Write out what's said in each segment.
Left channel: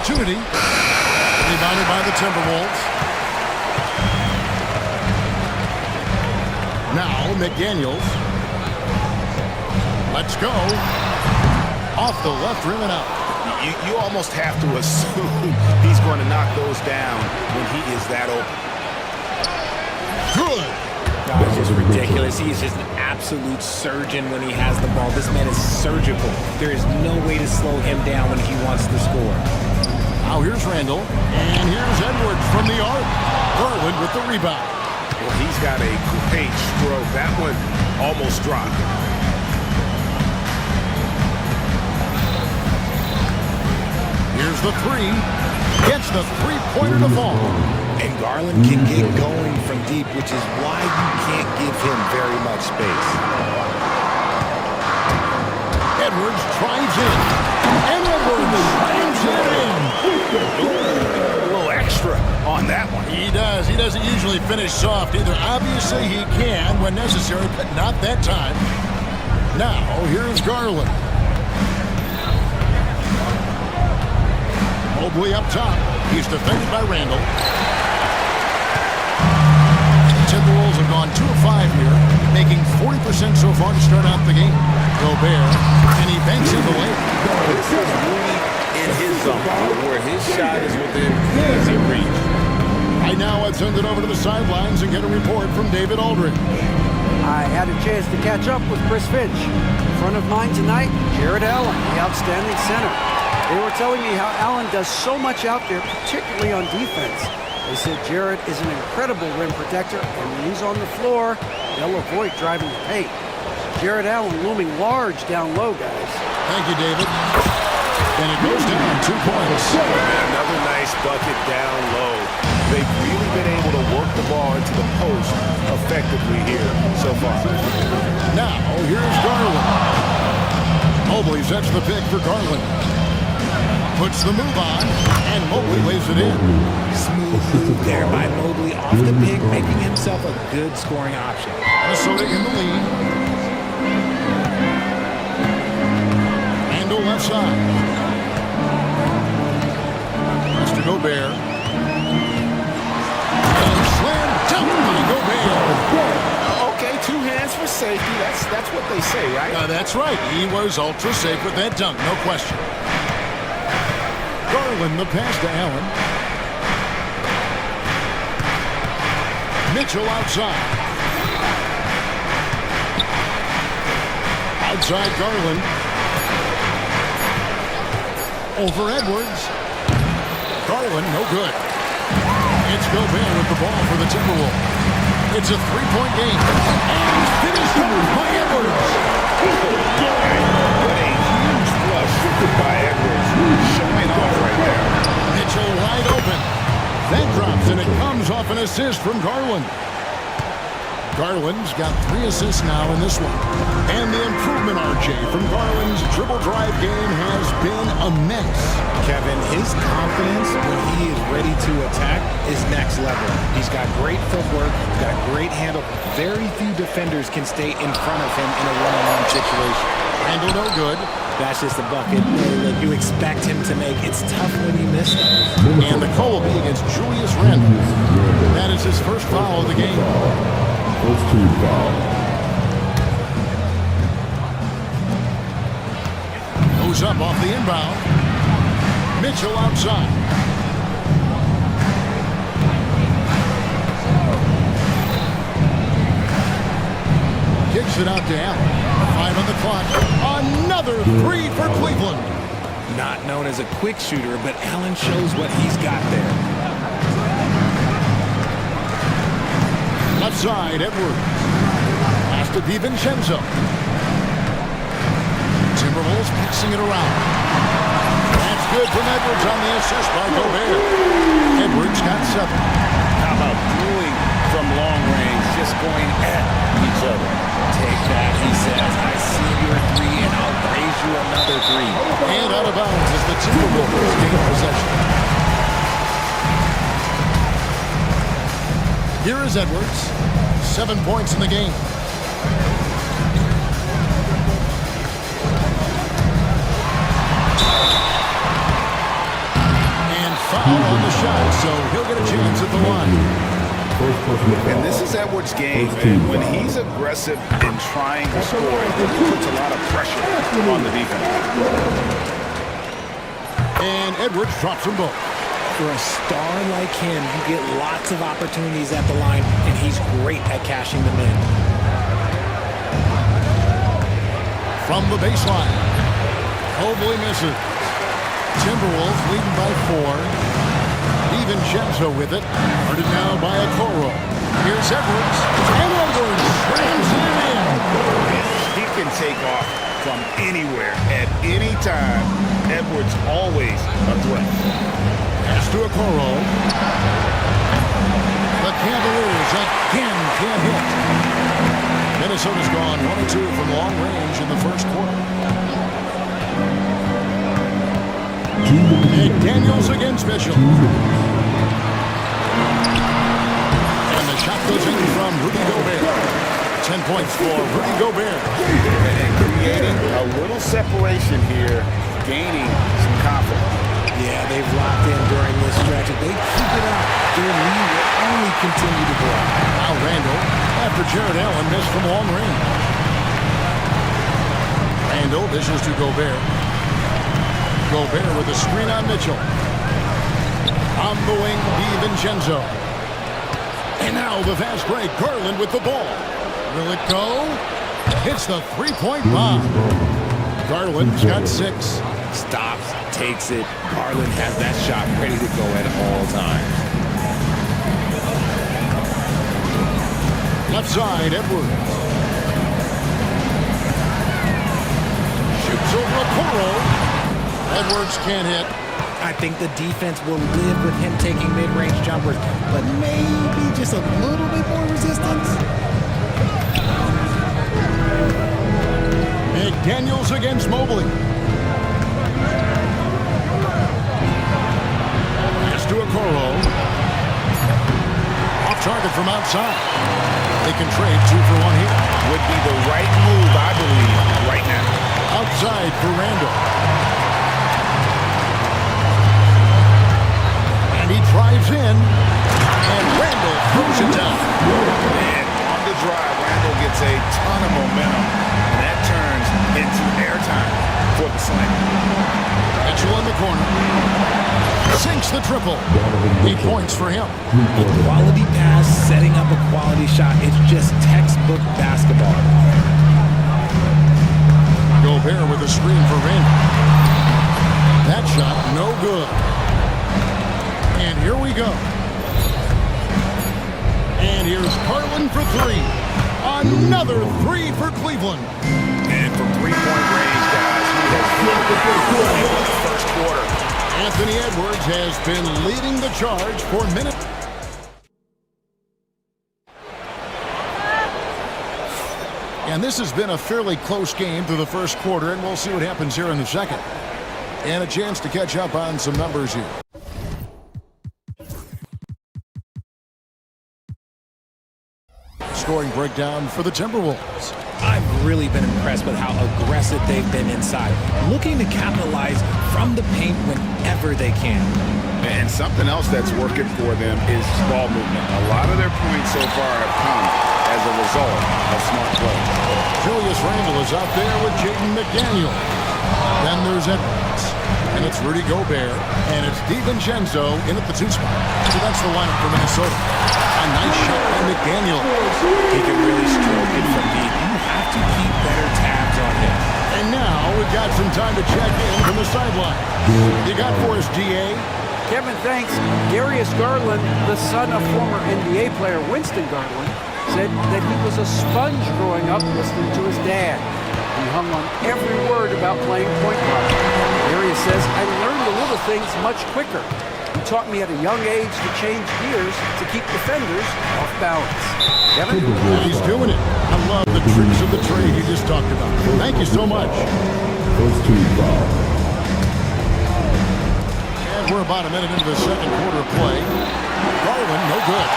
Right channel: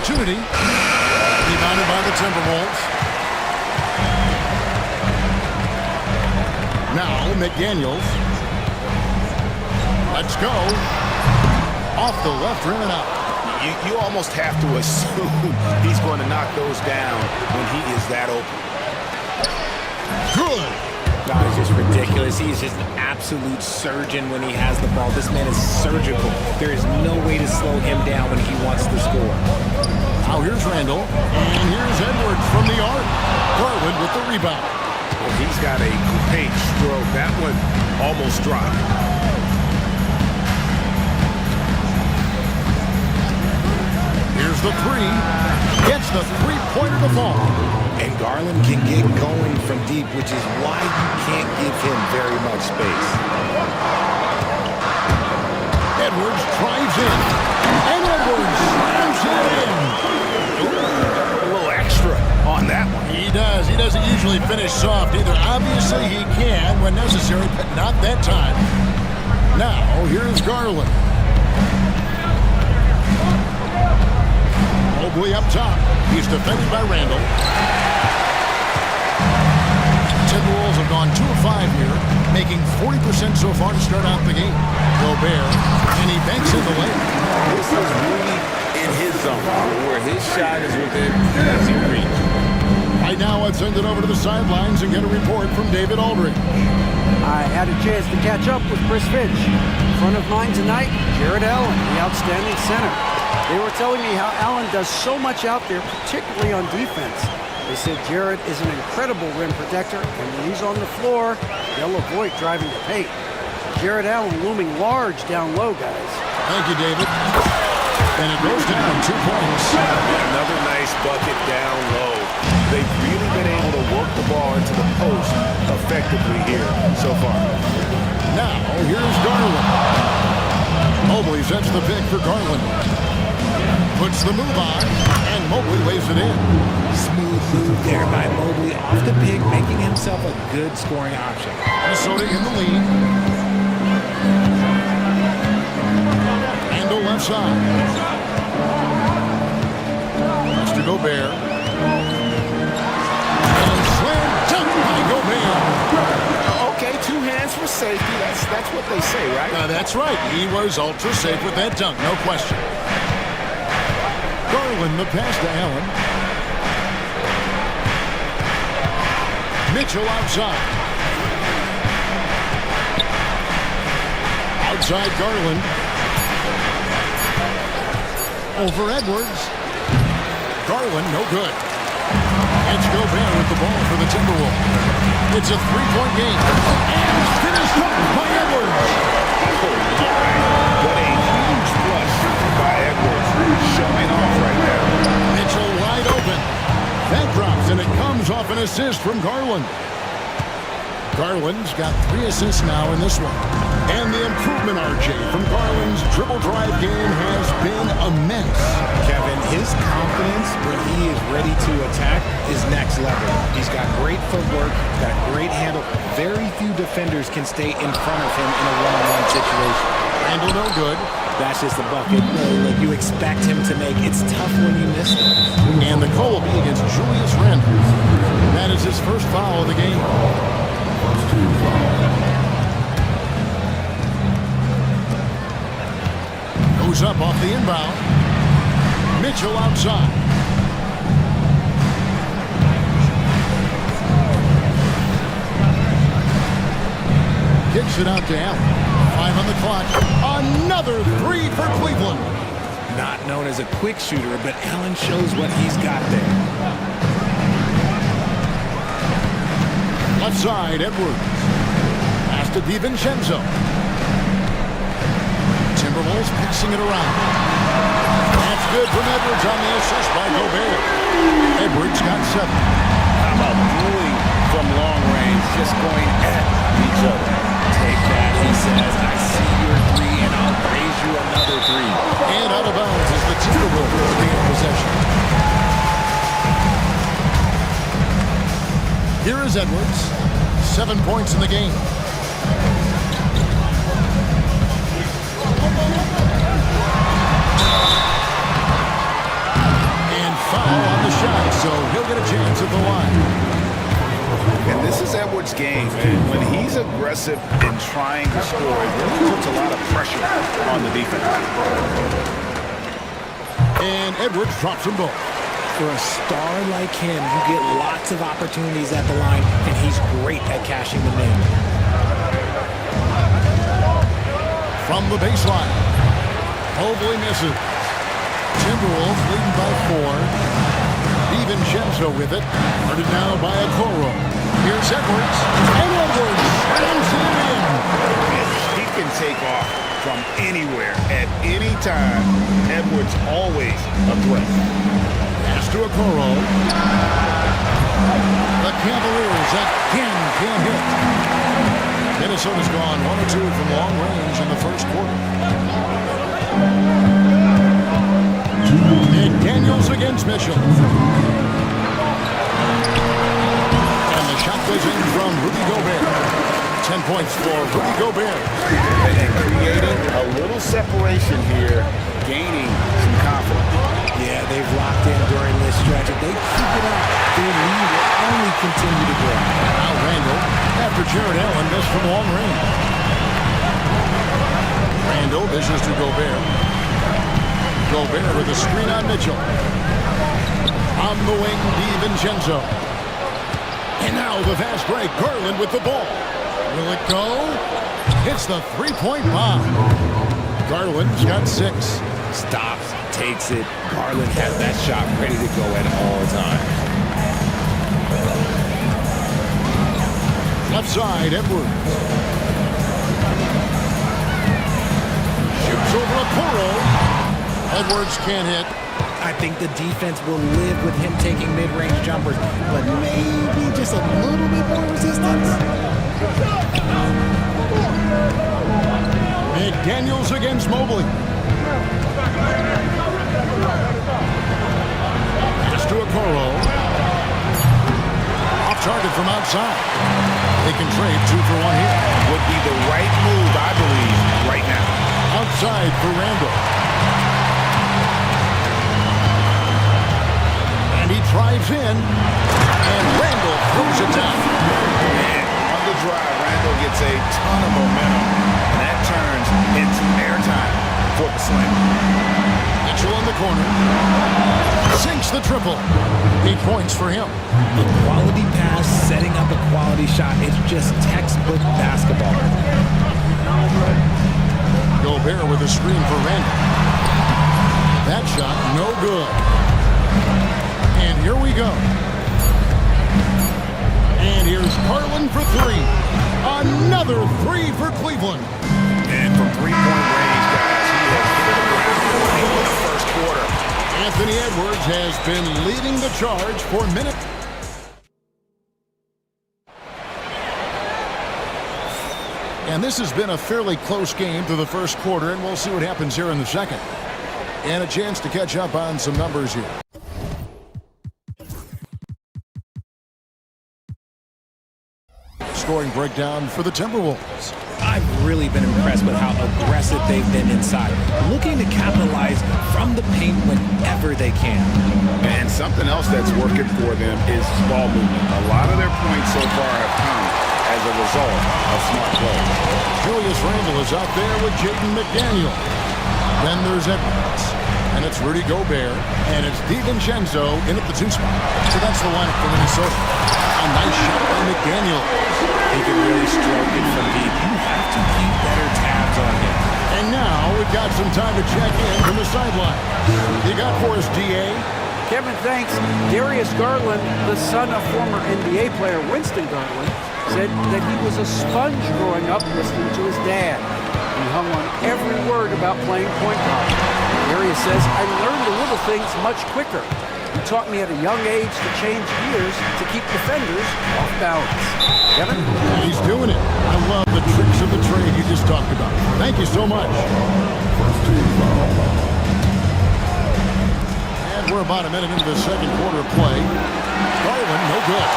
opportunity. Rebounded by the Timberwolves. Now McDaniels. Let's go. Off the left rim and out. You almost have to assume he's going to knock those down when he is that open. Good. God, it's just ridiculous. He is just an absolute surgeon when he has the ball. This man is surgical. There is no way to slow him down when he wants to score. Now here's Randall, and here's Edwards from the arc. Garland with the rebound. Well, he's got a great stroke. That one almost dropped. Here's the three. Gets the three-pointer to fall. And Garland can get going from deep, which is why you can't give him very much space. Edwards drives in. And Edwards slams it in. Ooh, a little extra on that one. He does. He doesn't usually finish soft either. Obviously, he can when necessary, but not that time. Now, here's Garland. Mobley up top. He's defended by Randall. Timberwolves have gone 2 of 5 here, making 40% so far to start out the game. Gobert, and he banks in the layup. This is really in his zone, where his shot is within easy reach. Right now, I'd send it over to the sidelines and get a report from David Aldridge. I had a chance to catch up with Chris Finch. In front of mine tonight, Jared Allen, the outstanding center. They were telling me how Allen does so much out there, particularly on defense. They said Jared is an incredible rim protector, and when he's on the floor, they'll avoid driving the paint. Jared Allen looming large down low, guys. Thank you, David. And it goes down 2 points. And another nice bucket down low. They've really been able to work the ball into the post effectively here so far. Now, here's Garland. Mobley sets the pick for Garland. Puts the move on, and Mobley lays it in. Smooth move there by Mobley off the pick, making himself a good scoring option. Minnesota in the lead. Randall left side. Mr. Gobert. And slam dunk by Gobert. Okay, 2 hands for safety. That's what they say, right? That's right. He was ultra safe with that dunk, no question. Garland the pass to Allen. Mitchell outside. Outside Garland. Over Edwards. Garland, no good. It's Gobert with the ball for the Timberwolves. It's a 3-point game. And finished off by Edwards. What a huge flush by Edwards. Showing off right there. Mitchell wide open. That drops, and it comes off an assist from Garland. Garland's got 3 assists now in this one. And the improvement, RJ, from Garland's dribble drive game has been immense. Kevin, his confidence when he is ready to attack is next level. He's got great footwork, he's got a great handle. Very few defenders can stay in front of him in a one-on-one situation. Randall no good. That's just a bucket like you expect him to make. It's tough when you miss those. And the call will be against Julius Randall. That is his first foul of the game. First team foul. Goes up off the inbound. Mitchell outside. Kicks it out to Allen. 5 on the clock. Another 3 for Cleveland. Not known as a quick shooter, but Allen shows what he's got there. Left side, Edwards. Pass to DiVincenzo. Timberwolves passing it around. That's good from Edwards on the assist by Gobert. Edwards got 7. How about dueling from long range, just going at each other? Take that, he says. I see your 3, and I'll raise you another 3. And out of bounds as the Timberwolves gain possession. Here is Edwards. 7 points in the game. foul on the shot, so he'll get a chance at the line. And this is Edwards' game, and when he's aggressive in trying to score, it really puts a lot of pressure on the defense. And Edwards drops them both. For a star like him, you get lots of opportunities at the line, and he's great at cashing them in. From the baseline, Mobley misses. Timberwolves leading by 4. DiVincenzo with it. Guarded now by Okoro. Here's Edwards. And Edwards slams it in. He can take off from anywhere at any time. Edwards always a threat. Pass to Okoro. The Cavaliers again can't hit. Minnesota's gone 1 of 2 from long range in the first quarter. McDaniels against Mitchell. And the shot goes in from Rudy Gobert. 10 points for Rudy Gobert. And creating a little separation here, gaining some confidence. Yeah, they've locked in during this stretch. If they keep it up, their lead will only continue to grow. Now Randall, after Jared Allen missed from long range. Randall dishes to Gobert. Gobert with a screen on Mitchell. On the wing, DiVincenzo. And now the fast break. Garland with the ball. Will it go? Hits the three-point bomb. Garland's got 6. Stops, takes it. Garland has that shot ready to go at all times. Left side, Edwards. Shoots over Okoro. Edwards can't hit. I think the defense will live with him taking mid-range jumpers, but maybe just a little bit more resistance. McDaniels against Mobley. Pass to Okoro. Off target from outside. They can trade 2 for 1 here. Would be the right move, I believe, right now. Outside for Randall. And he drives in. And Randall throws it down. Man, on the drive, Randall gets a ton of momentum. And that turns into airtime for the slam. Mitchell in the corner. Sinks the triple. 8 points for him. A quality pass, setting up a quality shot. It's just textbook basketball. Gobert with a screen for Randall. That shot, no good. And here we go. And here's Garland for 3. Another 3 for Cleveland. And from three-point range, guys, he has hit the ground running in the first quarter. Anthony Edwards has been leading the charge for minutes. And this has been a fairly close game through the first quarter, and we'll see what happens here in the second. And a chance to catch up on some numbers here. Scoring breakdown for the Timberwolves. I've really been impressed with how aggressive they've been inside, looking to capitalize from the paint whenever they can. And something else that's working for them is ball movement. A lot of their points so far have come as a result of smart play. Julius Randle is out there with Jaden McDaniel. Then there's Edwards. And it's Rudy Gobert. And it's DiVincenzo in at the 2 spot. So that's the lineup for Minnesota. A nice shot by McDaniel. He can really stroke it from deep. You have to keep better tabs on him. And now we've got some time to check in from the sideline. You got for us, DA? Kevin, thanks. Darius Garland, the son of former NBA player Winston Garland, said that he was a sponge growing up listening to his dad. He hung on every word about playing point guard. Darius says, I learned the little things much quicker. He taught me at a young age to change gears to keep defenders off balance. Kevin? And he's doing it. I love the tricks of the trade you just talked about. Thank you so much. First team foul. And we're about a minute into the second quarter of play. Garland, no good.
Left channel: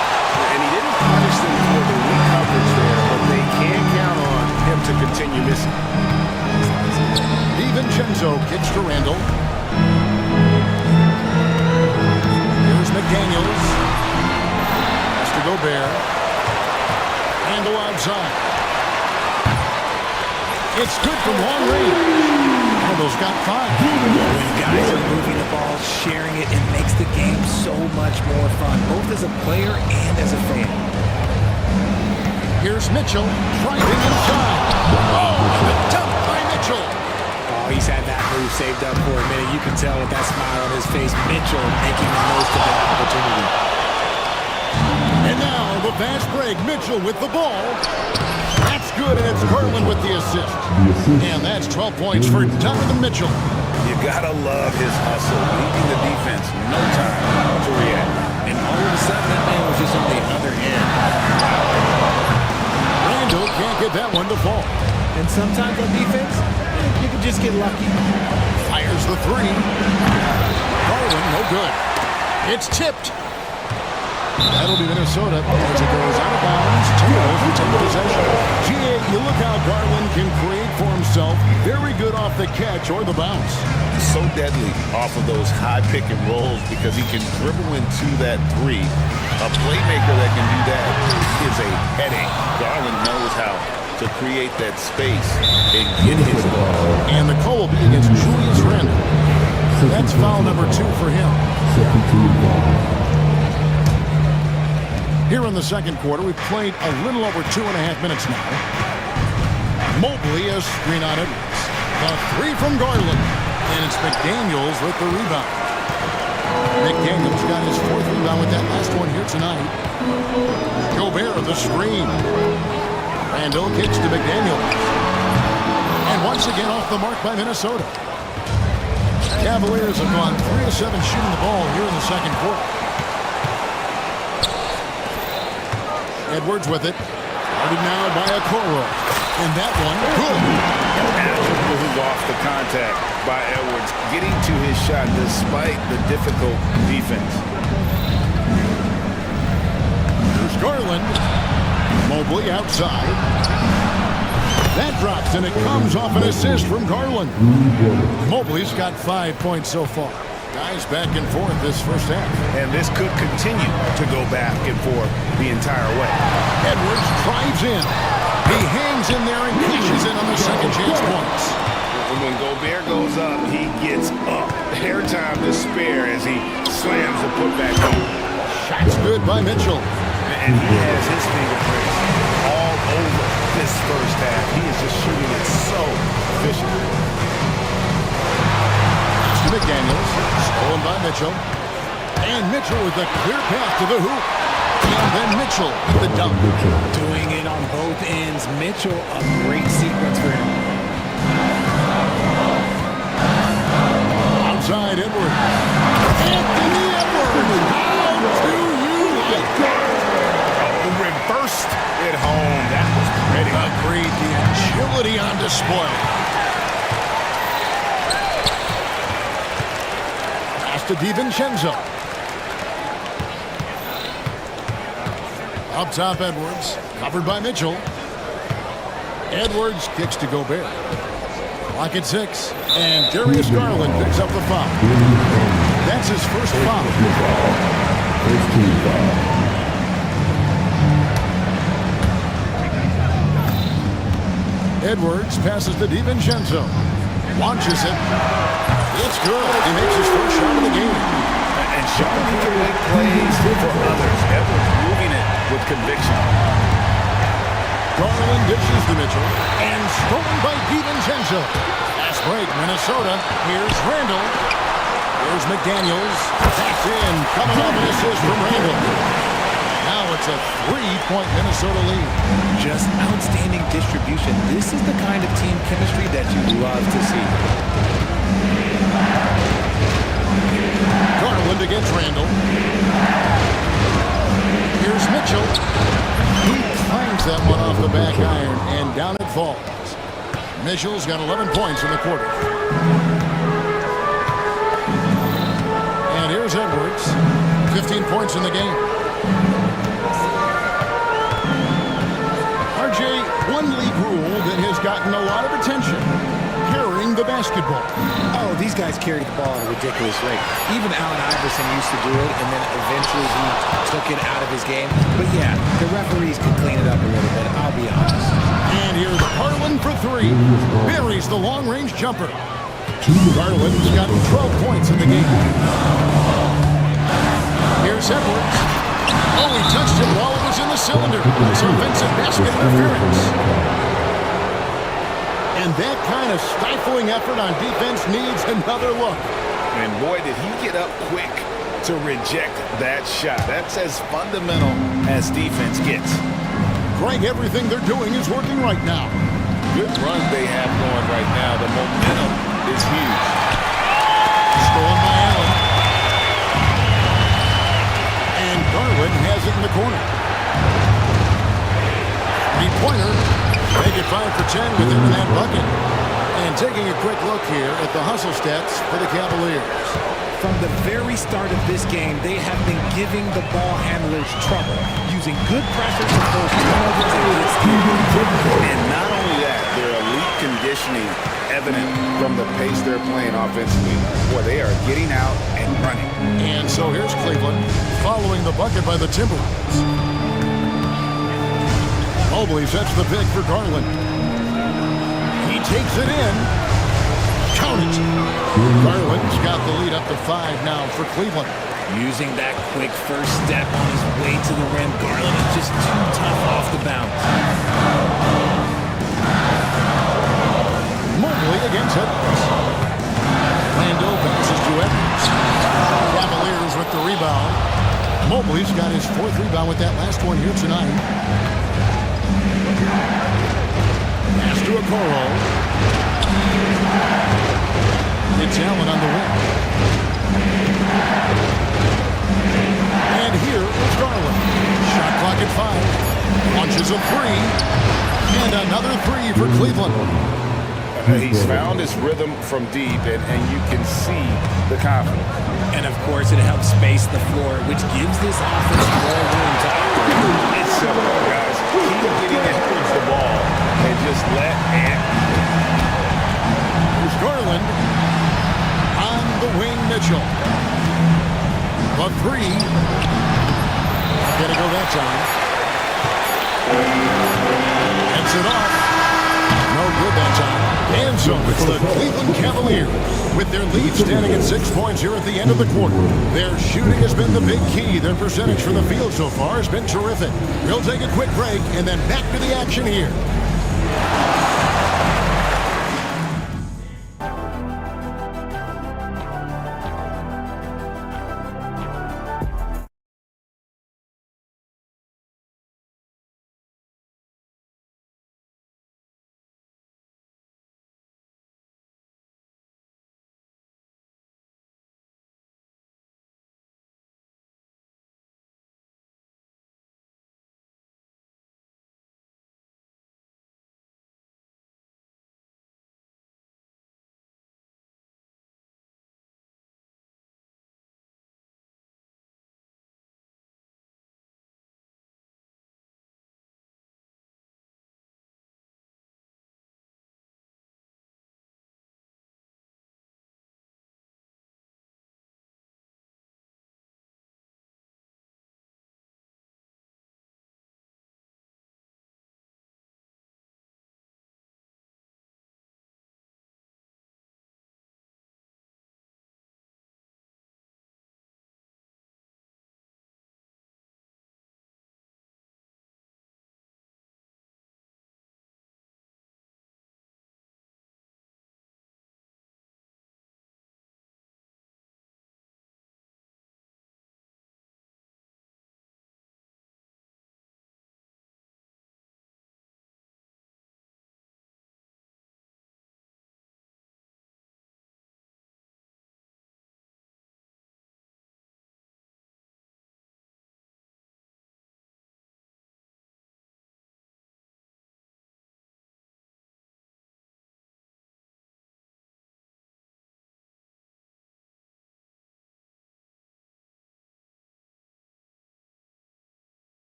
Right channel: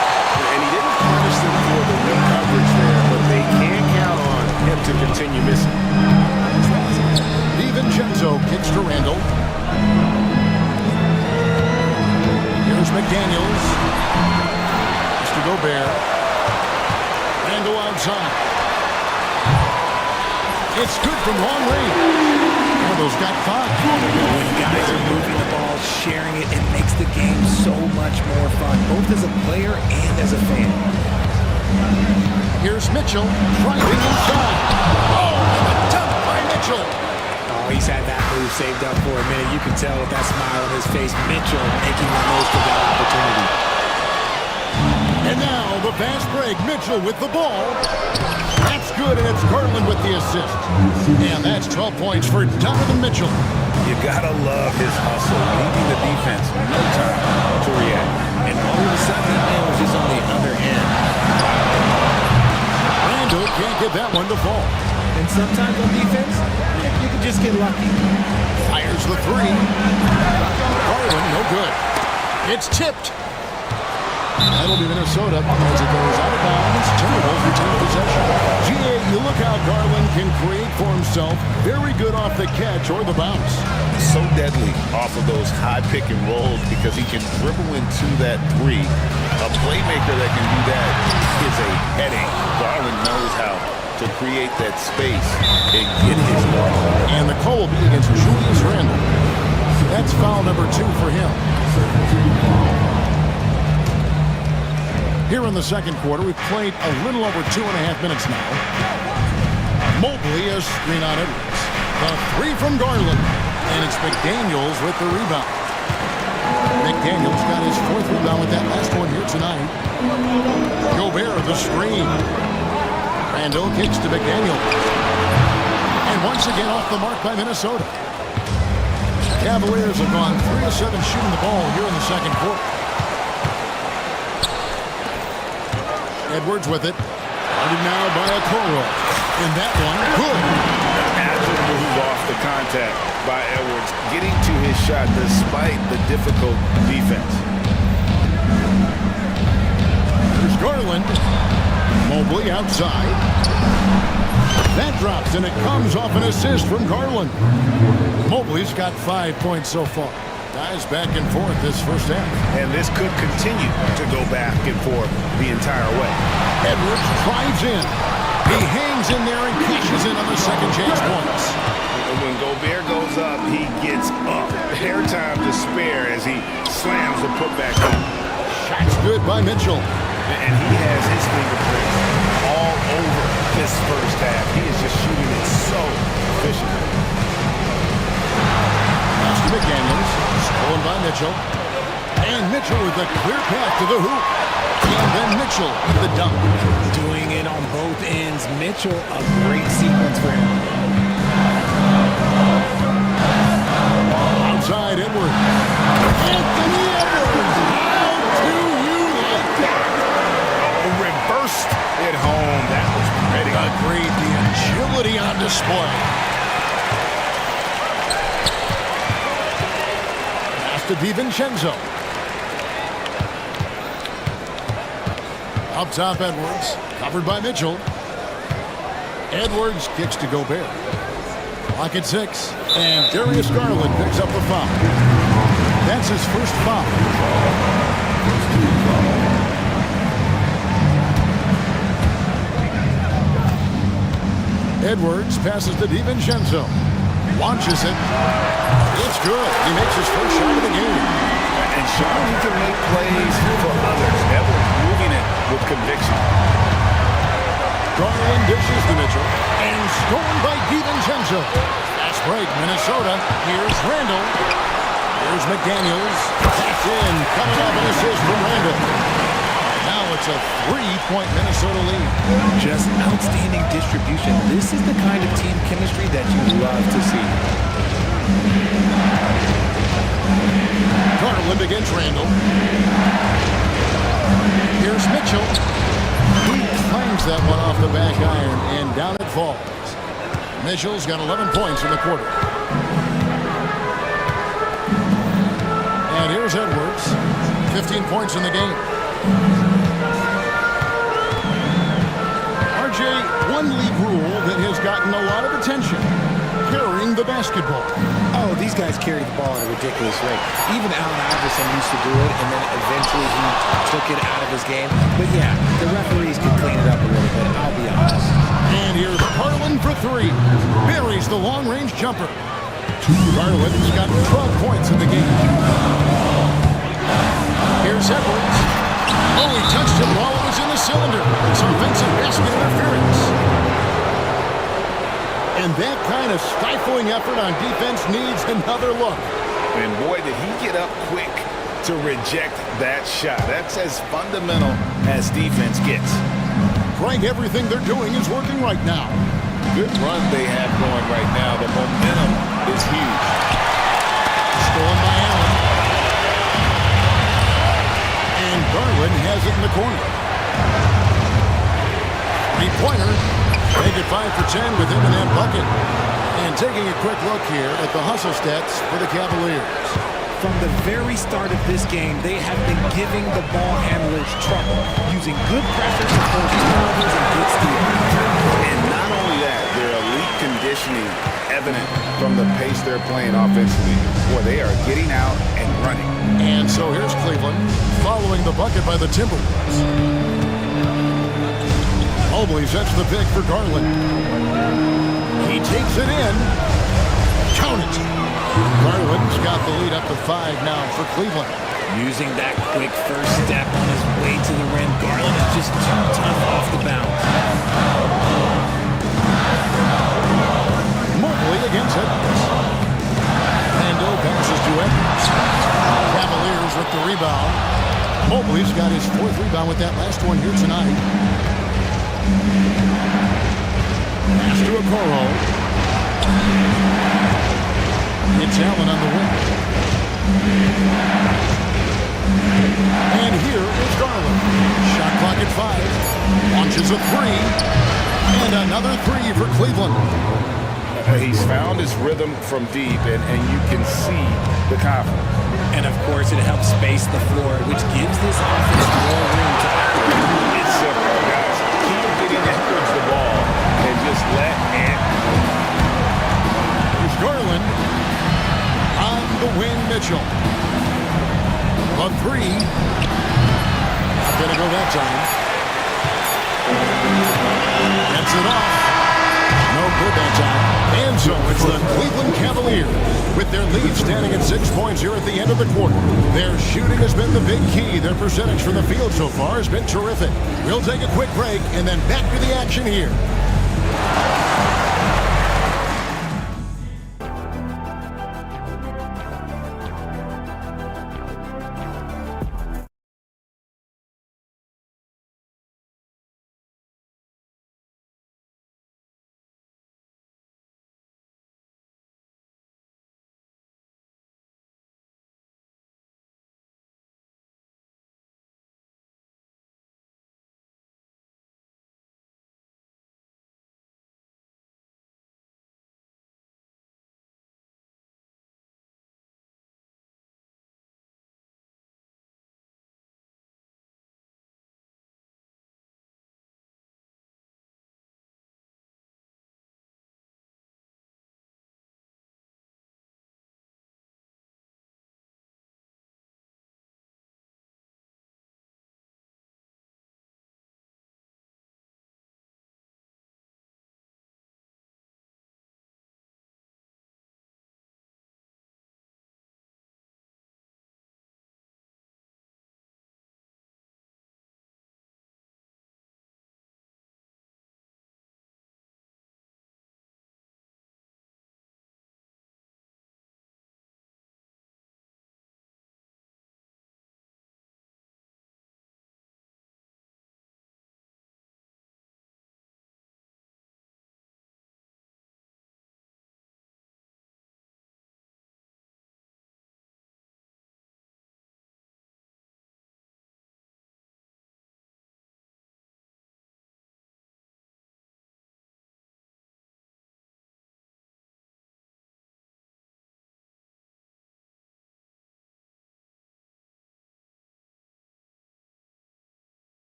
And he didn't punish them for the weak coverage there, but they can count on him to continue missing. DiVincenzo kicks to Randall. Here's McDaniels. Has to go Bear. Randall outside. It's good from long range. Randall's got 5. When guys are moving the ball, sharing it, it makes the game so much more fun, both as a player and as a fan. Here's Mitchell driving inside. Oh, and the dump by Mitchell. Oh, he's had that move saved up for a minute. You can tell with that smile on his face, Mitchell making the most of that opportunity. And now the fast break. Mitchell with the ball. That's good, and it's Garland with the assist. And that's 12 points for Donovan Mitchell. You gotta love his hustle, leaving the defense no time to react. And all of a sudden, that man was just on the other end. Randall can't get that one to fall. And sometimes on defense, you can just get lucky. Fires the 3. Garland, no good. It's tipped. That'll be Minnesota as it goes out of bounds. Timberwolves retain possession. GA, you look how Garland can create for himself. Very good off the catch or the bounce. So deadly off of those high pick and rolls because he can dribble into that 3. A playmaker that can do that is a headache. Garland knows how to create that space and get his ball. And the call will be against Julius Randle. That's foul number 2 for him. Second team foul. Here in the second quarter, we've played a little over 2.5 minutes now. Mobley has screen on Edwards. The 3 from Garland. And it's McDaniels with the rebound. McDaniels got his 4th rebound with that last one here tonight. Gobert, the screen. Randall kicks to McDaniels. And once again off the mark by Minnesota. Cavaliers have gone 3 of 7 shooting the ball here in the second quarter. Edwards with it. Guarded now by Okoro. And that one, good. An agile move off the contact by Edwards, getting to his shot despite the difficult defense. Here's Garland. Mobley outside. That drops, and it comes off an assist from Garland. Mobley's got 5 points so far. Guys back and forth this first half. And this could continue to go back and forth the entire way. Edwards drives in. He hangs in there and cashes in on the second chance points. When Gobert goes up, he gets up. Airtime to spare as he slams the putback home. Shot's good by Mitchell. And he has his fingerprints all over this first half. He is just shooting it so efficiently. Pass to McDaniels. Stolen by Mitchell. And Mitchell with a clear path to the hoop. And then Mitchell with the dunk. Doing it on both ends. Mitchell, a great sequence for him. Outside Edwards. Anthony Edwards. How do you like that? Oh, reversed it home. That was pretty. Agreed. The agility on display. Pass to DiVincenzo. Up top, Edwards. Covered by Mitchell. Edwards kicks to Gobert. Clock at 6. And Darius Garland picks up the foul. That's his first foul. First team foul. Edwards passes to DiVincenzo. Launches it. It's good. He makes his first shot of the game. And showing he can make plays for others. Edwards moving it with conviction. Garland dishes to Mitchell. And stolen by DiVincenzo. Fast break, Minnesota. Here's Randall. Here's McDaniels. That's in. Coming off an assist from Randall. Now it's a 3-point Minnesota lead. Just outstanding distribution. This is the kind of team chemistry that you love to see. Garland against Randall. Here's Mitchell. He clangs that one off the back iron, and down it falls. Mitchell's got 11 points in the quarter. And here's Edwards. 15 points in the game. RJ, one league rule that has gotten a lot of attention. Carrying the basketball. Oh, these guys carry the ball at a ridiculous rate. Even Allen Iverson used to do it, and then eventually he took it out of his game. But yeah, the referees could clean it up a little bit, I'll be honest. And here's Garland for three. Buries the long-range jumper. Garland's got 12 points in the game. Here's Edwards. Oh, he touched him while it was in the cylinder. That's offensive basket interference. And that kind of stifling effort on defense needs another look. And boy, did he get up quick to reject that shot. That's as fundamental as defense gets. Greg, everything they're doing is working right now. Good run they have going right now. The momentum is huge. Stolen by Allen. And Garland has it in the corner. Three-pointer. Make it 5 for 10 with him in that bucket. And taking a quick look here at the hustle stats for the Cavaliers. From the very start of this game, they have been giving the ball handlers trouble, using good pressure to force turnovers and good steals. And not only that, their elite conditioning evident from the pace they're playing offensively. Boy, they are getting out and running. And so here's Cleveland following the bucket by the Timberwolves. Mobley sets the pick for Garland. He takes it in. Count it. Garland's got the lead up to 5 now for Cleveland. Using that quick first step on his way to the rim, Garland is just too tough off the bounce. Mobley against Edwards. Rando passes to Edwards. Cavaliers with the rebound. Mobley's got his 4th rebound with that last one here tonight. Pass to Okoro. It's Allen on the wing. And here is Garland. Shot clock at 5. Launches a 3. And another 3 for Cleveland. He's found his rhythm from deep, and you can see the confidence. And of course, it helps space the floor, which gives this offense more room to operate. It's simple, guys. Keep getting Edwards the ball and just let Ant. Here's Garland. On the wing, Mitchell. The 3. Not going to go that time. Gets it off. No good that time. And so it's the Cleveland Cavaliers with their lead standing at 6 points here at the end of the quarter. Their shooting has been the big key. Their percentage from the field so far has been terrific. We'll take a quick break and then back to the action here.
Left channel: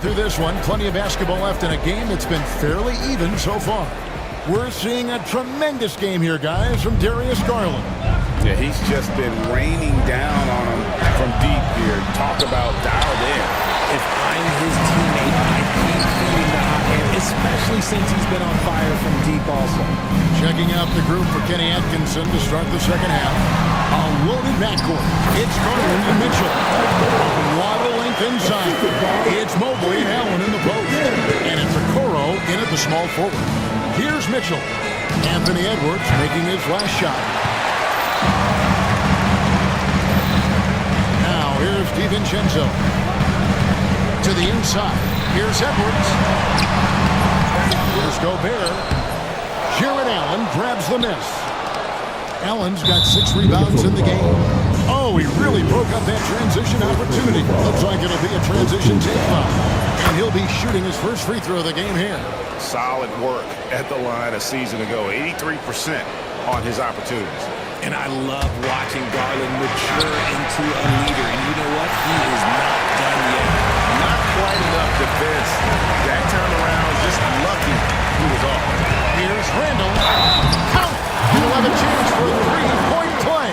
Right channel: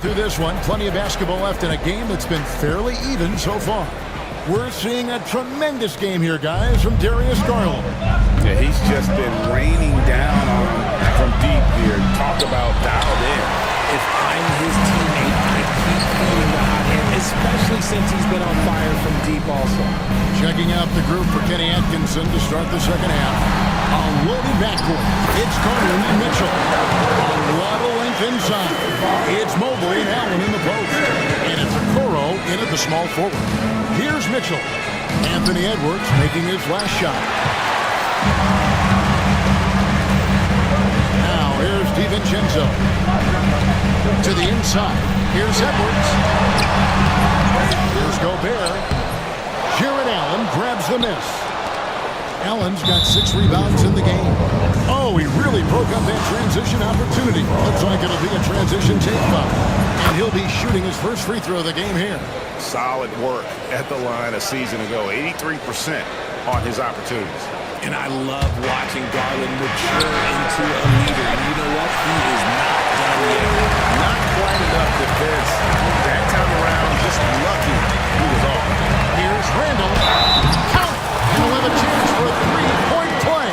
Through this one, plenty of basketball left in a game that's been fairly even so far. We're seeing a tremendous game here, guys, from Darius Garland. Yeah, he's just been raining down on him from deep here. Talk about dialed in. If I'm his teammate, I'd keep feeding the hot hand, especially since he's been on fire from deep also. Checking out the group for Kenny Atkinson to start the second half. A loaded backcourt. It's Garland and Mitchell. A lot of length inside. It's Mobley and Allen in the post. And it's Okoro in at the small forward. Here's Mitchell. Anthony Edwards making his last shot. Now here's DiVincenzo. To the inside. Here's Edwards. Here's Gobert. Jared Allen grabs the miss. Allen's got 6 rebounds in the game. Oh, he really broke up that transition opportunity. Looks like it'll be a transition take foul. And he'll be shooting his first free throw of the game here. Solid work at the line a season ago. 83% on his opportunities. And I love watching Garland mature into a leader. And you know what? He is not done yet. Not quite enough defense. That time around, just lucky he was off. Here's Randall. Count it! And he'll have a chance for a 3-point play.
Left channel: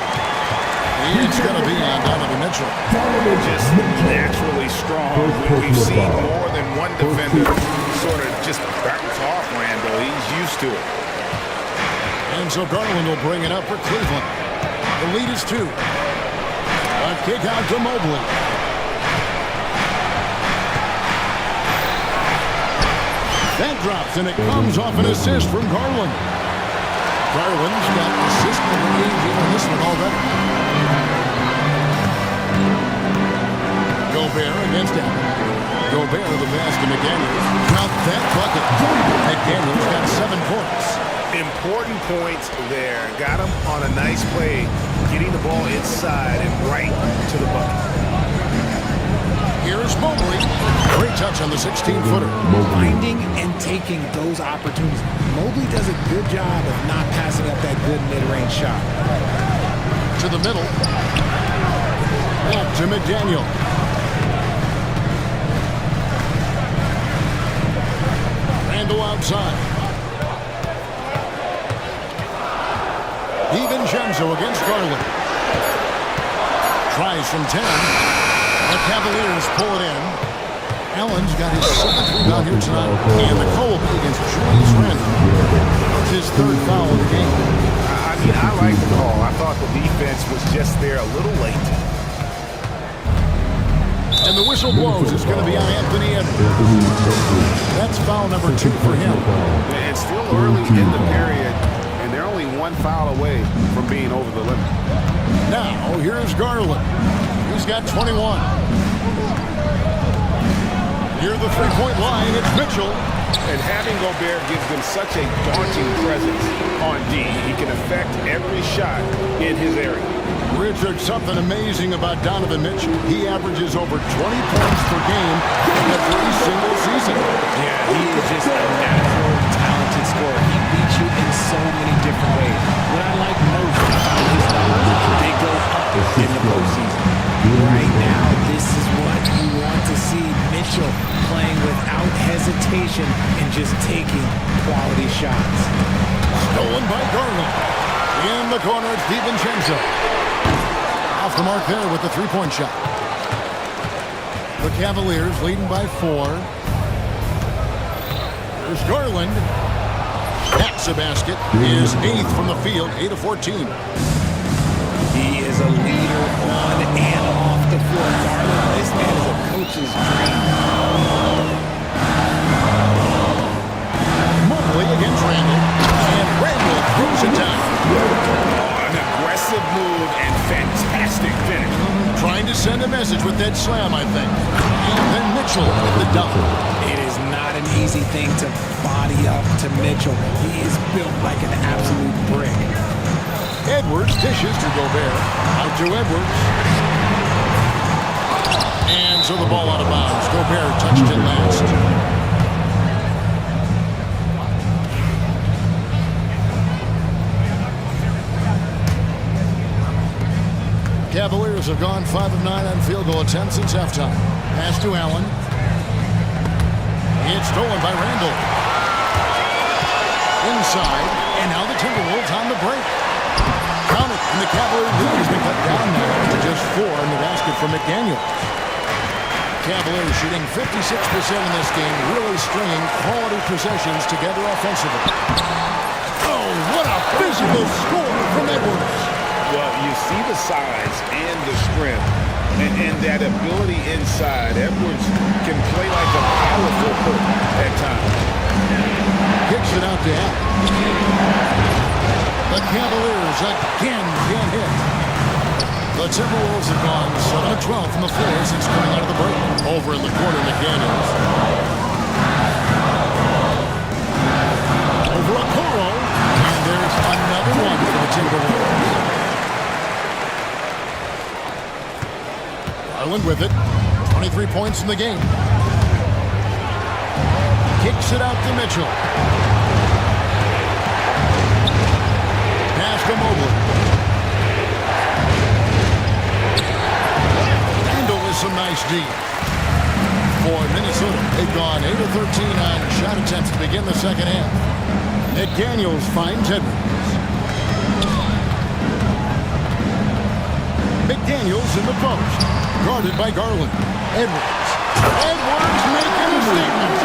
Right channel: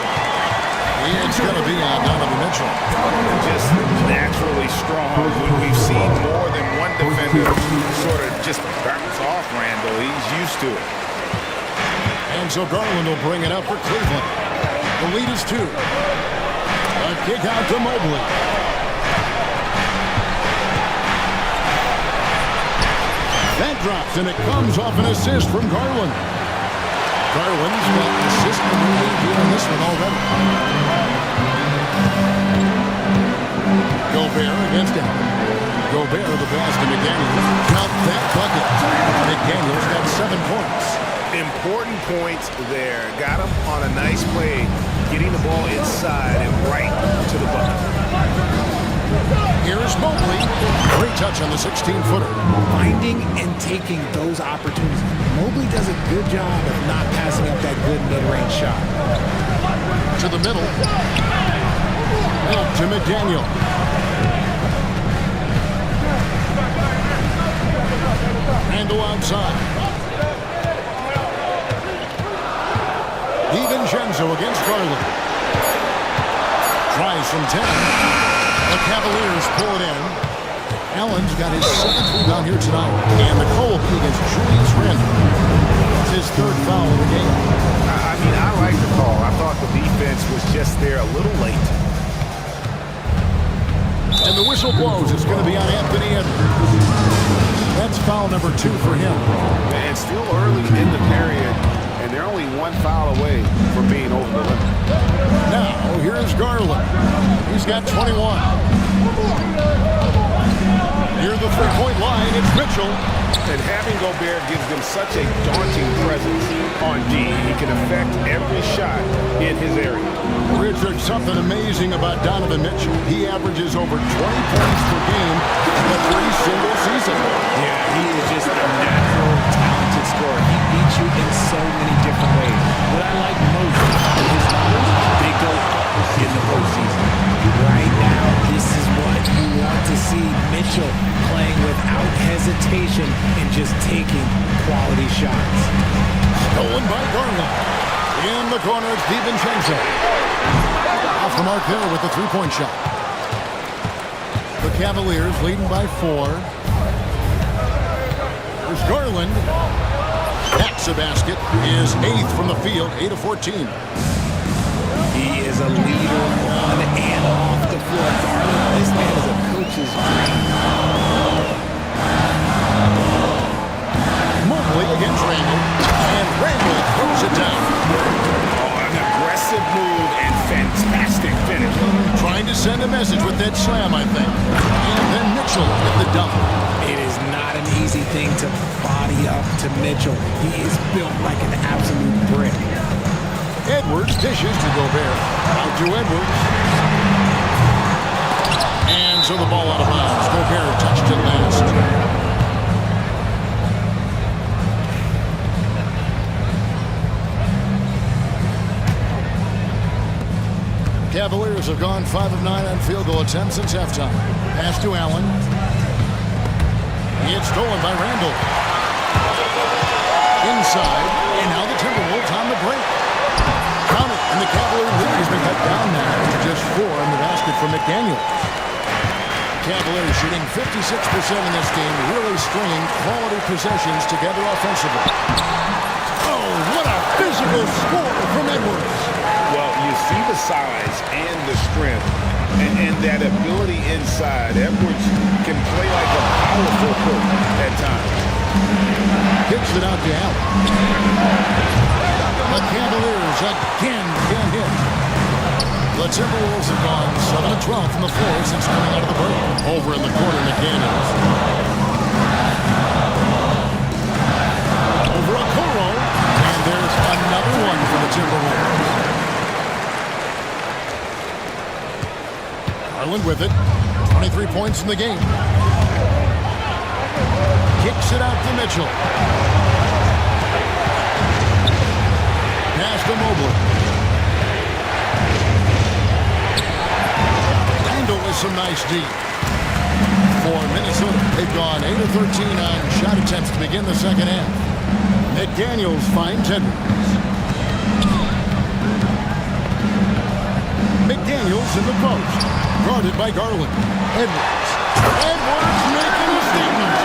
It's going to be on Donovan Mitchell. Just naturally strong. We've seen more than one defender sort of just bounce off Randall. He's used to it. And so Garland will bring it up for Cleveland. The lead is 2. A kick out to Mobley. That drops, and it comes off an assist from Garland. Garland's got assist number 8 here on this one already. Gobert against Allen. Gobert the pass to McDaniels. Count that bucket. McDaniels got 7 points. Important points there. Got him on a nice play, getting the ball inside and right to the bucket. Here's Mobley. Great touch on the 16-footer. Finding and taking those opportunities. Mobley does a good job of not passing up that good mid-range shot. To the middle. Up to McDaniel. Randall outside. DiVincenzo against Garland. Tries from 10. The Cavaliers pull it in. Allen's got his 7th rebound here tonight. And the call will be against Julius Randle. That's his 3rd foul of the game. I mean, I like the call. I thought the defense was just there a little late. And the whistle blows. It's going to be on Anthony Edwards. That's foul number 2 for him. And still early in the period, and they're only 1 foul away from being over the limit. Now, here's Garland. He's got 21. Near the 3-point line, it's Mitchell. And having Gobert gives them such a daunting presence on D. He can affect every shot in his area. Richard, something amazing about Donovan Mitchell. He averages over 20 points per game every single season. Yeah, he is just a natural, talented scorer. He beats you in so many different ways. What I like most about his numbers, they go up in the postseason. Right now, this is what you want to see. Mitchell playing without hesitation and just taking quality shots. Stolen by Garland. In the corner, it's DiVincenzo. Off the mark there with the 3-point shot. The Cavaliers leading by 4. There's Garland. That's a basket. His 8th from the field, 8 of 14. He is a leader on and off the floor. Garland, this man is a coach's dream. Mobley against Randall. And Randall throws it down. Oh, an aggressive move and fantastic finish. Trying to send a message with that slam, I think. And then Mitchell with the dunk. It is not an easy thing to body up to Mitchell. He is built like an absolute brick. Edwards dishes to Gobert. Out to Edwards. And so the ball out of bounds. Gobert touched it last. Cavaliers have gone 5 of 9 on field goal attempts since halftime. Pass to Allen. It's stolen by Randall. Inside, and now the Timberwolves on the break. Count it, and the Cavalier lead has been cut down now to just 4 in the basket from McDaniels. Cavaliers shooting 56% in this game, really stringing quality possessions together offensively. Oh, what a physical score from Edwards. Well, you see the size and the strength and that ability inside. Edwards can play like a power forward at times. Kicks it out to Allen. The Cavaliers again can't hit. The Timberwolves have gone 7-12 from the floor since coming out of the break. Over in the corner, McDaniels. Over Okoro. And there's another one for the Timberwolves. Garland with it. 23 points in the game. Kicks it out to Mitchell. Pass to Mobley. Randall with some nice D. For Minnesota, they've gone 8 of 13 on shot attempts to begin the second half. McDaniels finds Edwards. McDaniels in the post. Guarded by Garland. Edwards. Edwards making a statement.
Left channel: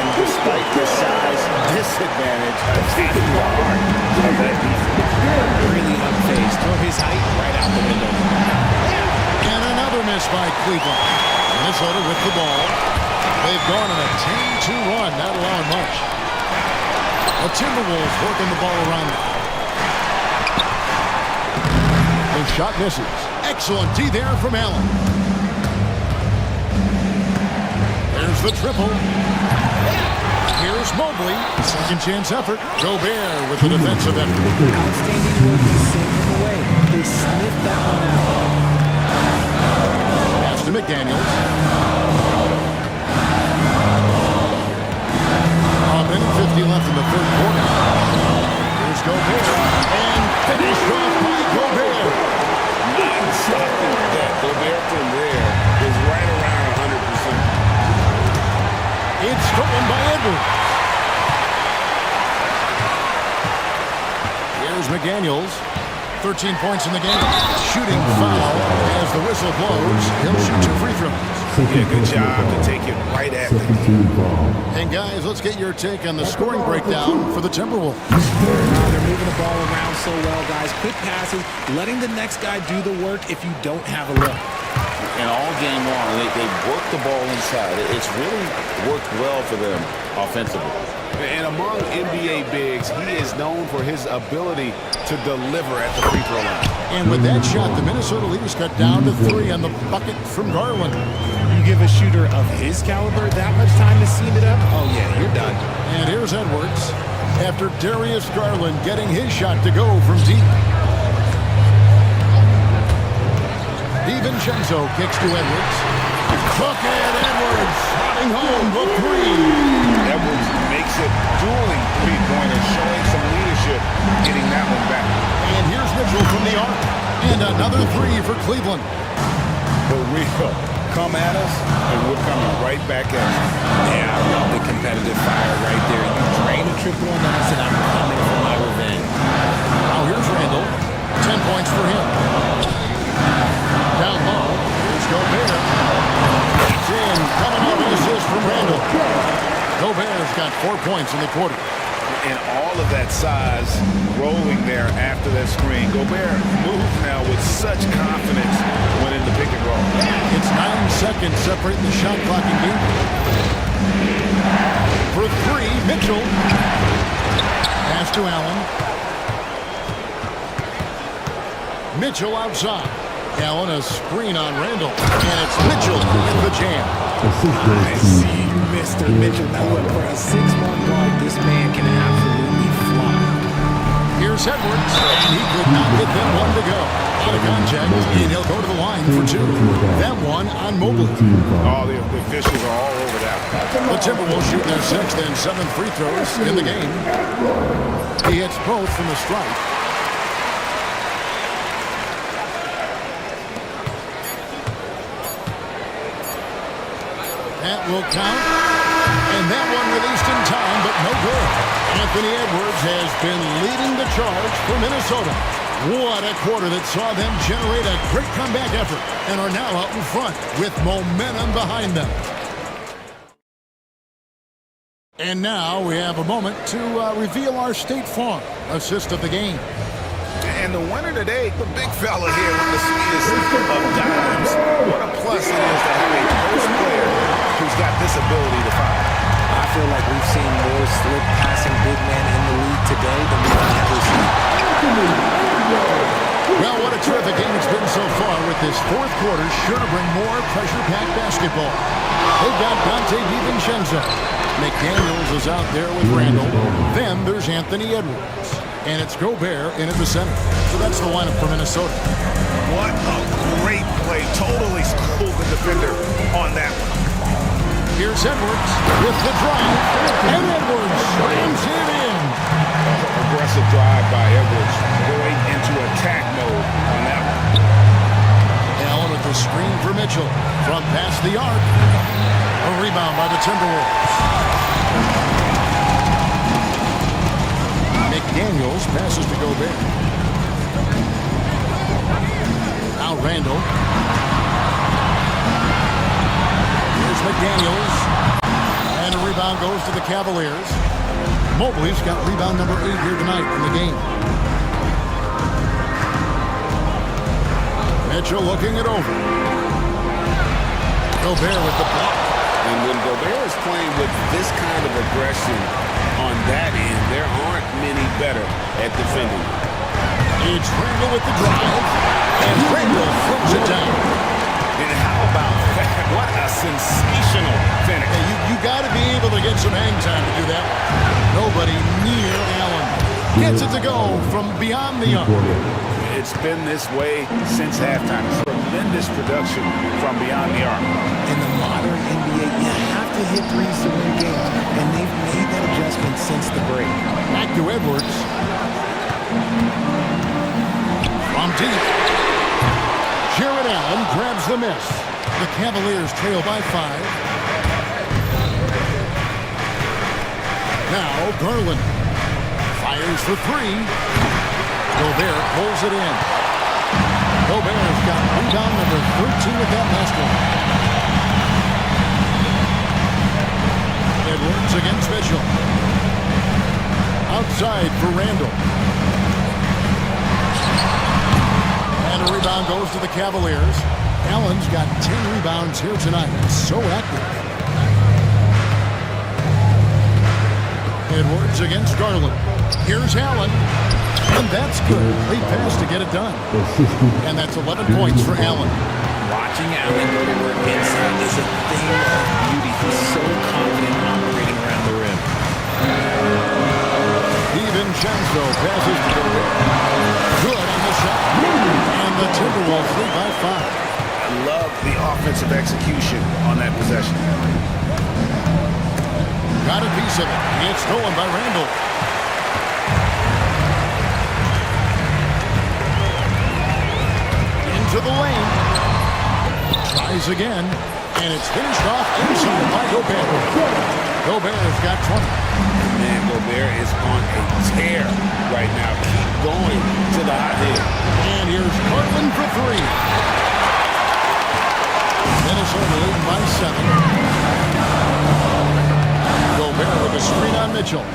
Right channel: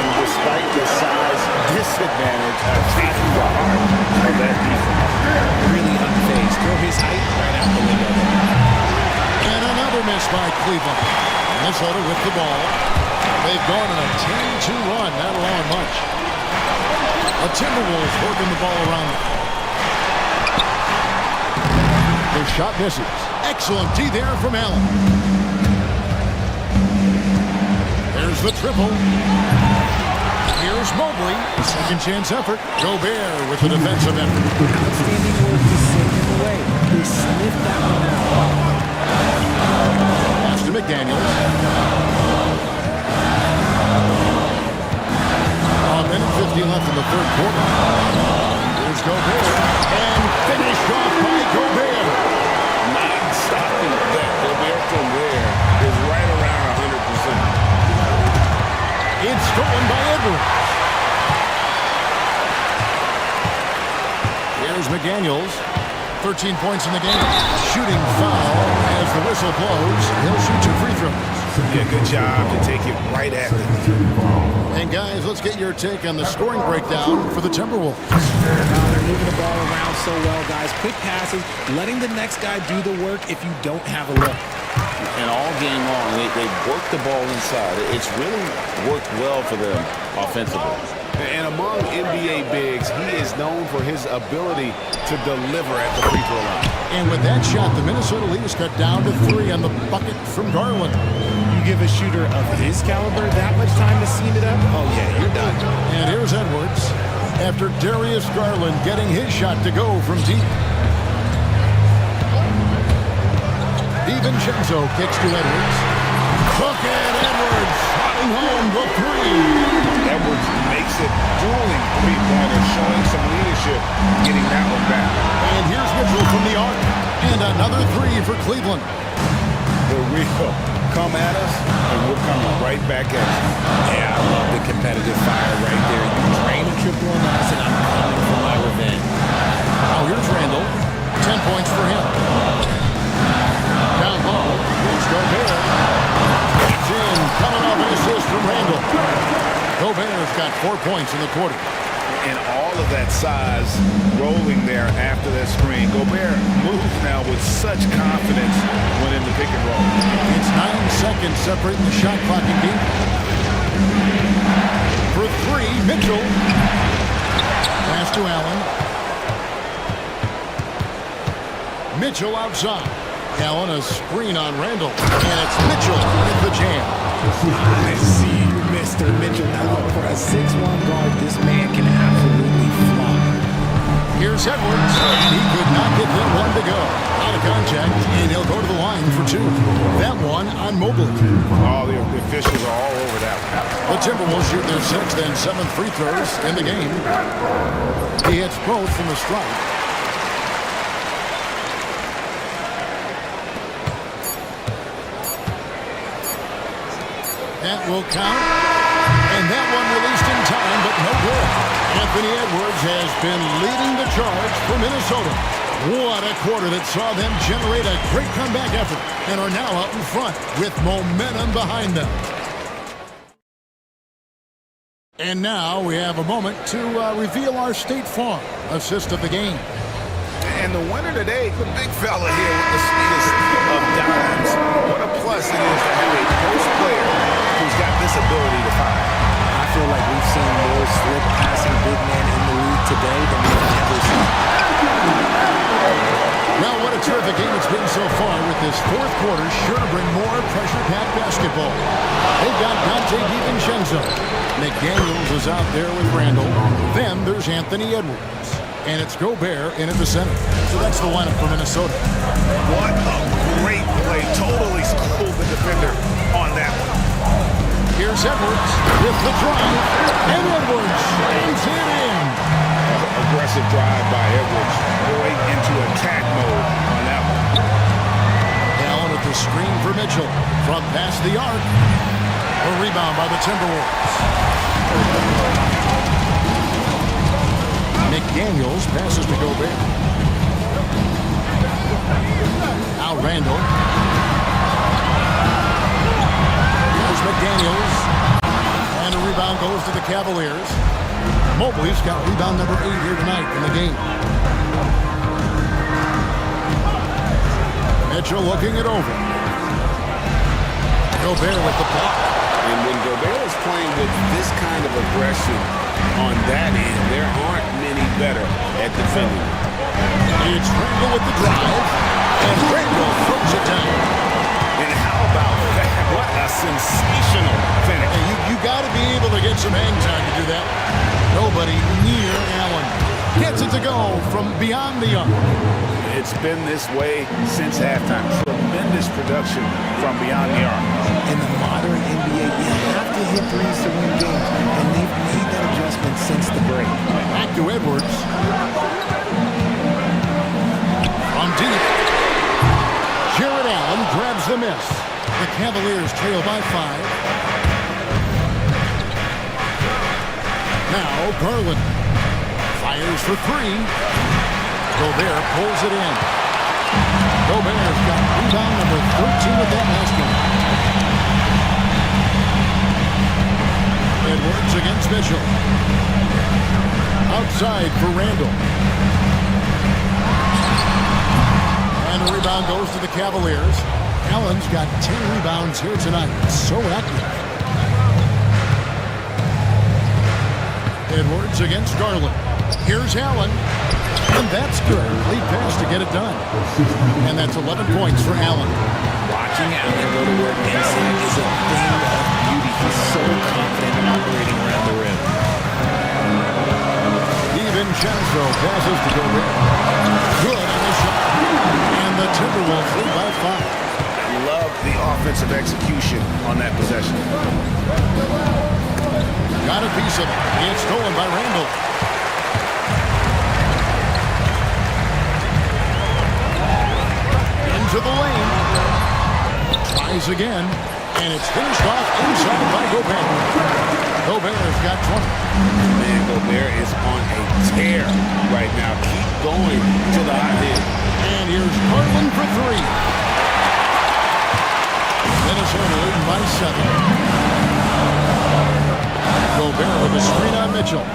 And despite the size disadvantage, attacking the heart of that defense. Really unfazed. Throw his height right out the window. And another miss by Cleveland. Minnesota with the ball. They've gone on a 10-2 run, not allowing much. The Timberwolves working the ball around them. The shot misses. Excellent D there from Allen. There's the triple. Here's Mobley. Second chance effort. Gobert with the defensive effort. Outstanding work to send him away. They sniffed that one out. Pass to McDaniels. A minute 50 left in the third quarter. Here's Gobert. And finished off by Gobert. Non-stopping bet. Gobert from there is right around 100%. It's stolen by Edwards. Here's McDaniels. 13 points in the game. Shooting foul as the whistle blows. He'll shoot 2 free throws. Yeah, good job to take it right at the knee. And guys, let's get your take on the scoring breakdown for the Timberwolves. They're moving the ball around so well, guys. Quick passes, letting the next guy do the work if you don't have a look. And all game long, they've worked the ball inside. It's really worked well for them offensively. And among NBA bigs, he is known for his ability to deliver at the free throw line. And with that shot, the Minnesota lead is cut down to 3 on the bucket from Garland. You give a shooter of his caliber that much time to seam it up, oh yeah, you're done. And here's Edwards after Darius Garland getting his shot to go from deep. DiVincenzo kicks to Edwards. Bucket Edwards swatting home the 3. Edwards makes it dueling three-pointers, showing some leadership, getting that one back. And here's Mitchell from the arc. And another 3 for Cleveland. The real come at us, and we're coming right back at you. Yeah, I love the competitive fire right there. You drain a triple on us, and I'm coming for my revenge. Now here's Randall. 10 points for him. Down low, here's Gobert. That's in, coming off an assist from Randall. Gobert's got 4 points in the quarter. And all of that size rolling there after that screen. Gobert moves now with such confidence when in the pick and roll. It's 9 seconds separating the shot clock and game. For 3, Mitchell. Pass to Allen. Mitchell outside. Allen a screen on Randall. And it's Mitchell in the jam. I see you, Mr. Mitchell. Now look, for a 6'1" guard, this man can absolutely fly. Here's Edwards, and he could not get that one to go. Out of contact, and he'll go to the line for 2. That one on Mobley. Oh, the officials are all over that one. The Timberwolves shoot their 6th and 7th free throws in the game. He hits both from the stripe. That will count. And that one released in time, but no good. Anthony Edwards has been leading the charge for Minnesota. What a quarter that saw them generate a great comeback effort and are now out in front with momentum behind them. And now we have a moment to reveal our State Farm assist of the game. And the winner today, the big fella here with the sweetest of dimes. What a plus it is to have a post player who's got this ability to fire. I feel like we've seen more slick passing big men in the league today than we've ever seen. Well, what a terrific game it's been so far, with this fourth quarter sure to bring more pressure-packed basketball. They've got Dante DiVincenzo. McDaniels is out there with Randall. Then there's Anthony Edwards. And it's Gobert in at the center. So that's the lineup for Minnesota. What a great play. Totally schooled the defender on that one. Here's Edwards with the drive. And Edwards slams it in. Aggressive drive by Edwards. Going into attack mode on that one. Allen at the screen for Mitchell. From past the arc. A rebound by the Timberwolves. McDaniels passes to Gobert. Now Randall. Here's McDaniels. And a rebound goes to the Cavaliers. Mobley's got rebound number 8 here tonight in the game. Mitchell looking it over. Gobert with the block. And when Gobert is playing with this kind of aggression on that end, there aren't many better at defending. It's Randall with the drive. And Randall throws it down. And how about that? What a sensational finish. Hey, you got to be able to get some hang time to do that. Nobody near Allen. Gets it to go from beyond the arc. It's been this way since halftime. Tremendous production from beyond the arc. In the modern NBA, you have to hit threes to win games, and they've made that adjustment since the break. Back to Edwards. From deep. Jared Allen grabs the miss. The Cavaliers trail by 5. Now Garland fires for 3. Gobert pulls it in. Gobert's got rebound number 13 with that last one. Edwards against Mitchell. Outside for Randall. And a rebound goes to the Cavaliers. Allen's got 10 rebounds here tonight. So active. Edwards against Garland. Here's Allen. And that's good. Lead pass to get it done. And that's 11 points for Allen. Watching Allen go to work inside is a thing of beauty. He's so confident operating around the rim. DiVincenzo passes to Gobert. Good on the shot. And the Timberwolves lead by 5. I love the offensive execution on that possession. Got a piece of it. It's stolen by Randall. Into the lane. Tries again. And it's finished off inside by Gobert. Gobert's got 20. Man, Gobert is on a tear right now. Keep going to the hot hit. And here's Garland for 3. Minnesota leading by 7. Gobert with a screen on Mitchell.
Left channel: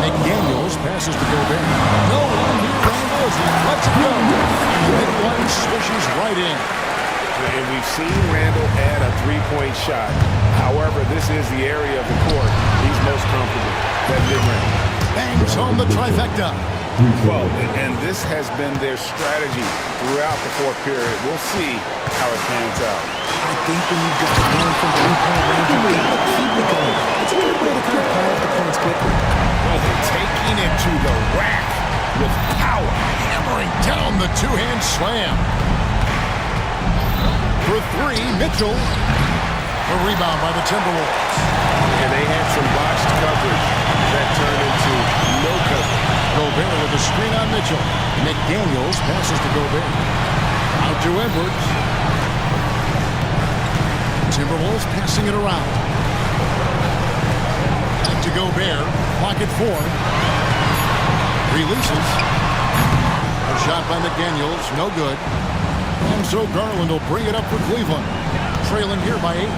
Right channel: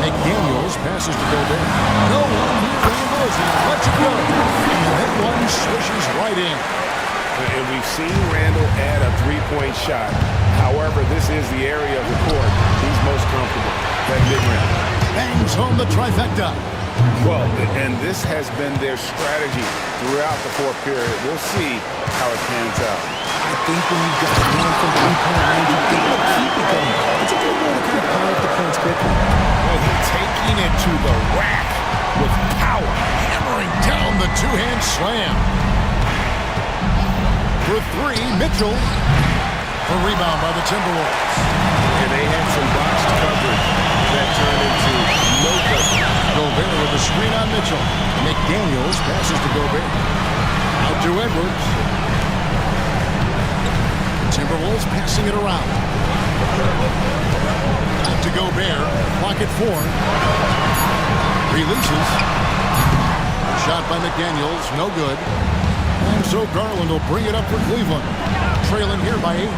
McDaniels passes to Gobert. No one near Randall as he lets it go. And that one swishes right in. And we've seen Randall add a three-point shot. However, this is the area of the court he's most comfortable, that mid-range. Bangs home the trifecta. Well, and this has been their strategy throughout the fourth period. We'll see how it pans out. I think when you've got one from 3-point range, you've got to keep it going. It's a good way to kind of pile up the points quickly. Well, they're taking it to the rack with power. Hammering down the two-hand slam. For 3, Mitchell. A rebound by the Timberwolves. And they had some botched coverage that turned into no coverage. Gobert with a screen on Mitchell. McDaniels passes to Gobert. Out to Edwards. Timberwolves passing it around. Back to Gobert. Clock at 4. Releases. A shot by McDaniels. No good. And so Garland will bring it up for Cleveland. Trailing here by 8.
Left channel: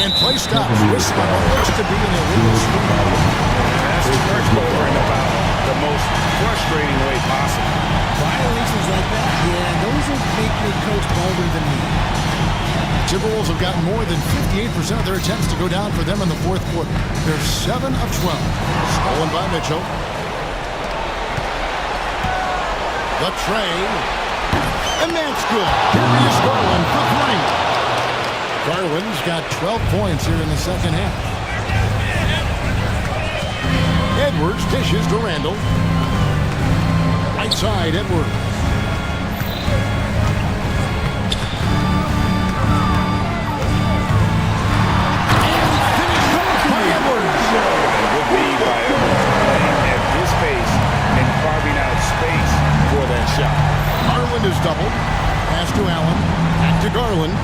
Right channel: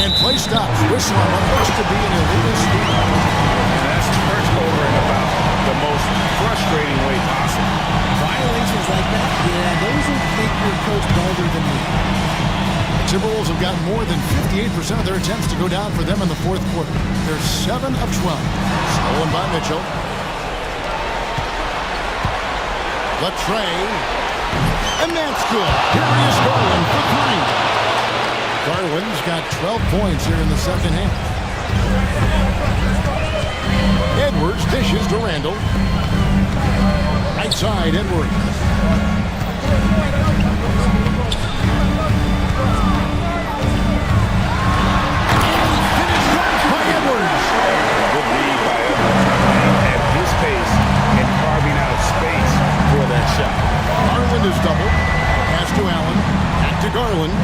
And play stops. Whistle on what looks to be an illegal screen. And that's turnover in about the most frustrating way possible. Violations like that, yeah, those will make your coach bolder than me. Timberwolves have gotten more than 58% of their attempts to go down for them in the fourth quarter. They're 7 of 12. Stolen by Mitchell. The tray. And that's good. Darius Garland for 3. Garland's got 12 points here in the second half. Edwards dishes to Randall. Right side, Edwards. And finished off by Edwards. A good read by Edwards, playing at his pace and carving out space for that shot. Garland is doubled. Pass to Allen. Back to Garland.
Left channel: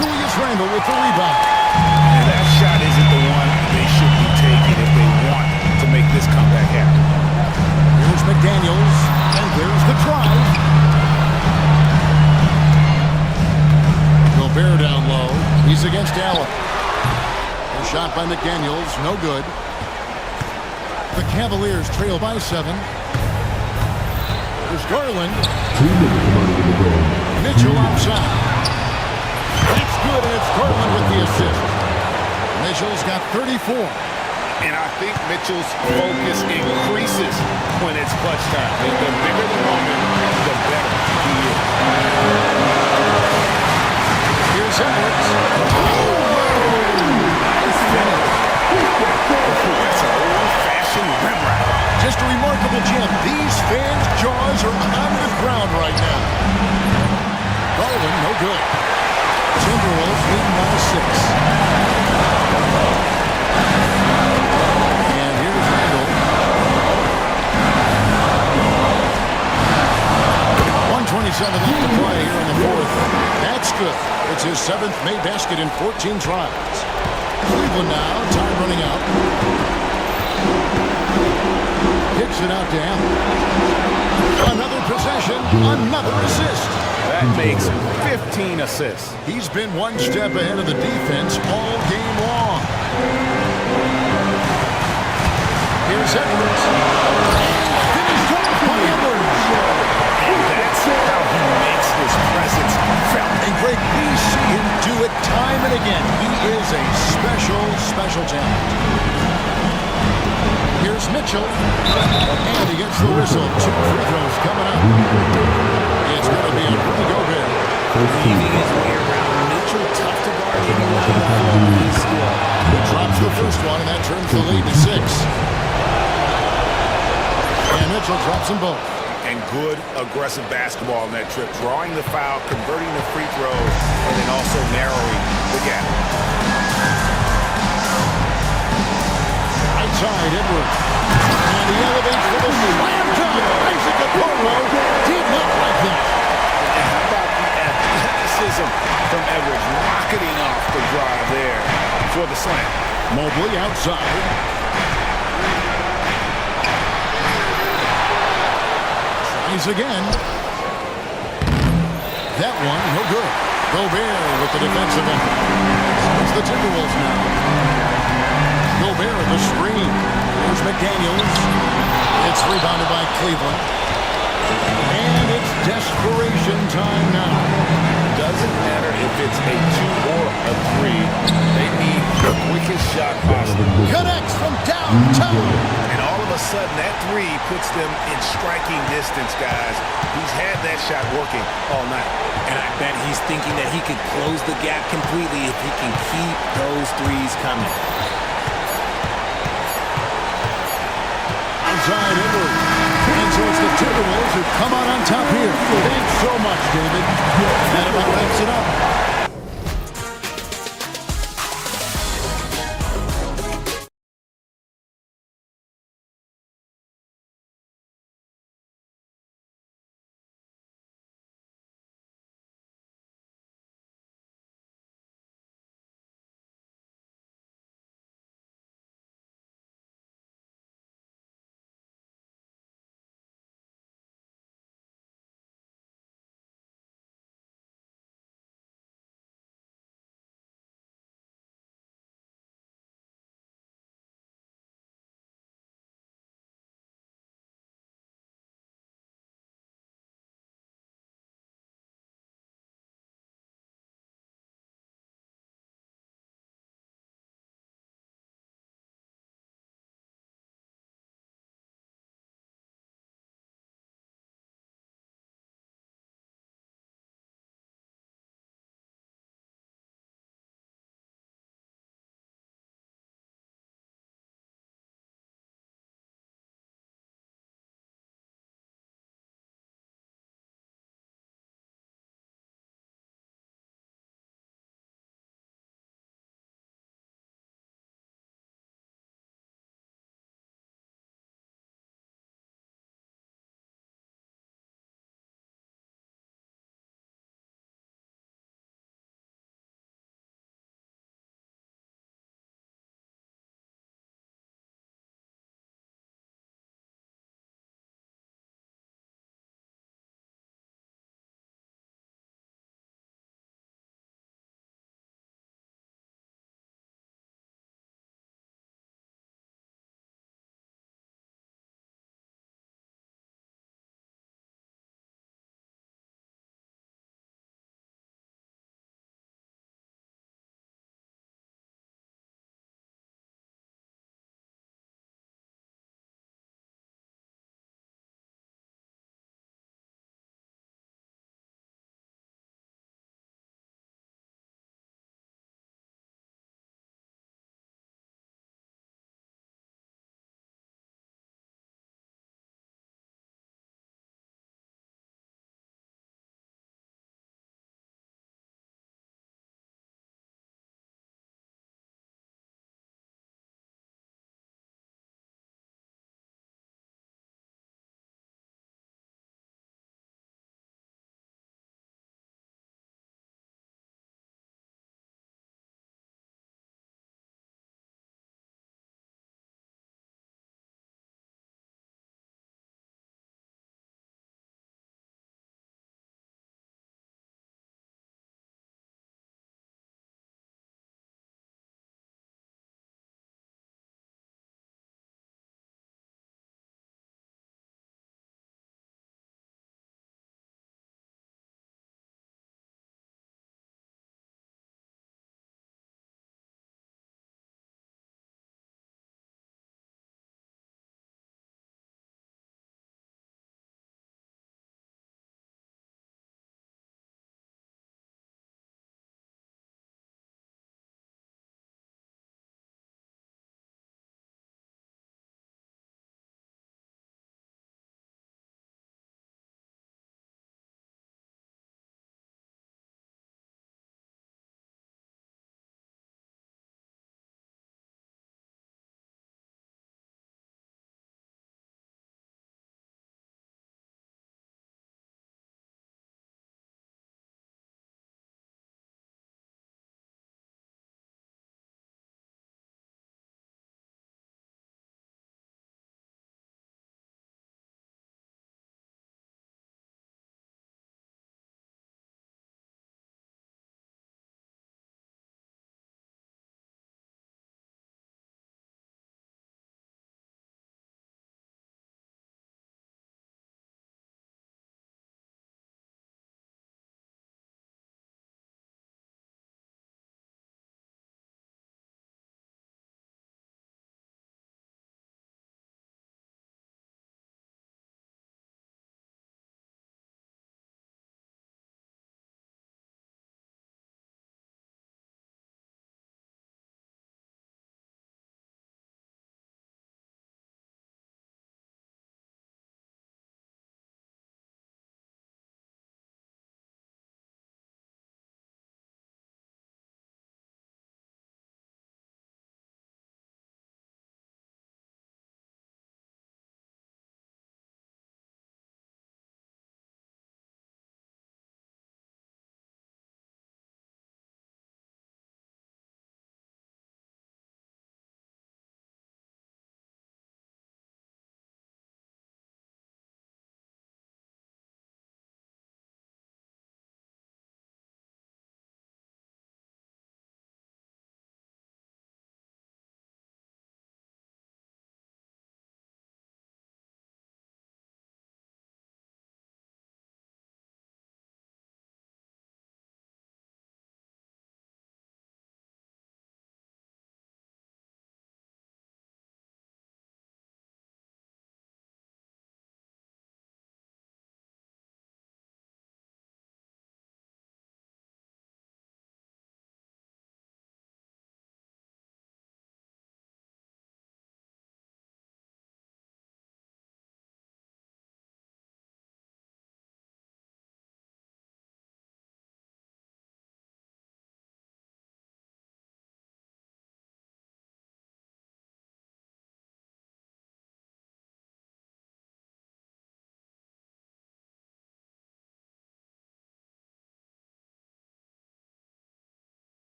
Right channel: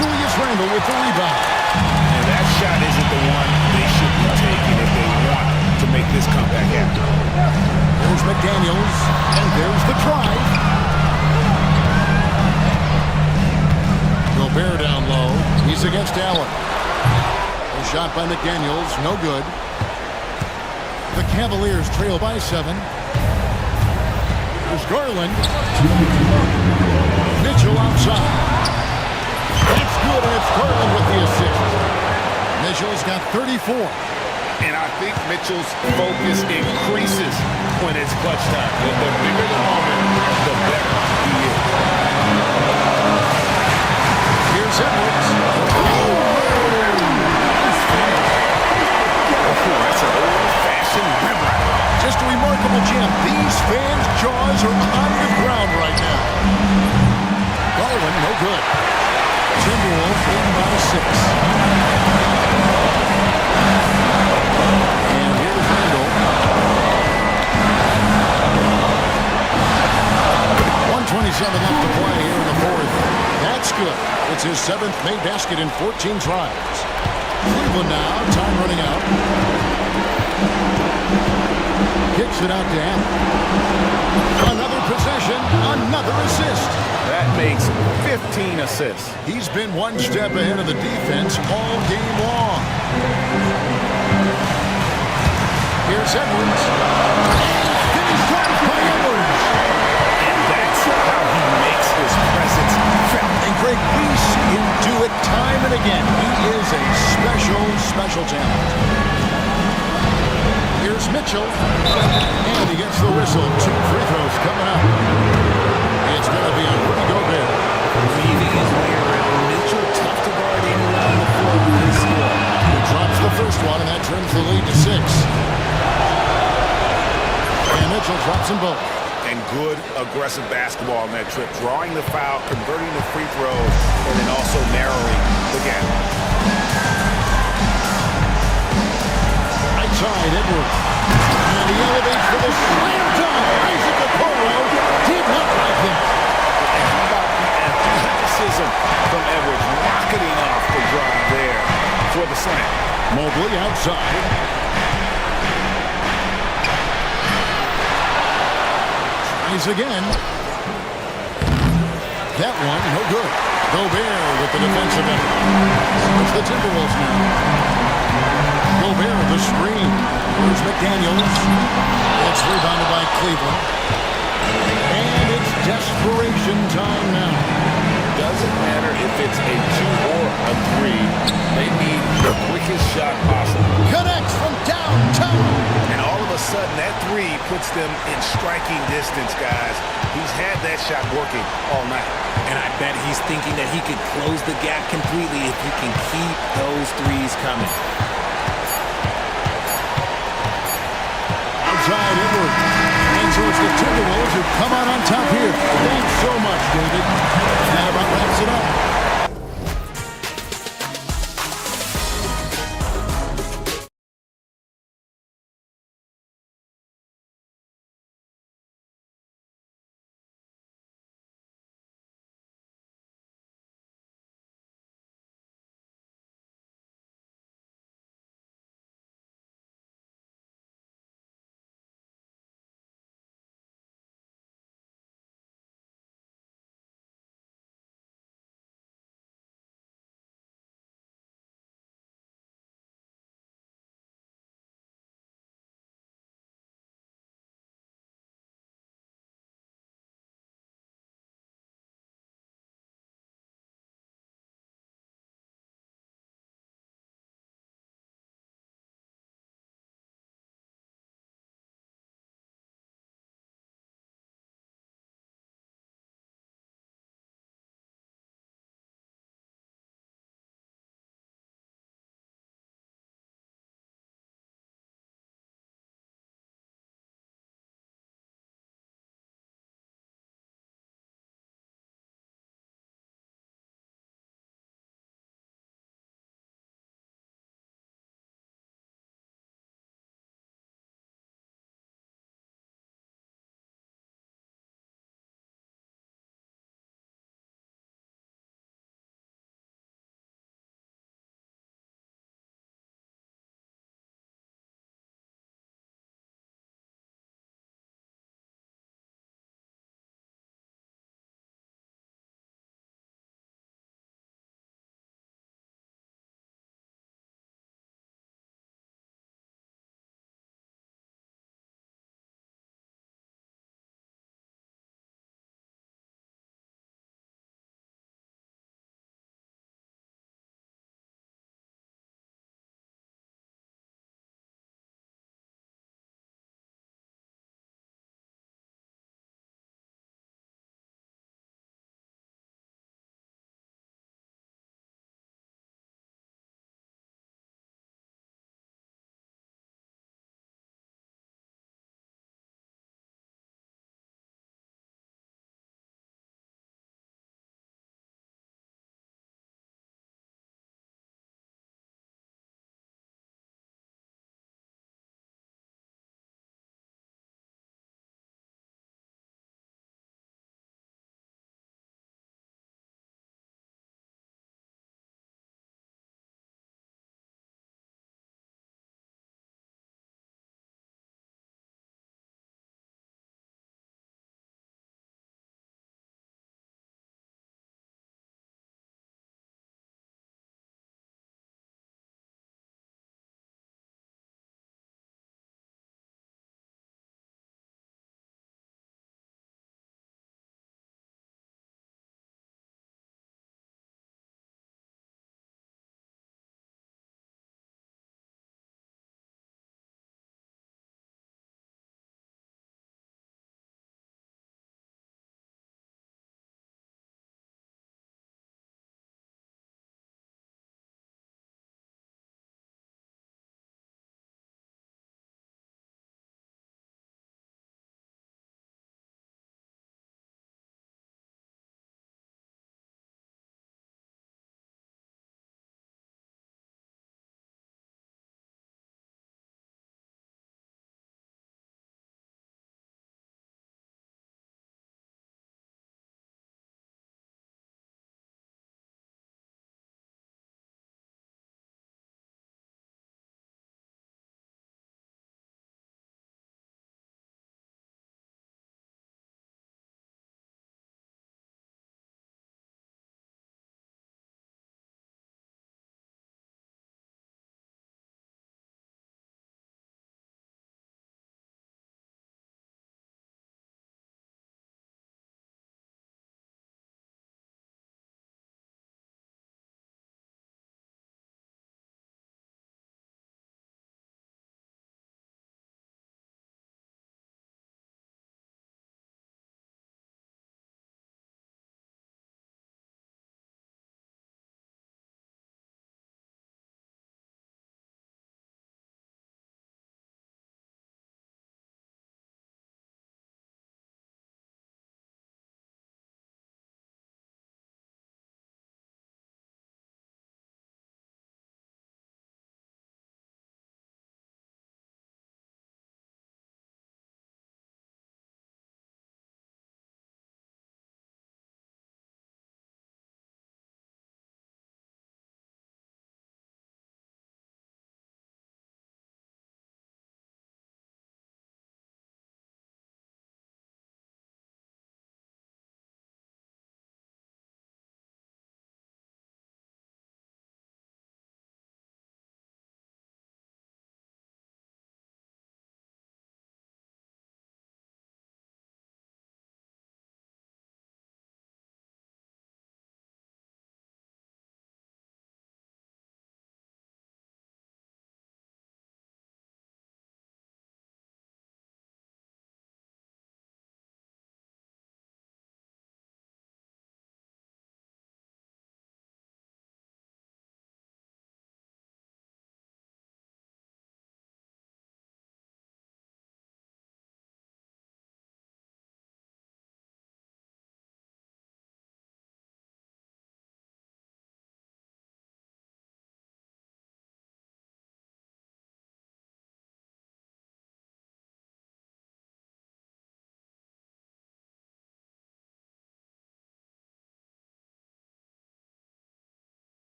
Julius Randle with the rebound. And that shot isn't the one they should be taking if they want to make this comeback happen. Here's McDaniels, and there's the drive. Gobert down low. He's against Allen. A shot by McDaniels, no good. The Cavaliers trail by 7. There's Garland. Mitchell outside. That's good, and it's Garland with the assist. Mitchell's got 34. And I think Mitchell's focus increases when it's clutch time. The bigger the moment, the better he is. Here's Edwards. Nice finish. That's an old-fashioned rim rattle. Just a remarkable jam. These fans' jaws are on the ground right now. Garland, no good. Timberwolves leading by 6. And here's Randall. 1:27 left to play here in the fourth. That's good. It's his 7th made basket in 14 tries. Cleveland now, time running out. Kicks it out to Allen. Another possession, another assist. That makes 15 assists. He's been one step ahead of the defense all game long. Here's Edwards. And finished off by Edwards. And that's how he makes his presence felt. And Greg, we see him do it time and again. He is a special, special talent. Here's Mitchell. And he gets the whistle. 2 free throws coming up. It's going to be on Rudy Gobert. Weaving his way around Mitchell, tough to guard anyone on the floor with his skill. He drops the first one, and that trims the lead to 6. And Mitchell drops them both. And good aggressive basketball on that trip. Drawing the foul, converting the free throws, and then also narrowing the gap. Right side, Edwards. And he elevates for the slam dunk. Isaac Okoro did not like that. And how about the athleticism from Edwards rocketing off the drive there for the slam. Mobley outside. Tries again. That one, no good. Gobert with the defensive end. It's the Timberwolves now. Gobert with the screen. Here's McDaniels. It's rebounded by Cleveland. And it's desperation time now. Doesn't matter if it's a 2 or a 3. They need the quickest shot possible. Connects from downtown. And all of a sudden, that 3 puts them in striking distance, guys. He's had that shot working all night. And I bet he's thinking that he could close the gap completely if he can keep those threes coming. Outside Edwards. And so it's the Timberwolves who come out on top here. Thanks so much, David. And that about wraps it up.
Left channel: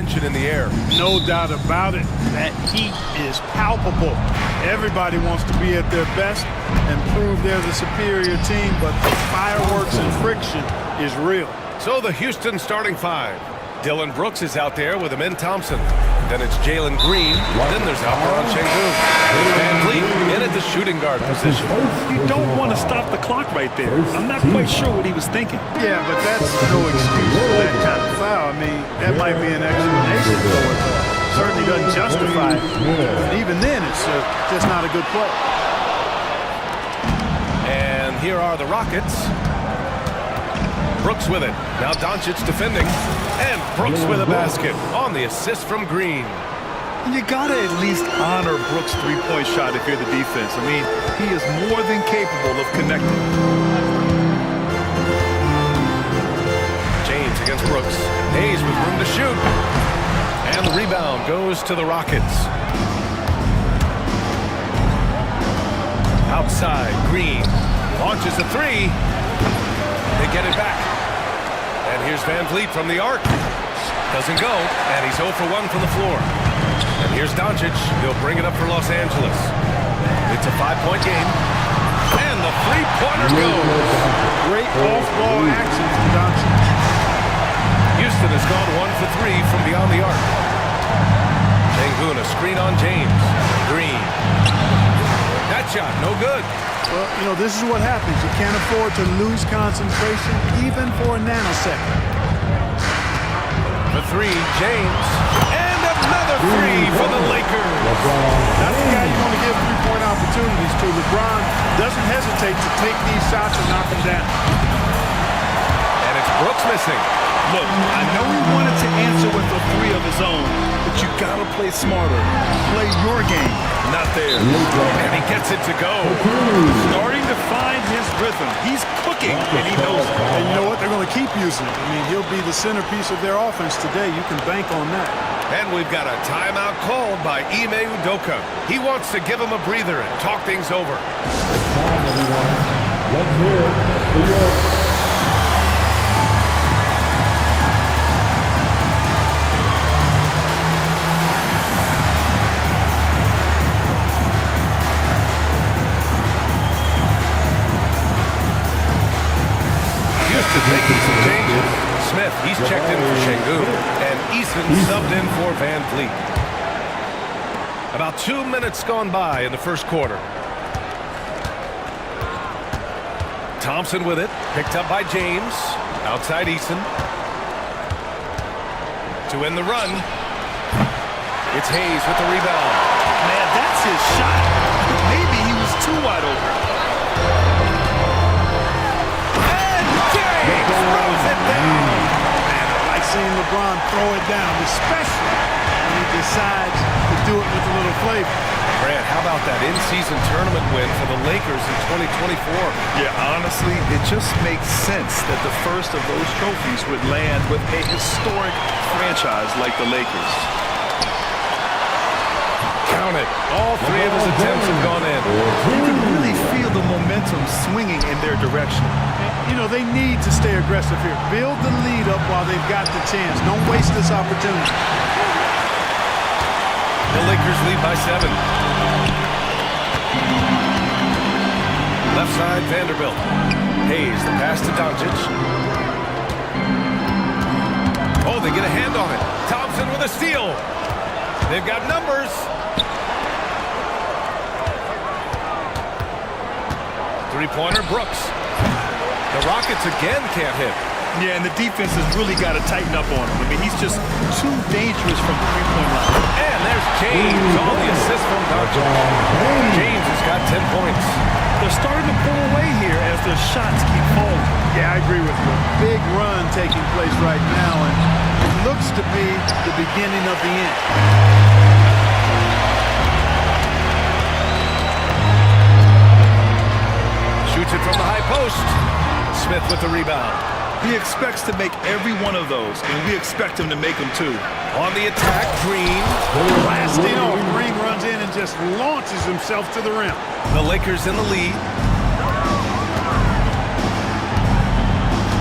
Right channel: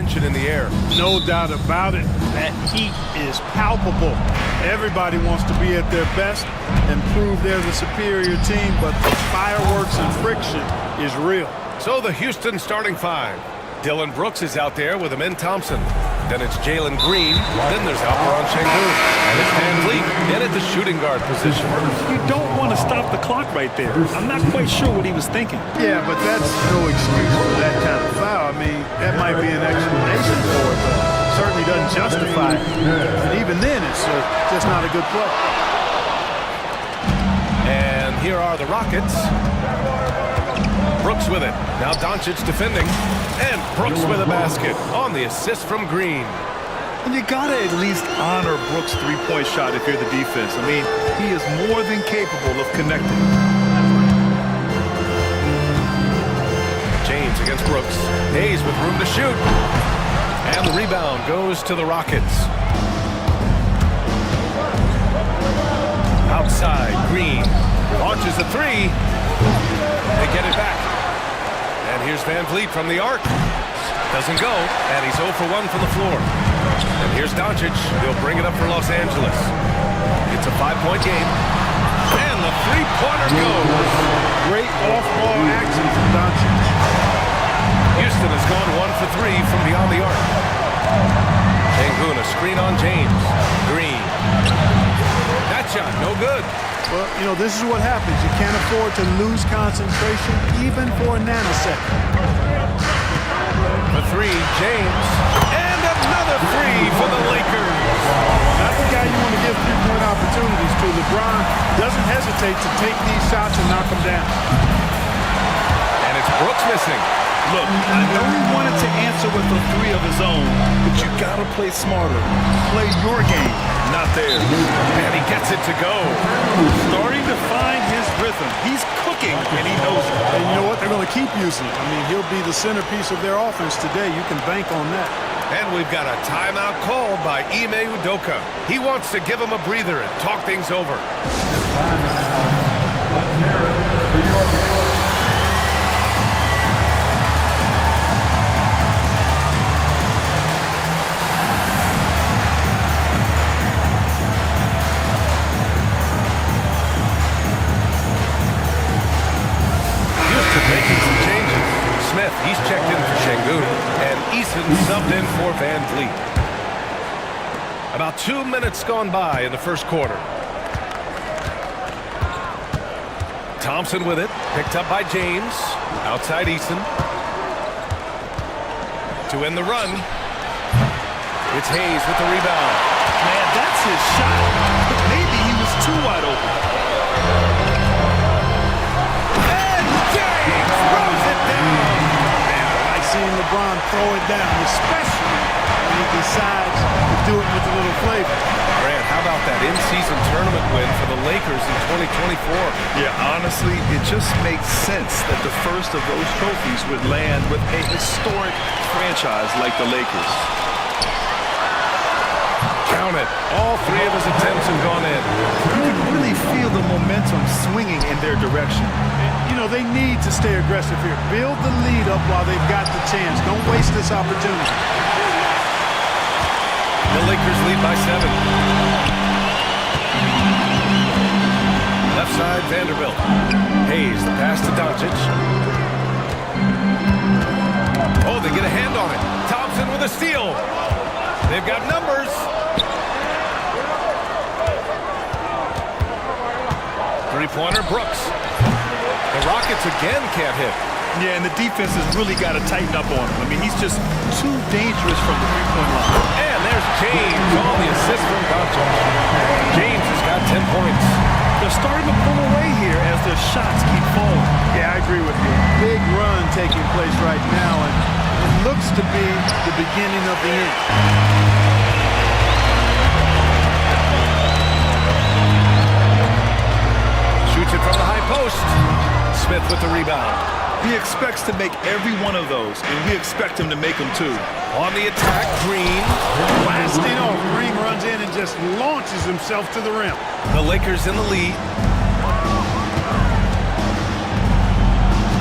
Tension in the air. No doubt about it. That heat is palpable. Everybody wants to be at their best and prove they're the superior team, but the fireworks and friction is real. So the Houston starting five. Dylan Brooks is out there with Amin Thompson. Then it's Jalen Green. Then there's Alperon Şengün. And it's Van Vliet in at the shooting guard position. You don't want to stop the clock right there. I'm not quite sure what he was thinking. Yeah, but that's no excuse for that kind of foul. I mean, that might be an explanation for it, but certainly doesn't justify it. And even then, it's just not a good play. And here are the Rockets. Brooks with it. Now Doncic defending. And Brooks with a basket on the assist from Green. And you gotta at least honor Brooks' three-point shot if you're the defense. I mean, he is more than capable of connecting. James against Brooks. Hayes with room to shoot. And the rebound goes to the Rockets. Outside, Green launches a three. They get it back. And here's Van Vliet from the arc. Doesn't go, and he's 0 for 1 from the floor. And here's Doncic. He'll bring it up for Los Angeles. It's a 5-point game. And the three-pointer goes. Great off-ball action from Doncic. Houston has gone 1 for 3 from beyond the arc. Şengün, a screen on James. Green. That shot, no good. Well, you know, this is what happens. You can't afford to lose concentration even for a nanosecond. For three, James. And another three for the Lakers. Not the guy you want to give three-point opportunities to. LeBron doesn't hesitate to take these shots and knock them down. And it's Brooks missing. Look, I know he wanted to answer with a three of his own, but you gotta play smarter. Play your game, not theirs. And he gets it to go. Starting to find his rhythm. He's cooking, and he knows it. And you know what? They're going to keep using it. I mean, he'll be the centerpiece of their offense today. You can bank on that. And we've got a timeout called by Ime Udoka. He wants to give him a breather and talk things over. Let's hear it for your... Making some changes. Smith, he's checked in for Şengün, and Eason subbed in for Van Vliet. About 2 minutes gone by in the first quarter. Thompson with it, picked up by James. Outside Eason. To end the run. It's Hayes with the rebound. Man, that's his shot. But maybe he was too wide open. Throws it down. Man, I like seeing LeBron throw it down, especially when he decides to do it with a little flavor. Brad, how about that in-season tournament win for the Lakers in 2024? Yeah, honestly, it just makes sense that the first of those trophies would land with a historic franchise like the Lakers. Count it. All three of his attempts have gone in. You can really feel the momentum swinging in their direction. You know, they need to stay aggressive here. Build the lead up while they've got the chance. Don't waste this opportunity. The Lakers lead by 7. Left side, Vanderbilt. Hayes, the pass to Doncic. Oh, they get a hand on it. Thompson with a steal. They've got numbers. Three-pointer, Brooks. The Rockets again can't hit. Yeah, and the defense has really got to tighten up on him. I mean, he's just too dangerous from the three-point line. And there's James on the assist from Doncic. James has got 10 points. They're starting to pull away here as their shots keep falling. Yeah, I agree with you. A big run taking place right now, and it looks to be the beginning of the end. Shoots it from the high post. Smith with the rebound. He expects to make every one of those, and we expect him to make them too. On the attack, Green. Blasting off. Green runs in and just launches himself to the rim. The Lakers in the lead.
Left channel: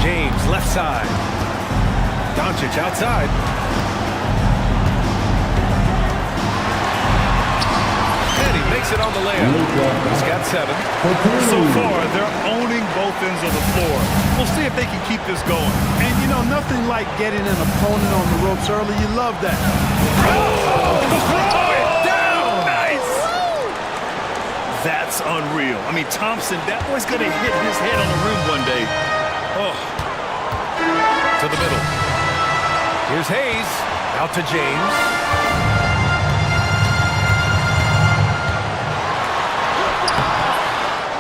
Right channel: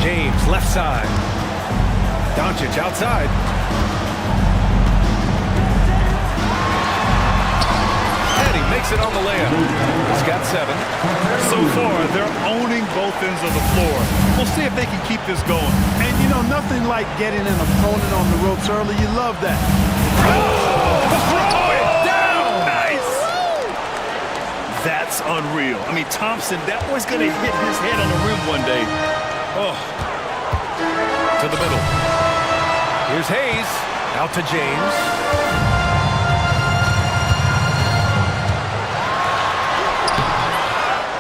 James, left side. Doncic outside. makes it on the layup. He's got 7. So far, they're owning both ends of the floor. We'll see if they can keep this going. And, you know, nothing like getting an opponent on the ropes early. You love that. Throw it down! Nice! That's unreal. I mean, Thompson, that boy's going to hit his head on the rim one day. Oh. To the middle. Here's Hayes. Out to James.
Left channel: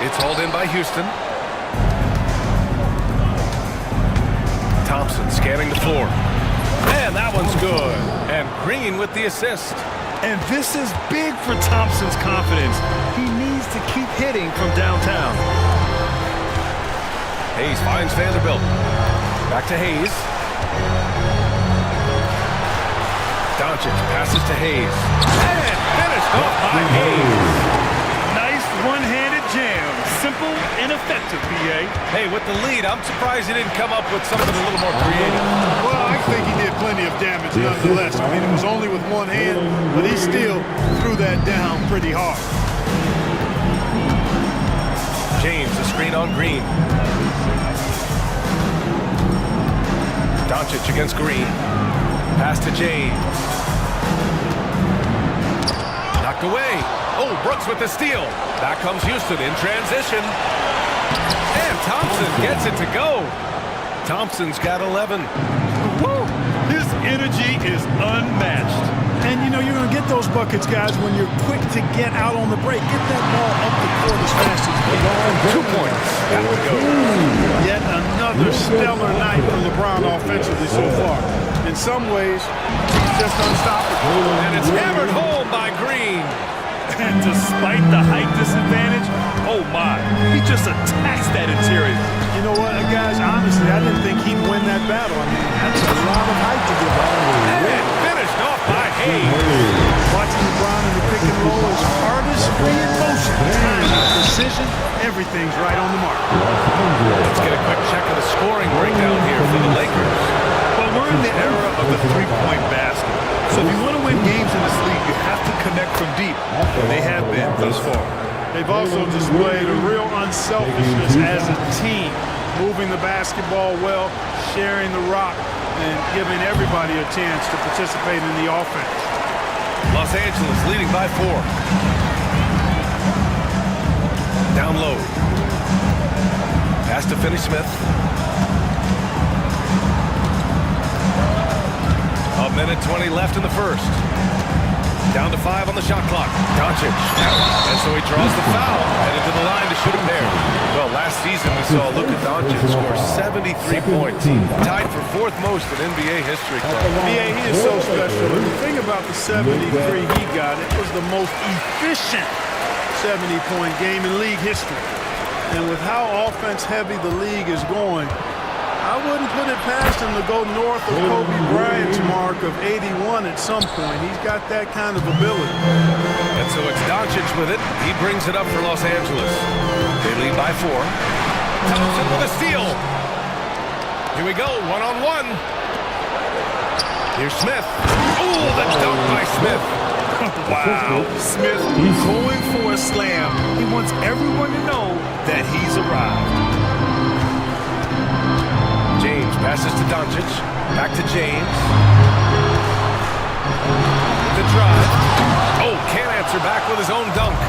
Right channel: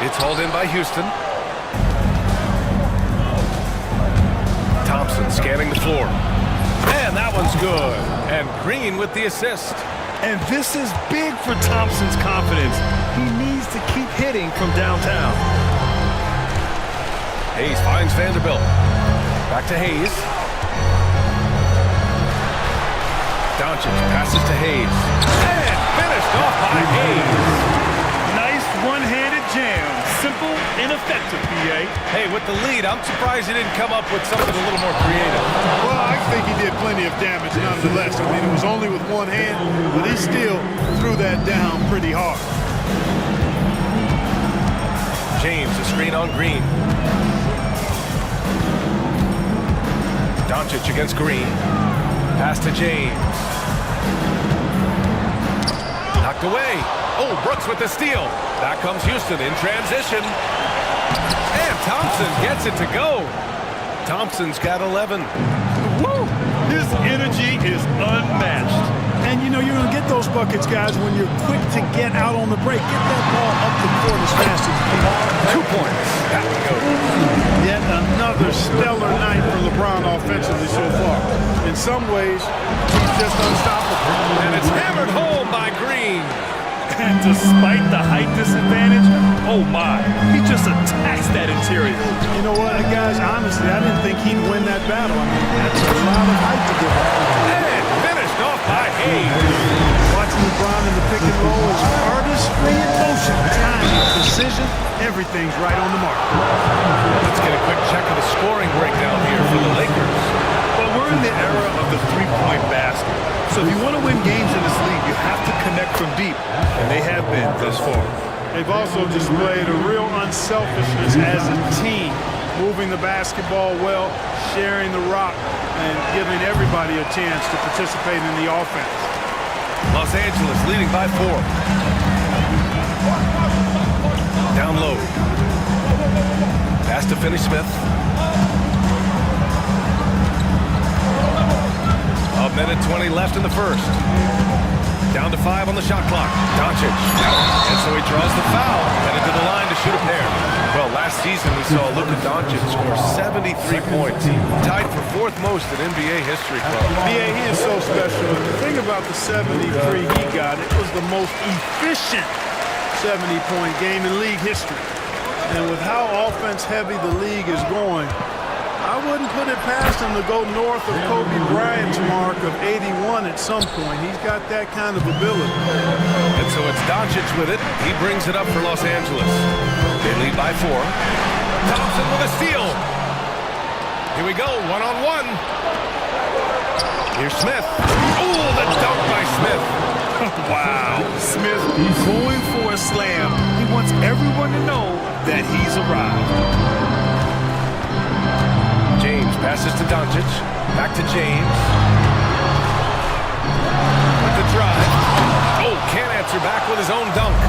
It's hauled in by Houston. Thompson scanning the floor. And that one's good. And Green with the assist. And this is big for Thompson's confidence. He needs to keep hitting from downtown. Hayes finds Vanderbilt. Back to Hayes. Doncic passes to Hayes. And finished off by Hayes. Nice one-handed jam. Simple and effective, BA. Hey, with the lead, I'm surprised he didn't come up with something a little more creative. Well, I think he did plenty of damage nonetheless. I mean, it was only with one hand, but he still threw that down pretty hard. James, a screen on Green. Doncic against Green. Pass to James. Knocked away. Oh, Brooks with the steal. Back comes Houston in transition. And Thompson gets it to go. Thompson's got 11. Woo! His energy is unmatched. And, you know, you're going to get those buckets, guys, when you're quick to get out on the break. Get that ball up the court as fast as you can. 2 points. That one goes. Yet another stellar night for LeBron offensively so far. In some ways, he's just unstoppable. And it's hammered home by Green. And despite the height disadvantage, oh my, he just attacks that interior. You know what, guys, honestly, I didn't think he'd win that battle. I mean, that's a lot of height to give up. And finished off by Hayes. Watching LeBron in the pick and roll is artistry in motion. Timing, precision, everything's right on the mark. Let's get a quick check of the scoring breakdown here for the Lakers. But we're in the era of the three-point basket. So if you want to win games in this league, you have to connect from deep. And they have been thus far. They've also displayed a real unselfishness as a team, moving the basketball well, sharing the rock, and giving everybody a chance to participate in the offense. Los Angeles leading by 4. Down low. Pass to Finney-Smith. A minute 20 left in the first. Down to 5 on the shot clock. Doncic. And so he draws the foul, headed to the line to shoot a pair. Well, last season we saw Luka Doncic score 73 points. Tied for 4th most in NBA history, Club. BA, he is so special. And the thing about the 73 he got, it was the most efficient 70-point game in league history. And with how offense-heavy the league is going, I wouldn't put it past him to go north of Kobe Bryant's mark of 81 at some point. He's got that kind of ability. And so it's Doncic with it. He brings it up for Los Angeles. They lead by 4. Thompson with a steal. Here we go, one-on-one. Here's Smith. Oh, the dunk by Smith. Wow, Smith going for a slam. He wants everyone to know that he's arrived. James passes to Doncic. Back to James. With the drive. Oh, can't answer back with his own dunk.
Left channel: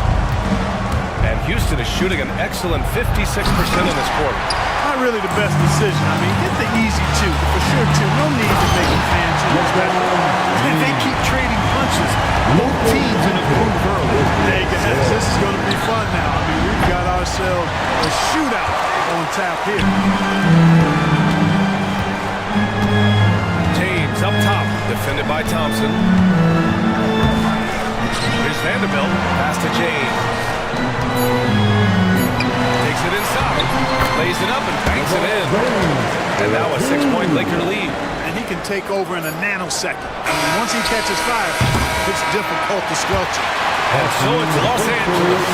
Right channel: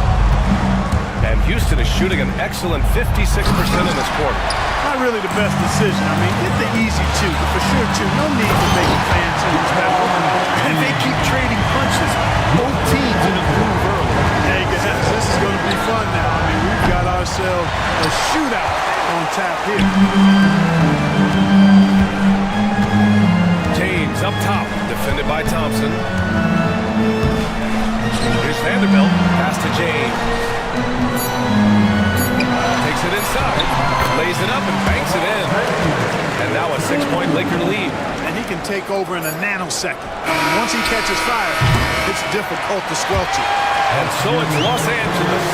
And Houston is shooting an excellent 56% in this quarter. Not really the best decision. I mean, get the easy 2, the for sure 2. No need to make it fancy and special. And they keep trading punches. Both teams in a groove early. Hey guys, this is going to be fun now. I mean, we've got ourselves a shootout on tap here. James up top, defended by Thompson. Here's Vanderbilt, pass to James. Takes it inside, lays it up and banks it in. And now a 6-point Laker lead. And he can take over in a nanosecond. I mean, once he catches fire, it's difficult to squelch it. And so it's Los Angeles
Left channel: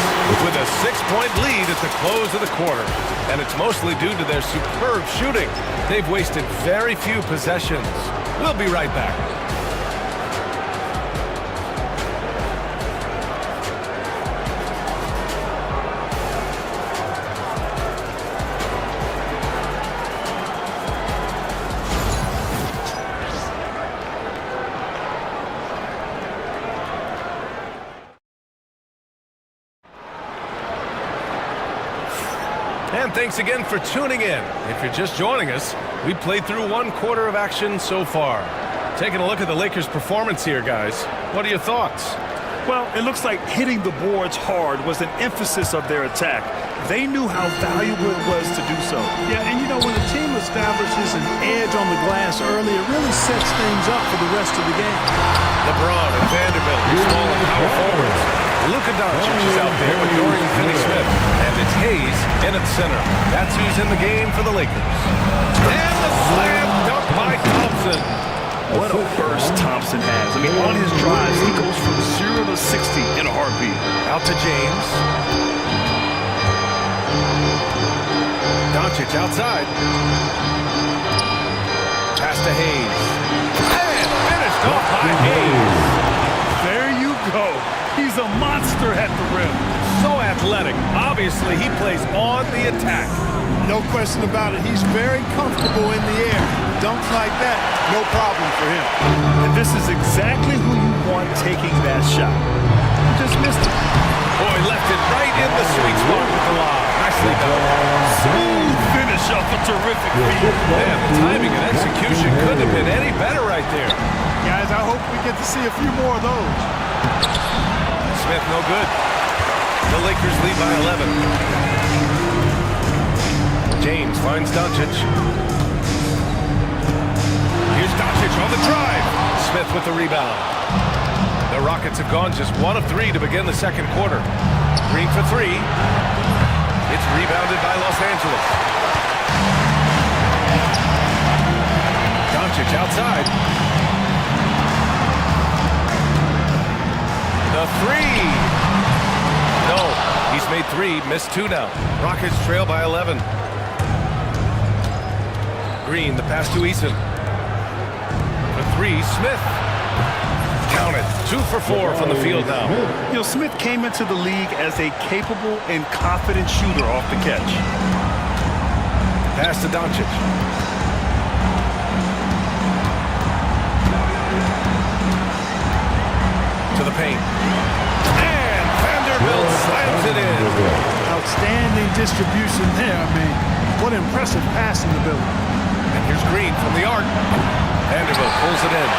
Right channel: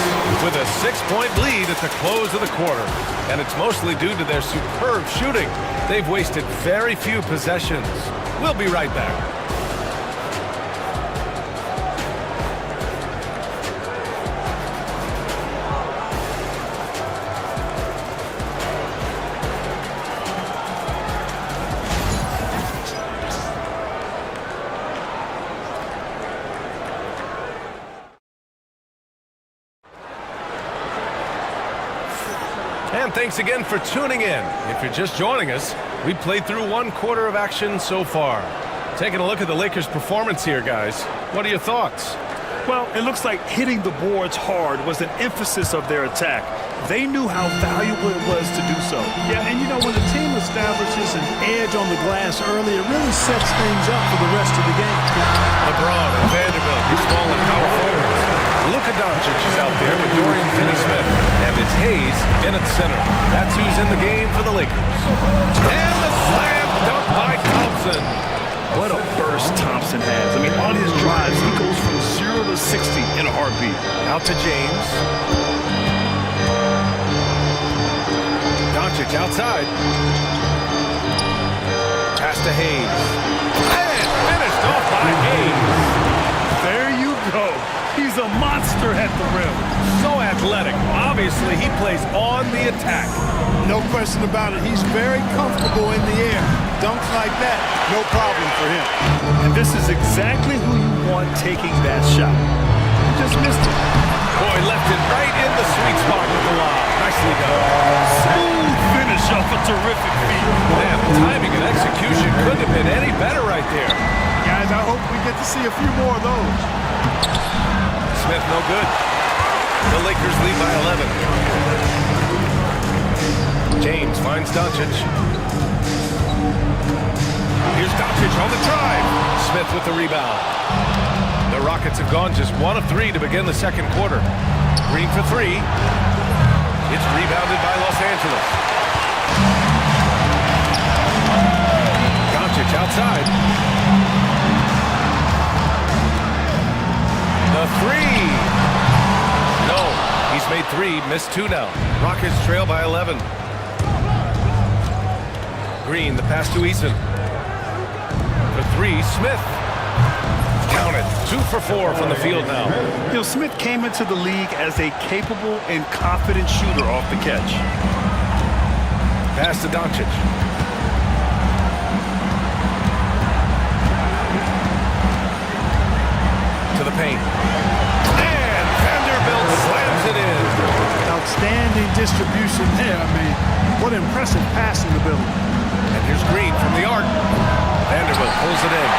with a 6-point lead at the close of the quarter. And it's mostly due to their superb shooting. They've wasted very few possessions. We'll be right back. And thanks again for tuning in. If you're just joining us, we played through 1 quarter of action so far. Taking a look at the Lakers' performance here, guys. What are your thoughts? Well, it looks like hitting the boards hard was an emphasis of their attack. They knew how valuable it was to do so. Yeah, and you know, when a team establishes an edge on the glass early, it really sets things up for the rest of the game. LeBron and Vanderbilt, your small and power forwards. Luka Doncic is out there with Dorian Finney-Smith. And it's Hayes in at center. That's who's in the game for the Lakers. And the slam dunk by Thompson. What a burst Thompson has. I mean, on his drives, he goes from 0 to 60 in a heartbeat. Out to James. Doncic outside. Pass to Hayes. And finished off by Hayes. There you go. He's a monster at the rim. So athletic. Obviously, he plays on the attack. No question about it. He's very comfortable in the air. Dunks like that, no problem for him. And this is exactly who you want taking that shot. He just missed it. Boy, left it right in the sweet spot with the lob. Nicely done. Smooth finish off a terrific feed. Man, the timing and execution couldn't have been any better right there. Guys, I hope we get to see a few more of those. Smith, no good. The Lakers lead by 11. James finds Doncic. Here's Doncic on the drive. Smith with the rebound. The Rockets have gone just 1 of 3 to begin the second quarter. Green for 3. It's rebounded by Los Angeles. Doncic outside. The 3. No, he's made 3, missed 2 now. Rockets trail by 11. Green, the pass to Eason. For 3, Smith. Count it. 2 for 4 from the field now. You know, Smith came into the league as a capable and confident shooter off the catch. Pass to Doncic. To the paint. And Vanderbilt slams it in. Outstanding distribution there. I mean, what impressive passing ability. And here's Green from the arc. Vanderbilt pulls it in.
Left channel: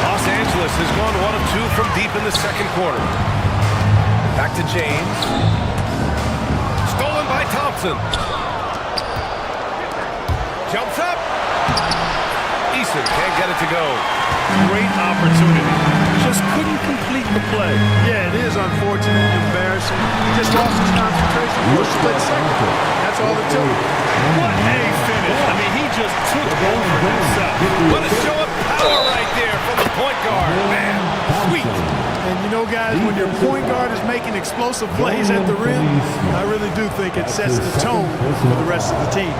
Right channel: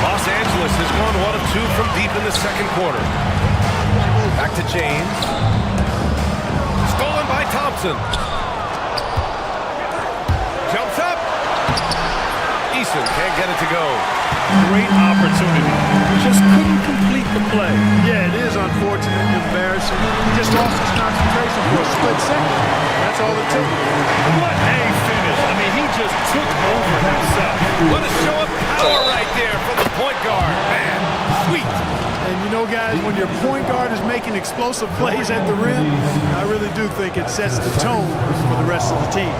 Los Angeles has gone 1 of 2 from deep in the second quarter. Back to James. Stolen by Thompson. Jumps up. Eason can't get it to go. Great opportunity. Just couldn't complete the play. Yeah, it is unfortunate and embarrassing. He just lost his concentration for a split second. That's all it took. What a finish. I mean, he just took over himself. What a show of power right there from the point guard. Man, sweet. And you know, guys, when your point guard is making explosive plays at the rim, I really do think it sets the tone for the rest of the team.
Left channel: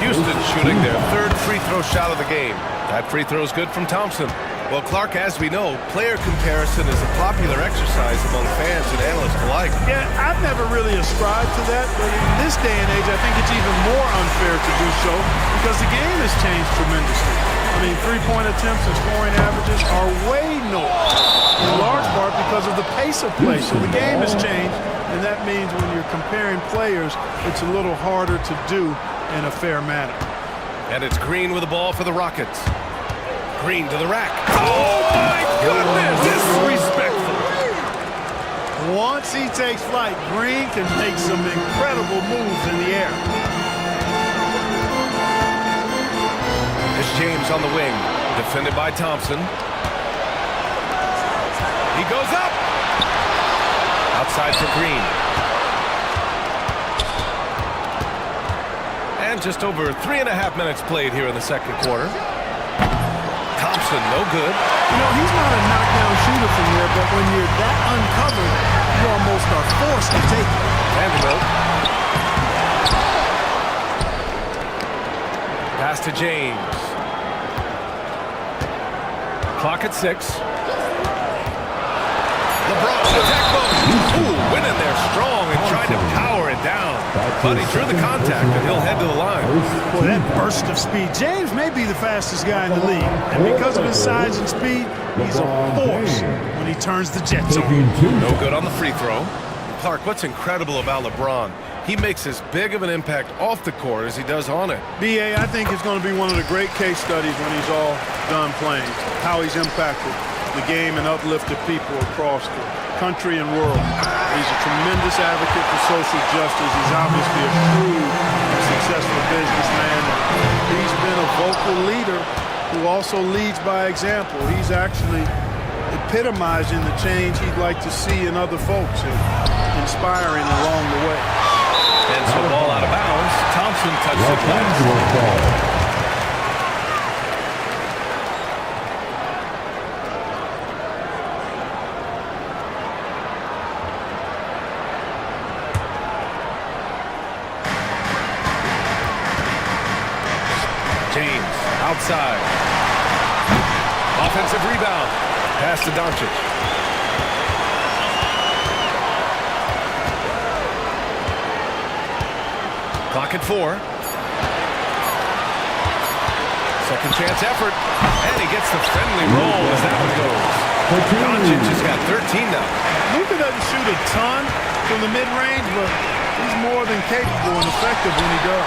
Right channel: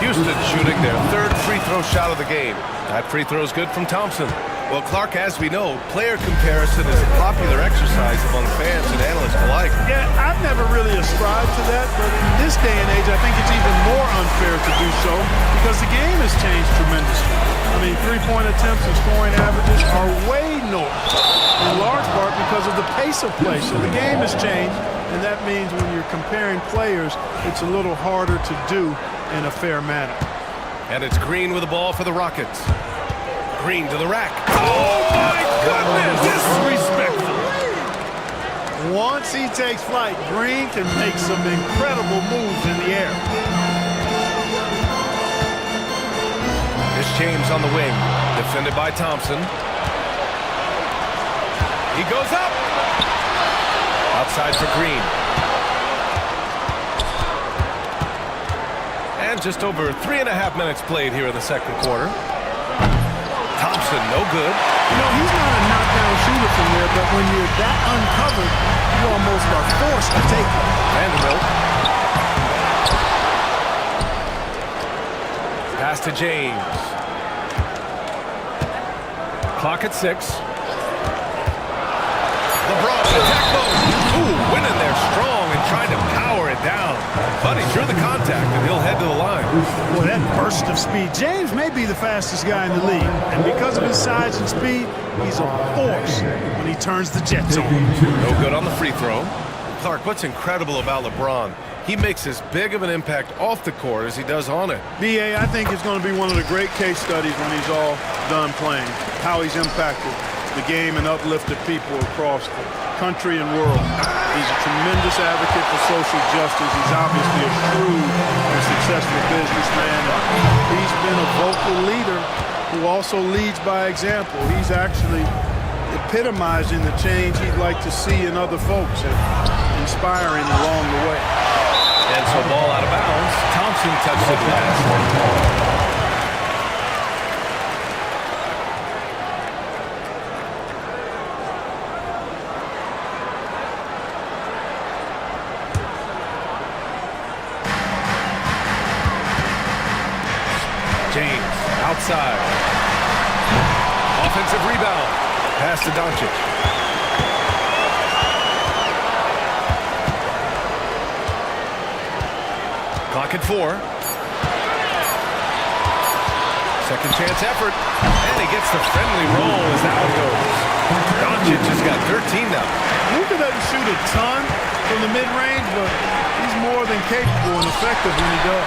Houston shooting their 3rd free throw shot of the game. That free throw is good from Thompson. Well, Clark, as we know, player comparison is a popular exercise among fans and analysts alike. Yeah, I've never really ascribed to that, but in this day and age, I think it's even more unfair to do so because the game has changed tremendously. I mean, three-point attempts and scoring averages are way north, in large part because of the pace of play. So the game has changed, and that means when you're comparing players, it's a little harder to do in a fair manner. And it's Green with the ball for the Rockets. Green to the rack. Oh, my goodness! Disrespectful. Once he takes flight, Green can make some incredible moves in the air. There's James on the wing, defended by Thompson. He goes up. Outside for Green. And just over 3.5 minutes played here in the second quarter. Thompson, no good. You know, he's not a knockdown shooter from there, but when you're that uncovered, you almost are forced to take it. Vanderbilt. Pass to James. Clock at 6. LeBron, attack mode. Ooh, went in there strong and tried to power it down. But he drew the contact, and he'll head to the line. Boy, that burst of speed. James may be the fastest guy in the league. And because of his size and speed, he's a force when he turns the jets on. No good on the free throw. Clark, what's incredible about LeBron, he makes as big of an impact off the court as he does on it. B.A., I think it's going to be one of the great case studies when he's all done playing, how he's impacted the game and uplifted people across the country and world. He's a tremendous advocate for social justice. He's obviously a shrewd and successful businessman. And he's been a vocal leader who also leads by example. He's actually epitomizing the change he'd like to see in other folks and inspiring along the way. And so ball out of bounds. Thompson touched it last. James, outside. Offensive rebound. Pass to Doncic. Clock at 4. Second chance effort. And he gets the friendly roll as that one goes. Doncic has got 13 now. Luka doesn't shoot a ton from the mid-range, but he's more than capable and effective when he does.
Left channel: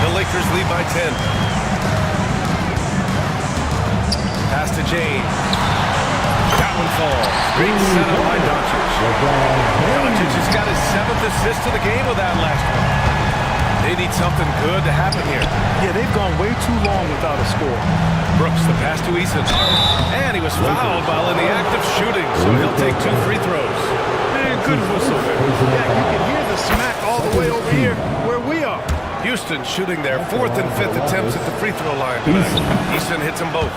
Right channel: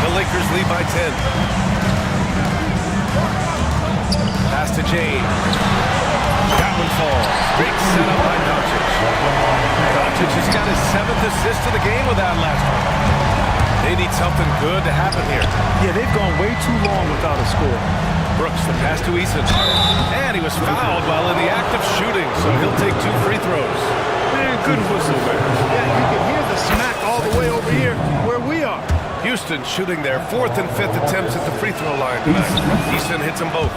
The Lakers lead by 10. Pass to James. That one falls. Great setup by Doncic. Doncic has got his 7th assist of the game with that last one. They need something good to happen here. Yeah, they've gone way too long without a score. Brooks, the pass to Eason. And he was fouled while in the act of shooting, so he'll take 2 free throws. Man, good whistle there. Yeah, you can hear the smack all the way over here where we are. Houston shooting their 4th and 5th attempts at the free throw line tonight. Eason hits them both.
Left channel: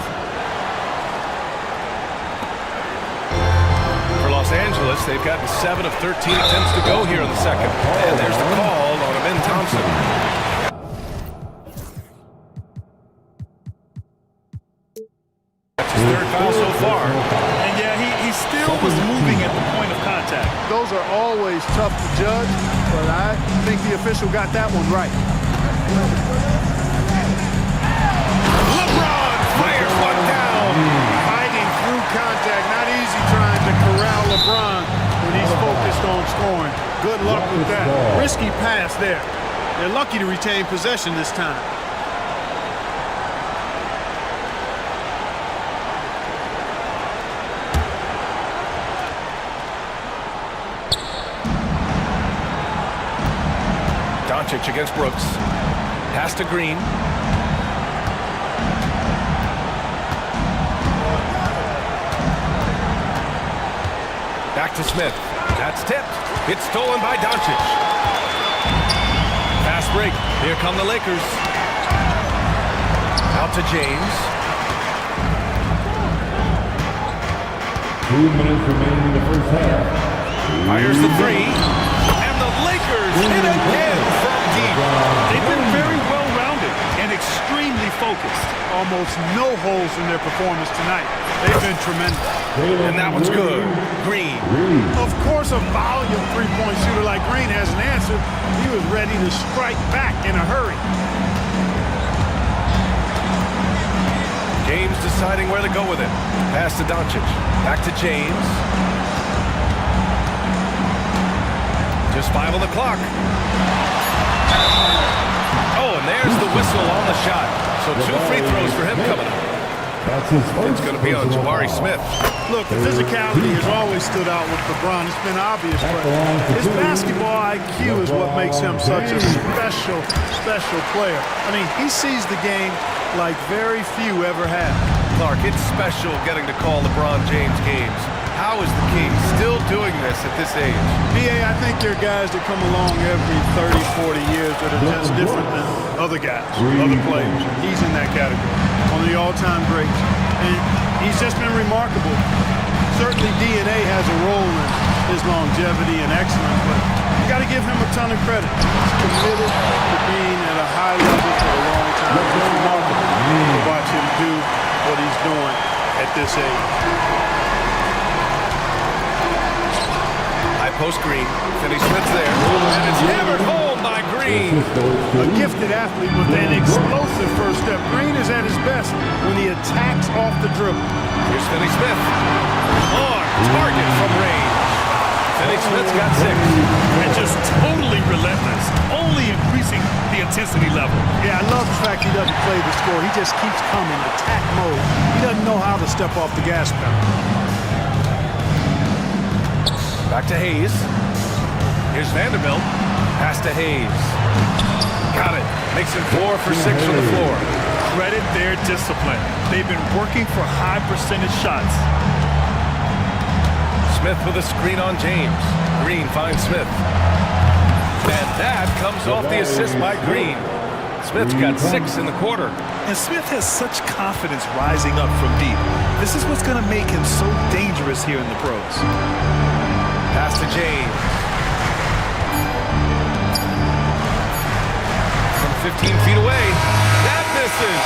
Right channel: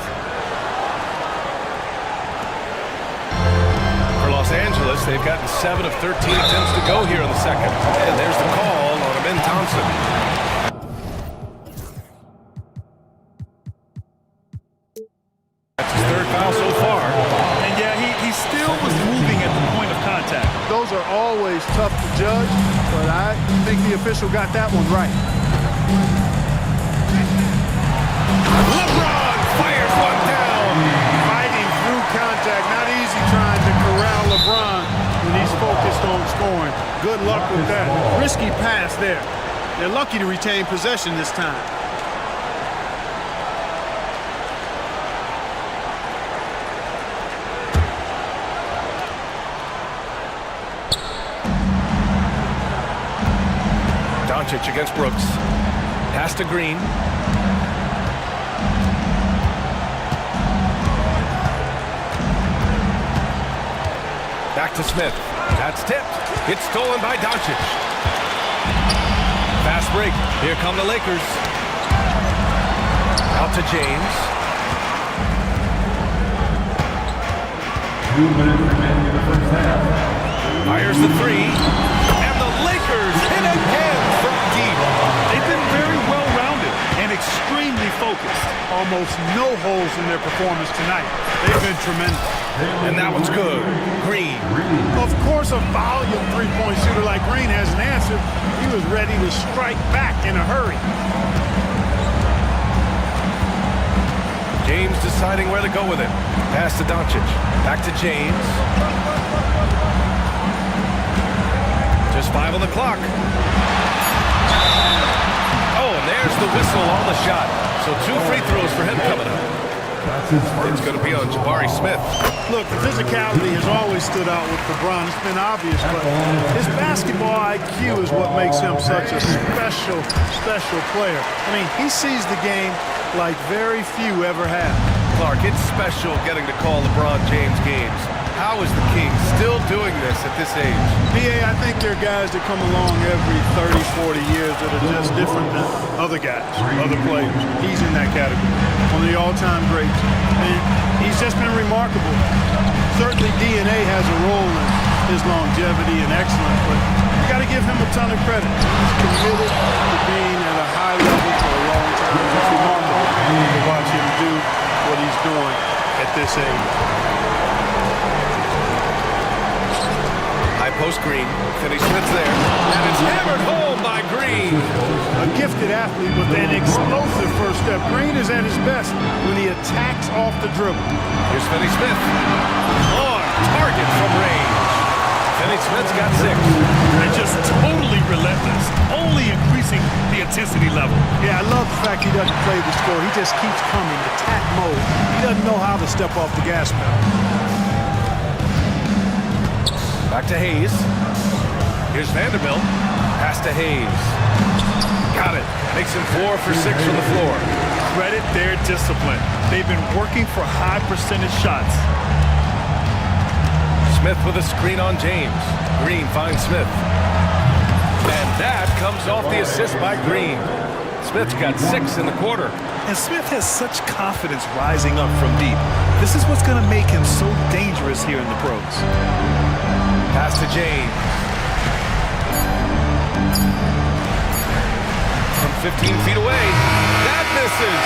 For Los Angeles, they've gotten 7 of 13 attempts to go here in the second. And there's the call on Amin Thompson. That's his 3rd foul so far. And yeah, he still was moving at the point of contact. Those are always tough to judge, but I think the official got that one right. LeBron fires one down. Fighting through contact, not easy trying to corral LeBron when he's focused on scoring. Good luck with that. Risky pass there. They're lucky to retain possession this time. Doncic against Brooks. Pass to Green. Back to Smith. That's tipped. It's stolen by Doncic. Fast break. Here come the Lakers. Out to James. 2 minutes remaining in the first half. Fires the 3. And the Lakers hit again from deep. They've been very well-rounded and extremely focused. Almost no holes in their performance tonight. They've been tremendous. And that one's good. Green. Of course, a volume three-point shooter like Green has an answer. He was ready to strike back in a hurry. James deciding where to go with it. Pass to Doncic. Back to James. Just 5 on the clock. Oh, and there's the whistle on the shot. So 2 free throws for him coming up. It's going to be on Jabari Smith. Look, the physicality has always stood out with LeBron. It's been obvious, but his basketball IQ is what makes him such a special, special player. I mean, he sees the game like very few ever have. Clark, it's special getting to call LeBron James games. How is the King still doing this at this age? B.A., I think there are guys that come along every 30, 40 years that are just different than other guys, other players. He's in that category, one of the all-time greats. And he's just been remarkable. Certainly DNA has a role in his longevity and excellence, but you got to give him a ton of credit. He's committed to being at a high level for a long time, and it's remarkable to watch him do what he's doing at this age. High post Green. Finney Smith's there. And it's hammered home by Green. A gifted athlete with an explosive first step. Green is at his best when he attacks off the dribble. Here's Finney Smith. On target from range. Finney-Smith's got 6. And just totally relentless, only increasing the intensity level. Yeah, I love the fact he doesn't play the score. He just keeps coming, attack mode. He doesn't know how to step off the gas pedal. Back to Hayes. Here's Vanderbilt. Pass to Hayes. Got it. Makes him 4 for 6 from the floor. Credit their discipline. They've been working for high percentage shots. Smith with a screen on James. Green finds Smith. And that comes off the assist by Green. Smith's got 6 in the quarter. And Smith has such confidence rising up from deep. This is what's going to make him so dangerous here in the pros. Pass to James. From 15 feet away. That misses.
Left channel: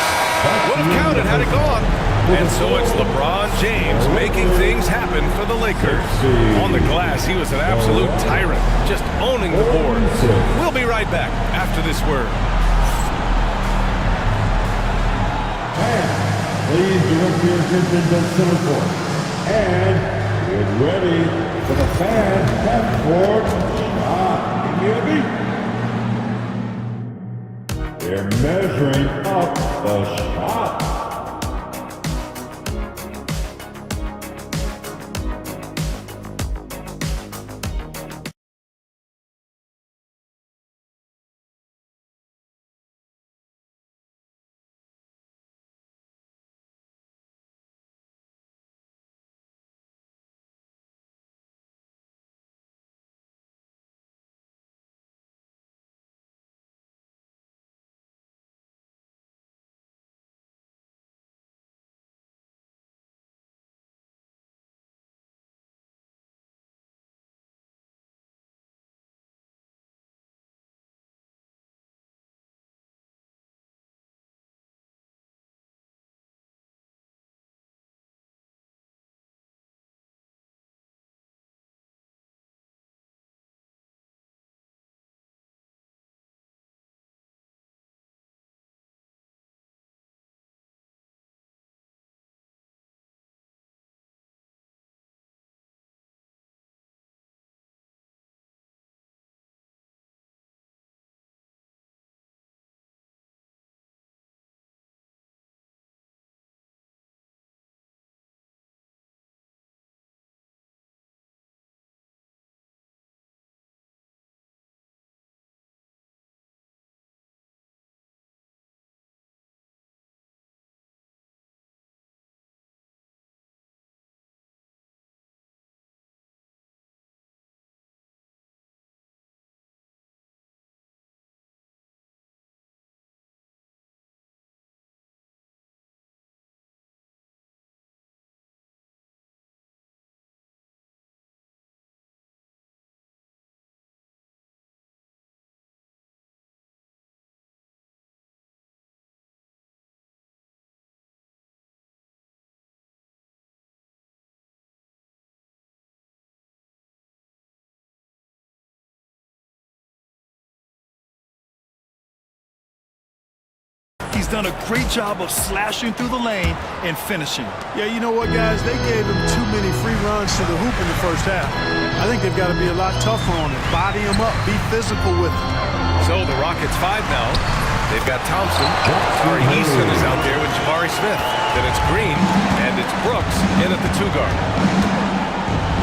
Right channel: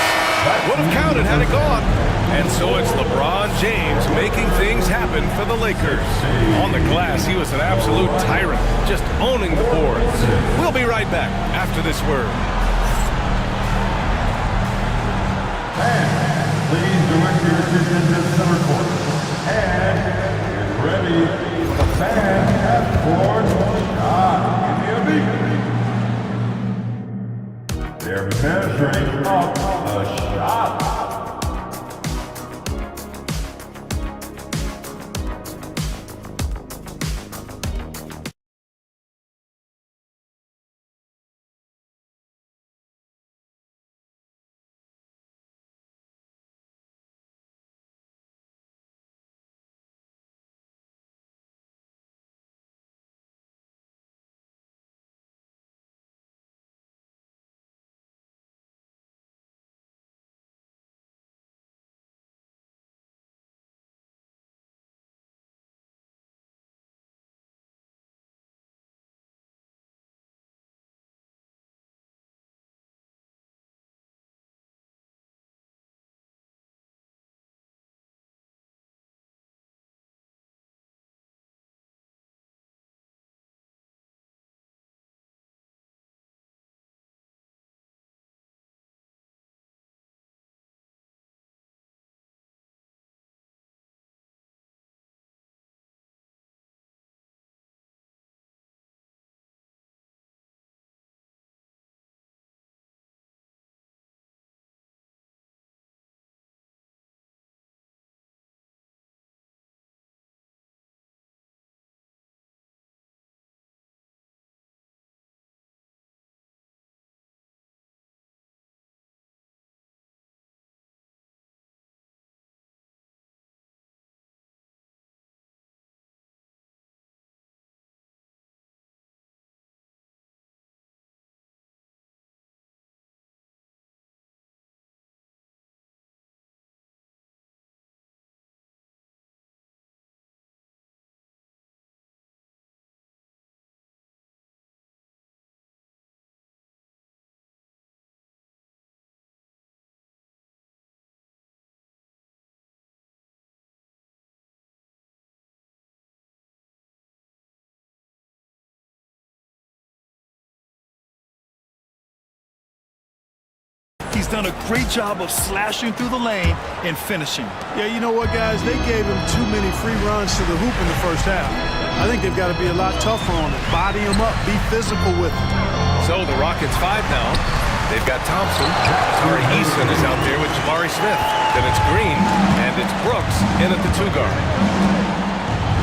Would have counted had it gone. And so it's LeBron James making things happen for the Lakers. On the glass, he was an absolute tyrant, just owning the boards. We'll be right back after this word. And please direct your attention to center court. And get ready for the fan half-court shot. Give me a beat. They're measuring up the shot. He's done a great job of slashing through the lane and finishing. Yeah, you know what, guys? They gave him too many free runs to the hoop in the first half. I think they've got to be a lot tougher on him. Body him up. Be physical with him. So the Rockets 5 now. They've got Thompson. Tari Eason is out there with Jabari Smith. Then it's Green, and it's Brooks in at the 2 guard.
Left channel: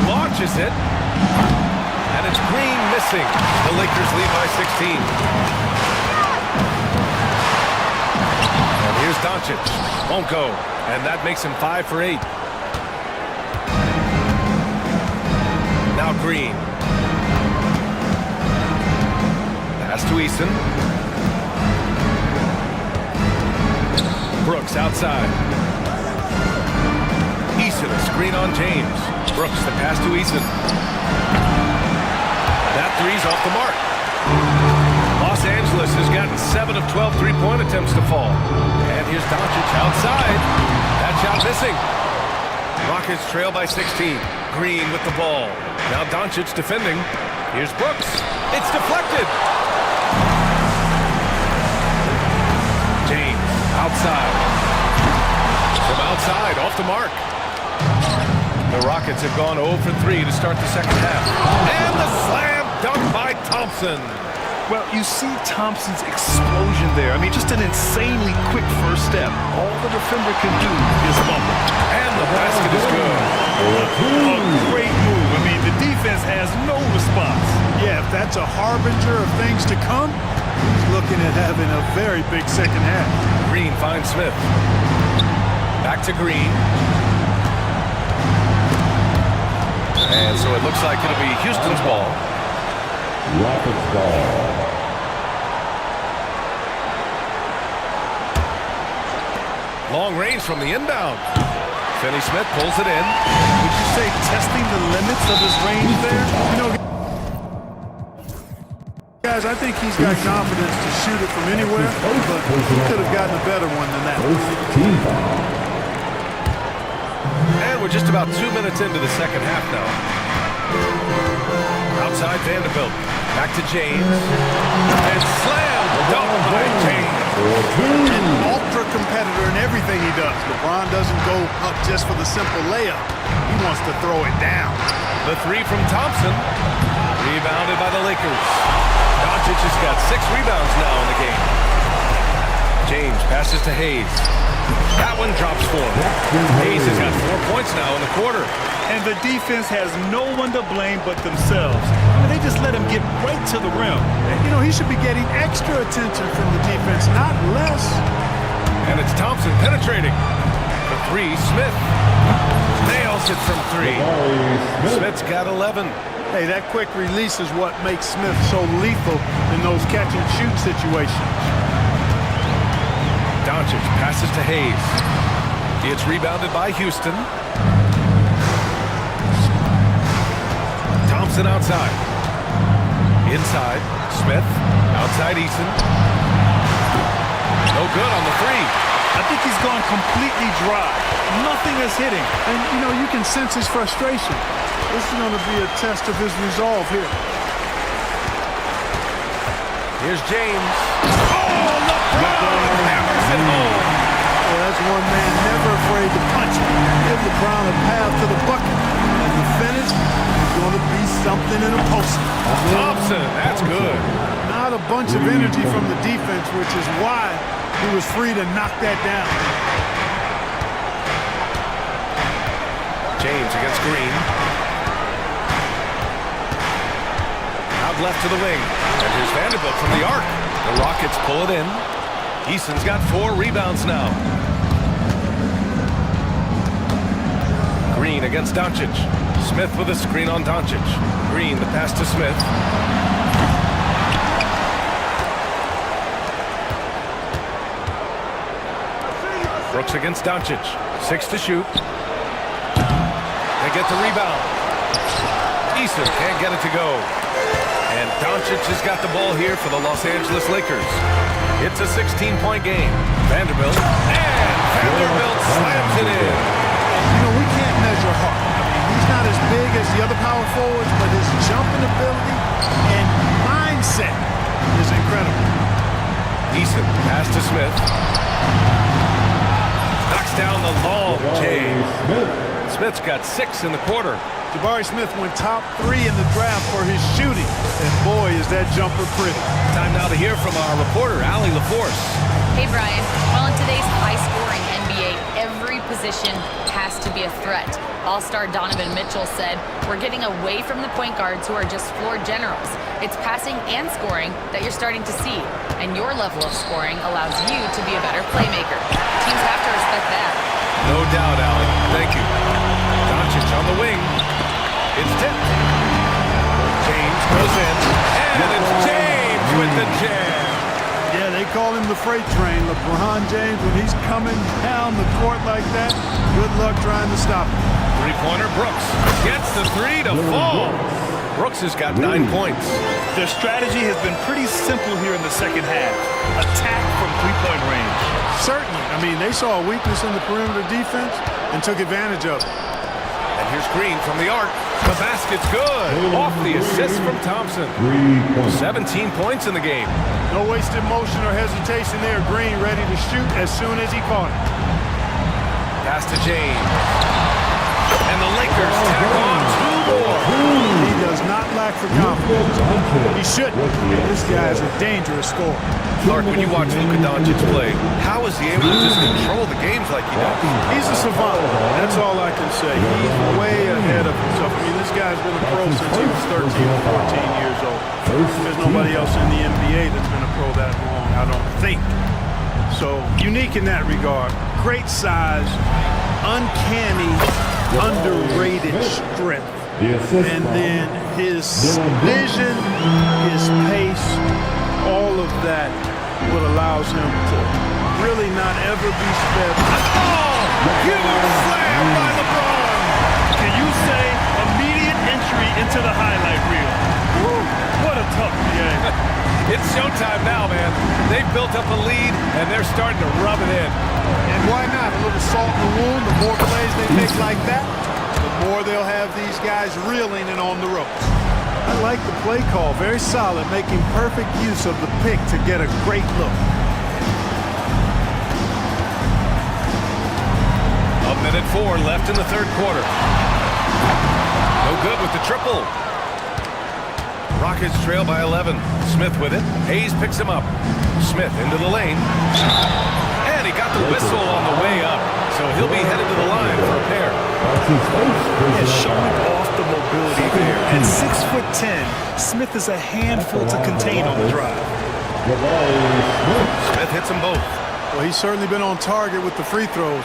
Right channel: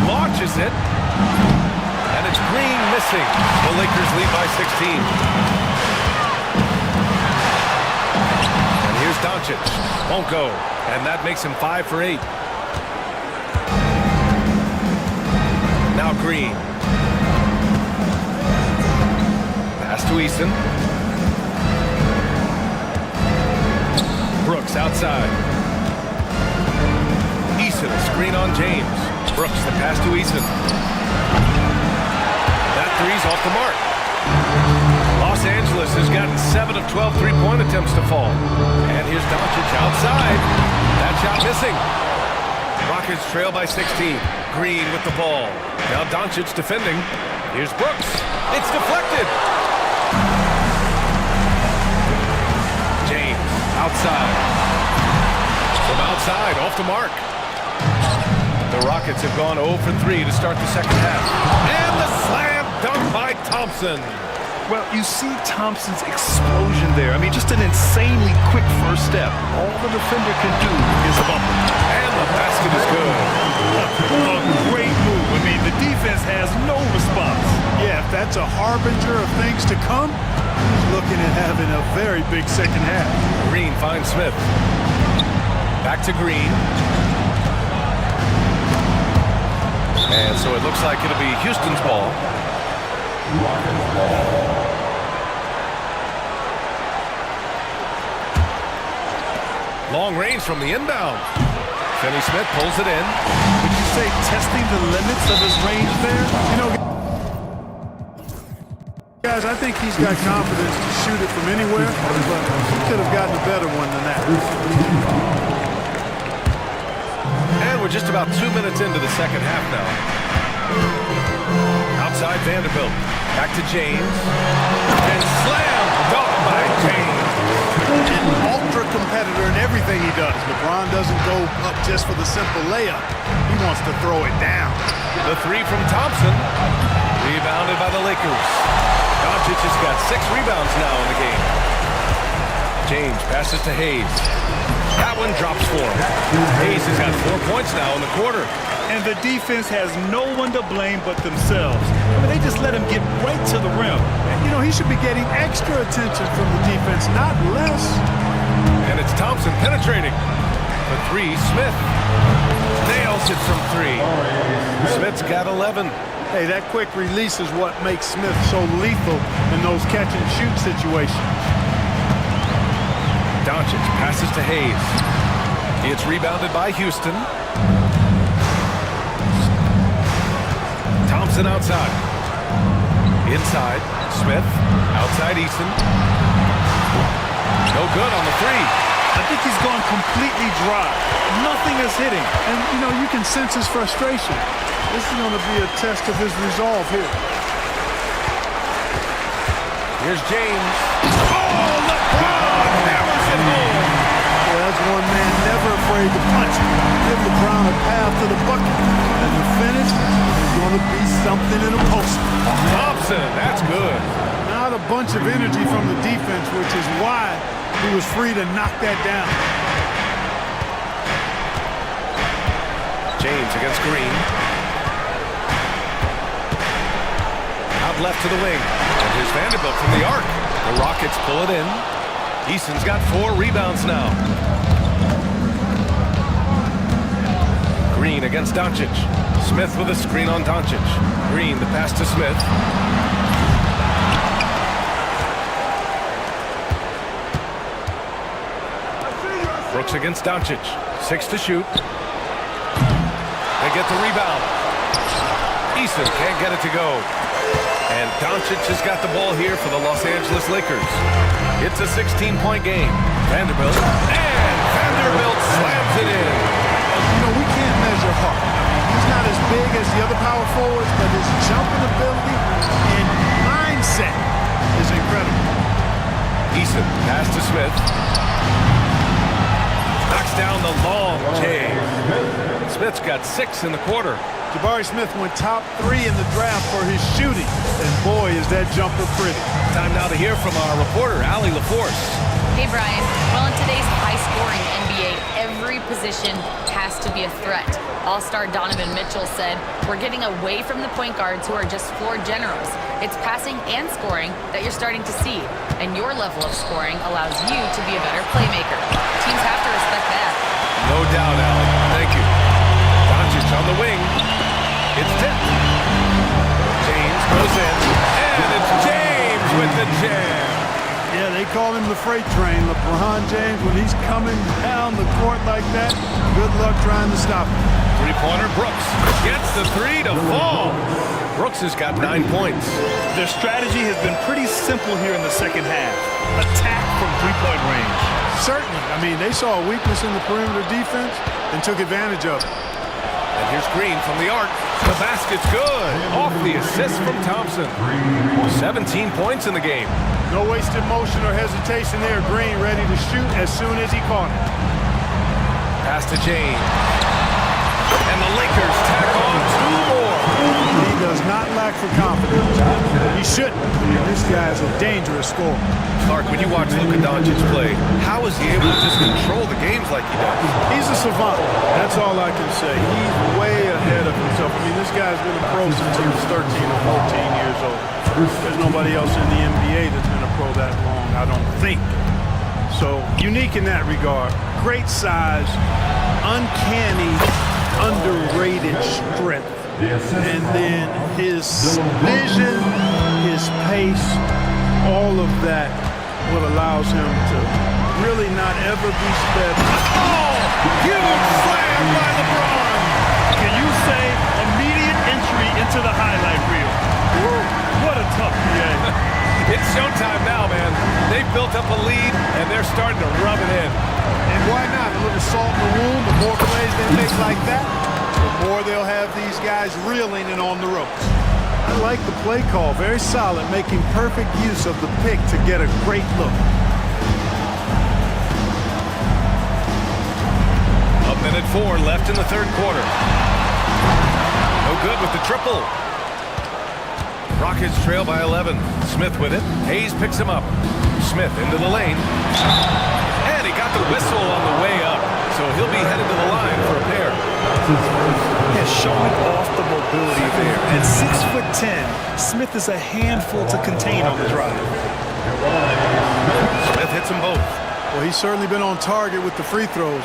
Launches it, and it's Green missing. The Lakers lead by 16. Here's Doncic. Won't go. And that makes him 5 for 8. Now Green. Pass to Eason. Brooks outside. Eason, a screen on James. Brooks, the pass to Eason. That three's off the mark. Los Angeles has gotten 7 of 12 three-point attempts to fall. And here's Doncic outside. That shot missing. Rockets trail by 16. Green with the ball. Now Doncic defending. Here's Brooks. It's deflected. James outside. From outside, off the mark. The Rockets have gone 0 for 3 to start the second half. And the slam dunk by Thompson. Well, you see Thompson's explosion there. I mean, just an insanely quick first step. All the defender can do is bump him. And the basket is good. A great move. I mean, the defense has no response. Yeah, if that's a harbinger of things to come, he's looking at having a very big second half. Green finds Smith. Back to Green. And so it looks like it'll be Houston's ball. Rockets ball. Long range from the inbound. Finney Smith pulls it in. Would you say testing the limits of his range there? You know, guys, I think he's got confidence to shoot it from anywhere, but he could have gotten a better one than that. And we're just about 2 minutes into the second half now. Outside Vanderbilt. Back to James. And slam dunk by James. An ultra competitor in everything he does. LeBron doesn't go up just for the simple layup. He wants to throw it down. The three from Thompson. Rebounded by the Lakers. Doncic has got 6 rebounds now in the game. James passes to Hayes. That one drops for him. Hayes has got 4 points now in the quarter. And the defense has no one to blame but themselves. I mean, they just let him get right to the rim. You know, he should be getting extra attention from the defense, not less. And it's Thompson penetrating. For 3, Smith nails it from 3. Smith's got 11. Hey, that quick release is what makes Smith so lethal in those catch-and-shoot situations. Doncic passes to Hayes. It's rebounded by Houston. Thompson outside. Inside, Smith. Outside Eason. No good on the 3. I think he's gone completely dry. Nothing is hitting. And, you know, you can sense his frustration. This is going to be a test of his resolve here. Here's James. Oh, LeBron hammers it home. Well, that's one man never afraid to punch it. Give LeBron a path to the bucket. And the finish is going to be something in a post. Thompson, that's good. Not a bunch of energy from the defense, which is why he was free to knock that down. James against Green. Out left to the wing. And here's Vanderbilt from the arc. The Rockets pull it in. Eason's got 4 rebounds now. Green against Doncic. Smith with a screen on Doncic. Green, the pass to Smith. Brooks against Doncic. 6 to shoot. They get the rebound. Eason can't get it to go. And Doncic has got the ball here for the Los Angeles Lakers. It's a 16-point game. Vanderbilt. And Vanderbilt slams it in. You know, we can't measure Hart. I mean, he's not as big as the other power forwards, but his jumping ability and mindset is incredible. Eason, pass to Smith. Knocks down the long J. Smith's got 6 in the quarter. Jabari Smith went top 3 in the draft for his shooting. And boy, is that jumper pretty. Time now to hear from our reporter, Allie LaForce. Hey, Brian. Well, in today's high-scoring NBA, every position has to be a threat. All-star Donovan Mitchell said, "We're getting away from the point guards who are just floor generals. It's passing and scoring that you're starting to see. And your level of scoring allows you to be a better playmaker. Teams have to respect that." No doubt, Allie. Thank you. Doncic on the wing. It's tipped. James goes in. And it's James with the jam. Yeah, they call him the freight train. LeBron James, when he's coming down the court like that, good luck trying to stop him. Three-pointer Brooks gets the 3 to fall. Brooks has got 9 points. Their strategy has been pretty simple here in the second half. Attack from three-point range. Certainly. I mean, they saw a weakness in the perimeter defense and took advantage of it. And here's Green from the arc. The basket's good. Off the assist from Thompson. 17 points in the game. No wasted motion or hesitation there. Green ready to shoot as soon as he caught it. Pass to James. And the Lakers tack on 2 more. He does not lack for confidence. He shouldn't. I mean, this guy is a dangerous scorer. Clark, when you watch Luka Doncic play, how is he able to just control the games like he does? He's a savant. That's all I can say. He's way ahead of himself. I mean, this guy's been a pro since he was 13 or 14 years old. There's nobody else in the NBA that's been a pro that long, I don't think. So, unique in that regard. Great size, uncanny, underrated strength. And then his vision, his pace, all of that what allows him to really not ever be sped. Oh! Huge slam by LeBron! Can you say immediate entry into the highlight reel? Woo, what a tough PA. It's showtime now, man. They've built up a lead, and they're starting to rub it in. And why not? A little salt in the wound. The more plays they make like that, the more they'll have these guys reeling and on the ropes. I like the play call. Very solid, making perfect use of the pick to get a great look. A minute 4 left in the third quarter. No good with the triple. Rockets trail by 11. Smith with it. Hayes picks him up. Smith into the lane. And he got the whistle on the way up. So he'll be headed to the line for a pair. Yeah, showing off the mobility there. At 6'10", Smith is a handful to contain on the drive. Smith hits them both. Well, he's certainly been on target with the free throws.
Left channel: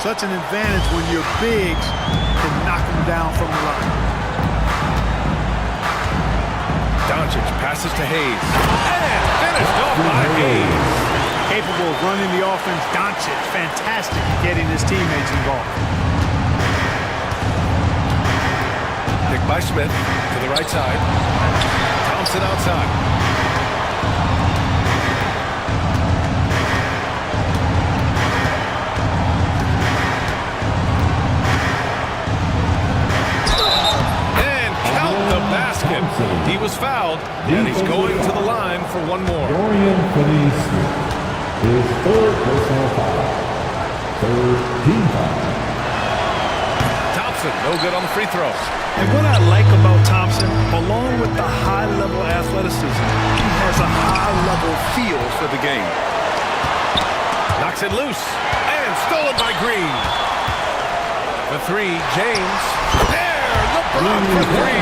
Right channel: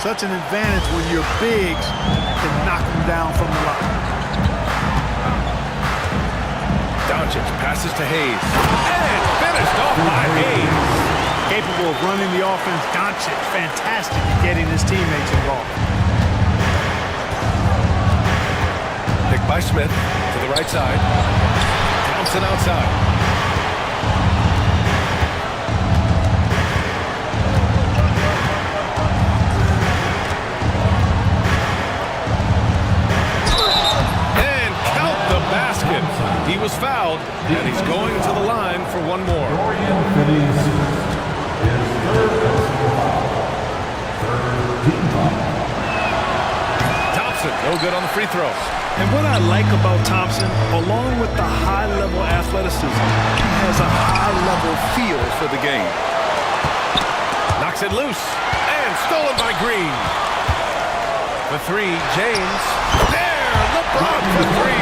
Such an advantage when your bigs can knock them down from the line. Doncic passes to Hayes. And finished off by Hayes. Capable of running the offense. Doncic, fantastic at getting his teammates involved. Picked by Smith to the right side. Thompson outside. And count the basket. He was fouled, and he's going to the line for one more. Dorian Finney-Smith, his third personal foul. Third team foul. Thompson, no good on the free throw. And what I like about Thompson, along with the high-level athleticism, he has a high-level feel for the game. Knocks it loose. And stolen by Green. For 3, James. There! LeBron for 3.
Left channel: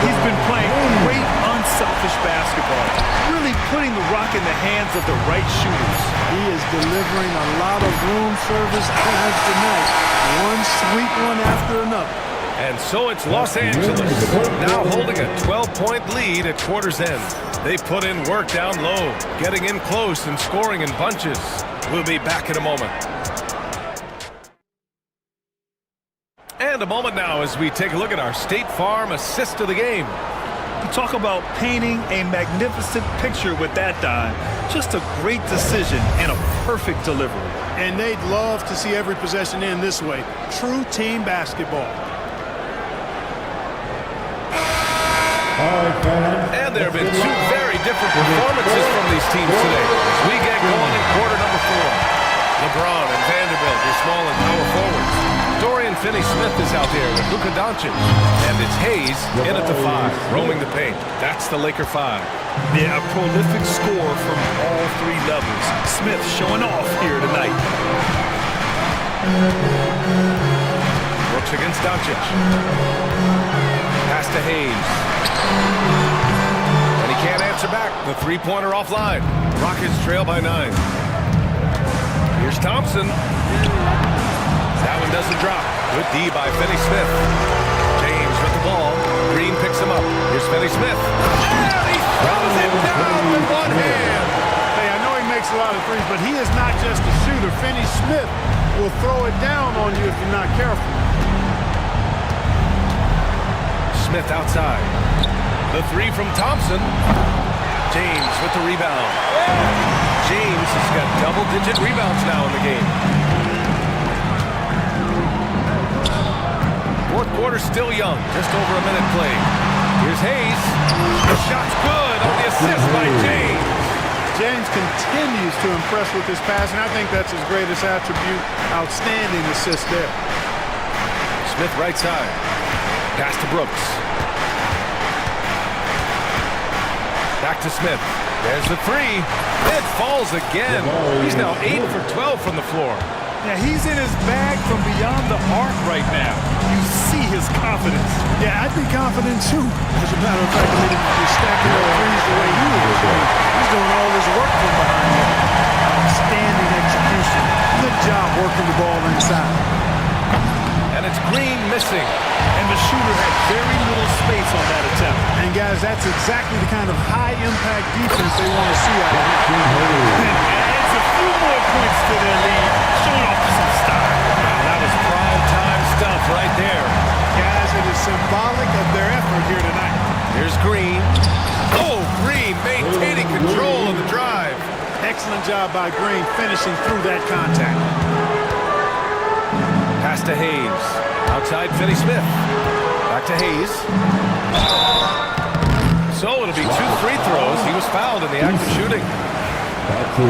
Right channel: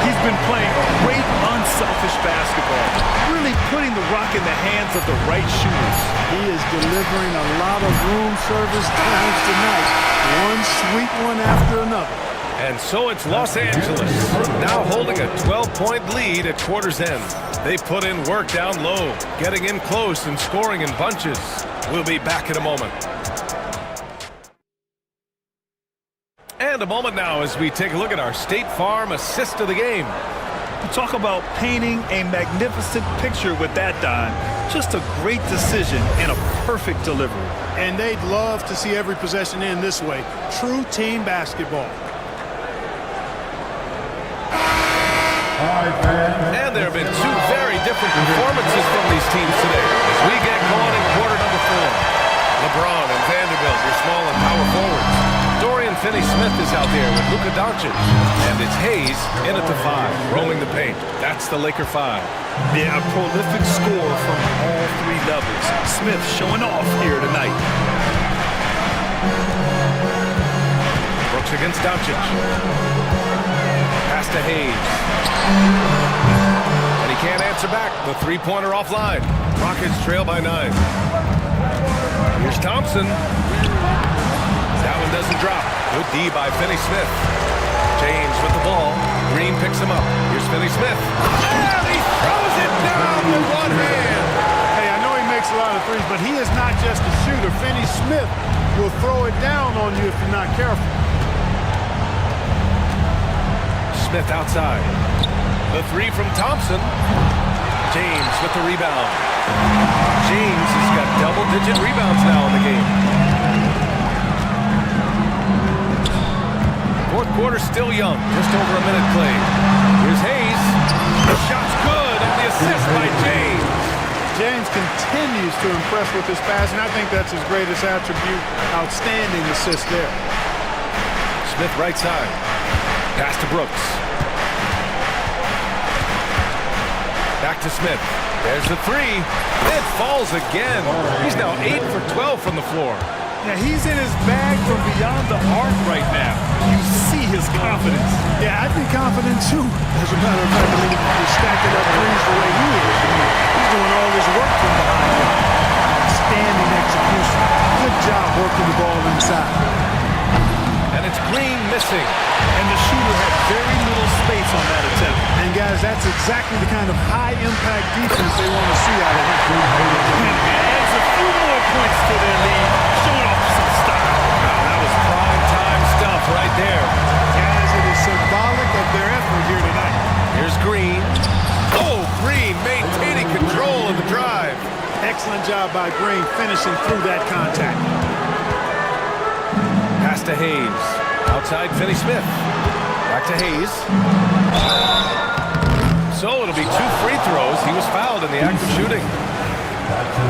He's been playing great, unselfish basketball, really putting the rock in the hands of the right shooters. He is delivering a lot of room service times tonight. One sweet one after another. And so it's Los Angeles, now holding a 12-point lead at quarter's end. They put in work down low, getting in close and scoring in bunches. We'll be back in a moment. And a moment now as we take a look at our State Farm assist of the game. You talk about painting a magnificent picture with that dime. Just a great decision and a perfect delivery. And they'd love to see every possession end this way. True team basketball. And there have been 2 very different performances from these teams today as we get going in quarter number 4. LeBron and Vanderbilt, your small and power forwards. Dorian Finney-Smith is out there with Luka Doncic. And it's Hayes in at the 5, roaming the paint. That's the Laker 5. Yeah, a prolific score from all 3 levels. Smith showing off here tonight. Brooks against Doncic. Pass to Hayes. And he can't answer back. The 3-pointer offline. Rockets trail by 9. Here's Thompson. That one doesn't drop. Good D by Finney-Smith. James with the ball. Green picks him up. Here's Finney-Smith. And he throws it down with one hand. Hey, I know he makes a lot of threes, but he is not just a shooter. Finney-Smith will throw it down on you if you're not careful. Smith outside. The 3 from Thompson. James with the rebound. James has got double-digit rebounds now in the game. Fourth quarter still young, just over a minute played. Here's Hayes. The shot's good on the assist by James. James continues to impress with his passing. I think that's his greatest attribute. Outstanding assist there. Smith right side. Pass to Brooks. Back to Smith. There's the three. It falls again. He's now 8 for 12 from the floor. Yeah, he's in his bag from beyond the arc right now. You see his confidence. Yeah, I'd be confident too. As a matter of fact, I mean, if you're stacking up threes the way he is, I mean, he's doing all this work from behind you. Outstanding execution. Good job working the ball inside. And it's Green missing. And the shooter had very little space on that attempt. And guys, that's exactly the kind of high-impact defense they want to see out of him. And adds a few more points to their lead, showing off some style. Wow, that was prime time stuff right there. Guys, it is symbolic of their effort here tonight. Here's Green. Oh, Green maintaining control of the drive. Excellent job by Green finishing through that contact. Pass to Hayes. Outside Finney-Smith. Back to Hayes. So it'll be 2 free throws. He was fouled in the act of shooting.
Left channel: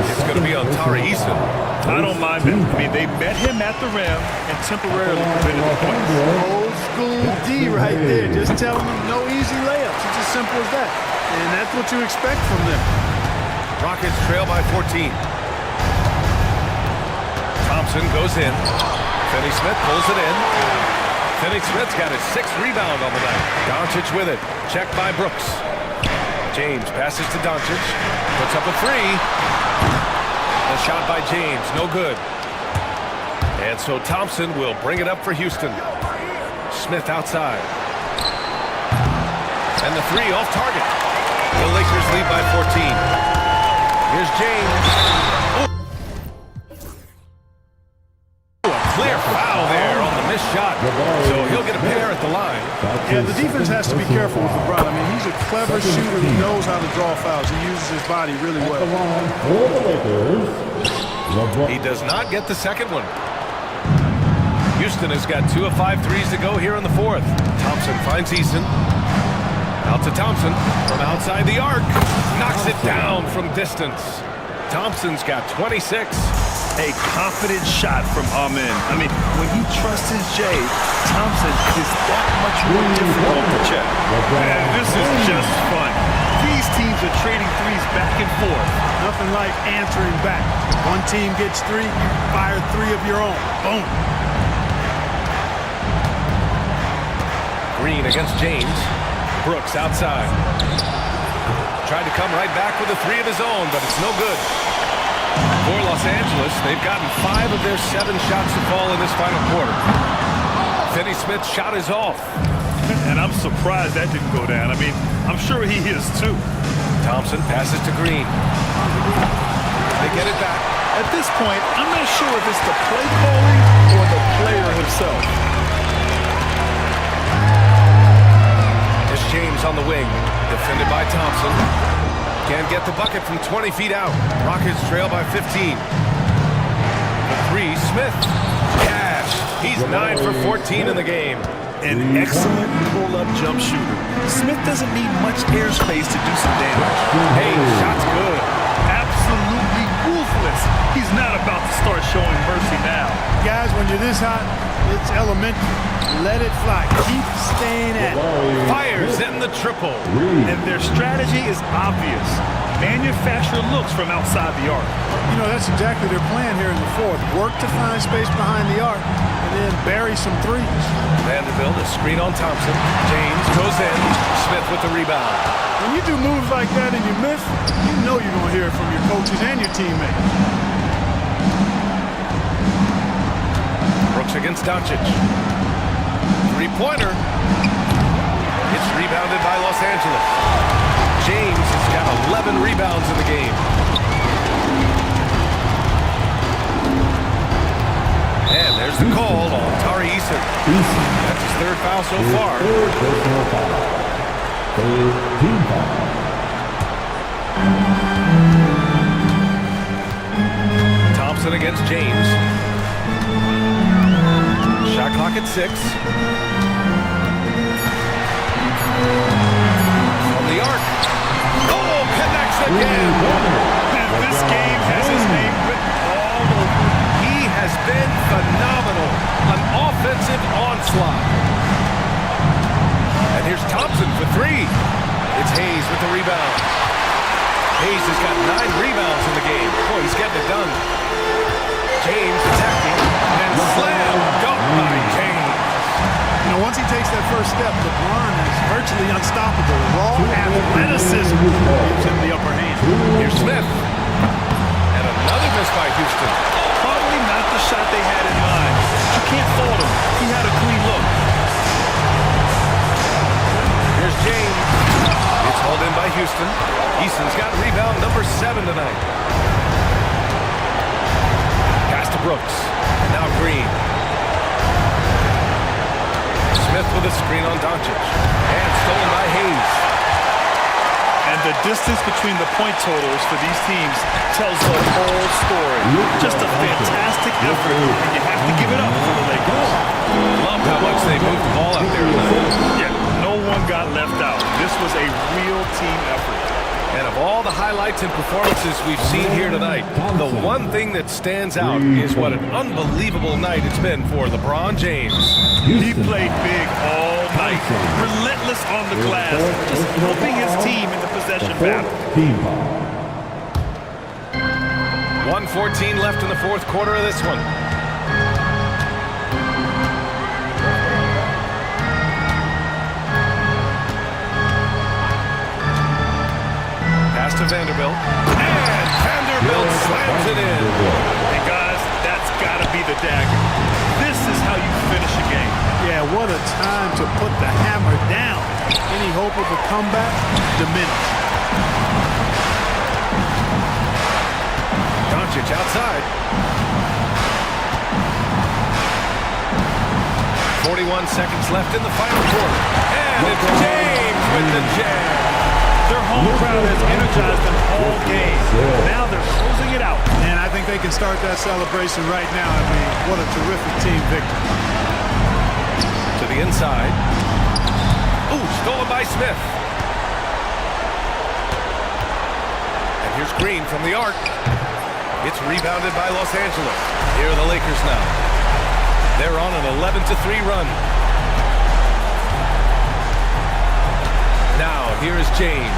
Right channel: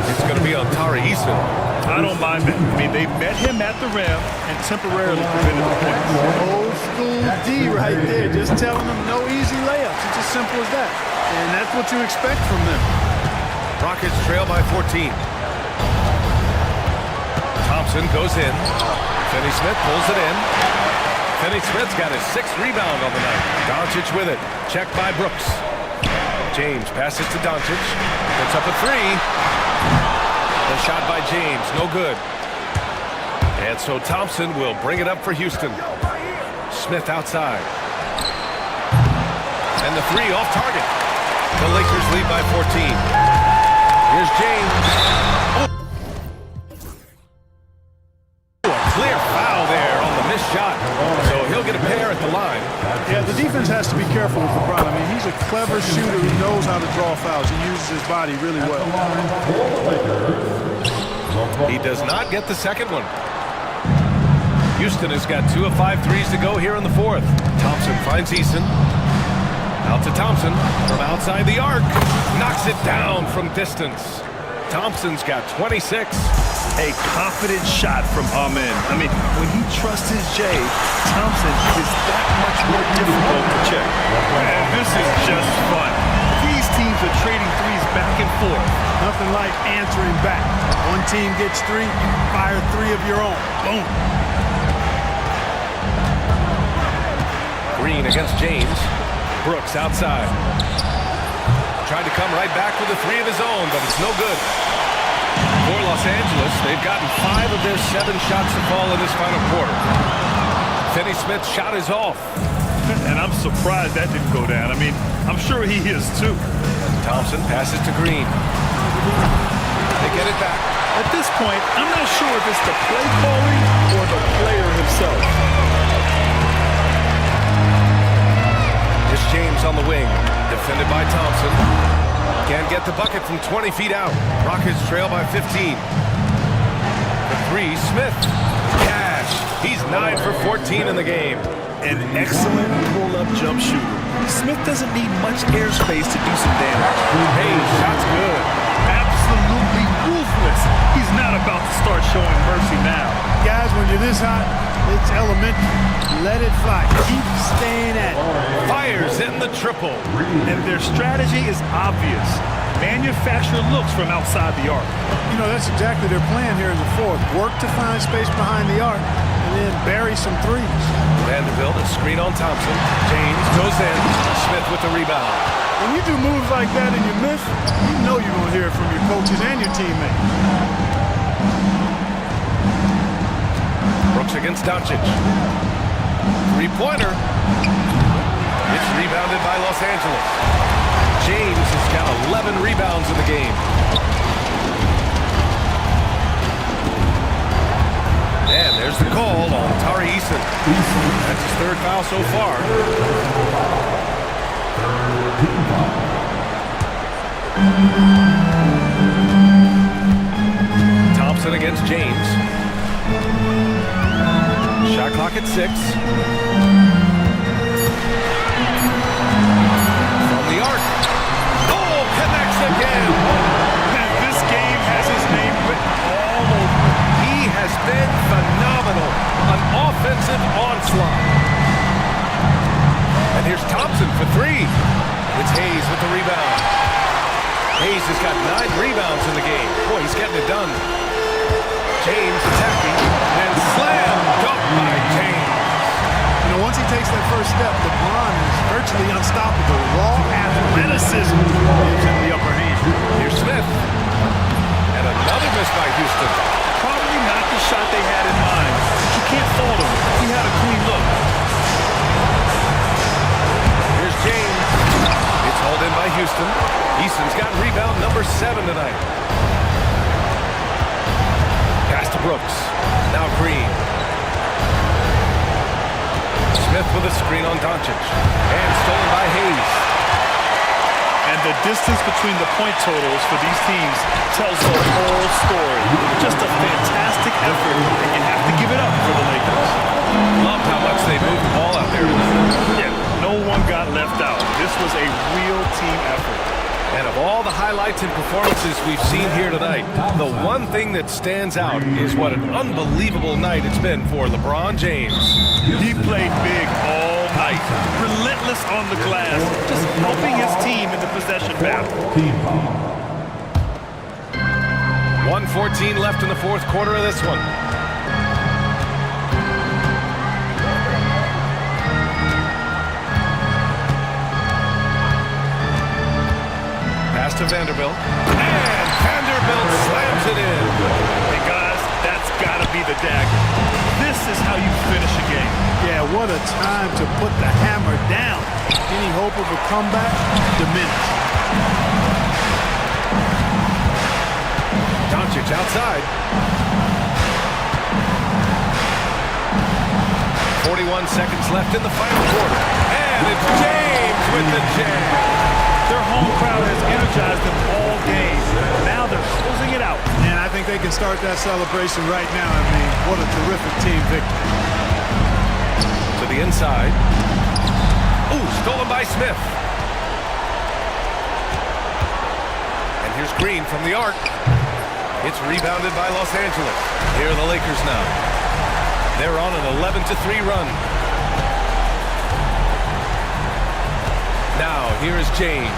It's going to be on Tari Eason. I don't mind that. I mean, they met him at the rim and temporarily prevented the points. Old school D right there. Just telling them no easy layups. It's as simple as that. And that's what you expect from them. Rockets trail by 14. Thompson goes in. Finney-Smith pulls it in. Finney-Smith's got his 6th rebound on the night. Doncic with it. Checked by Brooks. James passes to Doncic. Puts up a 3. The shot by James, no good. And so Thompson will bring it up for Houston. Smith outside. And the 3 off target. The Lakers lead by 14. Here's James. Oh. A clear foul there on the missed shot. So he'll get a pair at the line. Yeah, the defense has to be careful with LeBron. I mean, he's a clever shooter who knows how to draw fouls. He uses his body really well. He does not get the second one. Houston has got 2 of 5 threes to go here in the 4th. Thompson finds Eason. Out to Thompson from outside the arc. Knocks it down from distance. Thompson's got 26. A confident shot from Amen. I mean, when he trusts his J, Thompson is that much more difficult to check. And this is just fun. These teams are trading threes back and forth. Nothing like answering back. One team gets 3, you fire 3 of your own. Boom. Green against James. Brooks outside. Tried to come right back with a 3 of his own, but it's no good. For Los Angeles, they've gotten 5 of their 7 shots to fall in this final quarter. Finney-Smith's shot is off. And I'm surprised that didn't go down. I mean, I'm sure he is too. Thompson passes to Green. They get it back. At this point, I'm not sure if it's the play calling or the player himself. Here's James on the wing, defended by Thompson. Can't get the bucket from 20 feet out. Rockets trail by 15. The 3, Smith. Cash. He's 9 for 14 in the game. An excellent pull-up jump shooter. Smith doesn't need much airspace to do some damage. Hey, shot's good. Absolutely ruthless. He's not about to start showing mercy now. Guys, when you're this hot, it's elementary. Let it fly. Keep staying at it. Fires in the triple. And their strategy is obvious. Manufacture looks from outside the arc. You know, that's exactly their plan here in the 4th. Work to find space behind the arc and then bury some threes. Vanderbilt, a screen on Thompson. James goes in. Smith with the rebound. When you do moves like that and you miss, you know you're going to hear it from your coaches and your teammates. Brooks against Doncic. 3-pointer. It's rebounded by Los Angeles. James has got 11 rebounds in the game. And there's the call on Tari Eason. That's his 3rd foul so far. 3rd team foul. Thompson against James. Shot clock at 6. From the arc. Oh, connects again. And this game has his name written all over it. He has has been phenomenal. An offensive onslaught. And here's Thompson for three. It's Hayes with the rebound. Hayes has got 9 rebounds in the game. Boy, he's getting it done. James attacking, and slam dunk by James. You know, once he takes that first step, LeBron is virtually unstoppable. Raw athleticism gives him the upper hand. Here's Smith. And another miss by Houston. Probably not the shot they had in mind. But you can't fault him. He had a clean look. Here's James. It's hauled in by Houston. Easton's got rebound number 7 tonight. Pass to Brooks. Now Green. Smith with a screen on Doncic. And stolen by Hayes. And the distance between the point totals for these teams tells the whole story. Just a fantastic effort, and you have to give it up for the Lakers. Loved how much they moved the ball out there tonight. Yeah, no one got left out. This was a real team effort. And of all the highlights and performances we've seen here tonight, the one thing that stands out is what an unbelievable night it's been for LeBron James. He played big all night, relentless on the glass, just helping his team in the possession battle. 1:14 left in the fourth quarter of this one. Pass to Vanderbilt. And Vanderbilt slams it in. And guys, that's got to be the dagger. This is how you finish a game. Yeah, what a time to put the hammer down. Any hope of a comeback diminished. Doncic outside. 41 seconds left in the final quarter. And it's James with the jam. Their home crowd has energized them all game. Now they're closing it out. And I think they can start that celebration right now. I mean, what a terrific team victory. To the inside. Ooh, stolen by Smith. And here's Green from the arc. It's rebounded by Los Angeles. Here are the Lakers now. They're on an 11-3 run. Now, here is James.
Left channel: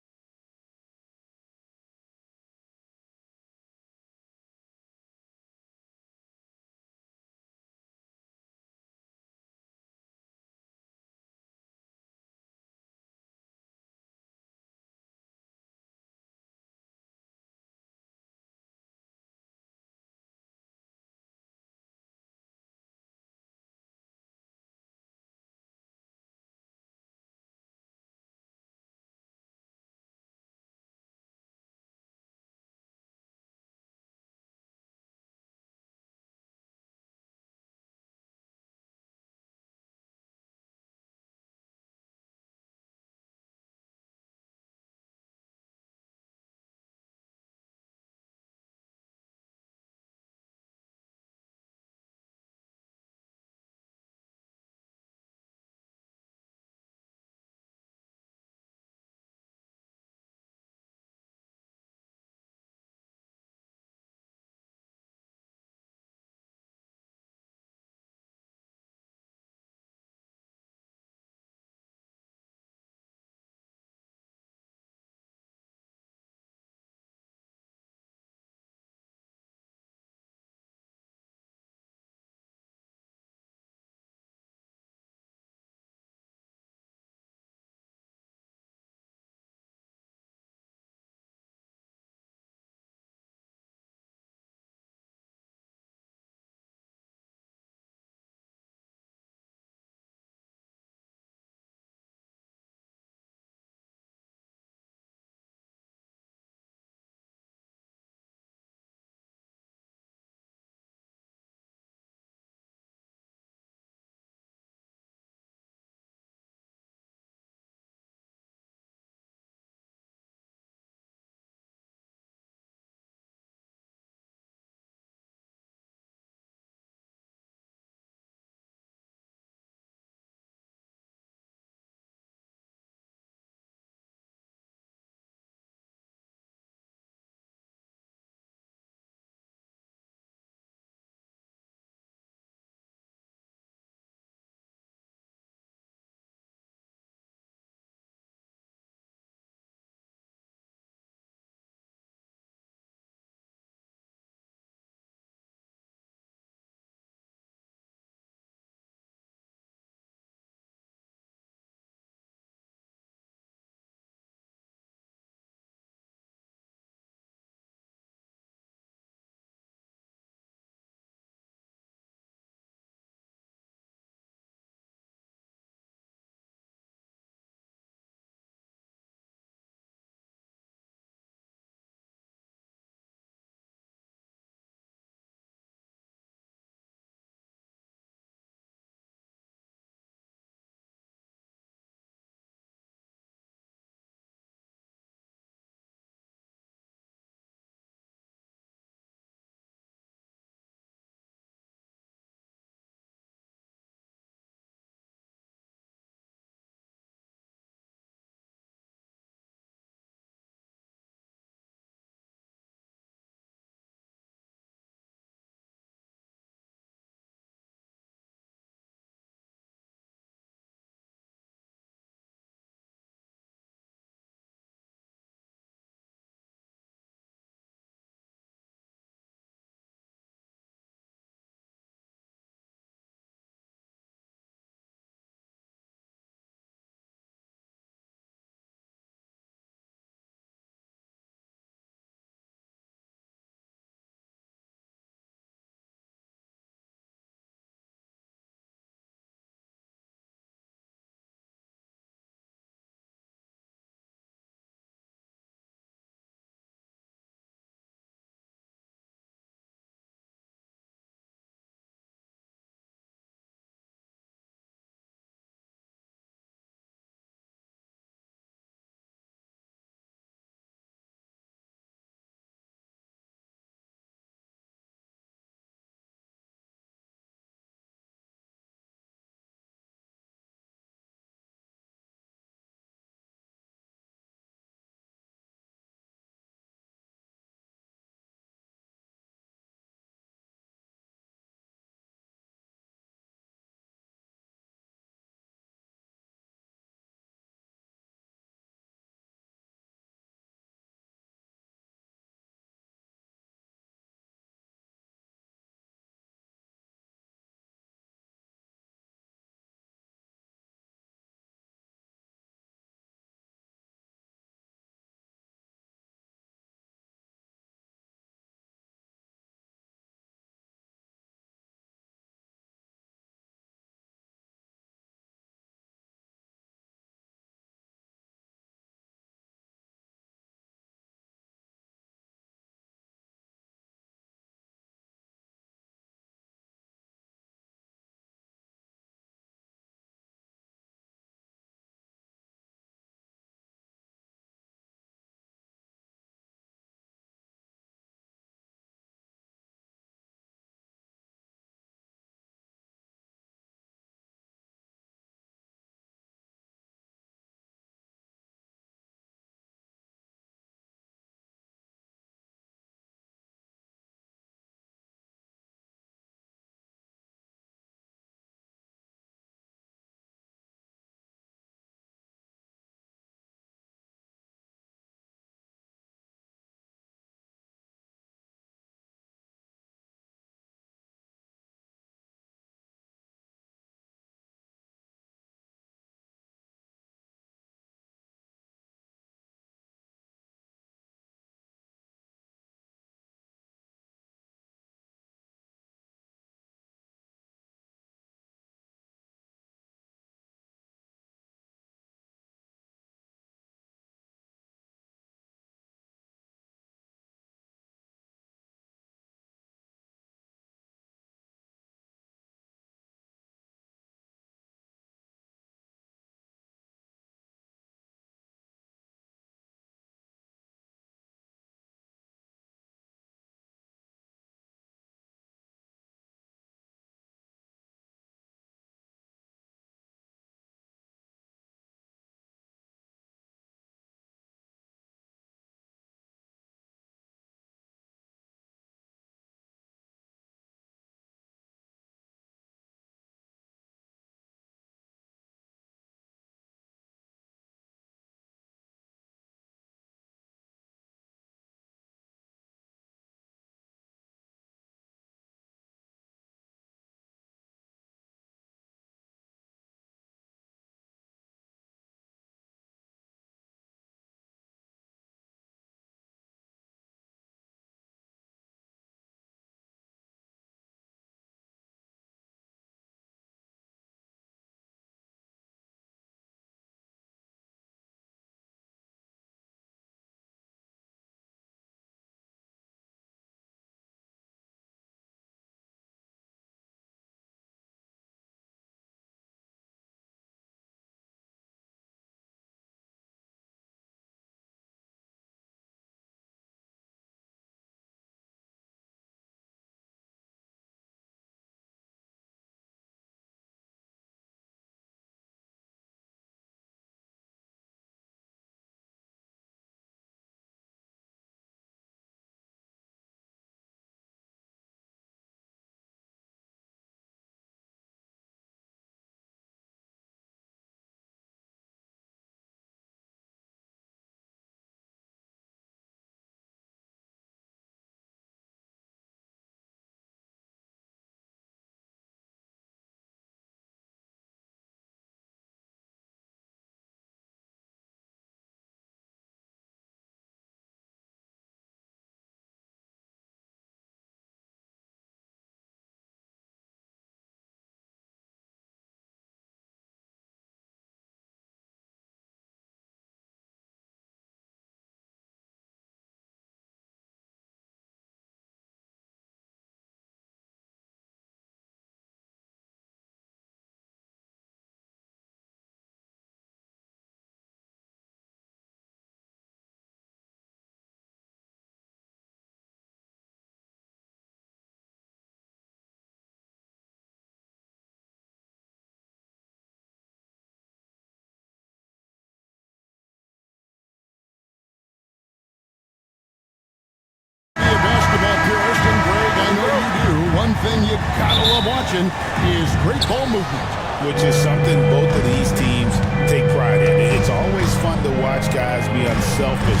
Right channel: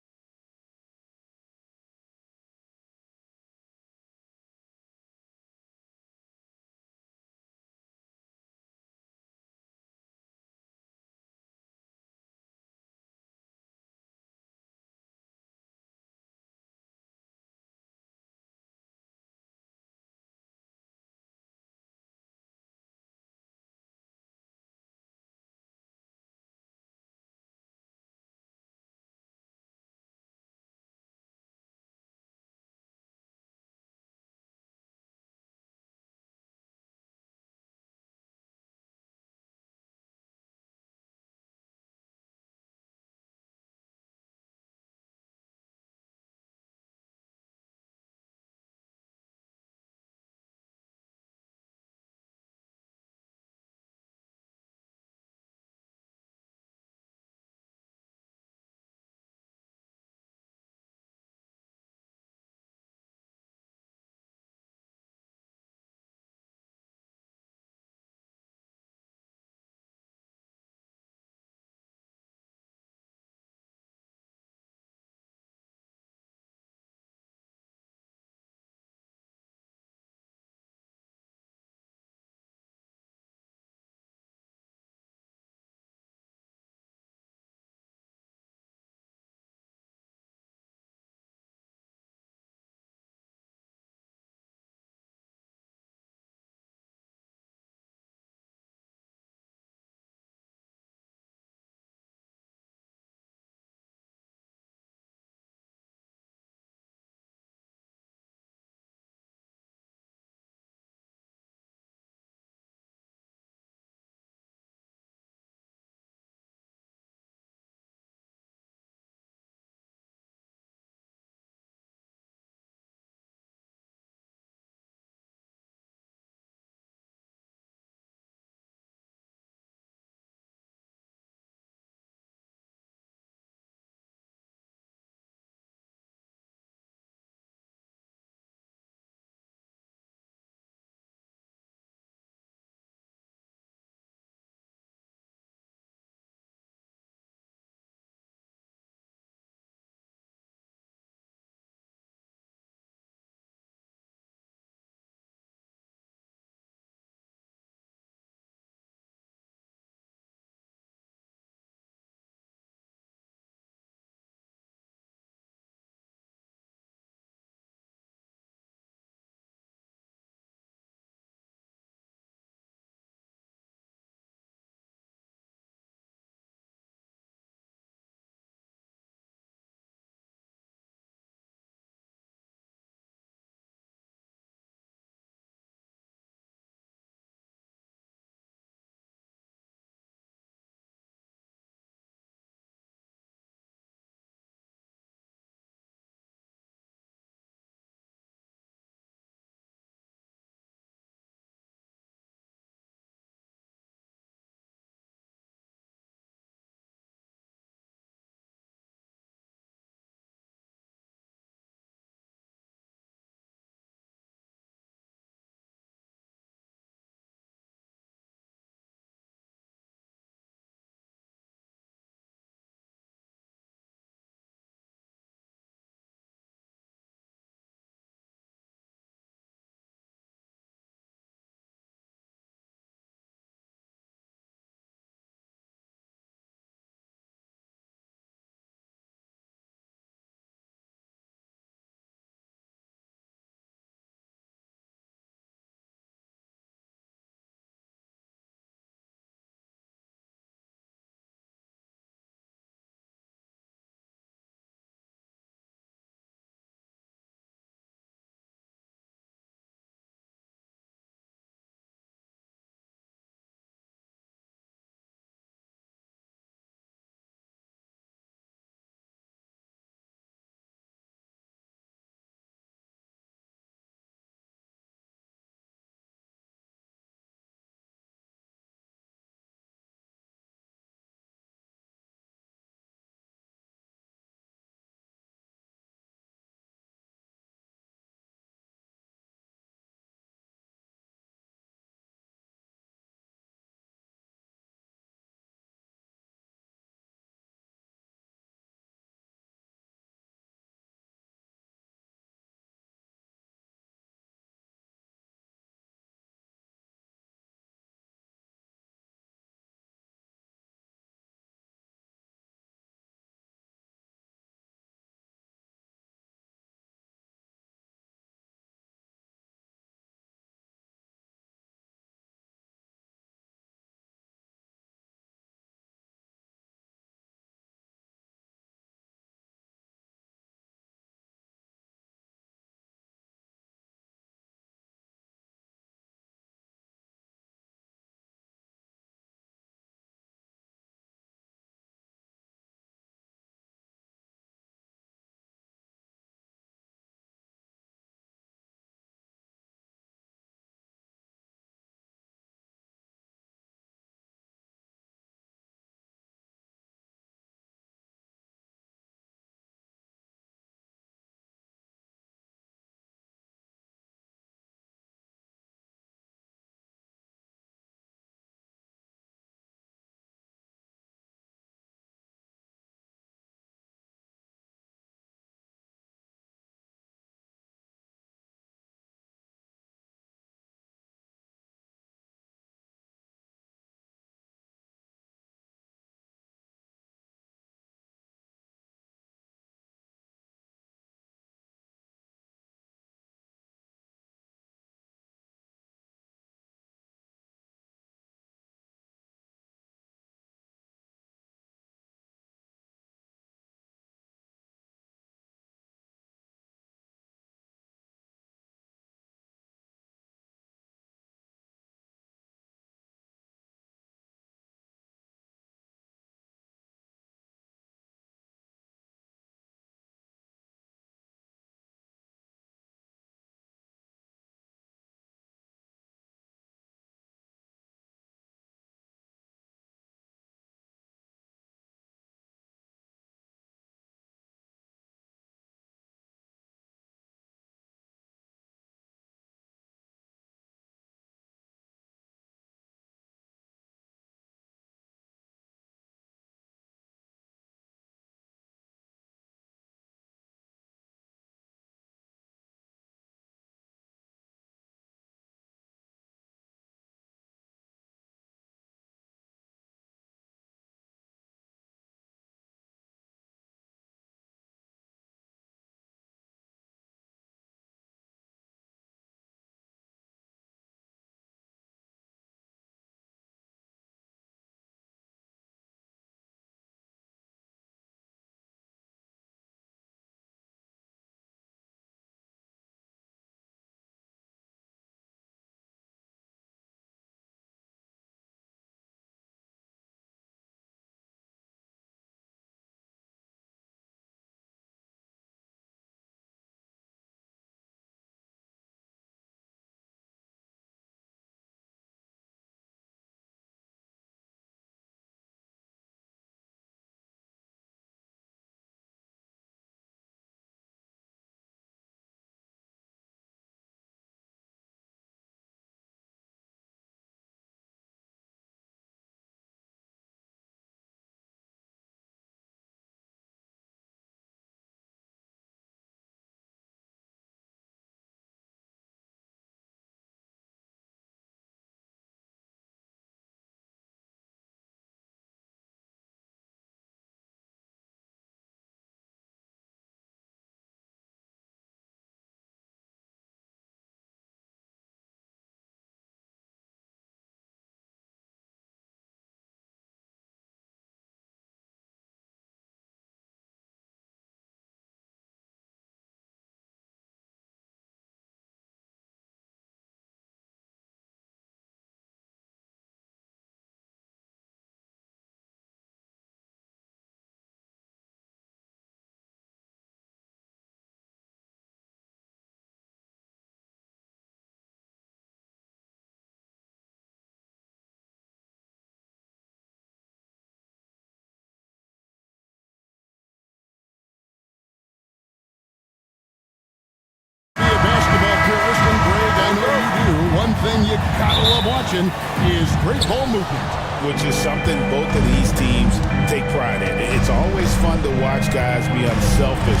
thing you gotta love watching is great ball movement. Which is something both of these teams take pride in. It's always fun to watch guys be unselfish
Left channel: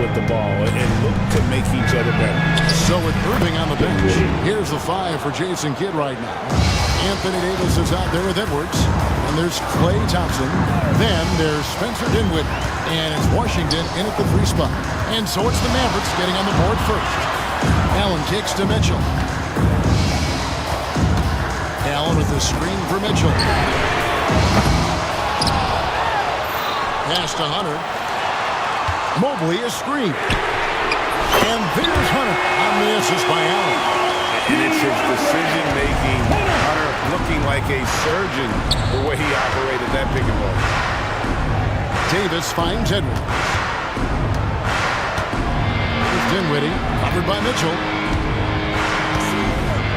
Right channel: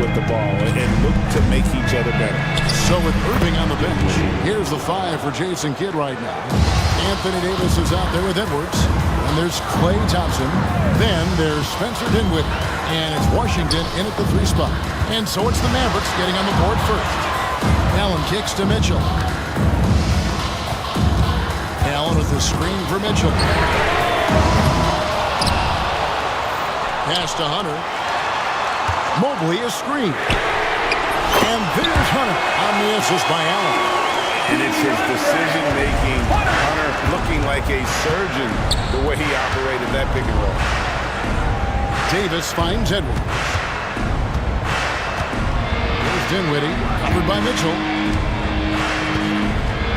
with the ball and look to make each other better. So with Irving on the bench, here's the 5 for Jason Kidd right now. Anthony Davis is out there with Edwards. And there's Klay Thompson. Then there's Spencer Dinwiddie. And it's Washington in at the 3 spot. And so it's the Mavericks getting on the board first. Allen kicks to Mitchell. Allen with the screen for Mitchell. Pass to Hunter. Mobley is screened. And there's Hunter on the assist by Allen. And it's his decision-making, Hunter looking like a surgeon the way he operated that pick and roll. Davis finds Edwards. Here's Dinwiddie, covered by Mitchell.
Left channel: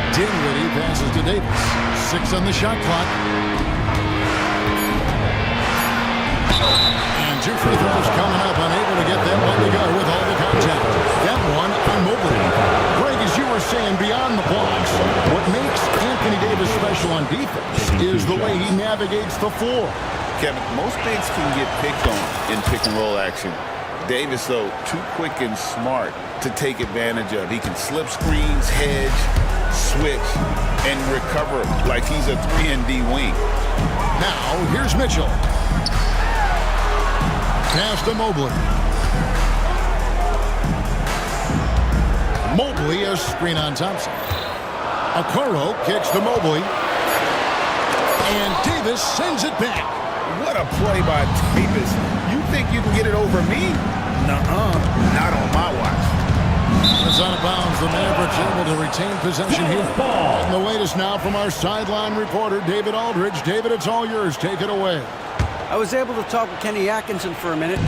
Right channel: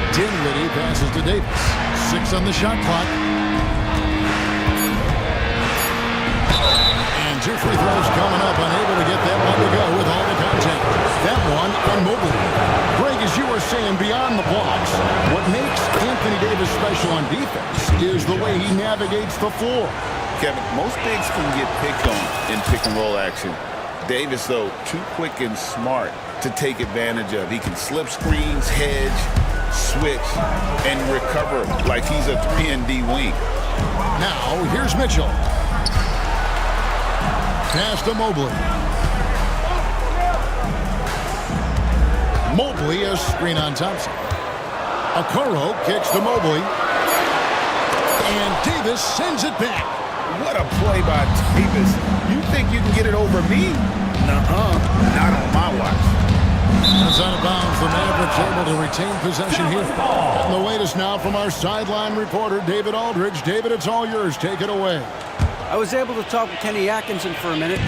Dinwiddie passes to Davis. 6 on the shot clock. And 2 free throws coming up, unable to get that one to go with all the contact. That one on Mobley. Greg, as you were saying, beyond the blocks, what makes Anthony Davis special on defense is the way he navigates the floor. Kevin, most bigs can get picked on in pick and roll action. Davis, though, too quick and smart to take advantage of. He can slip screens, hedge, switch, and recover like he's a 3-and-D wing. Now, here's Mitchell. Pass to Mobley. Mobley, a screen on Thompson. Okoro kicks to Mobley. And Davis sends it back. What a play by Davis. You think you can get it over me? Nuh-uh. Not on my watch. It's out of bounds. The Mavericks able to retain possession here. And the latest now from our sideline reporter, David Aldridge. David, it's all yours. Take it away. I was able to talk with Kenny Atkinson for a minute.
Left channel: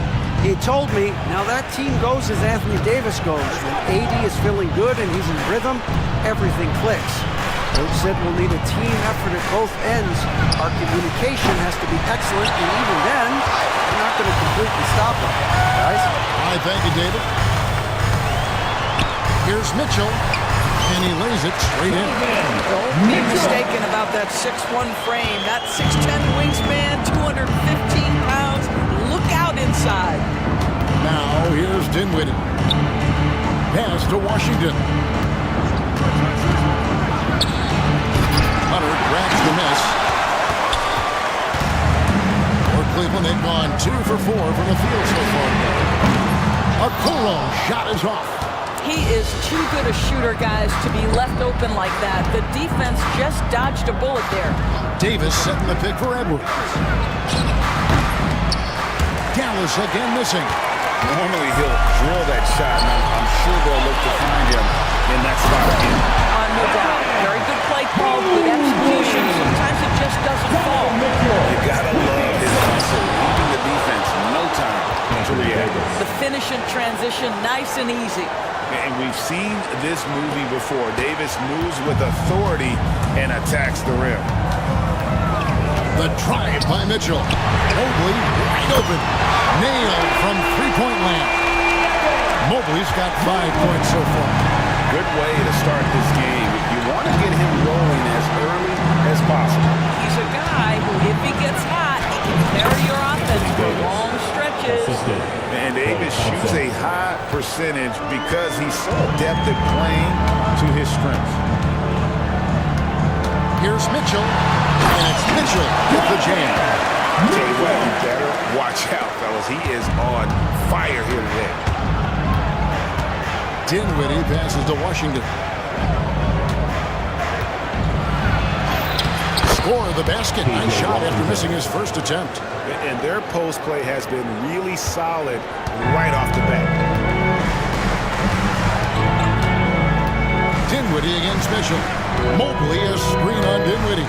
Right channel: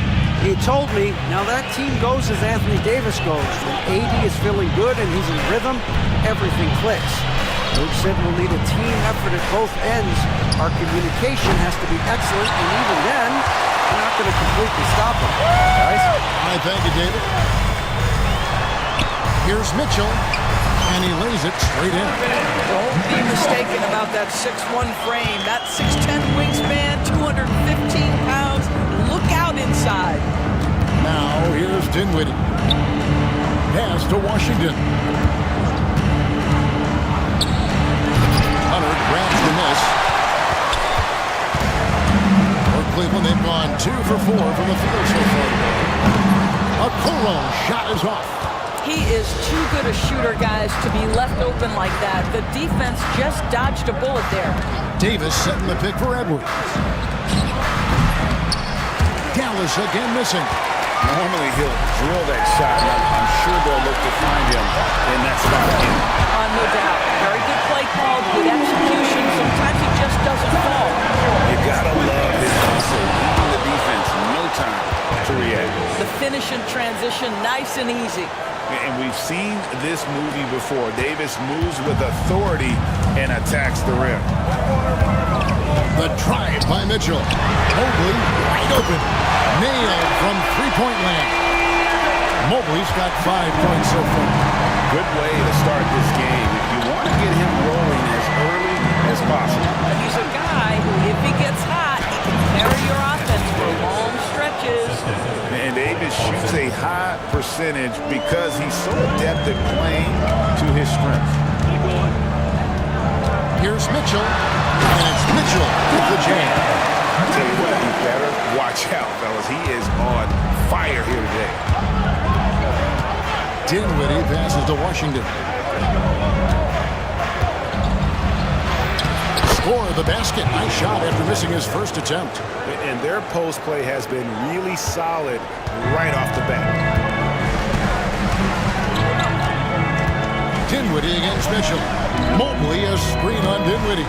He told me, now that team goes as Anthony Davis goes. When AD is feeling good and he's in rhythm, everything clicks. Coach said we'll need a team effort at both ends. Our communication has to be excellent, and even then, we're not going to completely stop them. Guys? All right, thank you, David. Here's Mitchell, and he lays it straight in. Don't be mistaken about that 6'1 frame. That 6'10 wingspan, 215 pounds. Look out inside. Now, here's Dinwiddie. Pass to Washington. Hunter grabs the miss. For Cleveland, they've gone 2 for 4 from the field so far today. Okoro shot is off. He is too good a shooter, guys, to be left open like that. The defense just dodged a bullet there. Davis setting the pick for Edwards. Dallas again missing. Normally he'll drill that shot, and I'm sure they'll look to find him in that spot again. No doubt. Very good play call, good execution. Sometimes it just doesn't fall. You gotta love his hustle, leaving the defense no time to react. The finish and transition, nice and easy. And we've seen this movie before. Davis moves with authority and attacks the rim. The drive by Mitchell. Mobley wide open. Nailed from three-point land. Mobley's got 5 points so far. Good way to start this game. You want to get him rolling as early as possible. He's a guy who, if he gets hot, he can carry your offense for long stretches. And Davis shoots a high percentage because he's so adept at playing to his strengths. Here's Mitchell, and it's Mitchell with the jam. I tell you what, you better watch out, fellas. He is on fire here today. Dinwiddie passes to Washington. Score of the basket. Nice shot after missing his first attempt. And their post play has been really solid right off the bat. Dinwiddie against Mitchell. Mobley a screen on Dinwiddie.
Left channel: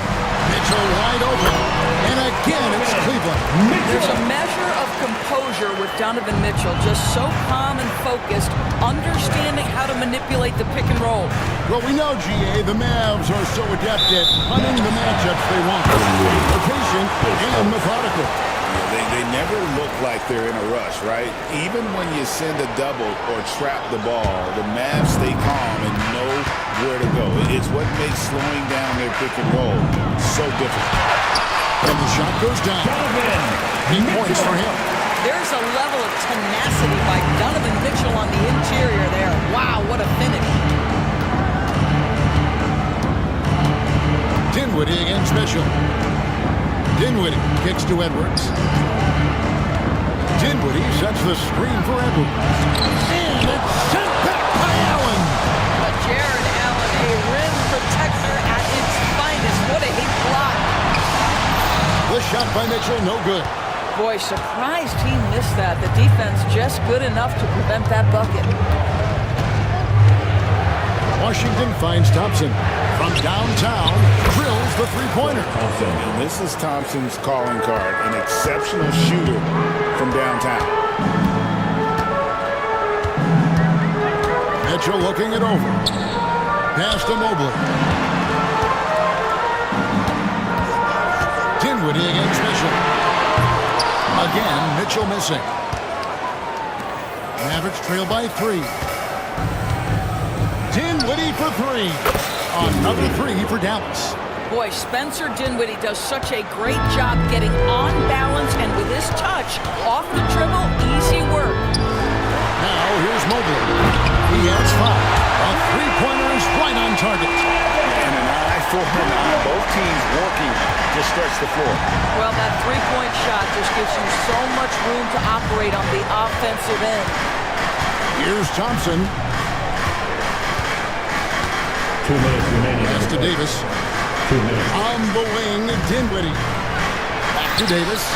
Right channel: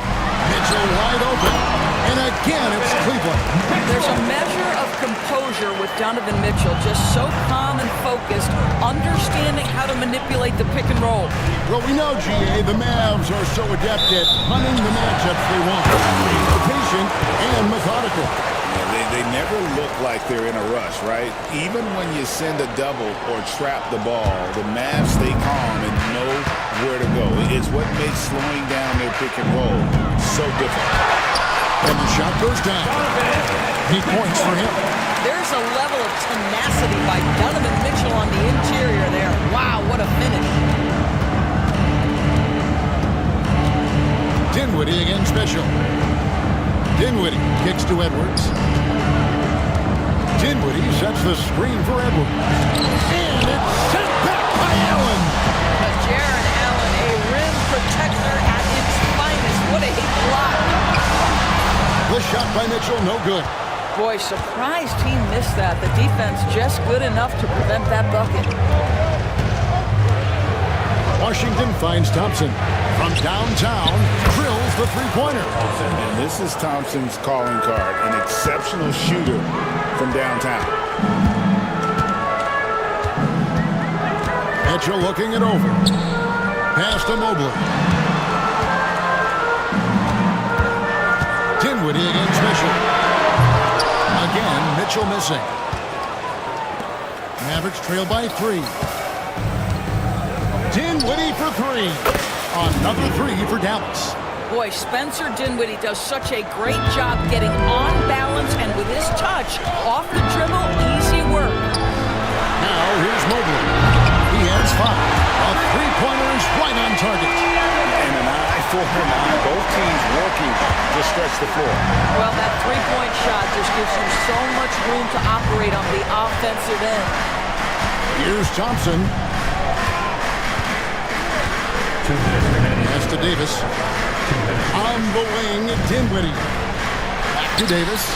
Mitchell wide open. And again, it's Cleveland. There's a measure of composure with Donovan Mitchell, just so calm and focused, understanding how to manipulate the pick and roll. Well, we know, GA, the Mavs are so adept at hunting the matchups they want. They're patient and methodical. Yeah, They never look like they're in a rush, right? Even when you send a double or trap the ball, the Mavs stay calm and know where to go. It's what makes slowing down their pick and roll so difficult. And the shot goes down. 8 points for him. There's a level of tenacity by Donovan Mitchell on the interior there. Wow, what a finish. Dinwiddie against Mitchell. Dinwiddie kicks to Edwards. Dinwiddie sets the screen for Edwards. And it's sent back by Allen. But Jared Allen, a rim protector at its finest. What a block. The shot by Mitchell, no good. Boy, surprised he missed that. The defense just good enough to prevent that bucket. Washington finds Thompson. From downtown, drills the three-pointer. And this is Thompson's calling card, an exceptional shooter from downtown. Mitchell looking it over. Pass to Mobley. Dinwiddie against Mitchell. Again, Mitchell missing. Mavericks trail by 3. Dinwiddie for 3. Another 3 for Dallas. Boy, Spencer Dinwiddie does such a great job getting on balance and with his touch, off the dribble, easy work. Now here's Mobley. He has 5. A three-pointer is right on target. And an eye for an eye. Both teams working to stretch the floor. Well, that three-point shot just gives you so much room to operate on the offensive end. Here's Thompson. 2 minutes remaining. Pass to Davis. 2 minutes. On the wing, Dinwiddie. Back to Davis.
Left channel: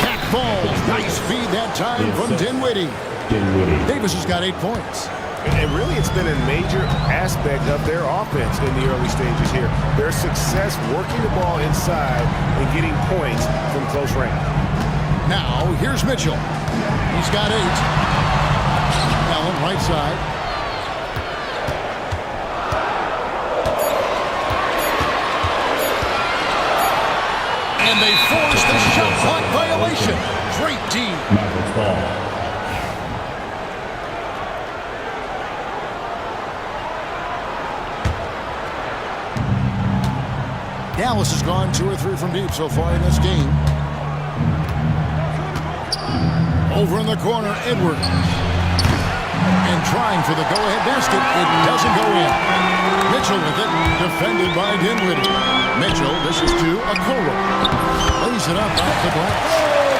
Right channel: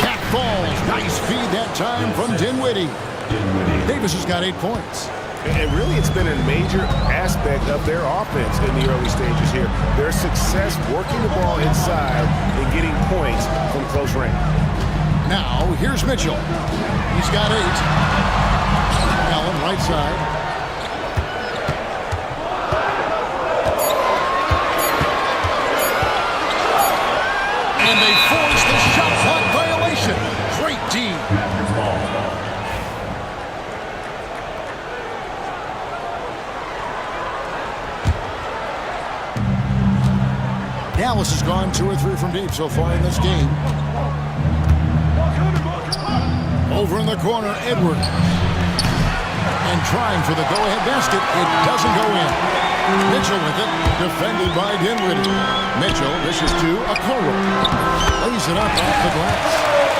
Back falls. Nice feed that time from Dinwiddie. Davis has got 8 points. And really, it's been a major aspect of their offense in the early stages here. Their success working the ball inside and getting points from close range. Now, here's Mitchell. He's got 8. Allen, right side. And they force the shot clock violation. Great D. Mavericks ball. Dallas has gone 2 or 3 from deep so far in this game. Over in the corner, Edwards. And trying for the go-ahead basket. It doesn't go in. Mitchell with it, defended by Dinwiddie. Mitchell dishes to Okoro. Lays it up off the glass.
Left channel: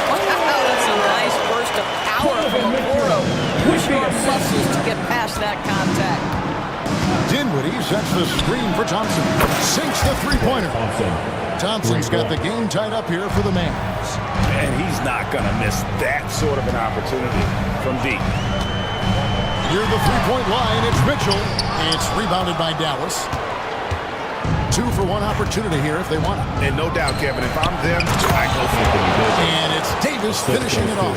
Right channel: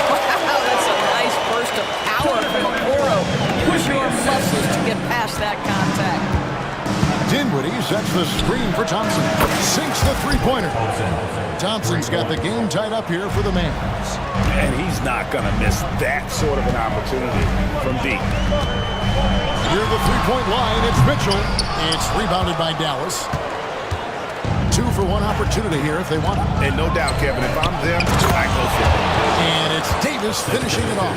Wow, that's a nice burst of power from Okoro. Use your muscles to get past that contact. Dinwiddie sets the screen for Thompson. Sinks the three-pointer. Thompson's got the game tied up here for the Mavs. And he's not going to miss that sort of an opportunity from deep. Near the three-point line, it's Mitchell. It's rebounded by Dallas. 2 for 1 opportunity here if they want it. And no doubt, Kevin, if I'm them, I go for it. And it's Davis finishing it off.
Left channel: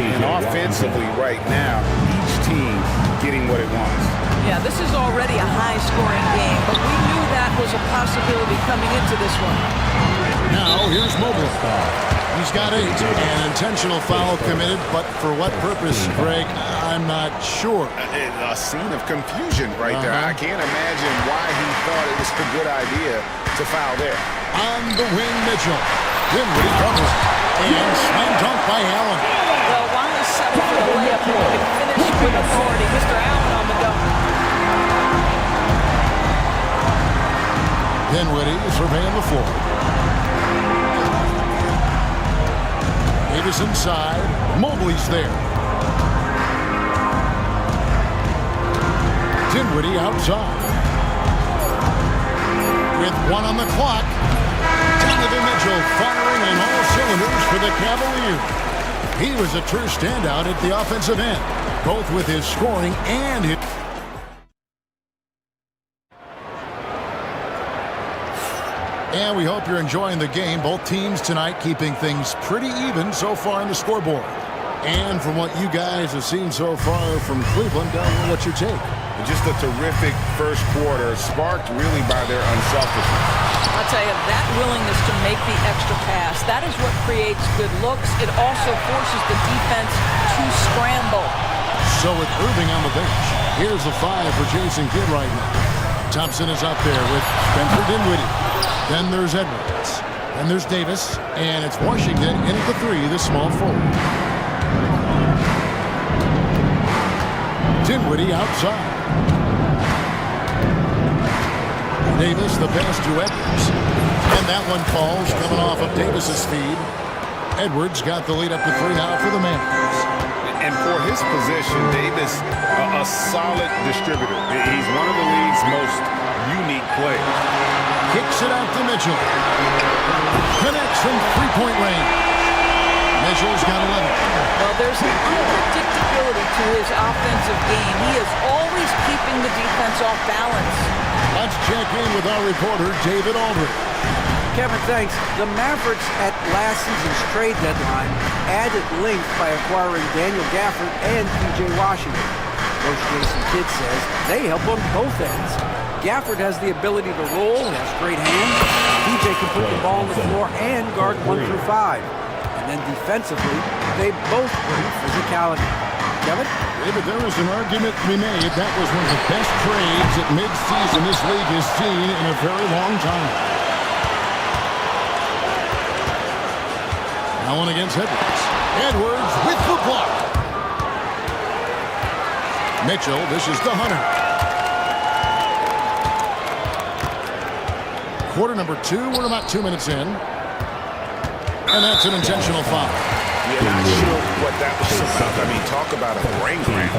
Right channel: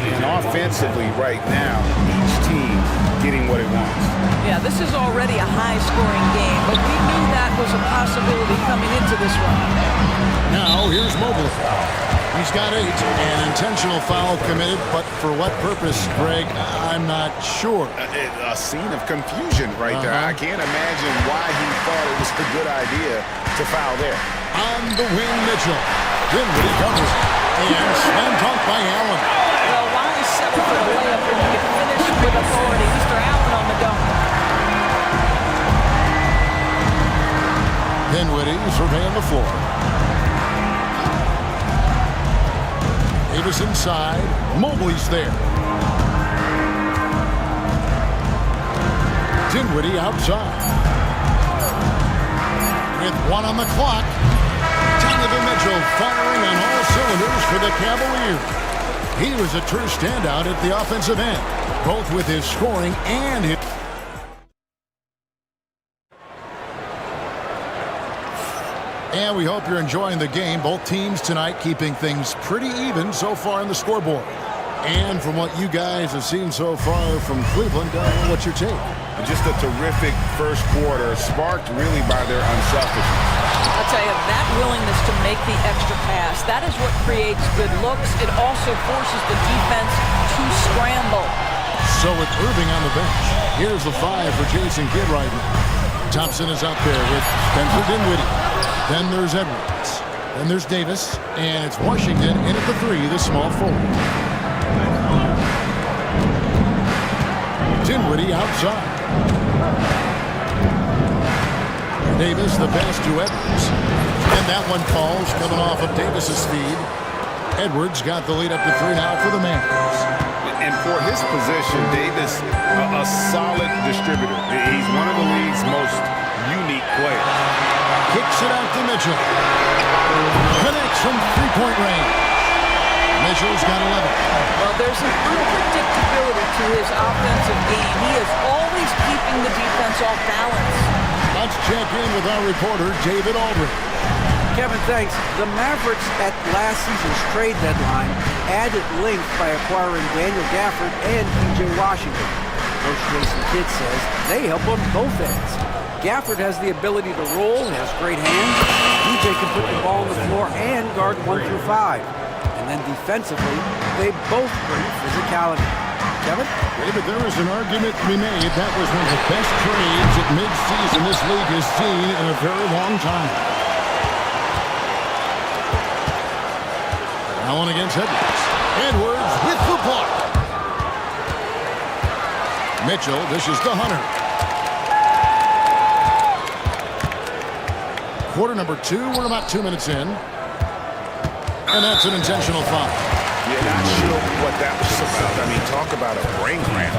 And offensively right now, each team getting what it wants. Yeah, this is already a high-scoring game, but we knew that was a possibility coming into this one. Now, here's Mobley. He's got 8. An intentional foul committed, but for what purpose, Greg, I'm not sure. A scene of confusion right there. I can't imagine why he thought it was a good idea to foul there. On the wing, Mitchell. Dinwiddie covering. And slam dunk by Allen. Well, why settle for the layup when you can finish with authority? Mr. Allen on the dunk. Dinwiddie surveying the floor. Davis inside. Mobley's there. Dinwiddie outside. With 1 on the clock, Donovan Mitchell firing on all cylinders for the Cavaliers. He was a true standout at the offensive end, both with his scoring and his... And we hope you're enjoying the game. Both teams tonight keeping things pretty even so far on the scoreboard. And from what you guys have seen so far from Cleveland, what's your take? Just a terrific first quarter, sparked really by their unselfishness. I'll tell you, that willingness to make the extra pass, that is what creates good looks. It also forces the defense to scramble. So with Irving on the bench, here's the 5 for Jason Kidd right now. Thompson is out there with Spencer Dinwiddie. Then there's Edwards. Then there's Davis. And it's Washington in at the 3, the small forward. Dinwiddie outside. Davis, the pass to Edwards. And that one falls, coming off of Davis's feed. Edwards got the lead up to 3 now for the Mavs. And for his position, Davis, a solid distributor. He's one of the league's most unique players. Kicks it out to Mitchell. Connects from three-point range. Mitchell's got 11. Well, there's an unpredictability to his offensive game. He is always keeping the defense off balance. Let's check in with our reporter, David Aldridge. Kevin, thanks. The Mavericks at last season's trade deadline added length by acquiring Daniel Gafford and P.J. Washington. Coach Jason Kidd says they help on both ends. Gafford has the ability to roll, has great hands. P.J. can put the ball on the floor and guard 1 through 5. And then defensively, they both bring physicality. Kevin? David, there is an argument to be made. That was one of the best trades at midseason this league has seen in a very long time. Allen against Edwards. Edwards with the block. Mitchell dishes to Hunter. Quarter number 2. We're about 2 minutes in. And that's an intentional foul. Yeah, not sure what that was about. I mean, talk about a brain cramp.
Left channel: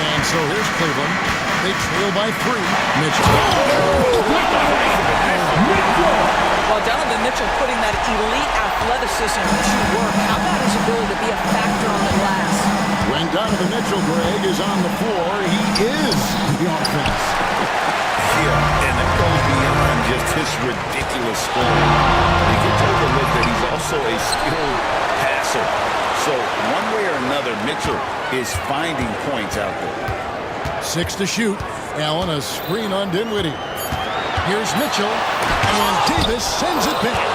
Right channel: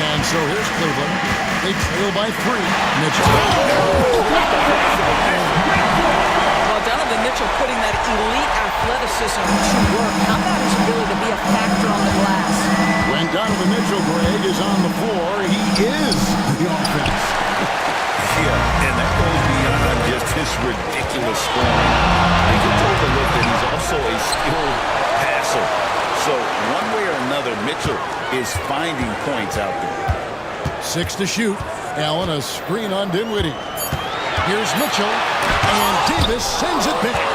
And so here's Cleveland. They trail by 3. Mitchell. Well, Donovan Mitchell putting that elite athleticism to work. How about his ability to be a factor on the glass? When Donovan Mitchell, Greg, is on the floor, he is the offense. Yeah, and that goes beyond just his ridiculous scoring. He gets overlooked that he's also a skilled passer. So one way or another, Mitchell is finding points out there. 6 to shoot. Allen, a screen on Dinwiddie. Here's Mitchell, and Davis sends it back.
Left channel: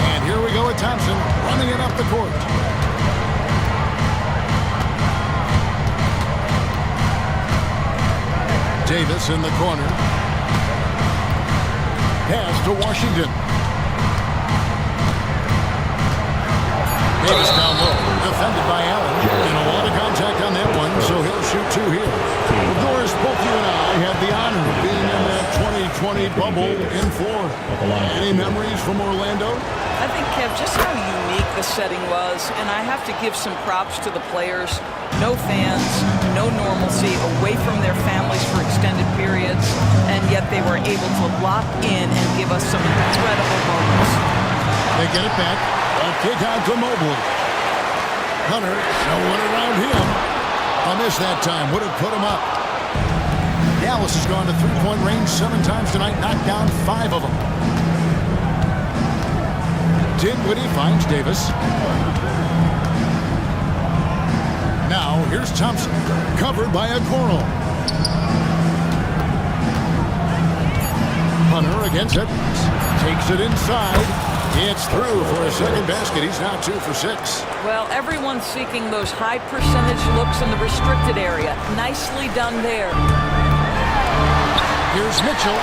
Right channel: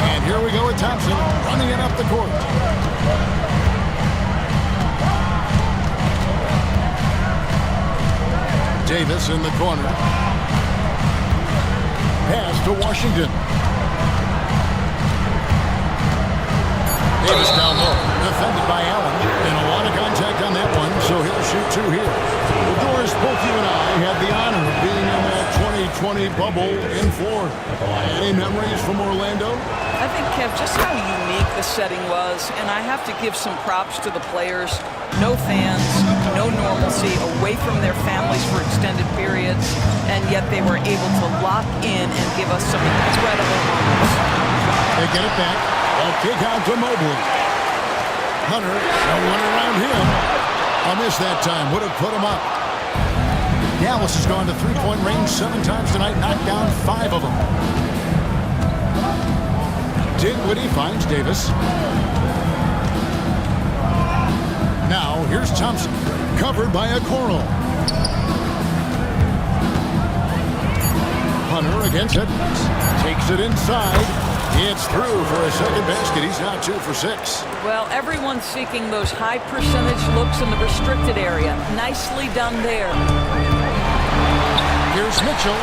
And here we go with Thompson running it up the court. Davis in the corner. Pass to Washington. Davis down low, defended by Allen, and a lot of contact on that one, so he'll shoot 2 here. Well, Doris, both you and I had the honor of being in that 2020 bubble in Florida. Any memories from Orlando? I think, Kev, just how unique the setting was, and I have to give some props to the players. No fans, no normalcy, away from their families for extended periods, and yet they were able to lock in and give us some incredible moments. They get it back. A kick out to Mobley. Hunter, no one around him. A miss that time. Would have put him up. Dallas has gone to three-point range 7 times tonight, knocked down 5 of them. Dinwiddie finds Davis. Now, here's Thompson, covered by a Coral. Hunter against Edwards. Takes it inside. It's through for a second basket. He's now 2 for 6. Well, everyone's seeking those high percentage looks in the restricted area. Nicely done there. Here's Mitchell.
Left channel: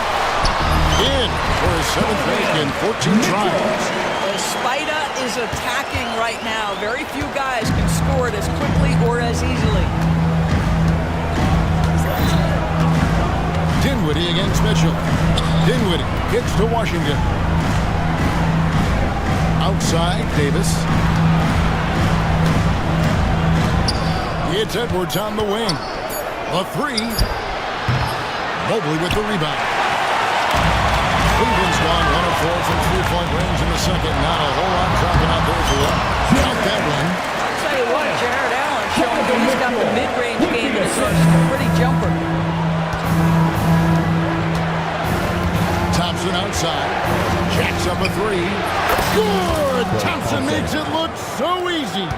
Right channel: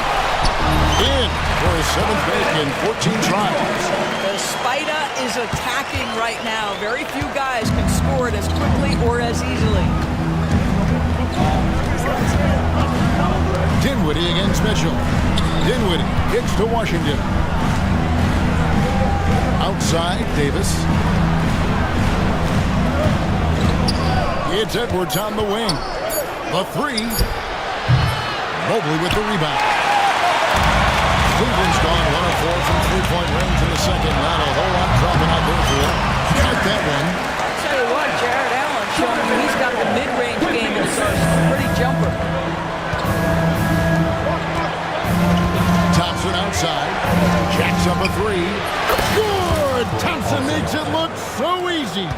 In for his 7th make in 14 tries. The Spider is attacking right now. Very few guys can score it as quickly or as easily. Dinwiddie against Mitchell. Dinwiddie kicks to Washington. Outside, Davis. It's Edwards on the wing. The 3. Mobley with the rebound. Cleveland's gone 1 of 4 from three-point range in the second. Not a whole lot dropping out there for them. Count that one. I'll tell you what, Jared Allen showing you he's got the mid-range game in his arsenal. Pretty jumper. Thompson outside. Jacks up a three. Good! Thompson makes it look so easy.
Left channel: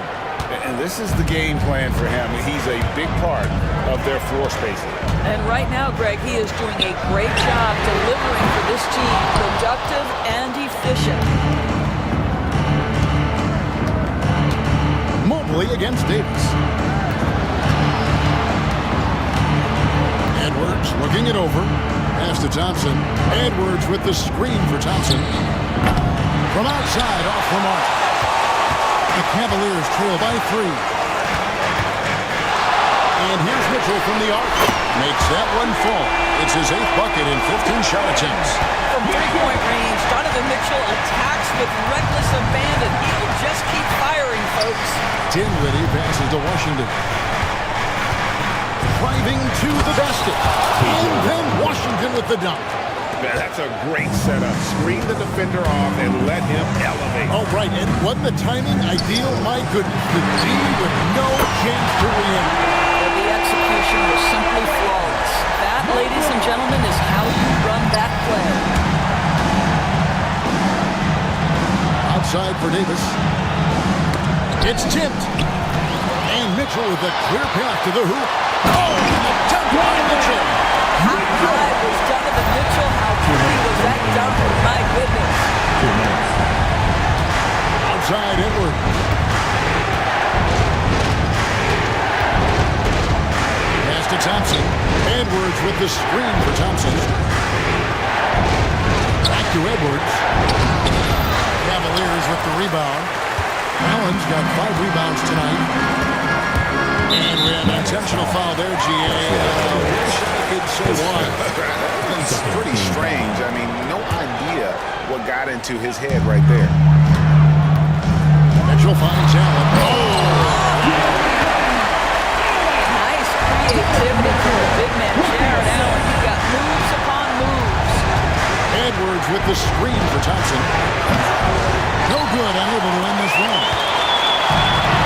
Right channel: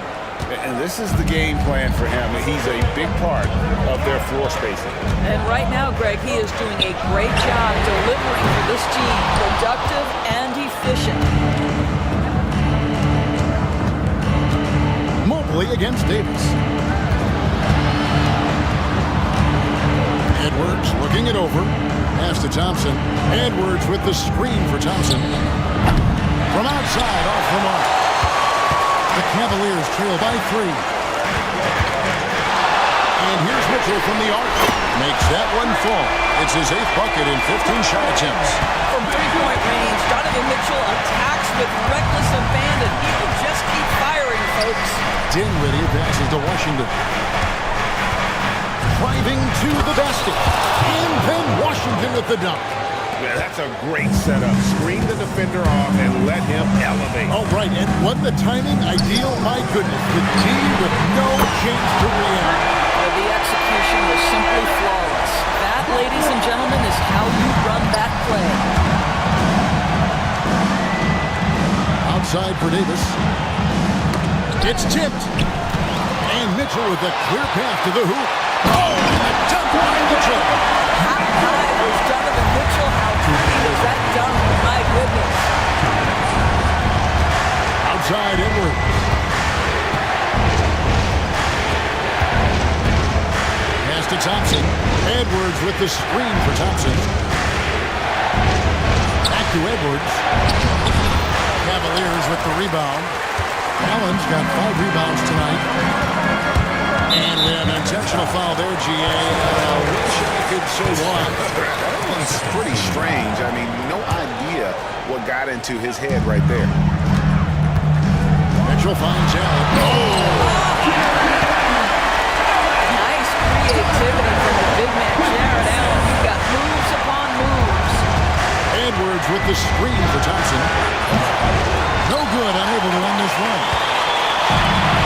And this is the game plan for him. He's a big part of their floor spacing. And right now, Greg, he is doing a great job delivering for this team, productive and efficient. Mobley against Davis. Edwards looking it over. Pass to Thompson. Edwards with the screen for Thompson. From outside, off the mark. The Cavaliers trail by 3. And here's Mitchell from the arc. Makes that one fall. It's his 8th bucket in 15 shot attempts. From three-point range, Donovan Mitchell attacks with reckless abandon. He'll just keep firing, folks. Dinwiddie passes to Washington. Driving to the basket. And then Washington with the dunk. Yeah, that's a great setup. Screen the defender off and let him elevate. All right, and wasn't the timing ideal? My goodness, the D with no chance to react. The execution was simply flawless. That, ladies and gentlemen, is how you run that play. Outside for Davis. It's tipped. And Mitchell with a clear path to the hoop. Oh, and the dunk by Mitchell. How high was Donovan Mitchell? How pretty was that dunk? My goodness. Outside Edwards. Pass to Thompson. Edwards with the screen for Thompson. Back to Edwards. Cavaliers with the rebound. Allen's got 5 rebounds tonight. And we have an intentional foul there, GA. Wish I could say why. That one's pretty strange. I mean, no idea what got into his head right there. Mitchell finds Allen. Oh! Nice creativity from the big man, Jared Allen. You've got moves upon moves. Edwards with the screen for Thompson. No good, unable to end this run.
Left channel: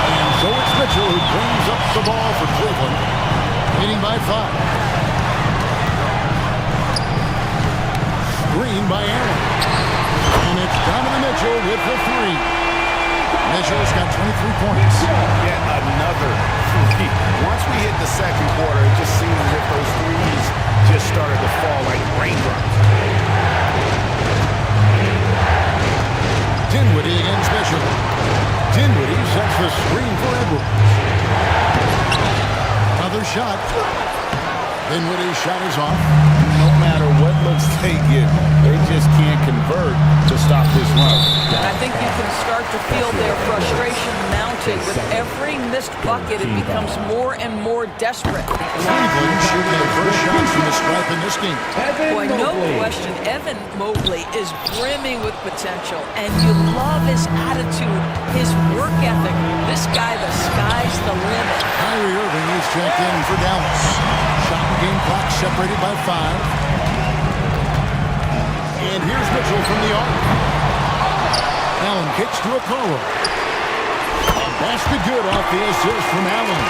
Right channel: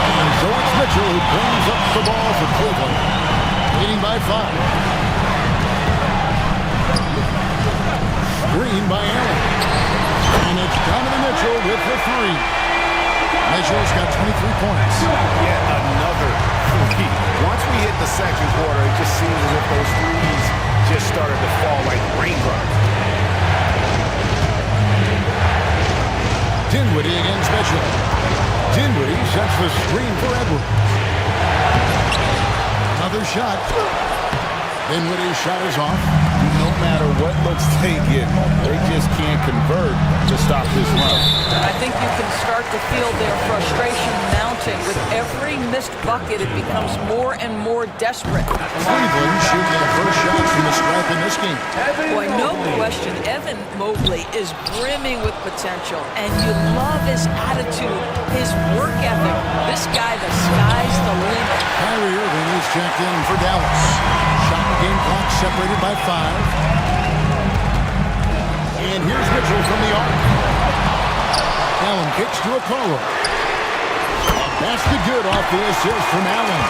And so it's Mitchell who brings up the ball for Cleveland, leading by 5. Screen by Allen. And it's Donovan Mitchell with the 3. Mitchell's got 23 points. Yet another 3. Once we hit the second quarter, it just seems as if those threes just started to fall like raindrops. Dinwiddie against Mitchell. Dinwiddie sets the screen for Edwards. Another shot. Dinwiddie's shot is off. No matter what looks they get, they just can't convert to stop this run. And I think you can start to feel their frustration mounting. With every missed bucket, it becomes more and more desperate. Cleveland shooting their first shots from the stripe in this game. Boy, no question, Evan Mobley is brimming with potential, and you love his attitude, his work ethic. This guy, the sky's the limit. Kyrie Irving is checked in for Dallas. Shot and game clock separated by 5. And here's Mitchell from the arc. Allen kicks to Okoro. A basket good off the assist from Allen.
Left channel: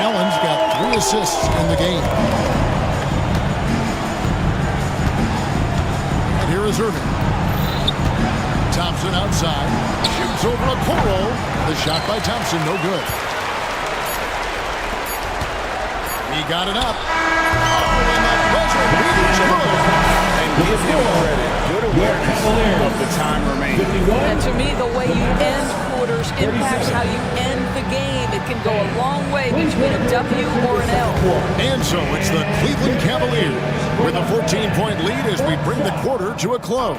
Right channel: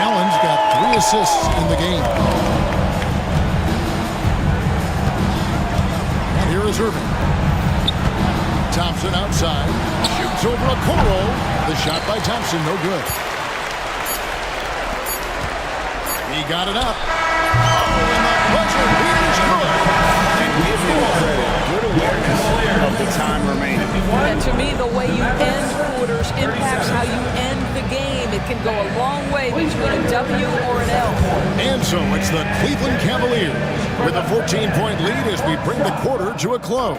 Allen's got 3 assists in the game. And here is Irving. Thompson outside. Shoots over Okoro. The shot by Thompson, no good. He got it up. Oh, and the buzzer beater is good. And give him credit. Good awareness of the time remaining. And to me, the way you end quarters impacts how you end the game. It can go a long way between a W or an L. And so it's the Cleveland Cavaliers with a 14-point lead as we bring the quarter to a close.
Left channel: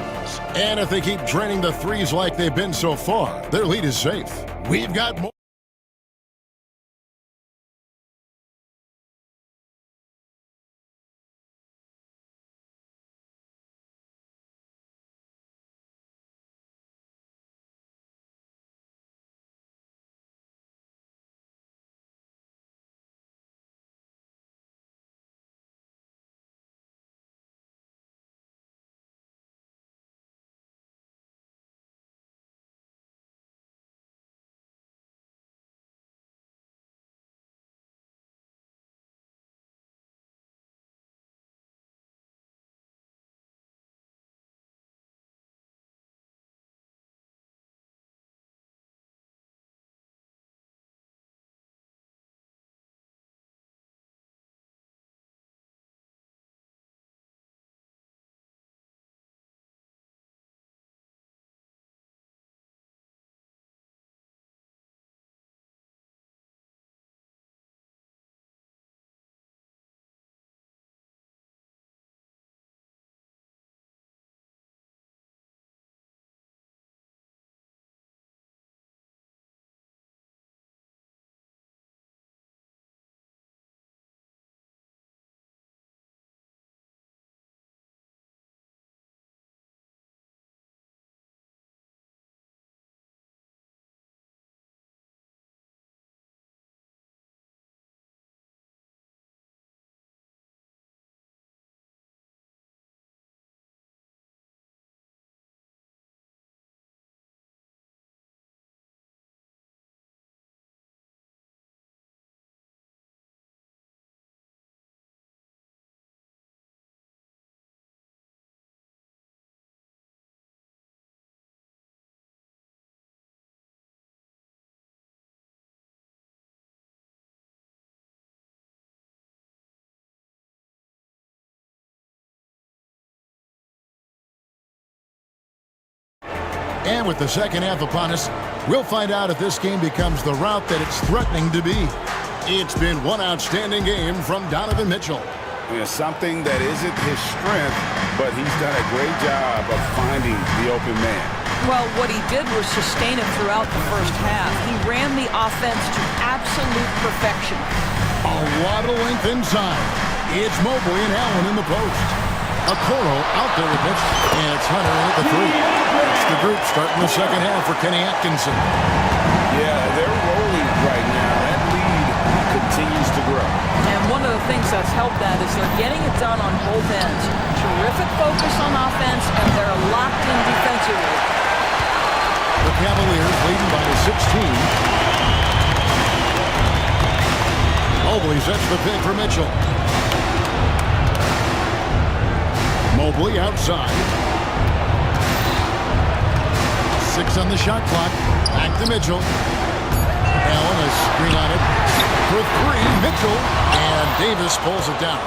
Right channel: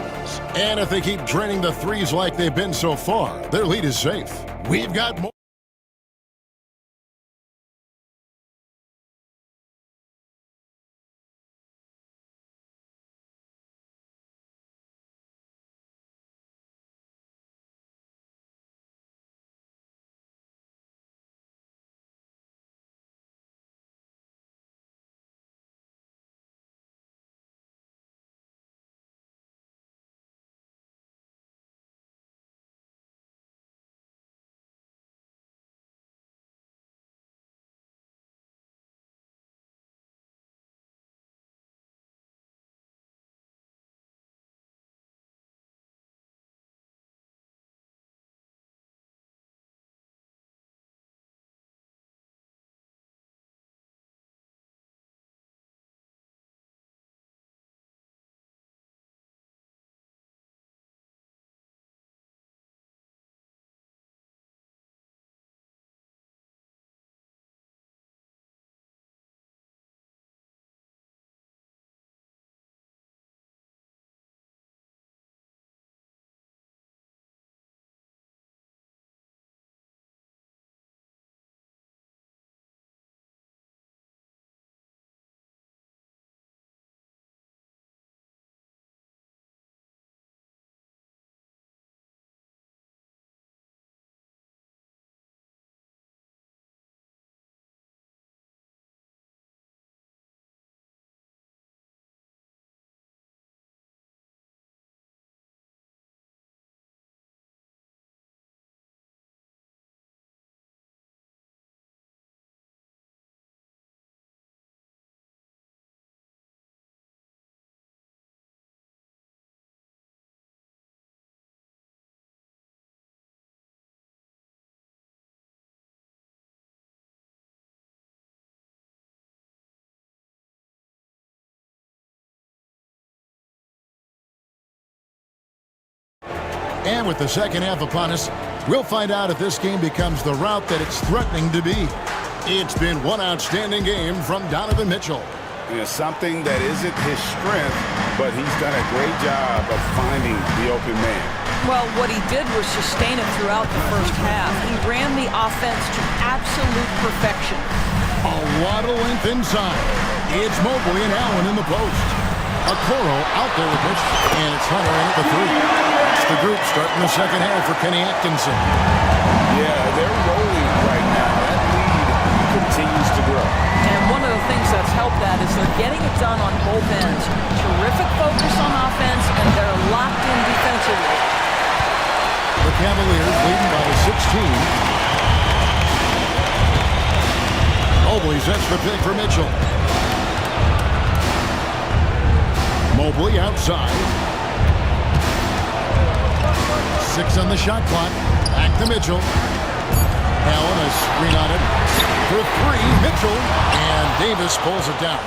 And if they keep draining the threes like they've been so far, their lead is safe. We've got more. And with the second half upon us, we'll find out if this game becomes the route that it's threatening to be. It's been one outstanding game from Donovan Mitchell. Something that isn't his strength, but he's done a great job of finding the open man. Well, what he did was sustain it throughout the first half. He ran the offense to absolute perfection. A lot of length inside. It's Mobley and Allen in the post. Okoro out there with Mitchell, and it's Hunter in at the three. That's the group starting the second half for Kenny Atkinson. Yeah, they're rolling right now. That lead continues to grow. And one of the things that's helped that is they're getting it done on both ends. Terrific focus on offense, and they're locked in defensively. The Cavaliers leading by 16. Mobley sets the pick for Mitchell. Mobley outside. 6 on the shot clock. Back to Mitchell. Allen, a screen on it. For 3, Mitchell. And Davis pulls it down.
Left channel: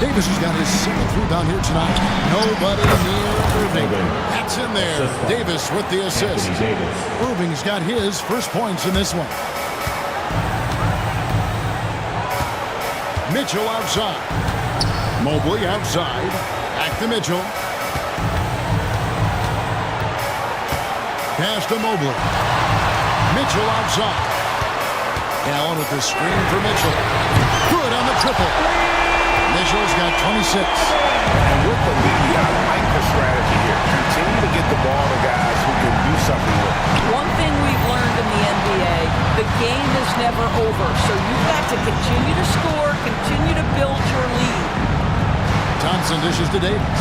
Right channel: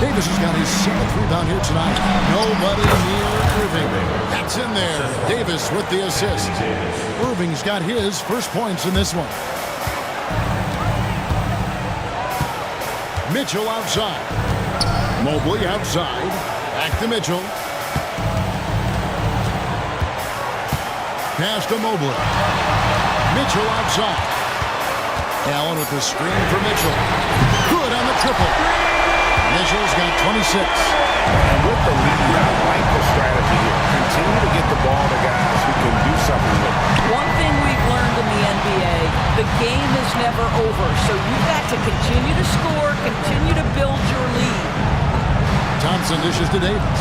Davis has got his 7th rebound here tonight. Nobody near Irving. That's in there. Davis with the assist. Irving's got his first points in this one. Mitchell outside. Mobley outside. Back to Mitchell. Pass to Mobley. Mitchell outside. Allen with the screen for Mitchell. Good on the triple. Mitchell's got 26. And with the lead, I like the strategy here. Continue to get the ball to guys who can do something with it. One thing we've learned in the NBA, the game is never over. So you've got to continue to score, continue to build your lead. Thompson dishes to Davis.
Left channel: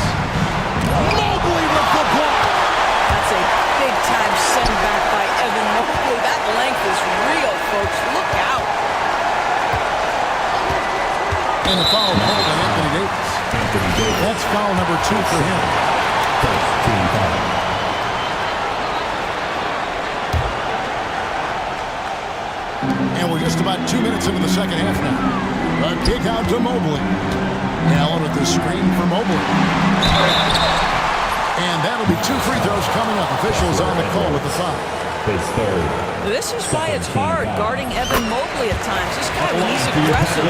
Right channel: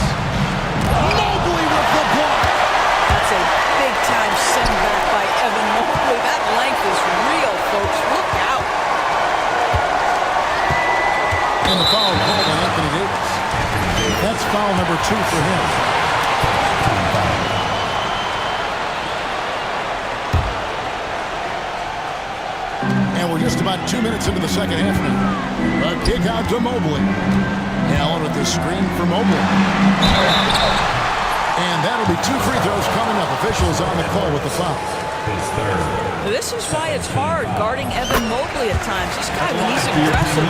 Mobley with the block. That's a big-time send back by Evan Mobley. That length is real, folks. Look out. And the foul called on Anthony Davis. That's foul number 2 for him. And we're just about 2 minutes into the second half now. A kick out to Mobley. Allen with the screen for Mobley. And that'll be 2 free throws coming up. Officials on the call with the foul. This is why it's hard guarding Evan Mobley at times. This guy, when he's aggressive,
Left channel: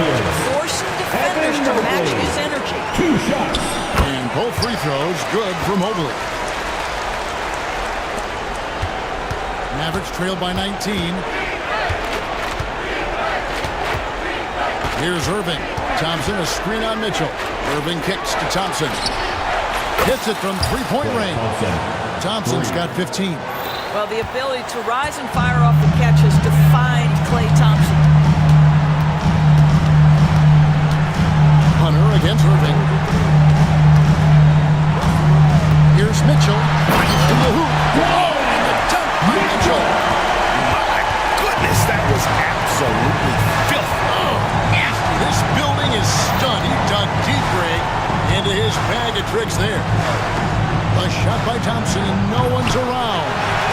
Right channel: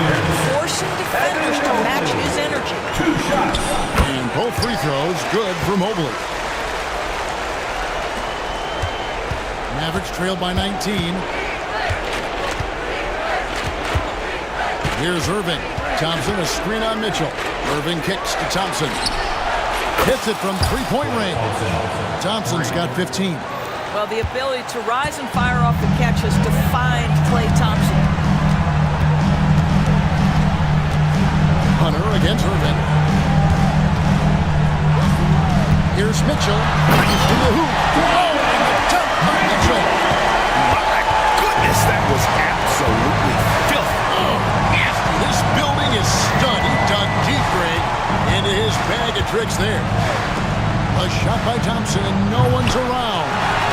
forcing defenders to match his energy. 2 shots. And both free throws good for Mobley. Mavericks trailed by 19. Here's Irving. Thompson, a screen on Mitchell. Irving kicks to Thompson. Hits it from 3-point range. Thompson's got 15. Well, the ability to rise and fire off the catch has defined Klay Thompson. Hunter against Irving. Here's Mitchell. He's to the hoop. Oh, and the dunk by Mitchell. My goodness, that was absolutely filthy. Oh, nasty. This building is stunned. He dug deep, Greg, into his bag of tricks there. A shot by Thompson, and no one's around.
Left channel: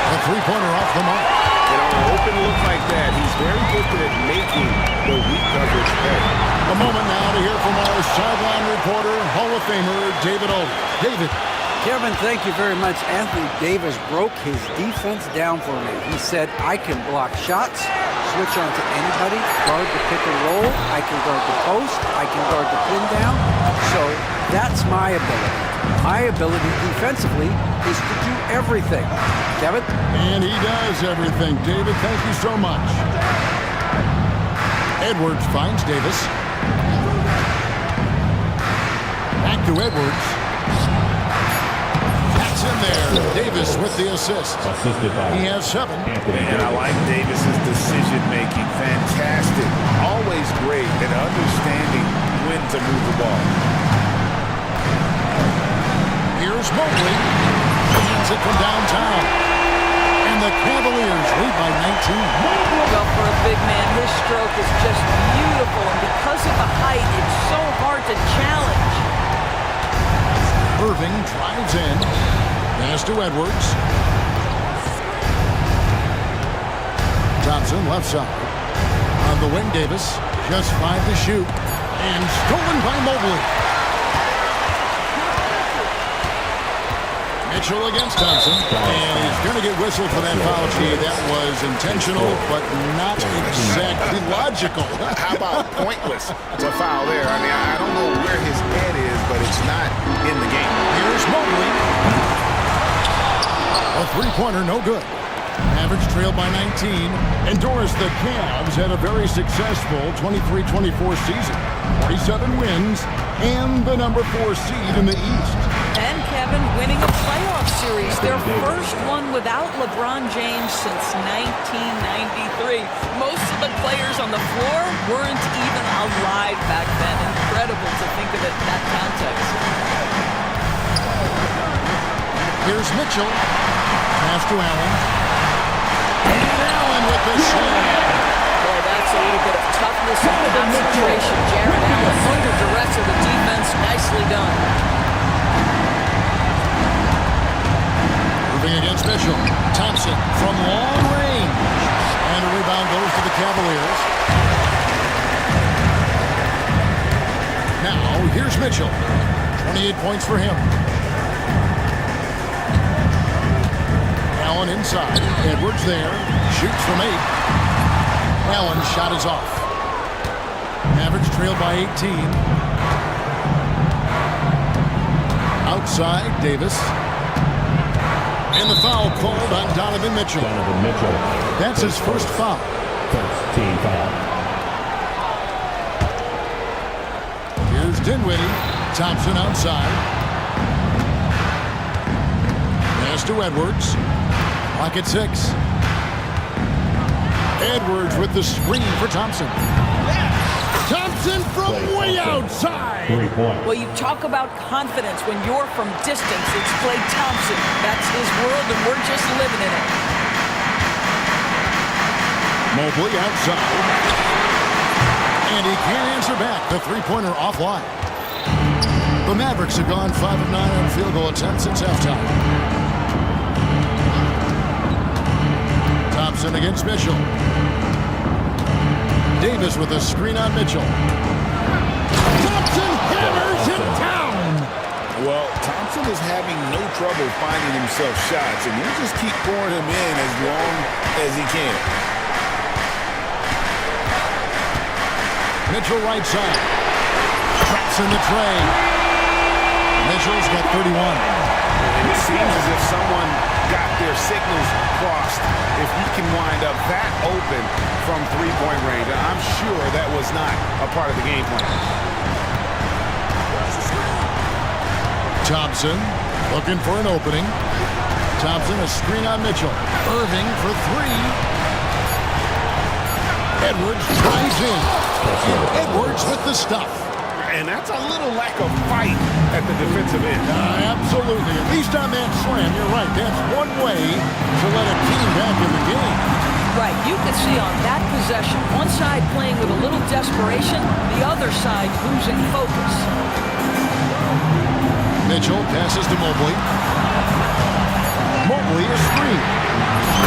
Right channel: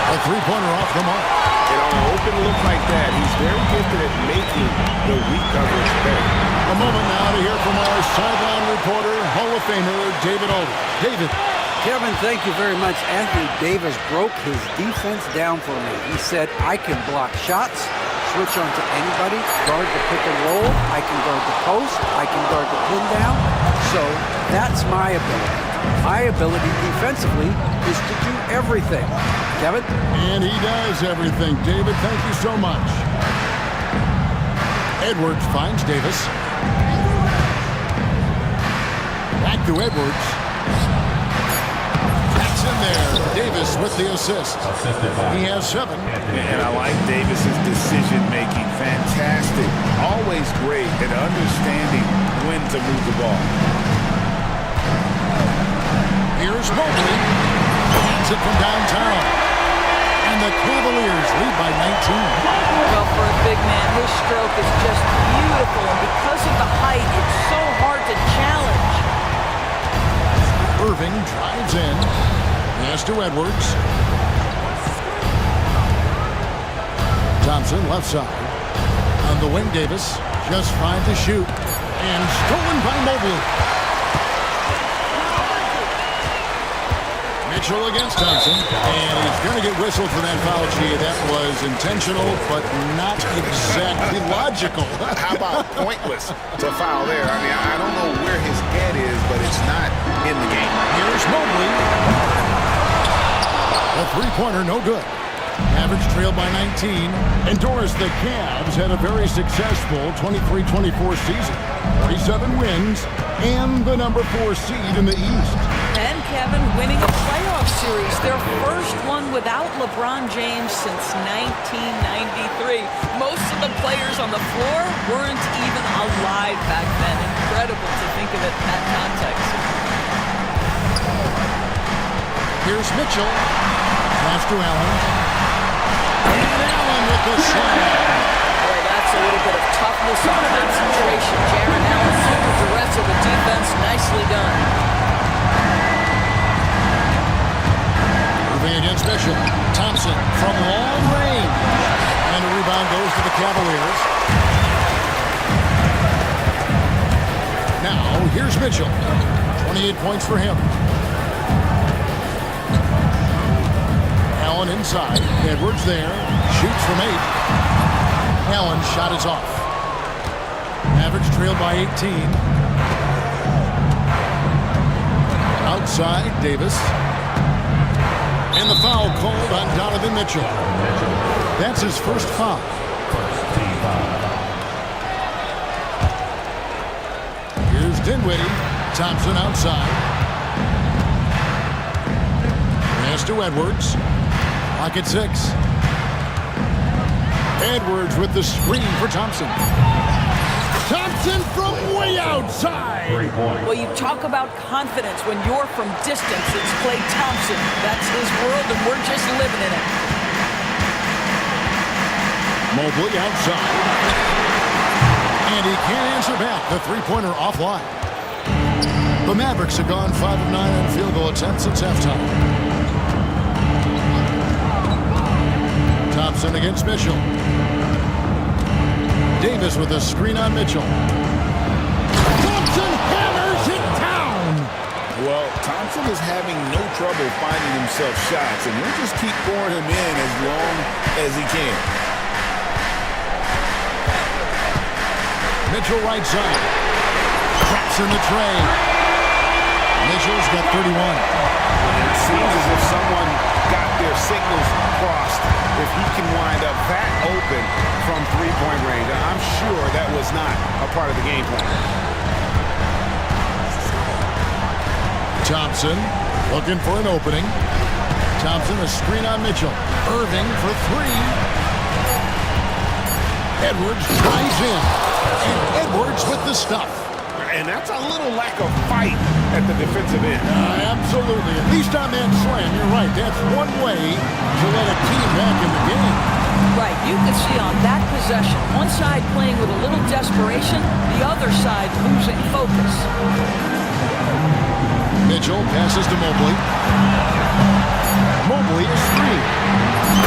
A three-pointer off the mark. And on an open look like that, he's very gifted at making the weak coverage pay. A moment now to hear from our sideline reporter, Hall of Famer, David Aldridge. David. Kevin, thank you very much. Anthony Davis broke his defense down for me. He said, I can block shots, switch on to anybody, guard the pick and roll, I can guard the post, I can guard the pin down. So that's my ability. My ability defensively is to do everything. Kevin? And he does everything. David, thank you so much. Edwards finds Davis. Back to Edwards. That's in there. Davis with the assist. He has 7. And I like Davis's decision-making. Fantastic. Always great at understanding when to move the ball. Here's Mobley. Hands it from downtown. And the Cavaliers lead by 19. Well, for a big man, his stroke is just beautiful. And because of the height, it's so hard to challenge. Irving drives in. Pass to Edwards. Thompson left side. On the wing, Davis. Just 5 to shoot. And stolen by Mobley. Mitchell against Thompson, and he's going to get whistled for that foul, G. That was intentional, but not exactly logical. How about pointless to foul there? I mean, I don't know where his head is, but it's not in the game. Here's Mobley. A three-pointer, no good. Mavericks trailed by 19. And Doris, the Cavs had a very successful 23-24 season. 47 wins and the number 4 seed in the East. And Kevin winning a playoff series, their first one without LeBron James since 1993. Most of the players on the floor weren't even alive back then. Incredible to think of it in that context. Here's Mitchell. Pass to Allen. And Allen with the slam. Boy, that's a little bit of toughness and concentration. Jared Allen under duress of the defense. Nicely done. Moving against Mitchell. Thompson from long range. And a rebound goes to the Cavaliers. Now, here's Mitchell. 28 points for him. Allen inside. Edwards there. Shoots from 8. Allen's shot is off. Mavericks trailed by 18. Outside, Davis. And the foul called on Donovan Mitchell. That's his first foul. Team foul. Here's Dinwiddie. Thompson outside. Pass to Edwards. Clock at 6. Edwards with the screen for Thompson. Thompson from way outside. 3 points. Well, you talk about confidence when you're from distance. It's Klay Thompson. That's his world, and we're just living in it. Mobley outside. And he can't answer back. The three-pointer offline. The Mavericks have gone 5 of 9 on field goal attempts since halftime. Thompson against Mitchell. Davis with a screen on Mitchell. Thompson hammers it down. Well, Thompson is having no trouble finding himself shots, and he'll just keep pouring them in as long as he can. Mitchell right side. Traps in the tray. Mitchell's got 31. It seems as if someone got their signals crossed if he can wind up that open from three-point range. I'm sure that was not a part of the game plan. Thompson looking for an opening. Thompson a screen on Mitchell. Irving for 3. Edwards drives in. And Edwards with the stuff. And that's a little lack of fight at the defensive end. Absolutely. At least on that slam, you're right. That's one way to let a team back in the game. Right. You could see on that possession, one side playing with a little desperation, the other side losing focus. Mitchell passes to Mobley. Mobley a screen.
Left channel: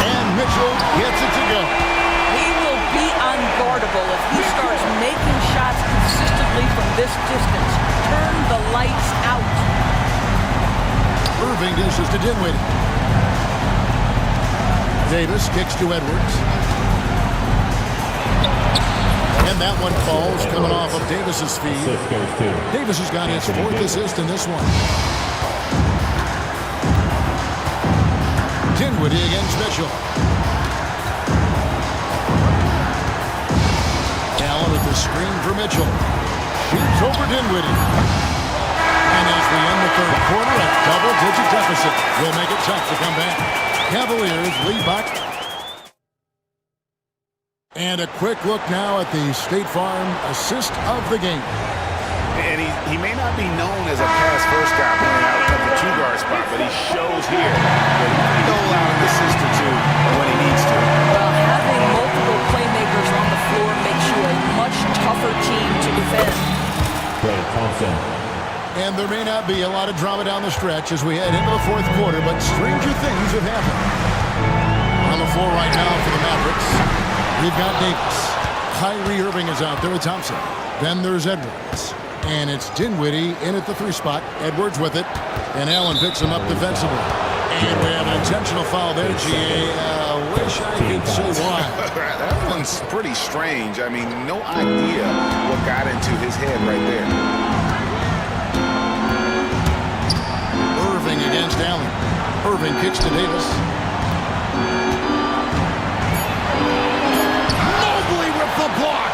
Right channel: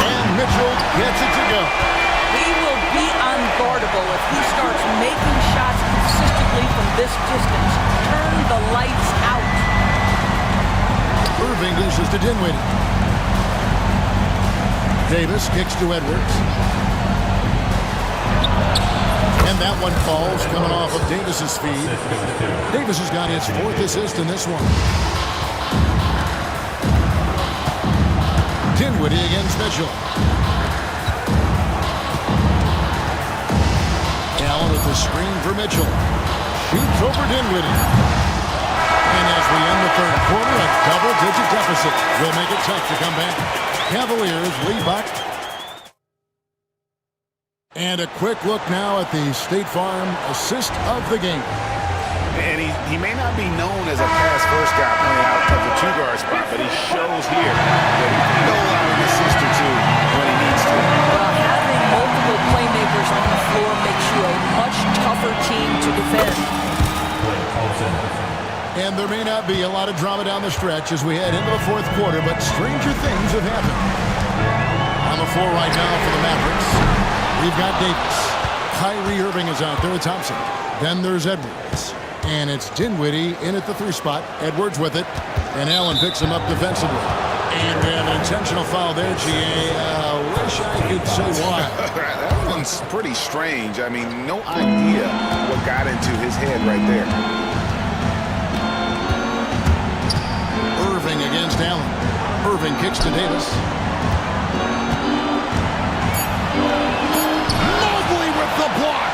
And Mitchell gets it to go. He will be unguardable if he starts making shots consistently from this distance. Turn the lights out. Irving dishes to Dinwiddie. Davis kicks to Edwards. And that one falls coming off of Davis's feed. Davis has got his 4th assist in this one. Dinwiddie against Mitchell. Allen with the screen for Mitchell. Shoots over Dinwiddie. And as we end the 3rd quarter, a double-digit deficit will make it tough to come back. Cavaliers lead back. And a quick look now at the State Farm assist of the game. And he may not be known as a pass-first guy playing out of the 2-guard spot, but he shows here that he can dole out an assist or 2 when he needs to. Well, having multiple playmakers on the floor makes you a much tougher team to defend. And there may not be a lot of drama down the stretch as we head into the 4th quarter, but stranger things have happened. On the floor right now for the Mavericks, we've got Davis. Kyrie Irving is out there with Thompson. Then there's Edwards. And it's Dinwiddie in at the 3 spot. Edwards with it. And Allen picks him up defensively. And we have an intentional foul there, GA. Wish I could say why. That one's pretty strange. I mean, no idea what got into his head right there. Irving against Allen. Irving kicks to Davis. Mobley with the block.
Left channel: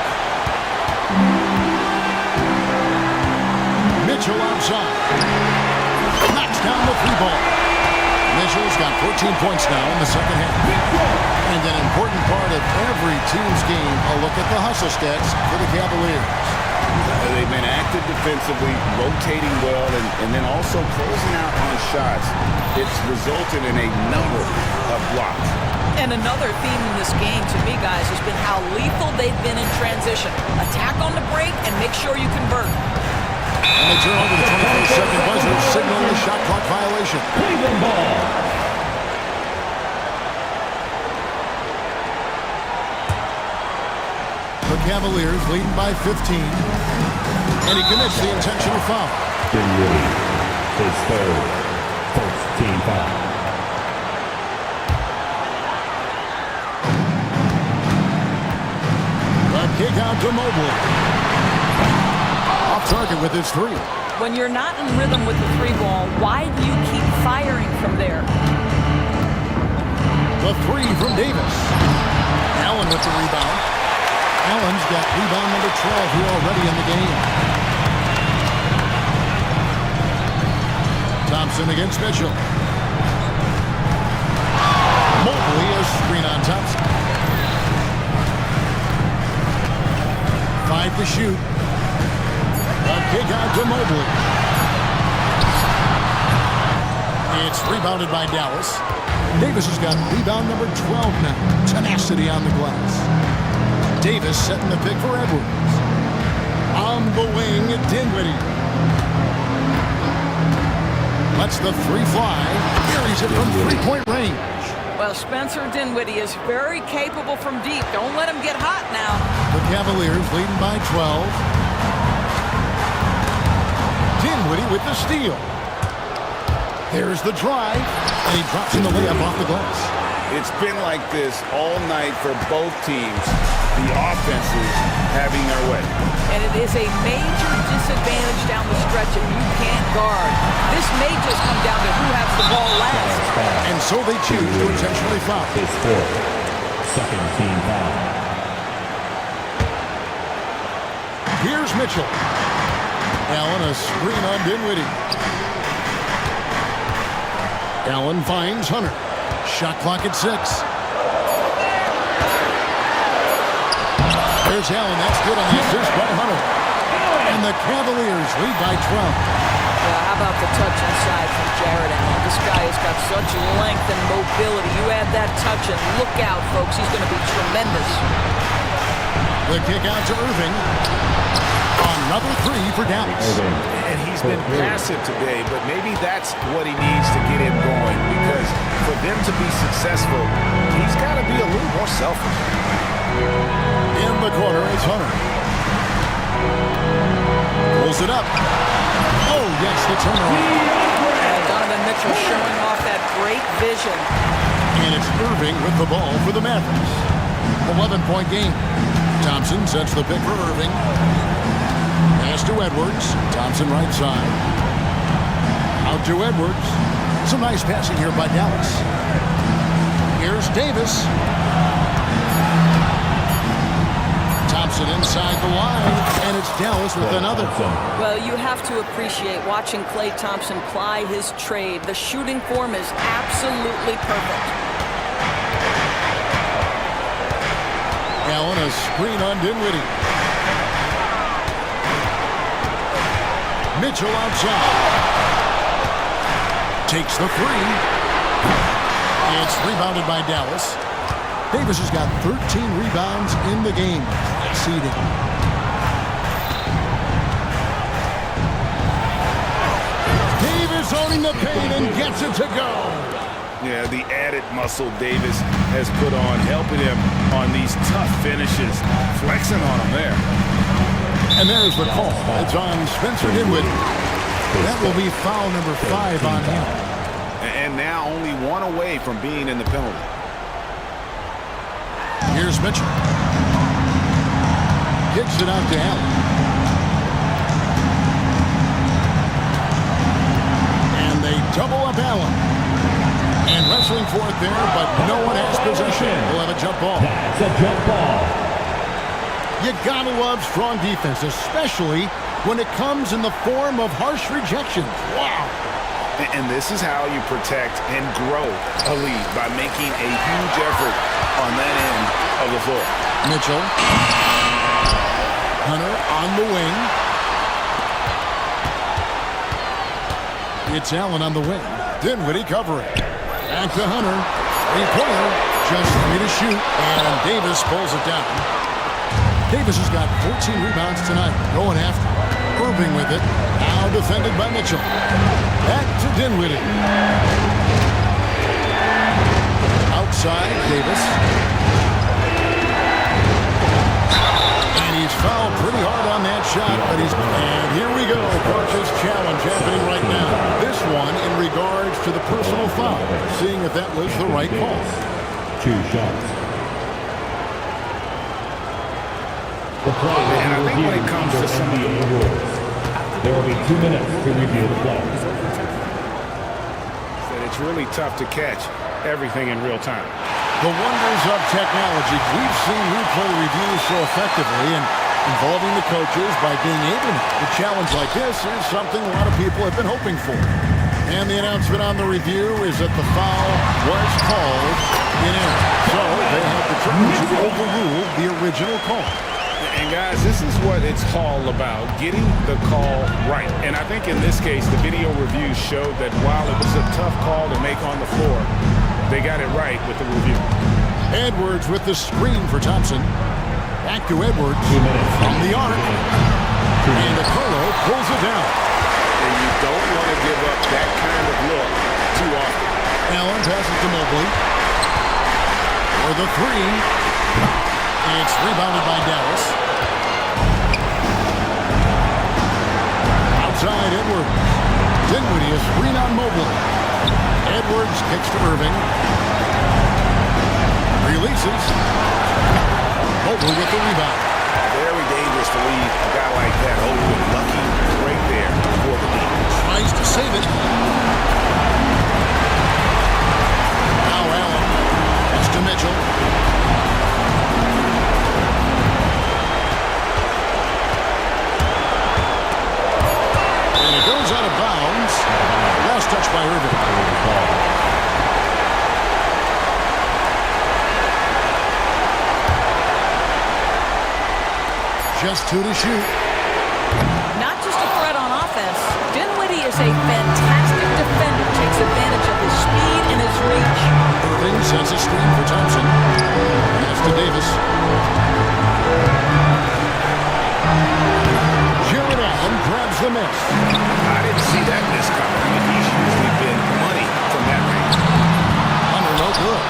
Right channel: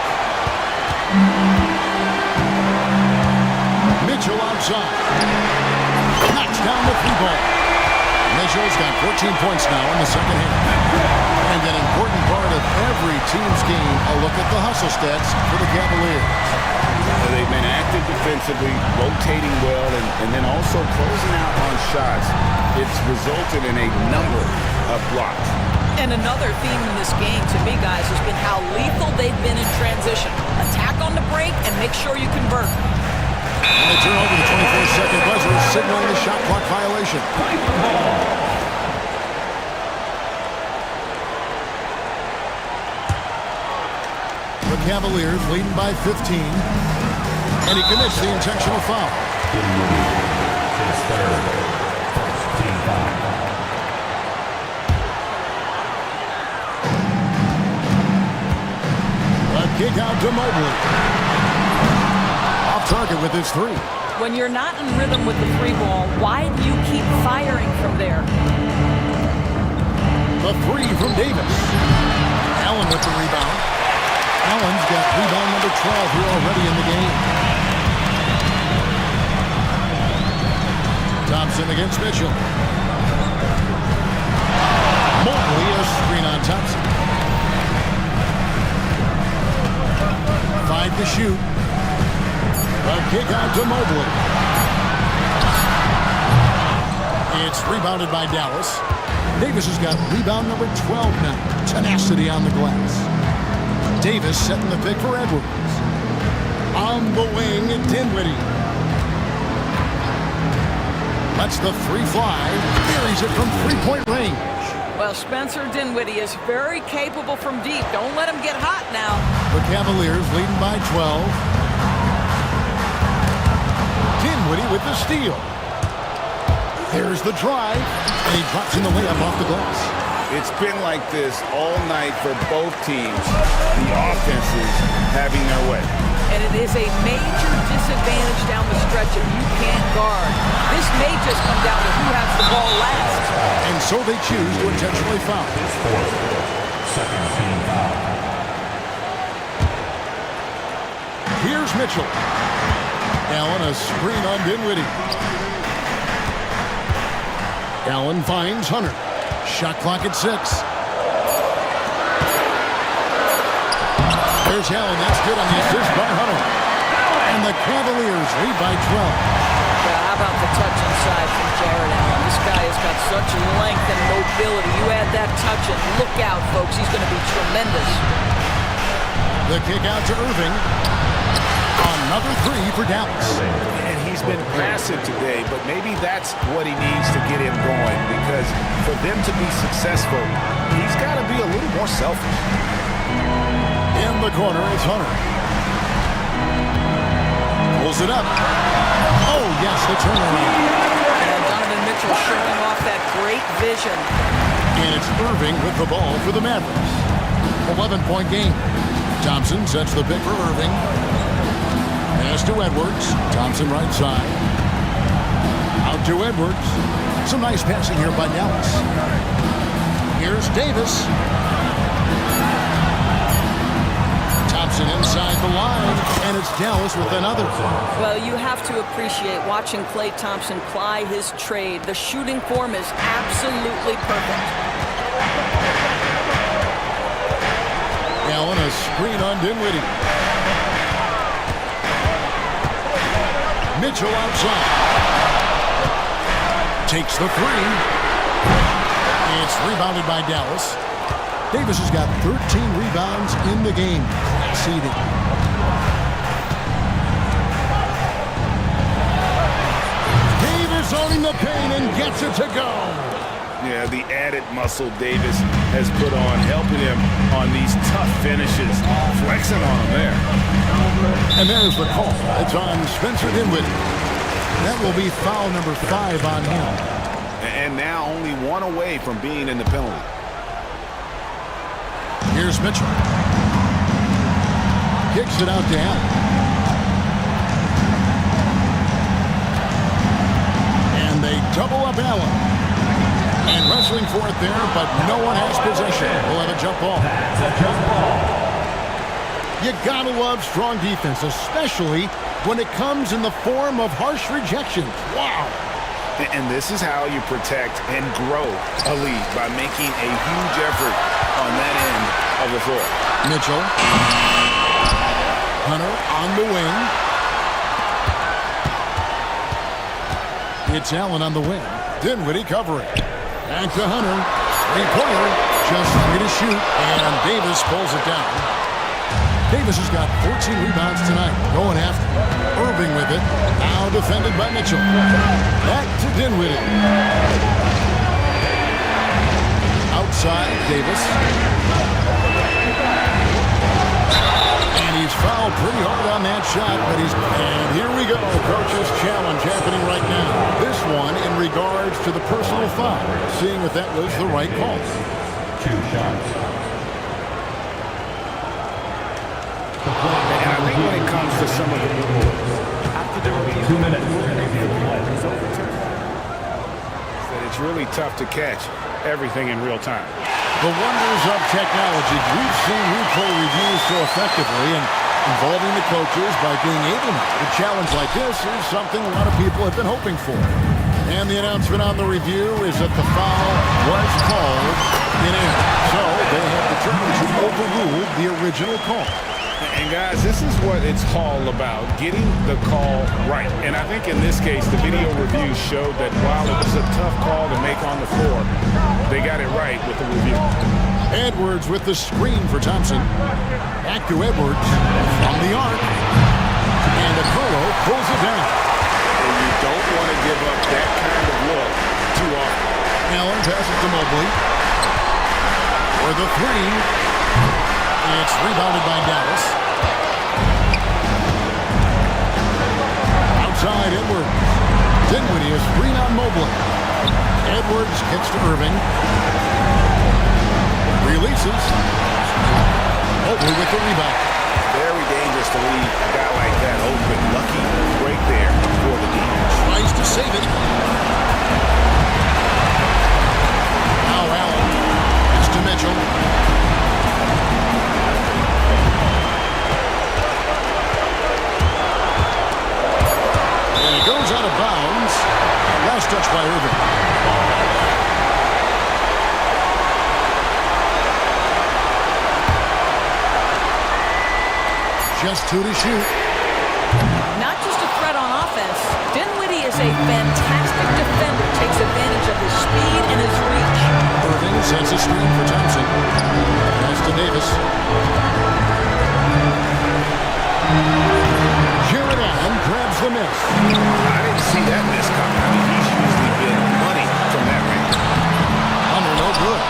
Mitchell outside. Knocks down the 3 ball. Mitchell's got 14 points now in the second half. And an important part of every team's game, a look at the hustle stats for the Cavaliers. They've been active defensively, rotating well, and then also closing out on shots. It's resulted in a number of blocks. And another theme in this game, to me, guys, has been how lethal they've been in transition. Attack on the break and make sure you convert. And they turn over the 24-second buzzer, signaling the shot clock violation. The Cavaliers leading by 15. And he commits the intentional foul. Dinwiddie, his third, first team foul. A kick out to Mobley. Off target with his 3. When you're not in rhythm with the 3 ball, why do you keep firing from there? The 3 from Davis. Allen with the rebound. Allen's got rebound number 12 here already in the game. Thompson against Mitchell. Mobley, a screen on Thompson. 5 to shoot. A kick out to Mobley. It's rebounded by Dallas. Davis has got rebound number 12 now. Tenacity on the glass. Davis setting the pick for Edwards. On the wing, Dinwiddie. Lets the 3 fly. Buries it from 3-point range. Well, Spencer Dinwiddie is very capable from deep. Don't let him get hot now. The Cavaliers leading by 12. Dinwiddie with the steal. There's the drive, and he drops in the layup off the glass. It's been like this all night for both teams. The offenses having their way. And it is a major disadvantage down the stretch if you can't guard. This may just come down to who has the ball last. And so they choose to intentionally foul. His fourth, second team foul. Here's Mitchell. Allen, a screen on Dinwiddie. Allen finds Hunter. Shot clock at 6. There's Allen. That's good on the assist by Hunter. And the Cavaliers lead by 12. How about the touch inside from Jared Allen? This guy has got such length and mobility. You add that touch and look out, folks. He's going to be tremendous. The kick out to Irving. Another 3 for Dallas. And he's been passive today, but maybe that's what he needs to get him going, because for them to be successful, he's got to be a little more selfish. In the corner, it's Hunter. Pulls it up. Oh, yes, the turnaround. And Donovan Mitchell showing off that great vision. And it's Irving with the ball for the Mavericks. 11-point game. Thompson sets the pick for Irving. Pass to Edwards. Thompson right side. Out to Edwards. Some nice passing here by Dallas. Here's Davis. Thompson inside the line, and it's Dallas with another. Well, you have to appreciate watching Klay Thompson ply his trade. The shooting form is absolutely perfect. Allen, a screen on Dinwiddie. Mitchell outside. Takes the 3. It's rebounded by Dallas. Davis has got 13 rebounds in the game. Class eating. Davis owning the paint and gets it to go. Yeah, the added muscle Davis has put on, helping him on these tough finishes, flexing on him there. And there's the call. It's on Spencer Dinwiddie. That will be foul number 5 on him. And now only one away from being in the penalty. Here's Mitchell. Kicks it out to Allen. And they double up Allen. And wrestling for it there, but no one has possession. We'll have a jump ball. That's a jump ball. You gotta love strong defense, especially when it comes in the form of harsh rejections. Wow. And this is how you protect and grow a lead, by making a huge effort on that end of the floor. Mitchell. Hunter on the wing. It's Allen on the wing. Dinwiddie covering. Back to Hunter. Three-pointer. Just 3 to shoot. And Davis pulls it down. Davis has got 14 rebounds tonight. Going after Irving with it. Now defended by Mitchell. Back to Dinwiddie. Outside, Davis. And he's fouled pretty hard on that shot, but and here we go. Coach's challenge happening right now. This one in regards to the personal foul. Seeing if that was the right call. 2 shots. And I think when it comes to some of the there will be 2 minutes to review play. that it's really tough to catch everything in real time. The wonders of technology. We've seen replay reviews so effectively, and involving the coaches by being able to challenge like this is something a lot of people have been hoping for. And the announcement on the review is that the foul was called in error. So they have determined to overrule the original call. And guys, this is what it's all about, getting the call right. And I think in this case, the video review showed that while it was a tough call to make on the floor, they got it right with the review. Edwards with the screen for Thompson. Back to Edwards from the arc. And Okoro pulls it down. And you don't want to give up that kind of look too often. Allen passes to Mobley. For the three. It's rebounded by Dallas. Outside Edwards. Dinwiddie is screen on Mobley. Edwards kicks to Irving. Releases. Mobley with the rebound. Very dangerous to leave a guy like that open. Lucky break there for the D. Tries to save it. Now Allen. Pass to Mitchell. And it goes out of bounds. Last touch by Irving. Just 2 to shoot. Not just a threat on offense, Dinwiddie is a fantastic defender. Takes advantage of his speed and his reach. Irving sends a screen for Thompson. Pass to Davis. Jared Allen grabs the miss. I didn't see that miss coming. I mean, he's usually been money from that range. Hunter, no good.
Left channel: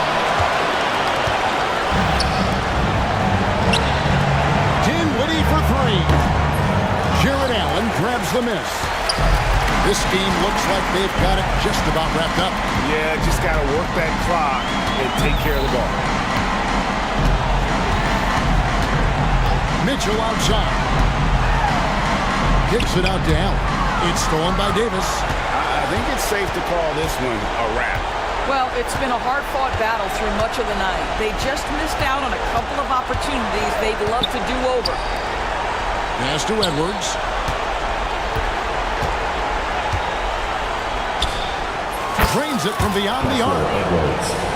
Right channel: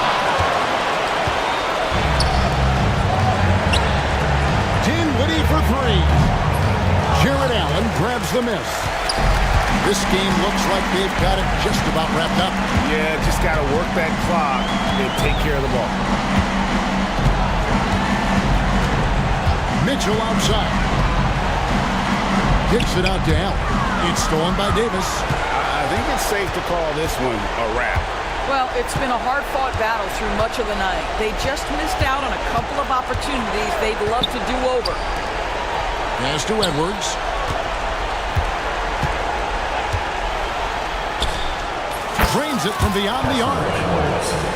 Dinwiddie for three. Jared Allen grabs the miss. This game looks like they've got it just about wrapped up. Yeah, just got to work that clock and take care of the ball. Mitchell outside. Kicks it out to Allen. It's stolen by Davis. I think it's safe to call this one a wrap. Well, it's been a hard-fought battle through much of the night. They just missed out on a couple of opportunities they'd love to do over. Pass to Edwards. Drains it from beyond the arc.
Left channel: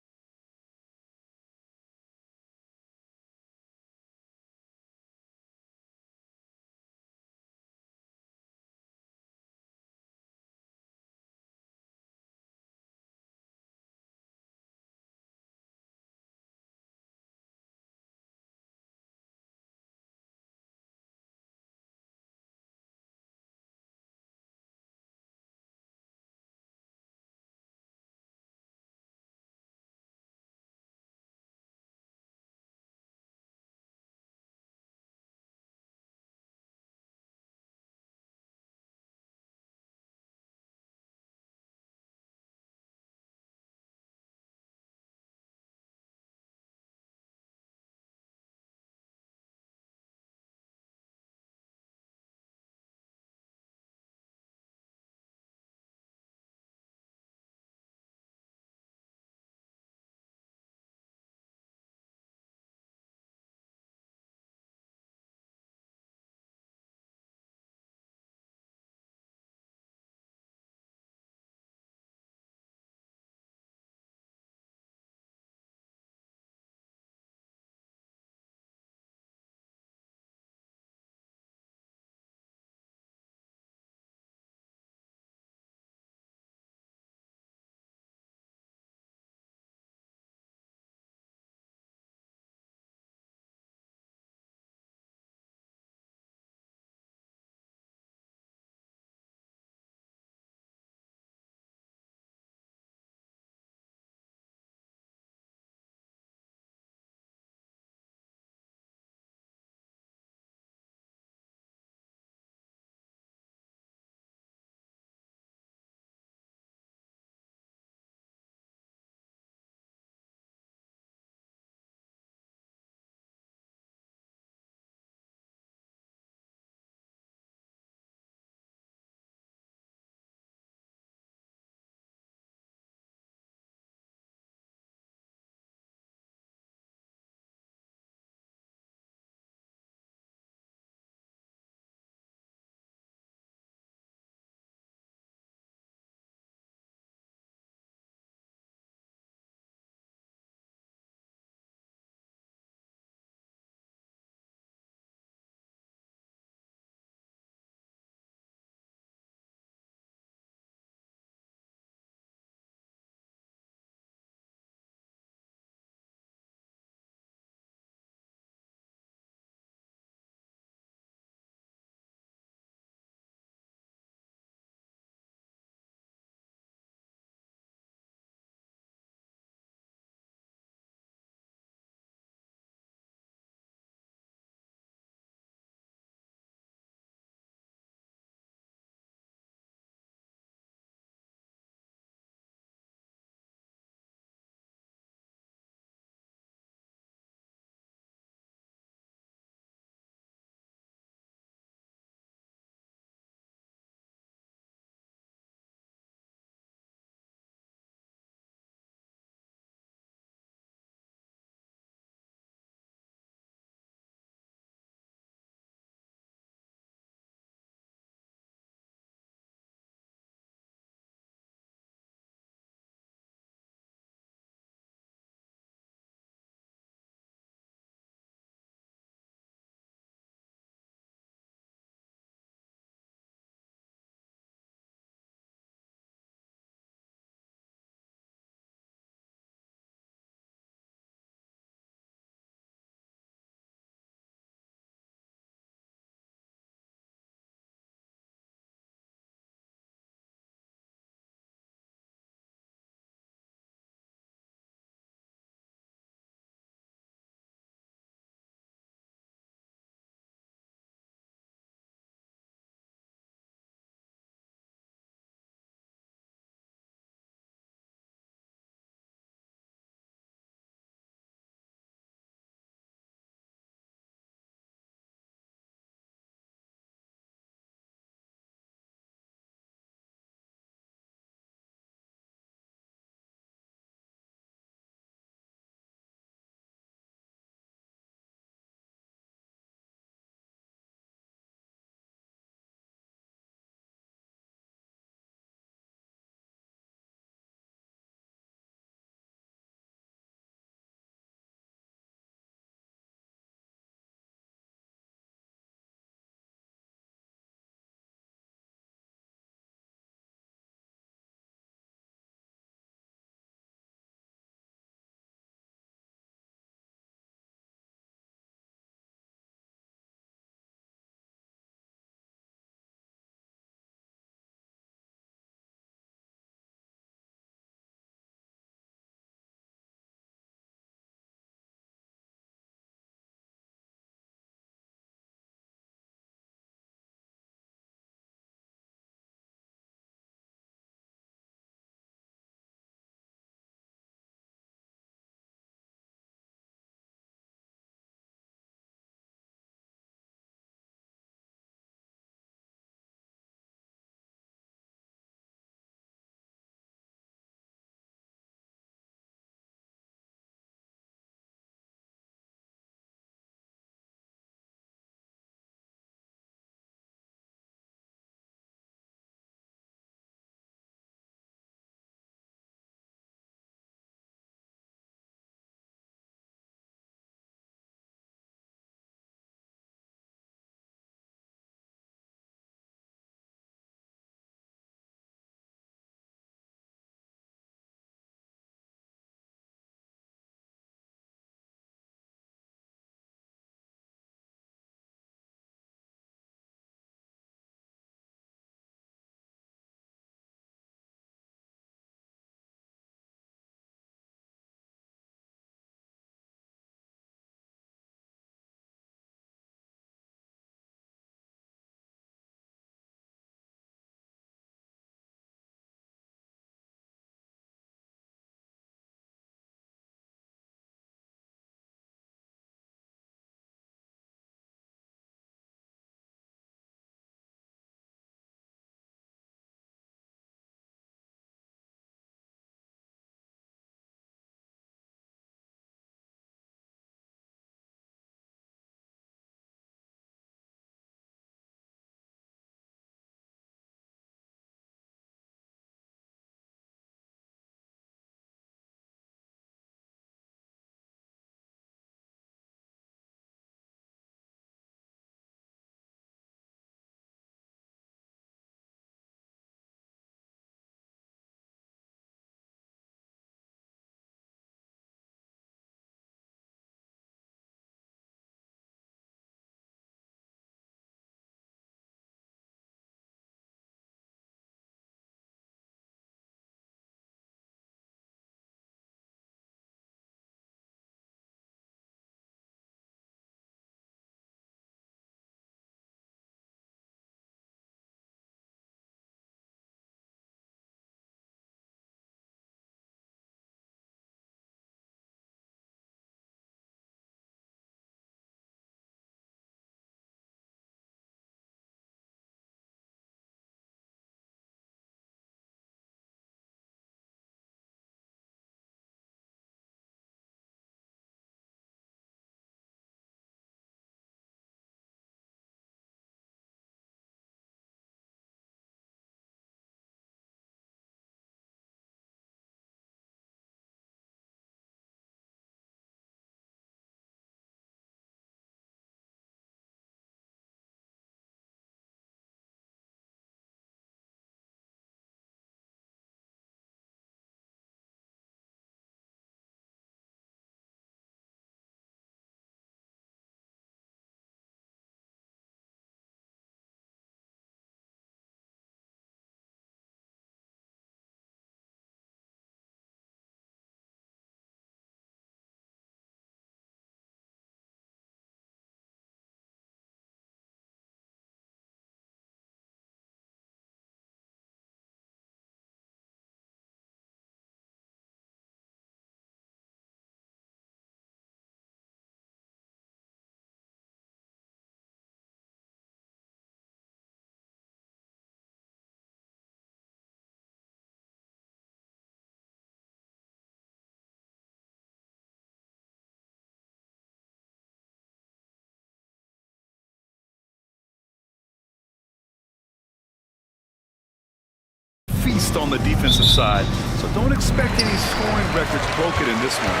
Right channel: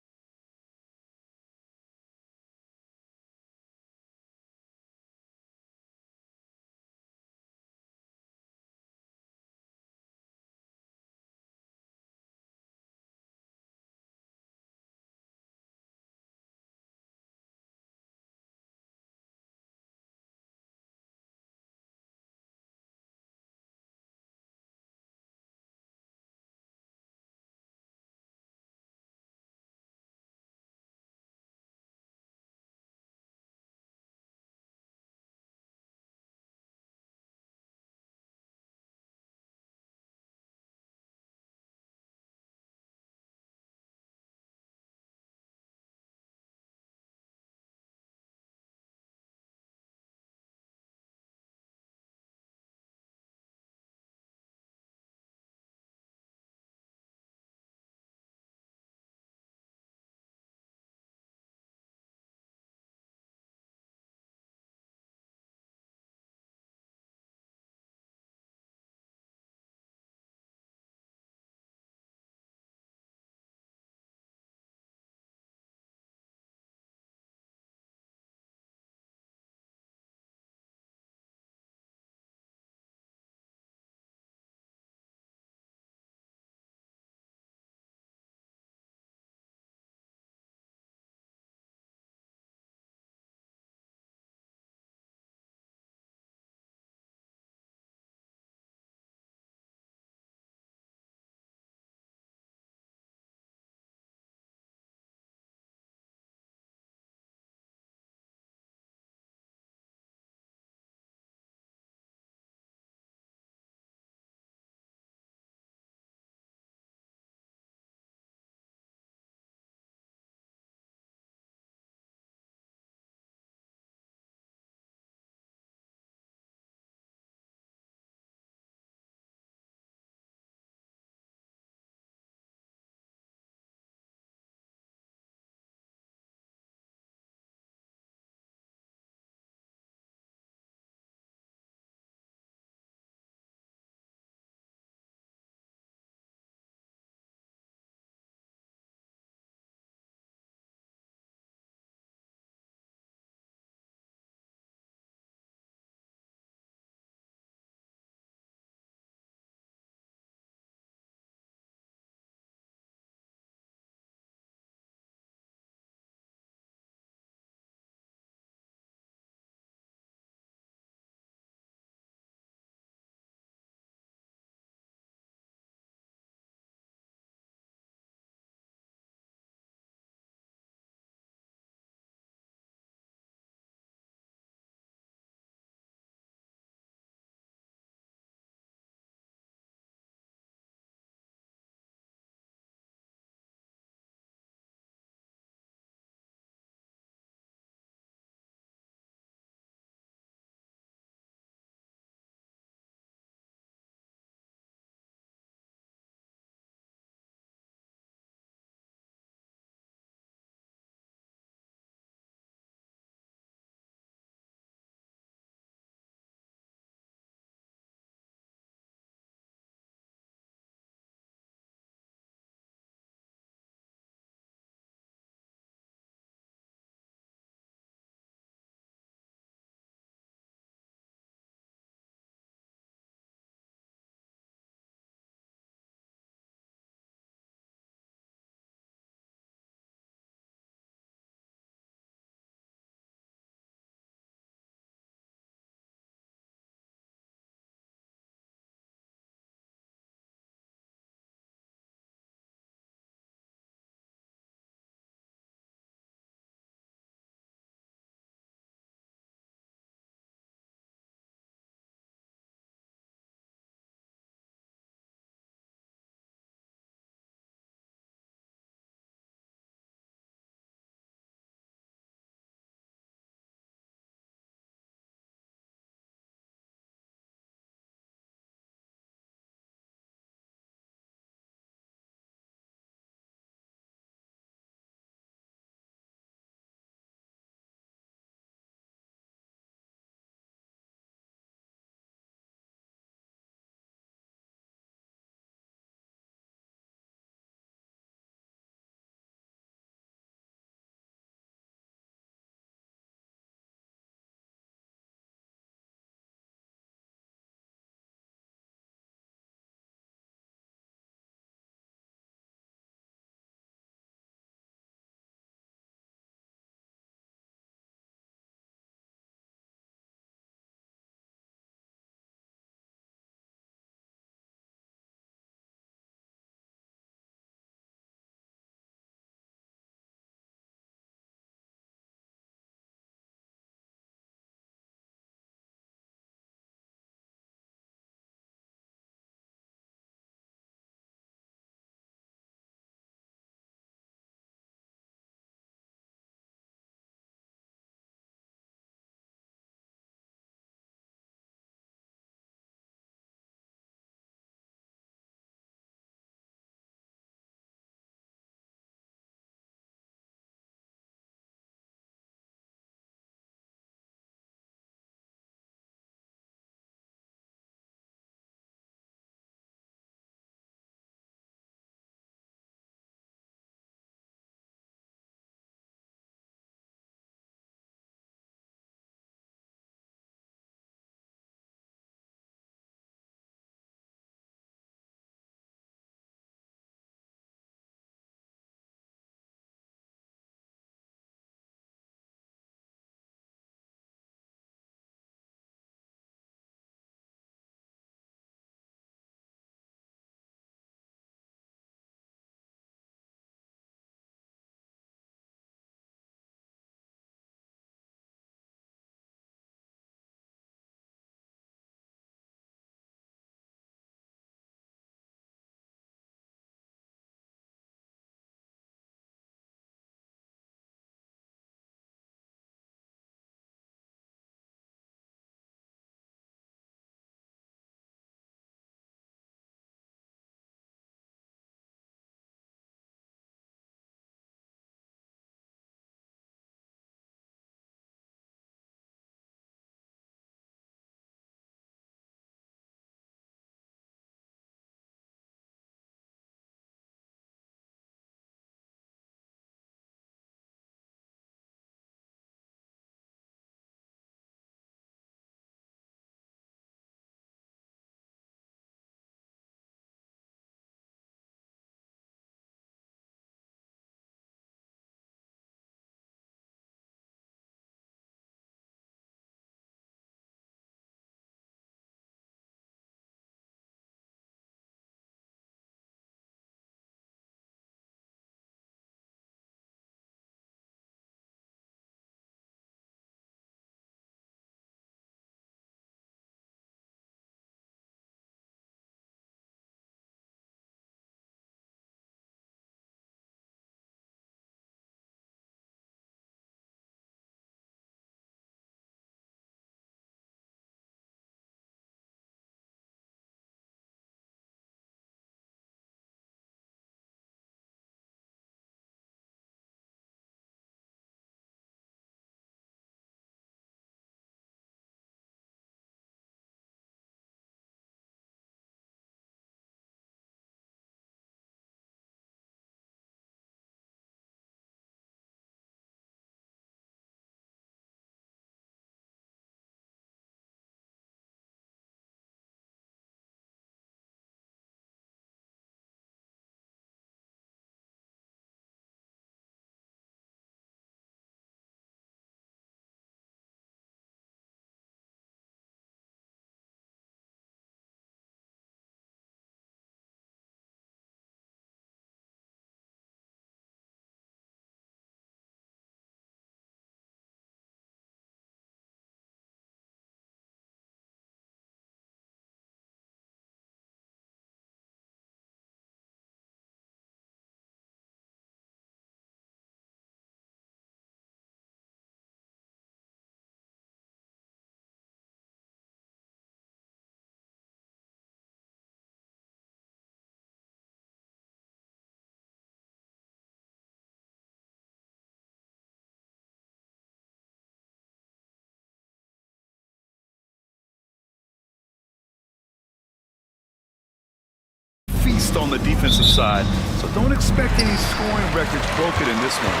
feast on the defensive side, so don't expect any scoring records broken in this one.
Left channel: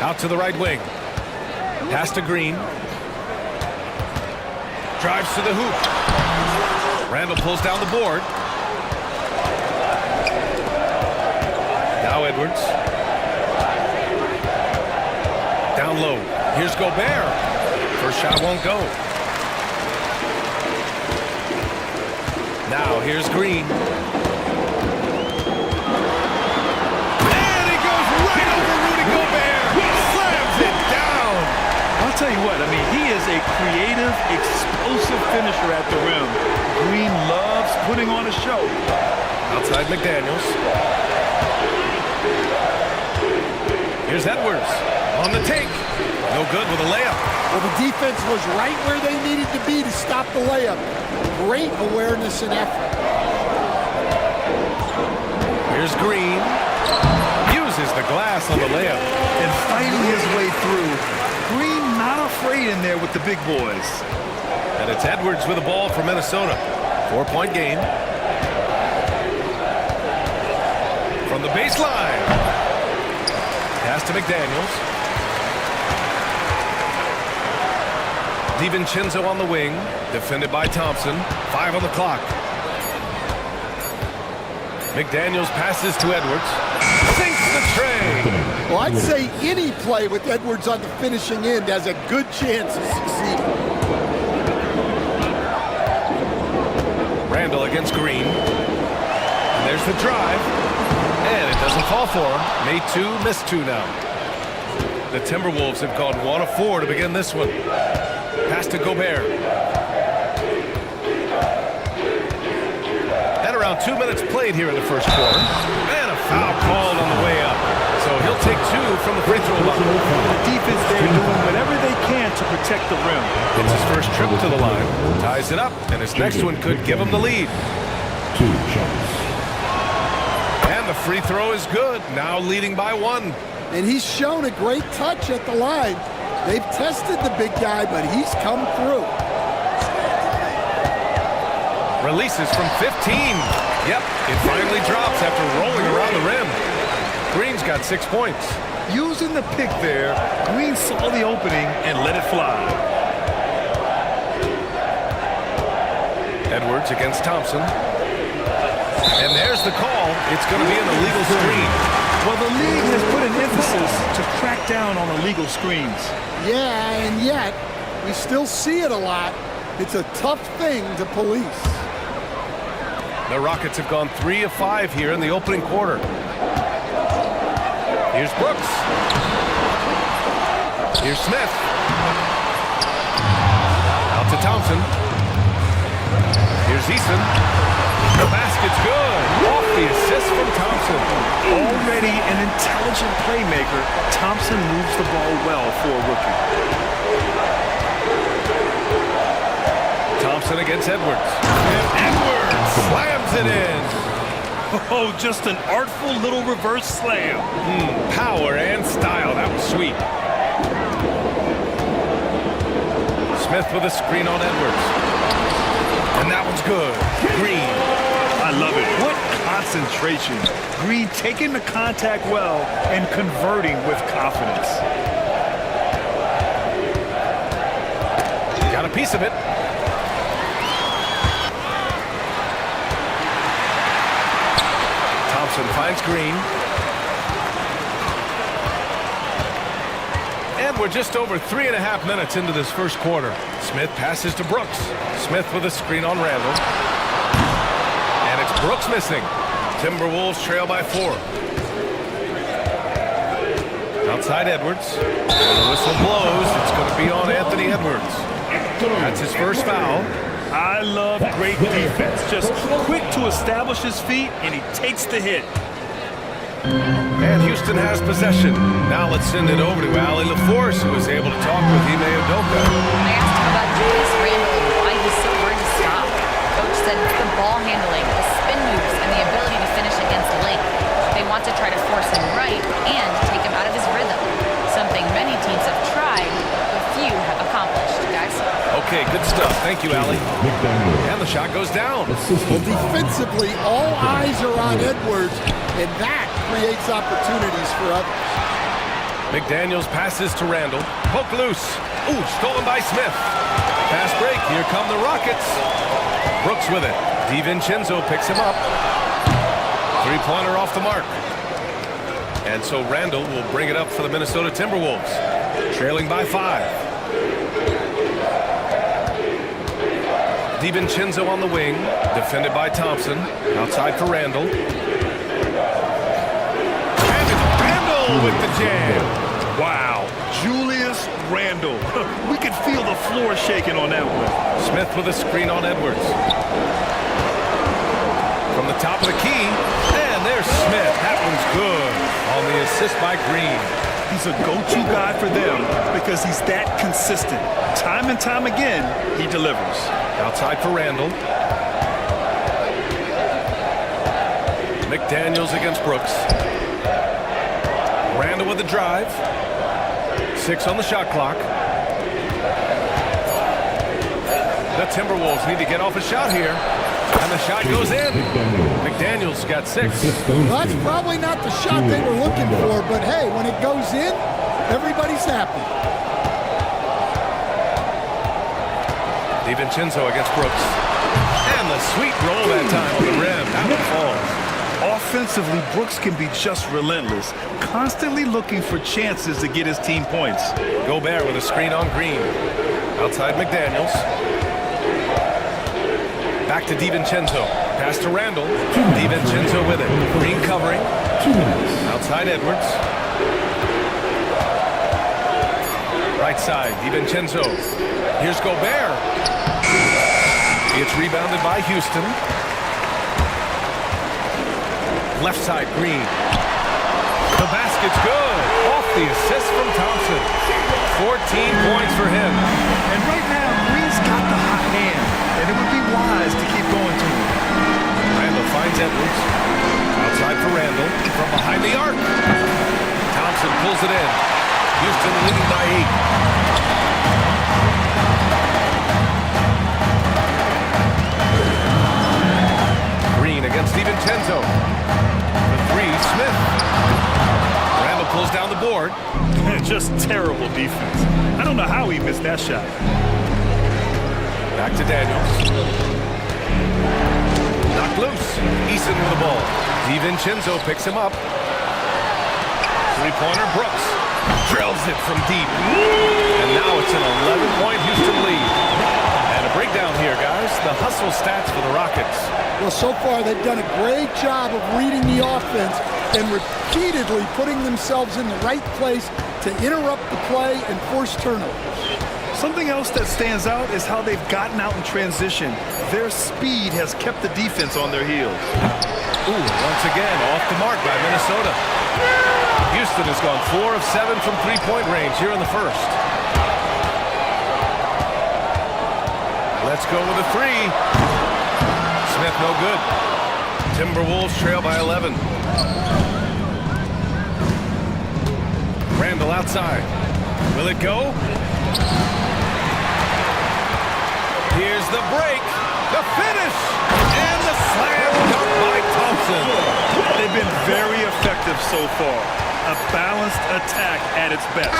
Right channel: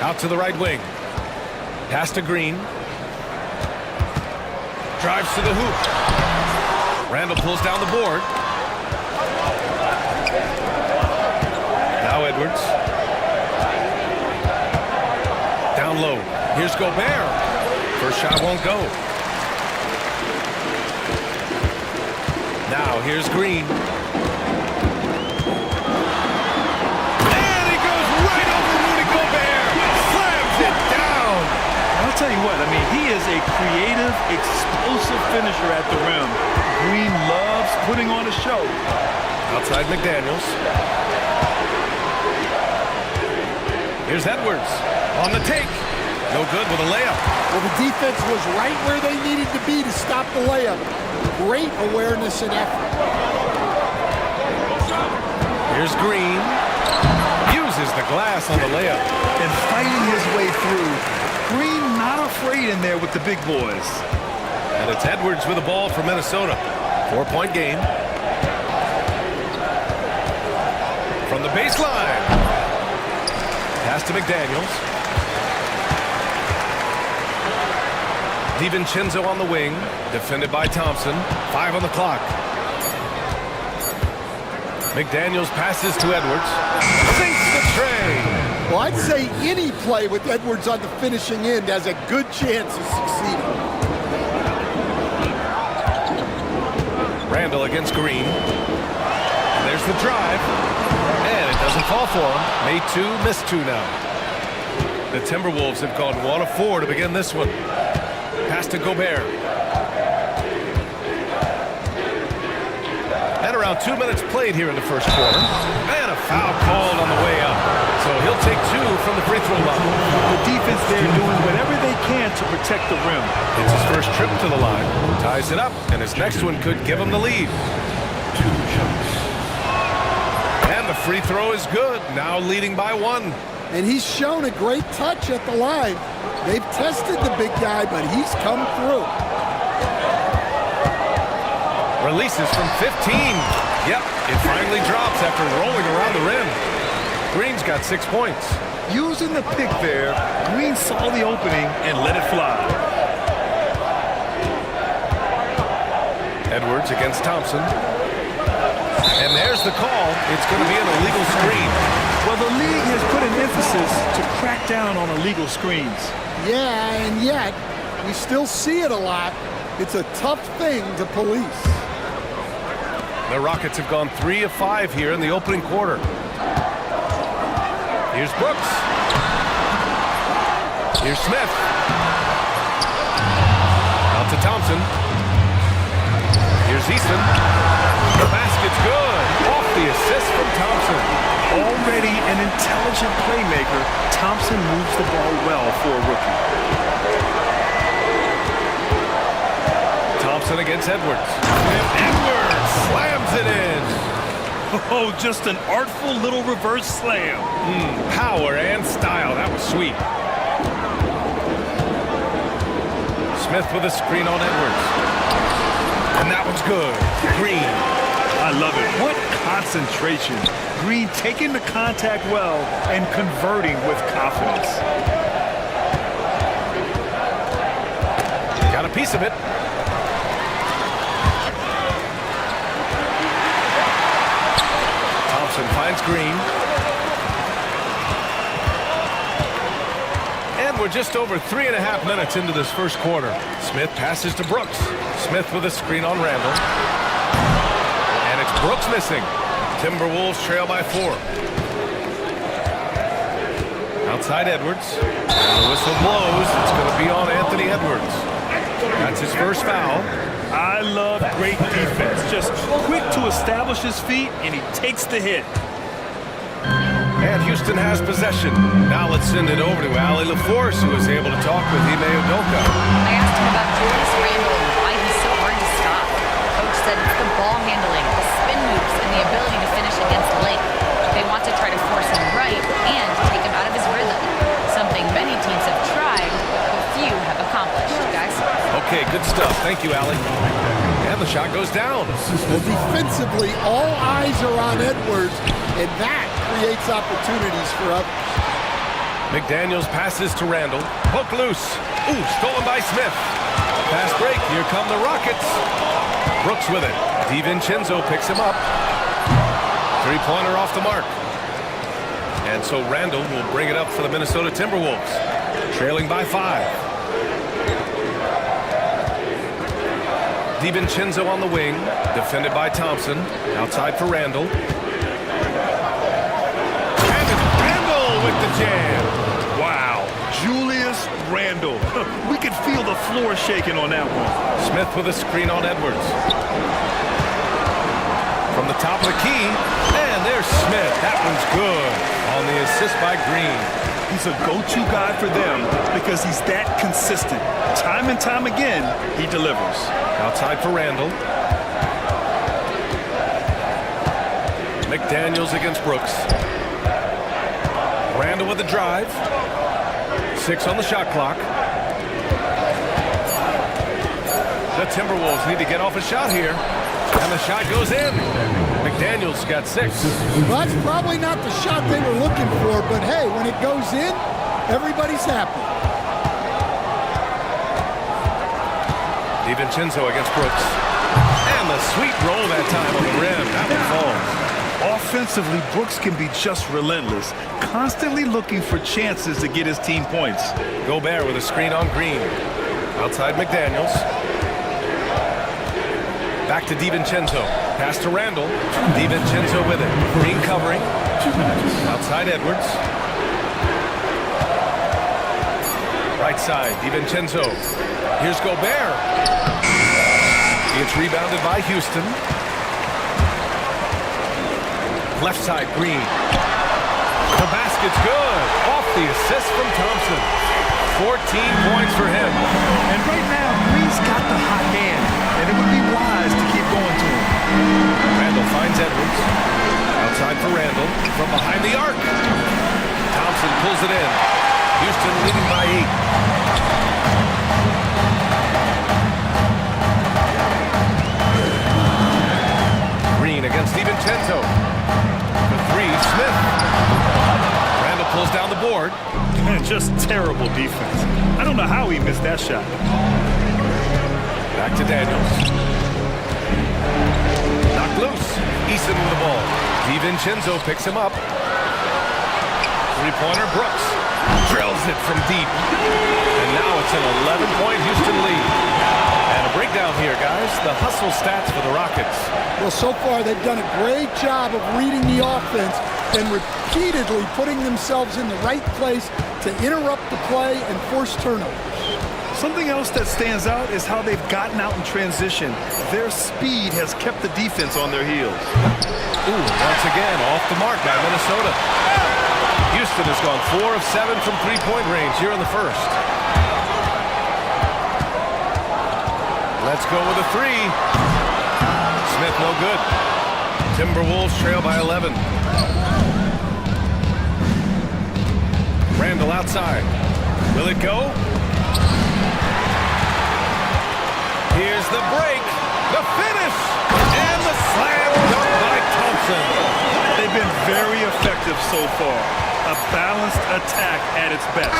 Out to the right wing. Pass to Green. Drives to the hoop. Randall pulls down the board. Now Edwards. Down low. Here's Gobert. First shot won't go. Now here's Green. And he goes right over Rudy Gobert. Slams it down. I'll tell you what, I mean, he is a creative, explosive finisher at the rim. Green loves putting on a show. Outside McDaniels. Here's Edwards on the take. No good with a layup. Well, the defense was right where they needed to be to stop the layup. Great awareness and effort. Here's Green. Uses the glass on the layup. And fighting his way through. Green not afraid in there with the big boys. And it's Edwards with the ball for Minnesota. 4-point game. From the baseline. Pass to McDaniels. DiVincenzo on the wing. Defended by Thompson. 5 on the clock. McDaniels passes to Edwards. Sinks the tray. Well, I'd say any play with Edwards on the finishing end has a good chance of succeeding. Randall against Green. And there's the drive. And it doesn't fall for him. Made 2, missed 2 now. The Timberwolves have gone 1 of 4 to begin this one. Pass to Gobert. And around 2 minutes played here in the first quarter. And a foul called on the way up. So he'll take 2 from the free throw line. The defense there doing whatever they can to protect the rim. It's his first trip to the line. Ties it up, and his next one could give him the lead. 2 shots. And the free throw is good. Now leading by 1. And he's shown a great touch at the line. They've tested the big guy, but he's come through. Releases from 15. Yep, it finally drops after rolling around the rim. Green's got 6 points. Using the pick there, Green saw the opening and let it fly. Edwards against Thompson. And there's the call. It's going to be an illegal screen. Well, the league has put an emphasis to crack down on illegal screens. Yeah, and yet, we still see it a lot. It's a tough thing to police. The Rockets have gone 3 of 5 here in the opening quarter. Here's Brooks. Here's Smith. Out to Thompson. Here's Easton. The basket's good. Off the assist from Thompson. Already an intelligent playmaker, Thompson moves the ball well for a rookie. Thompson against Edwards. And Edwards slams it in. Oh, just an artful little reverse slam. Power and style. That was sweet. Smith with a screen on Edwards. And that one's good. Green. I love it. What concentration. Green taking the contact well and converting with confidence. Got a piece of it. Thompson finds Green. And we're just over 3.5 minutes into this first quarter. Smith passes to Brooks. Smith with a screen on Randall. And it's Brooks missing. Timberwolves trail by 4. Outside Edwards. And the whistle blows. It's going to be on Anthony Edwards. That's his first foul. I love great defense. Just quick to establish his feet, and he takes the hit. And Houston has possession. Now let's send it over to Ali LaForce, who was able to talk with Ime Udoka. I asked him about Julius Randle and why he's so hard to stop. Coach said it's the ball handling, the spin moves, and the ability to finish against length. They want to try to force him right and take him out of his rhythm, something many teams have tried but few have accomplished, guys. Okay, good stuff. Thank you, Allie. And the shot goes down. Well, defensively, all eyes are on Edwards, and that creates opportunities for others. McDaniels passes to Randall. Poke loose. Ooh, stolen by Smith. Fast break. Here come the Rockets. Brooks with it. DiVincenzo picks him up. Three-pointer off the mark. And so Randall will bring it up for the Minnesota Timberwolves. Trailing by 5. DiVincenzo on the wing. Defended by Thompson. Outside for Randall. And it's Randall with the jam. Wow, Julius Randle. We could feel the floor shaking on that one. Smith with a screen on Edwards. From the top of the key, and there's Smith. That one's good on the assist by Green. He's a go-to guy for them because he's that consistent. Time and time again, he delivers. Outside for Randall. McDaniels against Brooks. Randall with the drive. 6 on the shot clock. The Timberwolves need to get off a shot here. And the shot goes in. McDaniels got 6. Well, that's probably not the shot they were looking for, but hey, when it goes in, everybody's happy. DiVincenzo against Brooks. And the sweet roll that time on the rim. That one falls. Offensively, Brooks can be just relentless, constantly looking for chances to get his team points. Gobert with a screen on Green. Outside McDaniels. Back to DiVincenzo. Pass to Randall. DiVincenzo with it. Green covering. Outside Edwards. Right side, DiVincenzo. Here's Gobert. It's rebounded by Houston. Left side, Green. The basket's good. Off the assist from Thompson. 14 points for him. And right now, Green's got the hot hand, and it would be wise to keep going to him. Randall finds Edwards. Outside for Randall. From behind the arc. Thompson pulls it in. Houston leading by 8. Green against DiVincenzo. For 3, Smith. Randall pulls down the board. Just terrible defense. I don't know how he missed that shot. Back to Daniels. Knocked loose. Eason with the ball. DiVincenzo picks him up. Three-pointer, Brooks. Drills it from deep. And now it's an 11-point Houston lead. And a breakdown here, guys. The hustle stats for the Rockets. Well, so far they've done a great job of reading the offense and repeatedly putting themselves in the right place to interrupt the play and force turnovers. Something else that stands out is how they've gotten out in transition. Their speed has kept the defense on their heels. Ooh, once again, off the mark by Minnesota. Houston has gone 4 of 7 from three-point range here in the first. Let's go with a 3. Smith no good. Timberwolves trail by 11. Randall outside. Will it go? Here's the break. The finish. And the slam dunk by Thompson. They've been very effective so far. A balanced attack at its best.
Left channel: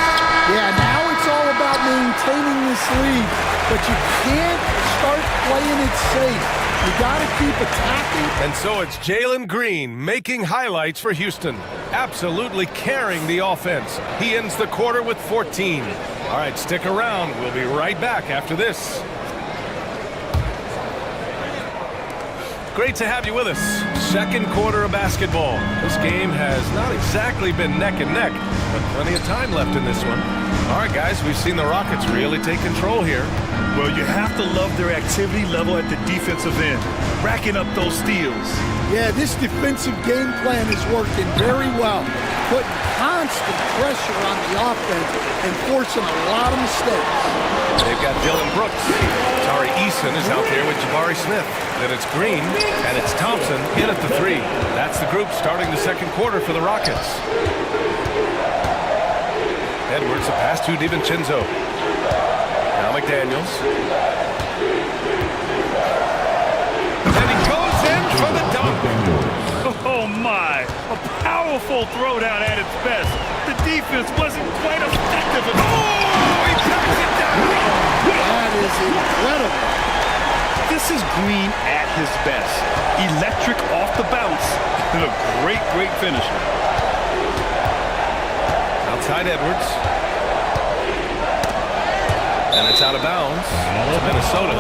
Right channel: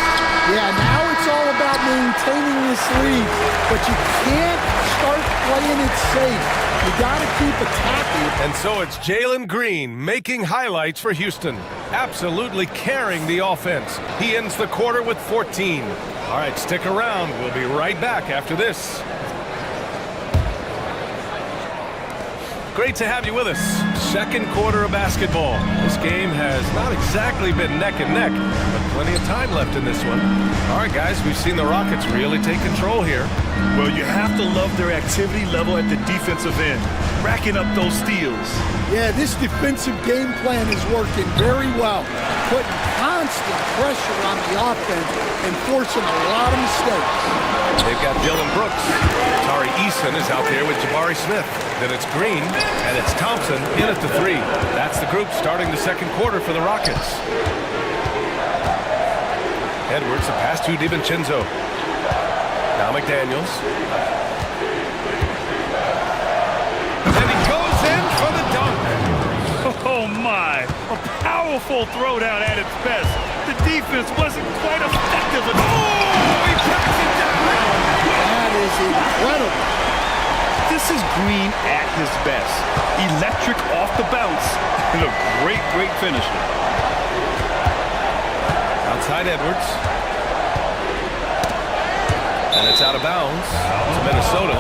Yeah, now it's all about maintaining this lead, but you can't start playing it safe. You got to keep attacking. And so it's Jalen Green making highlights for Houston. Absolutely carrying the offense. He ends the quarter with 14. All right, stick around. We'll be right back after this. Great to have you with us. Second quarter of basketball. This game has not exactly been neck and neck, but plenty of time left in this one. All right, guys, we've seen the Rockets really take control here. Well, you have to love their activity level at the defensive end, racking up those steals. Yeah, this defensive game plan is working very well, putting constant pressure on the offense and forcing a lot of mistakes. They've got Dylan Brooks. Tari Eason is out there with Jabari Smith. Then it's Green, and it's Thompson in at the 3. That's the group starting the second quarter for the Rockets. Edwards, a pass to DiVincenzo. Now McDaniels. And he goes in for the dunk. Oh, my. A powerful throwdown at its best. The defense wasn't quite effective enough. Oh, he packs it down. That is incredible. This is Green at his best. Electric off the bounce and a great, great finisher. Outside Edwards. And it's out of bounds to Minnesota.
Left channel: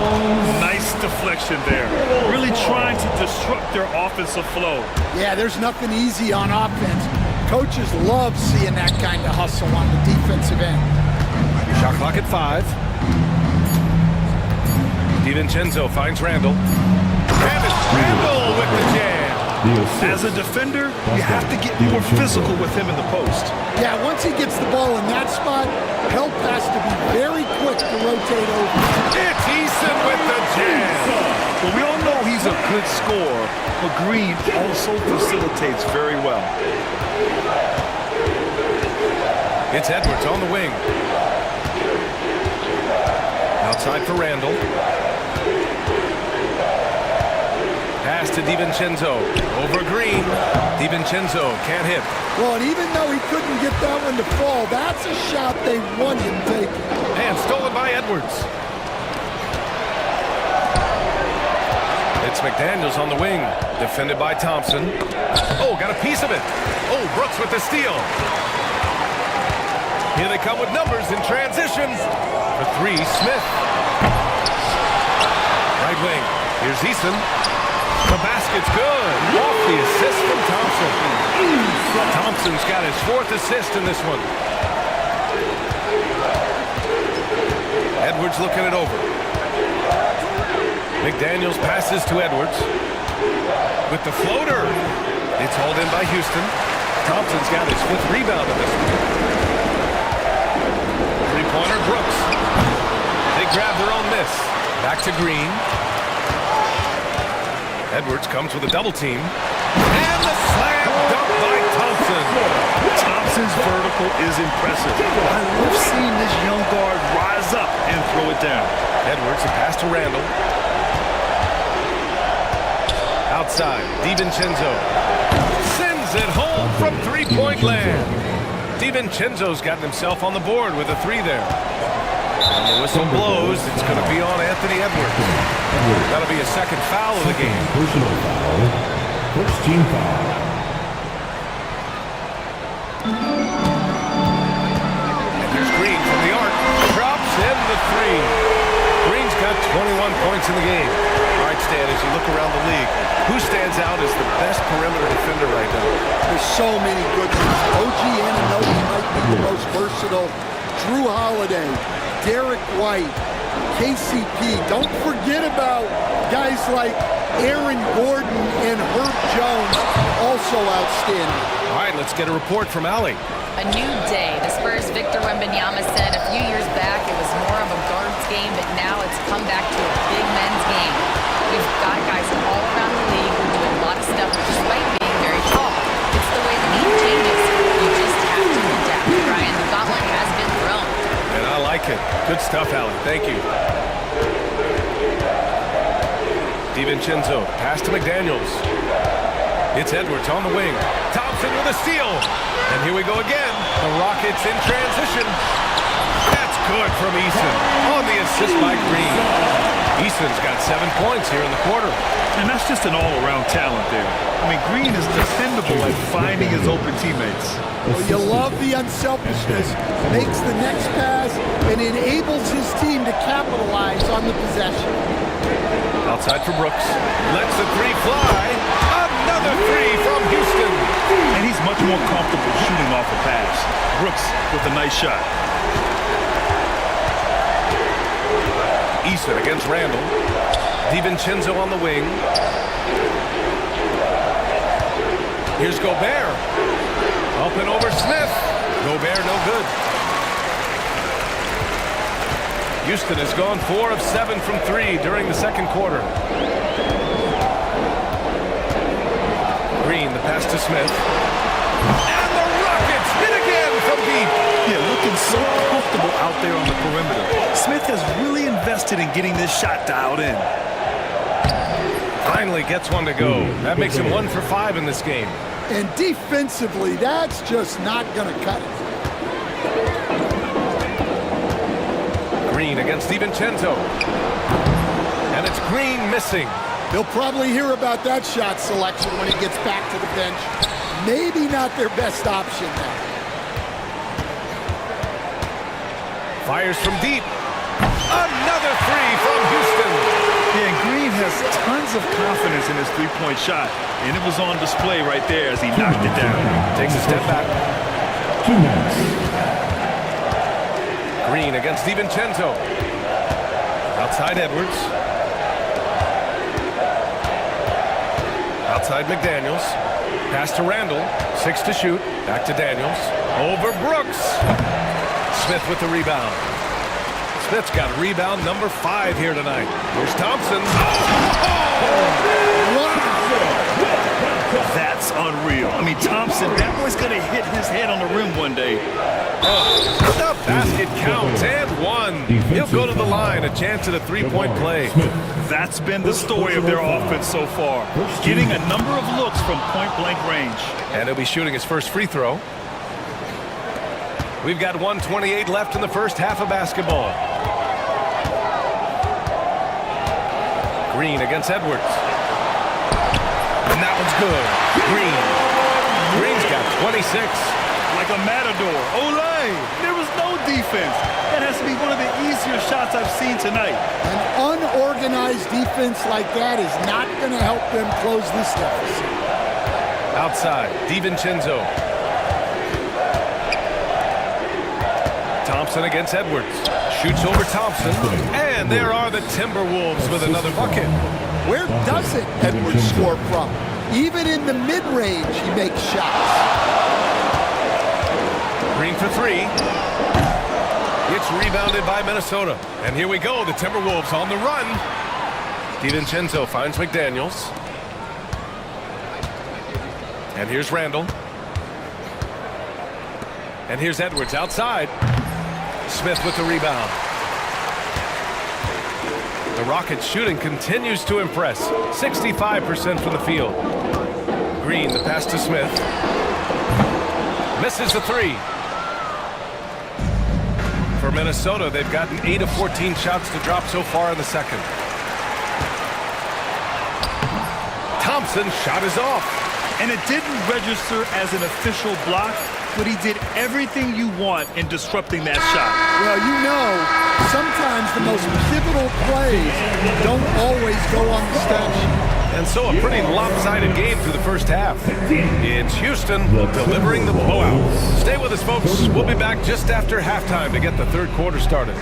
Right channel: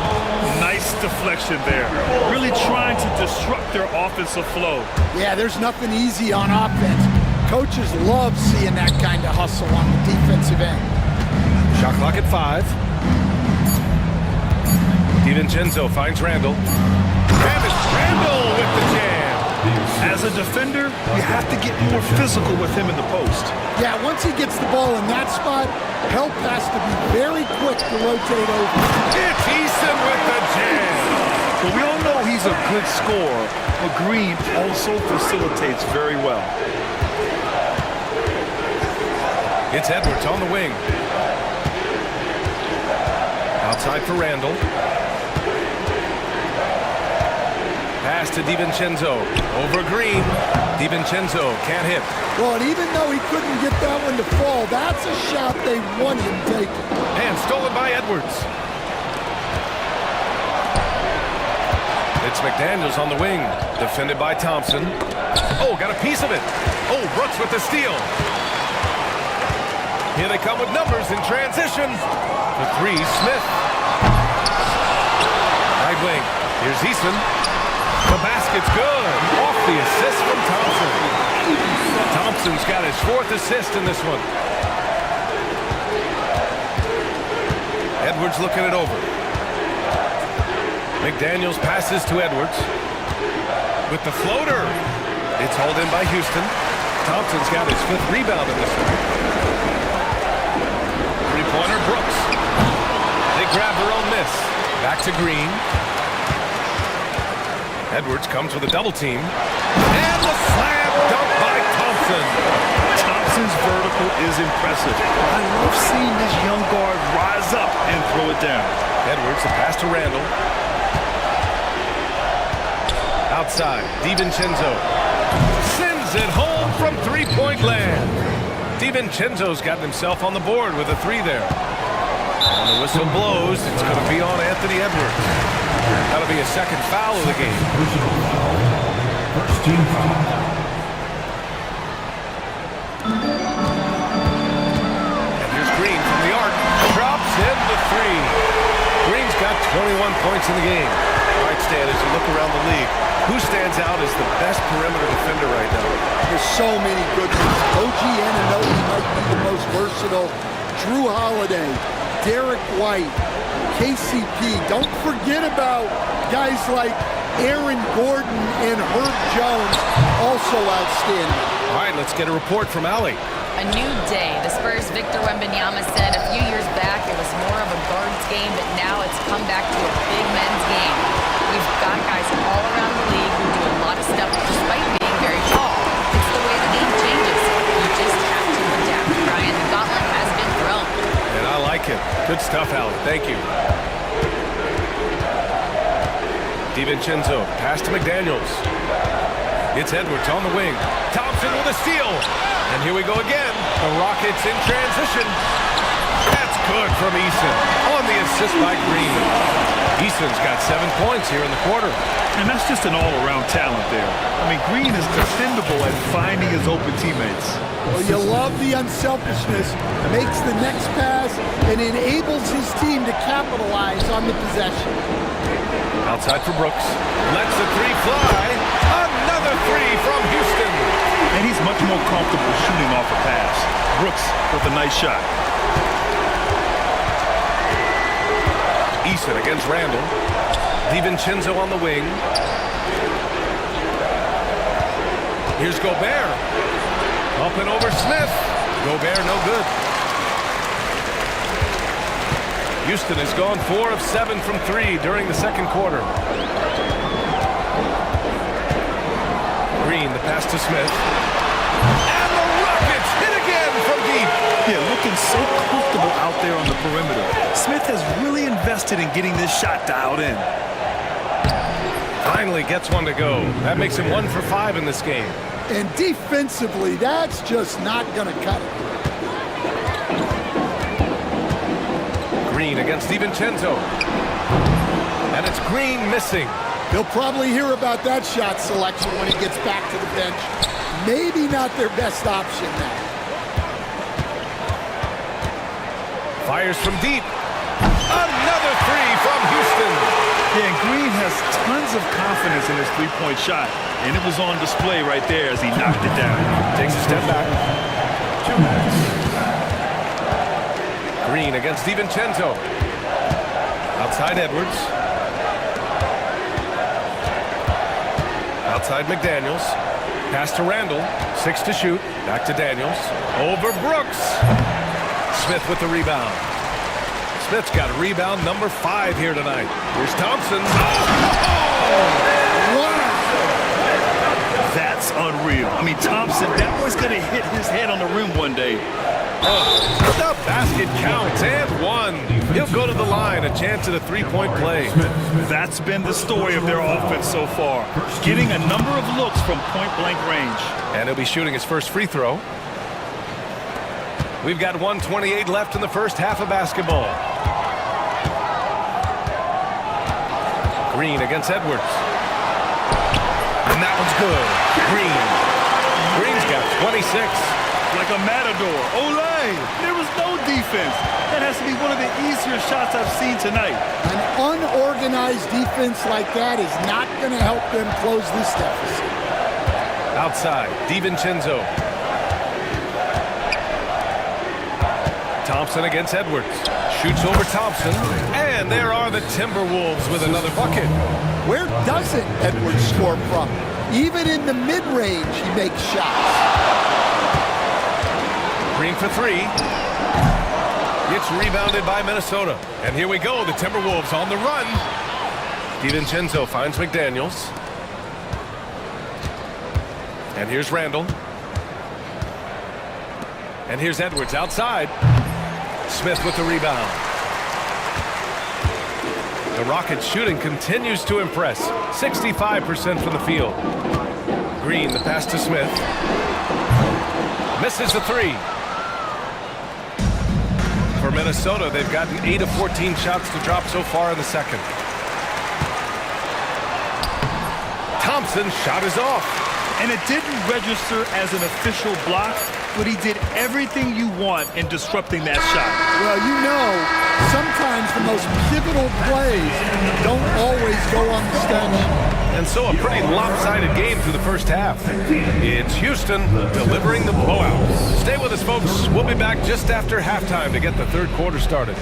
Nice deflection there. Really trying to disrupt their offensive flow. Yeah, there's nothing easy on offense. Coaches love seeing that kind of hustle on the defensive end. Shot clock at 5. DiVincenzo finds Randall. And it's Randall with the jam. As a defender, you have to get more physical with him in the post. Yeah, once he gets the ball in that spot, help has to be very quick to rotate over. It's Eason with the jam. But we all know he's a good scorer, but Green also facilitates very well. It's Edwards on the wing. Outside for Randall. Pass to DiVincenzo. Over Green. DiVincenzo can't hit. Well, and even though he couldn't get that one to fall, that's a shot they want him taking. And stolen by Edwards. It's McDaniels on the wing. Defended by Thompson. Oh, got a piece of it. Oh, Brooks with the steal. Here they come with numbers in transition. For 3, Smith. Right wing. Here's Eason. The basket's good. Off the assist from Thompson. Thompson's got his 4th assist in this one. Edwards looking it over. McDaniels passes to Edwards. With the floater. It's hauled in by Houston. Thompson's got his 5th rebound in this one. Three-pointer, Brooks. They grab their own miss. Back to Green. Edwards comes with a double team. And the slam dunk by Thompson. Thompson's vertical is impressive. I love seeing this young guard rise up and throw it down. Edwards, the pass to Randall. Outside, DiVincenzo sends it home from three-point land. DiVincenzo's gotten himself on the board with a 3 there. And the whistle blows. It's going to be on Anthony Edwards. That'll be a 2nd foul of the game. Personal foul. First team foul. And here's Green from the arc. Drops in the 3. Green's got 21 points in the game. All right, Stan, as you look around the league, who stands out as the best perimeter defender right now? There's so many good ones. OG Anunoby might be the most versatile. Drew Holiday, Derek White, KCP. Don't forget about guys like Aaron Gordon and Herb Jones, also outstanding. All right, let's get a report from Allie. A new day. The Spurs' Victor Wembanyama said a few years back it was more of a guards game, but now it's come back to a big men's game. We've got guys all around the league who do a lot of stuff despite being very tall. It's the way the game changes. You just have to adapt, Brian. The gauntlet has been thrown. And I like it. Good stuff, Allie. Thank you. DiVincenzo, pass to McDaniels. It's Edwards on the wing. Thompson with a steal. And here we go again. The Rockets in transition. That's good from Eason. On the assist by Green. Eason's got 7 points here in the quarter. And that's just an all-around talent there. I mean, Green is dependable at finding his open teammates. Well, you love the unselfishness. Makes the next pass and enables his team to capitalize on the possession. Outside for Brooks. Lets the 3 fly. Another 3 from Houston. And he's much more comfortable shooting off a pass. Brooks with a nice shot. Eason against Randall. DiVincenzo on the wing. Here's Gobert. Up and over Smith. Gobert no good. Houston has gone 4 of 7 from 3 during the second quarter. Green, the pass to Smith. And the Rockets It's hit again from deep. Yeah, looking so comfortable out there on the perimeter. Smith has really invested in getting this shot dialed in. Finally gets one to go. That makes him 1 for 5 in this game. And defensively, that's just not going to cut it. Green against DiVincenzo. And it's Green missing. He'll probably hear about that shot selection when he gets back to the bench. Maybe not their best option now. Fires from deep. Another three from Houston. Yeah, and Green has tons of confidence in his three-point shot, and it was on display right there as he knocked it down. Takes a step back. 2 minutes. Green against DiVincenzo. Outside Edwards. Outside McDaniels. Pass to Randall. 6 to shoot. Back to Daniels. Over Brooks. Smith with the rebound. Smith's got rebound number 5 here tonight. Here's Thompson. Wow! That's unreal. I mean, Thompson, that boy's going to hit his head on the rim one day. The basket counts, and 1. He'll go to the line, a chance at a three-point play. That's been the story of their offense so far, getting a number of looks from point-blank range. And he'll be shooting his first free throw. We've got 1:28 left in the first half of basketball. Green against Edwards. And that one's good. Green's got 26. Like a matador. Olay! There was no defense. That has to be one of the easier shots I've seen tonight. An unorganized defense like that is not going to help them close this deficit. Outside, DiVincenzo. Thompson against Edwards. Shoots over Thompson. And there are the Timberwolves with another bucket. Where doesn't Edwards score from? Even in the mid-range, he makes shots. Green for 3. Gets rebounded by Minnesota. And here we go, the Timberwolves on the run. DiVincenzo finds McDaniels. And here's Randall. And here's Edwards outside. Smith with the rebound. The Rockets shooting continues to impress. 65% from the field. Green, the pass to Smith. Misses the 3. For Minnesota, they've gotten 8 of 14 shots to drop so far in the second. Thompson's shot is off. And it didn't register as an official block, but he did everything you want in disrupting that shot. Well, you know, sometimes the most pivotal plays don't always go on the stat sheet. And so a pretty lopsided game through the first half. It's Houston delivering the blowout. Stay with us, folks. We'll be back just after halftime to get the third quarter started.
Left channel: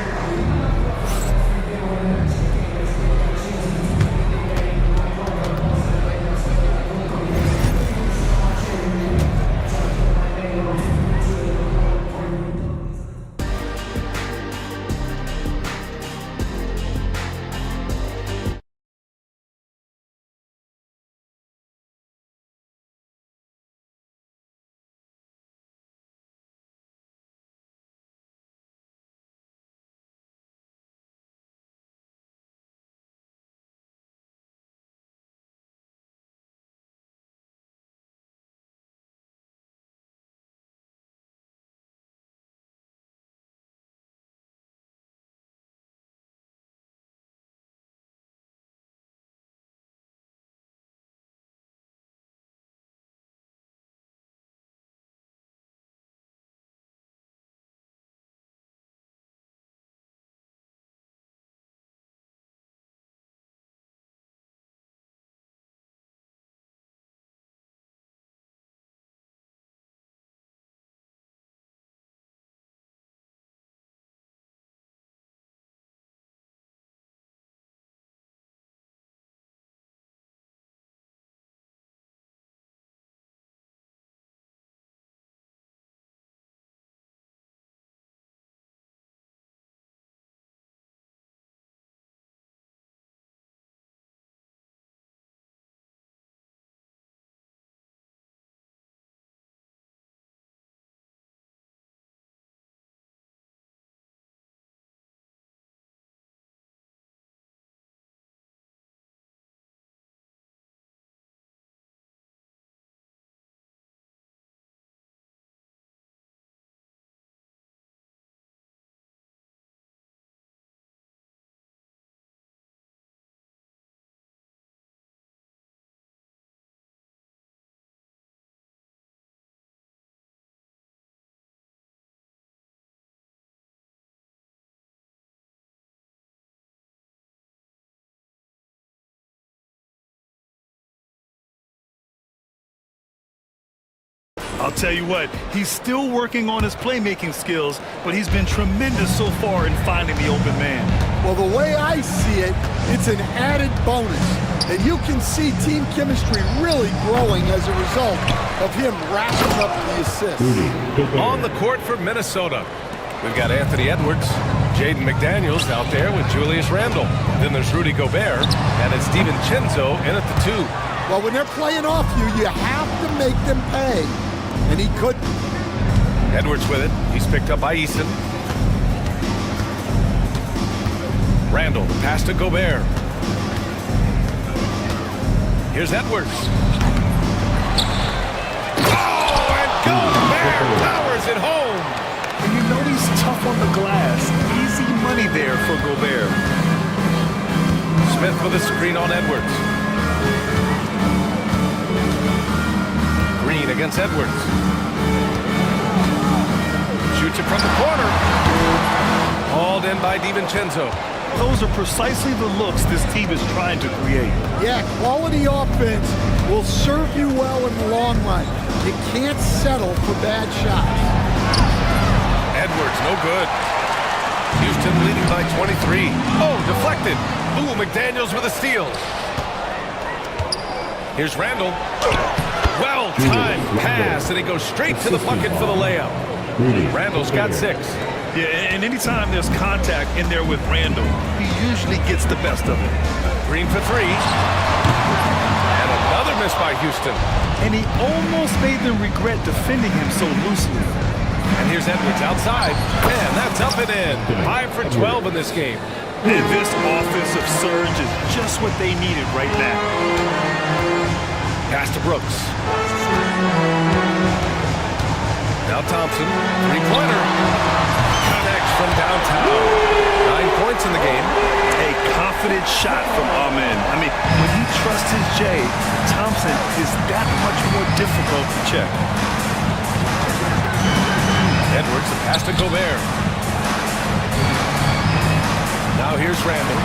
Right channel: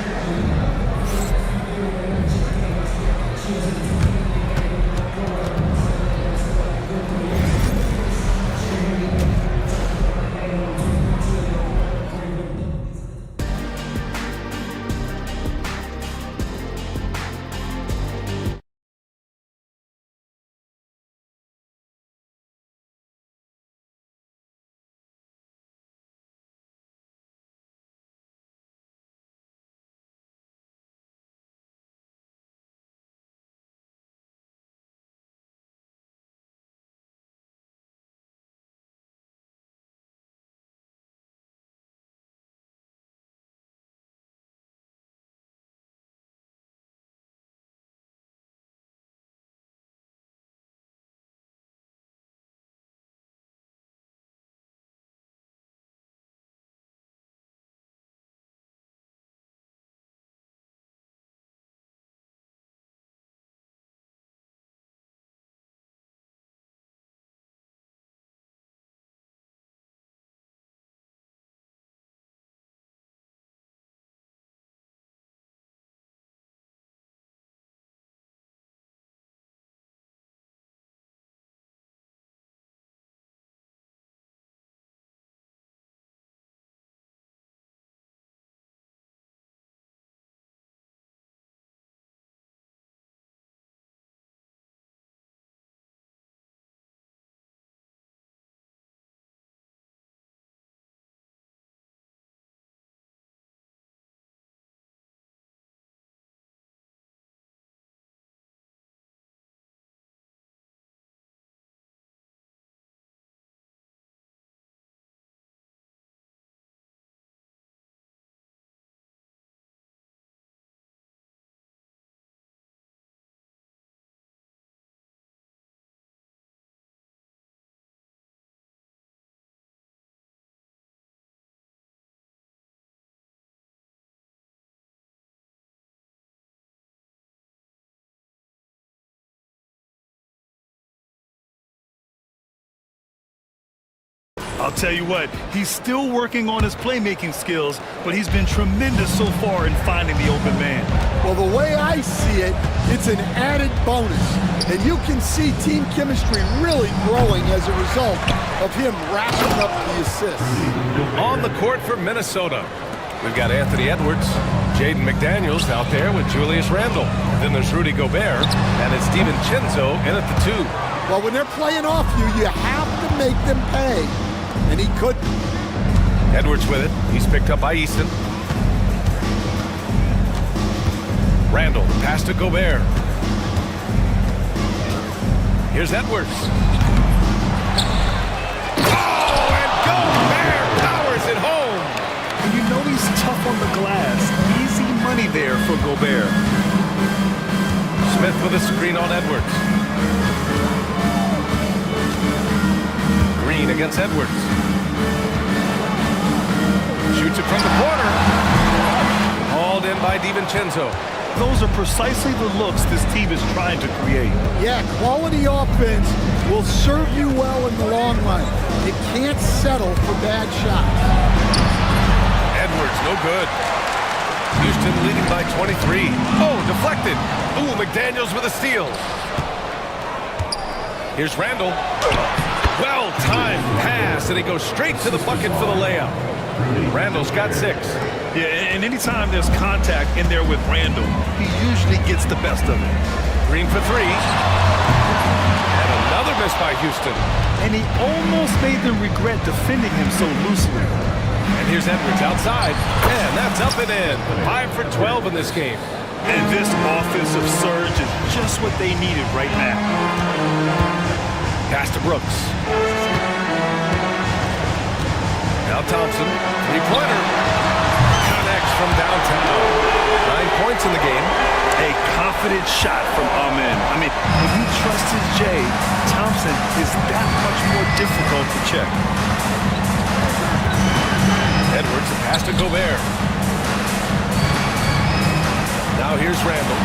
I'll tell you what, he's still working on his playmaking skills, but he's been tremendous so far in finding the open man. Well, the way I see it, it's an added bonus. And you can see team chemistry really growing as a result of him wrapping up the assists. On the court for Minnesota, we've got Anthony Edwards, Jaden McDaniels out there with Julius Randle. Then there's Rudy Gobert, and it's DiVincenzo in at the 2. Well, when they're playing off you, you have to make them pay. And he couldn't. Edwards with it. He's picked up by Easton. Randle, the pass to Gobert. Here's Edwards. Oh, and Gobert powers it home. And you know he's tough on the glass. Easy money there for Gobert. Smith with a screen on Edwards. Green against Edwards. Shoots it from the corner. Hauled in by DiVincenzo. Those are precisely the looks this team is trying to create. Yeah, quality offense will serve you well in the long run. You can't settle for bad shots. Edwards, no good. Houston leading by 23. Oh, deflected. Ooh, McDaniels with a steal. Here's Randle. Well-timed pass, and he goes straight to the bucket for the layup. Randle's got 6. Yeah, and anytime there's contact in there with Randle, he usually gets the best of it. Green for 3. And another miss by Houston. And he almost made them regret defending him so loosely. And here's Edwards outside, and that's up and in. 5 for 12 in this game. And this offensive surge is just what they needed right now. Pass to Brooks. Now Thompson, three-pointer. Connects from downtown. 9 points in the game. A confident shot from Amen. I mean, when he trusts his J, Thompson is that much more difficult to check. Edwards, the pass to Gobert. Now here's Randle.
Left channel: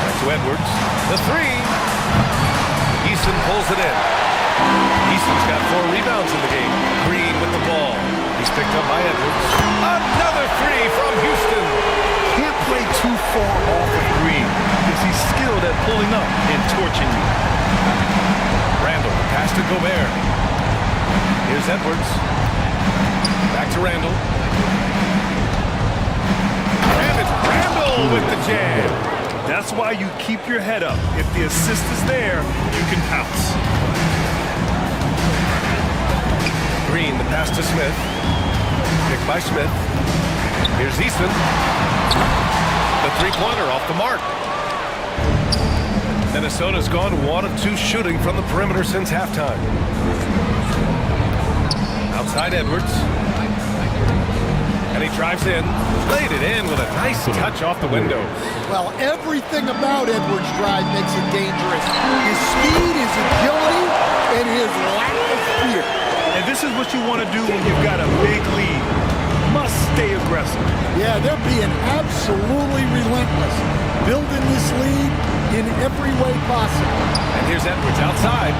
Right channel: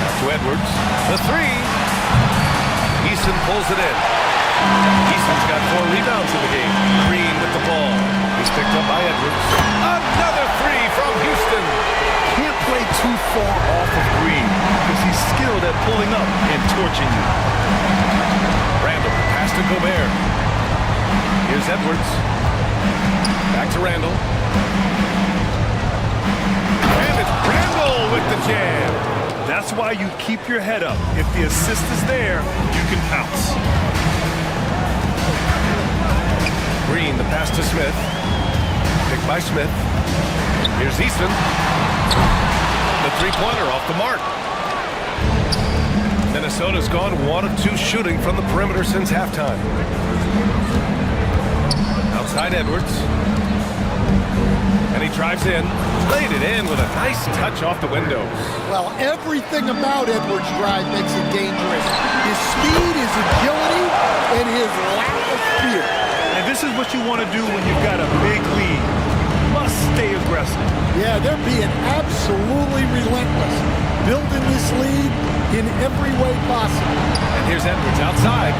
Back to Edwards. The 3. Easton pulls it in. Easton's got 4 rebounds in the game. Green with the ball. He's picked up by Edwards. Another 3 from Houston. Can't play too far off of Green because he's skilled at pulling up and torching you. Randle, the pass to Gobert. Here's Edwards. Back to Randle. And it's Randle with the jam. That's why you keep your head up. If the assist is there, you can pounce. Green, the pass to Smith. Picked by Smith. Here's Easton. The three-pointer off the mark. Minnesota's gone 1 of 2 shooting from the perimeter since halftime. Outside Edwards. And he drives in. Laid it in with a nice touch off the window. Well, everything about Edwards' drive makes it dangerous. His speed, his agility, and his lack of fear. And this is what you want to do when you've got a big lead. Must stay aggressive. Yeah, they're being absolutely relentless. Building this lead in every way possible. And here's Edwards outside.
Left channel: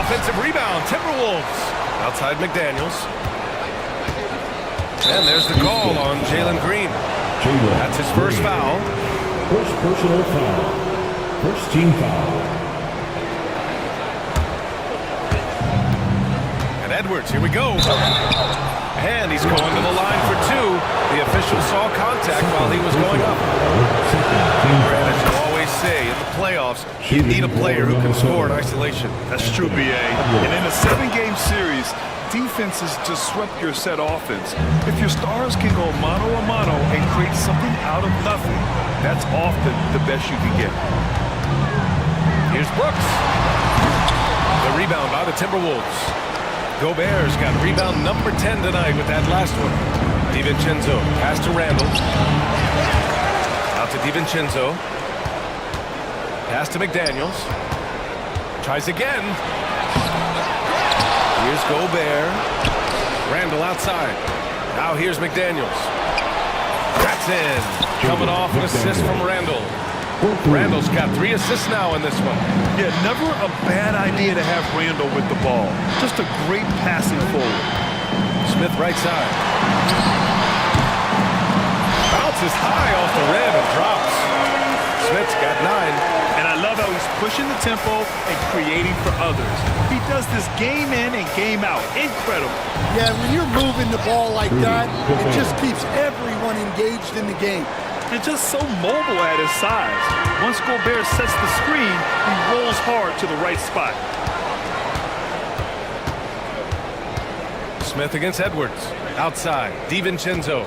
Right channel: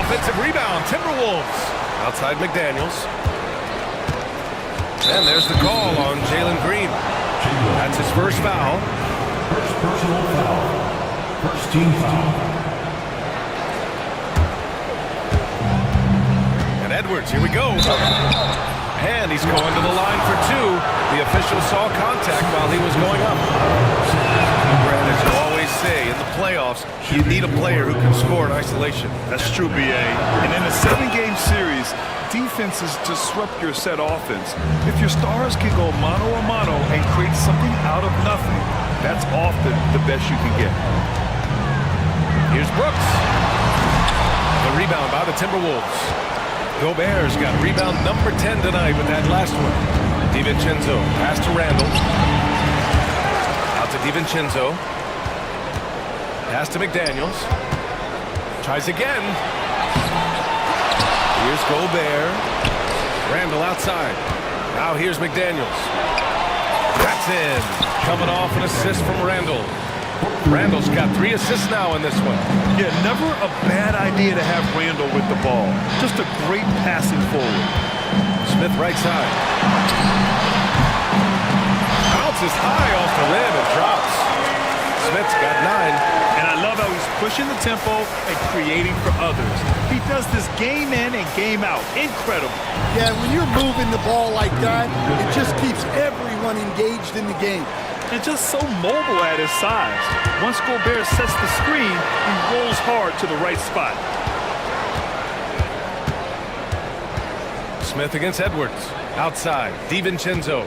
Offensive rebound, Timberwolves. Outside McDaniels. And there's the call on Jalen Green. That's his first foul. First personal foul. First team foul. And Edwards, here we go. And he's going to the line for 2. The official saw contact while he was going up. Brad, as you always say, in the playoffs, you need a player who can score in isolation. That's true, BA. And in a 7-game series, defenses disrupt your set offense. If your stars can go mano-a-mano and create something out of nothing, that's often the best you can get. Here's Brooks. The rebound by the Timberwolves. Gobert's got rebound number 10 tonight with that last one. DiVincenzo, pass to Randle. Out to DiVincenzo. Pass to McDaniels. Tries again. Here's Gobert. Randle outside. Now here's McDaniels. That's in. Coming off an assist from Randle. Randall's got 3 assists now in this one. Yeah, never a bad idea to have Randall with the ball. Just a great passing forward. Smith right side. Bounces high off the rim and drops. Smith's got 9. And I love how he's pushing the tempo and creating for others. He does this game in and game out. Incredible. Yeah, when you're moving the ball like that, it just keeps everyone engaged in the game. And just so mobile at his size. Once Gobert sets the screen, he rolls hard to the right spot. Smith against Edwards. Outside, DiVincenzo.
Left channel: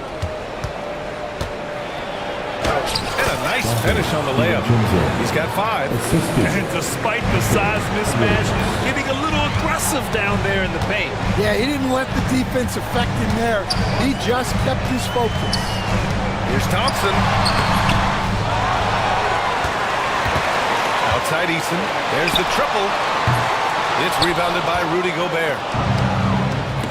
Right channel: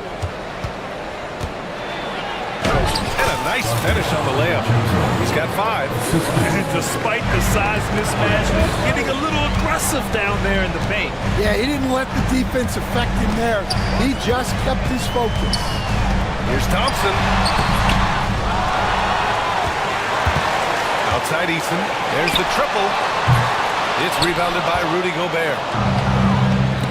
And a nice finish on the layup. He's got 5. And despite the size mismatch, getting a little aggressive down there in the paint. Yeah, he didn't let the defense affect him there. He just kept his focus. Here's Thompson. Outside Eason. There's the triple. It's rebounded by Rudy Gobert.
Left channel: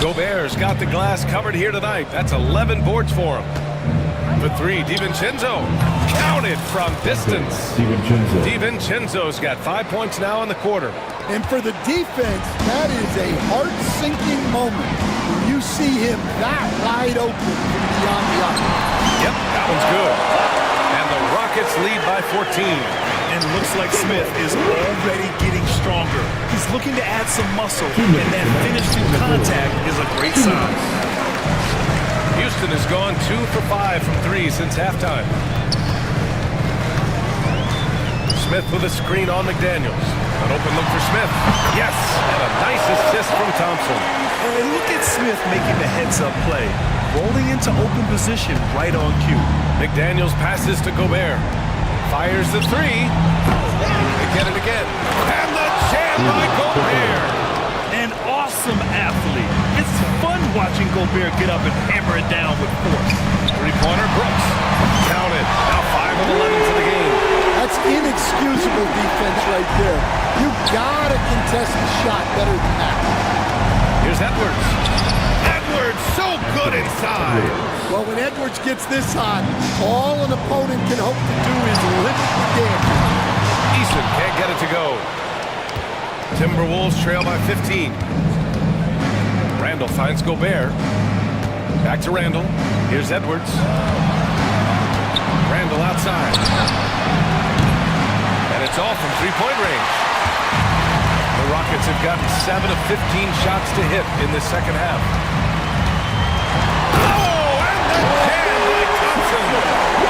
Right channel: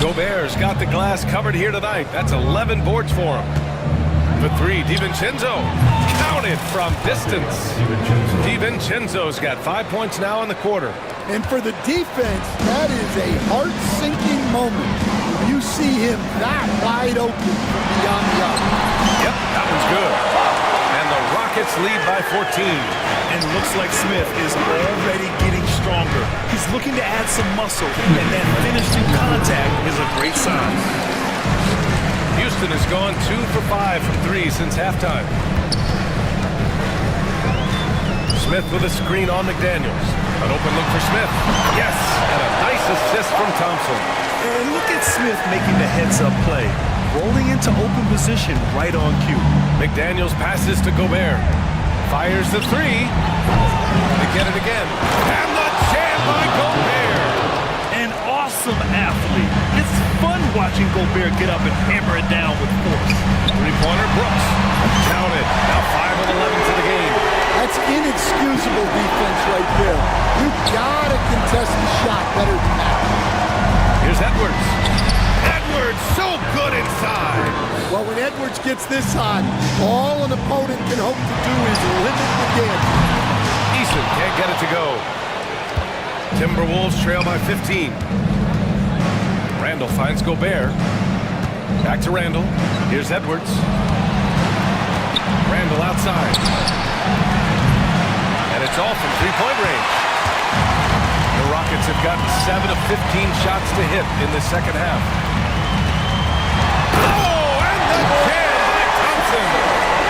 Gobert's got the glass covered here tonight. That's 11 boards for him. For 3, DiVincenzo. Counted from distance. DiVincenzo's got 5 points now in the quarter. And for the defense, that is a heart-sinking moment when you see him that wide open from beyond the arc. Yep, that one's good. And the Rockets lead by 14. And looks like Smith is already getting stronger. He's looking to add some muscle, and that finish through contact is a great sign. Houston has gone 2 for 5 from 3 since halftime. Smith with a screen on McDaniels. An open look for Smith. Yes, and a nice assist from Thompson. And look at Smith making the heads-up play, rolling into open position right on cue. McDaniels passes to Gobert. Fires the 3. They get it again. And the jam by Gobert. An awesome athlete. It's fun watching Gobert get up and hammer it down with force. 3-pointer, Brooks. Counted. Now 5 of 11 for the game. That's inexcusable defense right there. You gotta contest the shot better than that. Here's Edwards. Edwards so good inside. Well, when Edwards gets this hot, all an opponent can hope to do is limit the damage. Eason can't get it to go. Timberwolves trail by 15. Randall finds Gobert. Back to Randall. Here's Edwards. Randall outside. And it's all from 3-point range. The Rockets have gotten 7 of 15 shots to hit in the second half. Oh, and the jam by Thompson.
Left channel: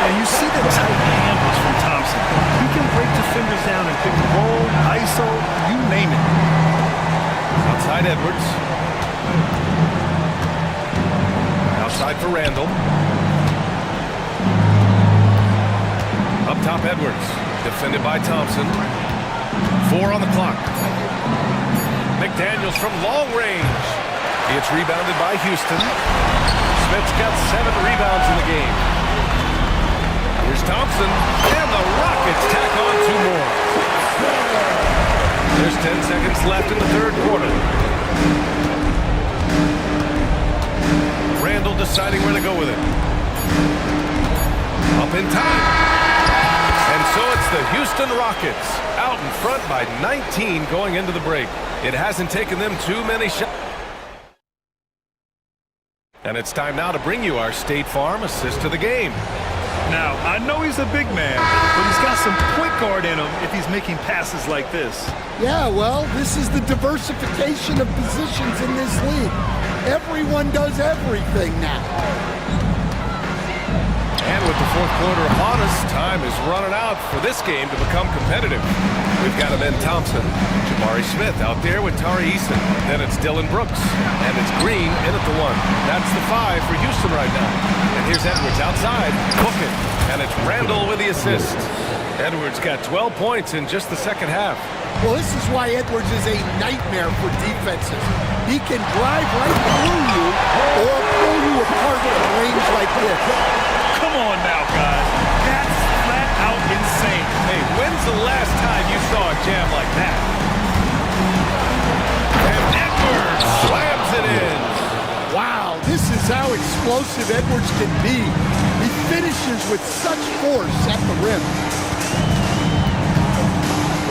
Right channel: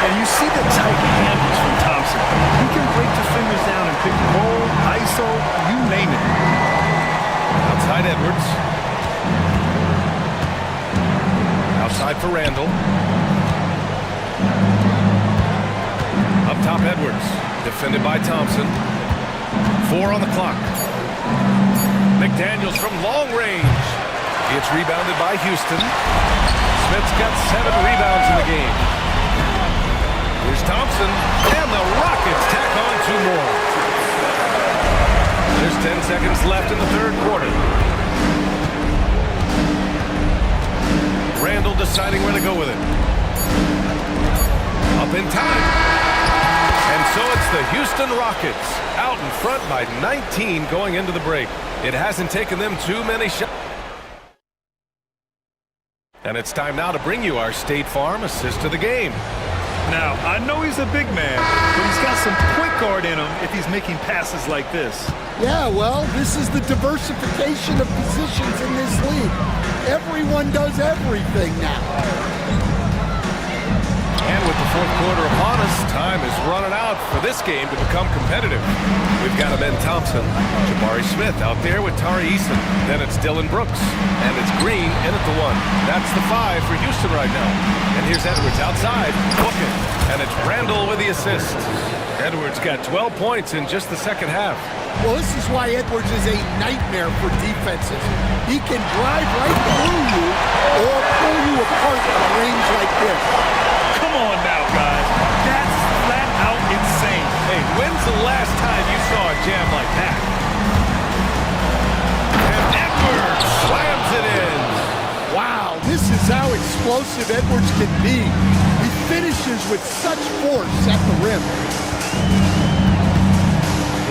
And you see the tight handles from Thompson. He can break defenders down and pick and roll, ISO, you name it. Outside Edwards. Outside for Randall. Up top Edwards. Defended by Thompson. 4 on the clock. McDaniels from long range. It's rebounded by Houston. Smith's got 7 rebounds in the game. Here's Thompson. And the Rockets tack on 2 more. There's 10 seconds left in the third quarter. Randall deciding where to go with it. Up in time. And so it's the Houston Rockets out in front by 19 going into the break. It hasn't taken them too many shots. And it's time now to bring you our State Farm assist of the game. Now, I know he's a big man, but he's got some point guard in him if he's making passes like this. Yeah, well, this is the diversification of positions in this league. Everyone does everything now. And with the fourth quarter upon us, time is running out for this game to become competitive. We've got Ben Thompson, Jabari Smith out there with Tari Eason. Then it's Dylan Brooks, and it's Green in at the 1. That's the 5 for Houston right now. And here's Edwards outside, booking, and it's Randall with the assist. Edwards got 12 points in just the second half. Well, this is why Edwards is a nightmare for defenses. He can drive right through you or pull you apart from range like this. Come on now, guys. That's flat out insane. Hey, when's the last time you saw a jam like that? And Edwards slams it in. Wow, this is how explosive Edwards can be. He finishes with such force at the rim.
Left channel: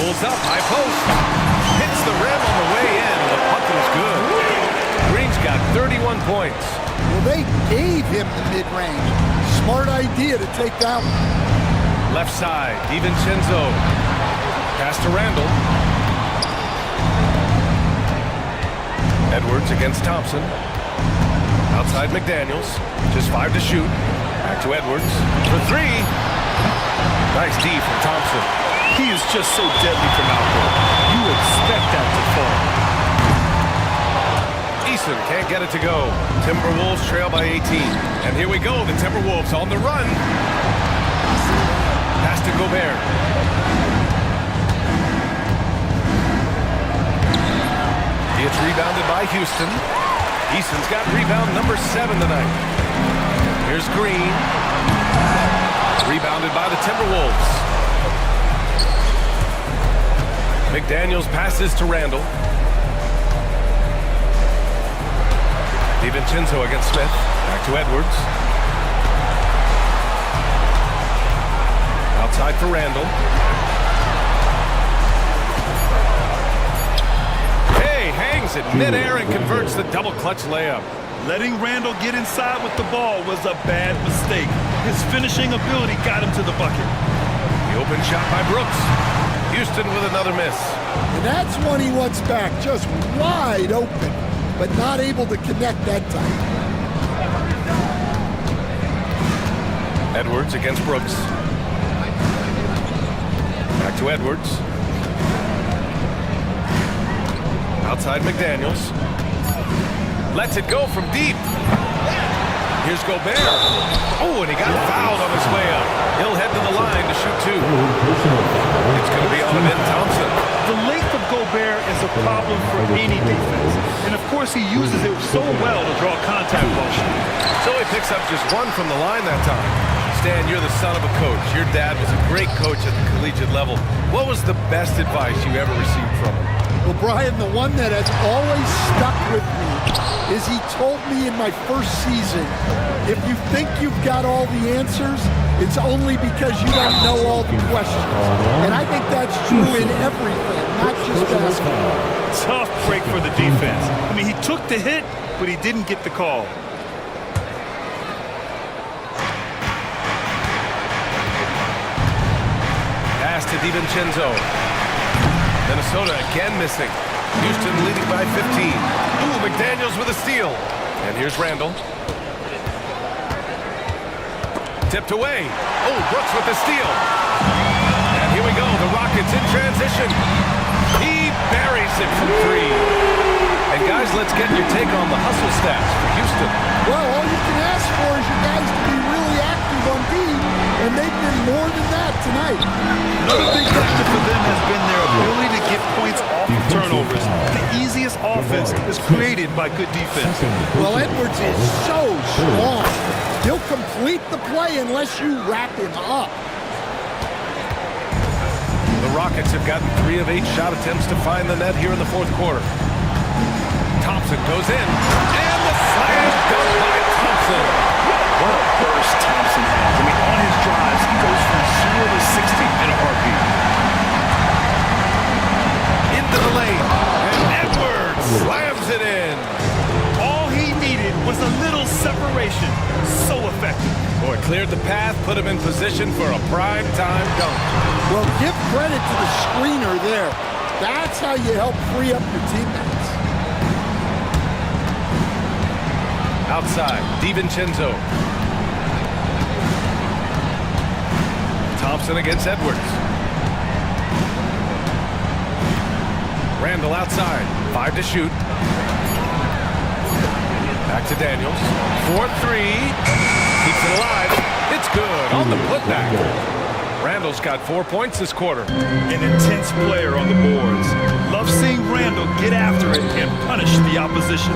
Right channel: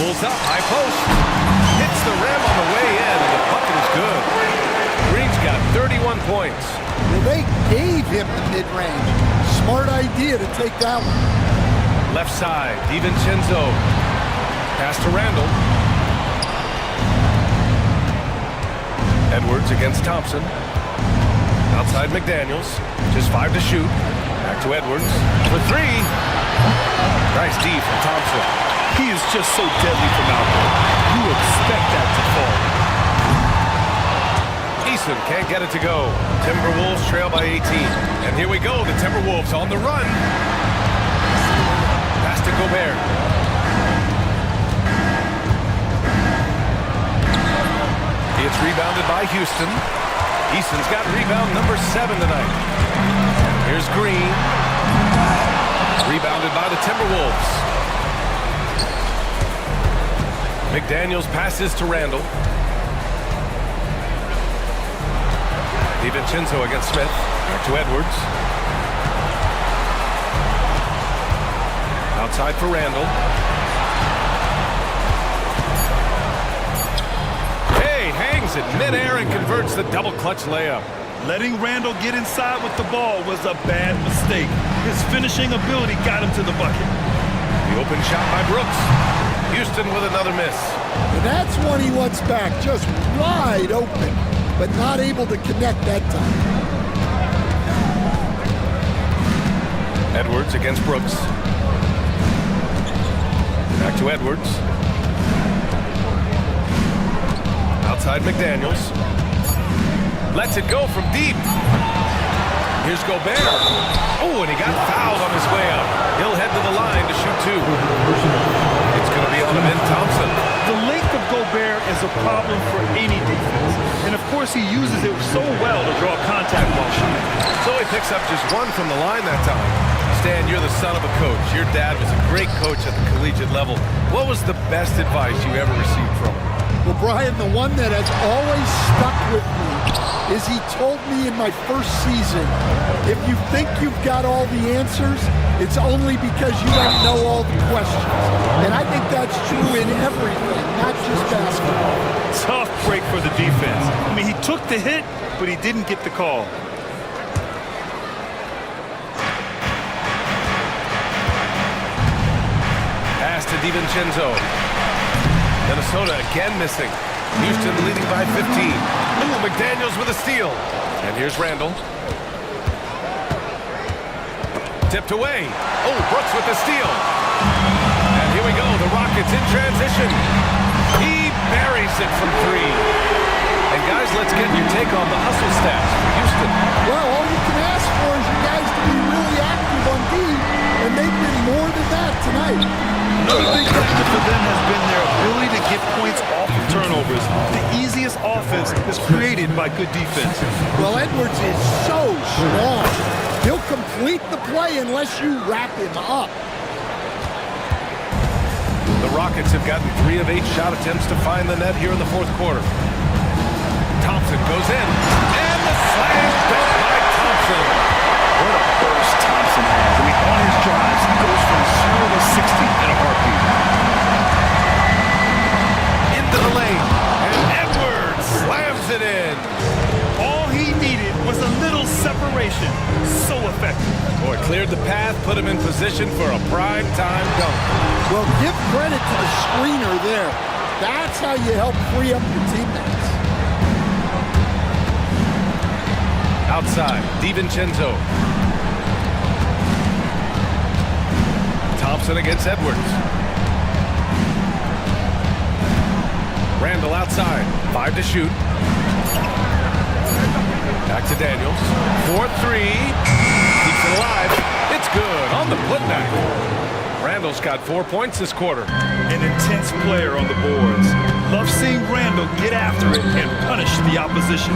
Pulls up, high post. Hits the rim on the way in, and the bucket is good. Green's got 31 points. Well, they gave him the mid-range. Smart idea to take that one. Left side, DiVincenzo. Pass to Randall. Edwards against Thompson. Outside McDaniels. Just 5 to shoot. Back to Edwards for 3. Nice D from Thompson. He is just so deadly from out there. You expect that to fall. Eason can't get it to go. Timberwolves trail by 18. And here we go, the Timberwolves on the run. Pass to Gobert. It's rebounded by Houston. Eason's got rebound number 7 tonight. Here's Green. Rebounded by the Timberwolves. McDaniels passes to Randall. DiVincenzo against Smith. Back to Edwards. Outside for Randall. Hey, hangs it midair and converts the double clutch layup. Letting Randall get inside with the ball was a bad mistake. His finishing ability got him to the bucket. The open shot by Brooks. Houston with another miss. And that's one he wants back, just wide open, but not able to connect that time. Edwards against Brooks. Back to Edwards. Outside McDaniels. Lets it go from deep. Here's Gobert. Oh, and he got fouled on his way up. He'll head to the line to shoot 2. It's going to be on Ben Thompson. The length of Gobert is a problem for any defense. And of course he uses it so well to draw contact while shooting. So he picks up just 1 from the line that time. Stan, you're the son of a coach. Your dad was a great coach at the collegiate level. What was the best advice you ever received from him? Well, Brian, the one that has always stuck with me is he told me in my first season, if you think you've got all the answers, it's only because you don't know all the questions. And I think that's true in everything, not just basketball. Tough break for the defense. I mean, he took the hit, but he didn't get the call. Pass to DiVincenzo. Minnesota again missing. Houston leading by 15. Ooh, McDaniels with a steal. And here's Randall. Tipped away. Oh, Brooks with the steal. And here we go, the Rockets in transition. He buries it from 3. And guys, let's get your take on the hustle stats for Houston. Well, all you can ask for is your guys to be really active on D, and they've been more than that tonight. Another big factor for them has been their ability to get points off of turnovers. The easiest offense is created by good defense. Well, Edwards is so strong. He'll complete the play unless you wrap him up. The Rockets have gotten 3 of 8 shot attempts to find the net here in the 4th quarter. Thompson goes in, and the slam dunk by Thompson. What a burst Thompson has. I mean, on his drives, he goes from 0 to 60 in a heartbeat. Into the lane, and Edwards slams it in. All he needed was a little separation. So effective. Boy, cleared the path, put him in position for a prime-time dunk. Well, give credit to the screener there. That's how you help free up your teammates. Outside, DiVincenzo. Thompson against Edwards. Randall outside, 5 to shoot. Back to Daniels, 4-3, keeps it alive. It's good on the putback. Randall's got 4 points this quarter. An intense player on the boards. Love seeing Randall get after it and punish the opposition.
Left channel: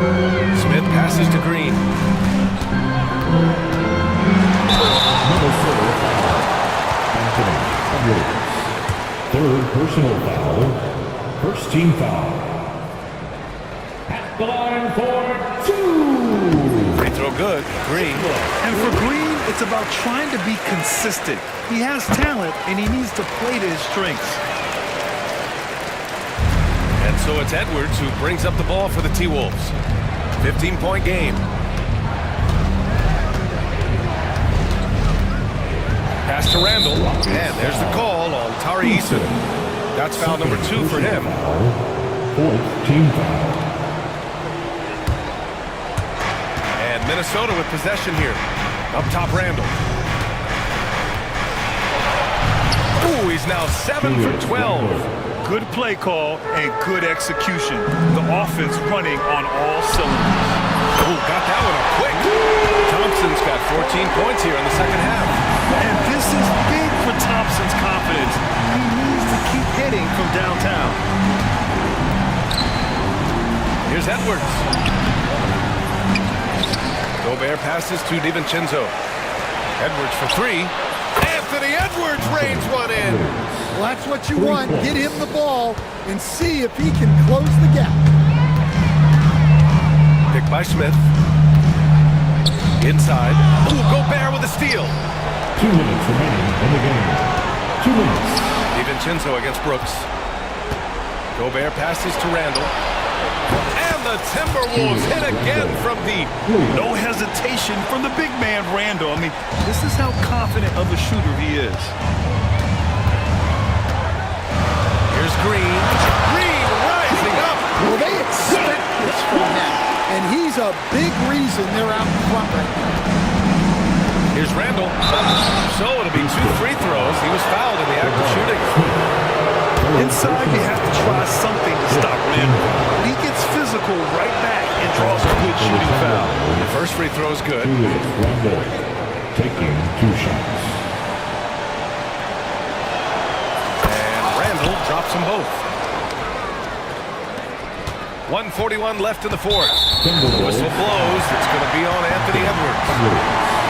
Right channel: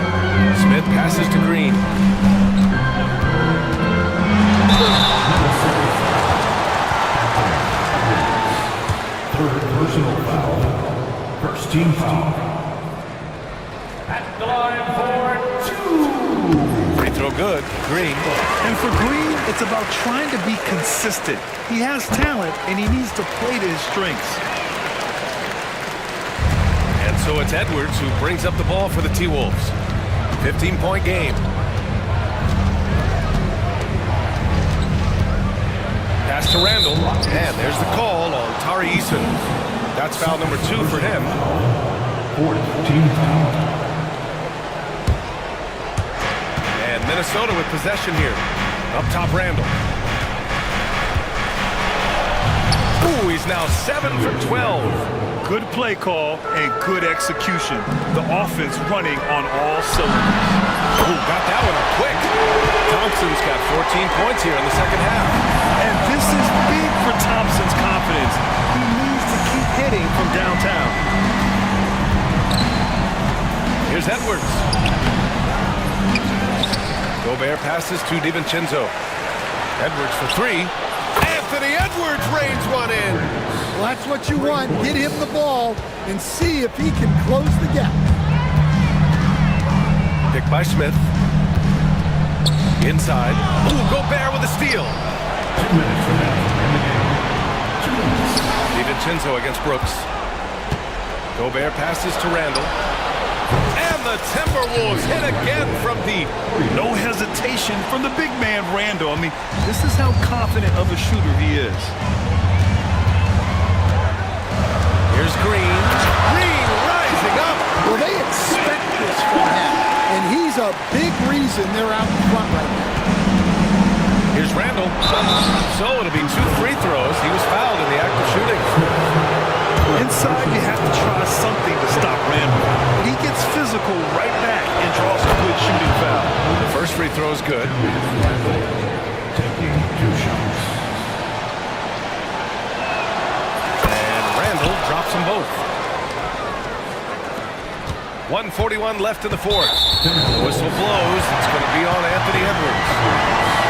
Smith passes to Green. Third personal foul. First team foul. At the line for 2. Free throw good. Green. And for Green, it's about trying to be consistent. He has talent, and he needs to play to his strengths. And so it's Edwards who brings up the ball for the T-Wolves. 15-point game. Pass to Randall, and there's the call on Tari Eason. That's foul number 2 for him. Fourth team foul. And Minnesota with possession here. Up top, Randall. Ooh, he's now 7 for 12. Good play call and good execution. The offense running on all cylinders. Ooh, got that one up quick. Thompson's got 14 points here in the second half. And this is big for Thompson's confidence. He needs to keep hitting from downtown. Here's Edwards. Gobert passes to DiVincenzo. Edwards for 3. Anthony Edwards rains one in. Well, that's what you want. Get him the ball and see if he can close the gap. Picked by Smith. Inside. Ooh, Gobert with a steal. 2 minutes remaining in the game. 2 minutes. DiVincenzo against Brooks. Gobert passes to Randall. And the Timberwolves hit again from deep. No hesitation from the big man, Randall. I mean, this is how confident of a shooter he is. Here's Green. Green rising up. Well, they expect this from him, and he's a big reason they're out in front right now. Here's Randall. So it'll be 2 free throws. He was fouled in the act of shooting. Inside, you have to try something to stop Randall. But he gets physical right back and draws a good shooting foul. The first free throw is good. Randall taking 2 shots. And Randall drops them both. 1:41 left in the fourth. The whistle blows. It's going to be on Anthony Edwards.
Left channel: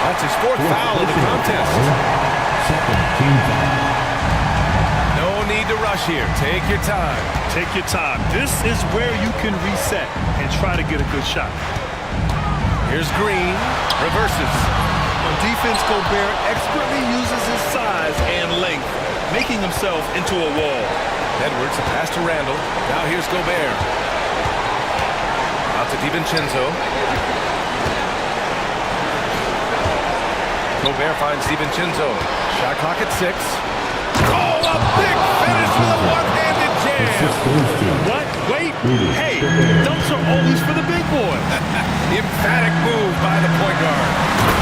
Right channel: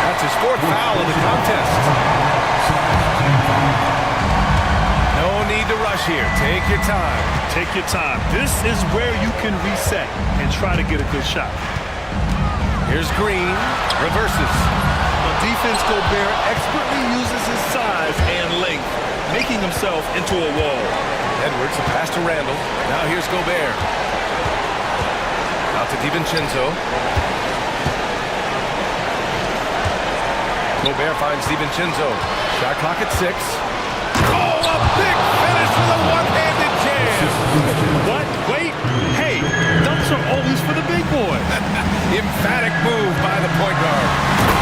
That's his 4th foul of the contest. Second team foul. No need to rush here. Take your time. Take your time. This is where you can reset and try to get a good shot. Here's Green. Reverses. On defense, Gobert expertly uses his size and length, making himself into a wall. Edwards, a pass to Randall. Now here's Gobert. Out to DiVincenzo. Gobert finds DiVincenzo. Shot clock at 6. Oh, a big finish with a one-handed jam. What? Wait. Hey, dunks are always for the big boy. Emphatic move by the point guard.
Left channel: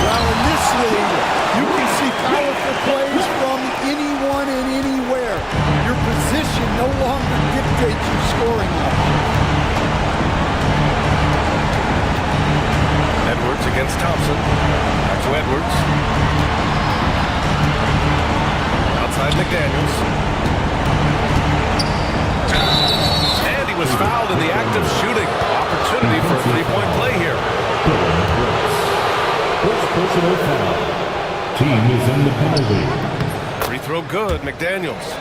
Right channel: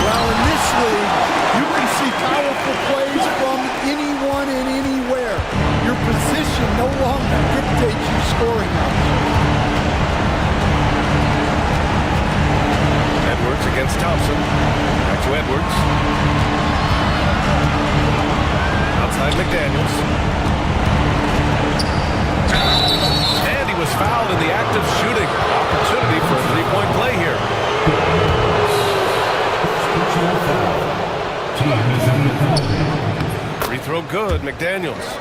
Well, in this league, you can see powerful plays from anyone and anywhere. Your position no longer dictates your scoring options. Edwards against Thompson. Back to Edwards. Outside McDaniels. And he was fouled in the act of shooting. Opportunity for a 3-point play here. Personal foul. Team is in the penalty. Free throw good, McDaniels.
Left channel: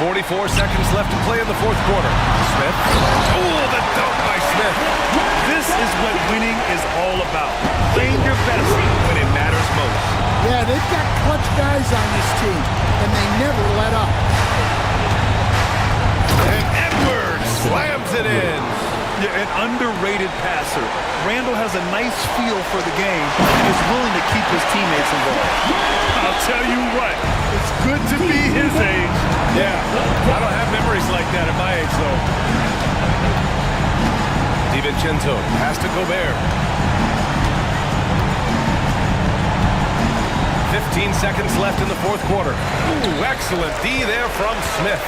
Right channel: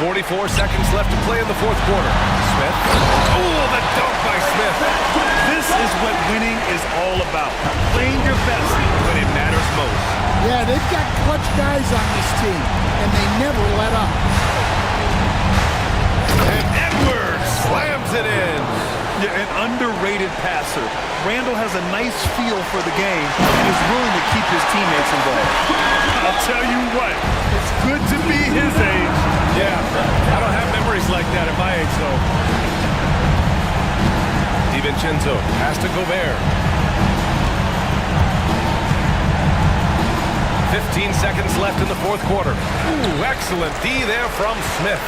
44 seconds left to play in the fourth quarter. Smith. Oh, the dunk by Smith. This is what winning is all about. Playing your best when it matters most. Yeah, they've got clutch guys on this team, and they never let up. And Edwards slams it in. Yeah, an underrated passer. Randall has a nice feel for the game and is willing to keep his teammates involved. I'll tell you what, it's good to be his age. Yeah, I don't have memories like that at my age, though. DiVincenzo, pass to Gobert. 15 seconds left in the fourth quarter. Ooh, excellent D there from Smith.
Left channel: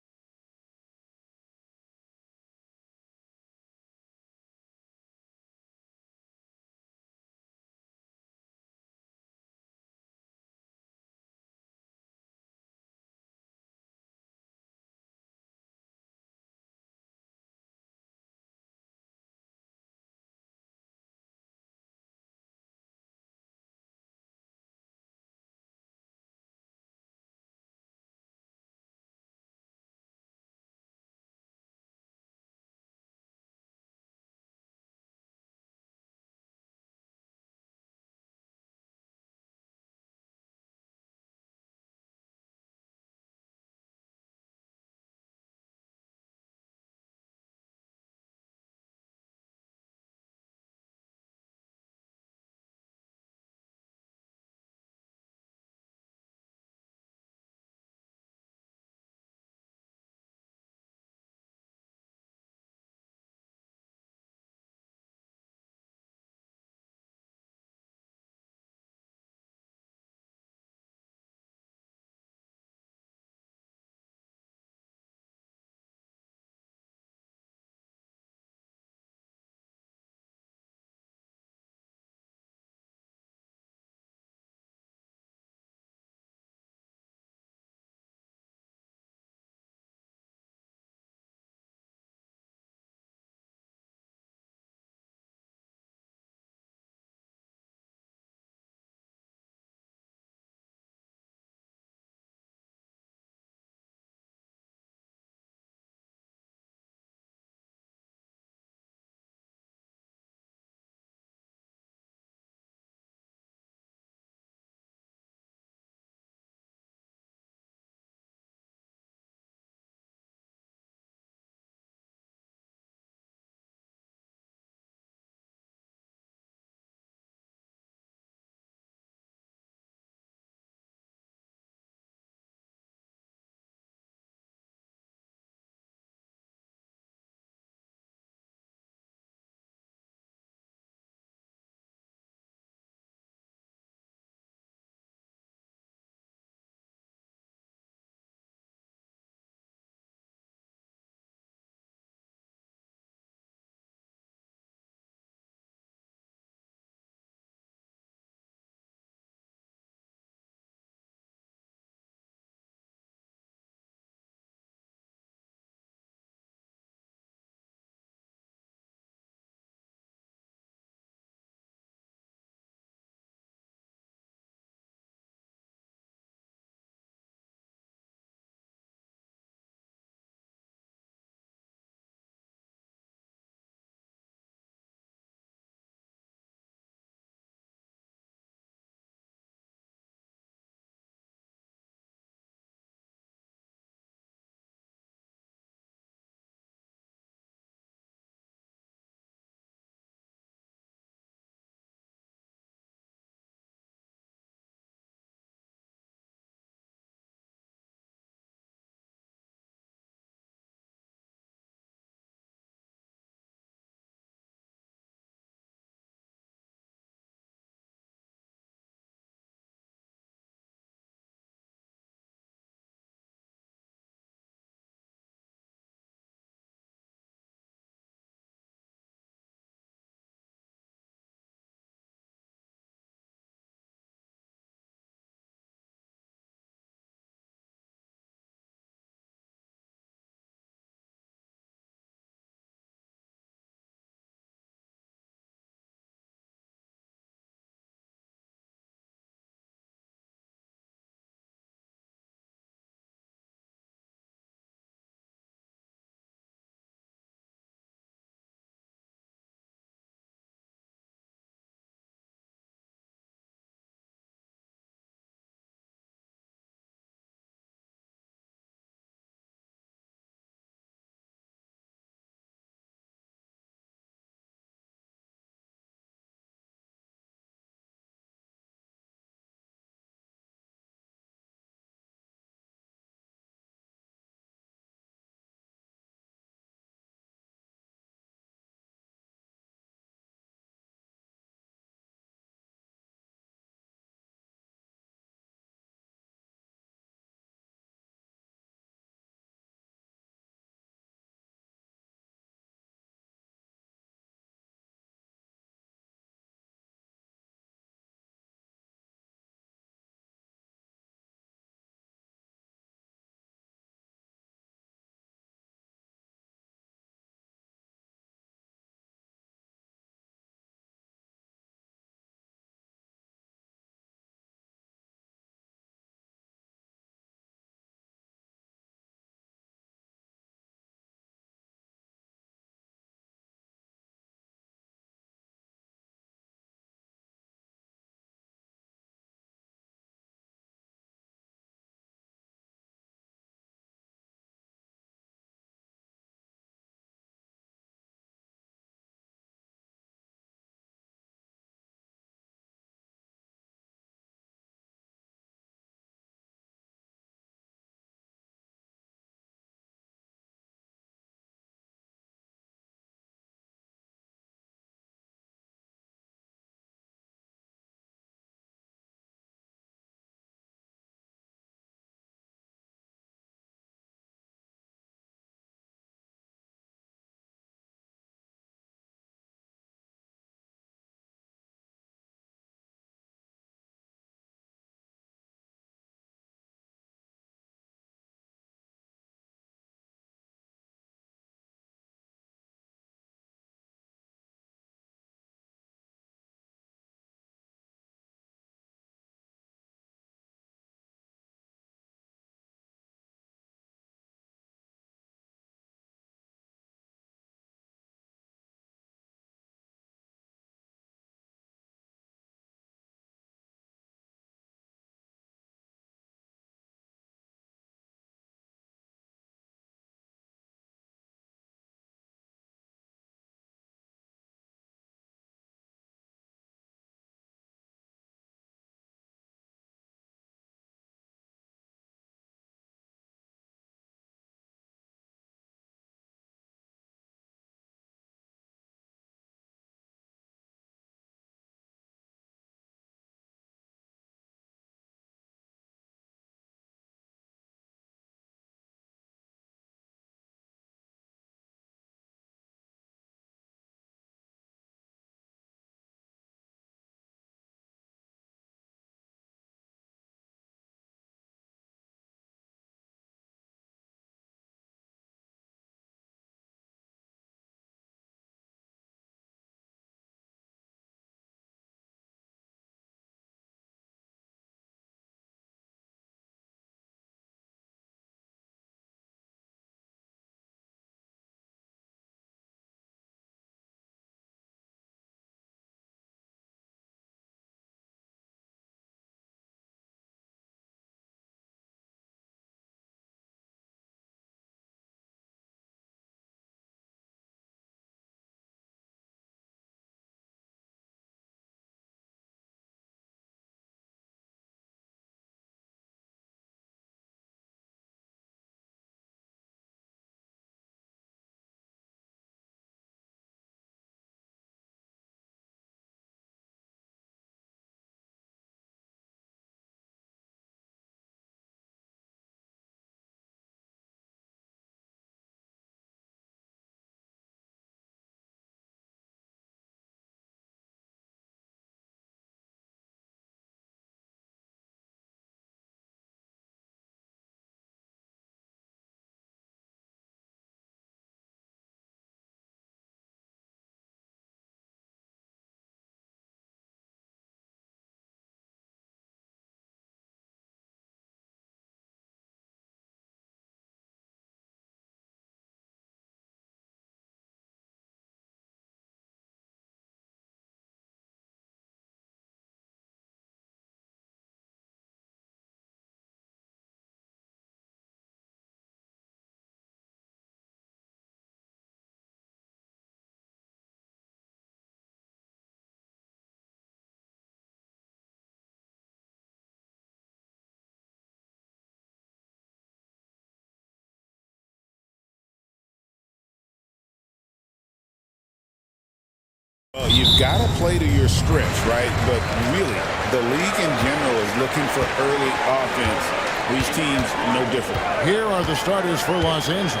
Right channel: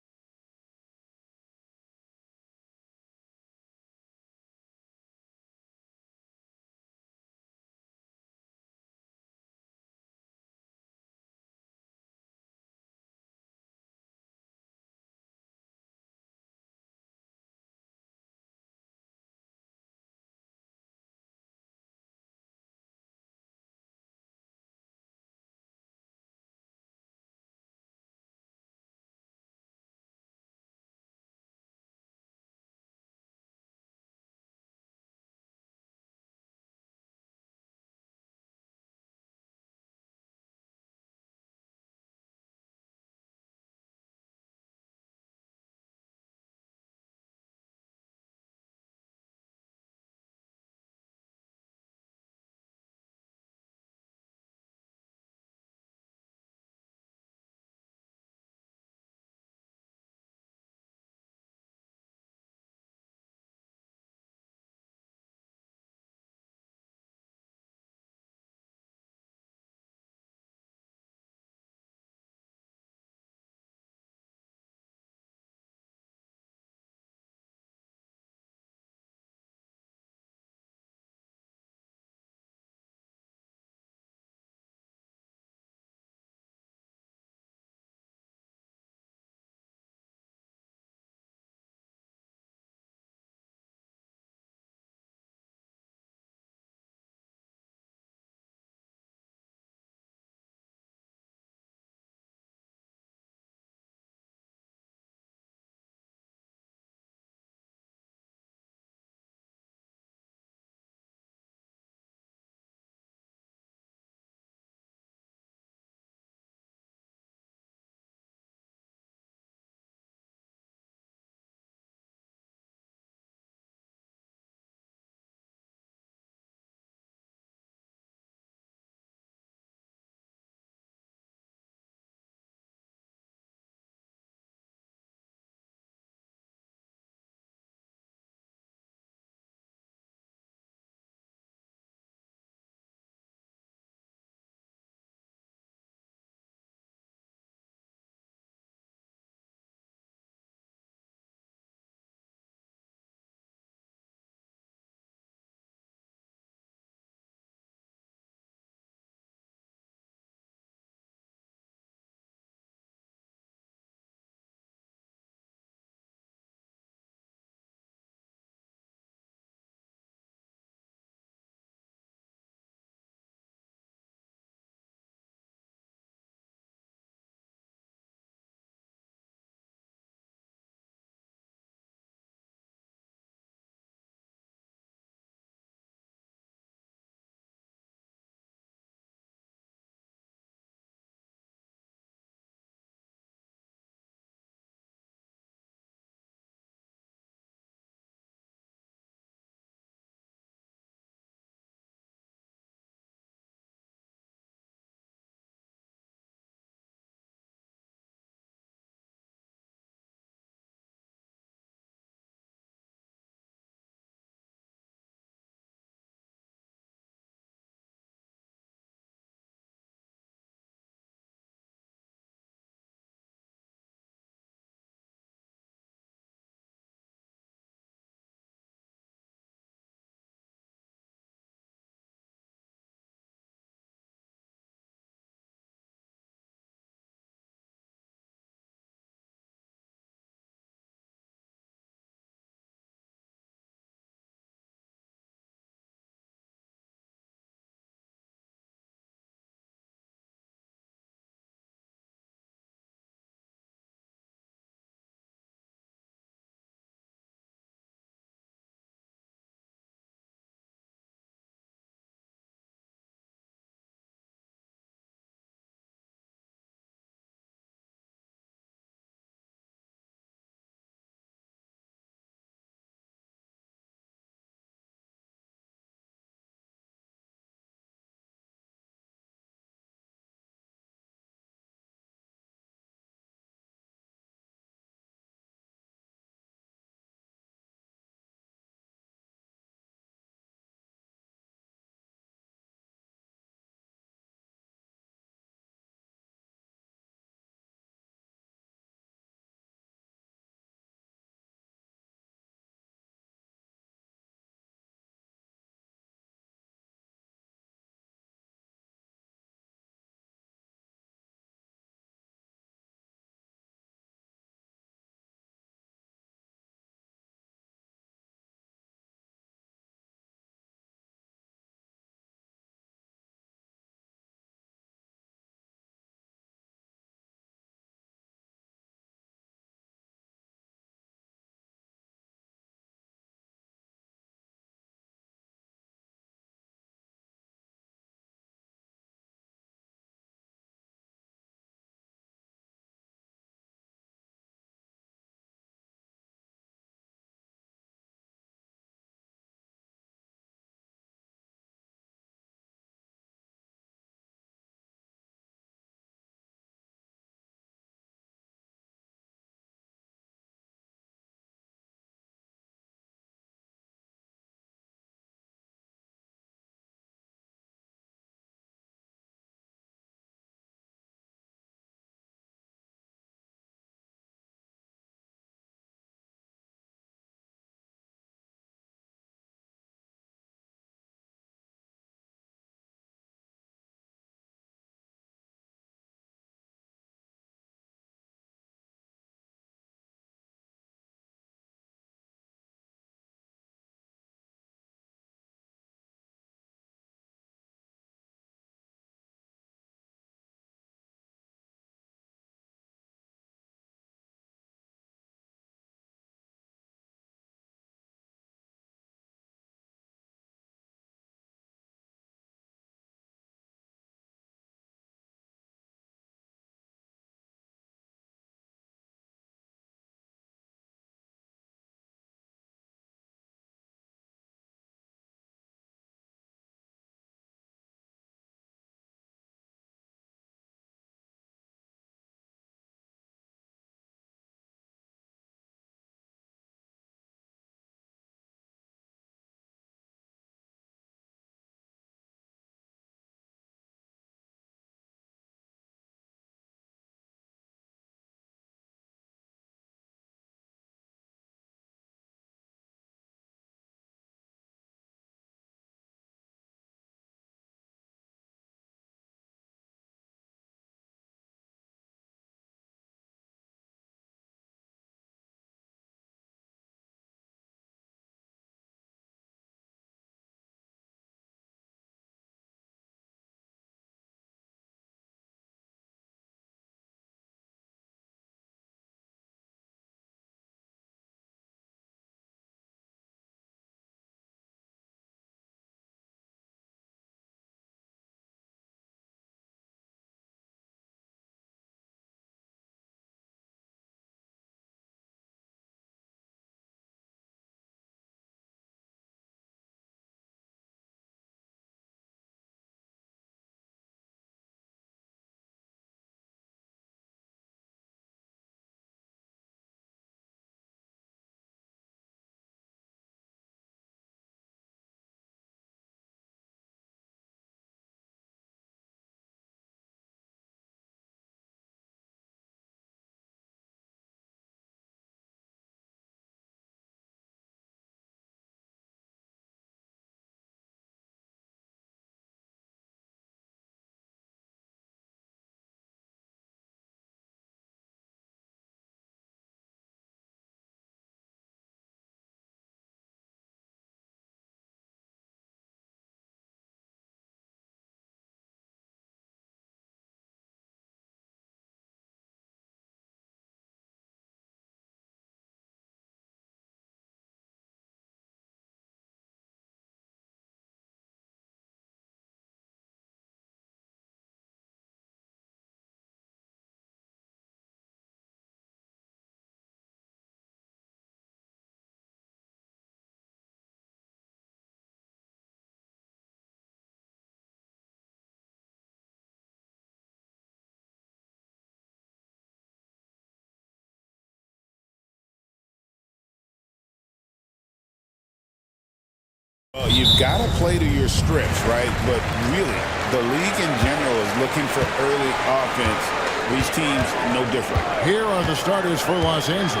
Well, you've got to play to your strengths, right? But really, the league in general is looking for early offense. These teams, no different. Here are the starters for Los Angeles.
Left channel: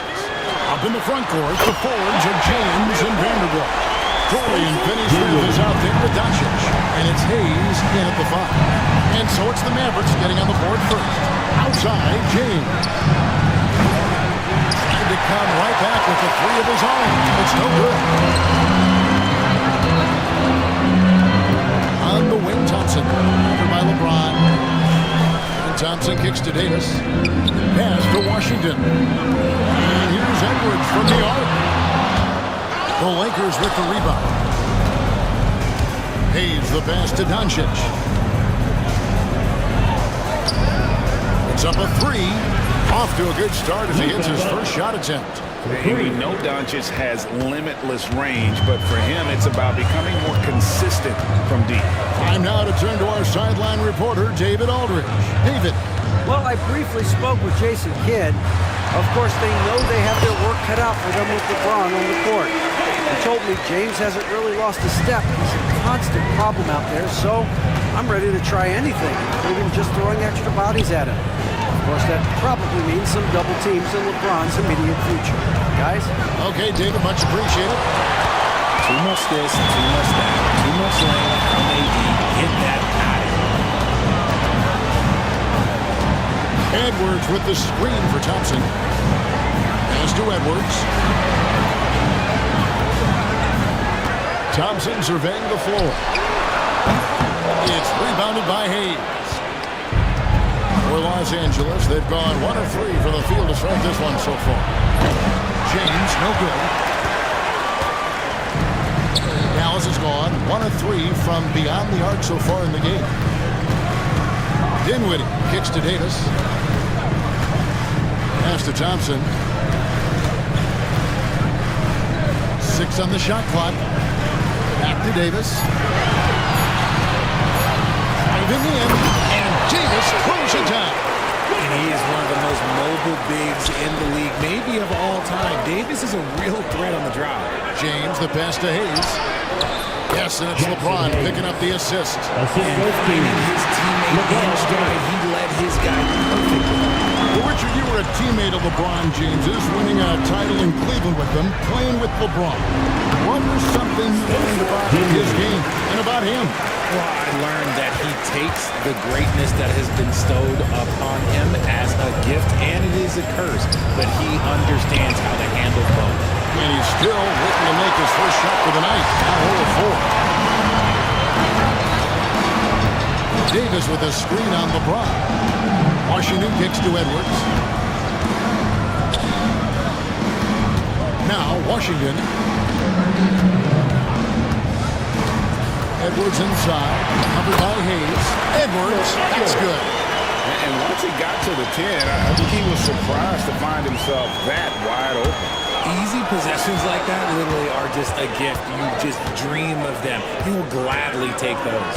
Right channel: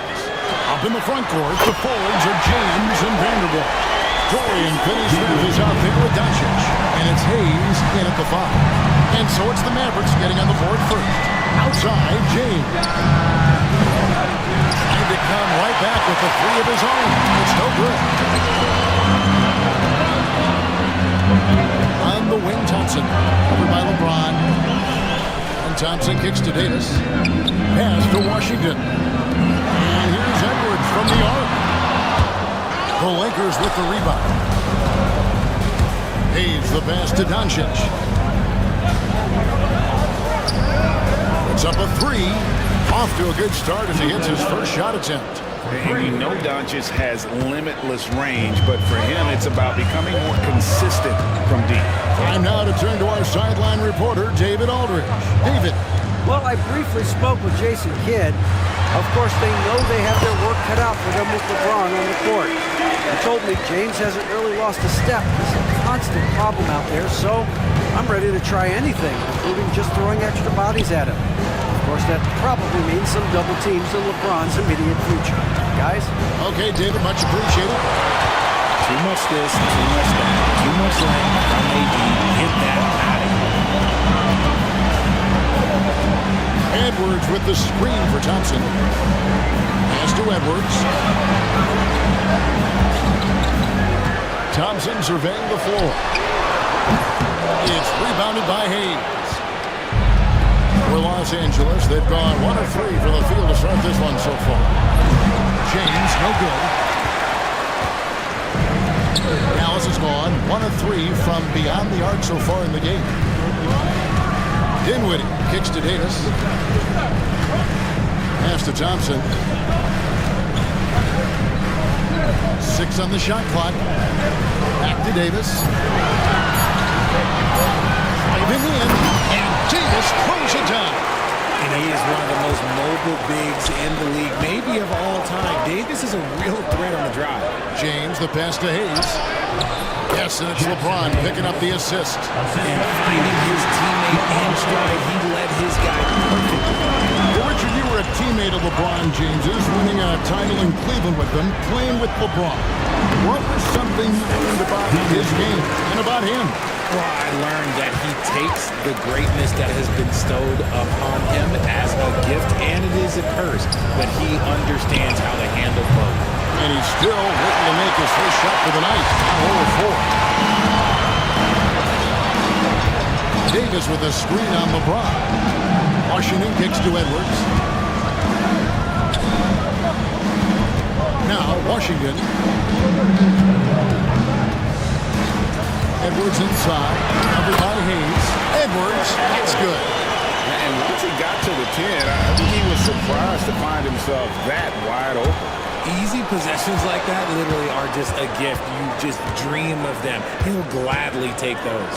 Up in the front court, the forwards are James and Vanderbilt. Dorian Finney-Smith is out there with Doncic. And it's Hayes in at the 5. And so it's the Mavericks getting on the board first. Outside, James. Trying to come right back with the 3 of his own. It's no good. On the wing, Thompson. Covered by LeBron. And Thompson kicks to Davis. Pass to Washington. And here's Edwards from the arc. The Lakers with the rebound. Hayes the pass to Doncic. It's up a 3. Off to a good start as he hits his first shot attempt. And we know Doncic has limitless range, but for him, it's about becoming more consistent from deep. Time now to turn to our sideline reporter, David Aldridge. David. Well, I briefly spoke with Jason Kidd. Of course, they know they have their work cut out for them with LeBron on the court. He told me James hasn't really lost a step. He's a constant problem out there, so I'm ready to try anything, including just throwing extra bodies at him. Of course, that probably means some double teams in LeBron's immediate future. Guys? Okay, David, much appreciated. Too much this, too much that, too much length from AD. Get that out of here. Edwards with the screen for Thompson. Pass to Edwards. Thompson surveying the floor. It's rebounded by Hayes. For Los Angeles, they've gone 1 of 3 from the field to start this one so far. James, no good. Dallas has gone 1 of 3 from beyond the arc so far in the game. Dinwiddie kicks to Davis. Pass to Thompson. 6 on the shot clock. Back to Davis. Driving in, and Davis throws it down. And he is one of the most mobile bigs in the league, maybe of all time. Davis is a real threat on the drive. James, the pass to Hayes. Yes, and it's LeBron picking up the assist. And finding his teammate in stride, he led his guy perfectly. Well, Richard, you were a teammate of LeBron James's, winning a title in Cleveland with them, playing with LeBron. What was something you learned about his game and about him? Well, I learned that he takes the greatness that has been bestowed upon him as a gift, and it is a curse, but he understands how to handle both. And he's still waiting to make his first shot for the night. Now 0-4. Davis with a screen on LeBron. Washington kicks to Edwards. Now Washington. Edwards inside, covered by Hayes. Edwards, that's good. And once he got to the 10, I think he was surprised to find himself that wide open. Easy possessions like that literally are just a gift. You just dream of them. He'll gladly take those.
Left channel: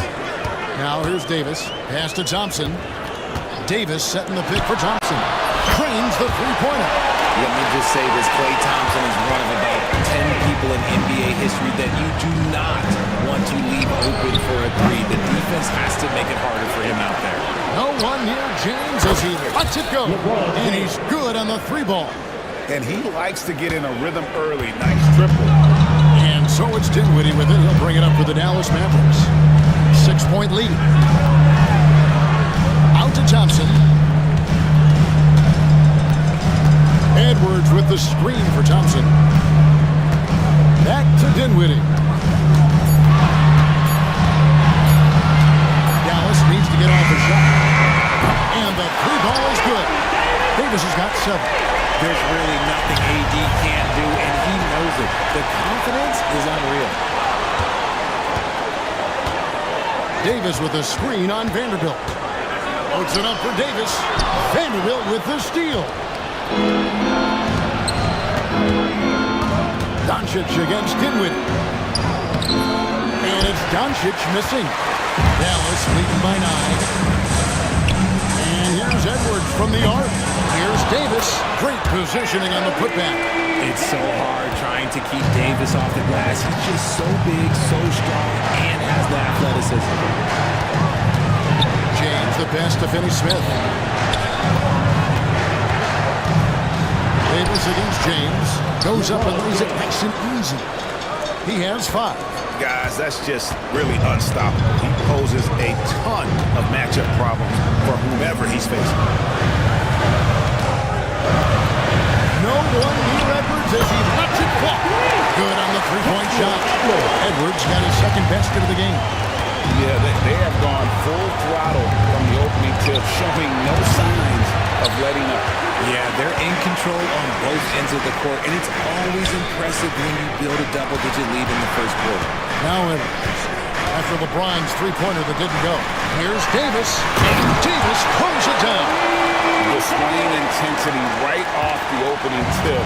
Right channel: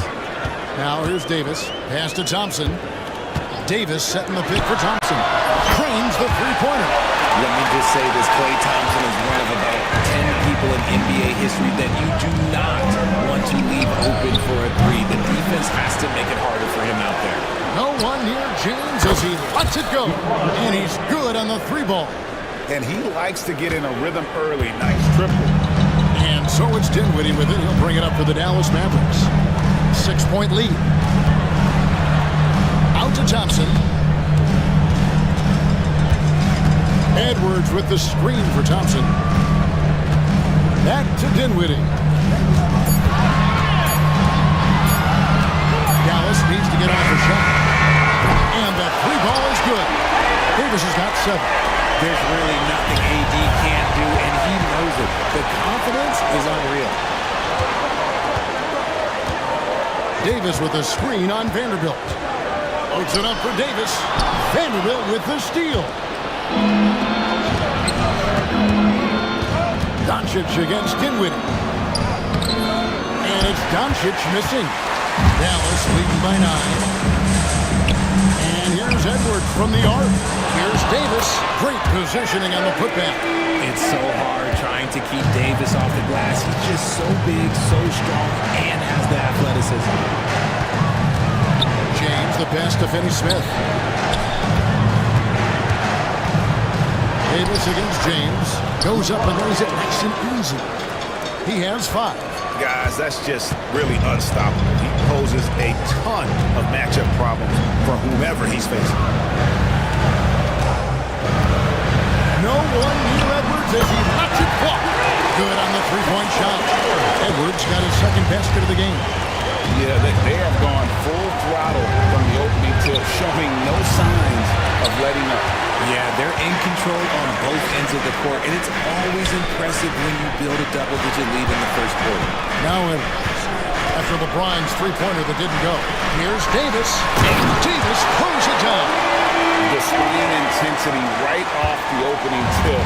Now here's Davis. Pass to Thompson. Davis setting the pick for Thompson. Cranes the three-pointer. Let me just say this, Klay Thompson is one of about 10 people in NBA history that you do not want to leave open for a 3. The defense has to make it harder for him out there. No one near James as he lets it go. And he's good on the 3-ball. And he likes to get in a rhythm early. Nice triple. And so it's Dinwiddie with it. He'll bring it up for the Dallas Mavericks. 6-point lead. Out to Thompson. Edwards with the screen for Thompson. Back to Dinwiddie. Dallas needs to get off a shot. And the 3-ball is good. Davis has got 7. There's really nothing AD can't do, and he knows it. The confidence is unreal. Davis with a screen on Vanderbilt. Puts it up for Davis. Vanderbilt with the steal. Doncic against Dinwiddie. And it's Doncic missing. Dallas leading by 9. And here's Edwards from the arc. Here's Davis. Great positioning on the putback. It's so hard trying to keep Davis off the glass. He's just so big, so strong, and has the athleticism. James the pass to Finney-Smith. Davis against James. Goes up and lays it nice and easy. He has 5. Guys, that's just really unstoppable. He poses a ton of matchup problems for whomever he's facing. No one near Edwards as he lets it fly. Good on the three-point shot. Edwards got his second basket of the game. Yeah, they have gone full throttle from the opening tip, showing no signs of letting up. Yeah, they're in control on both ends of the court, and it's always impressive when you build a double-digit lead in the first quarter. Now Edwards, after LeBron's three-pointer that didn't go. Here's Davis, and Davis throws it down. Displaying intensity right off the opening tip,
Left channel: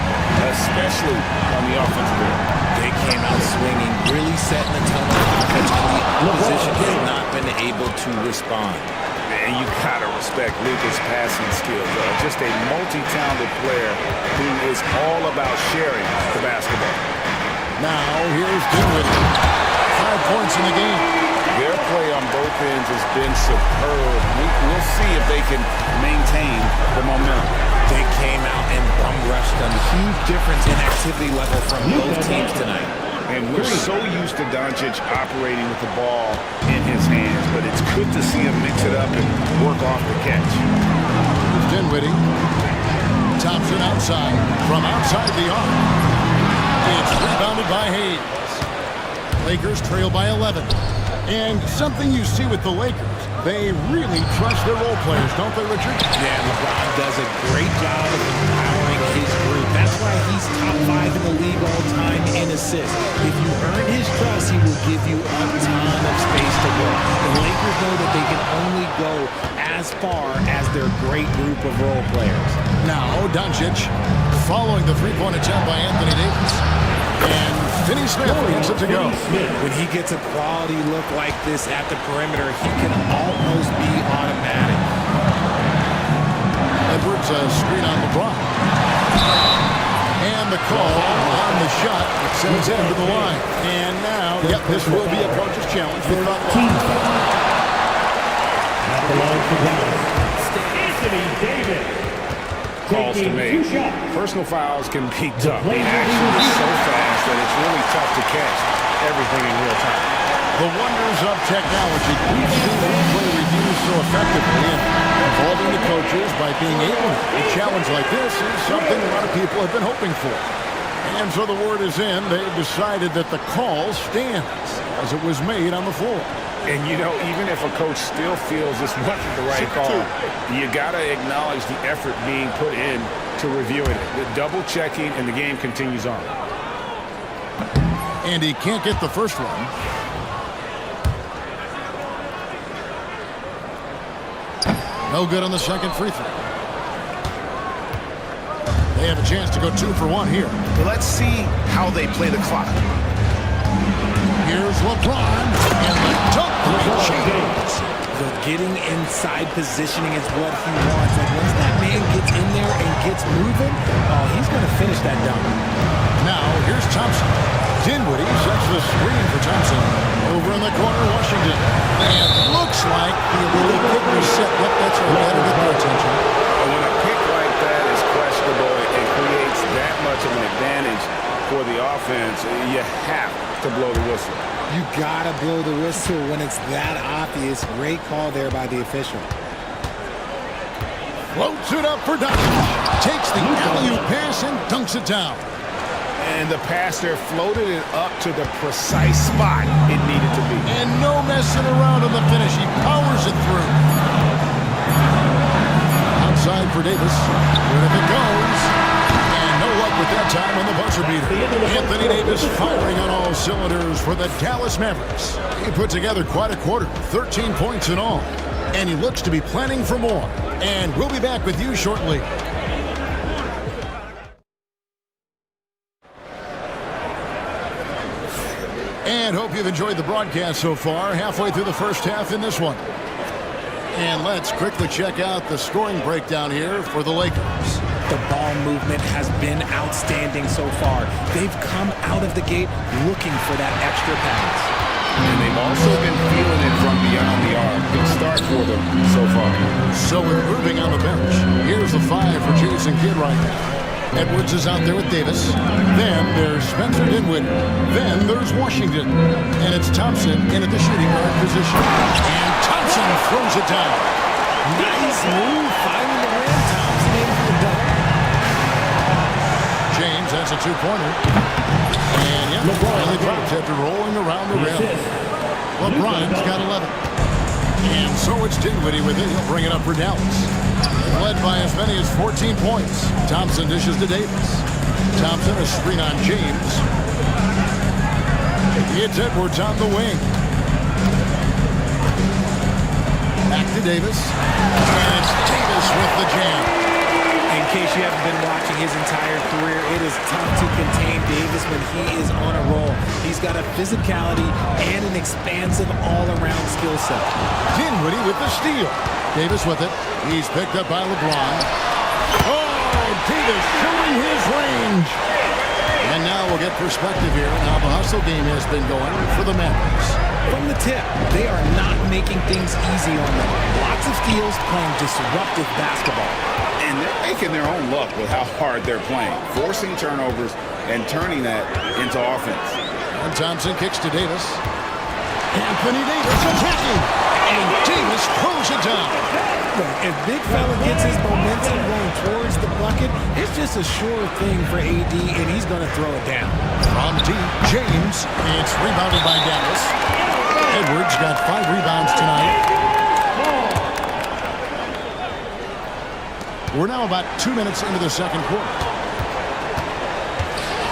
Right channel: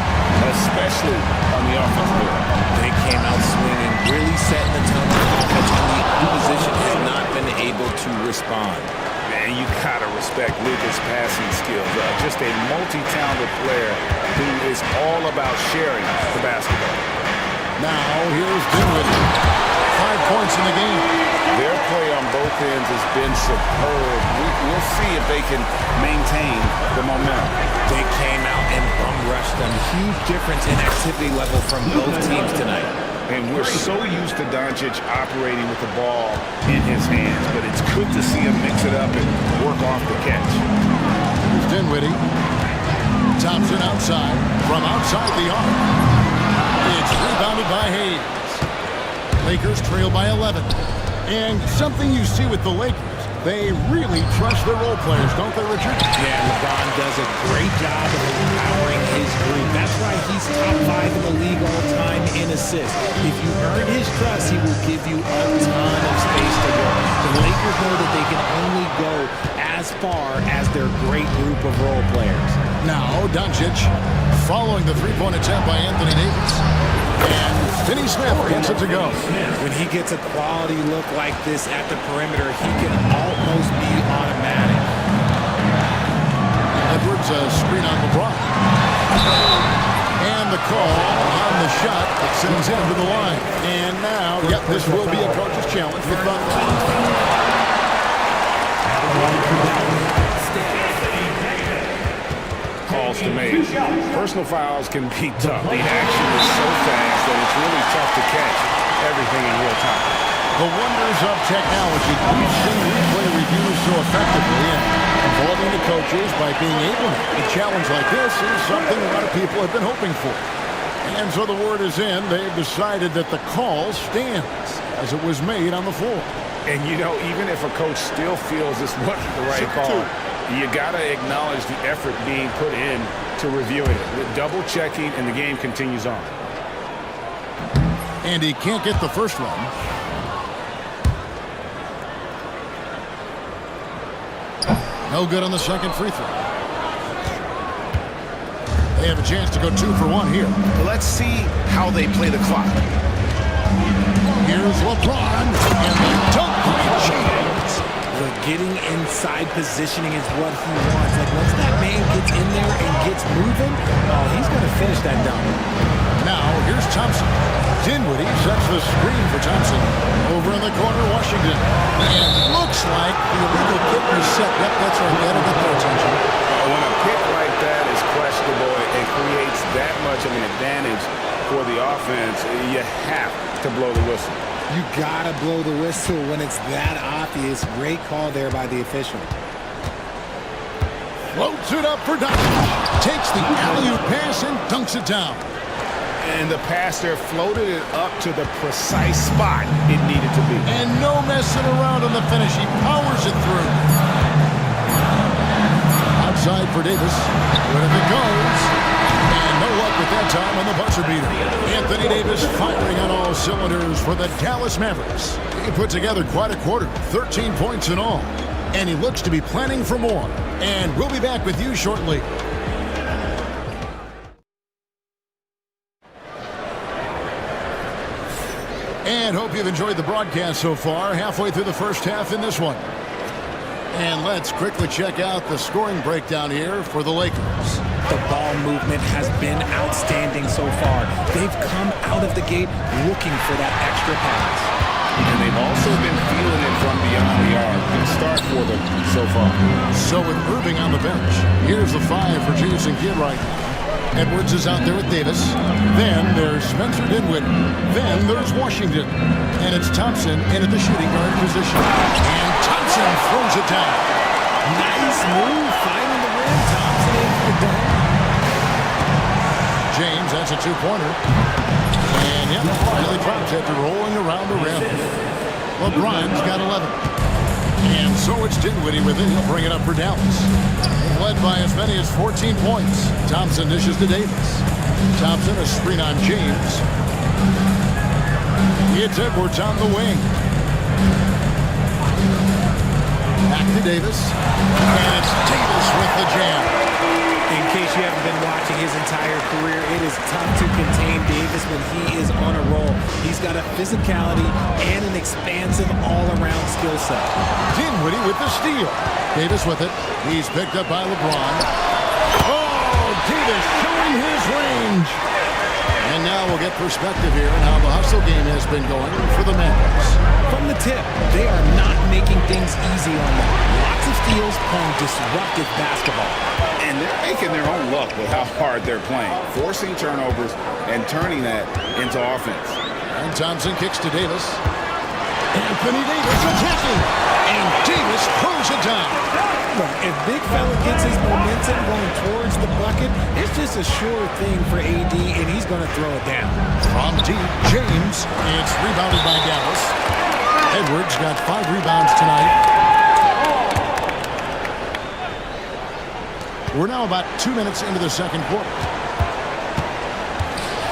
especially on the offensive end. They came out swinging, really setting the tone on offense, and the opposition has not been able to respond. Man, you gotta respect Luka's passing skills. Just a multi-talented player who is all about sharing the basketball. Now here's Dinwiddie. 5 points in the game. Their play on both ends has been superb. We'll see if they can maintain the momentum. They came out and bum rushed them. Huge difference in activity level from both teams tonight. And we're so used to Doncic operating with the ball in his hands, but it's good to see him mix it up and work off the catch. Here's Dinwiddie. Thompson outside, from outside the arc. It's rebounded by Hayes. Lakers trail by 11. And something you see with the Lakers, they really trust their role players, don't they, Richard? Yeah, LeBron does a great job of empowering his group. That's why he's top 5 in the league all time in assists. If you earn his trust, he will give you a ton of space to work. The Lakers know that they can only go as far as their great group of role players. Now, Doncic following the three-point attempt by Anthony Davis. And Finney-Smith gets it to go. When he gets a quality look like this at the perimeter, he can almost be automatic. Edwards, a screen on LeBron. And the call on the shot that sends him to the line. And now, yep, this will be a coach's challenge. We thought calls to make. Personal fouls can be tough. The action is so fast that it's really tough to catch everything in real time. The wonders of technology. We've seen replay reviews so effectively and involving the coaches by being able to. A challenge like this is something a lot of people have been hoping for. And so the word is in. They've decided that the call stands as it was made on the floor. And, you know, even if a coach still feels this wasn't the right call, you got to acknowledge the effort being put in to reviewing it. The double checking, and the game continues on. And he can't get the first one. No good on the second free throw. They have a chance to go 2 for 1 here. Let's see how they play the clock. Here's LeBron, and the dunk by James. The getting inside positioning is what he wants. Like, once that man gets in there and gets moving, oh, he's going to finish that dunk. Now, here's Thompson. Dinwiddie sets the screen for Thompson. Over in the corner, Washington. And looks like the illegal kick reset. Yep, that's right. Better get their attention. When a pick like that is questionable and creates that much of an advantage for the offense, you have to blow the whistle. You gotta blow the whistle when it's that obvious. Great call there by the official. Floats it up for Doncic. Takes the alley-oop pass and dunks it down. And the pass there floated it up to the precise spot it needed to be. And no messing around on the finish. He powers it through. Outside for Davis. Where it goes. No luck with that time on the buzzer beater. Anthony Davis firing on all cylinders for the Dallas Mavericks. He put together quite a quarter, 13 points in all. And he looks to be planning for more. And we'll be back with you shortly. And hope you've enjoyed the broadcast so far. Halfway through the first half in this one. And let's quickly check out the scoring breakdown here for the Lakers. The ball movement has been outstanding so far. They've come out of the gate looking for that extra pass. And they've also been feeling it from beyond the arc. Good start for them so far. So with Irving on the bench, here's the 5 for Jason Kidd right now. Edwards is out there with Davis. Then there's Spencer Dinwiddie. Then there's Washington. And it's Thompson in at the shooting guard position. And Thompson throws it down. Nice move, finding the rim. Thompson in for the dunk. James has a 2-pointer. And yep, finally drops after rolling around the rim. LeBron's got 11. And so it's Dinwiddie with it. He'll bring it up for Dallas. They've led by as many as 14 points. Thompson dishes to Davis. Thompson, a screen on James. It's Edwards on the wing. Back to Davis. And it's Davis with the jam. In case you haven't been watching his entire career, it is tough to contain Davis when he is on a roll. He's got a physicality and an expansive all-around skill set. Dinwiddie with the steal. Davis with it. He's picked up by LeBron. Oh, Davis showing his range. And now we'll get perspective here on how the hustle game has been going for the Mavericks. From the tip, they are not making things easy on them. Lots of steals, playing disruptive basketball. And they're making their own luck with how hard they're playing, forcing turnovers and turning that into offense. And Thompson kicks to Davis. Anthony Davis attacking. And Davis throws it down. Look, if big fella gets his momentum going towards the bucket, it's just a sure thing for AD, and he's going to throw it down. From deep, James. It's rebounded by Dallas. Edwards got 5 rebounds tonight. We're now about 2 minutes into the second quarter.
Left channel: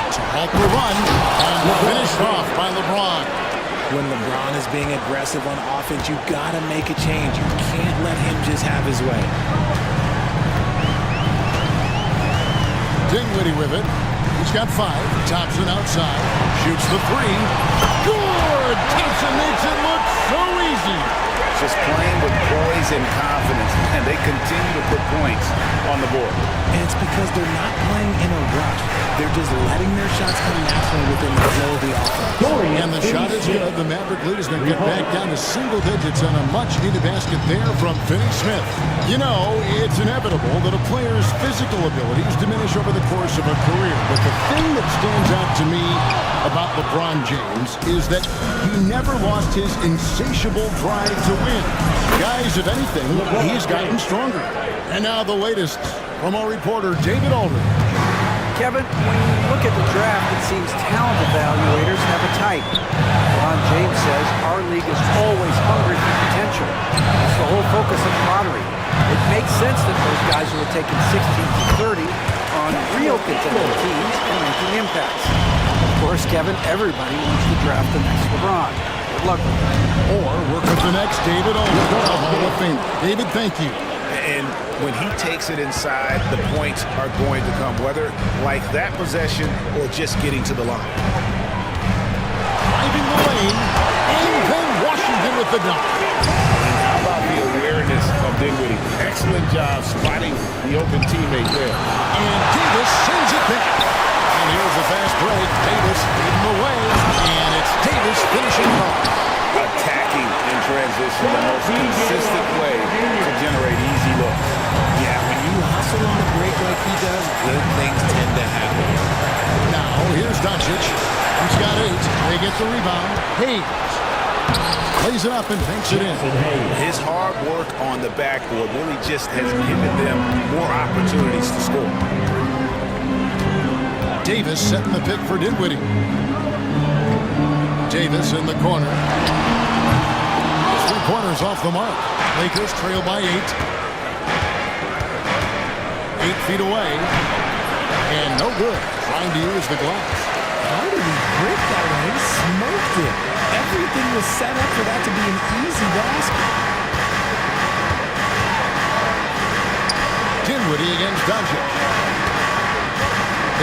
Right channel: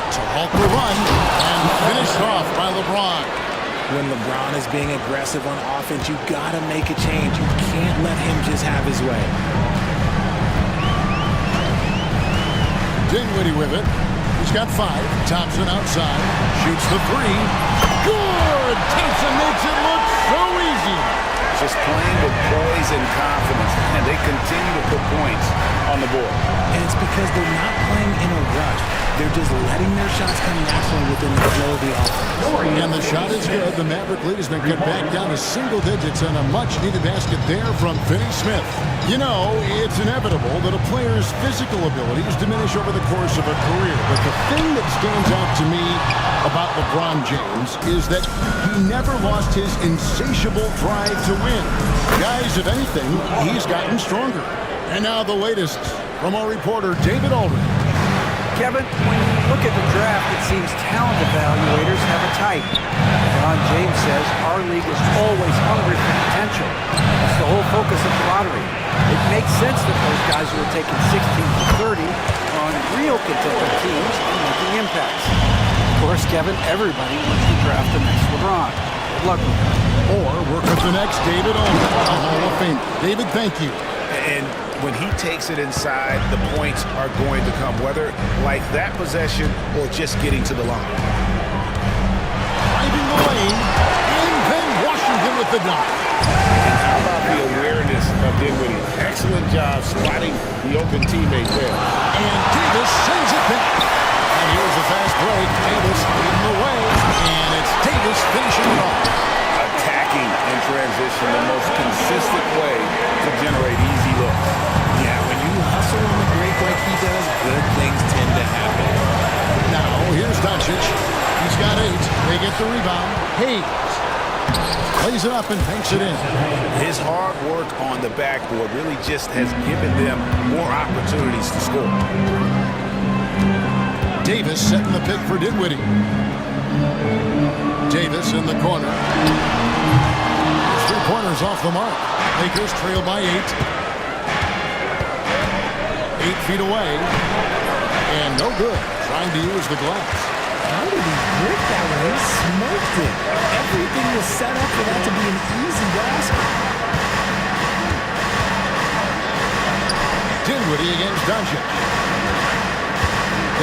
To halt the run and finished off by LeBron. When LeBron is being aggressive on offense, you got to make a change. You can't let him just have his way. Dinwiddie with it. He's got 5. Thompson outside. Shoots the 3. Good! Thompson makes it look so easy. Just playing with poise and confidence, and they continue to put points on the board. And it's because they're not playing in a rush. They're just letting their shots come naturally within the flow of the offense. And the shot is good. The Maverick lead has been cut back down to single digits on a much-needed basket there from Finney-Smith. You know, it's inevitable that a player's physical abilities diminish over the course of a career. But the thing that stands out to me about LeBron James is that he never lost his insatiable drive to win. Guys, if anything, he's gotten stronger. And now the latest from our reporter, David Aldridge. Kevin, when you look at the draft, it seems talent evaluators have a type. LeBron James says our league is always hungry for potential. That's the whole focus of the lottery. It makes sense that those guys who are taking 16 to 30 are on real contending teams and making impacts. Of course, Kevin, everybody wants to draft the next LeBron. Good luck with that. Or work with the next David Aldridge, a Hall of Famer. David, thank you. And when he takes it inside, the points are going to come, whether like that possession or just getting to the line. Driving the lane, and then Washington with the dunk. And how about the awareness of Dinwiddie? Excellent job spotting the open teammate there. And Davis sends it back. And here's a fast break. Davis leading the way, and it's Davis finishing it off. Attacking in transition, the most consistent way to generate easy looks. Yeah, when you hustle on the break like he does, good things tend to happen. Now, here's Doncic. He's got 8. They get the rebound. Hayes plays it up and banks it in. His hard work on the backboard really just has given them more opportunities to score. Davis setting the pick for Dinwiddie. Davis in the corner. His 3-pointers off the mark. Lakers trail by 8. 8 feet away. And no good. Trying to use the glass. How did he break that way? He smoked it. Everything was set up for that to be an easy basket. Dinwiddie against Doncic.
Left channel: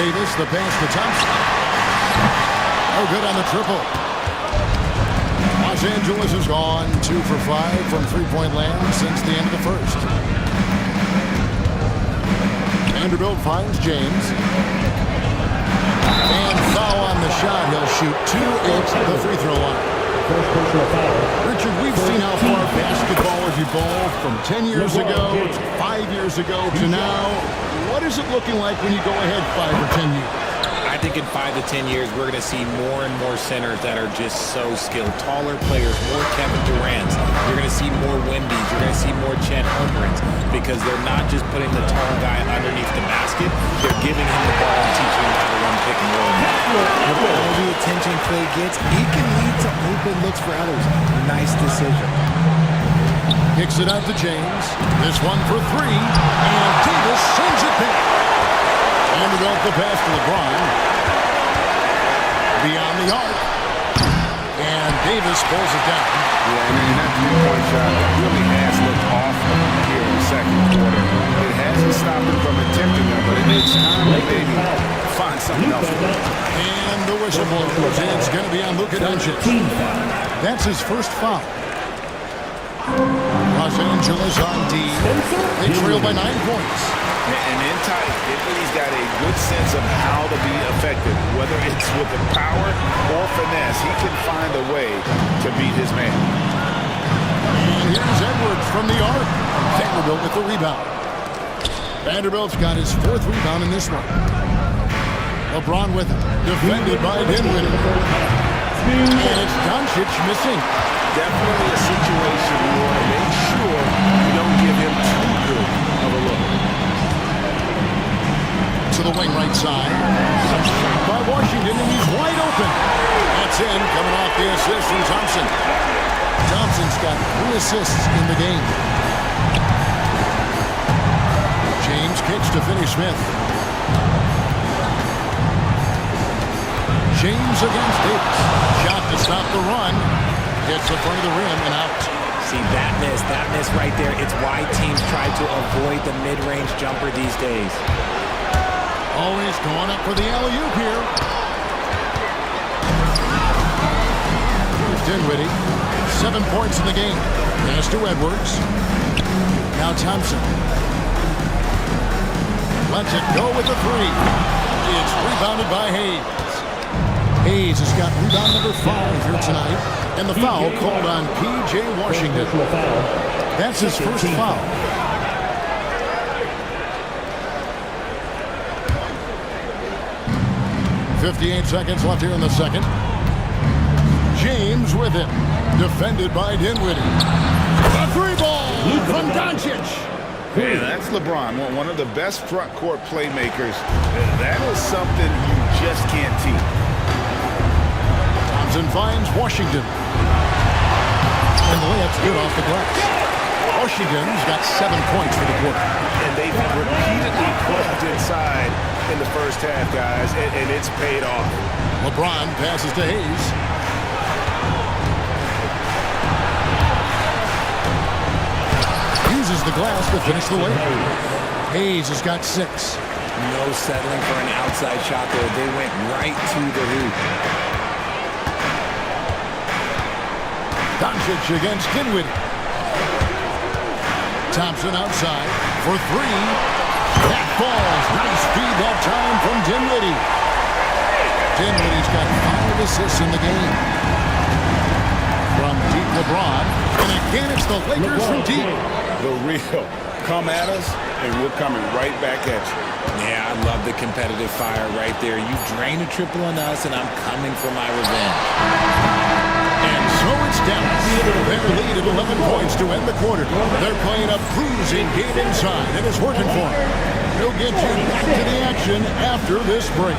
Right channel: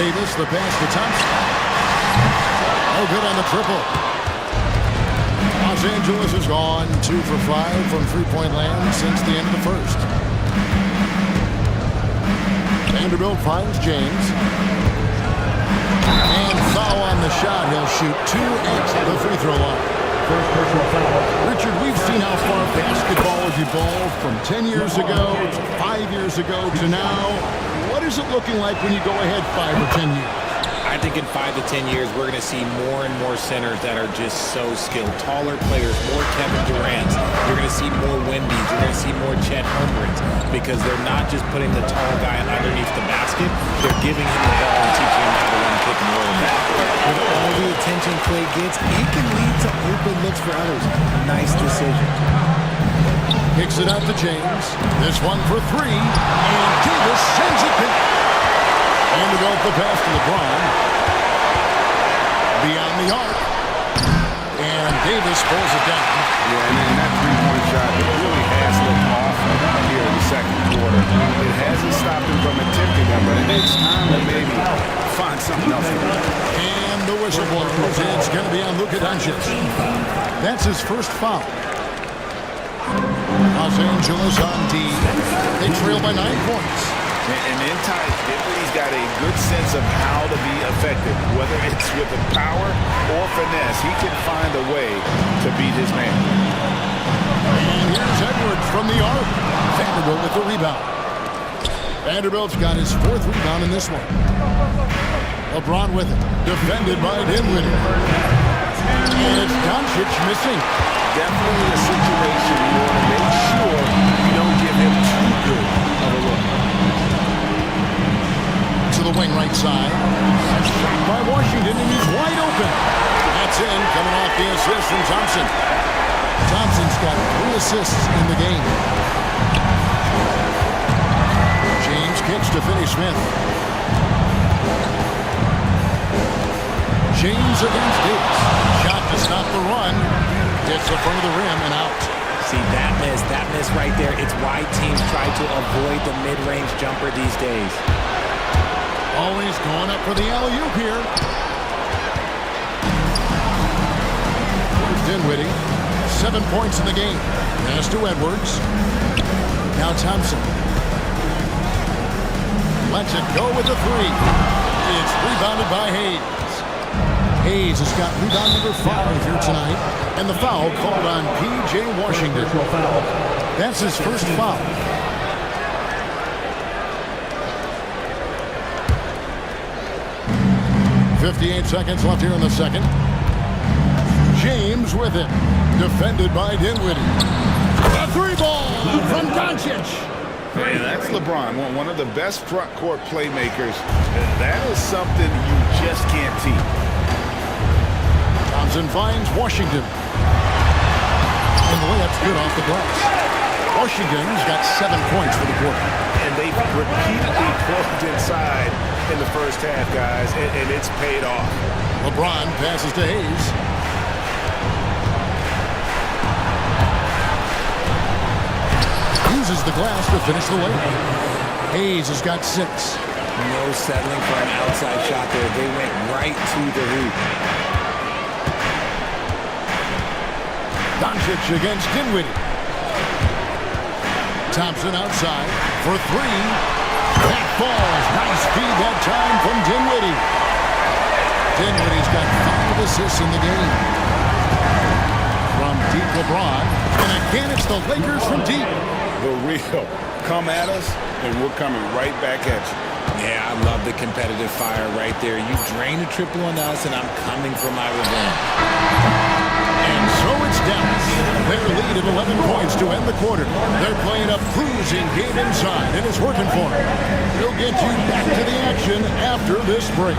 Davis, the pass to Thompson. No good on the triple. Los Angeles has gone 2 for 5 from three-point land since the end of the first. Vanderbilt finds James. And foul on the shot. He'll shoot 2 at the free throw line. Richard, we've seen how far basketball has evolved from 10 years ago to 5 years ago to now. What is it looking like when you go ahead 5 or 10 years? I think in 5 to 10 years, we're going to see more and more centers that are just so skilled. Taller players, more Kevin Durant's. You're going to see more Wemby's. You're going to see more Chet Holmgrens because they're not just putting the tall guy underneath the basket. They're giving him the ball and teaching him how to run pick and roll. With all the attention Clay gets, it can lead to open looks for others. Nice decision. Kicks it out to James. This one for 3. And Davis sends it back. Vanderbilt the pass to LeBron. Beyond the arc. And Davis pulls it down. Yeah, and that three-point shot, it really has looked off here in the second quarter. It hasn't stopped him from attempting them, but it's time to maybe find something else to do. And the whistle blows. It's going to be on Luka Doncic. That's his first foul. Los Angeles on D. They trail by 9 points. And in tight, Dinwiddie's got a good sense of how to be effective. Whether it's with the power or finesse, he can find a way to beat his man. And here's Edwards from the arc. Vanderbilt with the rebound. Vanderbilt's got his 4th rebound in this one. LeBron with it. Defended by Dinwiddie. And it's Doncic missing. Definitely a situation you want to make sure you don't give him too good of a look. To the wing right side. A shot by Washington, and he's wide open. That's in, coming off the assist from Thompson. Thompson's got 3 assists in the game. James kicks to Finney Smith. James against Davis. Shot to stop the run. Hits the front of the rim and out. See, that miss right there, it's why teams try to avoid the mid-range jumper these days. Always going up for the alley-oop here. Here's Dinwiddie. 7 points in the game. Pass to Edwards. Now Thompson. Lets it go with the 3. It's rebounded by Hayes. Hayes has got rebound number 5 here tonight. And the foul called on P.J. Washington. That's his first foul. .58 seconds left here in the second. James with it. Defended by Dinwiddie. A 3-ball from Doncic. And that's LeBron, one of the best front court playmakers. That is something you just can't teach. Thompson finds Washington. And the layup's good off the glass. Washington's got 7 points for the quarter. And they've repeatedly pulled inside in the first half, guys, and it's paid off. LeBron passes to Hayes. Uses the glass to finish the layup. Hayes has got 6. No settling for an outside shot there. They went right to the hoop. Doncic against Dinwiddie. Thompson outside for 3. That falls. Nice feed that time from Dinwiddie. Dinwiddie's got 5 assists in the game. From deep LeBron. And again, it's the Lakers from deep. The real. Come at us, and we're coming right back at you. Yeah, I love the competitive fire right there. You drain a triple on us, and I'm coming for my revenge. And so it's Dallas. Their lead at 11 points to end the quarter. They're playing a bruising game inside, and it's working for them. We'll get you back to the action after this break.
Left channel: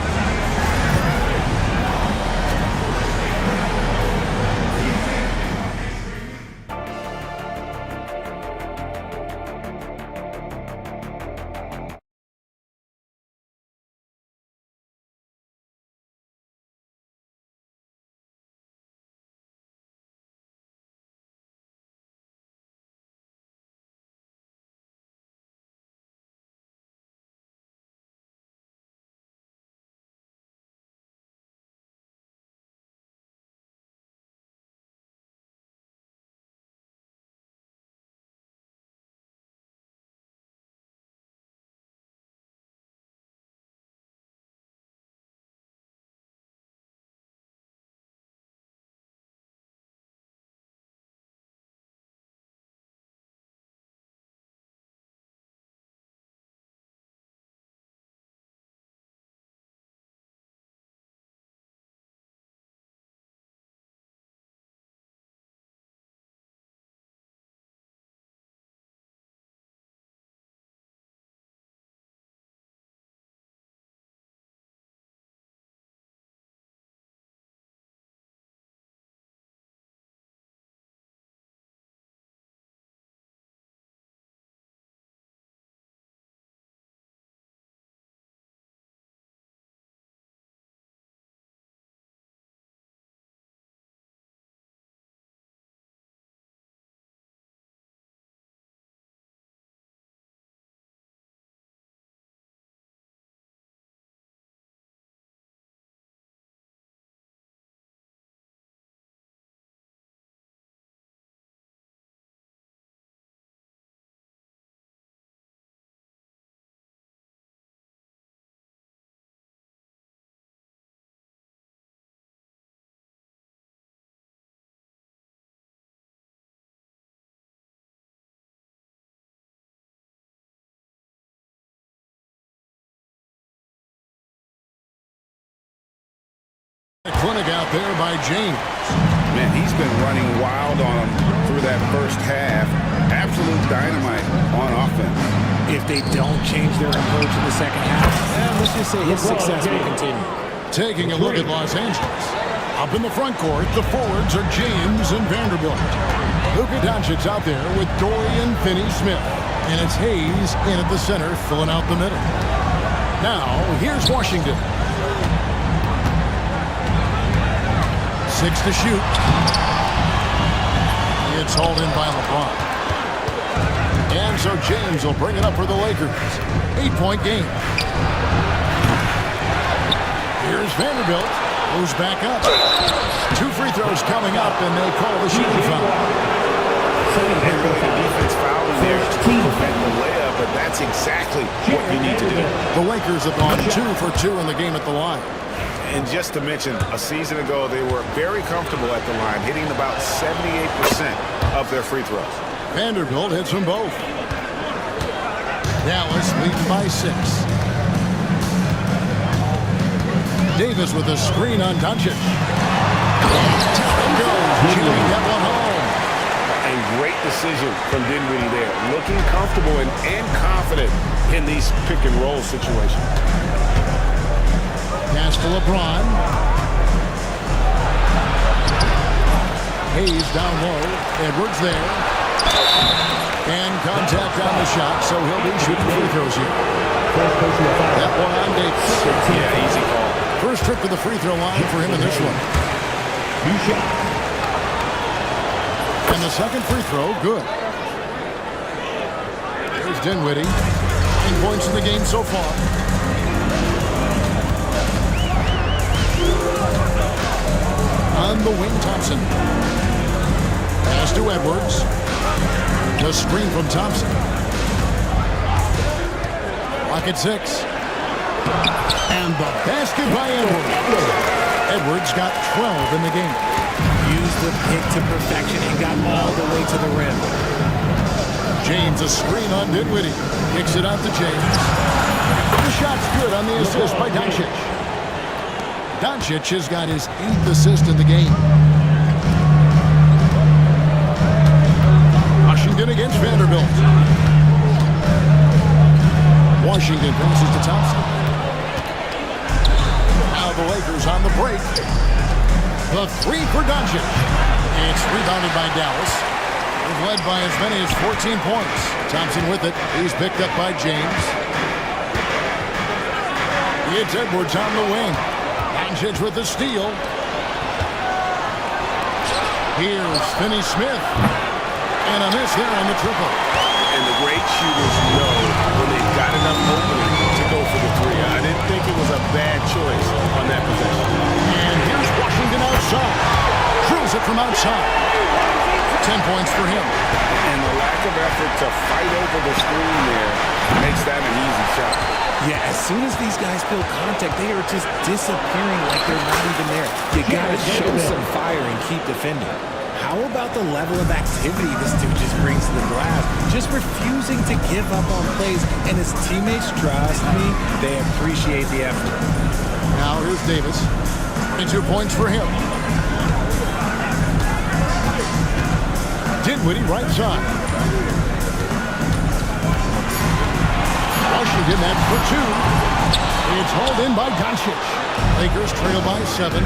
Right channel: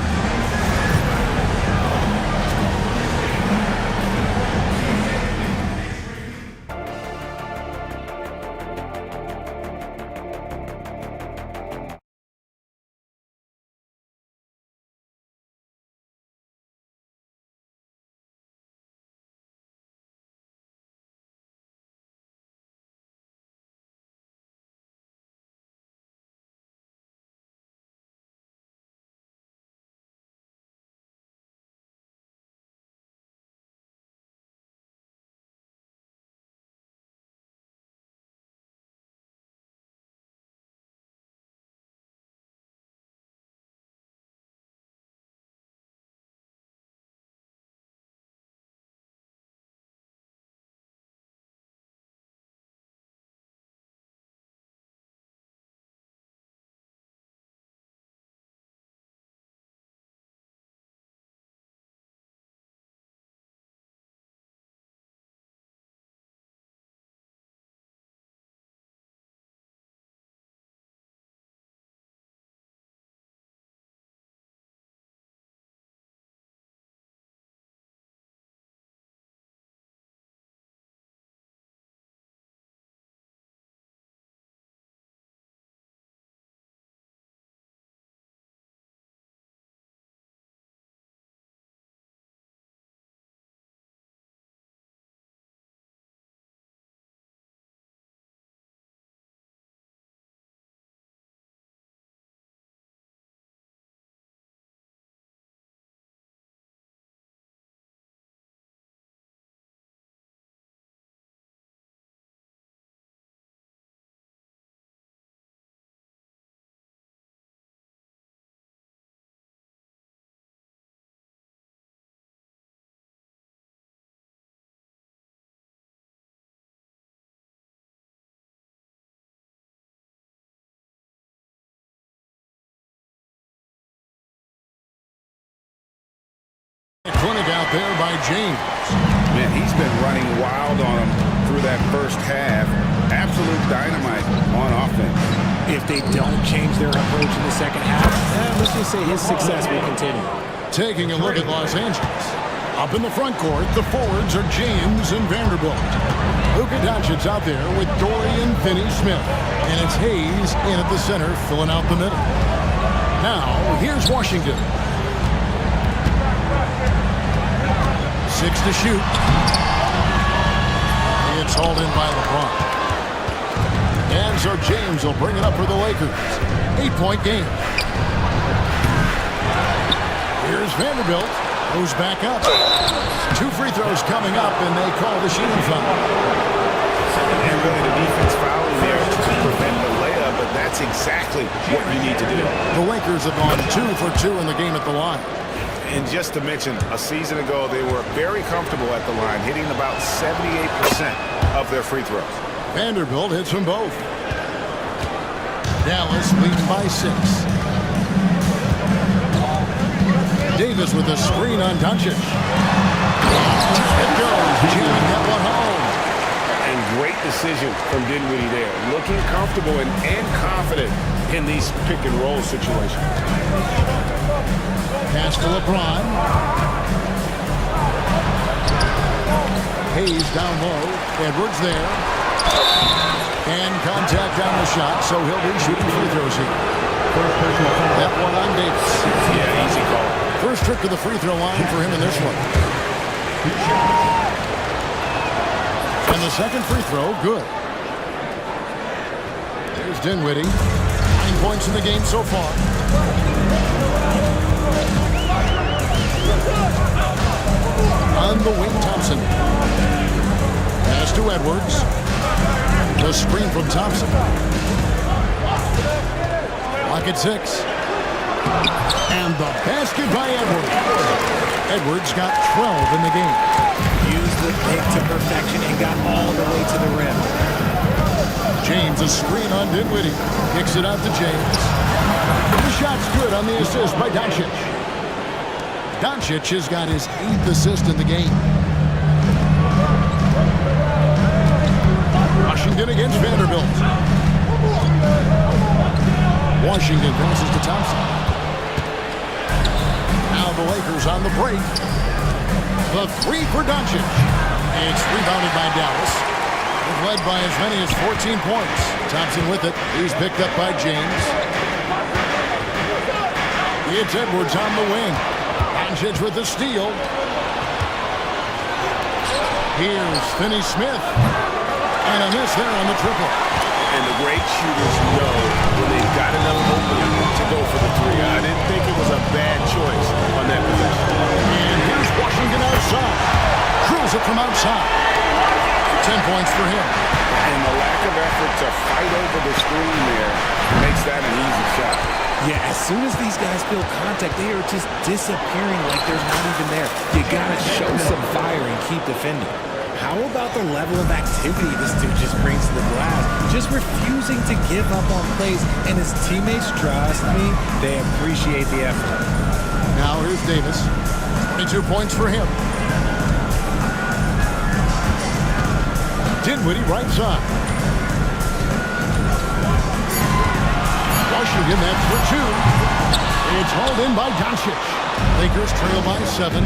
Clinic out there by James. Man, he's been running wild on him through that first half. Absolute dynamite on offense. If they don't change their approach in the second half, let's just say his success will continue. Taking a look at Los Angeles. Up in the front court, the forwards are James and Vanderbilt. Luka Doncic's out there with Dorian Finney-Smith. And it's Hayes in at the center, filling out the middle. Now, here's Washington. 6 to shoot. It's hauled in by LeBron. And so James will bring it up for the Lakers. 8-point game. Here's Vanderbilt. Moves back up. 2 free throws coming up, and they call the shooting foul. And really the defense fouling there to prevent the layup, but that's exactly what you need to do. The Lakers have gone 2 for 2 in the game at the line. And just to mention, a season ago, they were very comfortable at the line, hitting about 78% of their free throws. Vanderbilt hits them both. Dallas leading by 6. Davis with a screen on Doncic. Down it goes, jamming that one home. And great decision from Dinwiddie there. Looking comfortable and confident in these pick-and-roll situations. Pass to LeBron. Hayes down low. Edwards there. And contact on the shot, so he'll be shooting free throws here. That one on Davis. Yeah, easy call. First trip to the free throw line for him in this one. And the second free throw, good. Here's Dinwiddie. 9 points in the game so far. On the wing, Thompson. Pass to Edwards. The screen from Thompson. Lock at 6. And the basket by Edwards. Edwards got 12 in the game. Used the pick to perfection and got all the way to the rim. James, a screen on Dinwiddie. Kicks it out to James. The shot's good on the assist by Doncic. Doncic has got his 8th assist in the game. Washington against Vanderbilt. Washington passes to Thompson. Now the Lakers on the break. The 3 for Doncic. It's rebounded by Dallas. They've led by as many as 14 points. Thompson with it. He's picked up by James. It's Edwards on the wing. Doncic with the steal. Here's Finney-Smith. And a miss there on the triple. And the great shooters know when they've got enough opening to go for the 3. I didn't think it was a bad choice on that possession. And here's Washington outside. Drills it from outside. 10 points for him. And the lack of effort to fight over the screen there makes that an easy shot. Yeah, as soon as these guys feel contact, they are just disappearing like they're not even there. You gotta show some fire and keep defending. How about the level of activity this dude just brings to the glass? Just refusing to give up on plays, and his teammates, trust me, they appreciate the effort. Now here's Davis. 22 points for him. Dinwiddie right side. Washington, that's for 2. It's hauled in by Doncic. Lakers trail by 7.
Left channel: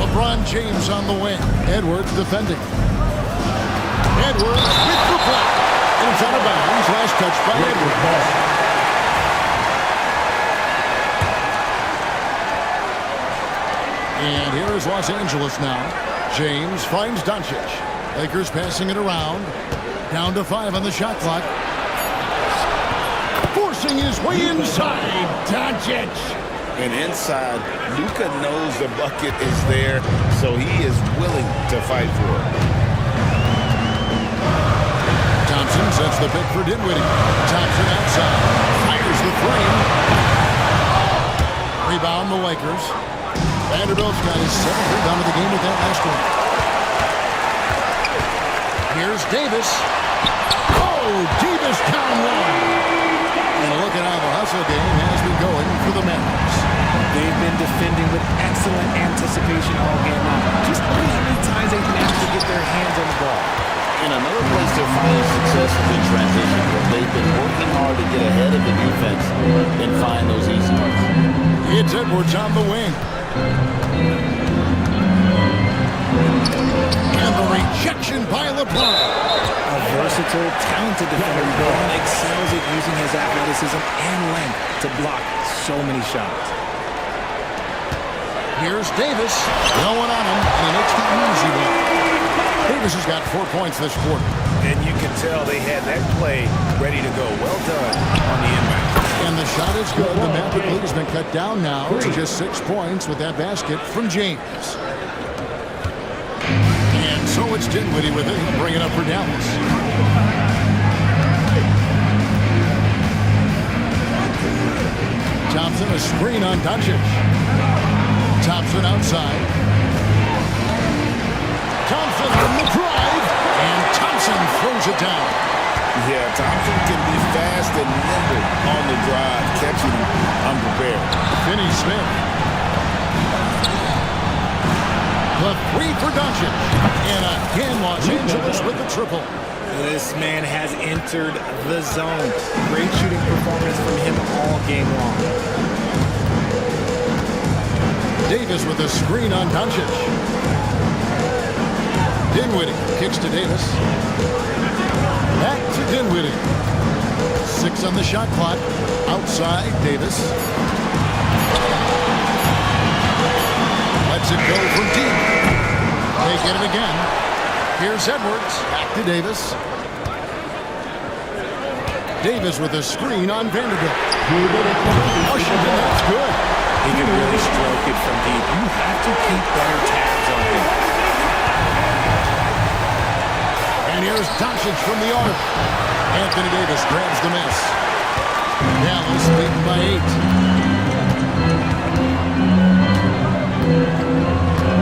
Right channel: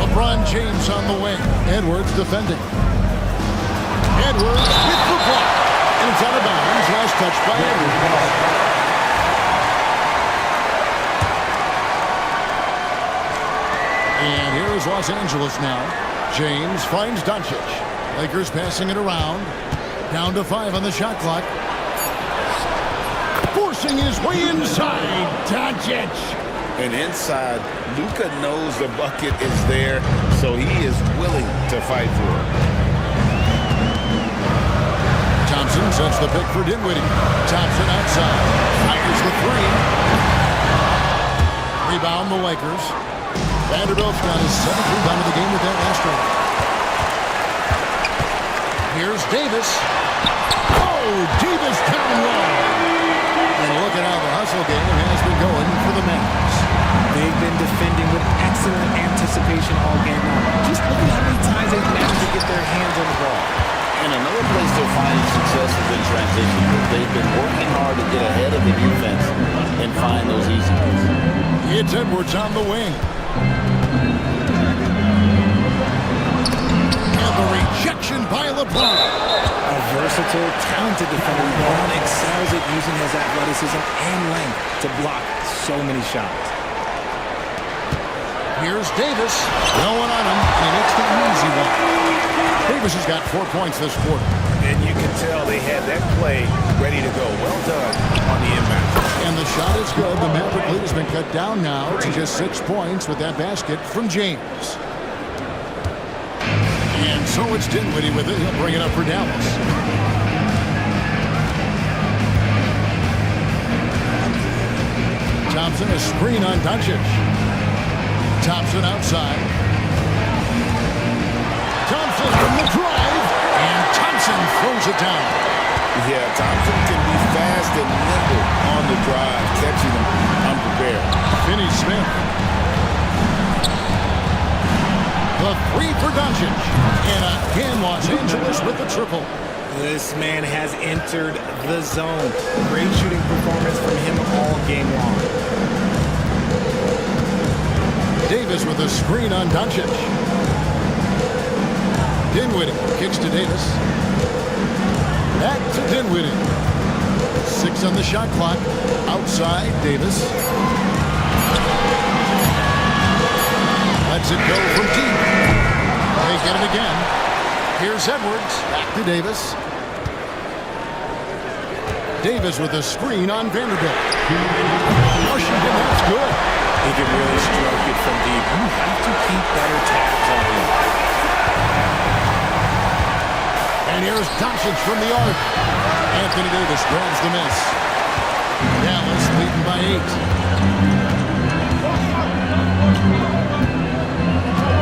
LeBron James on the wing. Edwards defending. Edwards with the block. And it's out of bounds. Last touch by Edwards. And here is Los Angeles now. James finds Doncic. Lakers passing it around. Down to 5 on the shot clock. Forcing his way inside. Doncic. And inside, Luka knows the bucket is there, so he is willing to fight for it. Thompson sets the pick for Dinwiddie. Thompson outside. Fires the 3. Rebound the Lakers. Vanderbilt's got his 7th rebound of the game with that last one. Here's Davis. Oh, Davis down low. And look at how the hustle game has been going for the Mavericks. They've been defending with excellent anticipation all game long. Just look at how many times they've managed to get their hands on the ball. And another place they're finding success is in transition. They've been working hard to get ahead of the defense and find those easy ones. It's Edwards on the wing. And the rejection by LeBron. A versatile, talented defender, LeBron excels at using his athleticism and length to block so many shots. Here's Davis. No one on him, and he makes the easy one. Davis has got 4 points this quarter. And you can tell they had that play ready to go. Well done on the inbound. And the shot is good. The Maverick lead has been cut down now to just 6 points with that basket from James. And so it's Dinwiddie with it. He'll bring it up for Dallas. Thompson, a screen on Doncic. Thompson outside. Thompson on the drive, and Thompson throws it down. Yeah, Thompson can be fast and nimble on the drive, catching him unprepared. Finney-Smith. The three for Doncic. And again, Los Angeles with the triple. This man has entered the zone. Great shooting performance from him all game long. Davis with a screen on Doncic. Dinwiddie kicks to Davis. Back to Dinwiddie. 6 on the shot clock. Outside, Davis. Lets it go from deep. They get it again. Here's Edwards. Back to Davis. Davis with a screen on Vanderbilt. Washington, that's good. He can really stroke it from deep. You have to keep better tabs on him. And here's Doncic from the arc. Anthony Davis grabs the miss. Dallas leading by 8.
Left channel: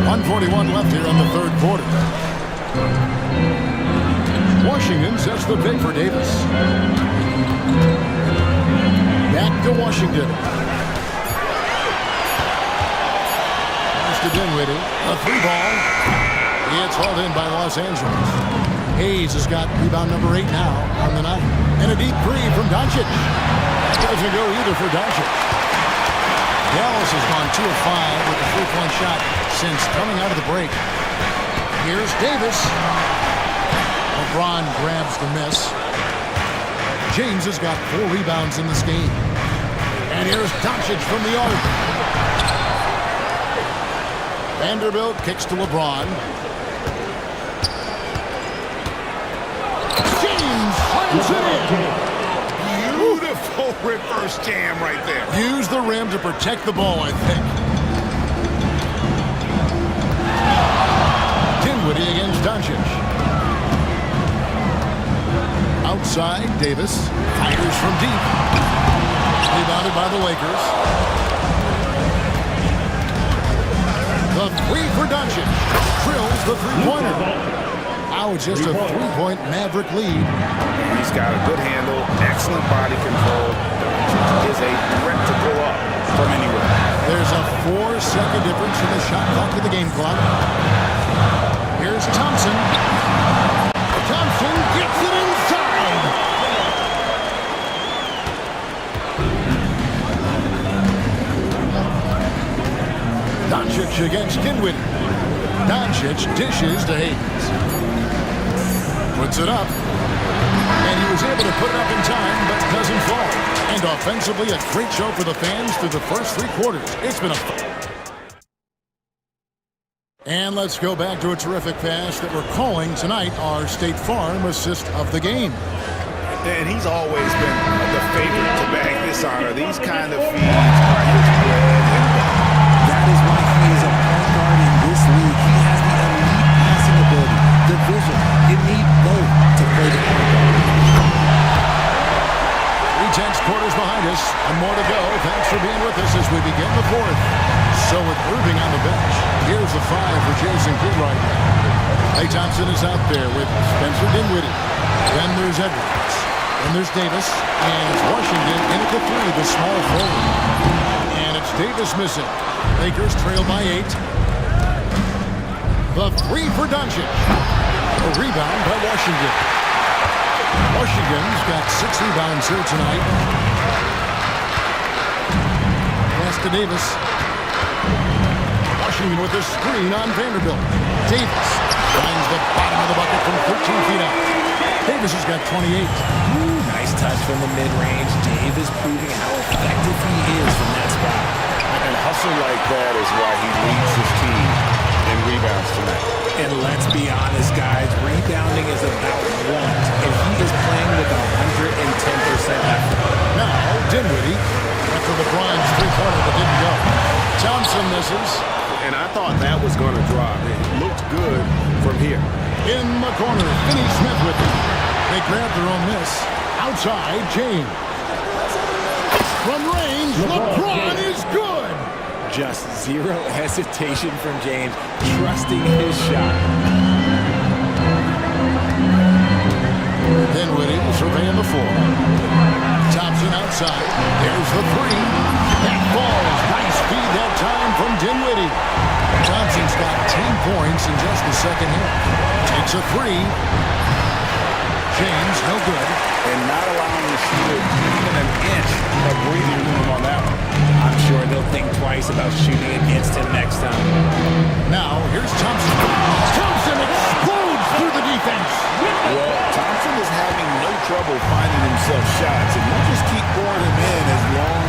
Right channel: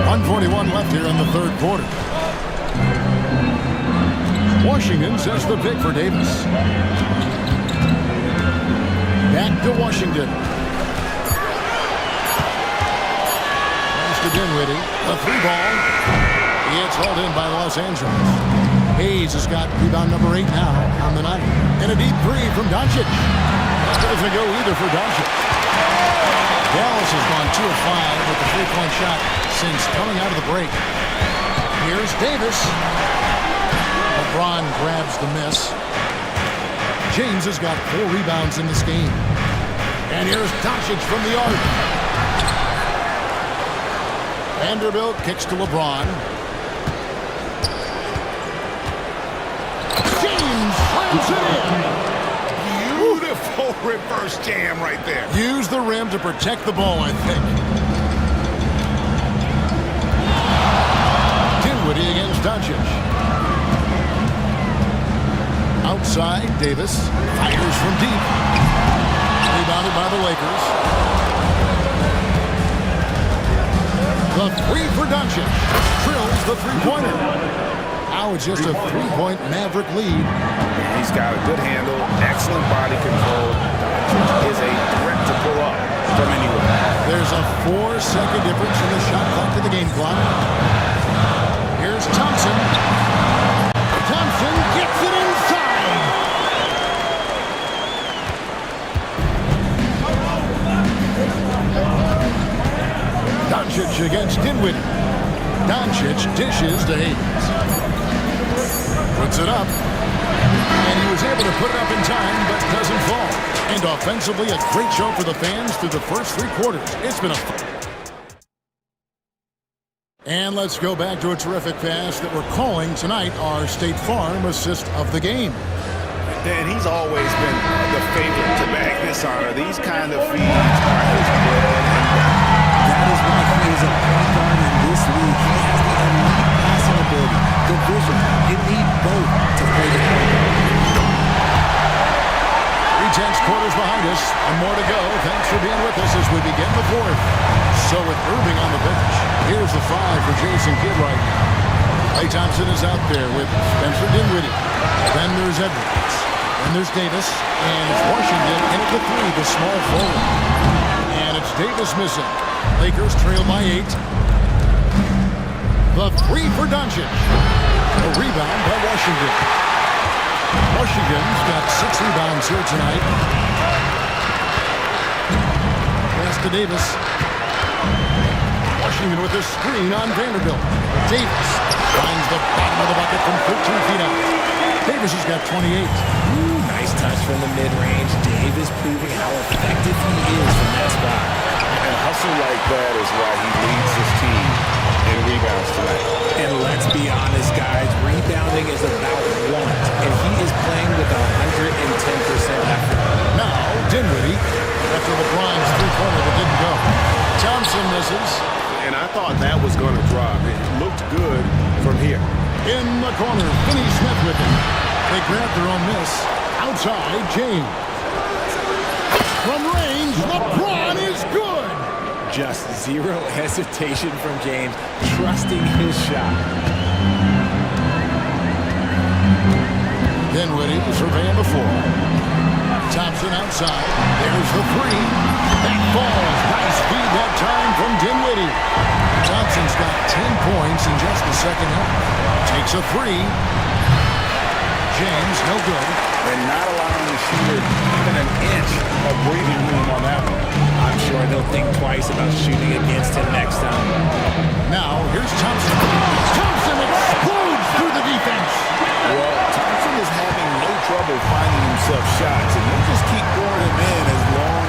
1:41 left here in the third quarter. Washington sets the pick for Davis. Back to Washington. Pass to Dinwiddie. A 3-ball. It's hauled in by Los Angeles. Hayes has got rebound number 8 now on the night. And a deep 3 from Doncic. That doesn't go either for Doncic. Dallas has gone 2 of 5 with the 3-point shot since coming out of the break. Here's Davis. LeBron grabs the miss. James has got 4 rebounds in this game. And here's Doncic from the arc. Vanderbilt kicks to LeBron. James slams it in. Beautiful reverse jam right there. Use the rim to protect the ball, I think. Dinwiddie against Doncic. Outside, Davis fires from deep. Rebounded by the Lakers. The 3 for Doncic. Drills the 3-pointer. Now it's just a 3-point Maverick lead. He's got a good handle, excellent body control. Doncic is a threat to pull up from anywhere. There's a 4-second difference in the shot clock to the game clock. Here's Thompson. Thompson gets it inside. Doncic against Dinwiddie. Doncic dishes to Hayes. Puts it up. And he was able to put it up in time, but doesn't fall. And offensively, a great show for the fans through the first 3 quarters. It's been a fun. And let's go back to a terrific pass that we're calling tonight our State Farm assist of the game. And he's always been the favorite to bag this honor. These kind of feeds are his bread and butter. That is why he is a point guard in this league. He has the elite passing ability, the vision. You need both to play the point guard. 3 quarters behind us. One more to go. Thanks for being with us as we begin the 4th. So with Irving on the bench, here's the 5 for Jason Kidd right now. Klay Thompson is out there with Spencer Dinwiddie. Then there's Edwards. And there's Davis, and it's Washington in at the three, the small forward. And it's Davis missing. Lakers trail by 8. The three for Doncic. A rebound by Washington. Washington's got 6 rebounds here tonight. Pass to Davis. Washington with a screen on Vanderbilt. Davis finds the bottom of the bucket from 13 feet out. Davis has got 28. Ooh, nice touch from the mid-range. Davis proving how effective he is from that spot. And hustle like that is why he leads his team in rebounds tonight. And let's be honest, guys, rebounding is about want, and he is playing with 110% effort. Now, Dinwiddie, after LeBron's three-pointer that didn't go. Thompson misses. And I thought that was going to drop. It looked good from here. In the corner, Finney-Smith with him. They grab their own miss. Outside, James. From range, LeBron is good. Just zero hesitation from James, trusting his shot. Dinwiddie surveying the floor. Thompson outside. There's the three. That falls. Nice feed that time from Dinwiddie. Thompson's got 10 points in just the second half. Takes a three. James, no good. And not allowing the shooter even an inch of breathing room on that one. I'm sure they'll think twice about shooting against him next time. Now, here's Thompson. Thompson explodes through the defense. Well, Thompson is having no trouble finding himself shots, and he'll just keep pouring them in as long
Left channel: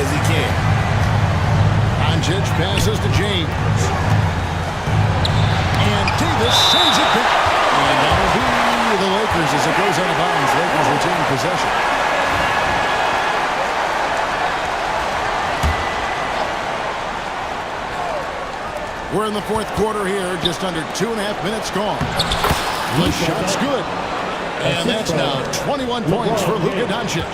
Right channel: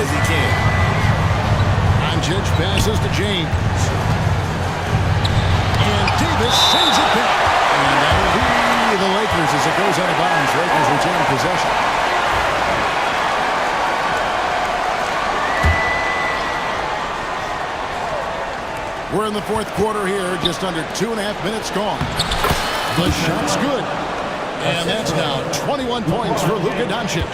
as he can. Doncic passes to James. And Davis sends it back. And that'll be the Lakers as it goes out of bounds. Lakers retain possession. We're in the fourth quarter here, just under 2.5 minutes gone. The shot's good. And that's now 21 points for Luka Doncic.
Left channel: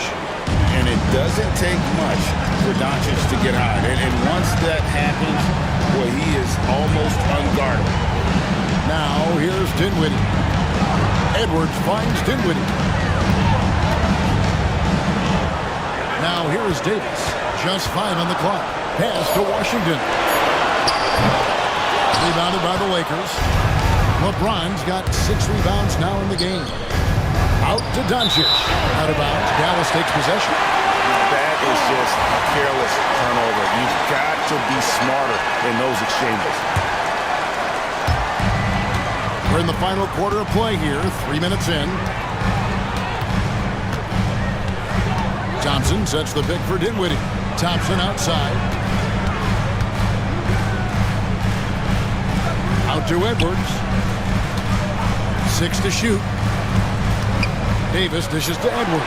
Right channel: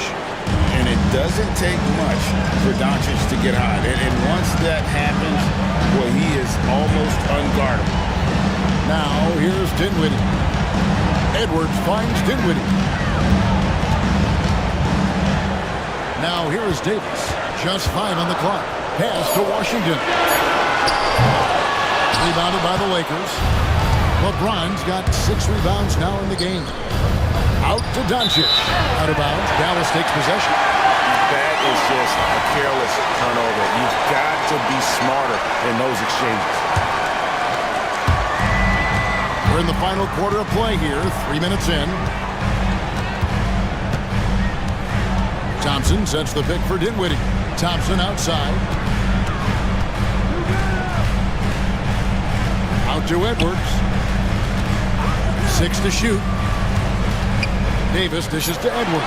And it doesn't take much for Doncic to get hot. And once that happens, boy, he is almost unguardable. Now, here's Dinwiddie. Edwards finds Dinwiddie. Now, here is Davis. Just 5 on the clock. Pass to Washington. Rebounded by the Lakers. LeBron's got 6 rebounds now in the game. Out to Doncic. Out of bounds. Dallas takes possession. That is just a careless turnover. You've got to be smarter in those exchanges. We're in the final quarter of play here. 3 minutes in. Thompson sets the pick for Dinwiddie. Thompson outside. Out to Edwards. 6 to shoot. Davis dishes to Edwards.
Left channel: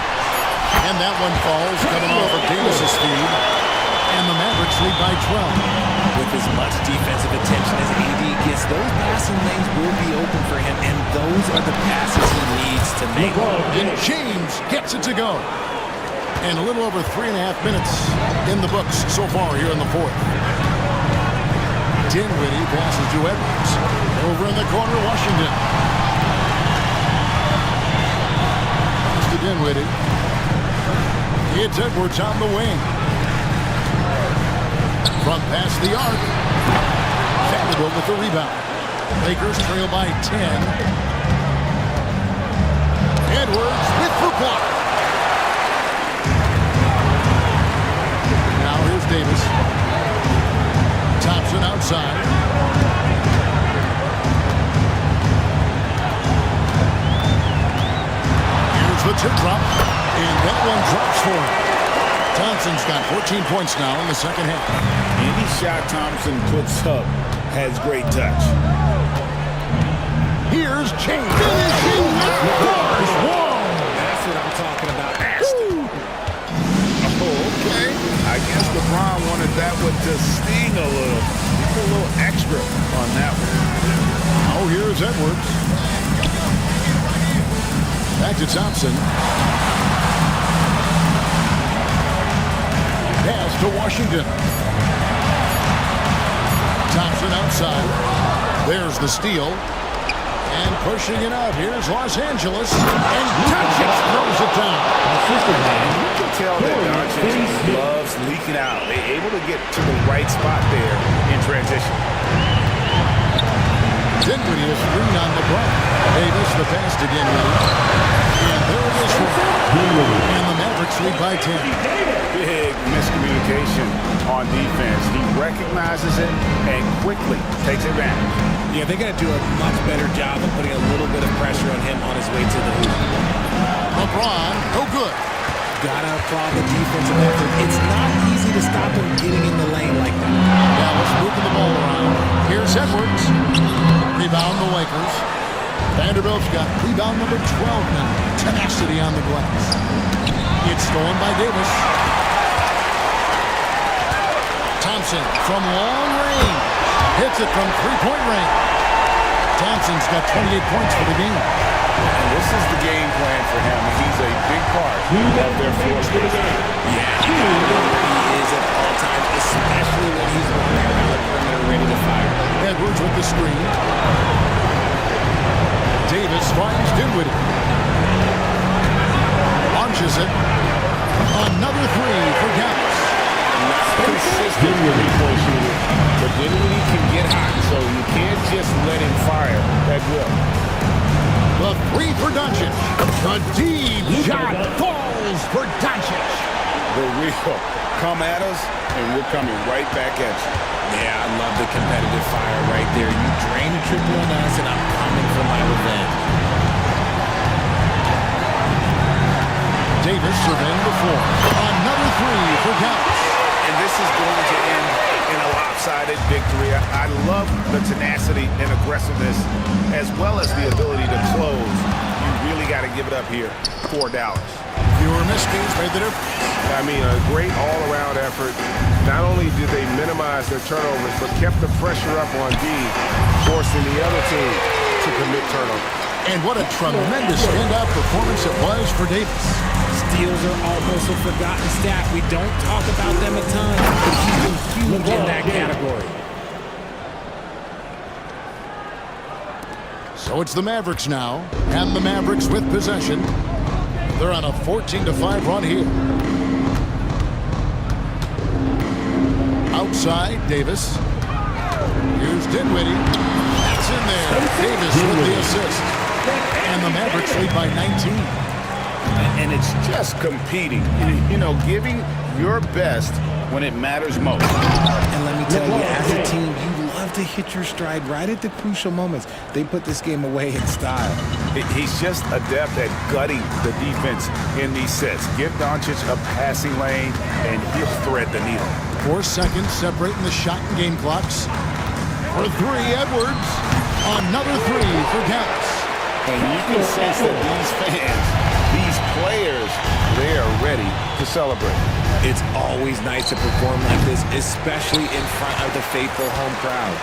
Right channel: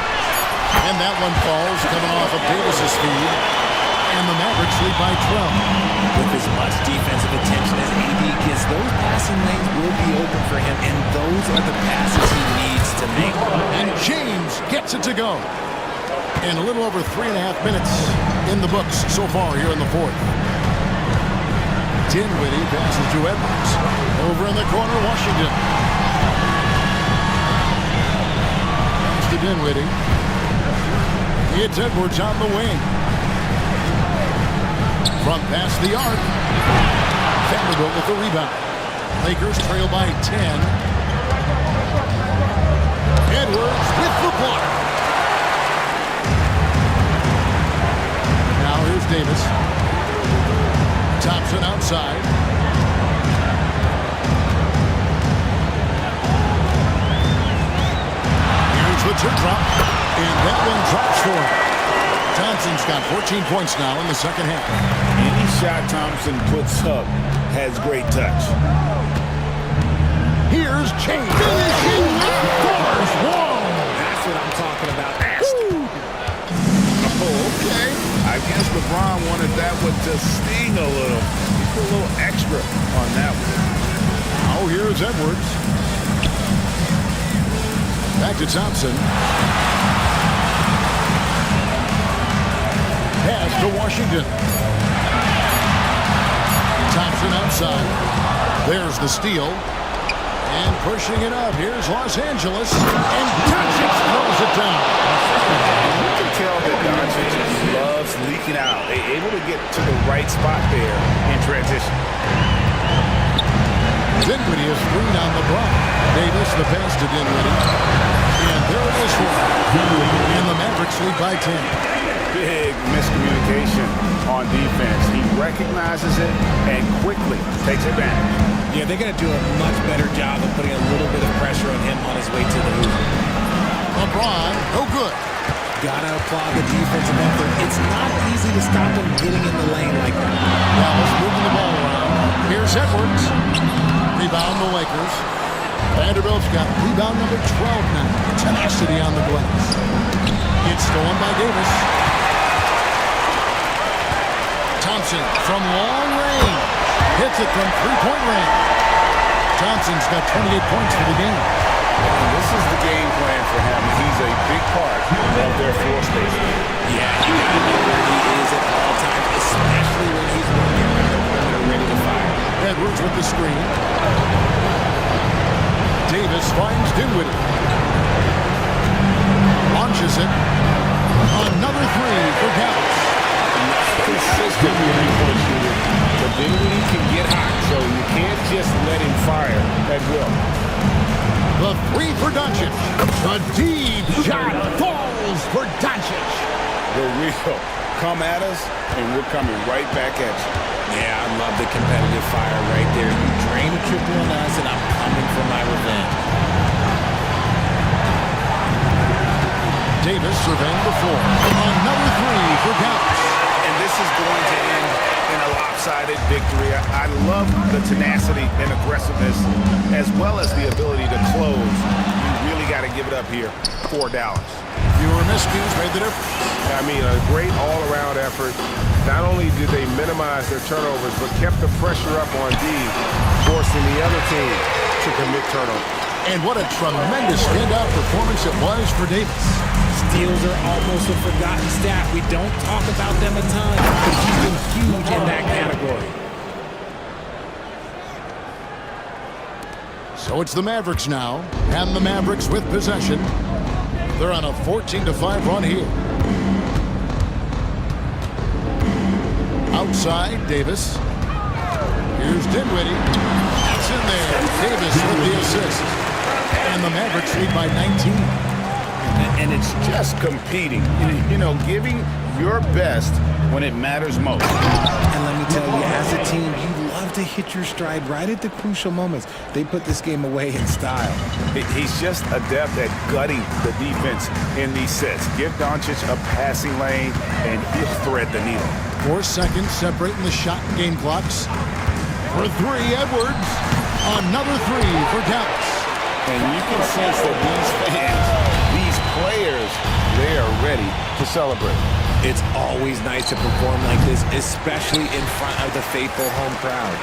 And that one falls, coming off of Davis's feed. And the Mavericks lead by 12. With as much defensive attention as AD gets, those passing lanes will be open for him, and those are the passes he needs to make. And James gets it to go. And a little over 3.5 minutes in the books so far here in the fourth. Dinwiddie passes to Edwards. Over in the corner, Washington. Comes to Dinwiddie. It's Edwards on the wing. Front past the arc. Vanderbilt with the rebound. Lakers trail by 10. Edwards with the block. Now here's Davis. Thompson outside. Here's the teardrop. And that one drops for him. Thompson's got 14 points now in the second half. Any shot Thompson puts up has great touch. Here's James. Finishing with bars. Whoa! That's what I'm talking about. Oh, okay. I guess LeBron wanted that one to sting a little. He put a little extra on that one. Now here's Edwards. Back to Thompson. Pass to Washington. Thompson outside. There's the steal. And pushing it up, here's Los Angeles, and Doncic throws it down. You can tell that Doncic loves leaking out. They're able to get to the right spot there in transition. Dinwiddie is green on LeBron. Davis, the pass to Dinwiddie. And there it is for him. And the Mavericks lead by 10. Big miscommunication on defense. He recognizes it and quickly takes advantage. Yeah, they're going to do a much better job of putting a little bit of pressure on him on his way to the hoop. LeBron, no good. Gotta applaud the defensive effort. It's not easy to stop him getting in the lane like that. Dallas moving the ball around. Here's Edwards. Rebound the Lakers. Vanderbilt's got rebound number 12 now. Tenacity on the glass. It's stolen by Davis. Thompson from long range. Hits it from three-point range. Thompson's got 28 points for the game. And this is the game plan for him. He's a big part of their floor space. Yeah, you gotta know where he is at all times, especially when he's walking around the perimeter ready to fire. Edwards with the screen. Davis finds Dinwiddie. Launches it. Another three for Dallas. Not a consistent three-point shooter, but Dinwiddie can get hot, so you can't just let him fire at will. The three for Doncic. The deep shot falls for Doncic. The real come at us, and we're coming right back at you. Yeah, I love the competitive fire right there. You drain a triple on us, and I'm coming for my revenge. Davis surveying the floor. Another three for Dallas. And this is going to end in a lopsided victory. I love the tenacity and aggressiveness, as well as the ability to close. You really got to give it up here for Dallas. Fewer miscues made the difference. I mean, a great all-around effort. Not only did they minimize their turnovers, but kept the pressure up on D, forcing the other team to commit turnovers. And what a tremendous standout performance it was for Davis. Steals are almost a forgotten stat. We don't talk about them a ton, but he's been huge in that category. So it's the Mavericks now, and the Mavericks with possession. They're on a 14-5 run here. Outside, Davis. Here's Dinwiddie. That's in there. Davis with the assist. And the Mavericks lead by 19. And it's just competing, you know, giving your best when it matters most. And let me tell you, as a team, you love to hit your stride right at the crucial moments. They put this game away in style. He's just adept at gutting the defense in these sets. Give Doncic a passing lane, and he'll thread the needle. 4 seconds separating the shot and game clocks. For three, Edwards. Another three for Dallas. And you can sense that these fans, these players, they are ready to celebrate. It's always nice to perform like this, especially in front of the faithful home crowd.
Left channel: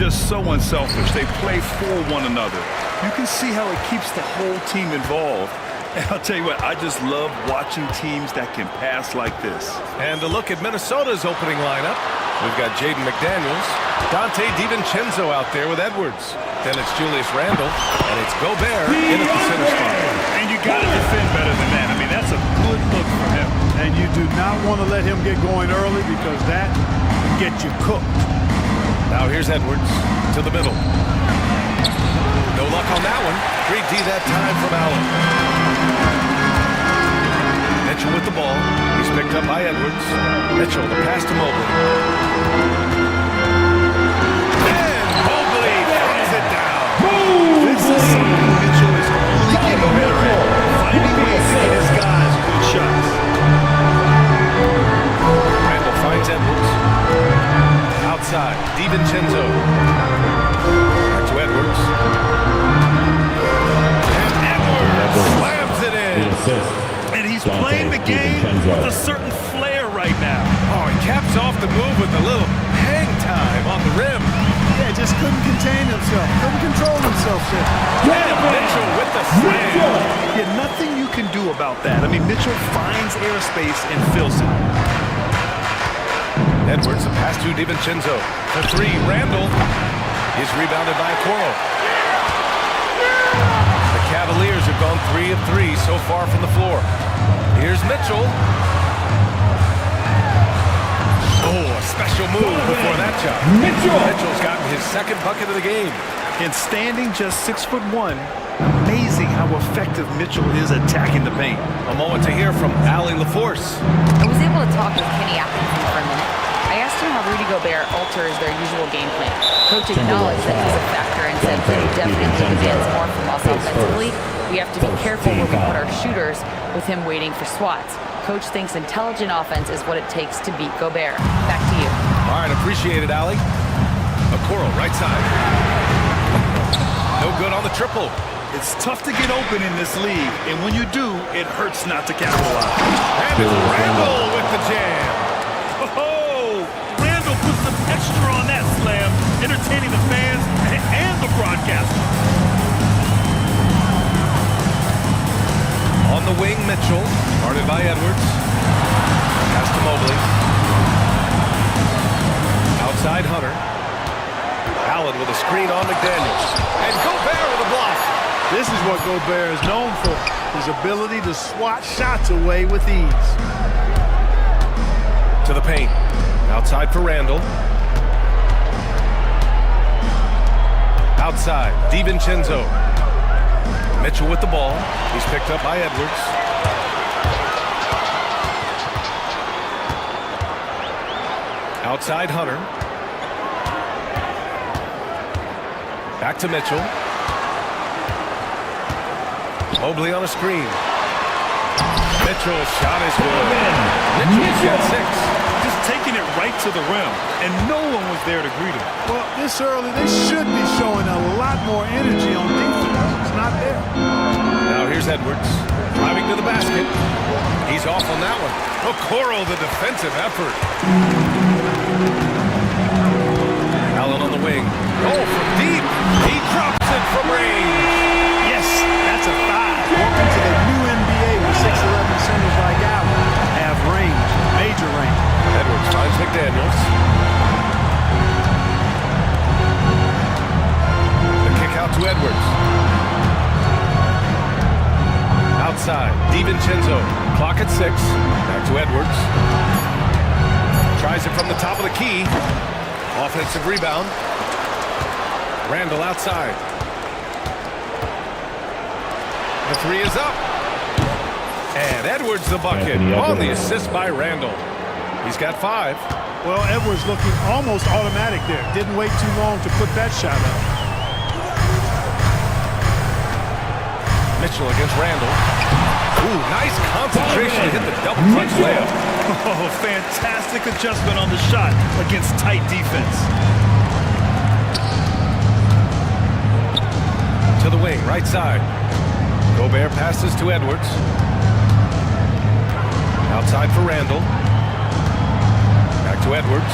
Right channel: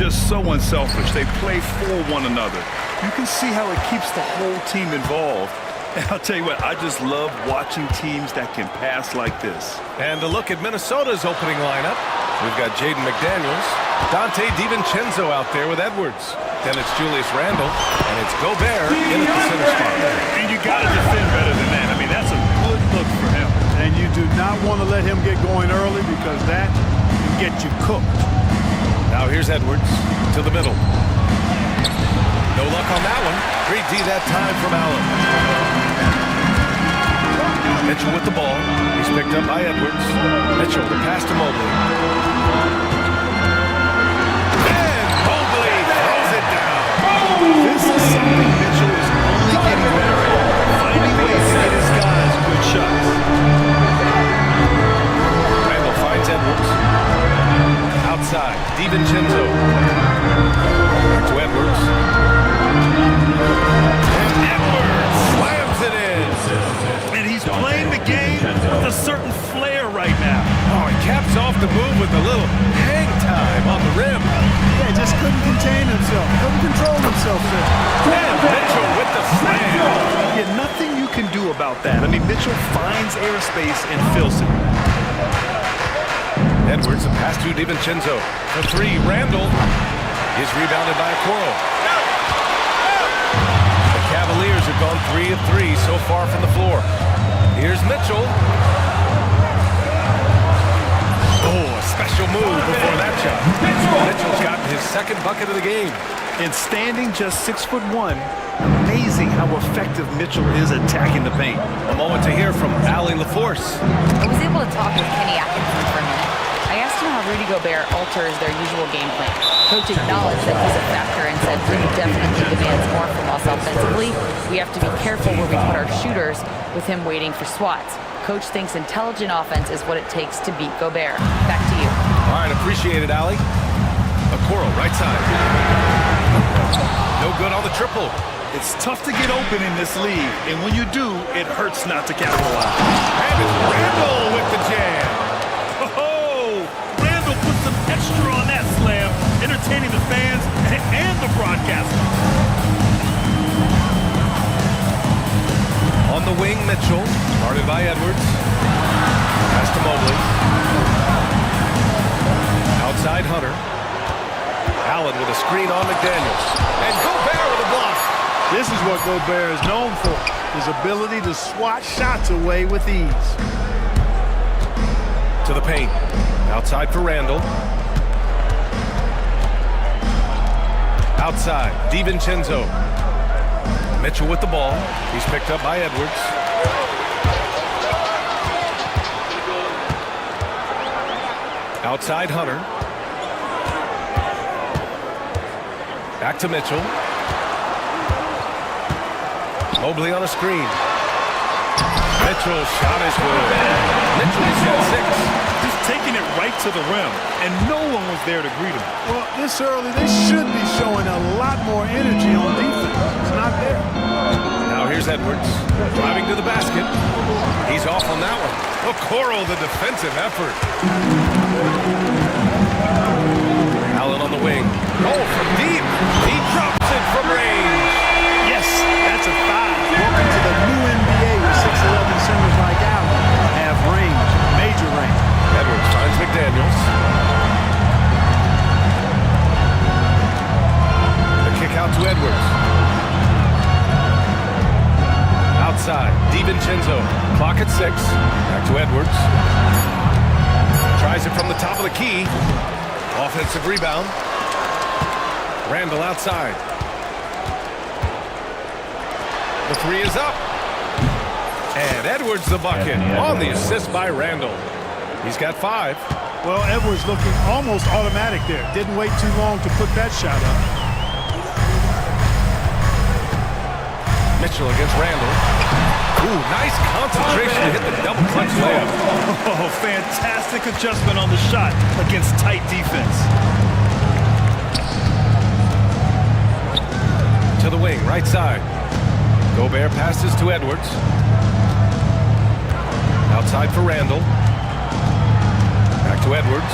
just so unselfish. They play for one another. You can see how it keeps the whole team involved. And I'll tell you what, I just love watching teams that can pass like this. And a look at Minnesota's opening lineup. We've got Jaden McDaniels, Dante DiVincenzo out there with Edwards. Then it's Julius Randle, and it's Gobert in at the center spot. And you got to defend better than that. I mean, that's a good look for him. And you do not want to let him get going early because that can get you cooked. Now here's Edwards to the middle. No luck on that one. Great D that time from Allen. Mitchell with the ball. He's picked up by Edwards. Mitchell, the pass to Mobley. And Mobley throws it down. This is something Mitchell is only getting better at. Finding ways to get his guys good shots. Randall finds Edwards. Outside, DiVincenzo. Back to Edwards. And Edwards slams it in. And he's playing the game with a certain flair right now. Oh, he caps off the move with a little hang time on the rim. Yeah, just couldn't contain himself. Couldn't control himself there. And Mitchell with the slam. Yeah, nothing you can do about that. I mean, Mitchell finds airspace and fills it. Edwards, a pass to DiVincenzo. For three, Randall is rebounded by Okoro. The Cavaliers have gone 3 of 3 so far from the floor. Here's Mitchell. Oh, a special move before that shot. Mitchell's gotten his second bucket of the game. And standing just 6'1", amazing how effective Mitchell is attacking the paint. A moment to hear from Allie LaForce. I was able to talk with Kenny Atkinson for a minute. I asked him how Rudy Gobert alters their usual game plan. Coach acknowledged that he's a factor and said Rudy definitely demands more from us offensively. We have to be careful where we put our shooters with him waiting for swats. Coach thinks intelligent offense is what it takes to beat Gobert. Back to you. All right, appreciate it, Allie. Okoro, right side. No good on the triple. It's tough to get open in this league, and when you do, it hurts not to capitalize. And it's Randall with the jam. Oh, Randall put some extra on that slam, entertaining the fans and the broadcasters. On the wing, Mitchell, guarded by Edwards. Pass to Mobley. Outside, Hunter. Allen with a screen on McDaniels. And Gobert with a block. This is what Gobert is known for, his ability to swat shots away with ease. To the paint. Outside for Randall. Outside, DiVincenzo. Mitchell with the ball. He's picked up by Edwards. Outside, Hunter. Back to Mitchell. Mobley on a screen. Mitchell's shot is good. Mitchell's got 6. Just taking it right to the rim, and no one was there to greet him. Well, this early, they should be showing a lot more energy on defense. It's not there. Now here's Edwards, driving to the basket. He's off on that one. Okoro, the defensive effort. Allen on the wing. Oh, from deep. He drops it from range. Yes, that's a 5. Welcome to the new NBA where 6'11 centers like Allen have range, major range. Edwards finds McDaniels. The kick out to Edwards. Outside, DiVincenzo. Clock at 6. Back to Edwards. Tries it from the top of the key. Offensive rebound. Randall outside. The 3 is up. And Edwards the bucket on the assist by Randall. He's got 5. Well, Edwards looking almost automatic there. Didn't wait too long to put that shot up. Mitchell against Randall. Ooh, nice concentration to hit the double clutch layup. Oh, fantastic adjustment on the shot against tight defense. To the wing, right side. Gobert passes to Edwards. Outside for Randall. Back to Edwards.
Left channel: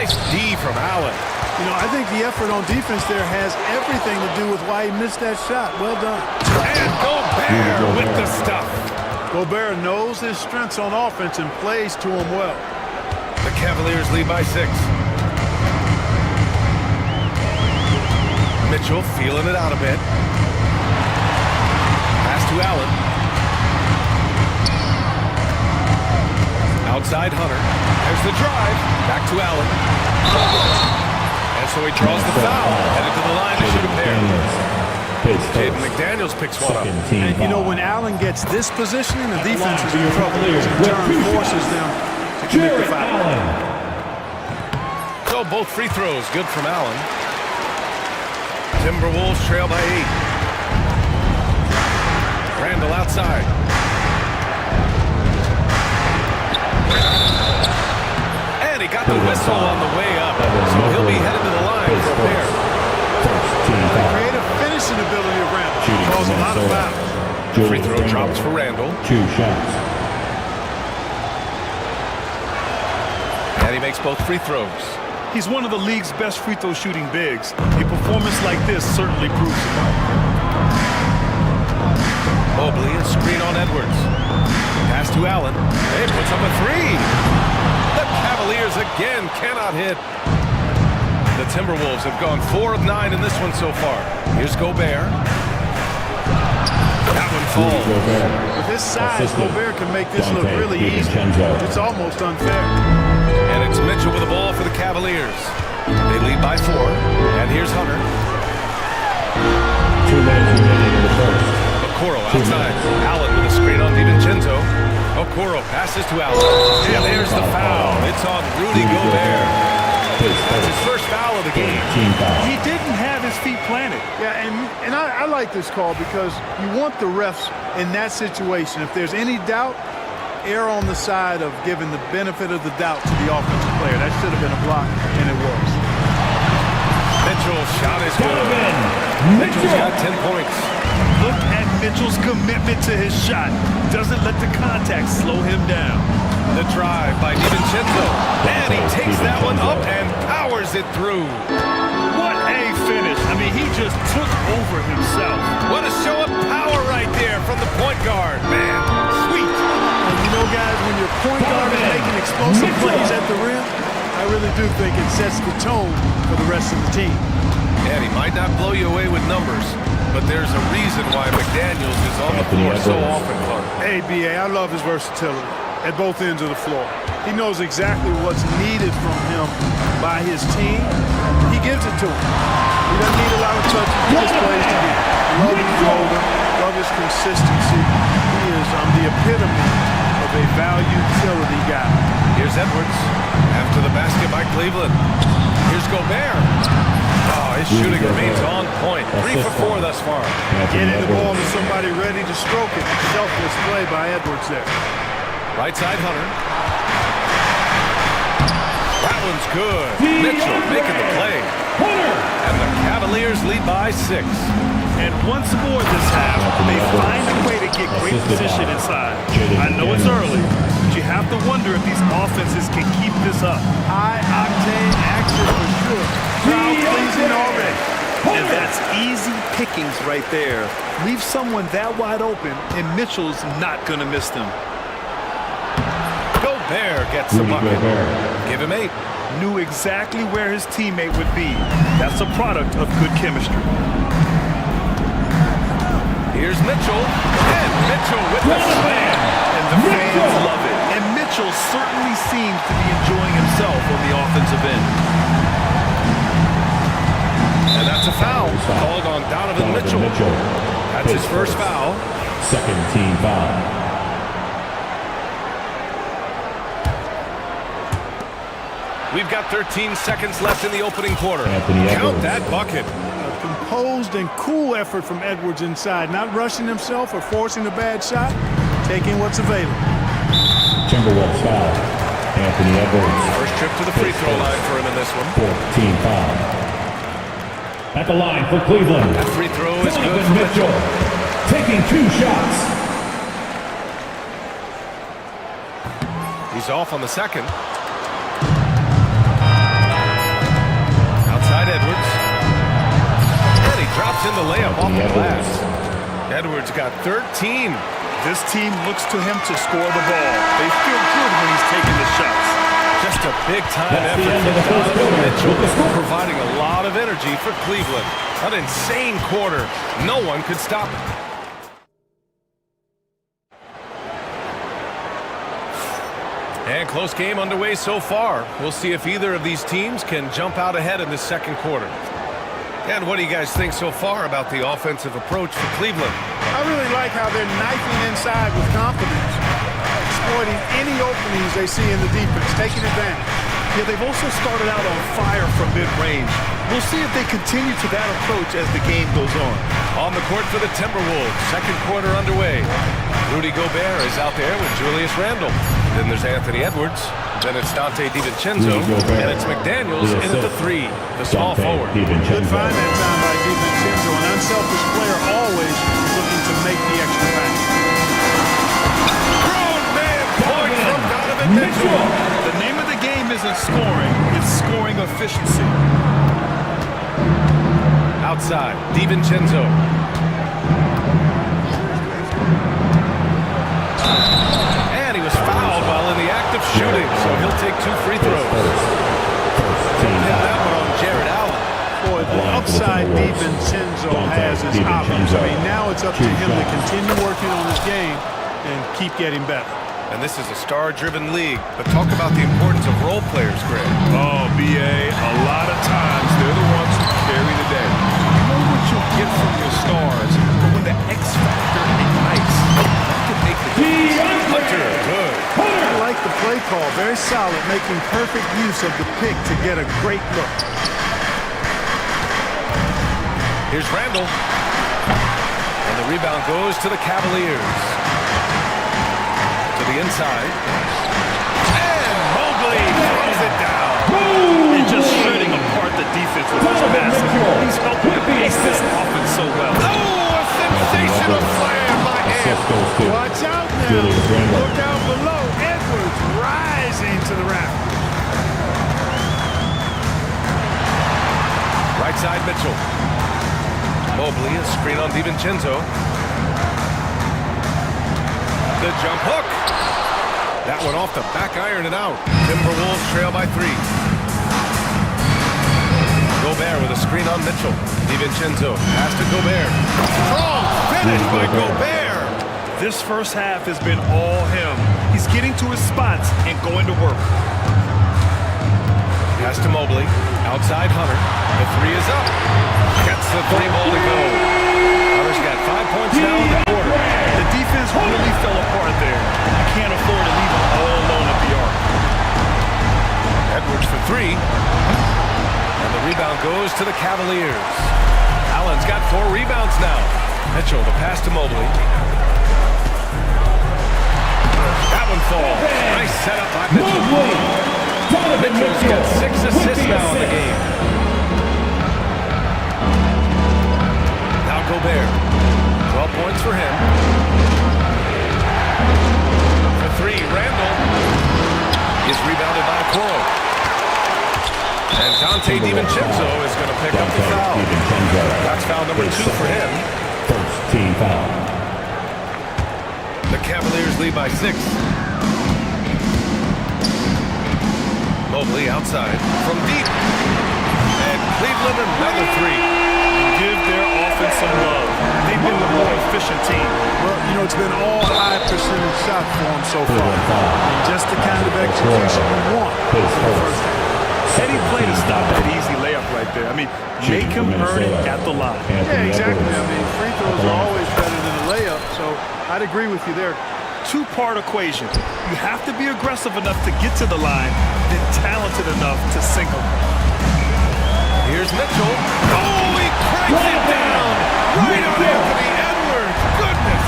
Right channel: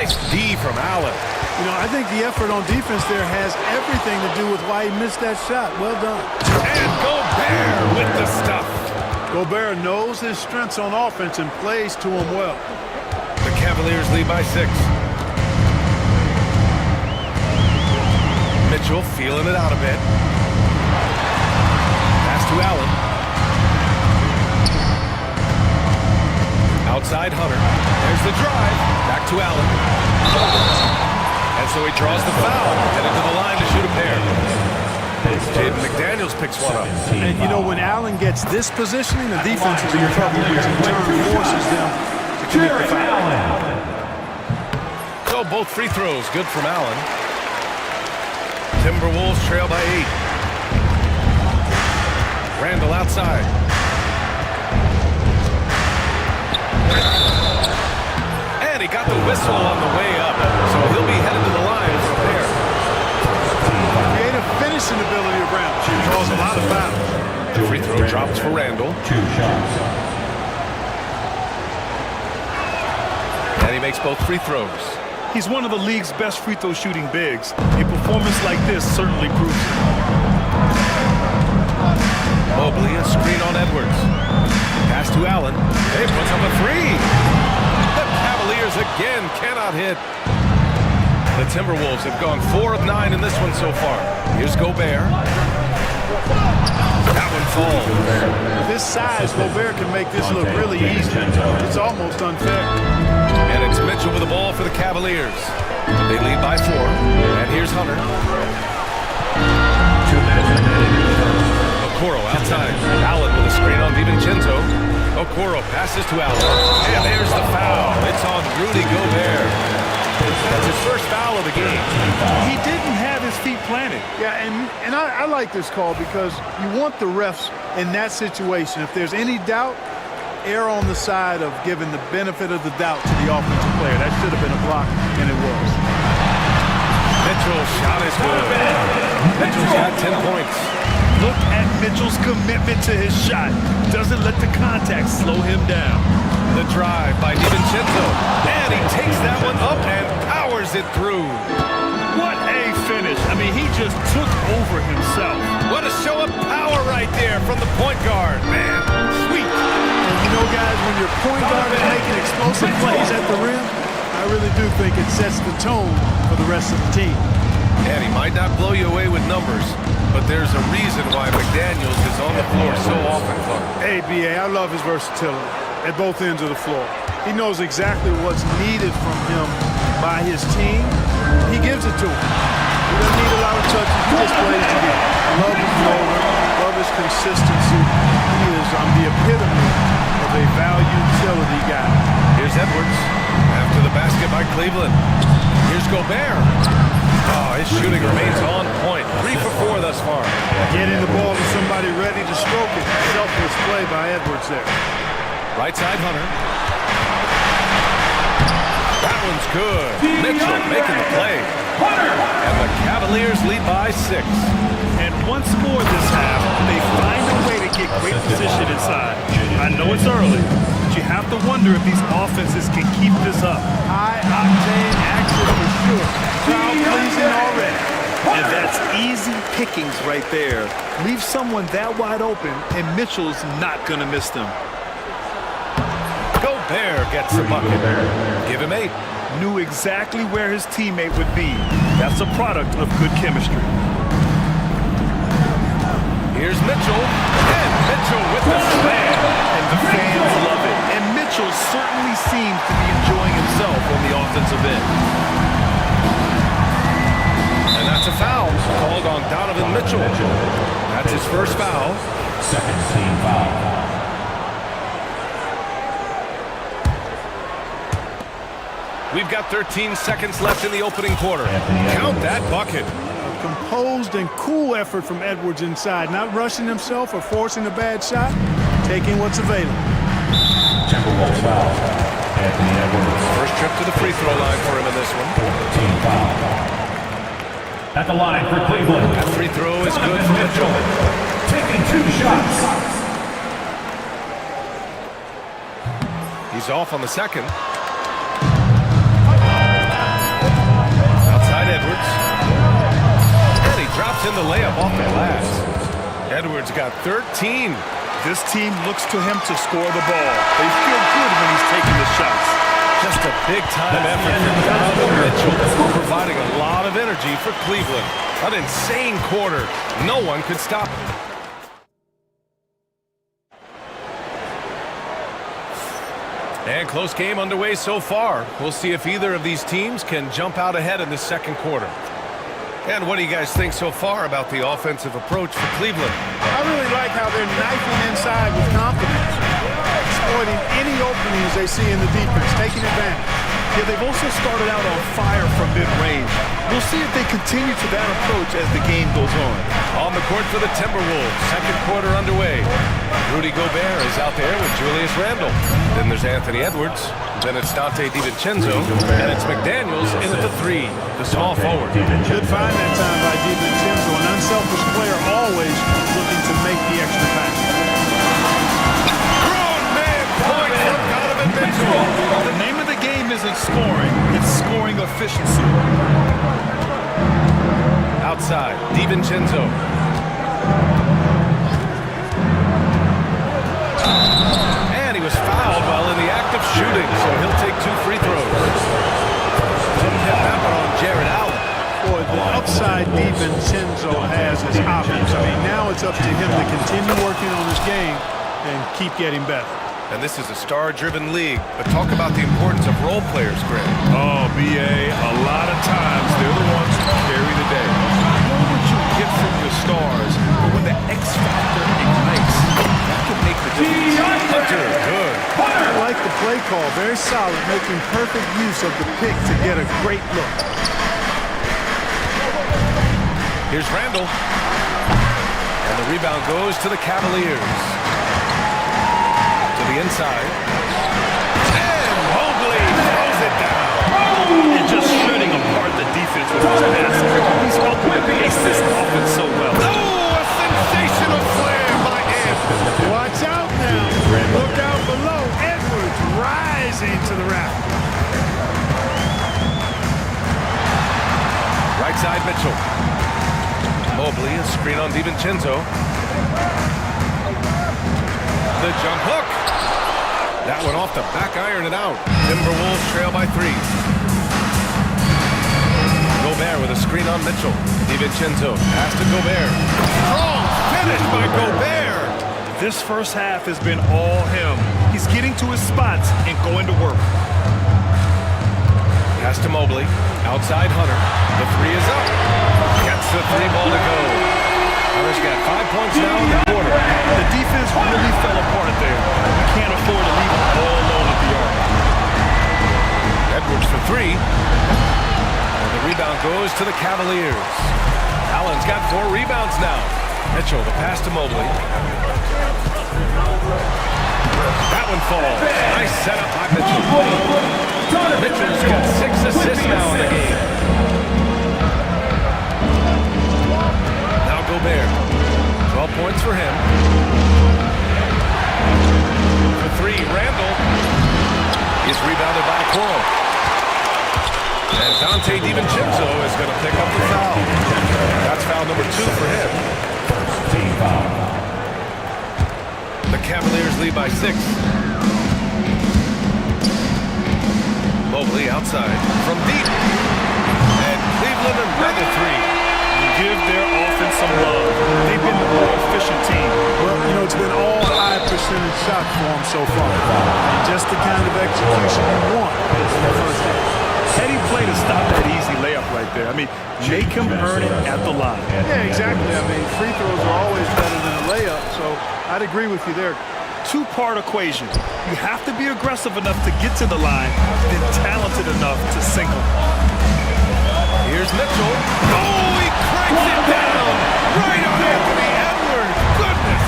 Nice D from Allen. You know, I think the effort on defense there has everything to do with why he missed that shot. Well done. And Gobert with the stuff. Gobert knows his strengths on offense and plays to him well. The Cavaliers lead by 6. Mitchell feeling it out a bit. Pass to Allen. Outside Hunter. There's the drive. Back to Allen. And so he draws the foul. Headed to the line to shoot a pair. Jaden McDaniels picks one up. And you know, when Allen gets this positioning, the defense is in trouble, which in turn forces them to commit the foul. So both free throws good from Allen. Timberwolves trail by 8. Randall outside. And he got the whistle on the way up, so he'll be headed to the line for a pair. The creative finishing ability of Randall draws a lot of fouls. The free throw drops for Randall. 2 shots. And he makes both free throws. He's one of the league's best free throw shooting bigs. A performance like this certainly proves it. Mobley, a screen on Edwards. Pass to Allen. He puts up a 3. The Cavaliers again cannot hit. The Timberwolves have gone 4 of 9 in this one so far. Here's Gobert. That one falls. With his size, Gobert can make this look really easy. It's almost unfair. And it's Mitchell with the ball for the Cavaliers. They lead by 4. And here's Hunter. 2 minutes remaining in the first. Okoro outside. Allen with a screen on DiVincenzo. Okoro passes to Allen. And there's the foul. It's on Rudy Gobert. That's his first foul of the game. He didn't have his feet planted. Yeah, and I like this call because you want the refs in that situation. If there's any doubt, err on the side of giving the benefit of the doubt to the offensive player. That should have been a block, and it was. Mitchell's shot is good. Mitchell's got 10 points. Look at Mitchell's commitment to his shot. Doesn't let the contact slow him down. The drive by DiVincenzo. And he takes that one up and powers it through. What a finish. I mean, he just took over himself. What a show of power right there from the point guard. Man, sweet. And you know, guys, when your point guard is making explosive plays at the rim, I really do think it sets the tone for the rest of the team. And he might not blow you away with numbers, but there's a reason why McDaniels is on the floor so often, Clark. Hey, B.A., I love his versatility at both ends of the floor. He knows exactly what's needed from him by his team. He gives it to him. He doesn't need a lot of touches. He just plays the game. Love his motor. Love his consistency. He is the epitome of a value utility guy. Here's Edwards. After the basket by Cleveland. Here's Gobert. Oh, his shooting remains on point. 3 for 4 thus far. Getting the ball to somebody ready to stroke it. Selfless play by Edwards there. Right side Hunter. That one's good. Mitchell making the play. And the Cavaliers lead by 6. And once more this half, they find a way to get great position inside. I know it's early, but you have to wonder if these offenses can keep this up. High-octane action for sure. Crowd-pleasing already. And that's easy pickings right there. Leave someone that wide open, and Mitchell's not going to miss them. Gobert gets the bucket. Give him 8. Knew exactly where his teammate would be. That's a product of good chemistry. Here's Mitchell, and Mitchell with the slam. And the fans love it. And Mitchell certainly seems to be enjoying himself on the offensive end. And that's a foul called on Donovan Mitchell. That's his first foul. Second team foul. We've got 13 seconds left in the opening quarter. Count that bucket. A composed and cool effort from Edwards inside, not rushing himself or forcing a bad shot, taking what's available. Timberwolves foul. Anthony Edwards. First trip to the free throw line for him in this one. 14 foul. At the line for Cleveland. That free throw is good for Mitchell. Taking 2 shots. He's off on the second. Edwards. And he drops in the layup off the glass. Edwards got 13. This team looks to him to score the ball. They feel good when he's taking the shots. Just a big-time effort from Donovan Mitchell, providing a lot of energy for Cleveland. An insane quarter. No one could stop him. And close game underway so far. We'll see if either of these teams can jump out ahead in the second quarter. And what do you guys think so far about the offensive approach for Cleveland? I really like how they're knifing inside with confidence, exploiting any openings they see in the defense, taking advantage. Yeah, they've also started out on fire from mid-range. We'll see if they continue to that approach as the game goes on. On the court for the Timberwolves, second quarter underway. Rudy Gobert is out there with Julius Randle. Then there's Anthony Edwards. Then it's Dante DiVincenzo. And it's McDaniels in at the 3, the small forward. Good find that time by DiVincenzo, an unselfish player always looking to make the extra pass. Grown man point from Donovan Mitchell. The name of the game isn't scoring, it's scoring efficiency. Outside, DiVincenzo. And he was fouled while in the act of shooting, so he'll take 2 free throws. Hit that one on Jared Allen. Boy, the upside DiVincenzo has is obvious. I mean, now it's up to him to continue working on his game and keep getting better. And this is a star-driven league, but talk about the importance of role players, Greg. Oh, B.A., a lot of times they're the ones who carry the day. You know what you get from your stars, but when the X factor ignites, that can make the difference. Hunter, good. I like the play call, very solid, making perfect use of the pick to get a great look. Here's Randle. And the rebound goes to the Cavaliers. To the inside. And Mobley throws it down. And just shredding apart the defense with his passing. He's helping to pace this offense so well. Oh, a sensational slam by Ed. Watch out now. Look out below. Edwards rising to the raft. Right side, Mitchell. Mobley, a screen on DiVincenzo. The jump hook. That one off the back iron and out. Timberwolves trail by 3. Gobert with a screen on Mitchell. DiVincenzo pass to Gobert. Strong finish by Gobert. This first half has been all him. He's getting to his spots and going to work. Pass to Mobley. Outside Hunter. The 3 is up. Gets the 3 ball to go. Hunter's got 5 points now in the quarter. The defense really fell apart there. You can't afford to leave him all alone at the arc. Edwards for 3. And the rebound goes to the Cavaliers. Allen's got 4 rebounds now. Mitchell, the pass to Mobley. That one falls. Nice setup by Mitchell. Mitchell's got 6 assists now in the game. Now Gobert. 12 points for him. For 3, Randle is rebounded by Okoro. And Dante DiVincenzo is going to pick up the foul. That's foul number 2 for him. First team foul. The Cavaliers lead by 6. Mobley outside from deep. And Cleveland another 3. Give their offense some love. They've been the more efficient team. Well, you know, it's been all high percentage shots for them so far. I mean, just the kind of execution you want in the first half. Heady play to stop that easy layup right there. I mean, make him earn it at the line. Yeah, exactly. I mean, free throws are always better than a layup, so I'd agree with you there. Two-part equation. You have to be aggressive enough to get to the line, then talented enough to sink them. Here's Mitchell. Oh, he cranks it down right on Anthony Edwards. Goodness.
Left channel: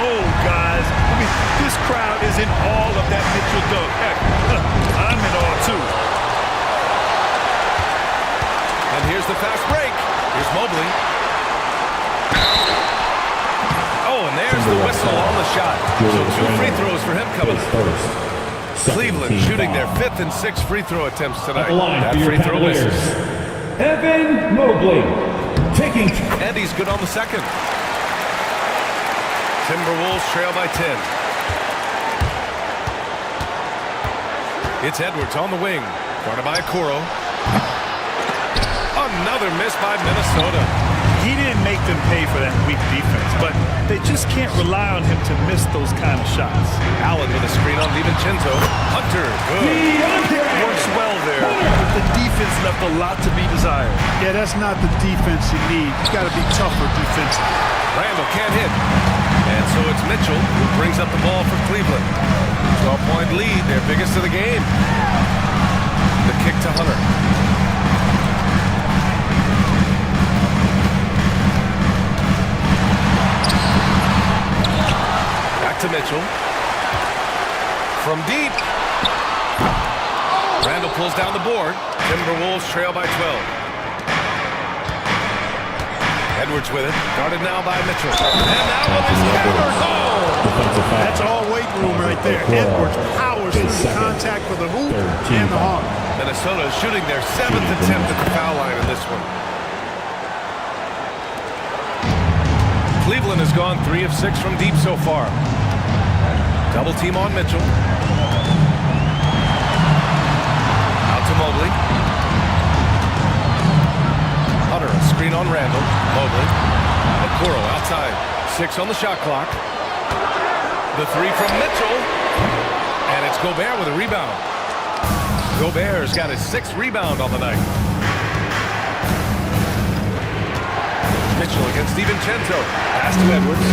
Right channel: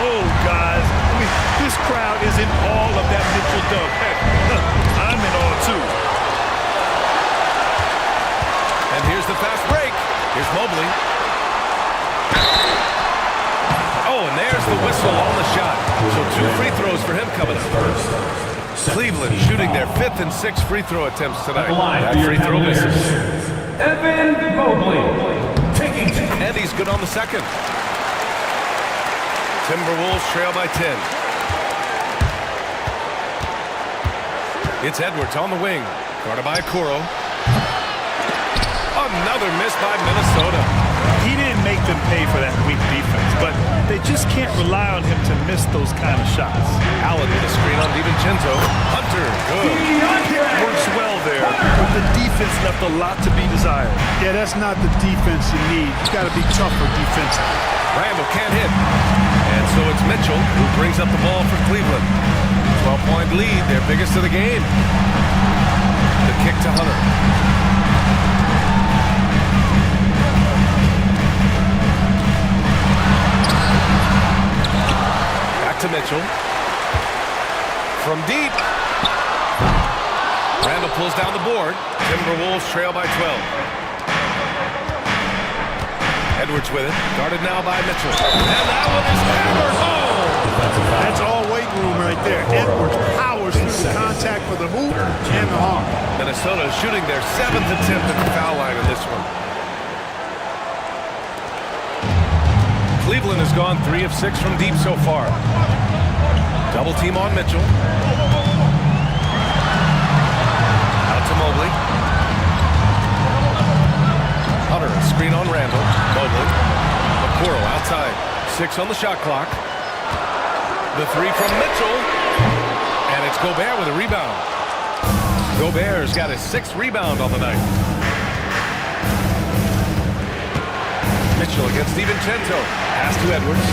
Oh, guys. I mean, this crowd is in awe of that Mitchell dunk. Heck, I'm in awe, too. And here's the fast break. Here's Mobley. Oh, and there's the whistle on the shot. So 2 free throws for him coming up. Cleveland shooting their 5th and 6th free throw attempts tonight. That free throw misses. Evan Mobley. Taking... And he's good on the second. Timberwolves trail by 10. It's Edwards on the wing. Guarded by Okoro. Another miss by Minnesota. He didn't make them pay for that weak defense, but they just can't rely on him to miss those kind of shots. Allen with a screen on DiVincenzo. Hunter, good. Works well there, but the defense left a lot to be desired. Yeah, that's not the defense you need. You got to be tougher defensively. Randall can't hit. And so it's Mitchell who brings up the ball for Cleveland. 12-point lead, their biggest of the game. The kick to Hunter. Back to Mitchell. From deep. Randall pulls down the board. Timberwolves trail by 12. Edwards with it. Guarded now by Mitchell. And that one is hammered home. That's all weight room right there. Edwards powers through the contact for the hoop and the arm. Minnesota shooting their 7th attempt at the foul line in this one. Cleveland has gone 3 of 6 from deep so far. Double team on Mitchell. Out to Mobley. Hunter, a screen on Randall. Mobley. Okoro outside. 6 on the shot clock. The 3 from Mitchell. And it's Gobert with a rebound. Gobert's got his 6th rebound on the night. Mitchell against DiVincenzo. Pass to Edwards.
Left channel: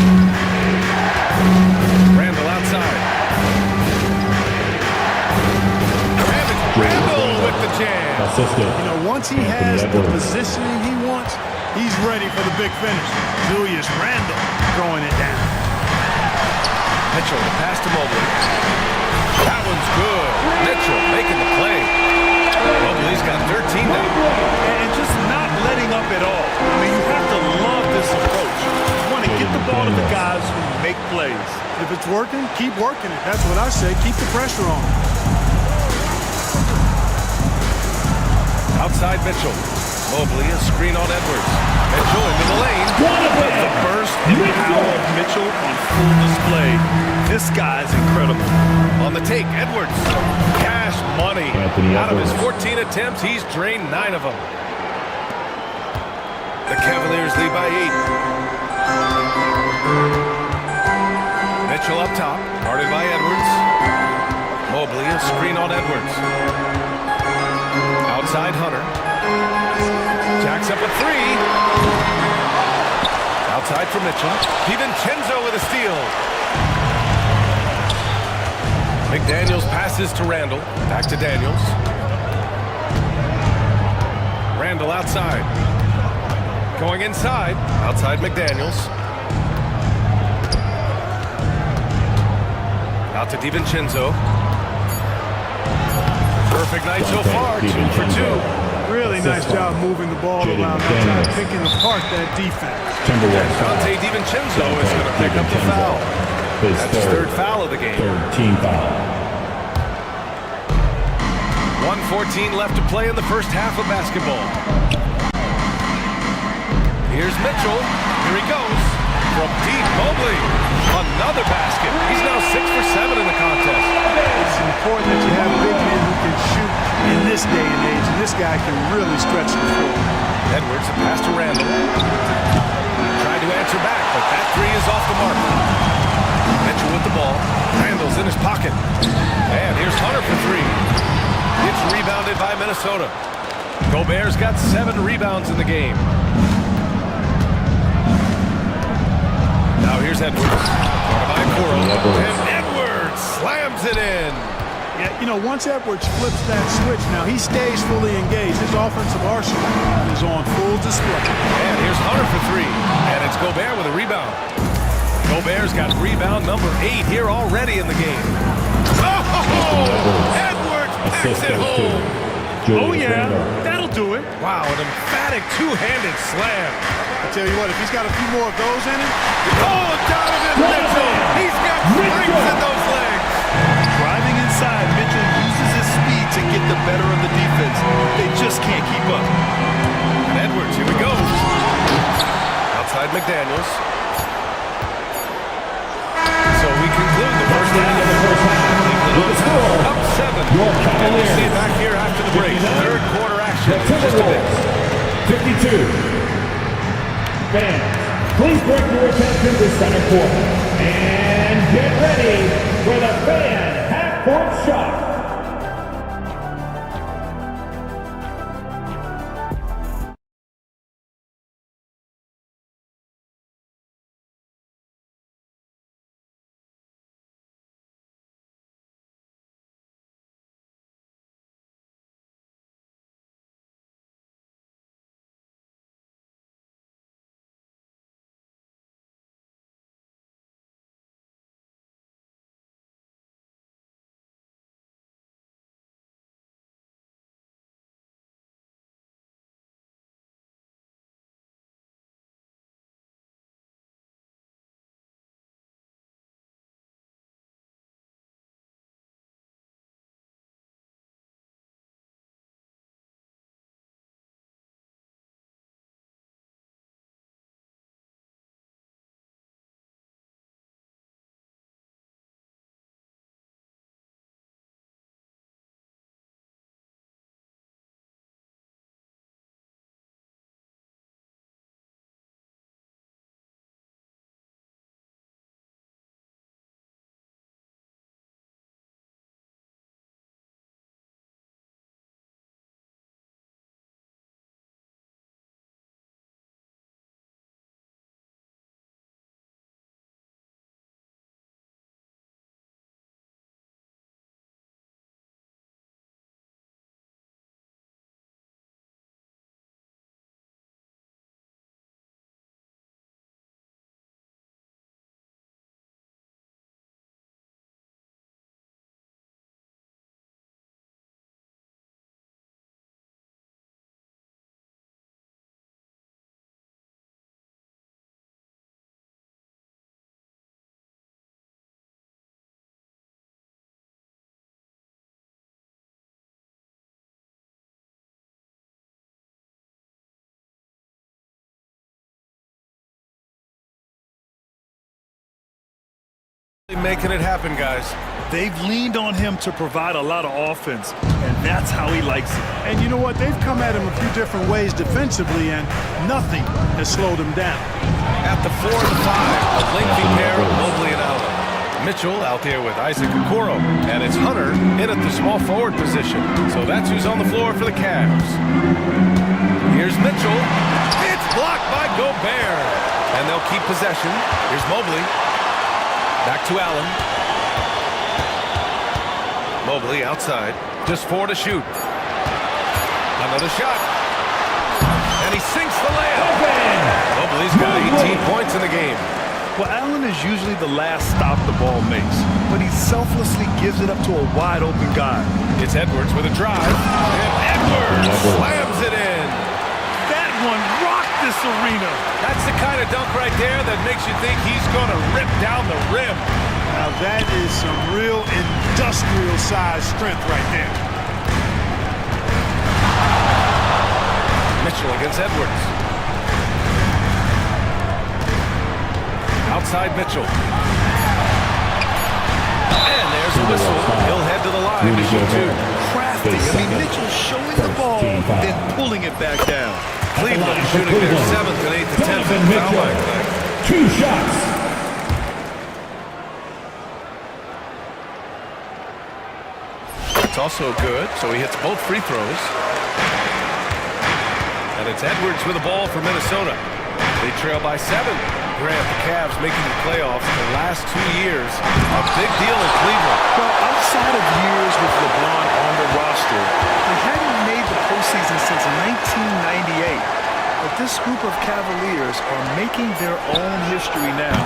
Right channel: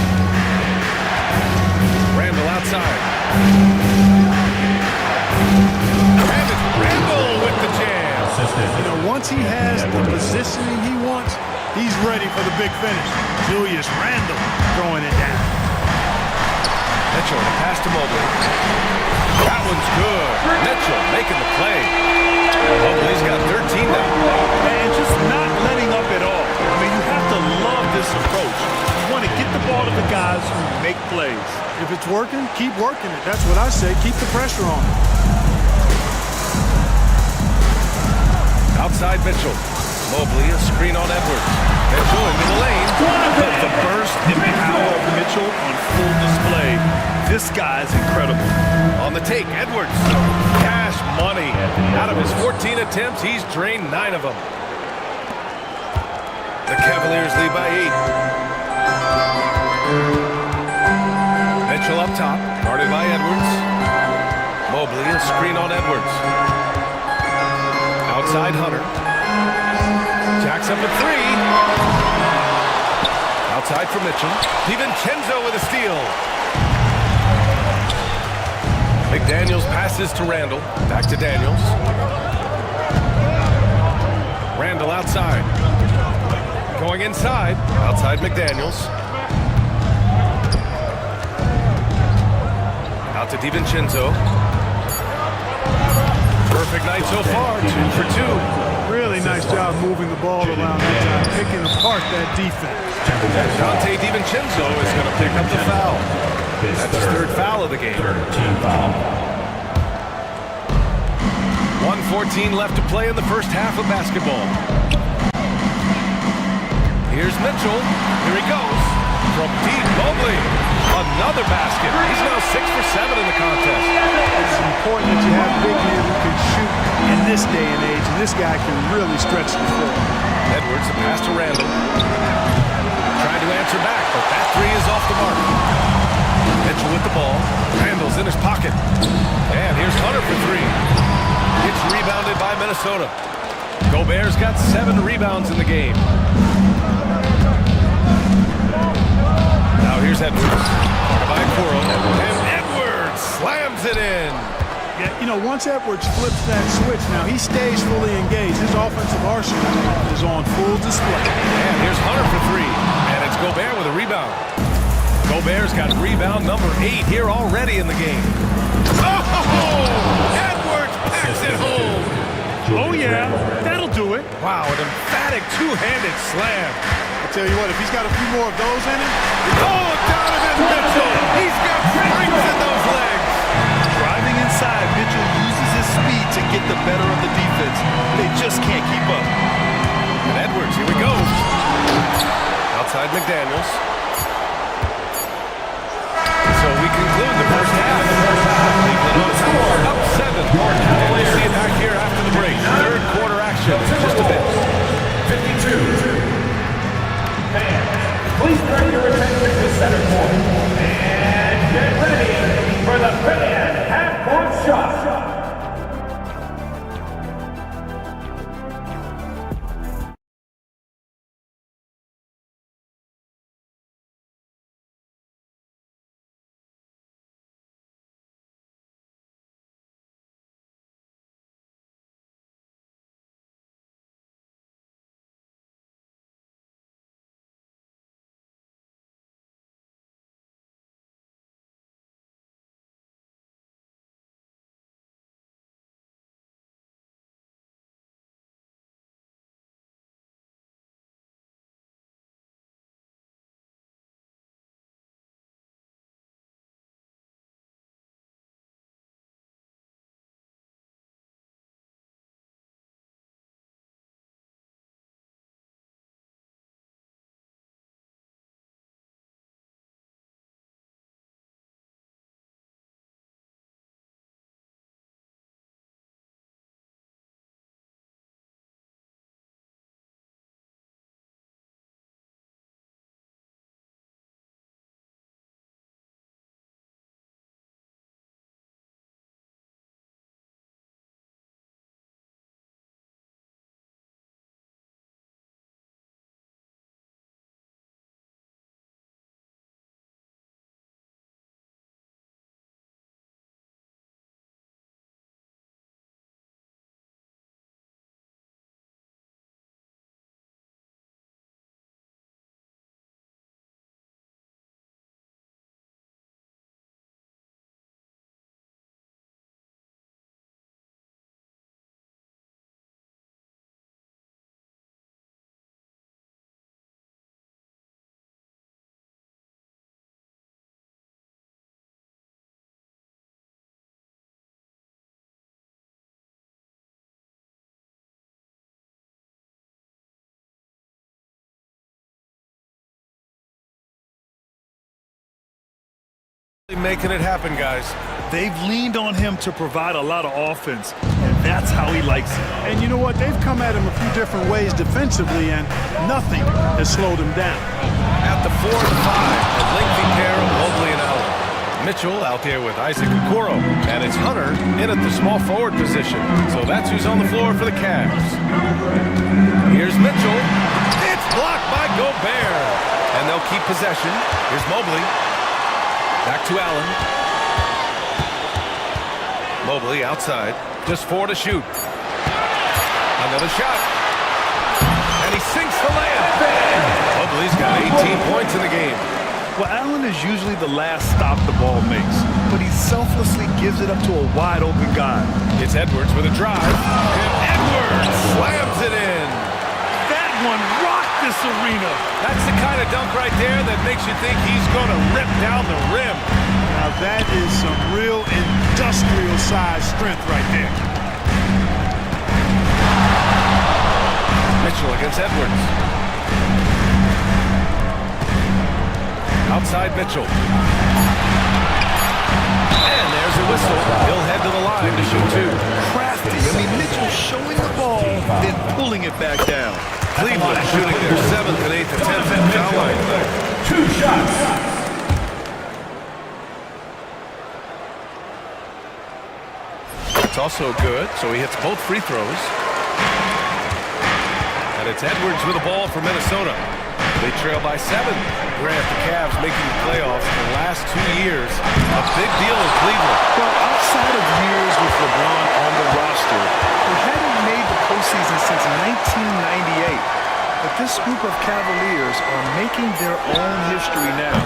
Randall outside. And it's Randall with the jam. You know, once he has the positioning he wants, he's ready for the big finish. Julius Randall throwing it down. Mitchell, the pass to Mobley. That one's good. Mitchell making the play. Mobley's got 13 now. And just not letting up at all. I mean, you have to love this approach. You want to get the ball to the guys who make plays. If it's working, keep working it. That's what I say. Keep the pressure on. Outside Mitchell. Mobley, a screen on Edwards. Mitchell into the lane. The burst and power of Mitchell on full display. This guy's incredible. On the take, Edwards. Cash money. Out of his 14 attempts, he's drained 9 of them. The Cavaliers lead by 8. Mitchell up top, guarded by Edwards. Mobley, a screen on Edwards. Outside Hunter. Jacks up a 3. Outside for Mitchell. DiVincenzo with a steal. McDaniels passes to Randall. Back to Daniels. Randall outside. Going inside. Outside McDaniels. Out to DiVincenzo. Perfect night so far. 2 for 2. Really nice job moving the ball around that time, picking apart that defense. And Dante DiVincenzo is going to pick up the foul. That's his 3rd foul of the game. 13 foul. 1:14 left to play in the first half of basketball. Here's Mitchell. Here he goes. From deep, Mobley. Another basket. He's now 6 for 7 in the contest. It's important that you have big men who can shoot in this day and age, and this guy can really stretch the floor. Edwards, a pass to Randall. Trying to answer back, but that 3 is off the mark. Mitchell with the ball. Randall's in his pocket. And here's Hunter for 3. It's rebounded by Minnesota. Gobert's got 7 rebounds in the game. Now here's Edwards. Guarded by Okoro. And Edwards slams it in. Yeah, you know, once Edwards flips that switch, now he stays fully engaged. His offensive arsenal is on full display. And here's Hunter for 3. And it's Gobert with a rebound. Gobert's got rebound number 8 here already in the game. Oh! Edwards packs it home. Oh, yeah. That'll do it. Wow, an emphatic two-handed slam. I tell you what, if he's got a few more of those in him. Oh, Donovan Mitchell. He's got springs in those legs. Driving inside, Mitchell uses his speed to get the better of the defense. They just can't keep up. And Edwards, here we go. Outside McDaniels. So we conclude the first half. Cleveland on top, up 7. And we'll see it back here after the break. Third quarter action in just a bit. 52. Fans, please direct your attention to center court. And get ready for the fan half-court shot. Making it happen, guys. They've leaned on him to provide a lot of offense, and that's how he likes it. And you know what? They've come at him a few different ways defensively, and nothing has slowed him down. At the 4 and 5, a lengthy pair of Mobley and Allen. Mitchell out there with Isaac Okoro, and it's Hunter in at the small forward position. So that's who's on the floor for the Cavs. Here's Mitchell. It's blocked by Gobert. And they'll keep possession. Here's Mobley. Back to Allen. Mobley outside. Just 4 to shoot. Another shot. And he sinks the layup. Mobley's got 18 points in the game. Well, Allen is usually the last stop the ball makes, but he selflessly gives it up to a wide-open guy. It's Edwards with a drive. And Edwards slams it in. That one rocked this arena. That's the kind of dunk right there that makes you think he's going to rip down the rim. Now that is some real industrial-sized strength right there. Mitchell against Edwards. Outside Mitchell. And there's a whistle. He'll head to the line to shoot 2. Crafty. I mean, Mitchell showing the ball, then pulling it back down. Cleveland shooting their 7th and 8th attempts at the foul line tonight. 2 shots. It's also good, so he hits both free throws. And it's Edwards with the ball for Minnesota. They trail by 7. Grant, the Cavs making the playoffs the last 2 years. A big deal in Cleveland. Well, outside of years with LeBron on the roster, they hadn't made the postseason since 1998. But this group of Cavaliers are making their own history now.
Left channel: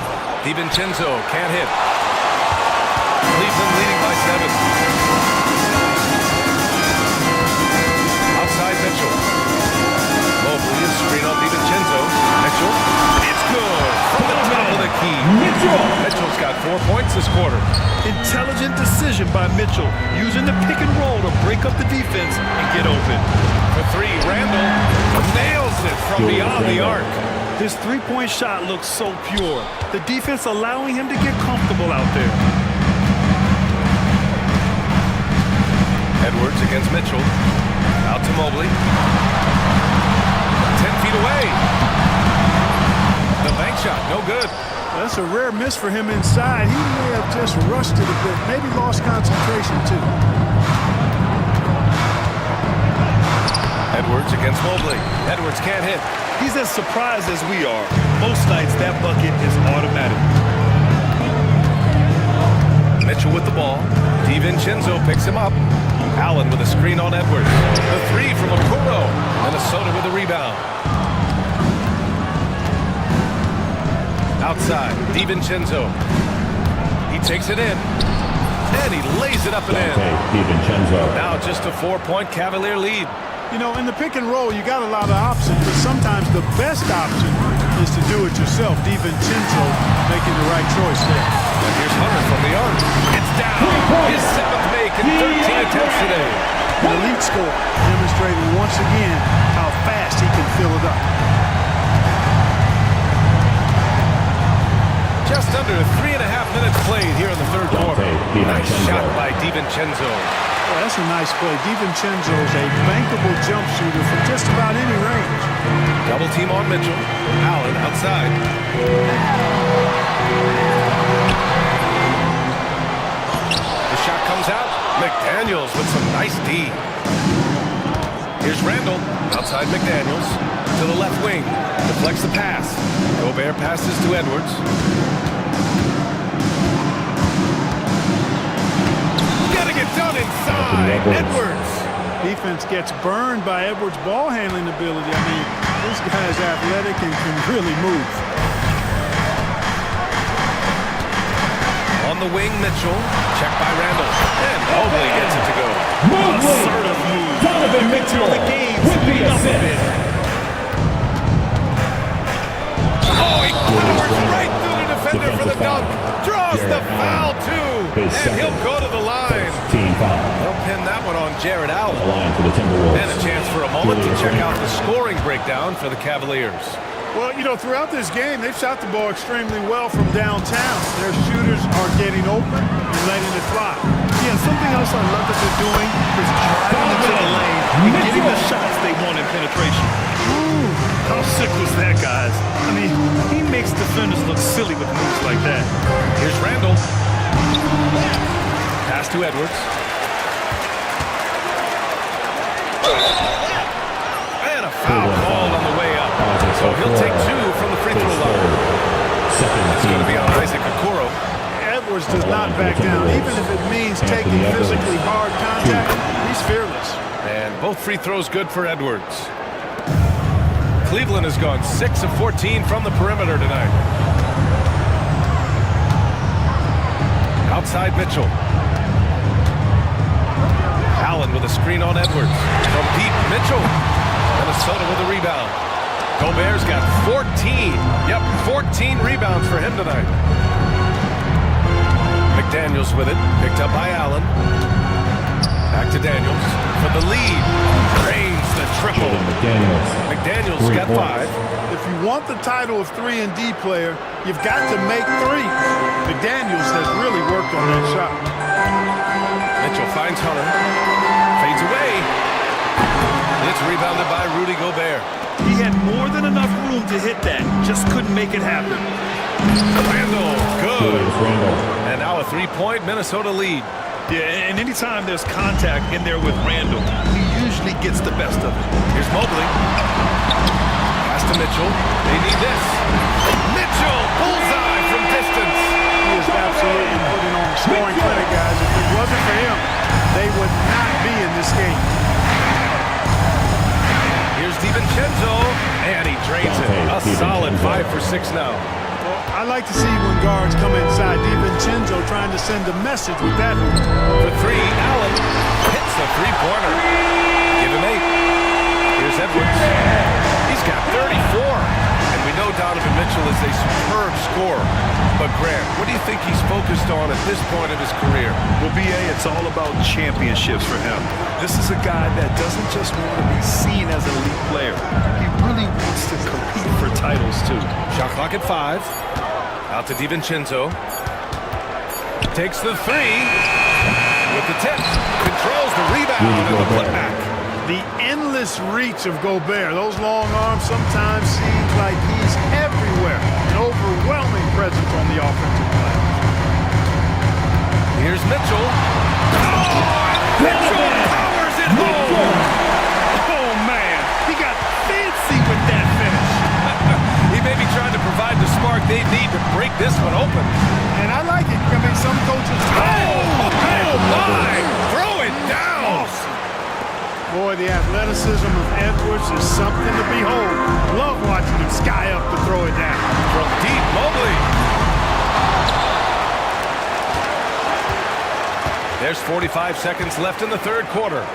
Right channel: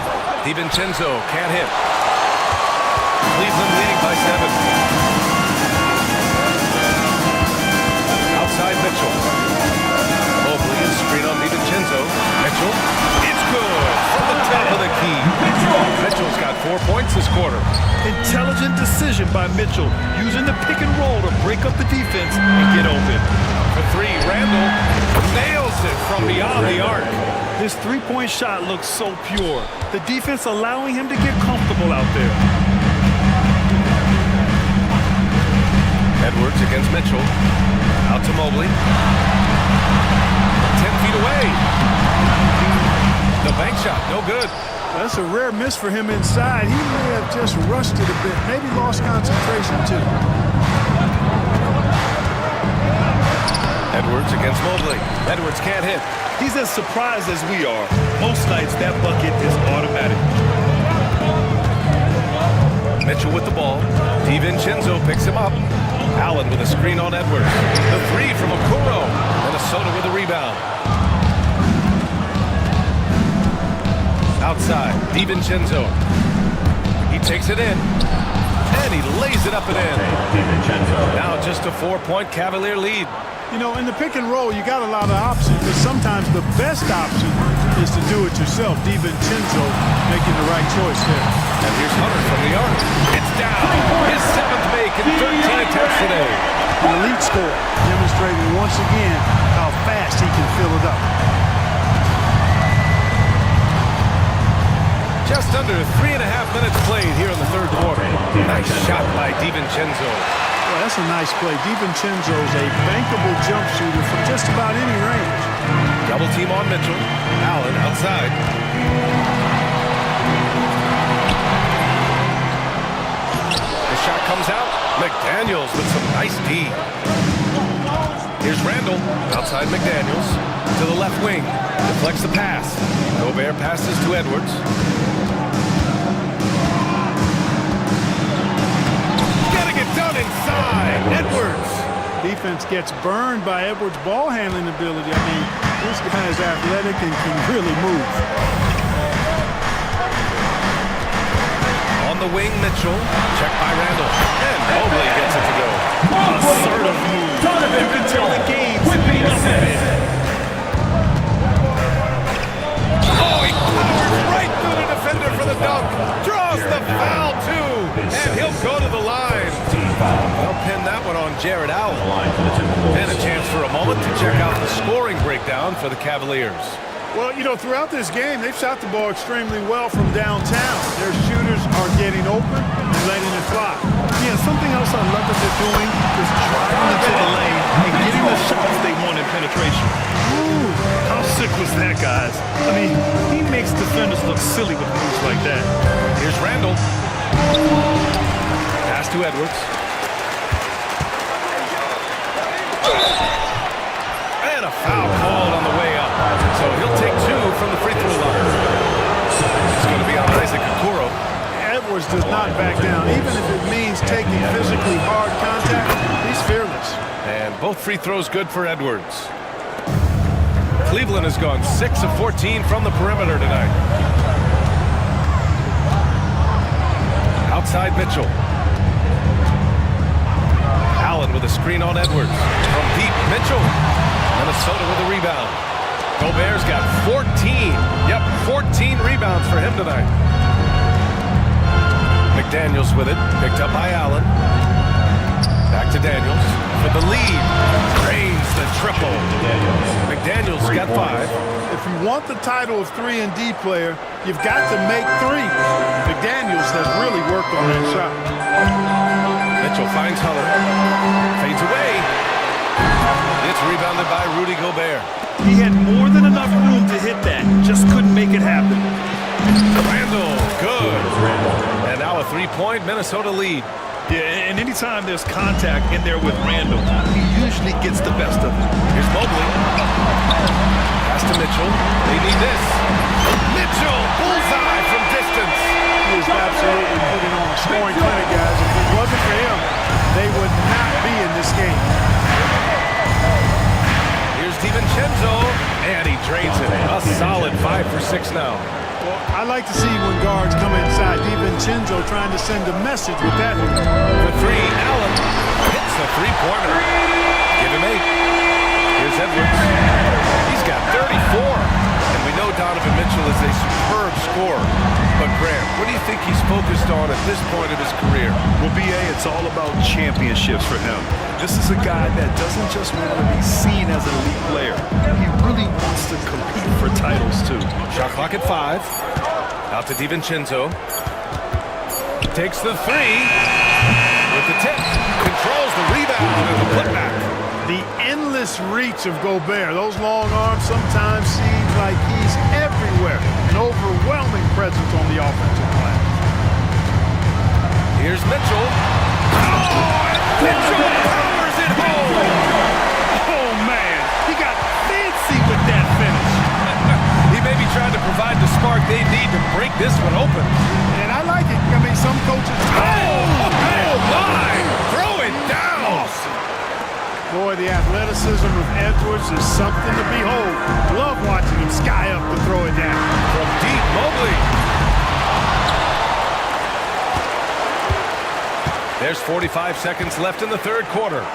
DiVincenzo can't hit. Cleveland leading by 7. Outside Mitchell. Mobley is screen on DiVincenzo. Mitchell. It's good from the top of the key. Mitchell's got 4 points this quarter. Intelligent decision by Mitchell, using the pick and roll to break up the defense and get open. For three, Randall nails it from beyond the arc. His three-point shot looks so pure. The defense allowing him to get comfortable out there. Edwards against Mitchell. Out to Mobley. 10 feet away. The bank shot, no good. Well, that's a rare miss for him inside. He may have just rushed it a bit, maybe lost concentration too. Edwards against Mobley. Edwards can't hit. He's as surprised as we are. Most nights that bucket is automatic. Mitchell with the ball. DiVincenzo picks him up. Allen with a screen on Edwards. The three from Okoro. Minnesota with the rebound. Outside, DiVincenzo. He takes it in. And he lays it up and in. DiVincenzo. Now just a 4-point Cavalier lead. You know, in the pick and roll, you got a lot of options, but sometimes the best option is to do it yourself. DiVincenzo making the right choice there. And here's Hunter from the arc. It's down. His 7th make in 13 attempts today. An elite score, demonstrating once again how fast he can fill it up. Just under 3.5 minutes played here in the third quarter. Nice shot by DiVincenzo. Well, that's a nice play. DiVincenzo's a bankable jump shooter from just about any range. Double team on Mitchell. Allen outside. The shot comes out. McDaniels with some nice D. Here's Randall. Outside McDaniels. To the left wing. Deflects the pass. Gobert passes to Edwards. Done inside. Edwards. Defense gets burned by Edwards' ball handling ability. I mean, this guy is athletic and can really move. On the wing, Mitchell. Check by Randall. And Mobley gets it to go. Assertive move. You can tell the game speeding up a bit. Oh, he powers right through the defender for the dunk. Draws the foul, too. And he'll go to the line. They'll pin that one on Jared Allen. And a chance for a moment to check out the scoring breakdown for the Cavaliers. Well, you know, throughout this game, they've shot the ball extremely well from downtown. Their shooters are getting open and letting it fly. Yeah, something else I love that they're doing is driving into the lane and getting the shots they want in penetration. Ooh, how sick was that, guys? I mean, he makes defenders look silly with moves like that. Here's Randall. Pass to Edwards. And a foul called on the way up. So he'll take 2 from the free throw line. It's going to be on Isaac Okoro. Edwards does not back down. Even if it means taking physically hard contact, he's fearless. And both free throws good for Edwards. Cleveland has gone 6 of 14 from the perimeter tonight. Outside Mitchell. Allen with a screen on Edwards. From deep, Mitchell. Minnesota with a rebound. Gobert's got 14. Yep, 14 rebounds for him tonight. McDaniels with it. Picked up by Allen. Back to Daniels for the lead. Drains the triple. McDaniels got 5. If you want the title of 3-and-D player, you've got to make threes. McDaniels has really worked on that shot. Mitchell finds Hunter. Fades away. It's rebounded by Rudy Gobert. He had more than enough room to hit that. Just couldn't make it happen. Randall, good. And now a 3-point Minnesota lead. Yeah, and anytime there's contact in there with Randall, he usually gets the best of it. Here's Mobley. Pass to Mitchell. They need this. Mitchell, bullseye from distance. He is absolutely putting on a scoring clinic, guys. If it wasn't for him, they would not be in this game. Here's DiVincenzo, and he drains it. A solid 5 for 6 now. Well, I like to see when guards come inside. DiVincenzo trying to send a message with that hoop. For 3, Allen hits the three-pointer. Give him 8. Here's Edwards. He's got 34. And we know Donovan Mitchell is a superb scorer. But Grant, what do you think he's focused on at this point of his career? Well, BA, it's all about championships for him. This is a guy that doesn't just want to be seen as an elite player. He really wants to compete for titles, too. Shot clock at 5. Out to DiVincenzo. Takes the 3. With the tip. Controls the rebound and the putback. The endless reach of Gobert. Those long arms sometimes seems like he's everywhere. An overwhelming presence on the offensive glass. Here's Mitchell. Oh, and Mitchell powers it home. Oh, man. He got fancy with that finish. He may be trying to provide the spark they need to break this one open. And I like it. I mean, some coaches... Oh, my! Throw it down! Awesome. Boy, the athleticism of Edwards is something to behold. Love watching him sky up to throw it down. From deep, Mobley. There's 45 seconds left in the third quarter.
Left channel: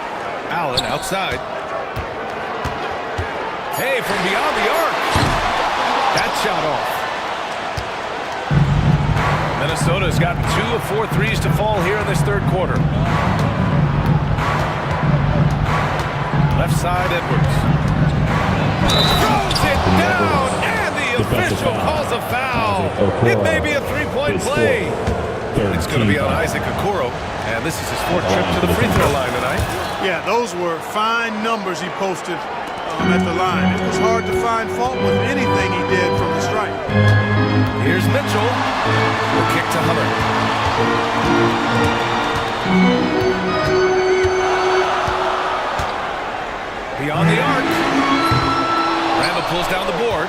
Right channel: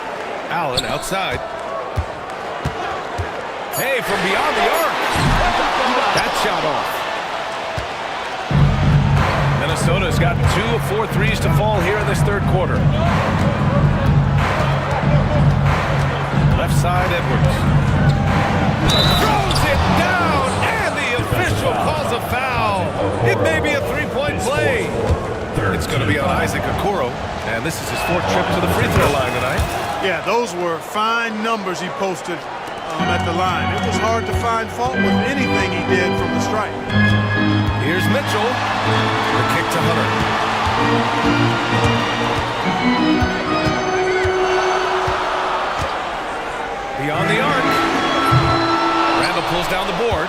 Allen outside. Hey, from beyond the arc. That shot off. Minnesota's got 2 of 4 threes to fall here in this third quarter. Left side, Edwards. Throws it down, and the official calls a foul. It may be a three-point play. It's going to be on Isaac Okoro, and this is his 4th trip to the free throw line tonight. Yeah, those were fine numbers he posted at the line. It was hard to find fault with anything he did from the stripe. Here's Mitchell. The kick to Hunter. Beyond the arc. Randall pulls down the board.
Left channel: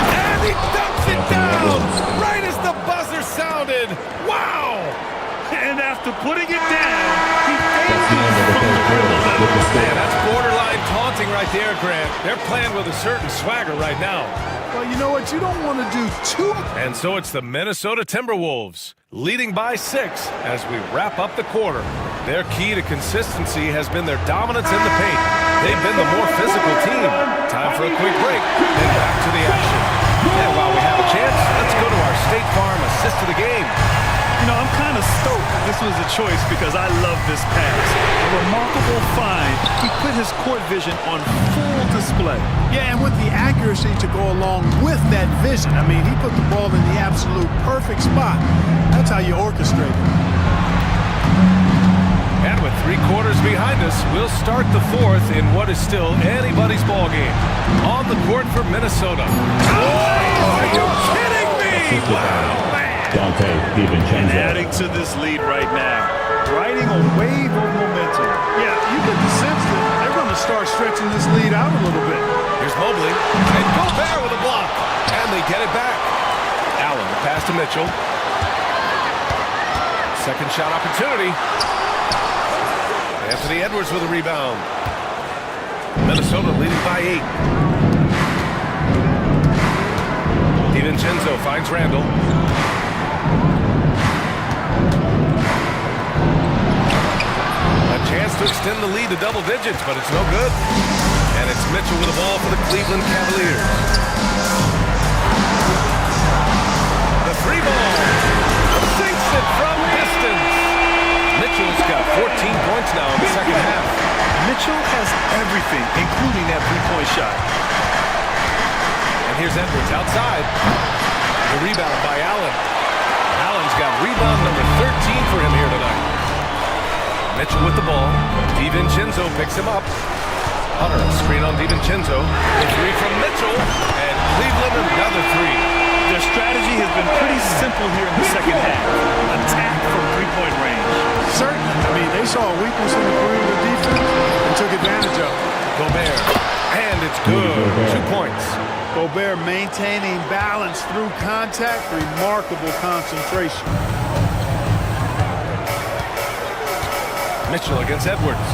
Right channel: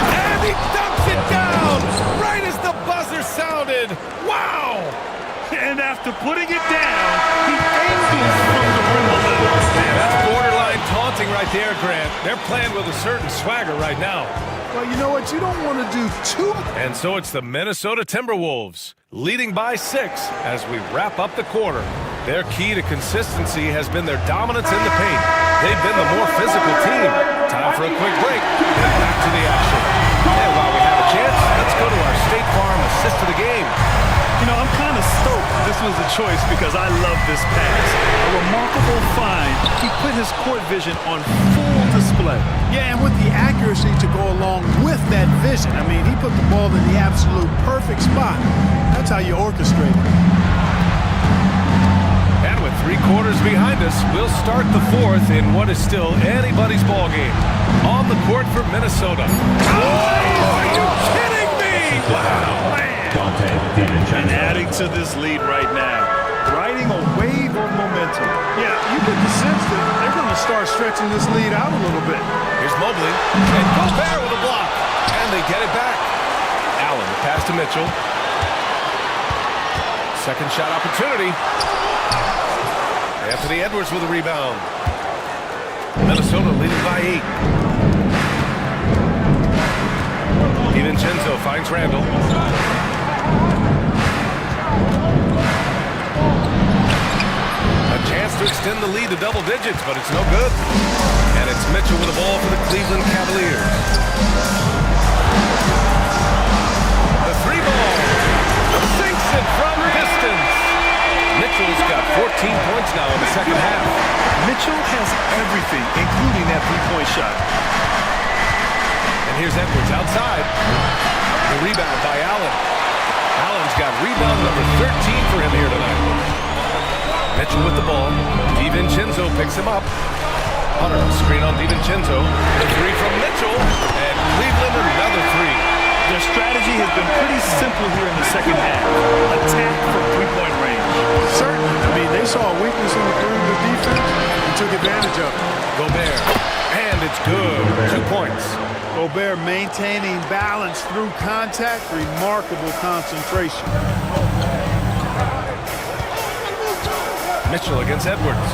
And he dunks it down right as the buzzer sounded. Wow! And after putting it down, he angles from the rim a little. Man, that's borderline taunting right there, Grant. They're playing with a certain swagger right now. Well, you know what? You don't want to do too much. And so it's the Minnesota Timberwolves leading by 6 as we wrap up the quarter. Their key to consistency has been their dominance in the paint. They've been the more physical team. Time for a quick break, then back to the action. And while we have a chance, let's go to our State Farm assist of the game. You know, I'm kind of stoked this was a choice because I love this pass. A remarkable find. He put his court vision on full display. Yeah, and with the accuracy to go along with that vision. I mean, he put the ball in the absolute perfect spot. That's how you orchestrate it. And with 3 quarters behind us, we'll start the 4th in what is still anybody's ball game. On the court for Minnesota. Oh, are you kidding me? Wow, man. And adding to this lead right now. Riding a wave of momentum. Yeah, you get the sense that they're going to start stretching this lead out a little bit. Here's Mobley. And Gobert with a block. And they get it back. Allen, the pass to Mitchell. Second shot opportunity. Anthony Edwards with a rebound. Minnesota leading by 8. DiVincenzo finds Randall. A chance to extend the lead to double digits, but it's no good. And it's Mitchell with the ball for the Cleveland Cavaliers. The 3 ball. Sinks it from distance. Mitchell's got 14 points now in the second half. Mitchell has everything, including that 3-point shot. And here's Edwards outside. The rebound by Allen. Allen's got rebound number 13 for him here tonight. Mitchell with the ball. DiVincenzo picks him up. Hunter, screen on DiVincenzo. The 3 from Mitchell. And Cleveland another 3. Their strategy has been pretty simple here in the second half. Attack from 3-point range. Certainly. I mean, they saw a weakness in the perimeter defense and took advantage of it. Gobert. And it's good. 2 points. Gobert maintaining balance through contact. Remarkable concentration. Mitchell against Edwards.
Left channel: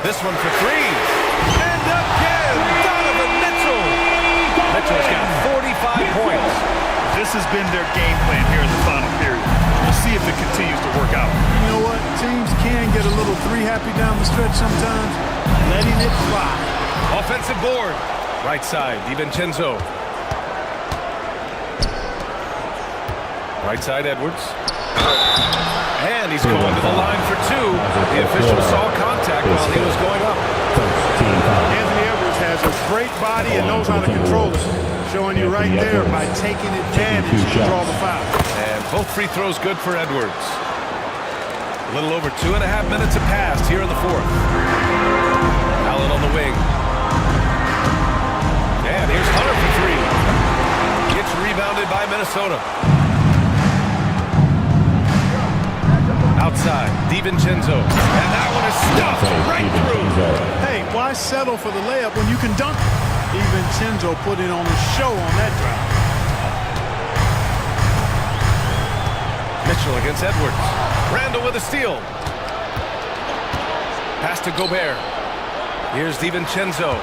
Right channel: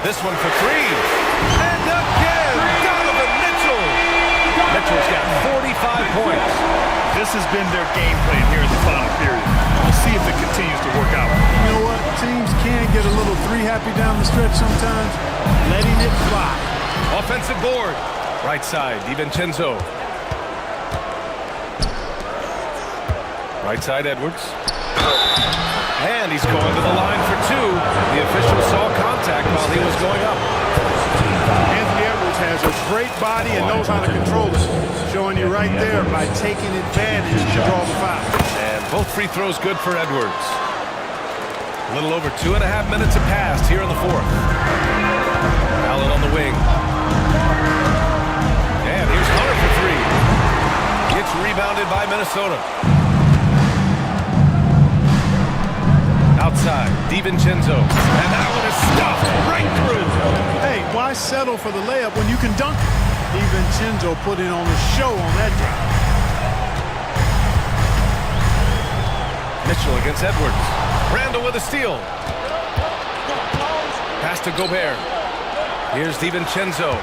This one for 3. And again, Donovan Mitchell. Mitchell's got 45 points. This has been their game plan here in the final period. We'll see if it continues to work out. You know what? Teams can get a little three-happy down the stretch sometimes. Letting it fly. Offensive board. Right side, DiVincenzo. Right side, Edwards. And he's going to the line for two. The official saw contact while he was going up. Anthony Edwards has a great body and knows how to control it. Showing you right there by taking advantage to draw the foul. And both free throws good for Edwards. A little over 2.5 minutes have passed here in the fourth. Allen on the wing. And here's Hunter for three. It's rebounded by Minnesota. Outside, DiVincenzo. And that one is stuffed right through. Hey, why settle for the layup when you can dunk it? DiVincenzo put in on a show on that drive. Mitchell against Edwards. Randall with a steal. Pass to Gobert. Here's DiVincenzo.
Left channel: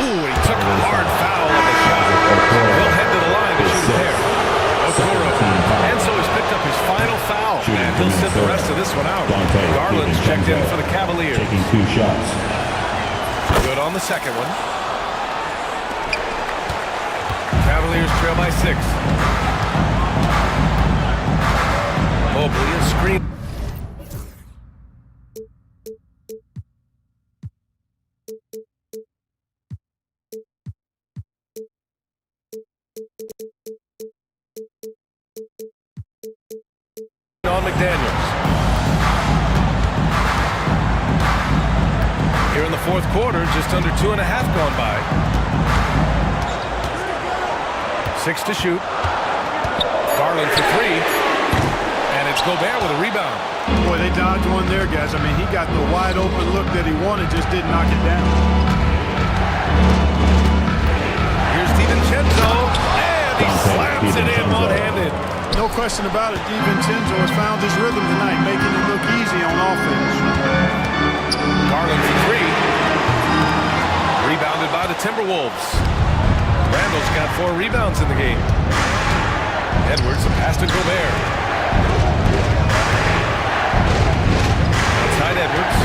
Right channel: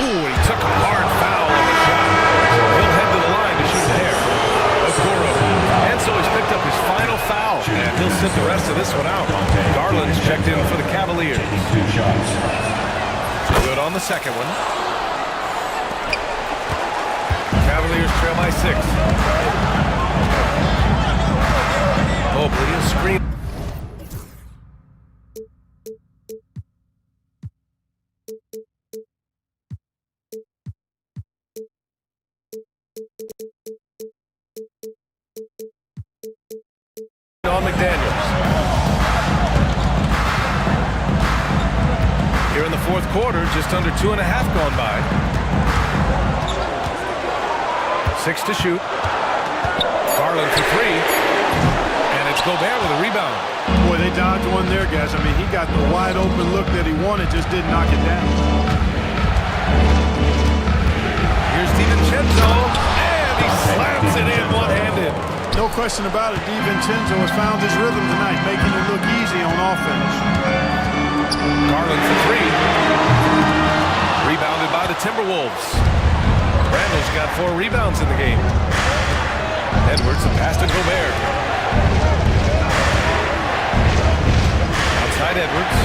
Ooh, he took a hard foul on the shot. He'll head to the line to shoot a pair. Okoro. And so he's picked up his final foul. And he'll sit the rest of this one out. Garland's checked in for the Cavaliers. Taking 2 shots. Good on the second one. Cavaliers trail by 6. Mobley is screen. On McDaniels. Here in the fourth quarter, just under 2.5 gone by. 6 to shoot. Garland for 3. And it's Gobert with a rebound. Boy, they dodged one there, guys. I mean, he got the wide open look that he wanted, just didn't knock it down. Here's DiVincenzo, and he slams it in one-handed. No question about it, DiVincenzo has found his rhythm tonight, making it look easy on offense. Garland for 3. Rebounded by the Timberwolves. Randall's got 4 rebounds in the game. Edwards, the pass to Gobert. Outside Edwards.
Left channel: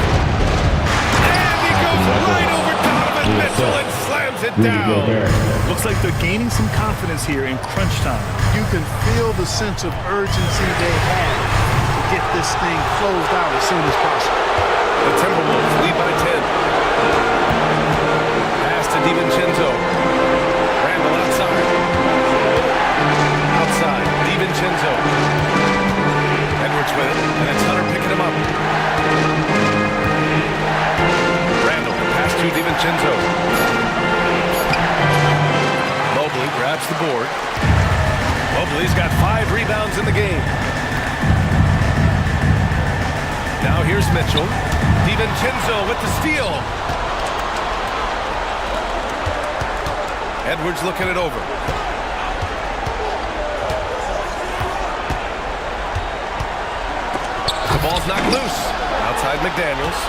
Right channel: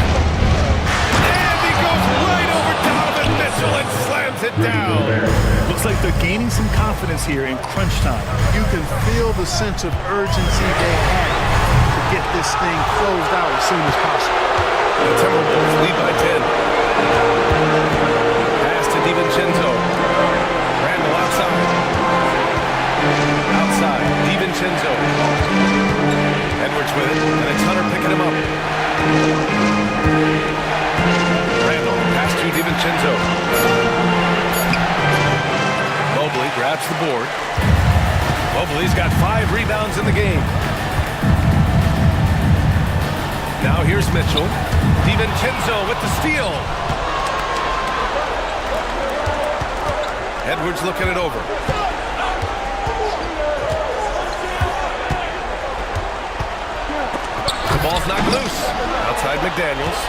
And he goes right over Donovan Mitchell and slams it down. Looks like they're gaining some confidence here in crunch time. You can feel the sense of urgency they have to get this thing closed out as soon as possible. The Timberwolves lead by 10. Pass to DiVincenzo. Randall outside. Outside, DiVincenzo. Edwards with it, and it's Hunter picking him up. Randall, pass to DiVincenzo. Mobley grabs the board. Mobley's got 5 rebounds in the game. Now here's Mitchell. DiVincenzo with the steal. Edwards looking it over. The ball's knocked loose. Outside McDaniels.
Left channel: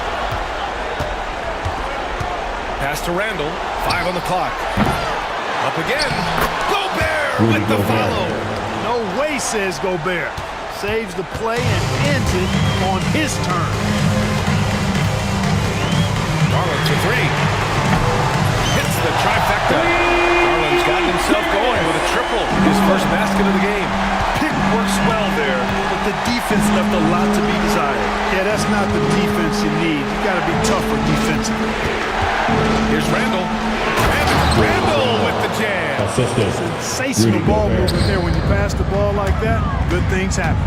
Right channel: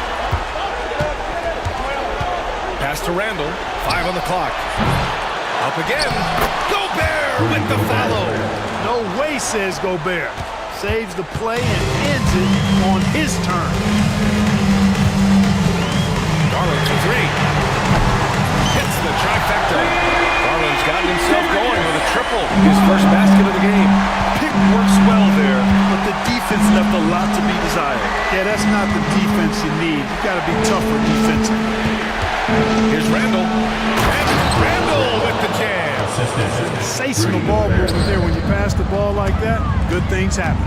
Pass to Randall. 5 on the clock. Up again. Gobert with the follow. No way, says Gobert. Saves the play and ends it on his turn. Garland for 3. Hits the trifecta. Garland's gotten himself going with a triple. His first basket of the game. Pick works well there, but the defense left a lot to be desired. Yeah, that's not the defense you need. You got to be tougher defensively. Here's Randall. And Randall with the jam. Sensational ball movement there. When you pass the ball like that, good things happen.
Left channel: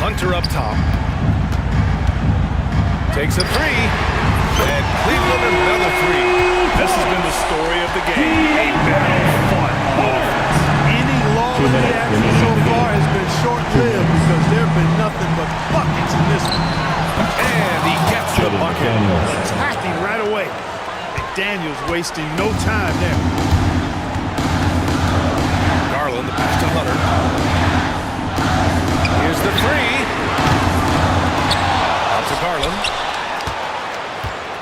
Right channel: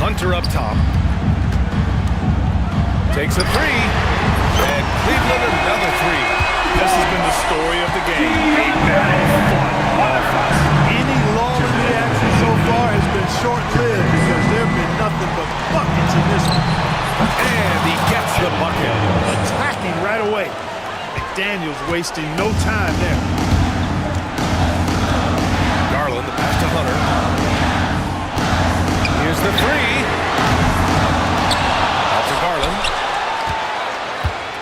Hunter up top. Takes a 3. And Cleveland another 3. This has been the story of the game. A battle fought on offense. Any lull in the action so far has been short-lived because there have been nothing but buckets in this one. And he gets the bucket. Attacking right away. McDaniels wasting no time there. Garland, the pass to Hunter. Here's the 3. Out to Garland.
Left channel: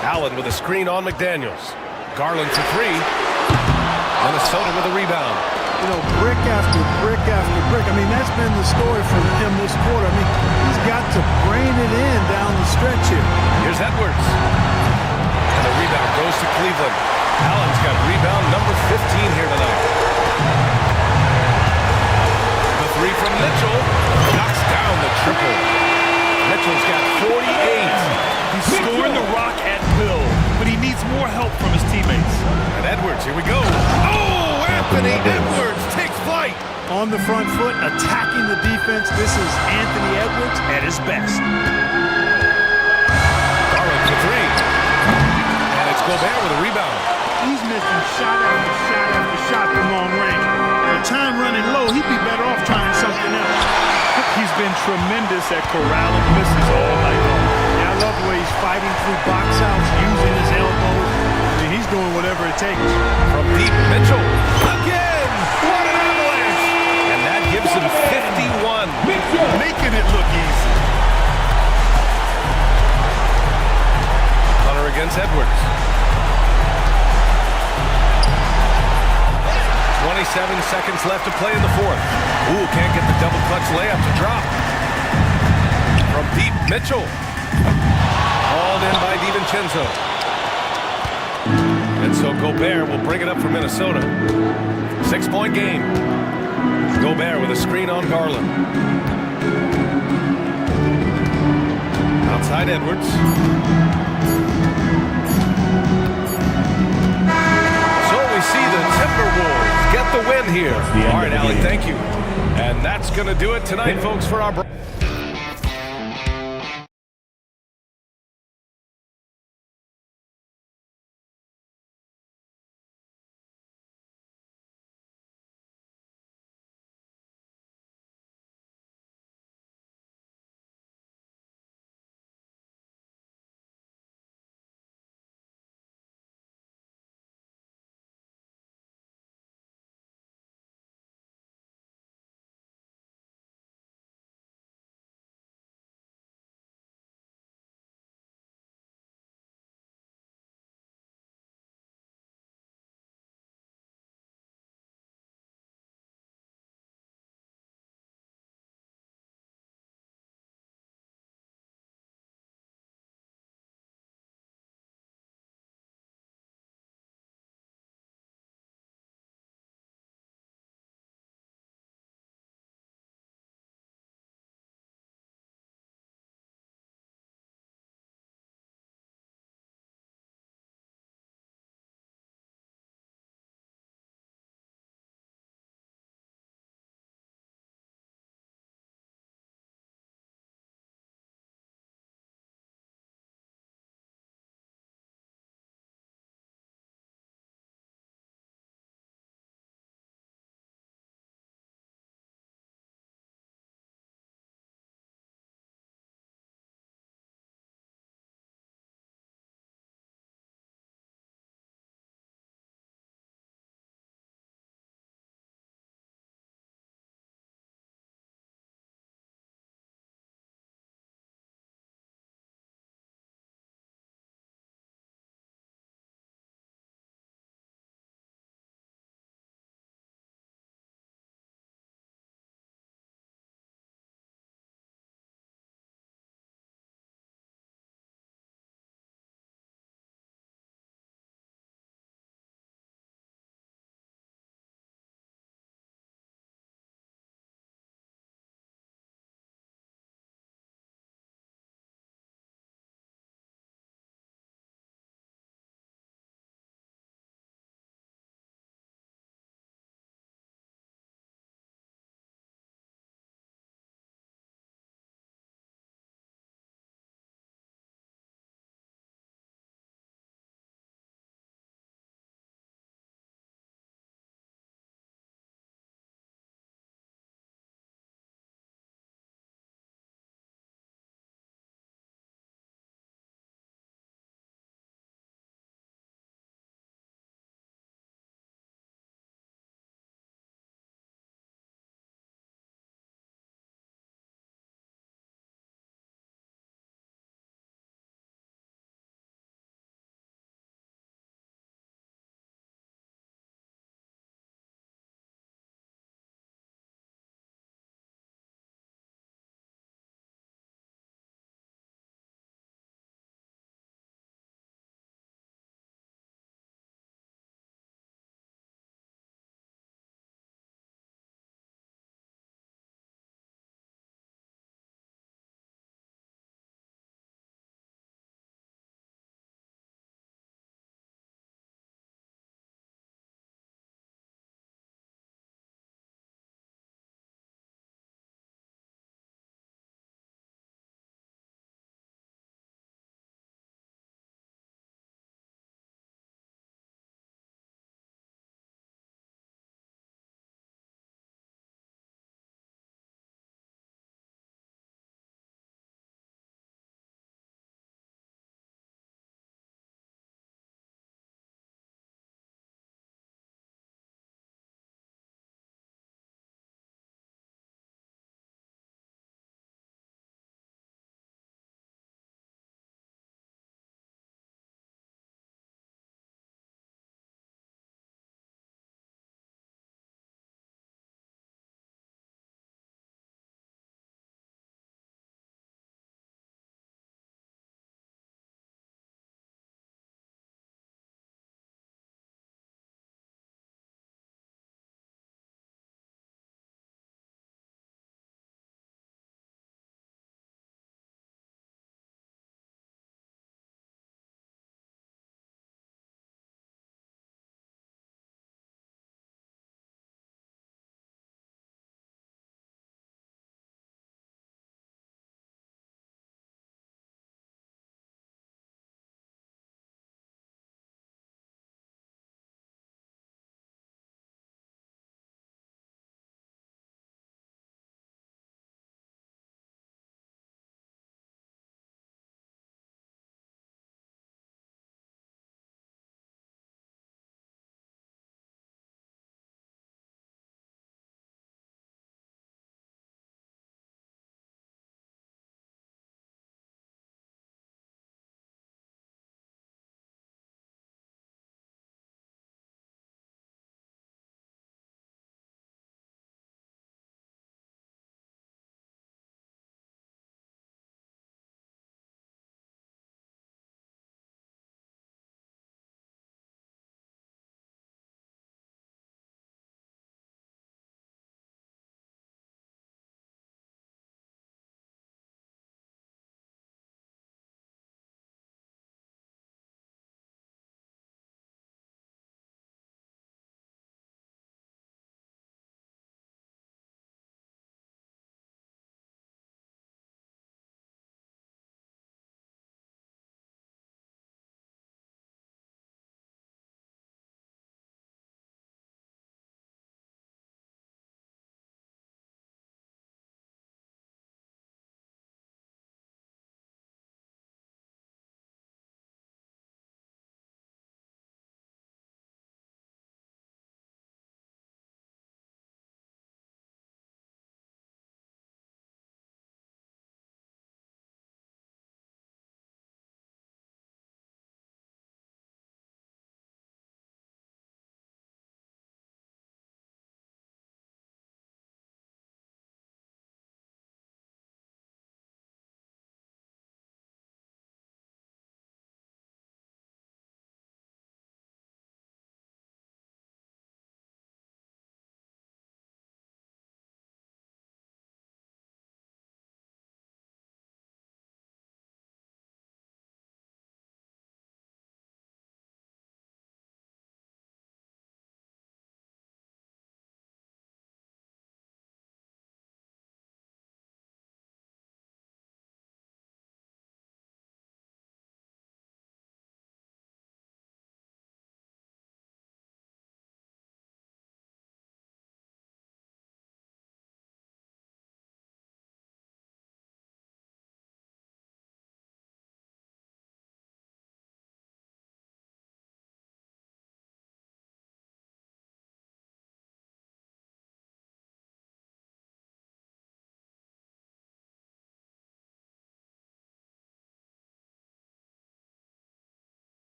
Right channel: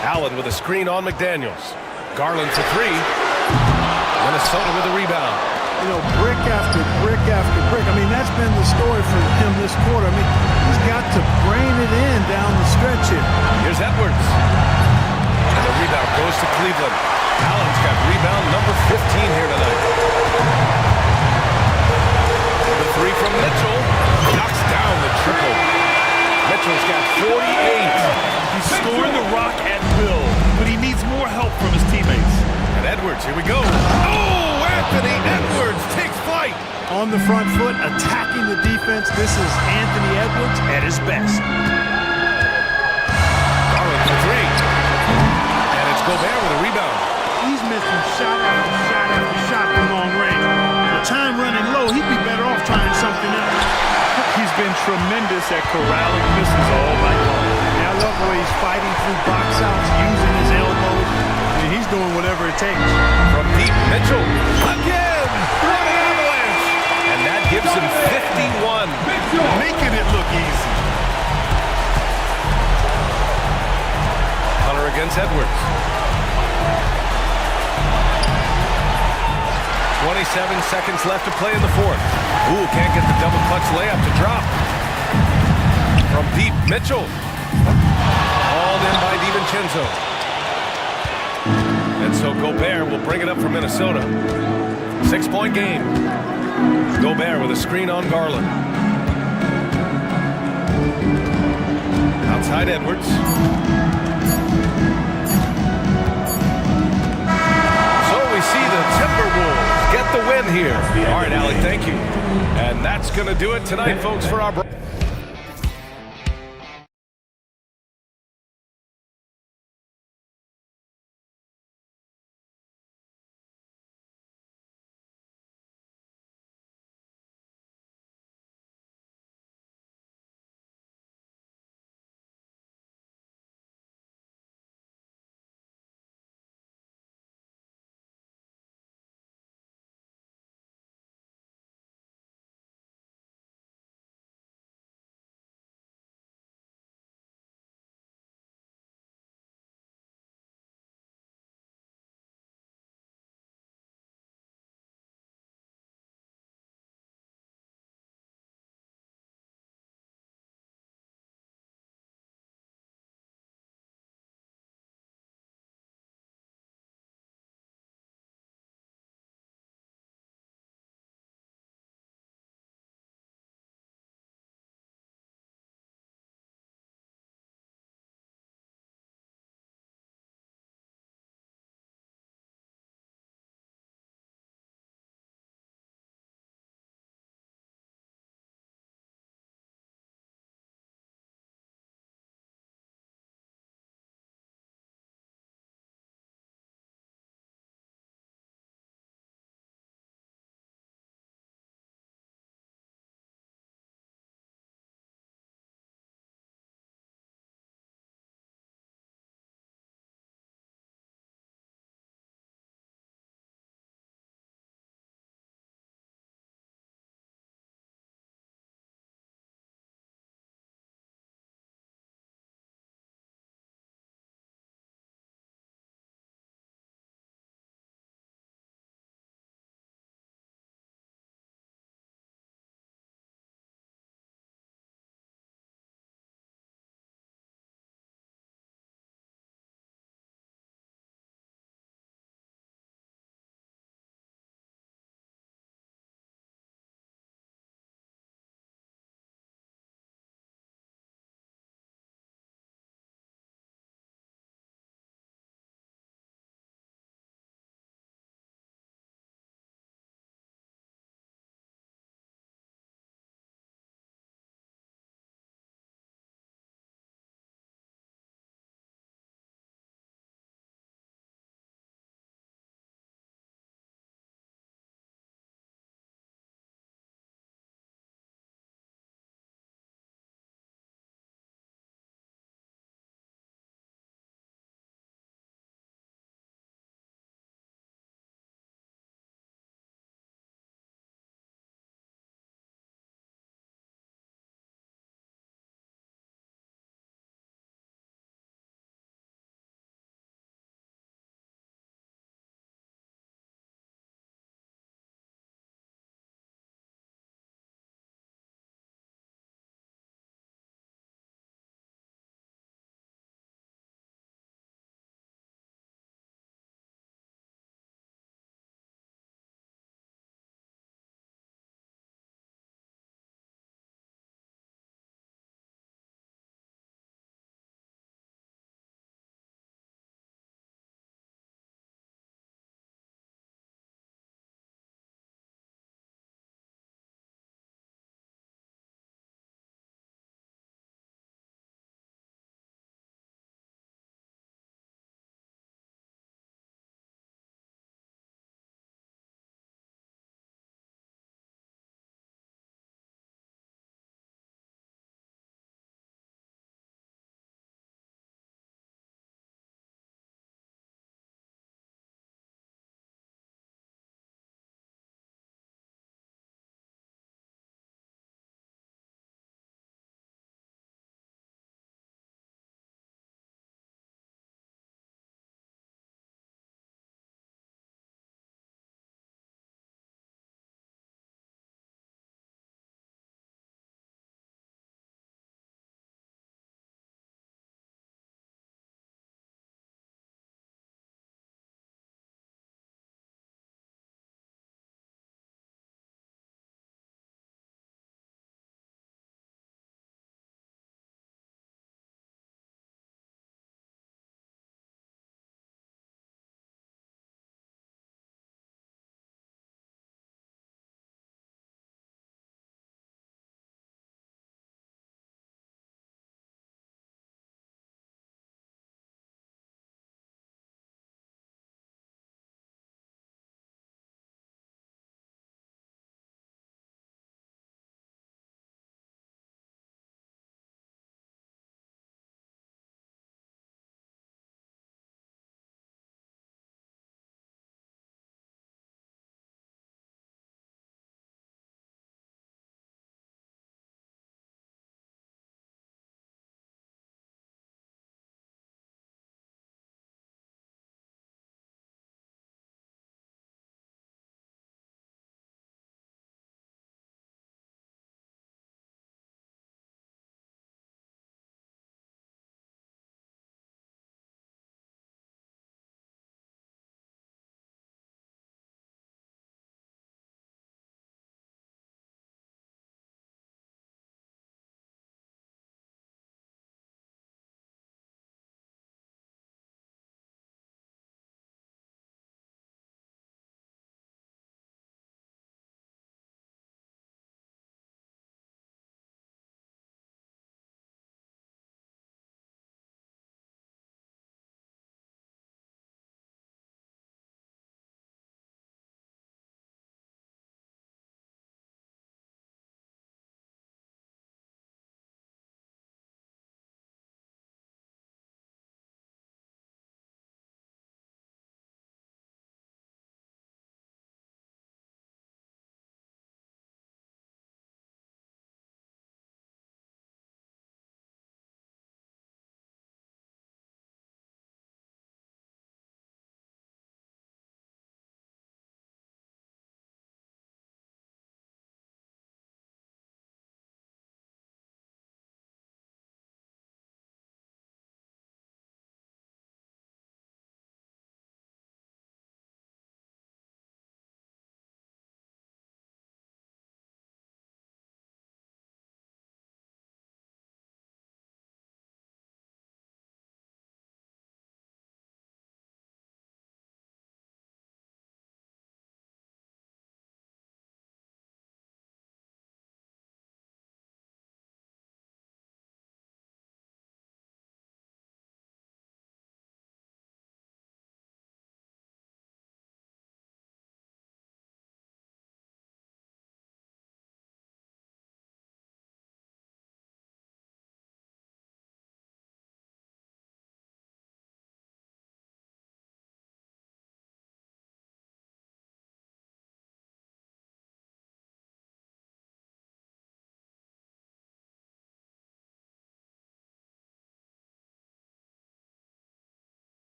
Allen with a screen on McDaniels. Garland for 3. Minnesota with a rebound. you know, brick after brick after brick. I mean, that's been the story for him this quarter. I mean, he's got to brain it in down the stretch here. Here's Edwards. And the rebound goes to Cleveland. Allen's got rebound number 15 here tonight. The three from Mitchell knocks down the triple. Mitchell's got 48. He's scoring the rock at will, but he needs more help from his teammates. And Edwards, here we go. Oh, Anthony Edwards takes flight. On the front foot, attacking the defense. This is Anthony Edwards at his best. Garland for three. And it's Gobert with a rebound. He's missing shot after shot after shot from long range. The time running low, he'd be better off trying something else. He's been tremendous at corralling misses all night long. Yeah, I love the way he's fighting through box outs, using his elbows. I mean, he's doing whatever it takes. From deep, Mitchell. Again! What an avalanche! And that gives him 51. Making it look easy. Hunter against Edwards. 27 seconds left to play in the fourth. Ooh, can't get the double clutch layup to drop. From deep, Mitchell. Hauled in by DiVincenzo. And so Gobert will bring it up for Minnesota. 6-point game. Gobert with a screen on Garland. Outside Edwards. We see the Timberwolves get the win here. All right, Allie, thank you. And that's going to do it tonight, folks, for our...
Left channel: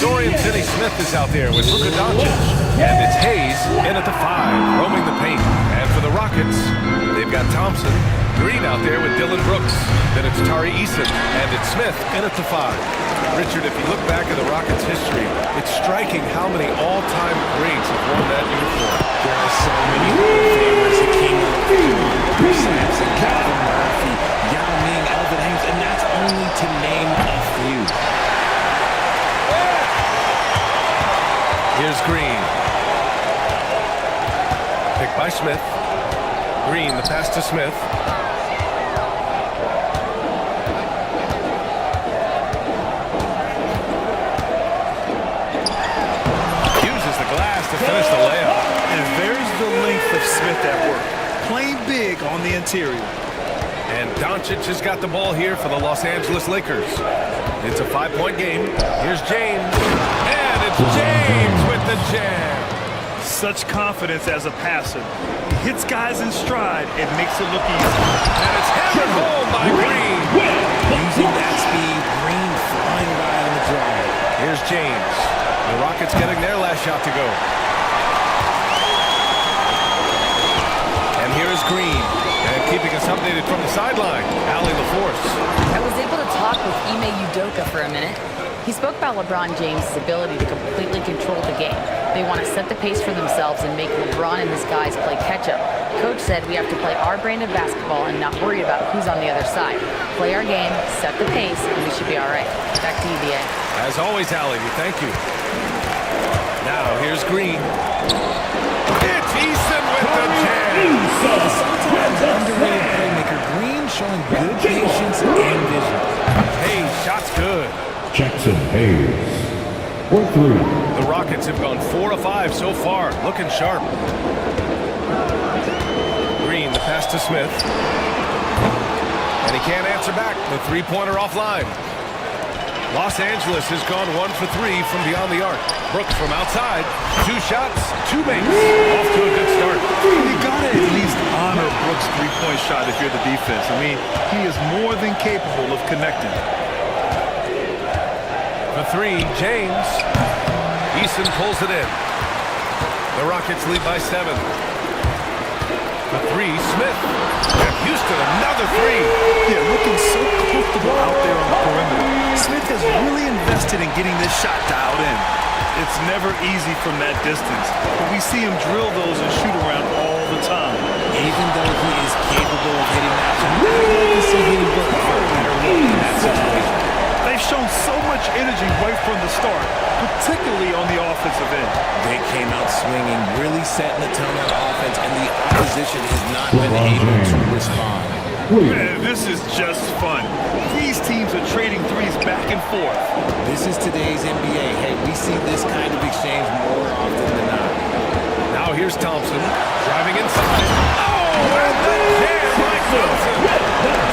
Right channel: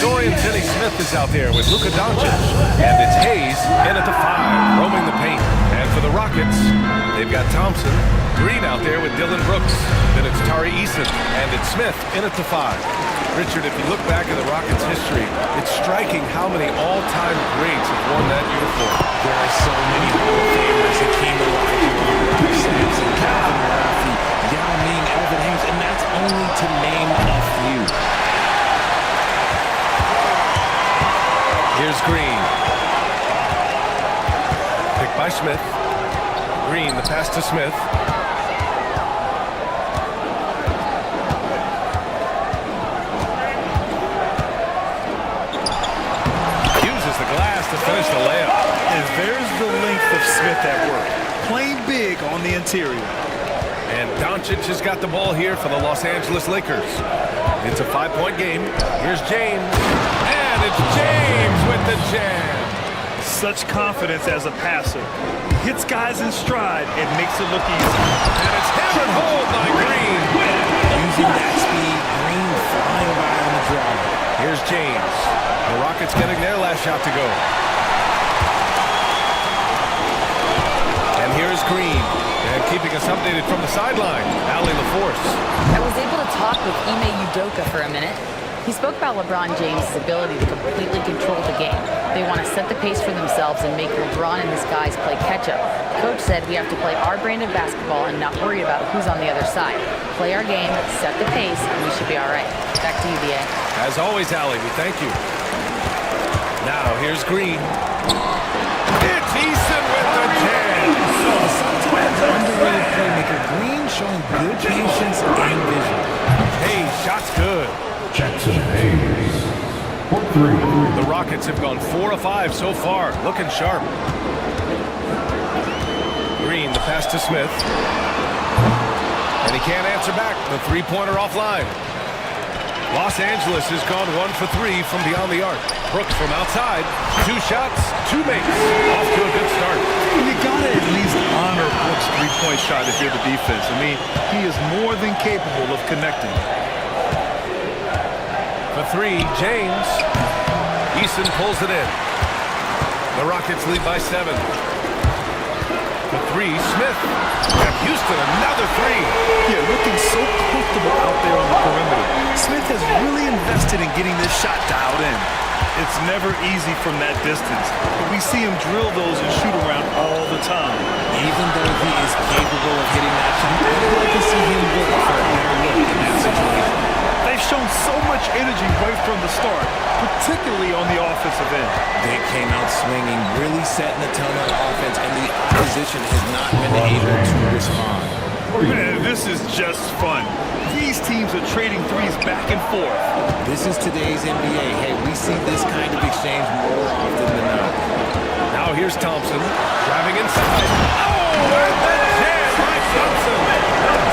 Dorian Finney-Smith is out there with Luka Doncic. And it's Hayes in at the 5, roaming the paint. And for the Rockets, they've got Thompson, Green out there with Dylan Brooks. Then it's Tari Eason, and it's Smith in at the 5. Richard, if you look back at the Rockets' history, it's striking how many all-time greats have worn that uniform. There are so many Hall of Famers. Hakeem Olajuwon, Ralph Sampson, Calvin Murphy, Yao Ming, Elvin Hayes, and that's only to name a few. Here's Green. Picked by Smith. Green, the pass to Smith. Uses the glass to finish the layup. And there's the length of Smith at work. Playing big on the interior. And Doncic has got the ball here for the Los Angeles Lakers. It's a 5-point game. Here's James. And it's James with the jam. Such confidence as a passer. He hits guys in stride and makes it look easy. And it's hammered home by Green. Using that speed, Green flying by on the drive. Here's James. The Rockets getting their last shot to go. And here's Green. And keeping us updated from the sideline, Allie LaForce. I was able to talk with Ime Udoka for a minute. He spoke about LeBron James' ability to completely control the game. They want to set the pace for themselves and make LeBron and his guys play catch-up. Coach said we have to play our brand of basketball and not worry about who's on the other side. Play our game, set the pace, and we should be all right. Back to you, BA. As always, Allie, we thank you. Now, here's Green. It's Eason with the jam. The sometimes underrated playmaker, Green showing good patience and vision. Hey, shot's good. Jackson Hayes. 1-3. The Rockets have gone 4 of 5 so far, looking sharp. Green, the pass to Smith. And he can't answer back. The three-pointer offline. Los Angeles has gone 1 for 3 from beyond the arc. Brooks from outside. 2 shots, 2 makes. Off to a good start. You gotta at least honor Brooks' three-point shot if you're the defense. I mean, he is more than capable of connecting. For 3, James. Eason pulls it in. The Rockets lead by 7. For 3, Smith. And Houston, another 3. Yeah, looking so comfortable out there on the perimeter. Smith has really invested in getting this shot dialed in. It's never easy from that distance, but we see him drill those and shoot around all the time. Even though he is capable of hitting that shot, I'd like to see him work for a better look in that situation. They've shown so much energy right from the start, particularly on the offensive end. They came out swinging, really setting the tone on offense, and the opposition has not been able to respond. Man, this is just fun. These teams are trading threes back and forth. This is today's NBA. Hey, we see this kind of exchange more often than not. Now here's Thompson, driving inside. Oh, and the jam by Thompson.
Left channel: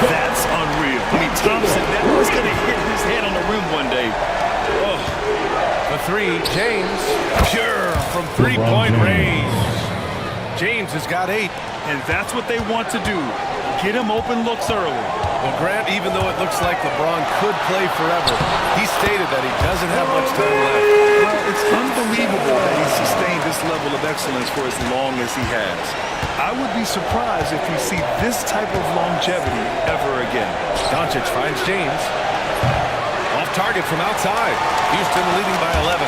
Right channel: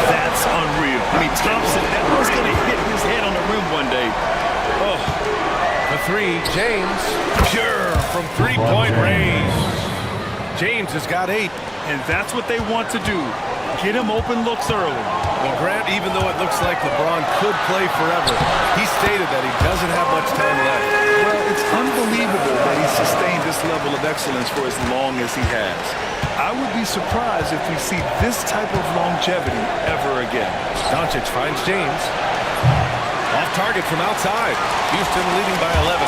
That's unreal. I mean, Thompson, that was going to hit his head on the rim one day. Oh. For 3, James. Pure from three-point range. James has got 8. And that's what they want to do. Get him open looks early. Well, Grant, even though it looks like LeBron could play forever, he stated that he doesn't have much time left. Well, it's unbelievable that he's sustained this level of excellence for as long as he has. I would be surprised if we see this type of longevity ever again. Doncic finds James. Off target from outside. Houston leading by 11.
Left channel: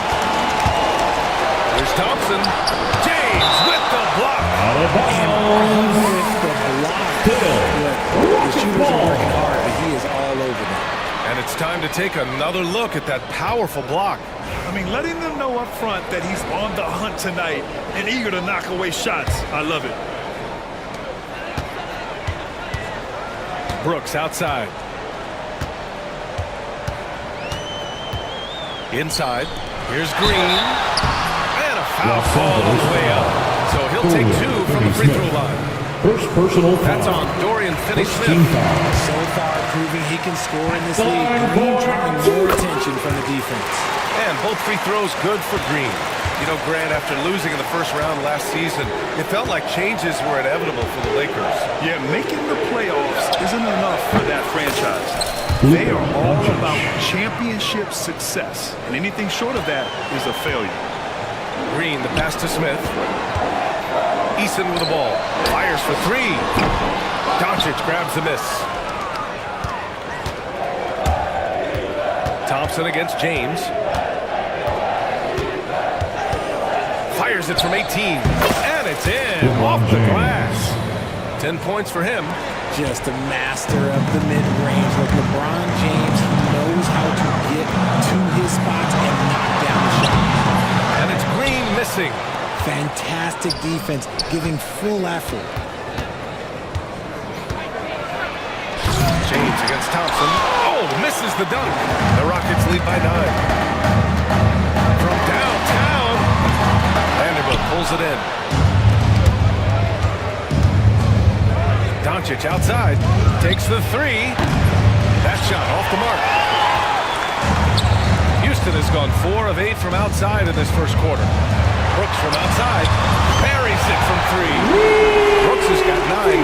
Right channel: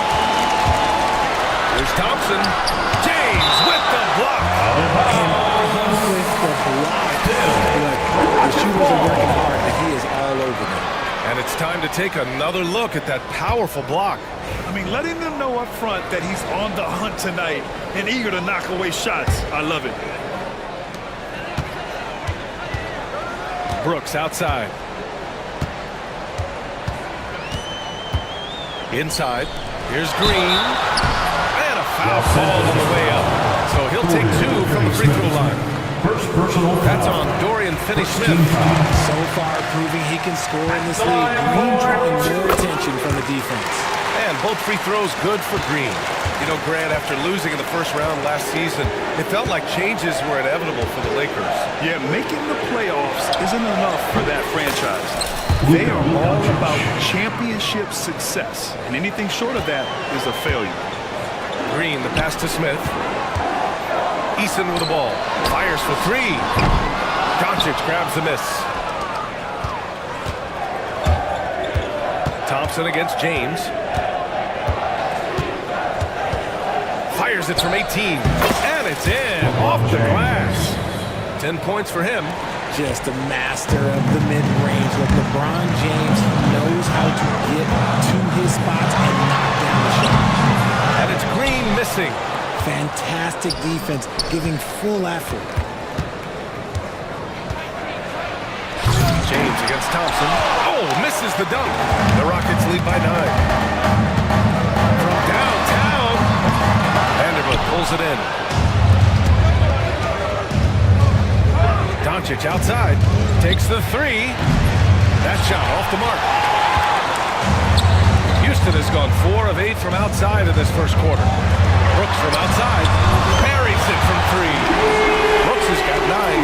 Here's Thompson. James with the block. And with the block. Look, the shooters are working hard, but he is all over them. And it's time to take another look at that powerful block. I mean, letting them know up front that he's on the hunt tonight and eager to knock away shots. I love it. Brooks outside. Inside. Here's Green. And a foul called on the way up. So he'll take 2 from the free throw line. First personal foul. That's on Dorian Finney-Smith. So far proving he can score in this league. Green drawing more attention from the defense. And both free throws good for Green. You know, Grant, after losing in the first round last season, it felt like changes were inevitable for the Lakers. Yeah, making the playoffs isn't enough for that franchise. They are all about championship success, and anything short of that is a failure. Green, the pass to Smith. Eason with the ball. Fires for three. Doncic grabs the miss. Thompson against James. Fires it from 18. And it's in. Off the glass. 10 points for him. Just a master of the mid-range. Look, LeBron James knows how to get to his spots and knock down the shots. And it's Green missing. Fantastic defense, giving full effort. James against Thompson. Oh, misses the dunk. The Rockets lead by 9. From downtown, Vanderbilt pulls it in. Doncic outside, takes the three. That shot off the mark. Houston has gone 4 of 8 from outside in this first quarter. Brooks from outside, buries it from 3. Brooks has got 9.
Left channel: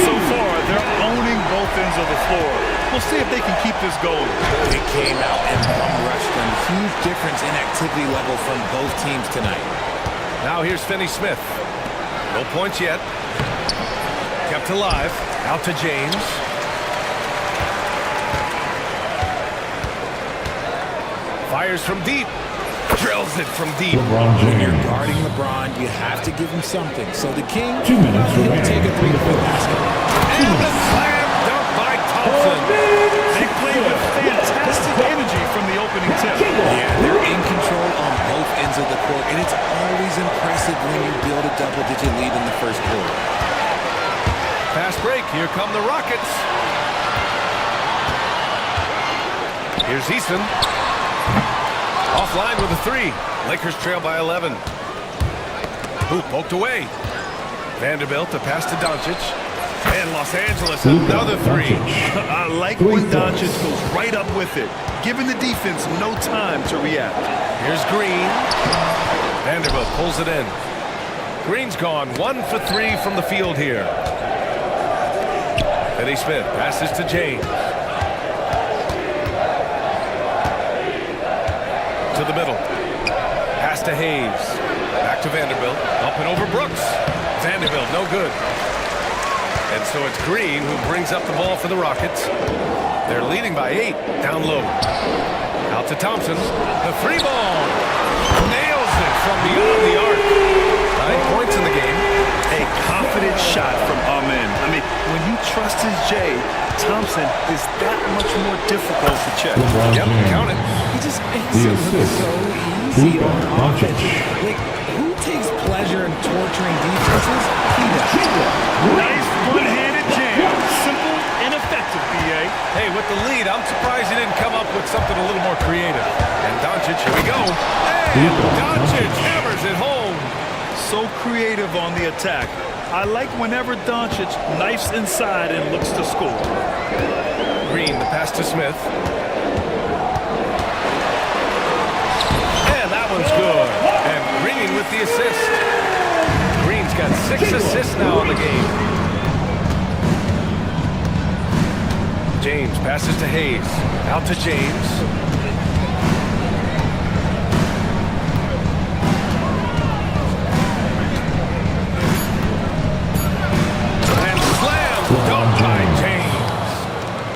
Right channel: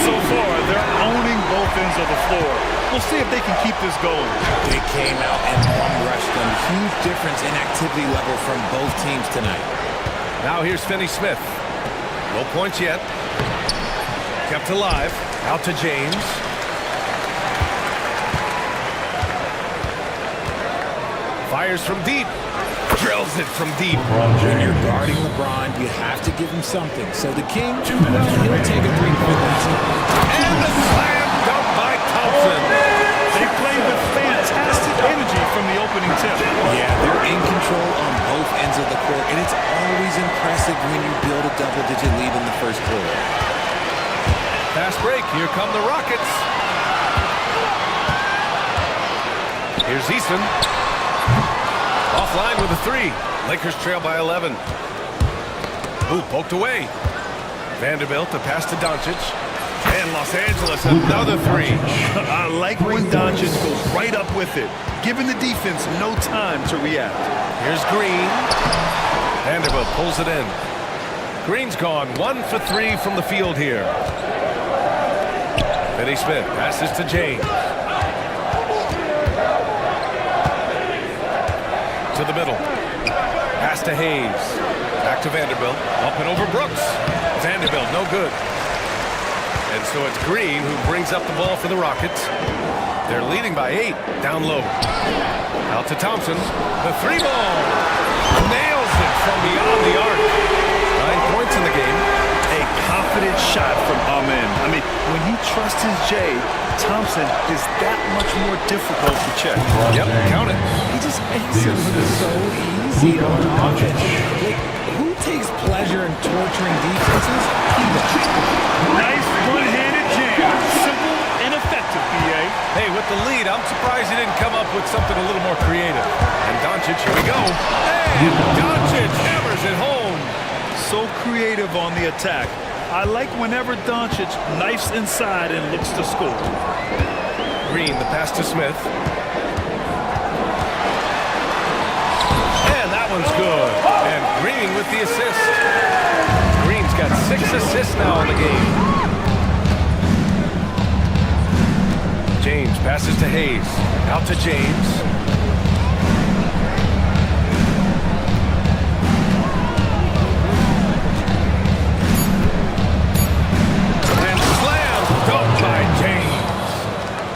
So far, they're owning both ends of the floor. We'll see if they can keep this going. They came out and bum rushed them. Huge difference in activity level from both teams tonight. Now here's Finney Smith. No points yet. Kept alive. Out to James. Fires from deep. Drills it from deep. When you're guarding LeBron, you have to give him something. So the King, well, he'll take a three-point basket. And the slam dunk by Thompson. They played with fantastic energy from the opening tip. Yeah, they're in control on both ends of the court, and it's always impressive when you build a double-digit lead in the first quarter. Fast break. Here come the Rockets. Here's Eason. Offline with a 3. Lakers trail by 11. Hoop poked away. Vanderbilt, a pass to Doncic. And Los Angeles, another 3. I like when Doncic goes right up with it, giving the defense no time to react. Here's Green. Vanderbilt pulls it in. Green's gone 1 for 3 from the field here. Finney Smith passes to James. To the middle. Pass to Hayes. Back to Vanderbilt. Up and over Brooks. Vanderbilt, no good. And so it's Green who brings up the ball for the Rockets. They're leading by 8. Down low. Out to Thompson. The 3 ball. Nails it from beyond the arc. 9 points in the game. A confident shot from Amen. I mean, when he trusts his J, Thompson is that much more difficult to check. Yep, count it. He just makes it look so easy on offense. Like, who takes pleasure in torturing defenses? He does. Nice one-handed jam. Simple and effective, B.A. Hey, with the lead, I'm surprised he didn't come up with something a little more creative. And Doncic, here we go. And Doncic hammers it home. So creative on the attack. I like whenever Doncic knifes inside and looks to score. Green, the pass to Smith. And that one's good. And Green with the assist. Green's got 6 assists now in the game. James passes to Hayes. Out to James. Dunked by James.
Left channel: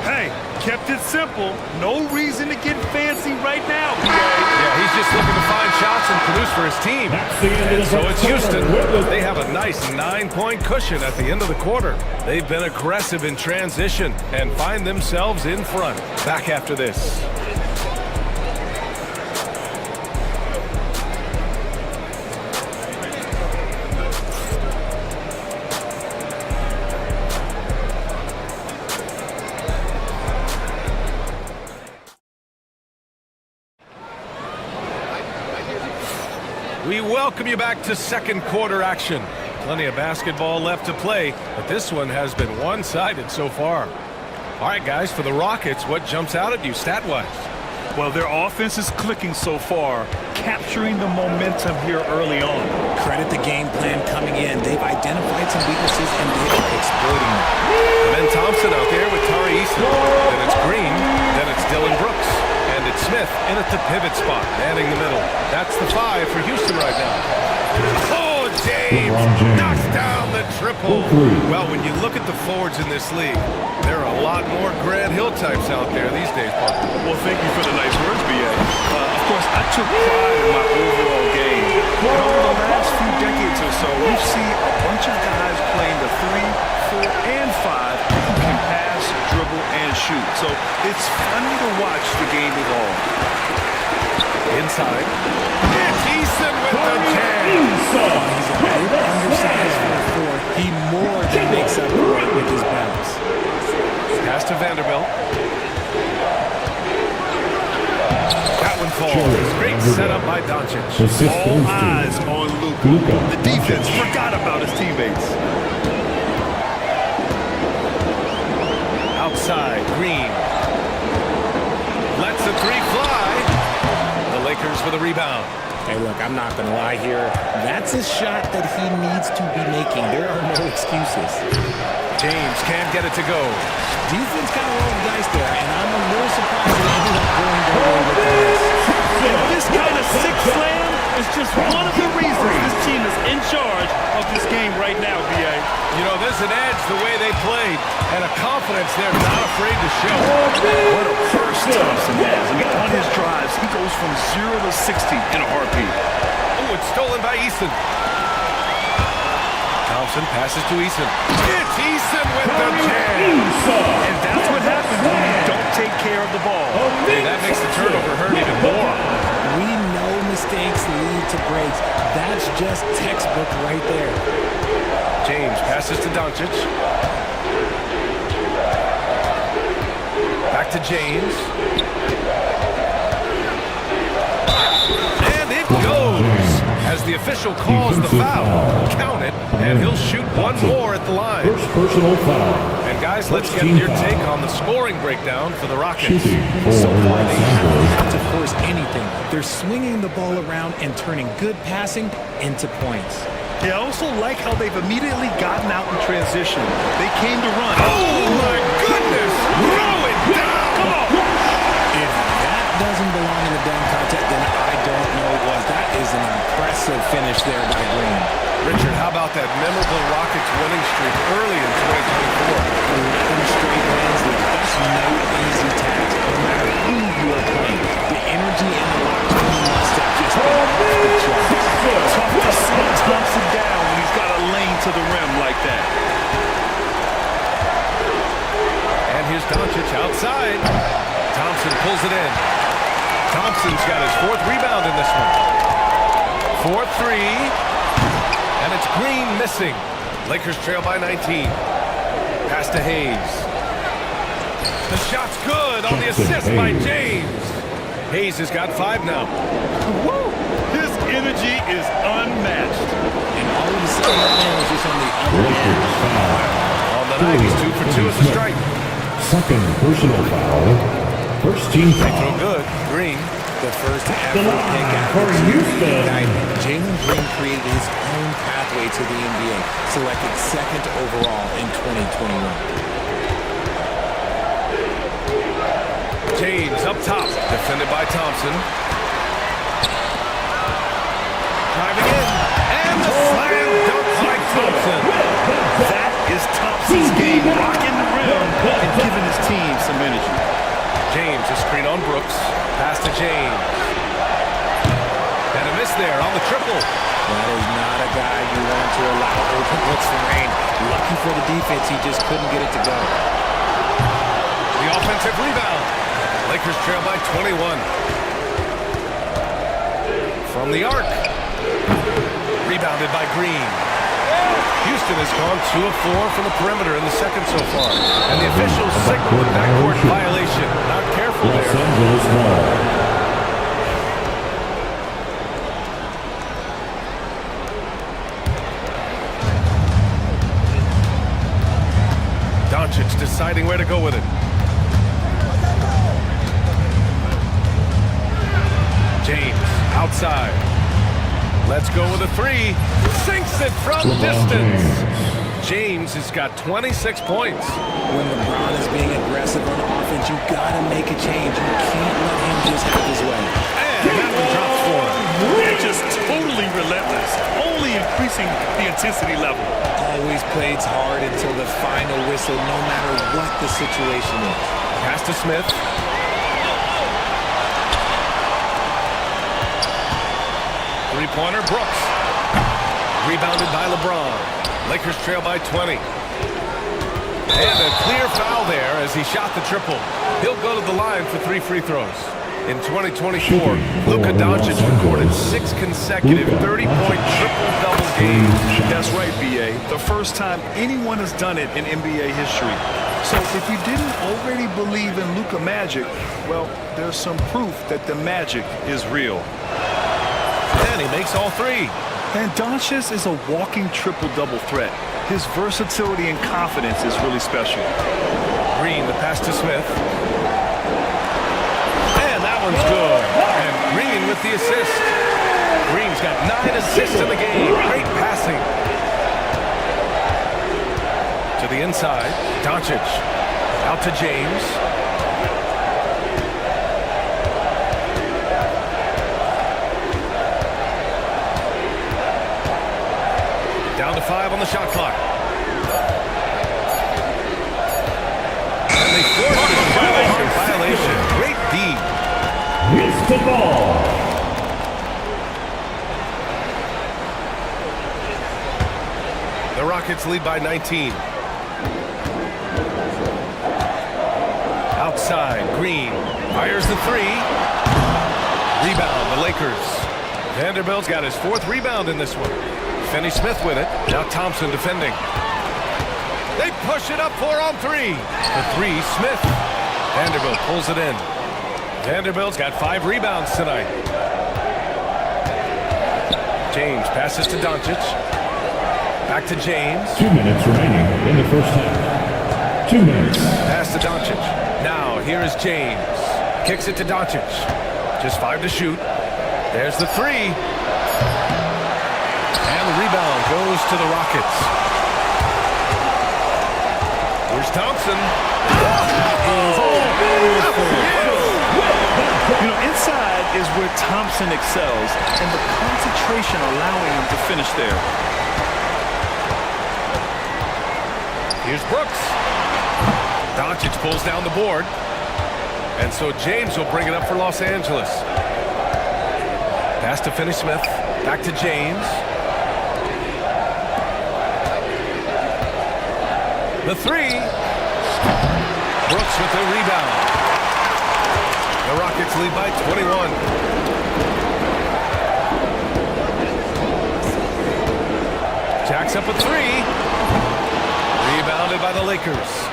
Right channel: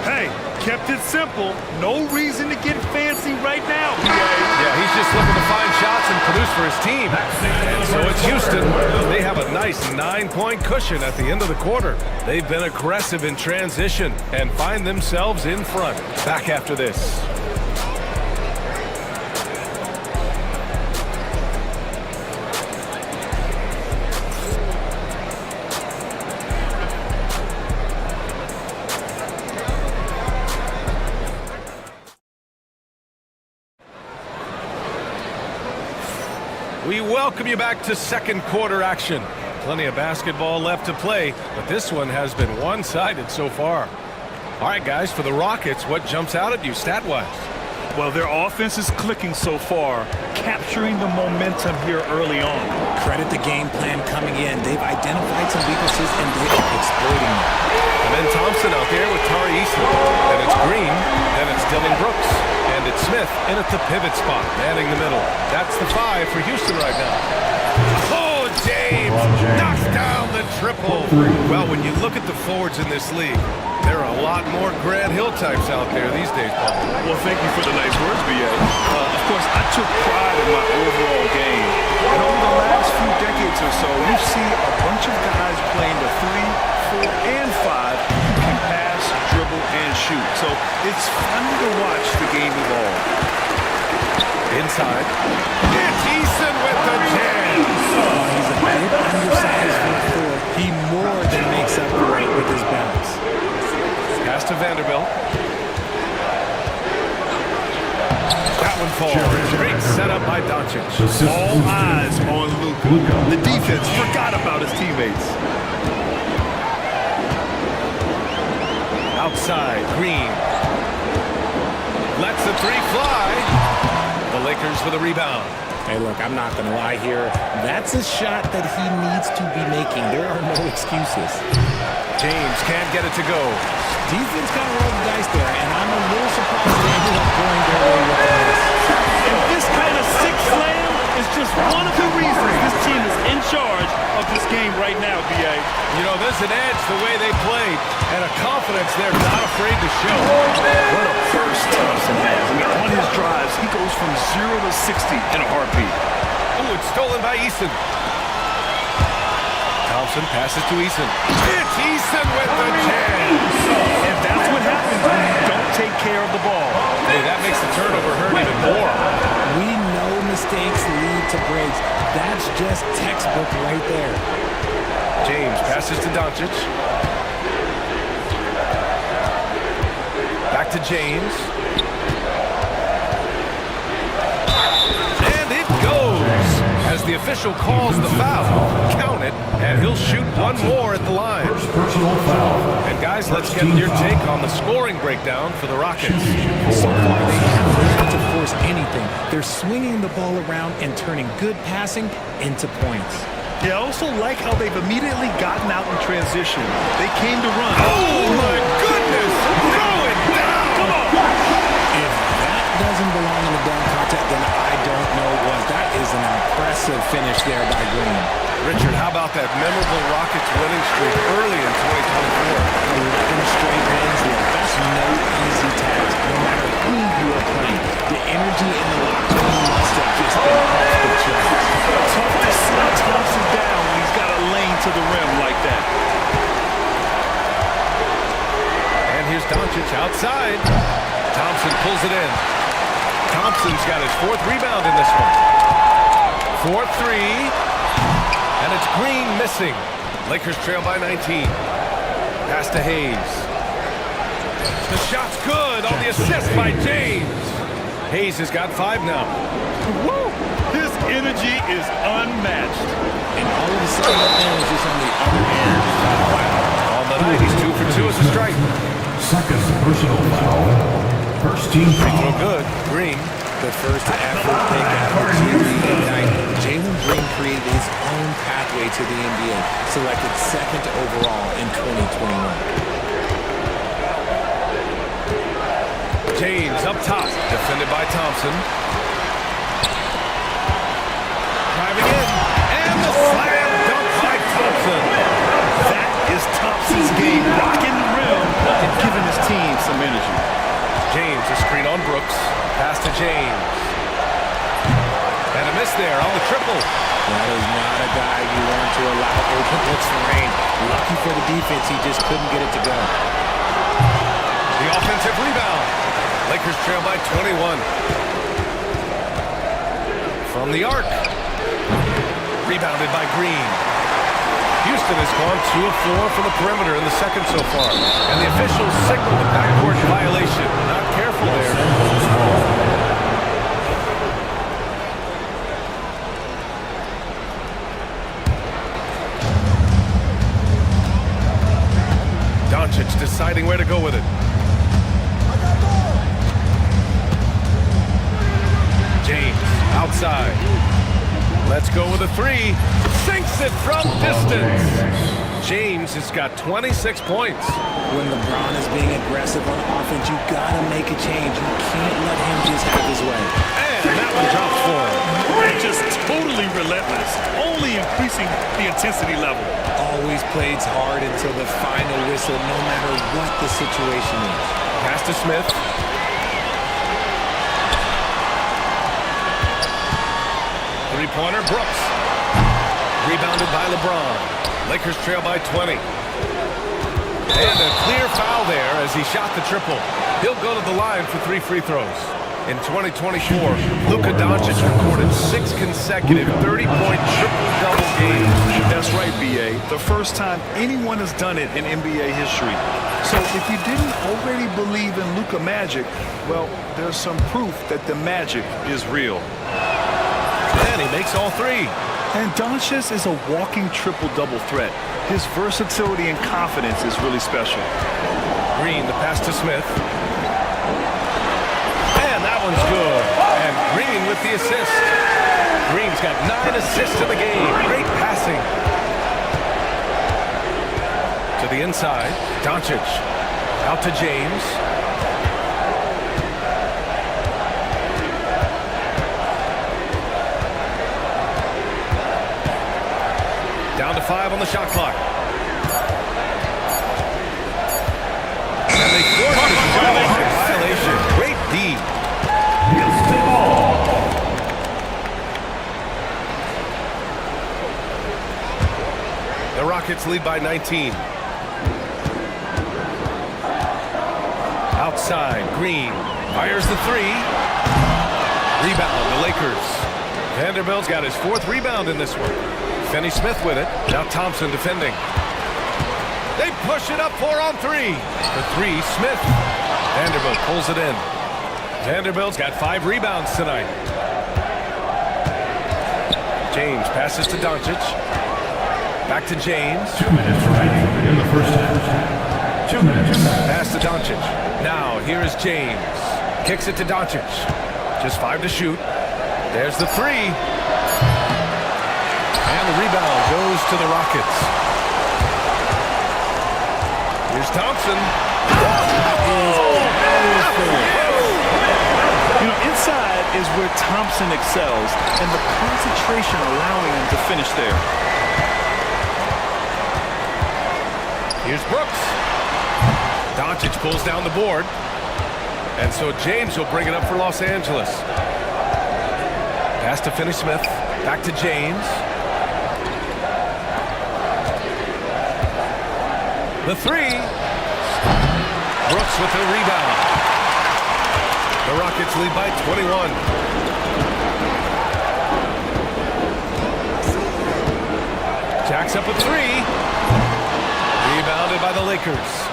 Hey, kept it simple. No reason to get fancy right now, B.A. Yeah, he's just looking to find shots and produce for his team. And so it's Houston. They have a nice 9-point cushion at the end of the quarter. They've been aggressive in transition and find themselves in front. Back after this. We welcome you back to second quarter action. Plenty of basketball left to play, but this one has been one-sided so far. All right, guys, for the Rockets, what jumps out at you stat-wise? Well, their offense is clicking so far, capturing the momentum here early on. Credit the game plan coming in. They've identified some weaknesses, and they are exploiting them. And then Thompson out there with Tari Eason. Then it's Green. Then it's Dylan Brooks, and it's Smith in at the pivot spot, manning the middle. That's the 5 for Houston right now. Oh, James knocks down the triple. Well, when you look at the forwards in this league, there are a lot more Grant Hill types out there these days, Parker. Well, thank you for the nice words, B.A. Of course, I took pride in my overall game. And over the last few decades or so, we've seen a bunch of guys playing the 3, 4, and 5 who can pass, dribble, and shoot. So it's fun to watch the game evolve. Inside. It's Eason with the jam. While he's a bit undersized for a 4, he more than makes up for it with his bounce. Pass to Vanderbilt. That one falls. Great setup by Doncic. All eyes on Luka. The defense forgot about his teammates. Outside, Green. Lets the 3 fly. The Lakers for the rebound. Hey, look, I'm not going to lie here. That's a shot that he needs to be making. There are no excuses. James can't get it to go. Defense kind of rolled the dice there, and I'm a little surprised they ended up going their way with the miss. And this kind of sick slam is just one of the reasons this team is in charge of this game right now, B.A. You know, there's an edge the way they played, and a confidence they're not afraid to show. What a burst Thompson has. I mean, on his drives, he goes from 0 to 60 in a heartbeat. Oh, it's stolen by Eason. Thompson passes to Eason. It's Eason with the jam. And that's what happens when you don't take care of the ball. Hey, that makes the turnover hurt even more. We know mistakes lead to breaks. That's just textbook right there. James passes to Doncic. Back to James. And it goes. As the official calls the foul, count it, and he'll shoot one more at the line. First personal foul. And guys, let's get your take on the scoring breakdown for the Rockets. So far, they haven't had to force anything. They're swinging the ball around and turning good passing into points. Yeah, I also like how they've immediately gotten out in transition. They came to run. Oh, my goodness! Throw it down! Come on! If that doesn't belong in the dunk contest, then I don't know what. That is an impressive finish there by Green. Richard, how about that memorable Rockets winning streak early in 2024? 11 straight wins. That's no easy task, no matter who you are playing. The energy in the locker room must have just been off the charts. Tough to slow Thompson down when he's got a lane to the rim like that. And here's Doncic outside. Thompson pulls it in. Thompson's got his 4th rebound in this one. 4-3. And it's Green missing. Lakers trail by 19. Pass to Hayes. The shot's good on the assist by James. Hayes has got 5 now. Woo! His energy is unmatched. And all of a sudden, that man was just on the other end. Wow. On the night, he's 2 for 2 as a strike. Second personal foul. First team Free foul. throw good. Green. The first ever pick out of the G League Ignite. Jalen Green created his own pathway to the NBA, selected 2nd overall in 2021. James up top, defended by Thompson. Driving in, and the slam dunk by Thompson. That is Thompson's game, rocking the rim and giving his team some energy. James, a screen on Brooks. Pass to James. And a miss there on the triple. That is not a guy you want to allow open looks for range. Lucky for the defense, he just couldn't get it to go. The offensive rebound. Lakers trail by 21. From the arc. Rebounded by Green. Houston has gone 2 of 4 from the perimeter in the second so far. And the officials signal the backcourt violation. Not careful there. Doncic deciding where to go with it. James outside. Let's go with a 3. Sinks it from distance. James has got 26 points. When LeBron is being aggressive on offense, you gotta make a change. You can't let him just have his way. And that one drops for him. They're just totally relentless, only increasing the intensity level. Always plays hard until the final whistle, no matter what the situation is. Pass to Smith. Three-pointer, Brooks. Rebounded by LeBron. Lakers trail by 20. And a clear foul there as he shot the triple. He'll go to the line for 3 free throws. In 2024, Luka Doncic recorded 6 consecutive 30-point triple-double games. That's right, B.A. The first time anyone has done it in NBA history. So if you didn't already believe in Luka magic, well, there's some proof that the magic is real. And he makes all 3. And Doncic is a walking triple-double threat. His versatility and confidence is really special. Green, the pass to Smith. And that one's good. And Green with the assist. Green's got 9 assists in the game. Great passing. To the inside, Doncic. Out to James. Down to 5 on the shot clock. And they forced the violation. Great D. Basketball. The Rockets lead by 19. Outside, Green fires the 3. Rebound, the Lakers. Vanderbilt's got his 4th rebound in this one. Finney Smith with it. Now Thompson defending. They push it up 4 on 3. For 3, Smith. Vanderbilt pulls it in. Vanderbilt's got 5 rebounds tonight. James passes to Doncic. Back to James. 2 minutes remaining in the first half. 2 minutes. Pass to Doncic. Now here is James. Kicks it to Doncic. Just 5 to shoot. There's the 3. And the rebound goes to the Rockets. Here's Thompson. You know, inside is where Thompson excels, and the concentration allowing him to finish there. Here's Brooks. Doncic pulls down the board. And so James will bring it up for Los Angeles. Pass to Finney Smith. Back to James. The 3. Brooks with the rebound. The Rockets lead by 21. Jacks up a 3. Rebounded by the Lakers.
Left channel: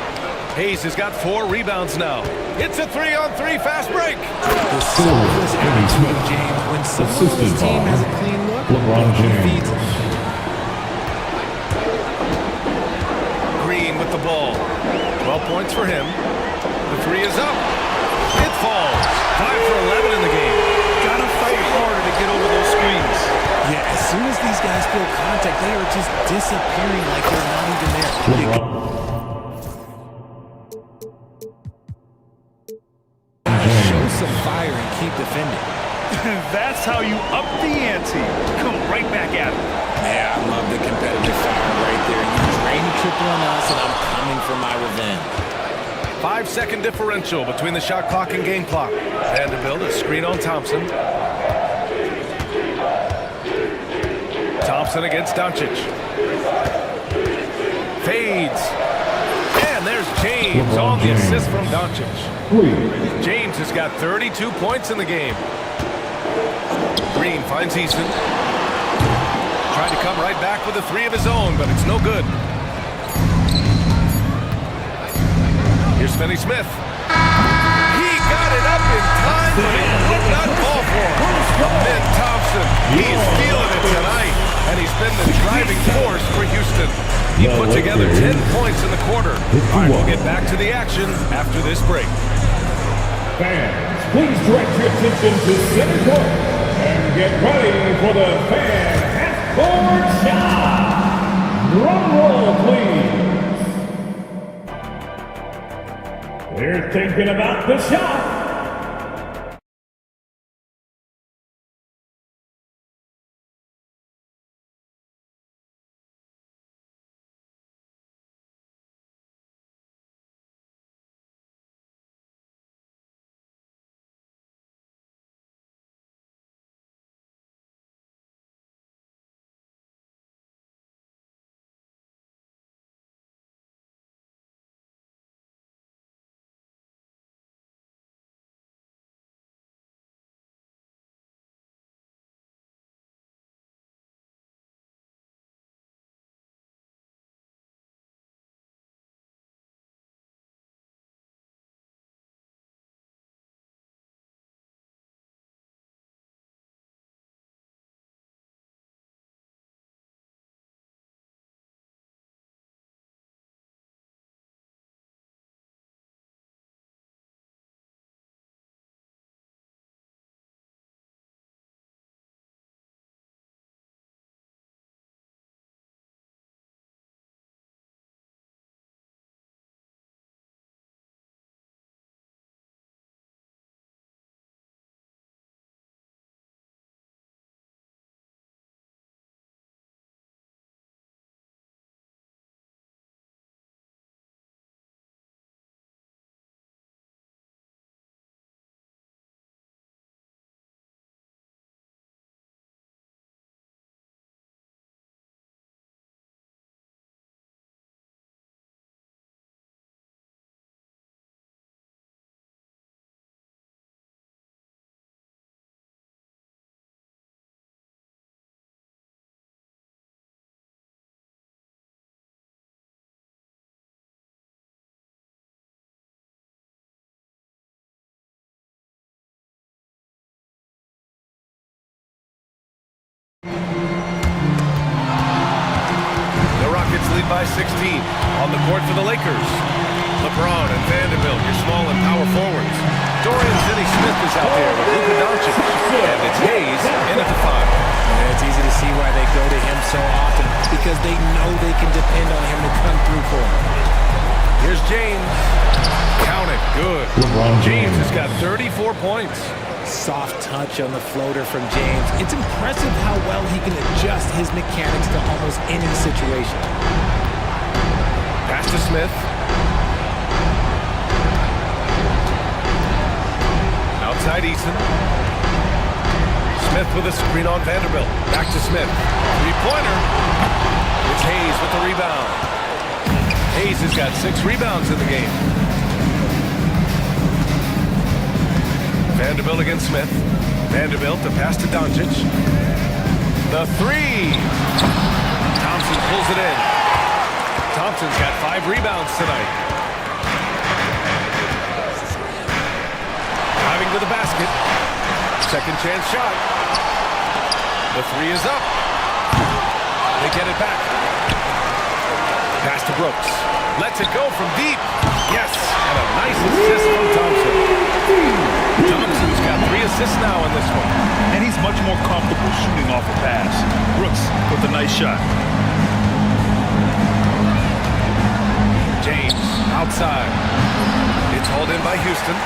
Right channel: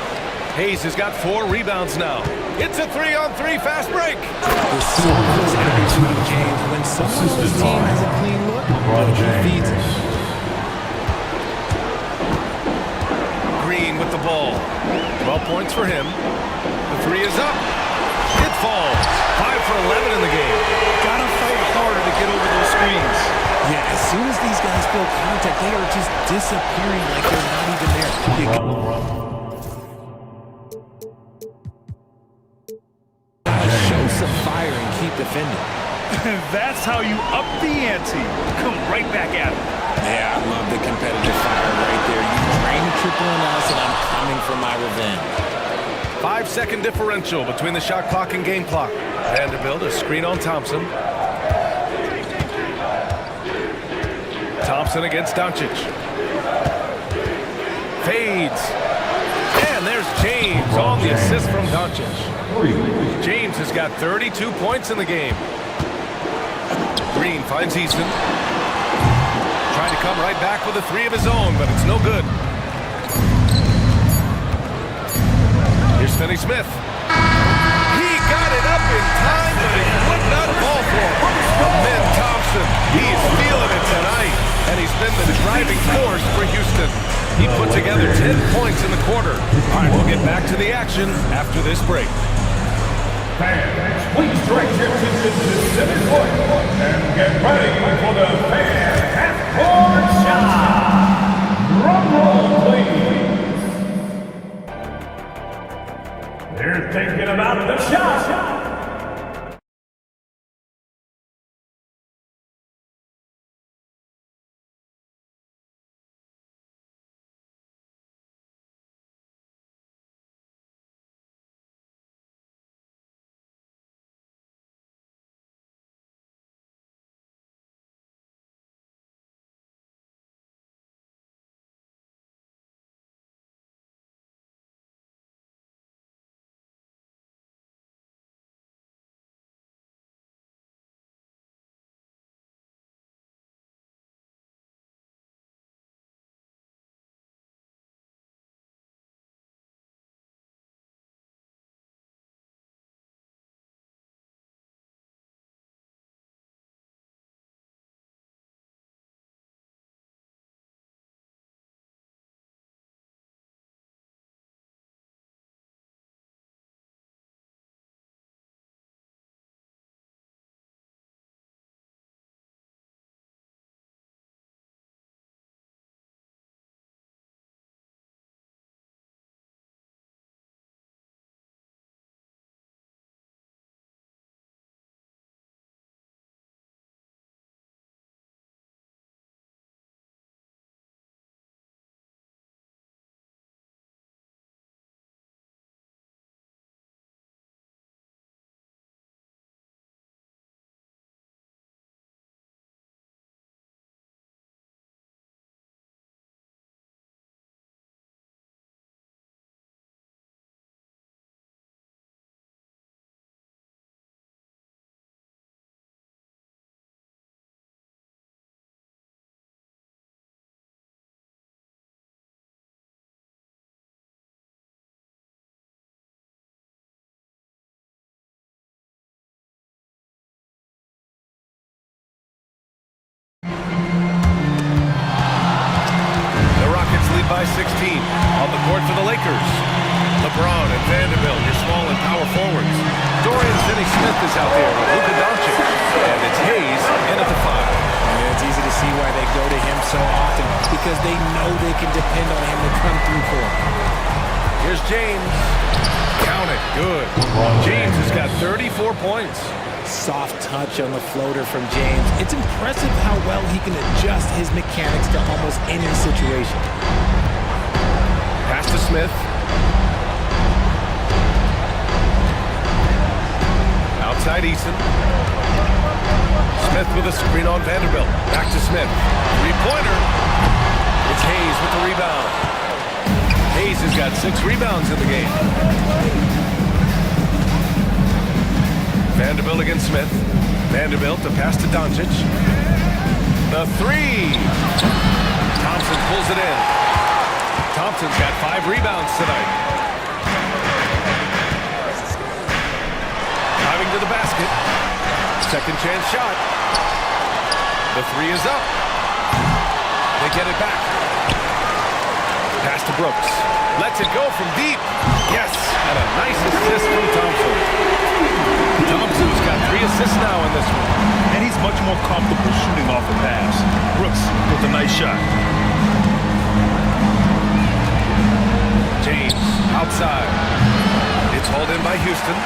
Hayes has got 4 rebounds now. It's a 3-on-3 fast break. The selfless attitude of James. When someone on his team has a clean look, he feeds it. Green with the ball. 12 points for him. The 3 is up. It falls. 5 for 11 in the game. Gotta fight harder to get over those screens. Yeah, as soon as these guys feel contact, they are just disappearing like they're not even there. Show some fire and keep defending. That's how you up the ante. Come right back at him. Yeah, I love the competitive fire right there. You drain a triple on us, and I'm coming for my revenge. 5-second differential between the shot clock and game clock. Vanderbilt, a screen on Thompson. Thompson against Doncic. Fades. And there's James on the assist from Doncic. James has got 32 points in the game. Green finds Easton. Trying to come right back with a 3 of his own, but it's no good. Here's Finney Smith. He got it up in time, but it would not fall for him. Amin Thompson, he is feeling it tonight, and he's been the driving force for Houston. He put together 10 points in the quarter. All right, we'll get back to the action after this break. Fans, please direct your attention to center court and get ready for the fan half-court shot. Drum roll, please. They're thinking about the shot. Rockets lead by 16. On the court for the Lakers. LeBron and Vanderbilt, your small and power forwards. Dorian Finney-Smith is out there with Luka Doncic. And it's Hayes in at the 5. Yeah, it's easy to see why they go to him so often, because they know they can depend on him to come through for them. Here's James. Count it. Good. James has got 34 points. Soft touch on the floater from James. It's impressive how well he can adjust his mechanics to almost any situation. Pass to Smith. Outside Eason. Smith with a screen on Vanderbilt. Back to Smith. Three-pointer. It's Hayes with the rebound. Hayes has got 6 rebounds in the game. Vanderbilt against Smith. Vanderbilt, the pass to Doncic. The 3. Thompson pulls it in. Thompson's got 5 rebounds tonight. Driving to the basket. Second chance shot. The 3 is up. They get it back. Pass to Brooks. Lets it go from deep. Yes, and a nice assist from Thompson. Thompson's got 3 assists now in this one. And he's much more comfortable shooting off a pass. Brooks with a nice shot. James outside. It's hauled in by Houston.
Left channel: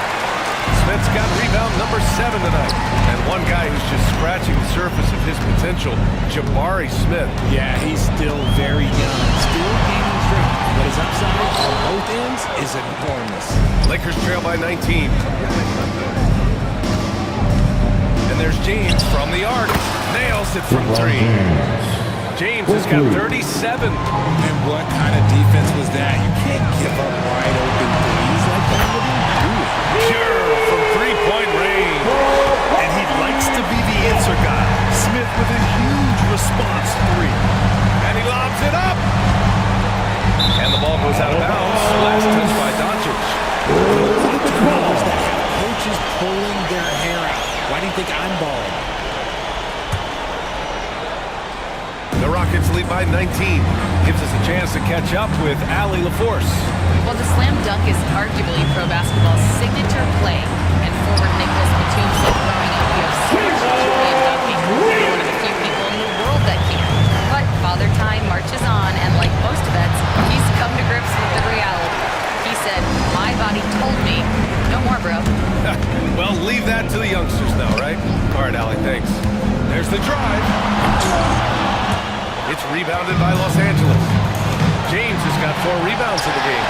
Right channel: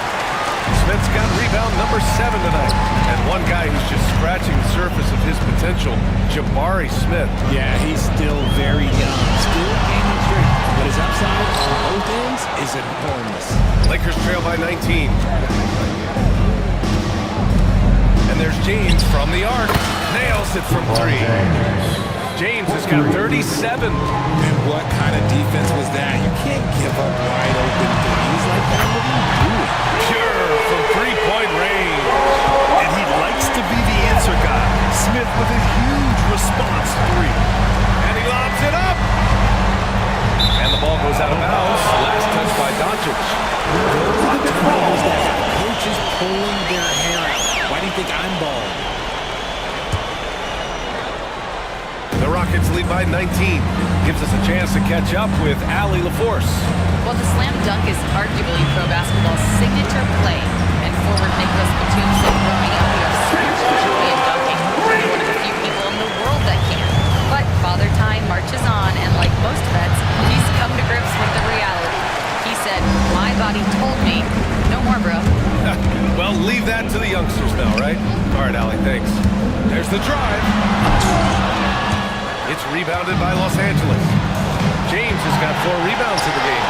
Smith's got rebound number 7 tonight. And one guy who's just scratching the surface of his potential, Jabari Smith. Yeah, he's still very young, still gaining strength, but his upside on both ends is enormous. Lakers trail by 19. And there's James from the arc. Nails it from 3. James has got 37. And what kind of defense was that? You can't give up wide open threes like that. What are you doing? Pure from 3-point range. And he likes to be the answer guy. Smith with a huge response 3. And he lobs it up. And the ball goes out of bounds. Last touch by Doncic. Those are the turnovers that have coaches pulling their hair out. Why do you think I'm balling? The Rockets lead by 19. Gives us a chance to catch up with Allie LaForce. Well, the slam dunk is arguably pro basketball's signature play. And forward Nicholas Batum said growing up, you have so much joy in dunking. You're one of the few people in the world that can. But But Father Time marches on, and like most vets, he's come to grips with the reality. He said, my body told me, no more, bro. Well, leave that to the youngsters now, right? All right, Allie, thanks. There's the drive. It's rebounded by Los Angeles. James has got 4 rebounds in the game.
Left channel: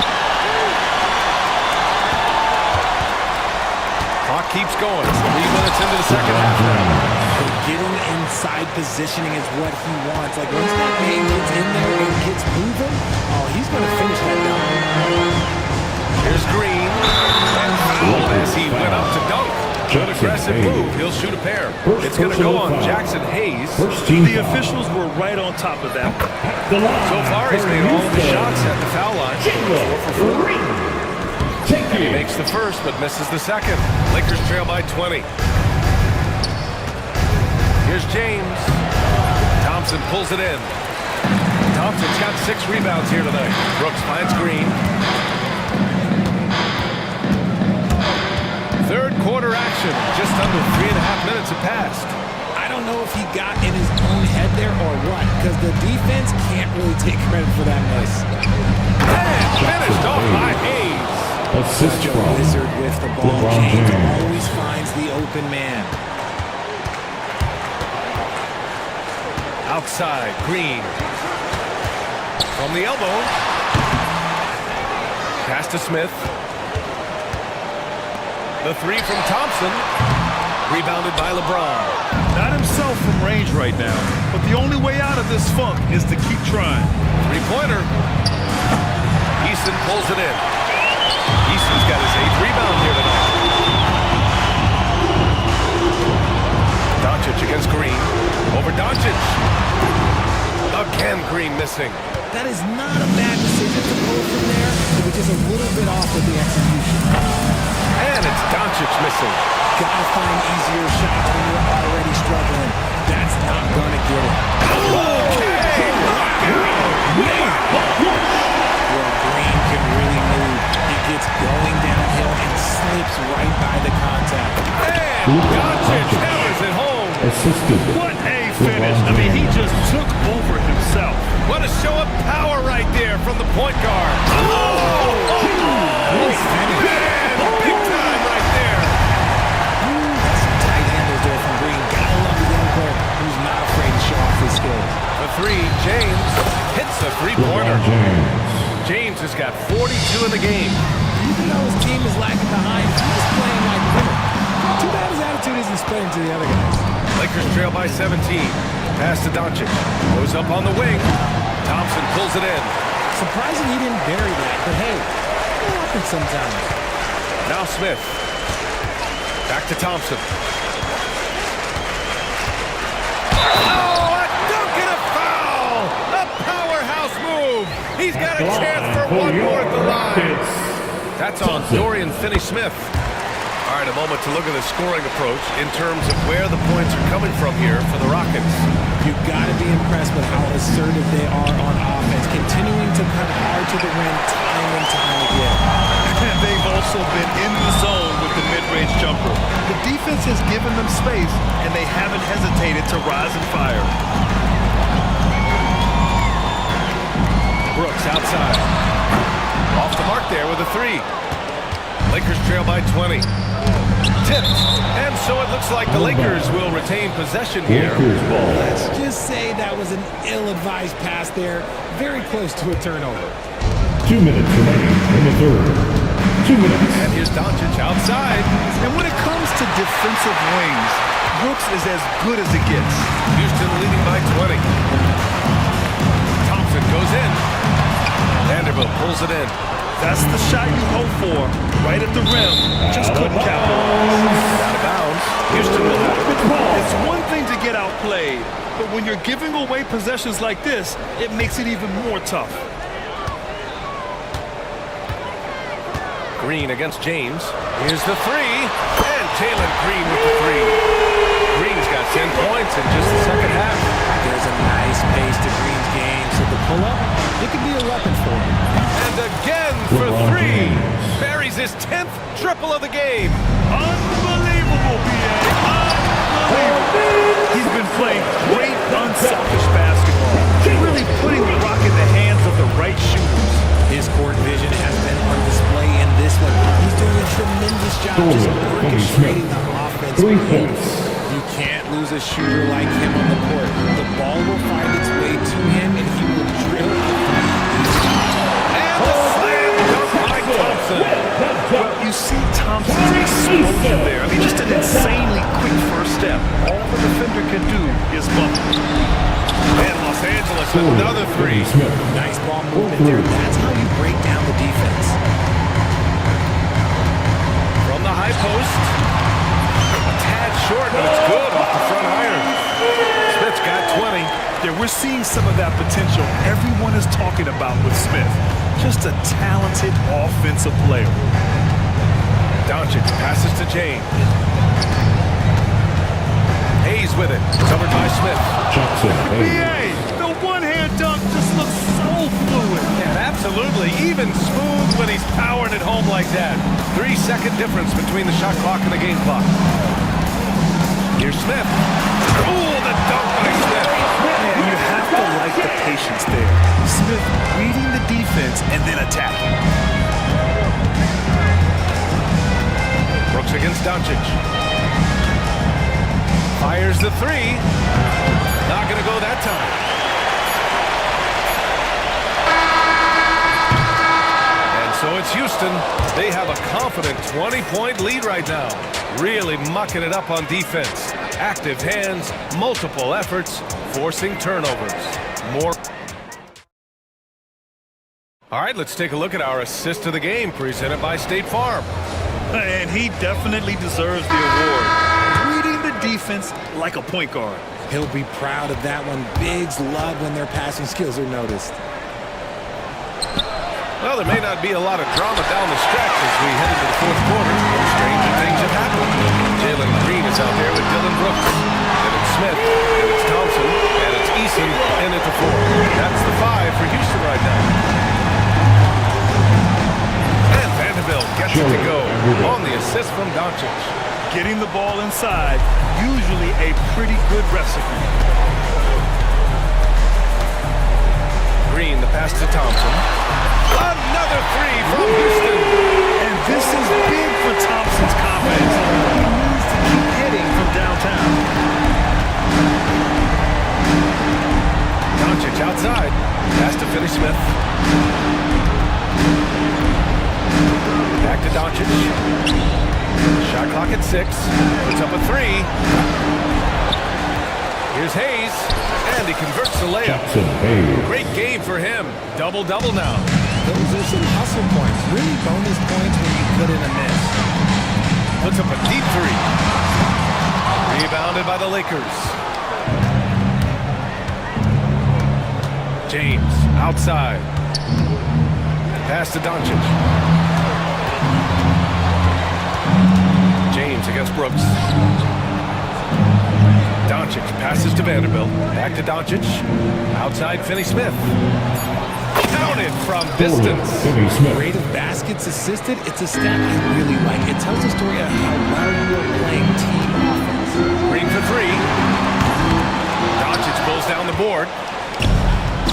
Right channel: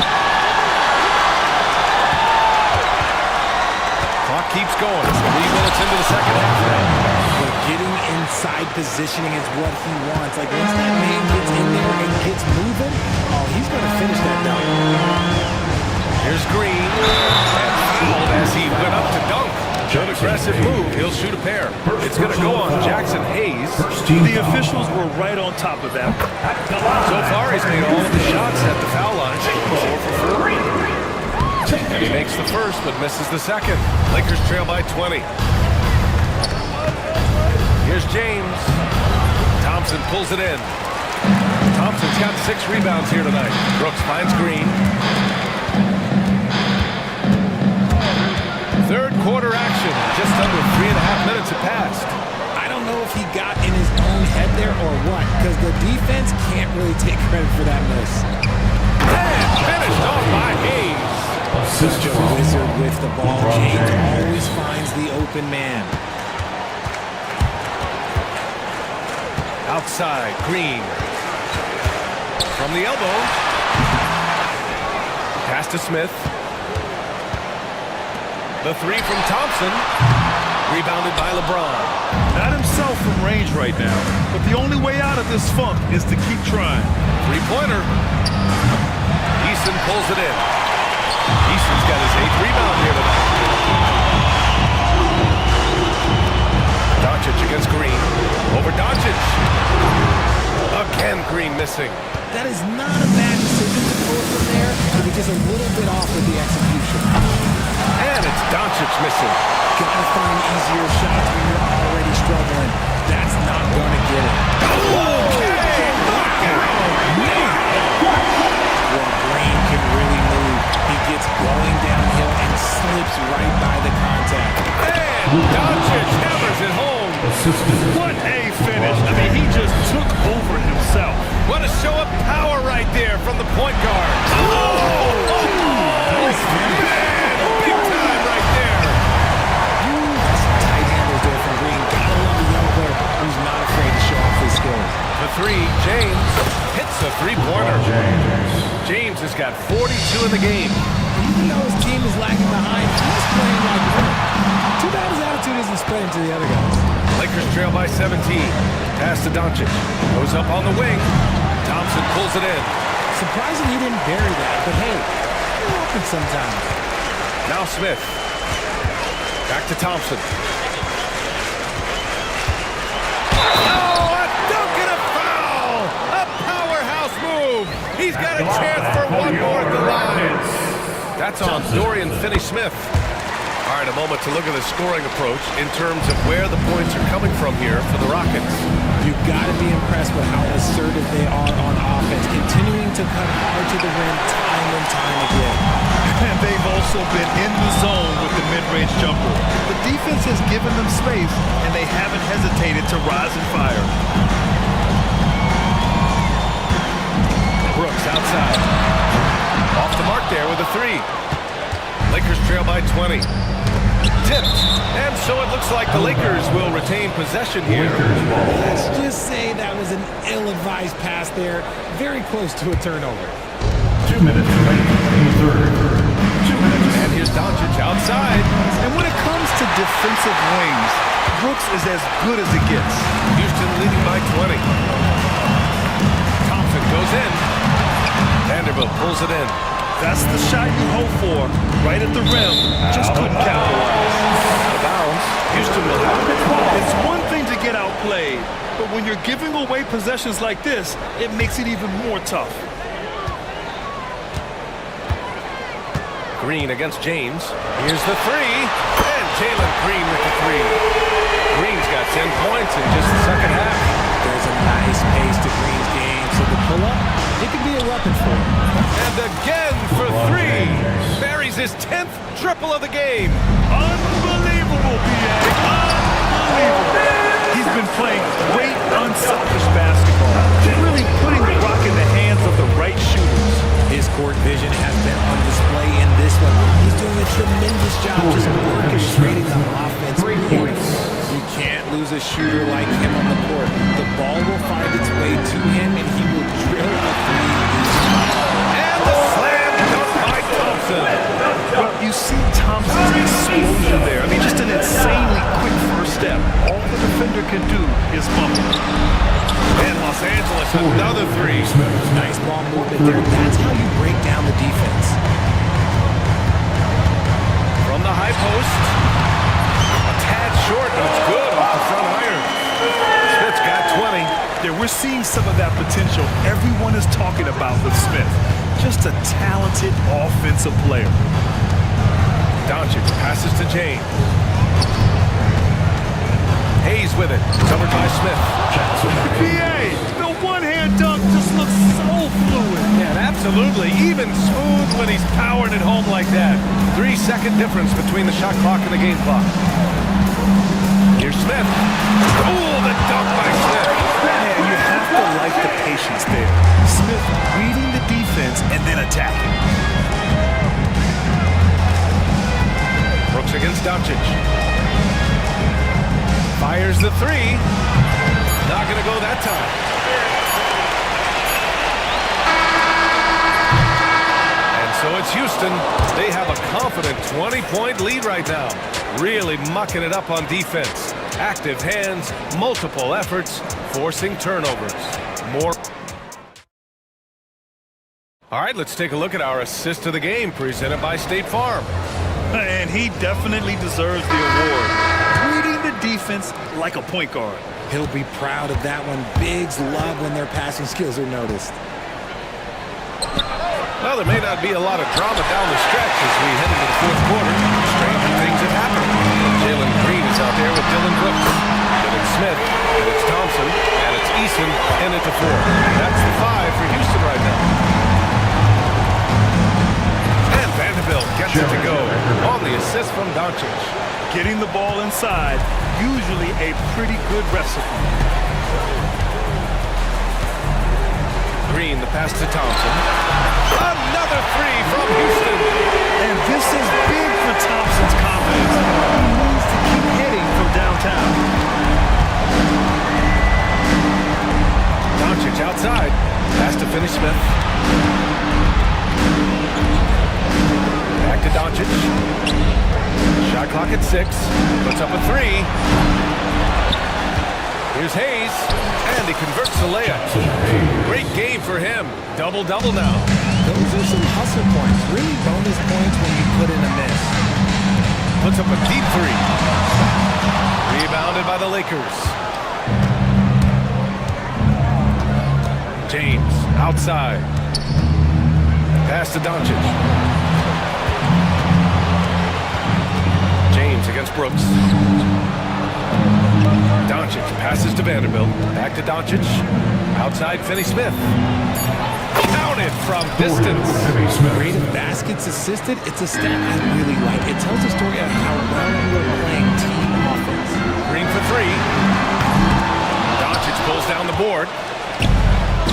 Clock keeps going. 3 minutes into the second half now. But getting inside positioning is what he wants. Like, once that man gets in there and gets moving, oh, he's going to finish that dunk. Here's Green, and fouled as he went up to dunk. Good aggressive move. He'll shoot a pair. It's going to go on Jackson Hayes. The officials were right on top of that. So far, he's made all of the shots at the foul line, going 4 for 4. And he makes the first, but misses the second. Lakers trail by 20. Here's James. Thompson pulls it in. Thompson's got 6 rebounds here tonight. Brooks finds Green. Third quarter action. Just under 3.5 minutes have passed. I don't know if he got in his own head there or what, because the defense can't really take credit for that miss. And finished off by Hayes. Such a wizard with the ball. James always finds the open man. Outside, Green. From the elbow. Pass to Smith. The 3 from Thompson. Rebounded by LeBron. Not himself from range right now, but the only way out of this funk is to keep trying. 3-pointer. Easton pulls it in. Easton's got his 8th rebound here tonight. Doncic against Green. Over Doncic. Again, Green missing. That is not a bad decision to pull it from there. It was just a little bit off with the execution. And it's Doncic missing. Gotta find easier shots when you're already struggling. That's not gonna get it. Okay, knockout! Well, Green can really move. He gets going downhill and slips right by the contact. And Doncic hammers it home. What a finish. I mean, he just took over himself. What a show of power right there from the point guard. Nice finish. Man, big time right there. That's some tight handles there from Green. Gotta love a young player who's not afraid to show off his skills. For 3, James hits a 3-pointer. James has got 42 in the game. Even though his team is lagging behind, he's playing like a winner. Too bad his attitude isn't spreading to the other guys. Lakers trail by 17. Pass to Doncic. Goes up on the wing. Thompson pulls it in. Surprising he didn't bury that, but hey, it happens sometimes. Now Smith. Back to Thompson. Oh, a dunk and a foul! A powerhouse move! He's got a chance for one more at the line. That's on Dorian Finney-Smith. All right, a moment to look at the scoring approach in terms of where the points are coming from here for the Rockets. You've got to be impressed with how assertive they are on offense, continuing to cut hard to the rim time and time again. And they've also been in the zone with the mid-range jumper. The defense has given them space, and they haven't hesitated to rise and fire. Brooks outside. Off the mark there with a 3. Lakers trail by 20. Tipped. And so it looks like the Lakers will retain possession here. Let's just say that was an ill-advised pass there. Very close to a turnover. 2 minutes remaining in the third. 2 minutes. And here's Doncic outside. And when it comes to defensive wings, Brooks is as good as it gets. Houston leading by 20. Thompson goes in. Vanderbilt pulls it in. That's the shot you hope for, right at the rim. Just couldn't capitalize. Out of bounds. Houston will have it. It's one thing to get outplayed, but when you're giving away possessions like this, it makes it even more tough. Green against James. Here's the 3. And Jalen Green with the 3. Green's got 10 points in just the second half. There's a nice pace to Green's game, so the pull-up, it could be a weapon for him. And again for 3. Buries his 10th triple of the game. Unbelievable, B.A. Unbelievable. He's been playing great, unselfish basketball. Really putting the rock in the hands of the right shooters. His court vision has been on display in this one. He's doing a tremendous job just orchestrating the offense. 3 points. You can't lose a shooter like him on the court. The ball will find its way to him, and he will drill a three each time. And the slam dunk by Thompson. Well, you see Thompson's explosion there. I mean, just an insanely quick first step. All the defender can do is bump it. And Los Angeles, another three. Nice ball movement there. That's how you break down the defense. From the high post. A tad short, but it's good off the front iron. Smith's got 20. Yeah, we're seeing some of that potential everyone is talking about with Smith. Just a talented offensive player. Doncic passes to James. Hayes with it. Covered by Smith. BA, the one-hand dunk just looks so fluid. Yeah, absolutely. Even smooth when he's powering it home like that. 3-second difference between the shot clock and the game clock. Here's Smith. Oh, the dunk by Smith. Man, you have to like the patience there. Smith reading the defense and then attacking. Brooks against Doncic. Fires the three. Not going to go that time. And so it's Houston. They have a confident 20-point lead right now. Really mucking it up on defense. Active hands, multiple efforts, forcing turnovers. More. All right, let's take a look at our assist of the game presented by State Farm. And he definitely deserves the award. Reading the defense like a point guard. He'll be proud of that one. Bigs love when their passing skills are noticed. Well, there may not be a lot of drama down the stretch as we head into the fourth quarter. Stranger things have happened. Jalen Green is out there with Dylan Brooks. Then it's Smith, then it's Thompson, and it's Eason in at the 4. That's the 5 for Houston right now. And Vanderbilt gets it to go on the assist from Doncic. Getting the ball inside, usually a pretty good recipe. Green, the pass to Thompson. Another 3 from Houston. And this is big for Thompson's confidence. He needs to keep hitting from downtown. Doncic outside. Pass to Finney Smith. Back to Doncic. Shot clock at 6. Puts up a 3. Here's Hayes. And he converts the layup. Great game for him. Double-double now. Those are some hustle points. Really bonus points when you put in a miss. Puts up a deep 3. Rebounded by the Lakers. James outside. Pass to Doncic. James against Brooks. Doncic passes to Vanderbilt. Back to Doncic. Outside Finney Smith. Counted from distance. Rate of baskets assisted. It's a stat I really like. It tells a story of how well you are playing team offense. Green for 3. Doncic pulls down the board.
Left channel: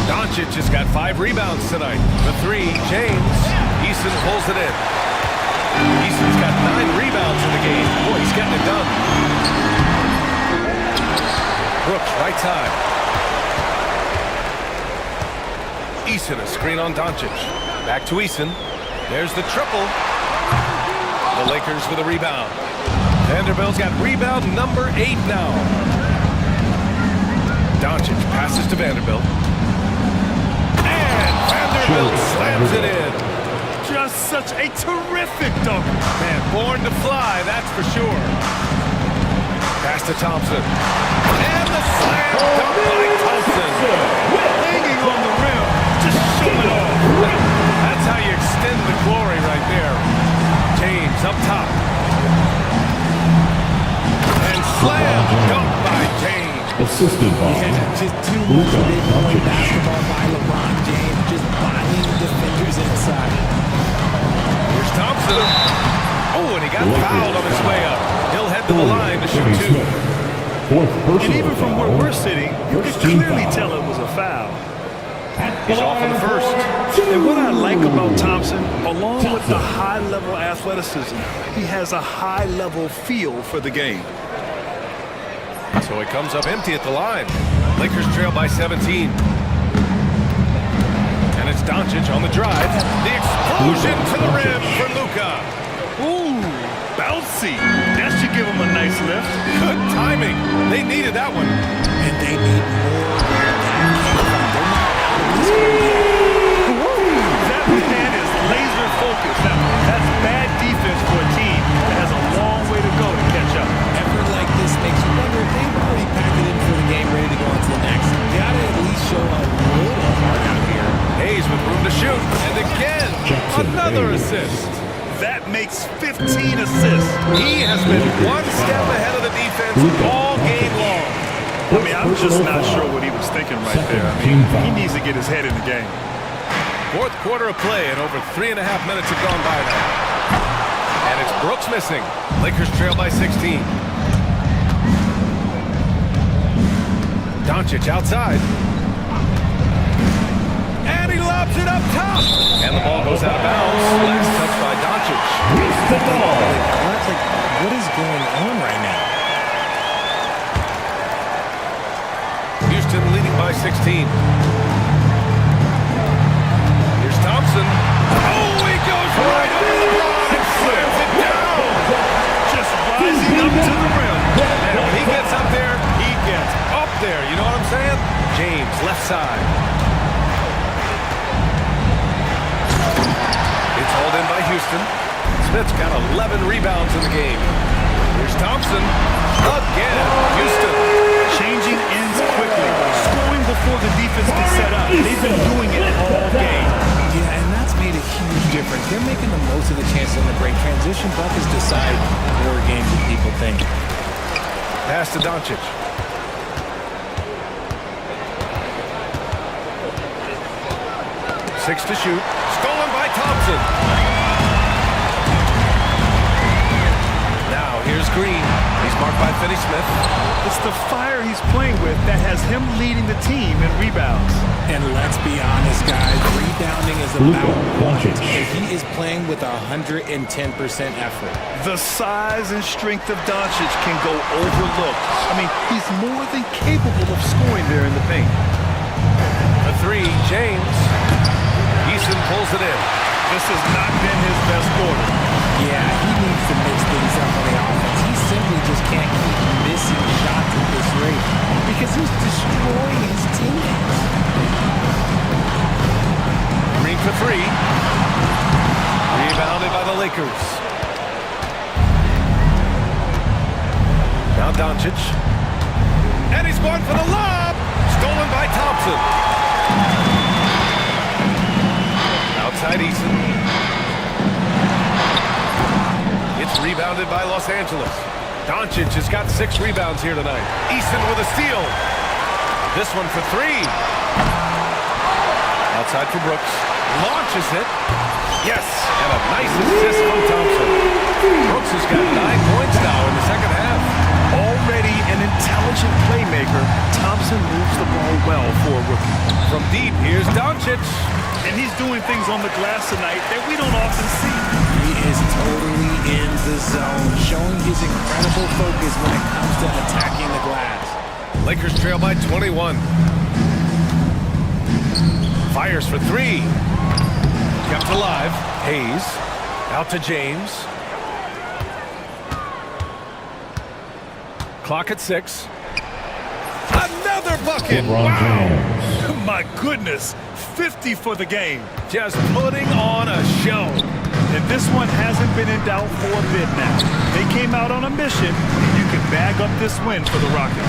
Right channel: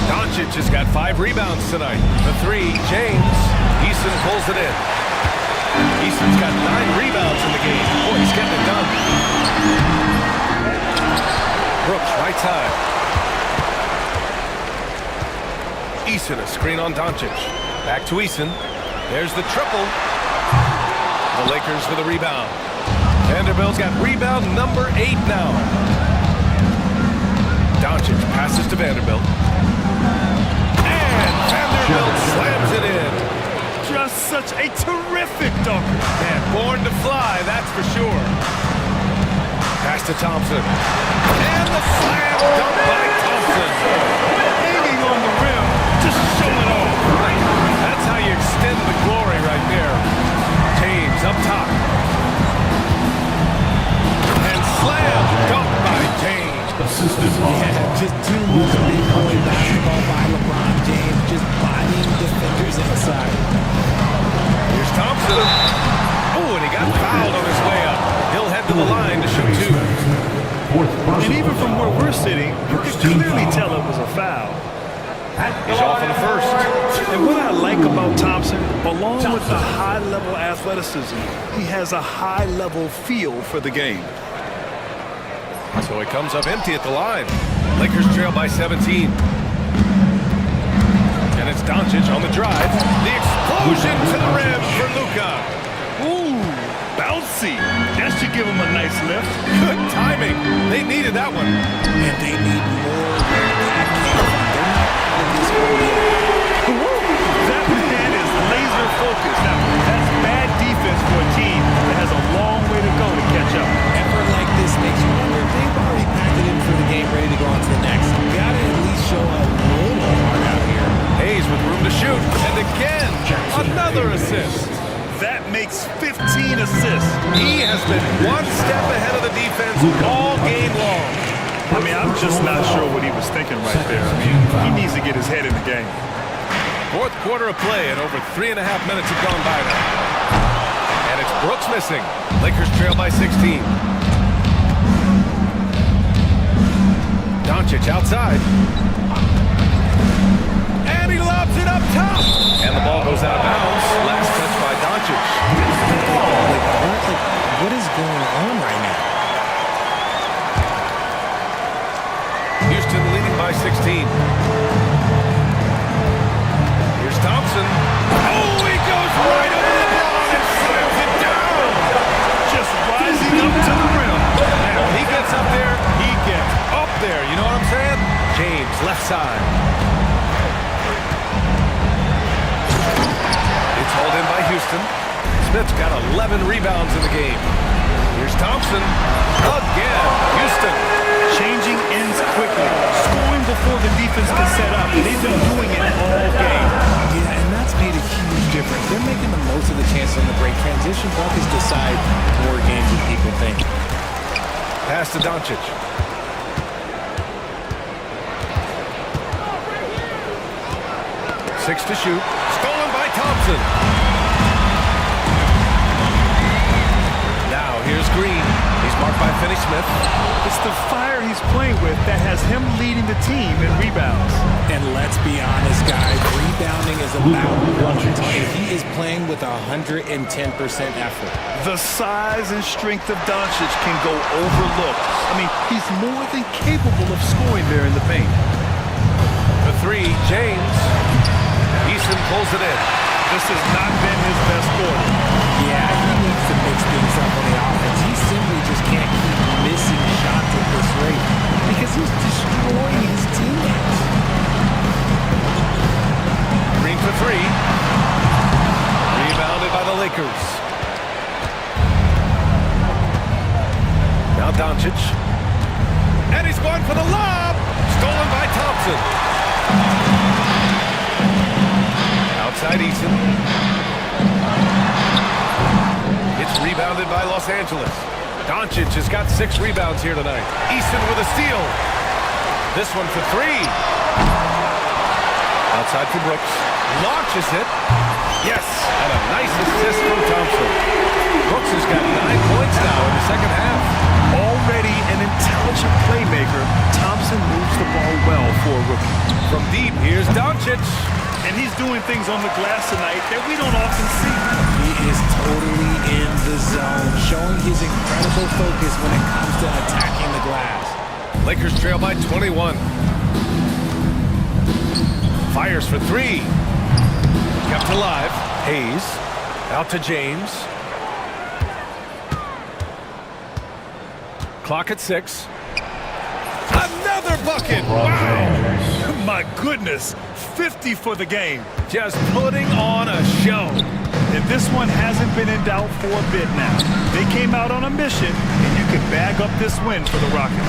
Doncic has got 5 rebounds tonight. The 3, James. Eason pulls it in. Eason's got 9 rebounds in the game. Boy, he's getting it done. Brooks, right side. Eason, a screen on Doncic. Back to Eason. There's the triple. The Lakers with a rebound. Vanderbilt's got rebound number 8 now. Doncic passes to Vanderbilt. And Vanderbilt slams it in. Just such a terrific dunker. Man, born to fly, that's for sure. Pass to Thompson. And the slam dunk by Thompson. Hanging on the rim, just showing off. That's how you extend the glory right there. James up top. And slam dunk by James. Assisted by just too much big boy basketball by LeBron James, just bodying defenders inside. Here's Thompson. Oh, and he got fouled on his way up. He'll head to the line to shoot 2. And even from where we're sitting, you could clearly tell it was a foul. He's off on the first. And what I like about Thompson, along with the high-level athleticism, he has a high-level feel for the game. So he comes up empty at the line. Lakers trail by 17. And it's Doncic on the drive. The explosion to the rim for Luka. Ooh, bouncy. That should give him a nice lift. Good timing. They needed that one. And they need more where that came from. They're not out of this hole yet. Woo! That man is laser focused. Now, that's bad defense for a team that has a long way to go to catch up. Effort like this makes you wonder if they've already packed it in for the game, ready to go on to the next. Gotta at least show a little heart out here. Hayes with room to shoot. And again, another assist. That makes 15 assists. He has been one step ahead of the defense all game long. I mean, I'm just not sure what he was thinking right there. I mean, he needs to get his head in the game. Fourth quarter of play, and over 3.5 minutes have gone by now. And it's Brooks missing. Lakers trail by 16. Doncic outside. And he lobs it up top. And the ball goes out of bounds. Last touch by Doncic. What is going on right now? Houston leading by 16. Here's Thompson. Oh, he goes right over LeBron and slams it down. Just rising up to the rim. Man, when he gets up there, he gets up there. You know what I'm saying? James, left side. It's hauled in by Houston. Smith's got 11 rebounds in the game. Here's Thompson. Again, Houston. Changing ends quickly. Scoring before the defense can set up. They've been doing it all game. Yeah, and that's made a huge difference. They're making the most of the chances on the break. Transition buckets decide more games than people think. Pass to Doncic. Six to shoot. Stolen by Thompson. Now here's Green. He's marked by Finney-Smith. It's the fire he's playing with that has him leading the team in rebounds. And let's be honest, guys, rebounding is about want, and he is playing with 110% effort. The size and strength of Doncic can go overlooked. I mean, he's more than capable of scoring there in the paint. For three, James. Eason pulls it in. This has not been his best quarter. Yeah, he needs to mix things up on the offense. He simply just can't keep missing shots at this rate because he's destroying his teammates. Green for three. Rebounded by the Lakers. Now Doncic. And he's going for the lob. Stolen by Thompson. Outside Eason. It's rebounded by Los Angeles. Doncic has got 6 rebounds here tonight. Eason with a steal. This one for three. Outside for Brooks. Launches it. Yes, and a nice assist from Thompson. Brooks has got 9 points now in the second half. Already an intelligent playmaker, Thompson moves the ball well for a rookie. From deep, here's Doncic. And he's doing things on the glass tonight that we don't often see. He is totally in the zone, showing his incredible focus when it comes to attacking the glass. Lakers trail by 21. Fires for three. Kept alive. Hayes. Out to James. Clock at 6. Another bucket. Wow. My goodness. 50 for the game. Just putting on a show. And this one hasn't been in doubt for a bit now. They came out on a mission, and you can bag up this win for the Rockets.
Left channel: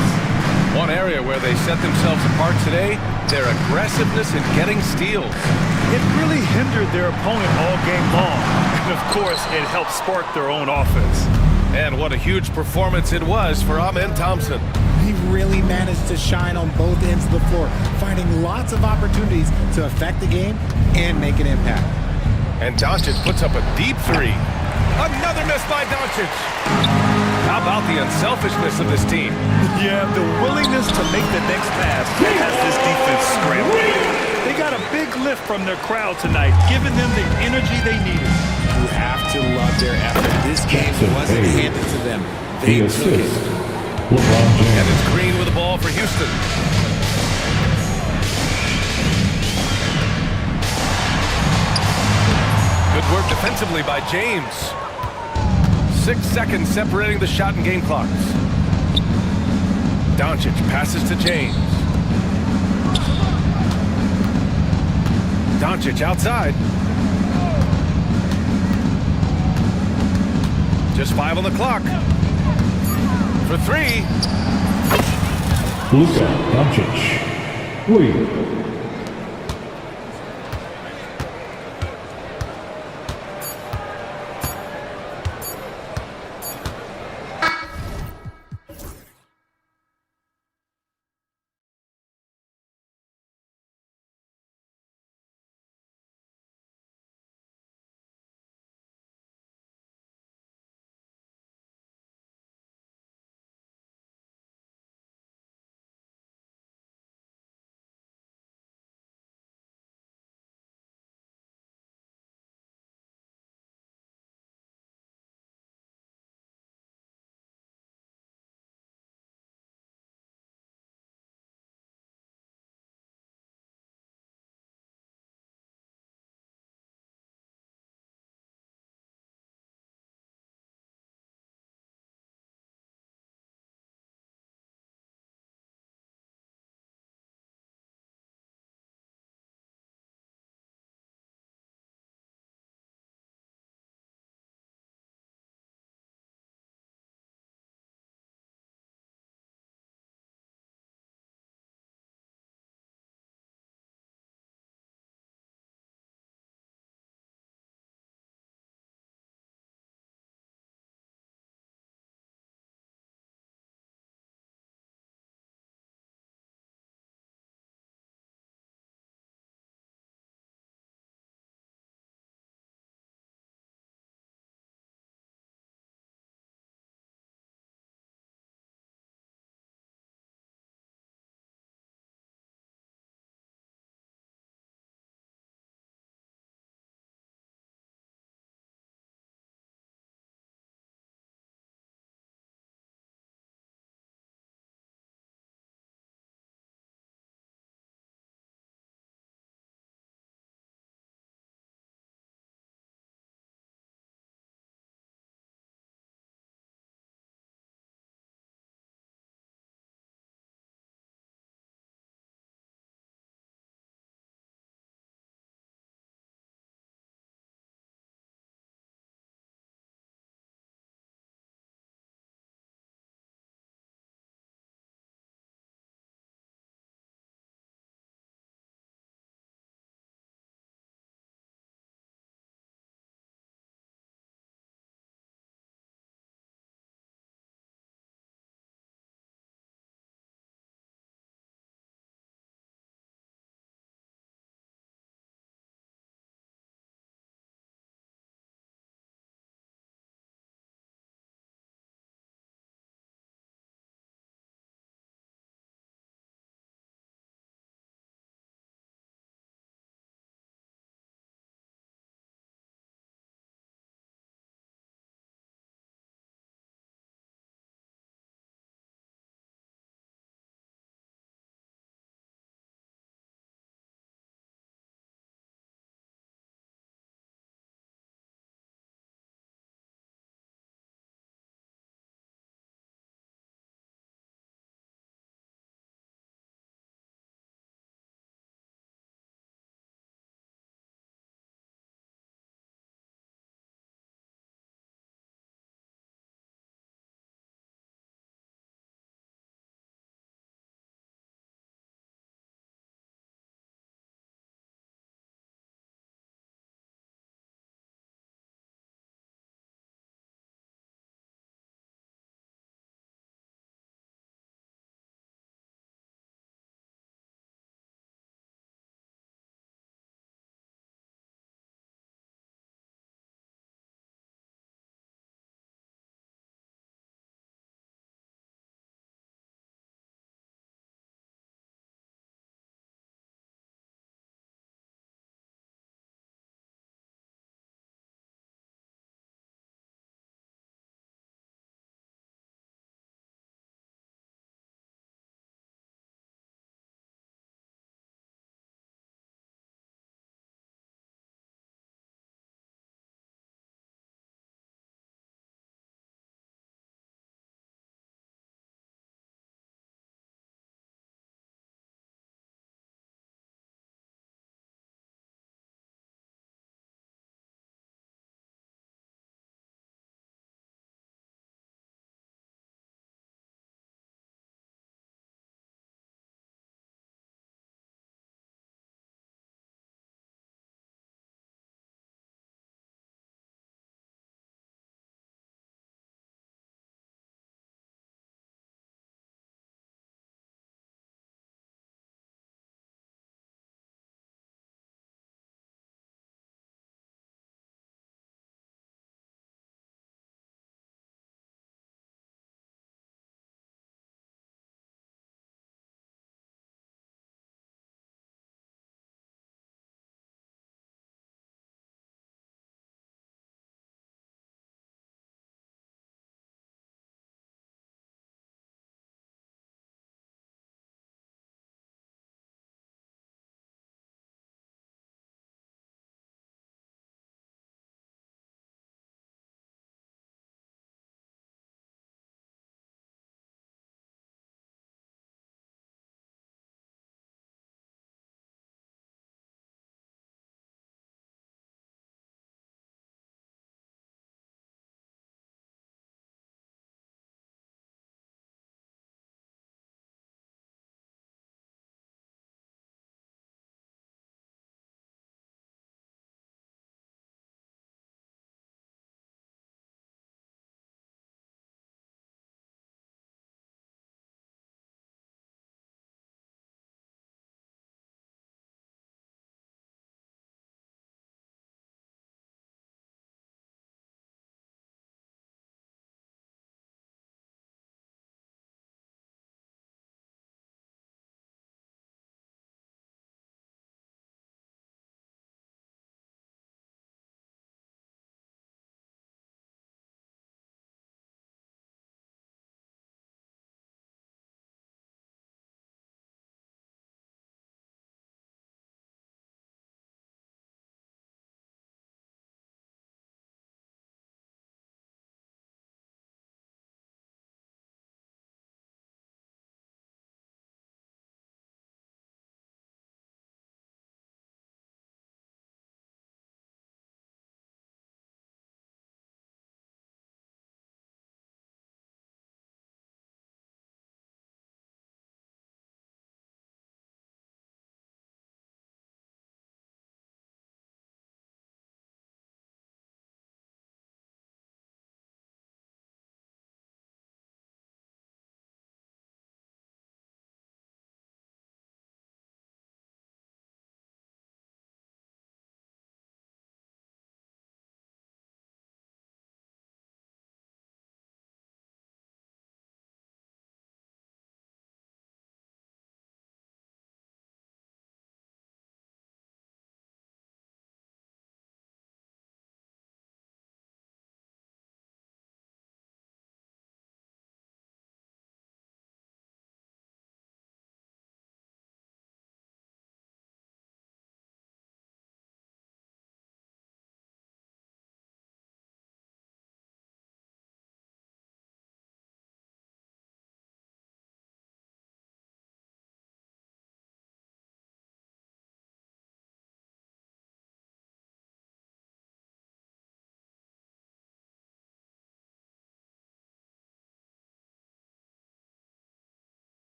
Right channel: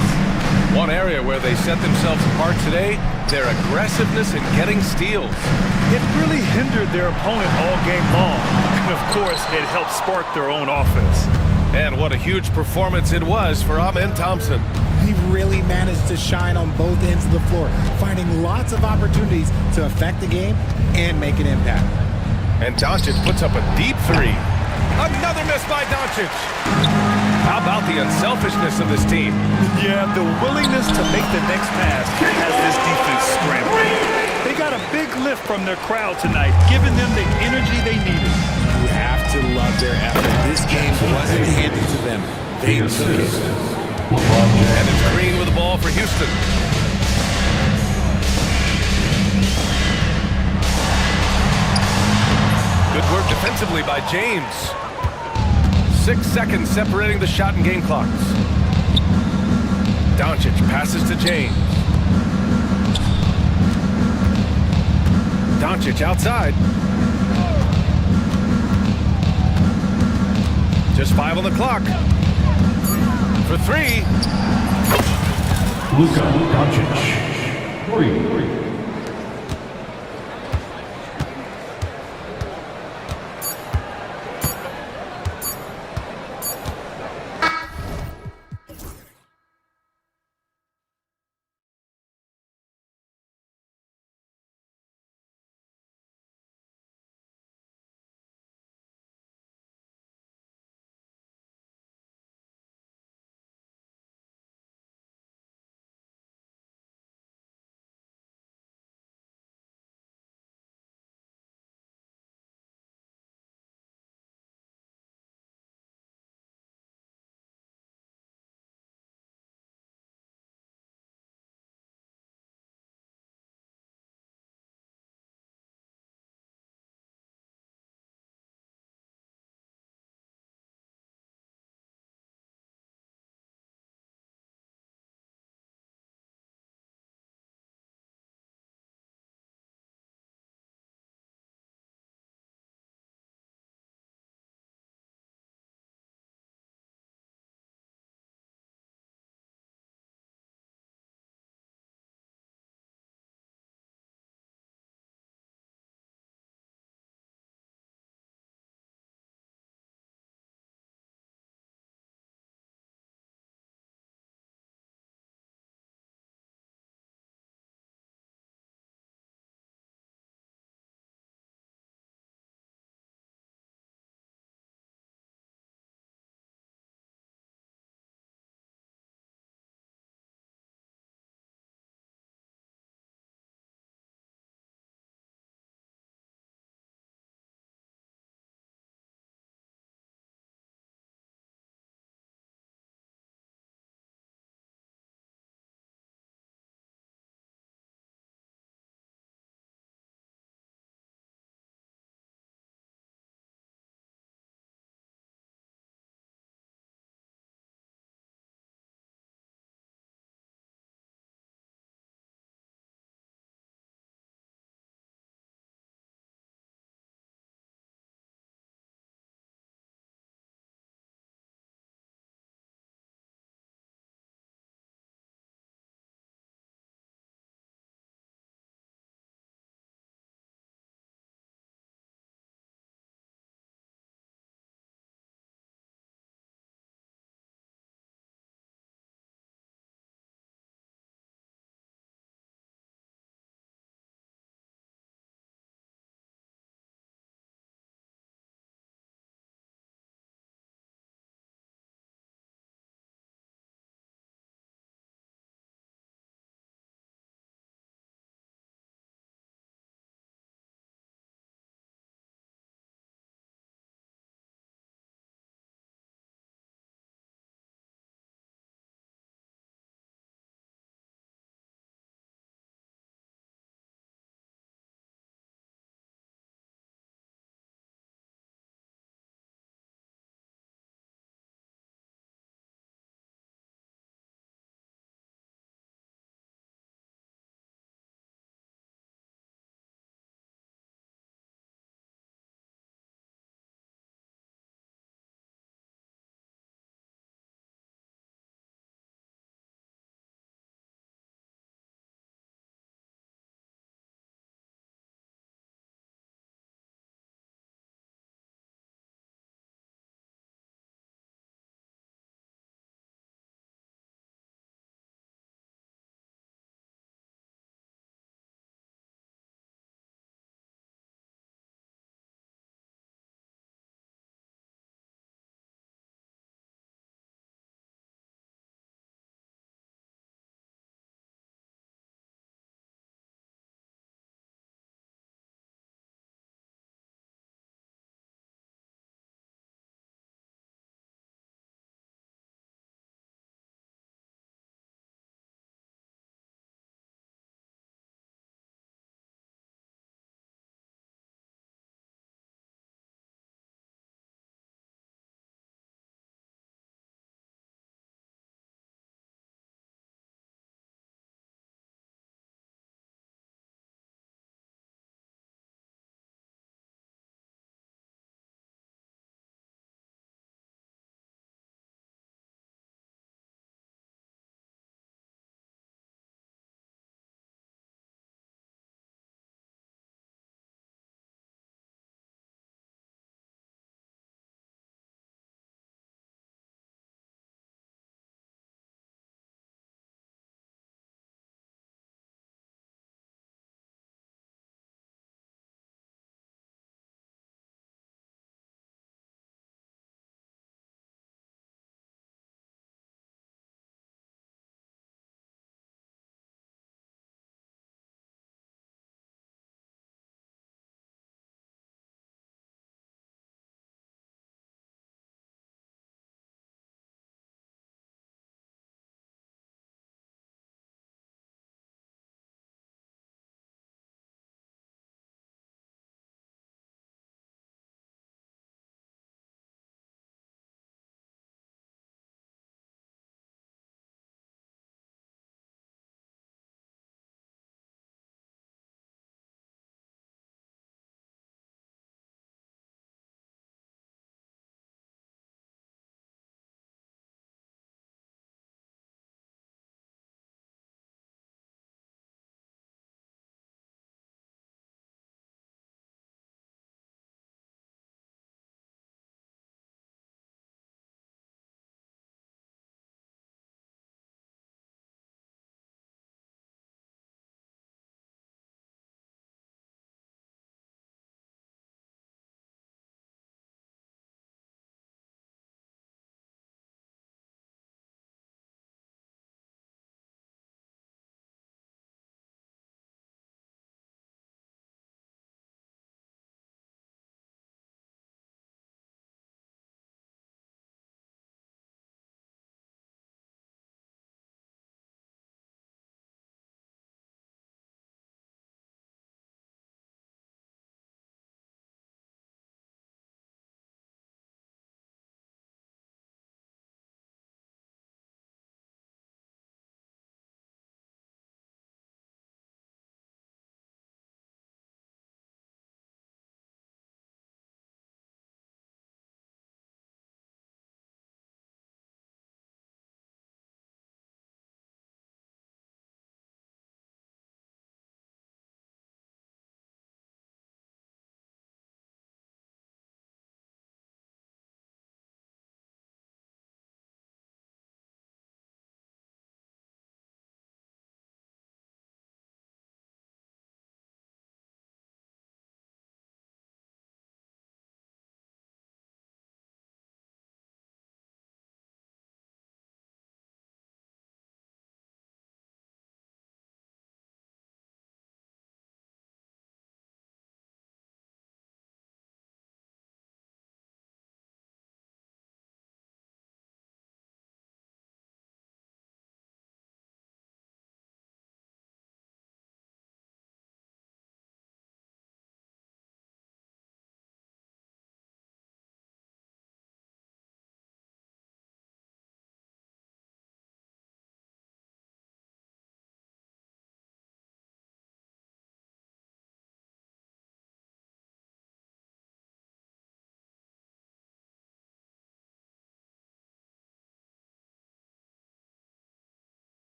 One area where they set themselves apart today, their aggressiveness in getting steals. It really hindered their opponent all game long. And, of course, it helped spark their own offense. And what a huge performance it was for Amen Thompson. He really managed to shine on both ends of the floor, finding lots of opportunities to affect the game and make an impact. And Doncic puts up a deep three. Another miss by Doncic. How about the unselfishness of this team? Yeah, the willingness to make the next pass has this defense scrambling. They got a big lift from their crowd tonight, giving them the energy they needed. You have to love their effort. This game wasn't handed to them. They took it. And it's Green with the ball for Houston. Good work defensively by James. 6 seconds separating the shot and game clocks. Doncic passes to James. Doncic outside. Just 5 on the clock. For 3. Luka Doncic, 3.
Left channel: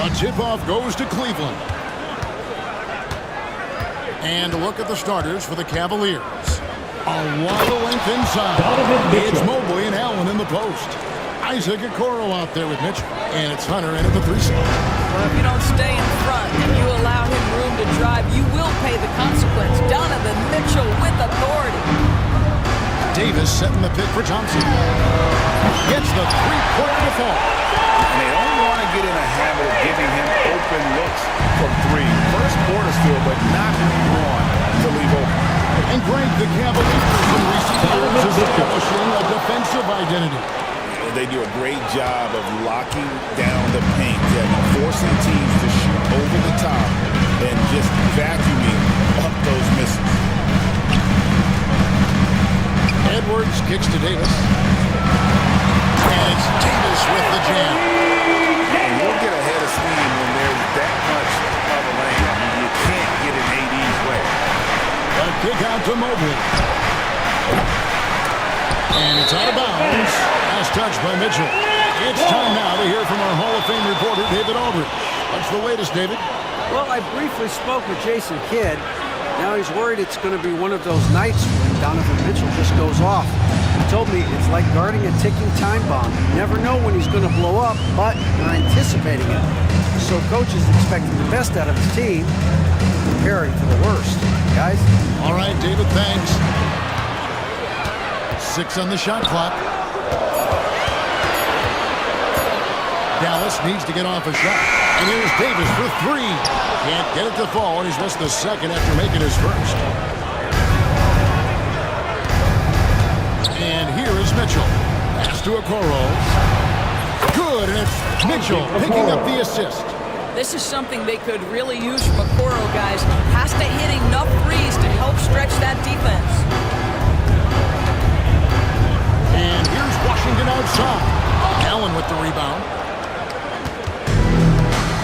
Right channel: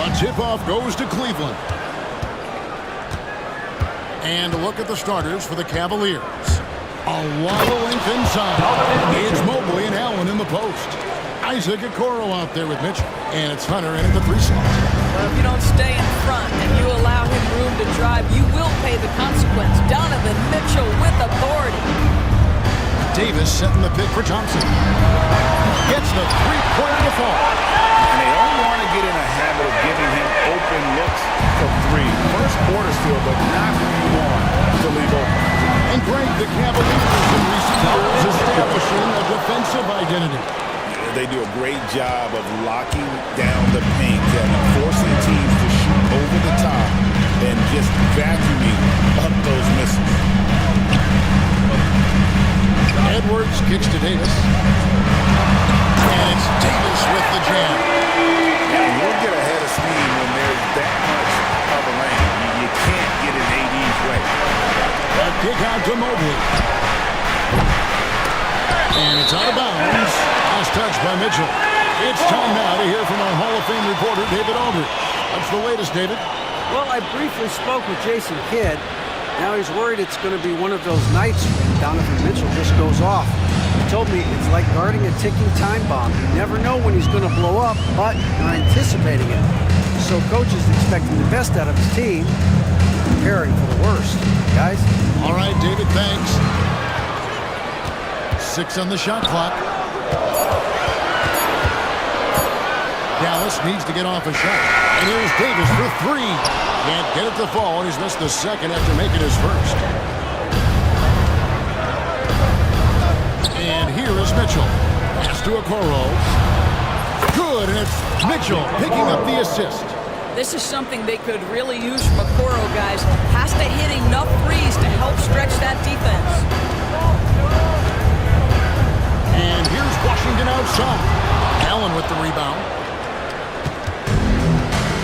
The tip-off goes to Cleveland. And look at the starters for the Cavaliers. A lot of length inside. It's Mobley and Allen in the post. Isaac Okoro out there with Mitchell. And it's Hunter in at the 3 slot. Well, if you don't stay in front and you allow him room to drive, you will pay the consequence. Donovan Mitchell with authority. Davis setting the pick for Thompson. Gets the three-pointer to fall. And they don't want to get in a habit of giving him open looks from 3. First quarter still, but not who you want to leave open. And Greg, the Cavaliers in recent years establishing a defensive identity. They do a great job of locking down the paint, Kevin, forcing teams to shoot over the top and just vacuuming up those misses. Edwards kicks to Davis. And it's Davis with the jam. You'll get a head of steam when there's that much of a lane. You can't get in AD's way. A kick out to Mobley. And it's out of bounds. Last touch by Mitchell. It's time now to hear from our Hall of Fame reporter, David Aldridge. What's the latest, David? Well, I briefly spoke with Jason Kidd. Now he's worried it's going to be one of those nights when Donovan Mitchell just goes off. He told me it's like guarding a ticking time bomb. You never know when he's going to blow up, but you're anticipating it. So coach is expecting the best out of his team, preparing for the worst. Guys? All right, David, thanks. 6 on the shot clock. Dallas needs to get off a shot. And here's Davis for 3. Can't get it to fall, and he's missed the second after making his first. And here is Mitchell. Pass to Okoro. Good, and it's Mitchell picking up the assist. This is something they could really use from Okoro, guys. Has to hit enough threes to help stretch that defense. And here's Washington outside. Allen with the rebound.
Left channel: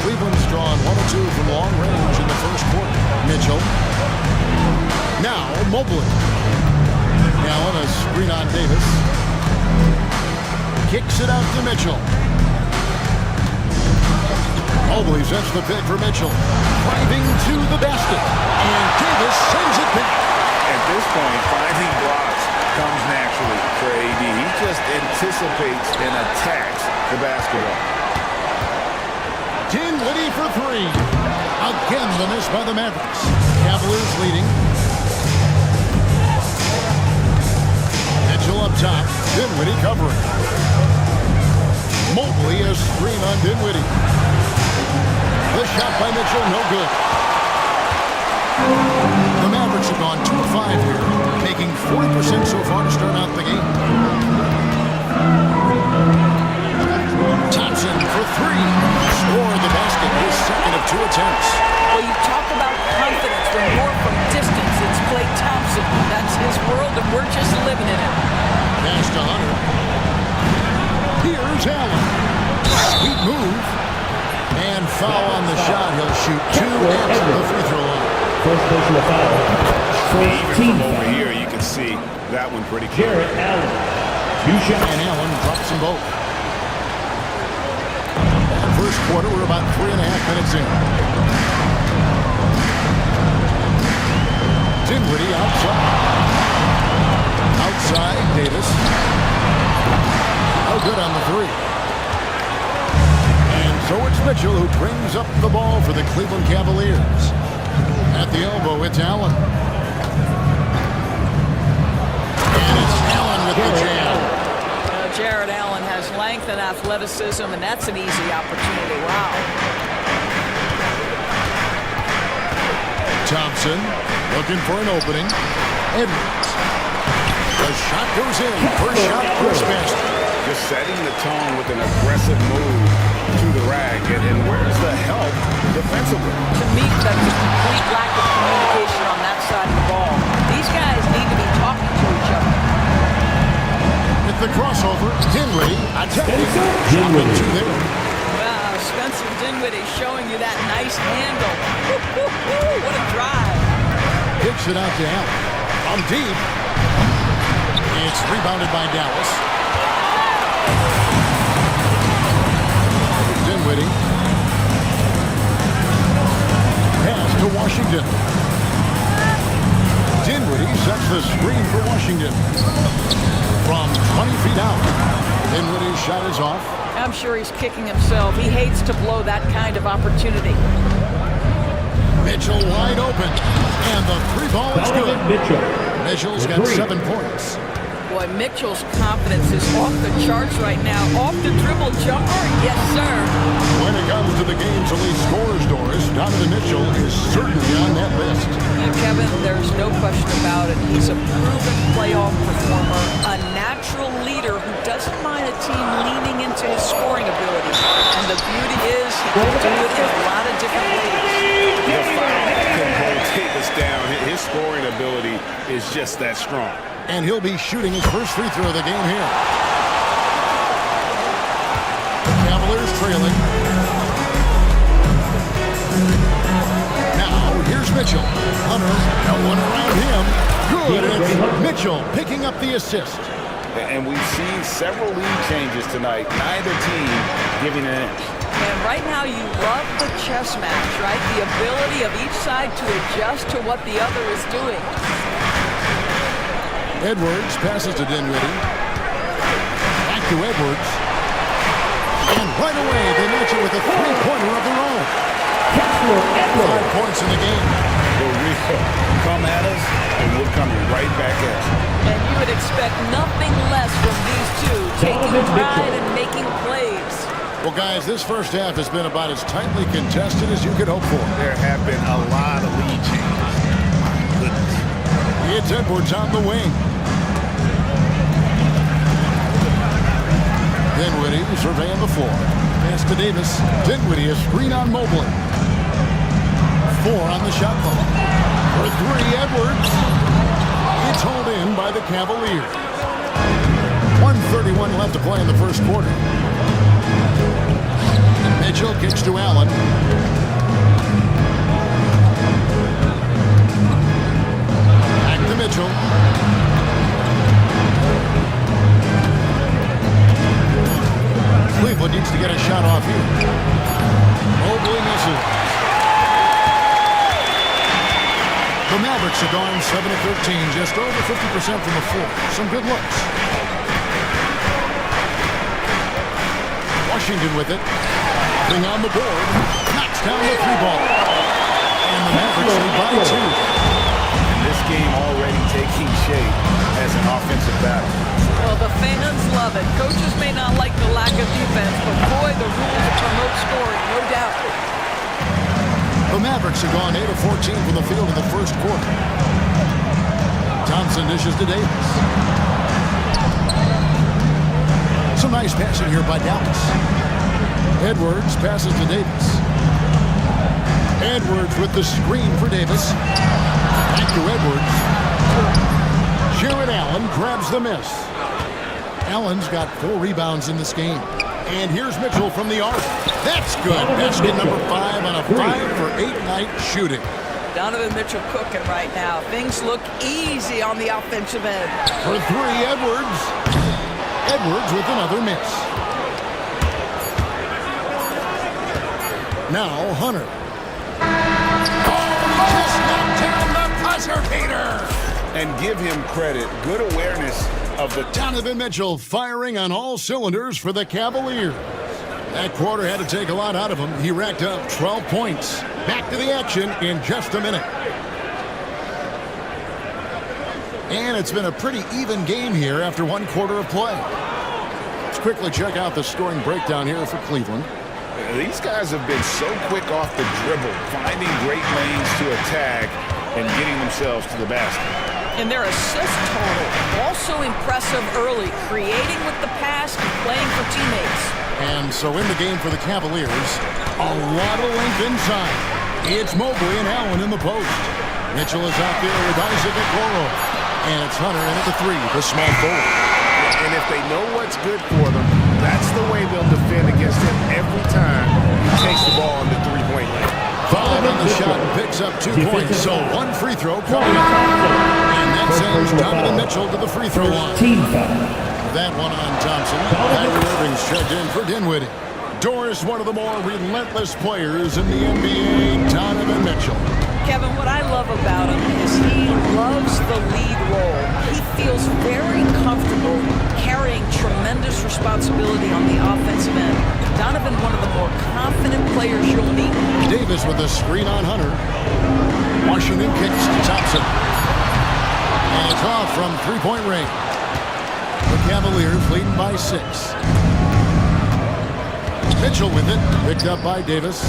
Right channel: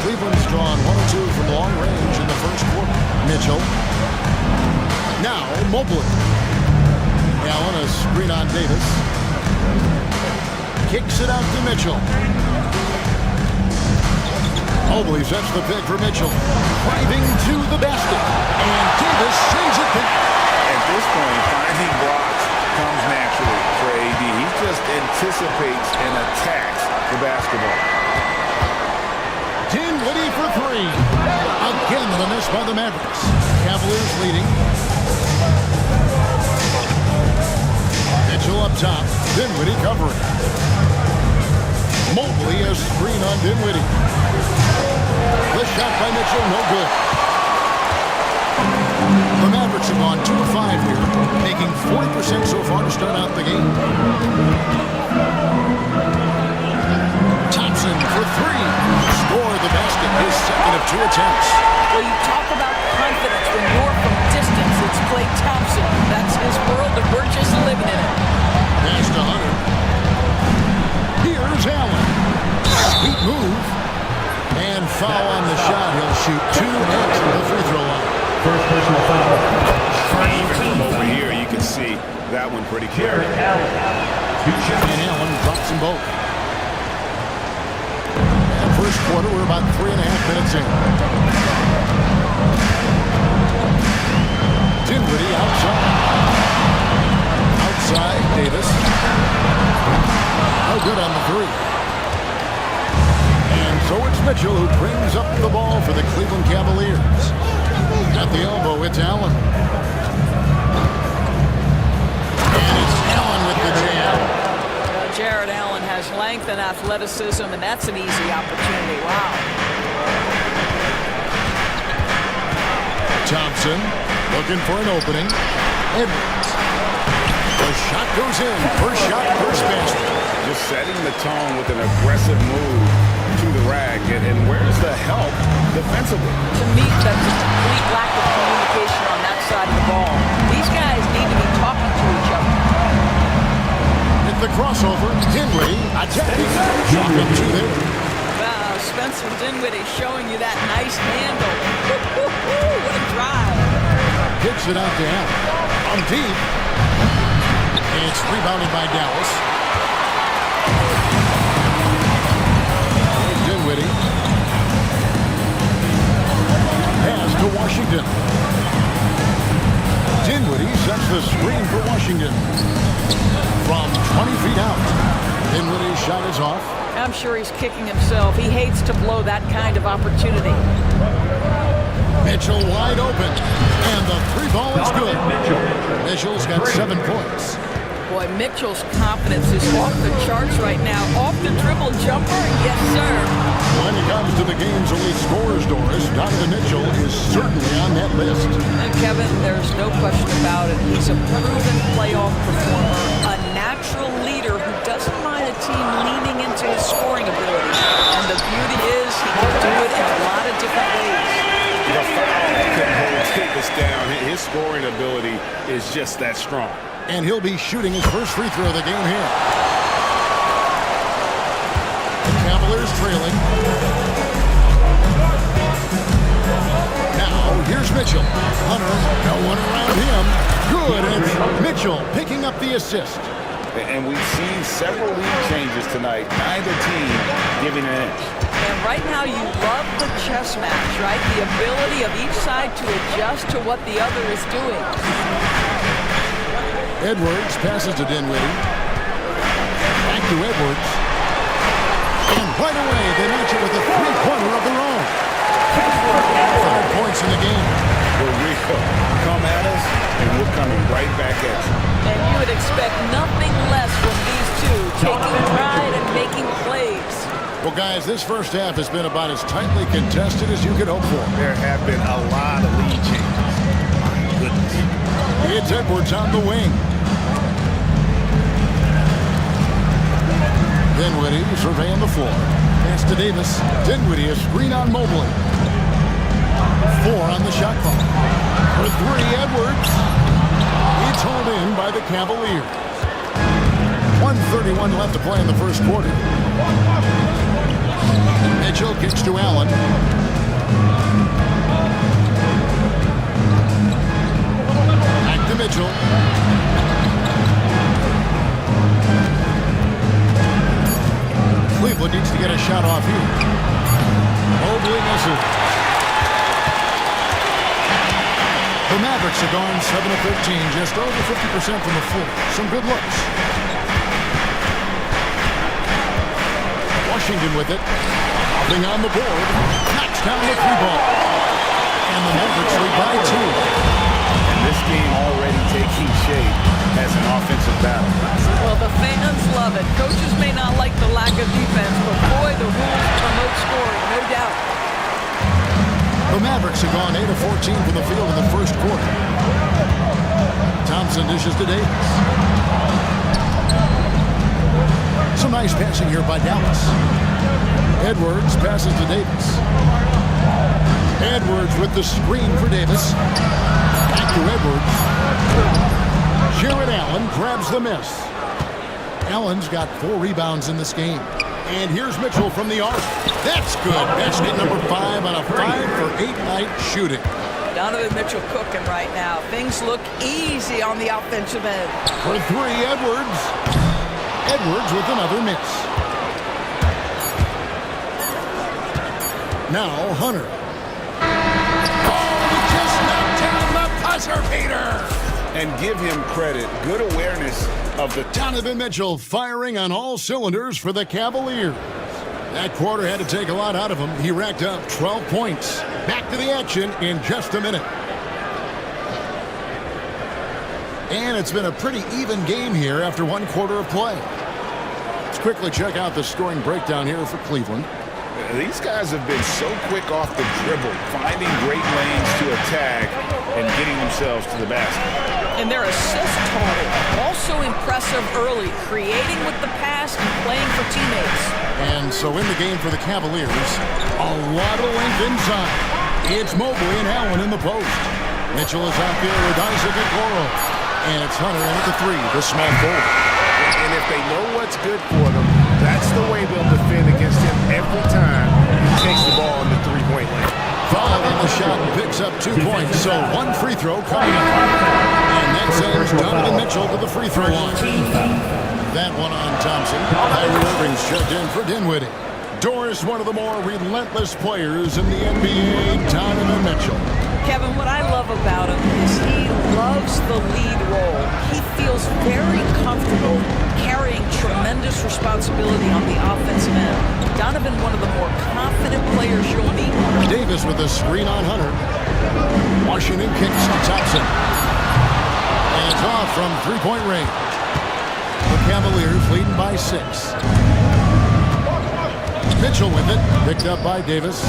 Cleveland's drawn 1 or 2 from long range in the first quarter. Mitchell. Now Mobley. Allen, a screen on Davis. Kicks it out to Mitchell. Mobley sets the pick for Mitchell. Driving to the basket. And Davis sends it back. At this point, finding blocks comes naturally for AD. He just anticipates and attacks the basketball. Dinwiddie for 3. Again, the miss by the Mavericks. Cavaliers leading. Mitchell up top. Dinwiddie covering. Mobley a screen on Dinwiddie. The shot by Mitchell, no good. The Mavericks have gone 2 of 5 here, making 40% so far to start out the game. Thompson for 3. Scored the basket, his second of 2 attempts. Well, you talk about confidence when you're from distance. It's Klay Thompson. That's his world, and we're just living in it. Pass to Hunter. Here's Allen. Sweet move. And foul on the shot. He'll shoot 2 at the free throw line. First personal foul. Even from over here, you can see that one pretty clear. Allen. 2 shots. And Allen drops them both. And first quarter, we're about 3.5 minutes in. Dinwiddie outside. Outside, Davis. No good on the 3. And so it's Mitchell who brings up the ball for the Cleveland Cavaliers. At the elbow, it's Allen. And it's Allen with the jam. Jared Allen has length and athleticism, and that's an easy opportunity. Wow. Thompson looking for an opening. Edwards. The shot goes in. First shot, first basket. Just setting the tone with an aggressive move to the rack. And where's the help defensively? To me, that's a complete lack of communication on that side of the ball. These guys need to be talking to each other. At the crossover, Dinwiddie attacking. Shot up 2 there. Wow, Spencer Dinwiddie showing you that nice handle. What a drive. Kicks it out to Allen. On deep. It's rebounded by Dallas. Dinwiddie. Washington. Dinwiddie sets the screen for Washington. From 20 feet out, Dinwiddie's shot is off. I'm sure he's kicking himself. He hates to blow that kind of opportunity. Mitchell wide open, and the three ball is good. Mitchell's got 7 points. Boy, Mitchell's confidence is off the charts right now. Off the dribble jumper, yes, sir. When it comes to the game's elite scorers, Doris, Donovan Mitchell is certainly on that list. And Kevin, there's no question about it. He's a proven playoff performer, a natural leader who doesn't mind a team leaning into his scoring ability. And the beauty is he can do it in a lot of different ways. The foul couldn't hold Davis down. His scoring ability is just that strong. And he'll be shooting his first free throw of the game here. The Cavaliers trailing. Now, here's Mitchell. Hunter, no one around him. Good, and it's Mitchell picking up the assist. And we've seen several lead changes tonight. Neither team giving an inch. And right now you love the chess match, right? The ability of each side to adjust to what the other is doing. Edwards passes to Dinwiddie. Back to Edwards. And right away, they match it with a three-pointer of their own. 5 points in the game. We'll come at us, and we're coming right back at you. And you would expect nothing less from these two, taking pride and making plays. Well, guys, this first half has been about as tightly contested as you could hope for. There have been a lot of lead changes. My goodness. It's Edwards on the wing. Dinwiddie surveying the floor. Pass to Davis. Dinwiddie, a screen on Mobley. 4 on the shot clock. For 3, Edwards. It's hauled in by the Cavaliers. 1:31 left to play in the first quarter. Mitchell kicks to Allen. Back to Mitchell. Cleveland needs to get a shot off here. Mobley misses. The Mavericks are gone 7 of 13, just over 50% from the floor. Some good looks. Washington with it. Hopping on the board. Knocks down the 3-ball. And the Mavericks lead by 2. And this game already taking shape as an offensive battle. Well, the fans love it. Coaches may not like the lack of defense, but boy, the rules promote scoring, no doubt. The Mavericks have gone 8 of 14 from the field in the first quarter. Thompson dishes to Davis. Some nice passing here by Dallas. Edwards passes to Davis. Edwards with the screen for Davis. Back to Edwards. Jared Allen grabs the miss. Allen's got 4 rebounds in this game. And here's Mitchell from the arc. That's good. Basket number 5 on a 5-for-8 night shooting. Donovan Mitchell cooking right now. Things look easy on the offensive end. For 3, Edwards. Edwards with another miss. Now Hunter. Oh, he just knocked down the buzzer beater. And give him credit. Good awareness of the Donovan Mitchell firing on all cylinders for the Cavaliers. That quarter had to take a lot out of him. He racked up 12 points. Back to the action in just a minute. And it's been a pretty even game here after 1 quarter of play. Let's quickly check out the scoring breakdown here for Cleveland. These guys have been so quick off the dribble, finding great lanes to attack and getting themselves to the basket. And their assist total, also impressive early, creating with the pass and playing for teammates. And so in the game for the Cavaliers, a lot of length inside. It's Mobley and Allen in the post. Mitchell is out there with Isaac Okoro. And it's Hunter in at the 3, the small forward. And if they know what's good for them, that's the way they'll defend against him every time he takes the ball in the 3-point lane. 5 on the shot and picks up 2 points. So 1 free throw coming up. And that sends Donovan Mitchell to the free throw line. That one on Thompson. Kyrie Irving's checked in for Dinwiddie. Doris, one of the more relentless players in the NBA, Donovan Mitchell. Kevin, what I love about him is he loves the lead role. He feels very comfortable carrying tremendous responsibility on the offensive end. Donovan, one of the more confident players you'll meet. Davis with a screen on Hunter. Washington kicks to Thompson. And it's off from three-point range. The Cavaliers leading by 6. Mitchell with it, picked up by Davis.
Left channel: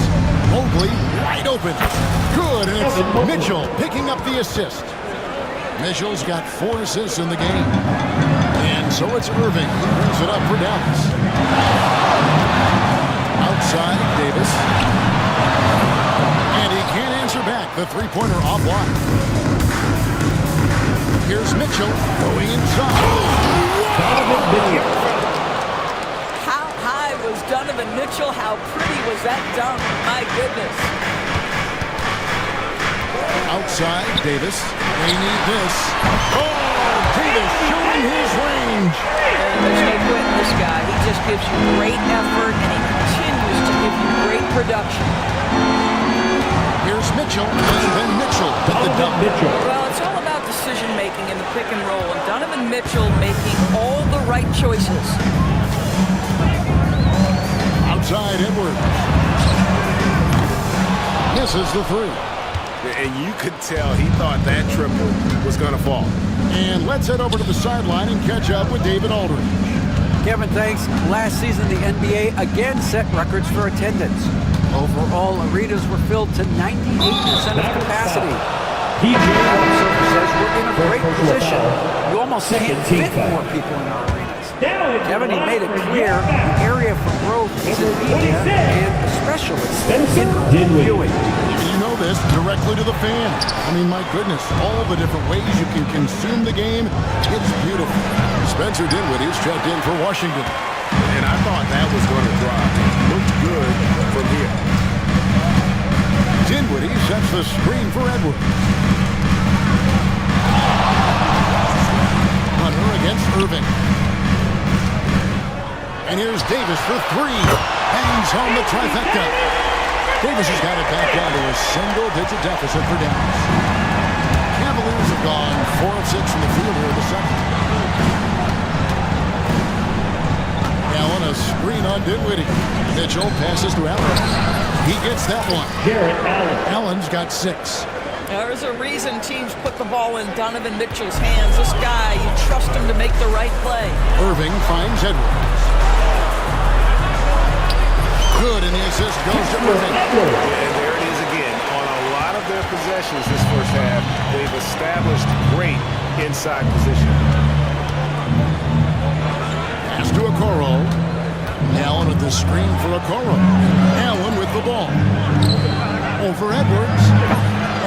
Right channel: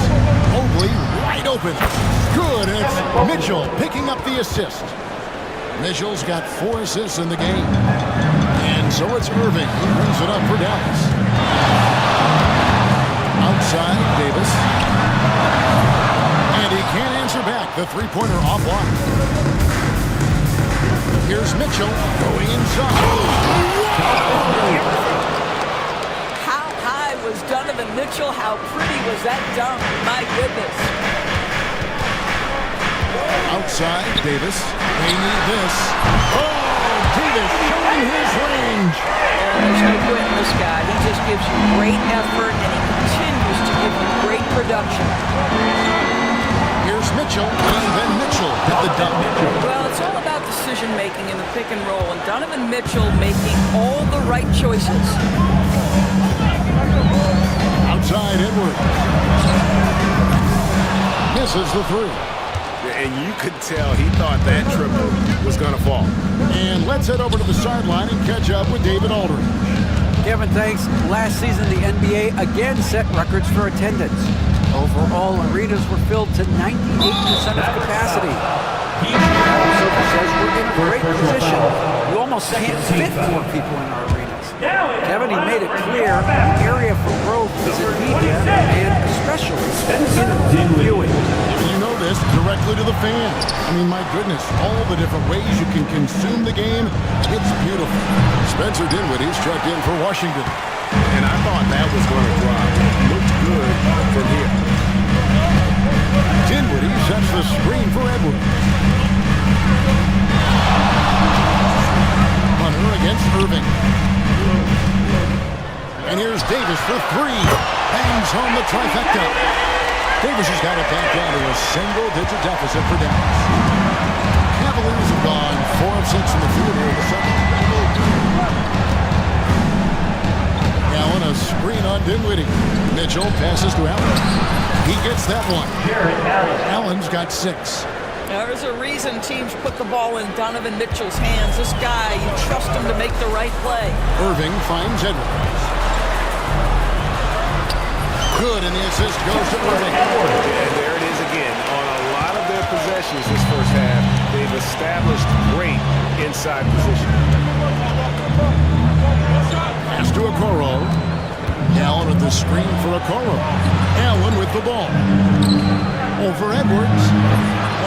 Mobley wide open. Good, and it's Mitchell picking up the assist. Mitchell's got 4 assists in the game. And so it's Irving. He brings it up for Dallas. Outside, Davis. And he can't answer back. The three-pointer off block. Here's Mitchell going inside. How high was Donovan Mitchell? How pretty was that dunk? My goodness. Outside, Davis. They need this. Oh, Davis showing his range. And there's no quitting this guy. He just gives you great effort, and he continues to give you great production. Here's Mitchell, and then Mitchell with the dunk. Well, it's all about decision-making in the pick and roll, and Donovan Mitchell making all the right choices. Outside, Edwards. Misses the three. And you could tell he thought that triple was going to fall. And let's head over to the sideline and catch up with David Aldridge. Kevin, thanks. Last season, the NBA again set records for attendance. Overall, arenas were filled to 98% of capacity. Adam Silver says we're in a great position. You almost can't fit more people in our arenas. Kevin, he made it clear the area for growth is in media and especially in viewing. You know this directly to the fan. I mean, my goodness, all the different ways you can consume the game. It's beautiful. Spencer Dinwiddie's checked in for Washington. And I thought that was going to drop. Looked good from here. Dinwiddie sets the screen for Edwards. Hunter against Irving. And here's Davis for 3. Bangs home the trifecta. Davis has got it back down to a single-digit deficit for Dallas. Cavaliers have gone 4 of 6 from the field here in the second. Allen, a screen on Dinwiddie. Mitchell passes to Allen. He gets that one. Allen's got 6. There's a reason teams put the ball in Donovan Mitchell's hands. This guy, you trust him to make the right play. Irving finds Edwards. Good, and the assist goes to Irving. And there it is again. On a lot of their possessions this first half, they've established great inside position. Pass to Okoro. Allen with the screen for Okoro. Allen with the ball. Over Edwards.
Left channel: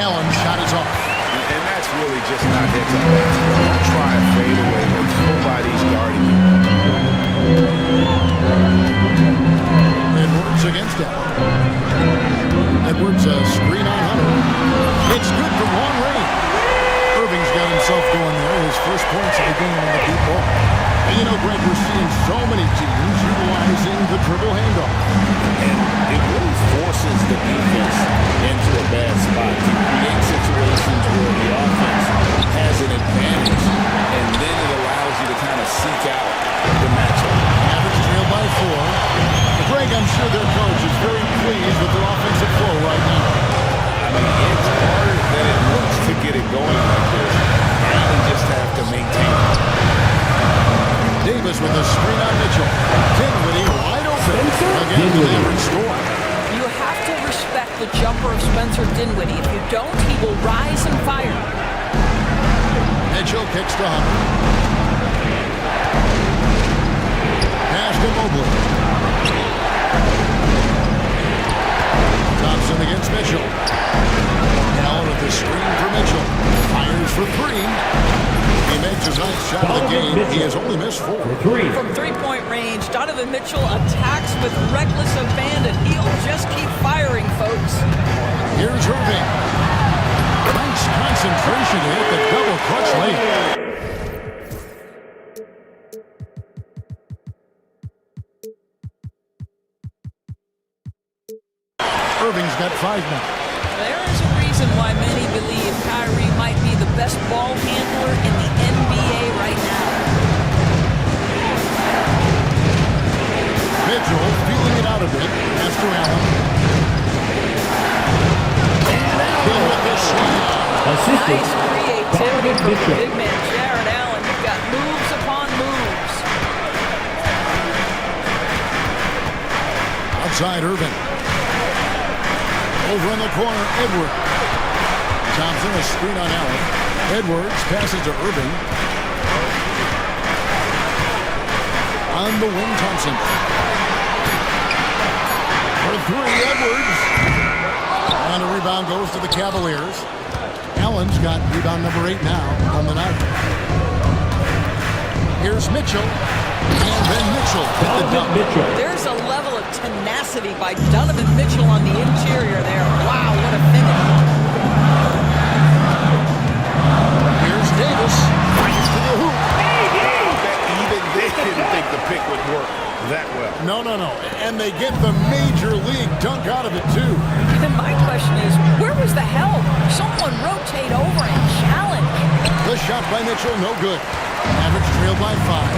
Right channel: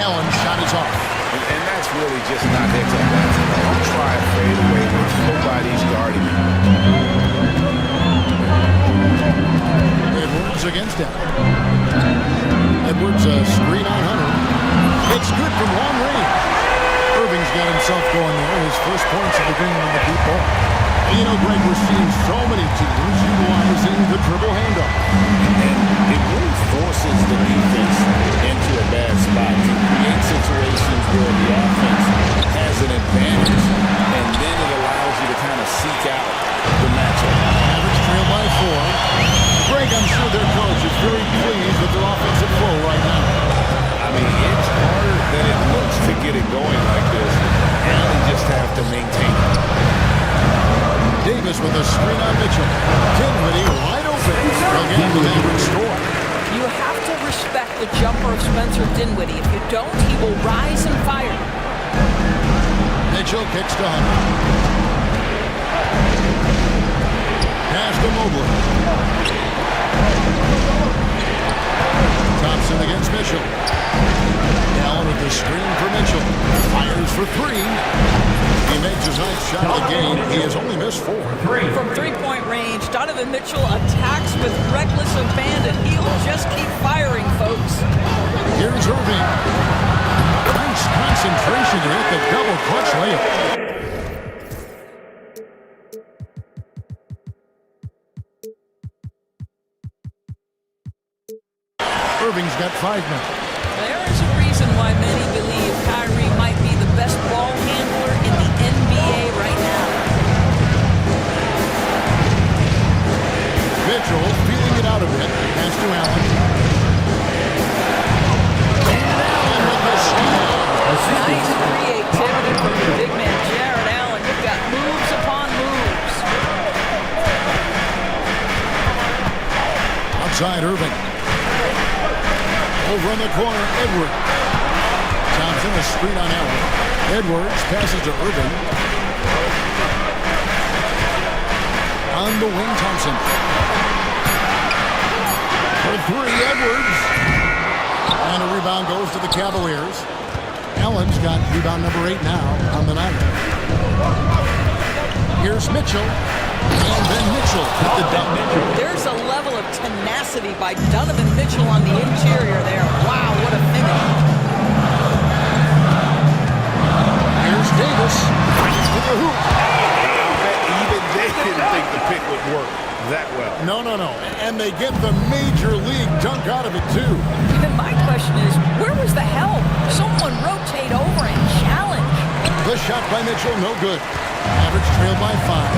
Allen's shot is off. And that's really just not heads-up basketball. Don't try a fadeaway when nobody's guarding you. Edwards against Allen. Edwards a screen on Hunter. It's good from long range. Irving's got himself going there. His first points of the game on the deep ball. And you know, Greg, we're seeing so many teams utilizing the dribble handoff. And it really forces the defense into a bad spot. Can create situations where the offense has an advantage, and then it allows you to kind of seek out the matchup. Average trail by 4. Greg, I'm sure their coach is very pleased with their offensive flow right now. I mean, it's harder than it looks to get it going like this. Now they just have to maintain it. Davis with a screen on Mitchell. Dinwiddie wide open. Again, the Mavericks score. You have to respect the jumper of Spencer Dinwiddie. If you don't, he will rise and fire. Mitchell kicks to Hunter. Pass to Mobley. Thompson against Mitchell. Allen with the screen for Mitchell. Fires for 3. He makes his ninth shot of the game. He has only missed 4. From three-point range, Donovan Mitchell attacks with reckless abandon. He'll just keep firing, folks. Here's Irving. Nice concentration to hit the double clutch layup. Irving's got 5 now. There is a reason reason why many believe Kyrie might be the best ball handler in the NBA right now. Mitchell feeling it out a bit. Pass to Allen. And Allen with the slam. Nice creativity from the big man, Jared Allen. You've got moves upon moves. Outside Irving. Over in the corner, Edwards. Thompson, a screen on Allen. Edwards passes to Irving. On the wing, Thompson. For three, Edwards. And a rebound goes to the Cavaliers. Allen's got rebound number 8 now on the night. Here's Mitchell. And then Mitchell with the dump. There's a level of tenacity by Donovan Mitchell on the interior there. Wow, what a finish. Here's Davis. To the hoop. I'll bet even they didn't think the pick would work that well. No. And they get the major league dunk out of it, too. And my question is, where was the help? Someone rotate over and challenge. The shot by Mitchell, no good. Mavericks trailed by 5.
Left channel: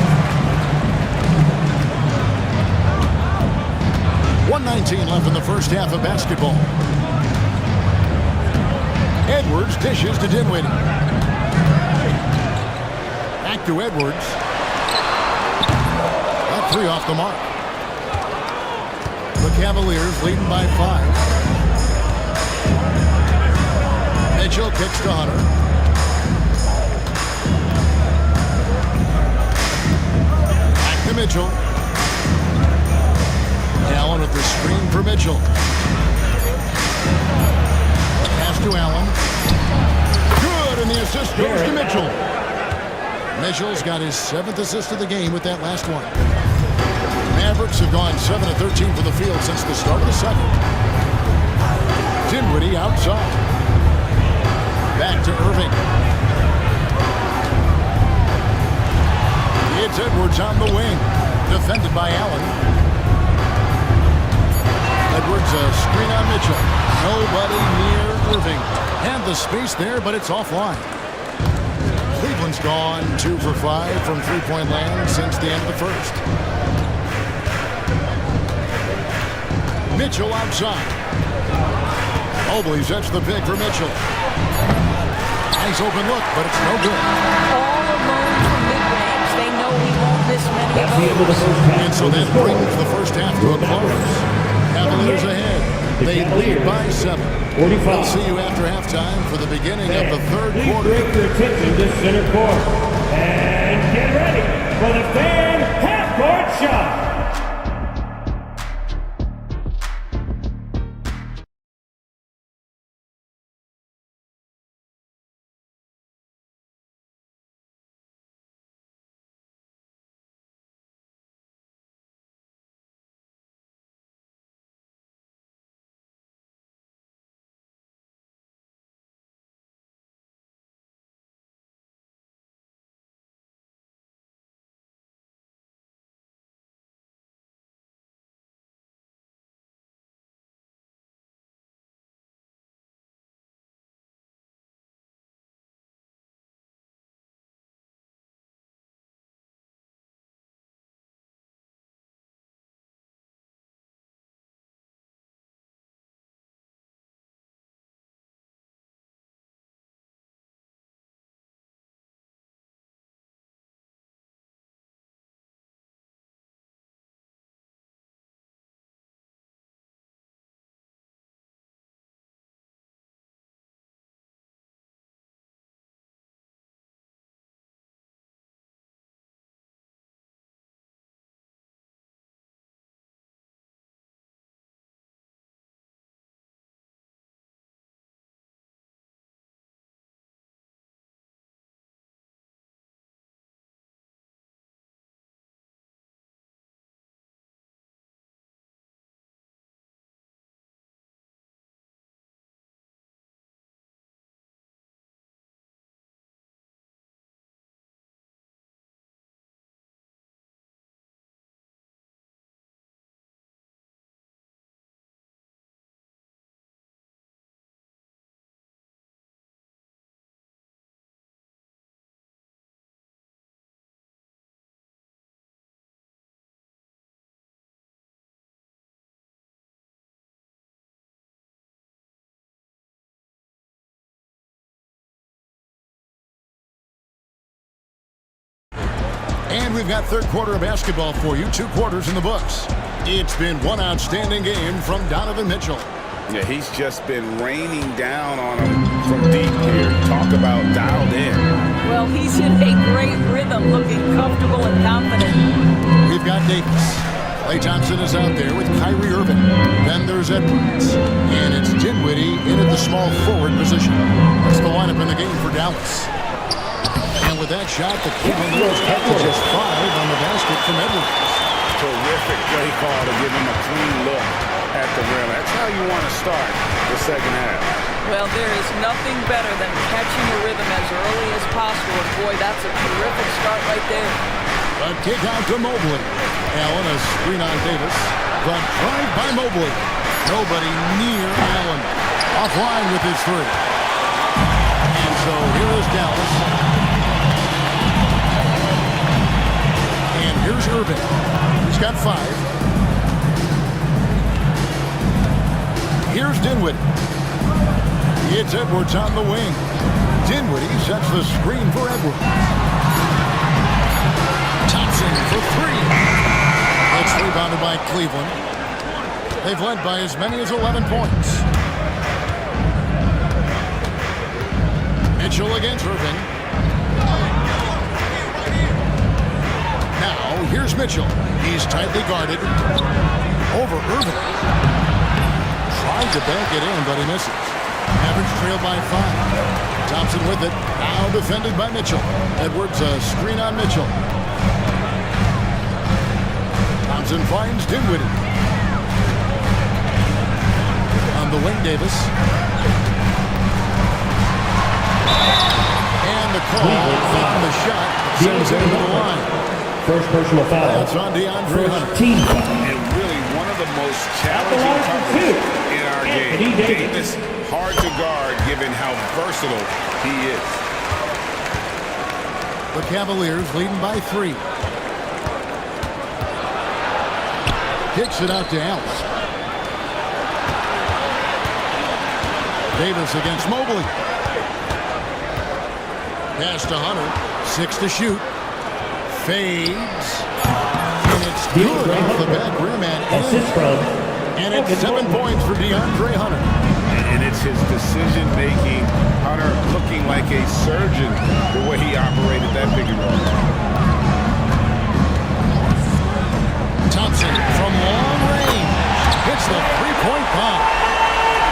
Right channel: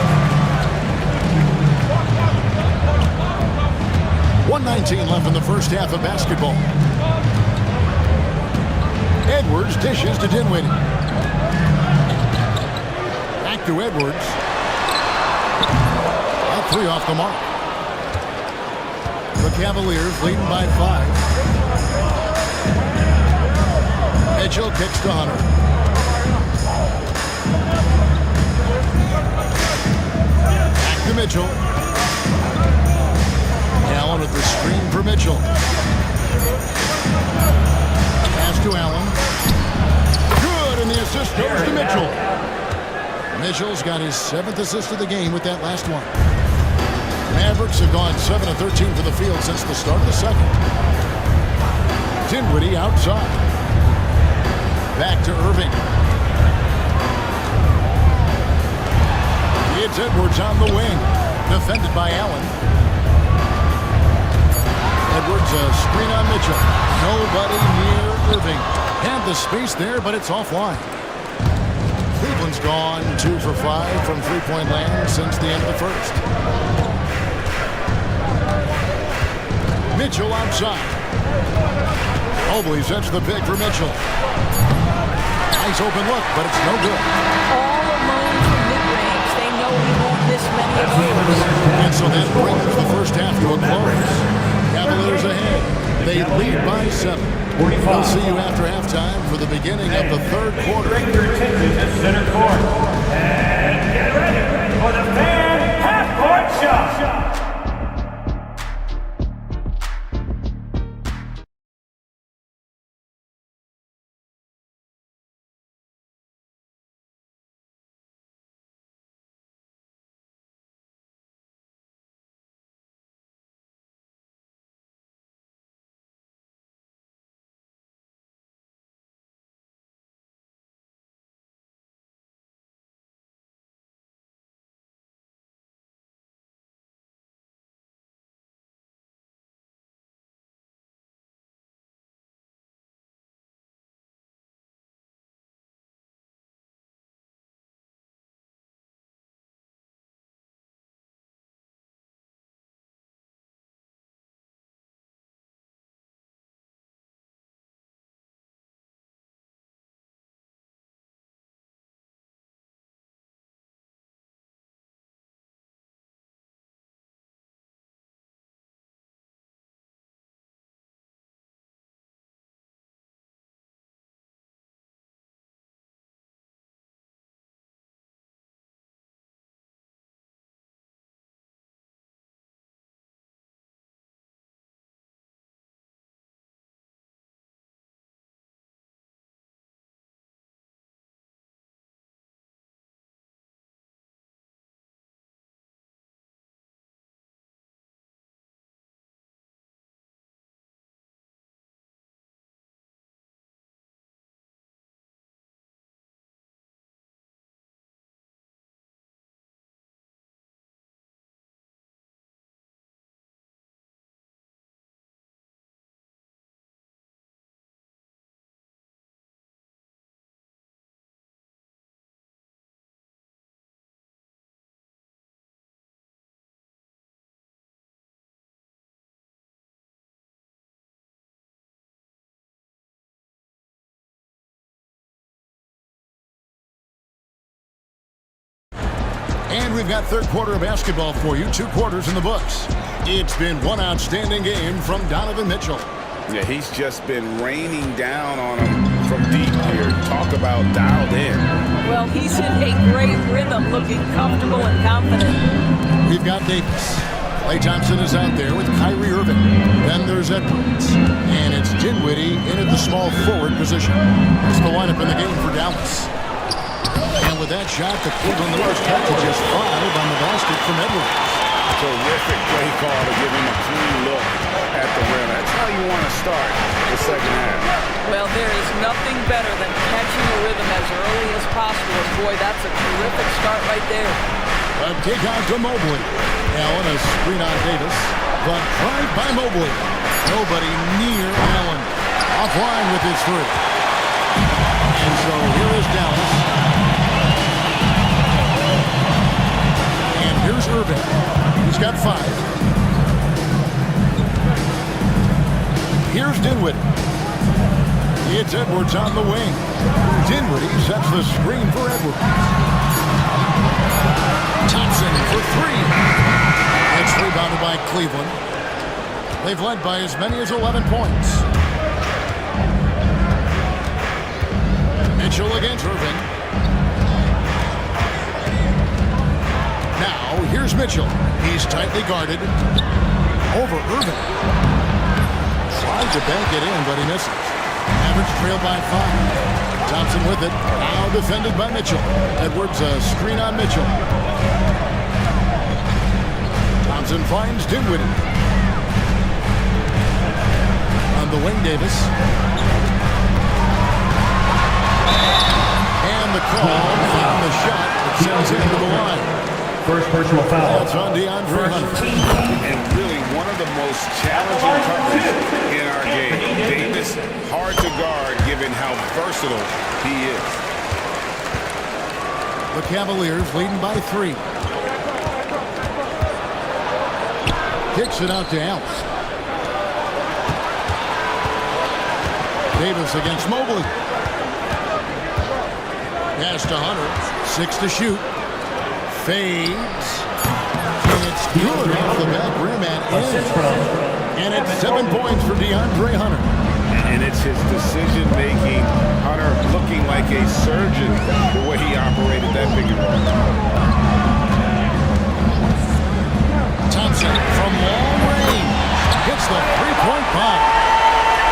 1:19 left in the first half of basketball. Edwards dishes to Dinwiddie. Back to Edwards. That 3 off the mark. The Cavaliers leading by 5. Mitchell kicks to Hunter. Back to Mitchell. Allen with the screen for Mitchell. Pass to Allen. Good, and the assist goes to Mitchell. Mitchell's got his 7th assist of the game with that last one. Mavericks have gone 7 of 13 from the field since the start of the second. Dinwiddie outside. Back to Irving. It's Edwards on the wing. Defended by Allen. Edwards, a screen on Mitchell. Nobody near Irving. Had the space there, but it's offline. Cleveland's gone 2 for 5 from three-point land since the end of the first. Mitchell outside. Mobley sets the pick for Mitchell. Nice open look, but it's no good. All alone from mid-range. They know he won't miss many of those. And so that brings the first half to a close. Cavaliers ahead. They lead by 7. We'll see you after halftime for the beginning of the third quarter. Direct your attention to center court. And get ready for the fan half-court shot. And we've got third quarter of basketball for you, 2 quarters in the books. It's been one outstanding game from Donovan Mitchell. Yeah, he's just been raining down on him from deep here. Talk about dialed in. Well, he's in a great rhythm, looking comfortable and confident. We've got Davis. Klay Thompson is out there with Kyrie Irving. Then there's Edwards. And it's Dinwiddie in at the small forward position. That's the lineup in the game for Dallas. And with that shot, the Cleveland Leaders cut to just 5 on the basket from Edwards. Terrific play call to give him a clean look at the rim. That's how you want to start the second half. Well, there is nothing better than catching a rhythm as early as possible. And boy, that's a terrific start right there. A kick out to Mobley. Allen, a screen on Davis. The drive by Mobley. Nobody near Allen. Offline with his 3. And so here is Dallas. And here's Irving. He's got 5. Here's Dinwiddie. It's Edwards on the wing. Dinwiddie sets the screen for Edwards. Thompson for 3. It's rebounded by Cleveland. They've led by as many as 11 points. Mitchell against Irving. Now, here's Mitchell. He's tightly guarded. Over Irving. Tried to bank it in, but he misses. Mavericks trailed by 5. Thompson with it. Now defended by Mitchell. Edwards, a screen on Mitchell. Thompson finds Dinwiddie. On the wing, Davis. And the call on the shot that sends him to the line. First personal foul. That's on DeAndre Hunter. Team foul. And really one of the most challenging covers in our game. Davis, hard to guard given how versatile he is. The Cavaliers leading by 3. Kicks it out to Allen. Davis against Mobley. Pass to Hunter. 6 to shoot. Fades. And it's good off the back rim and in. And it's 7 points for DeAndre Hunter. And it's his decision-making. Hunter looking like a surgeon the way he operated that pick and roll. Thompson from long range hits the 3-point bomb.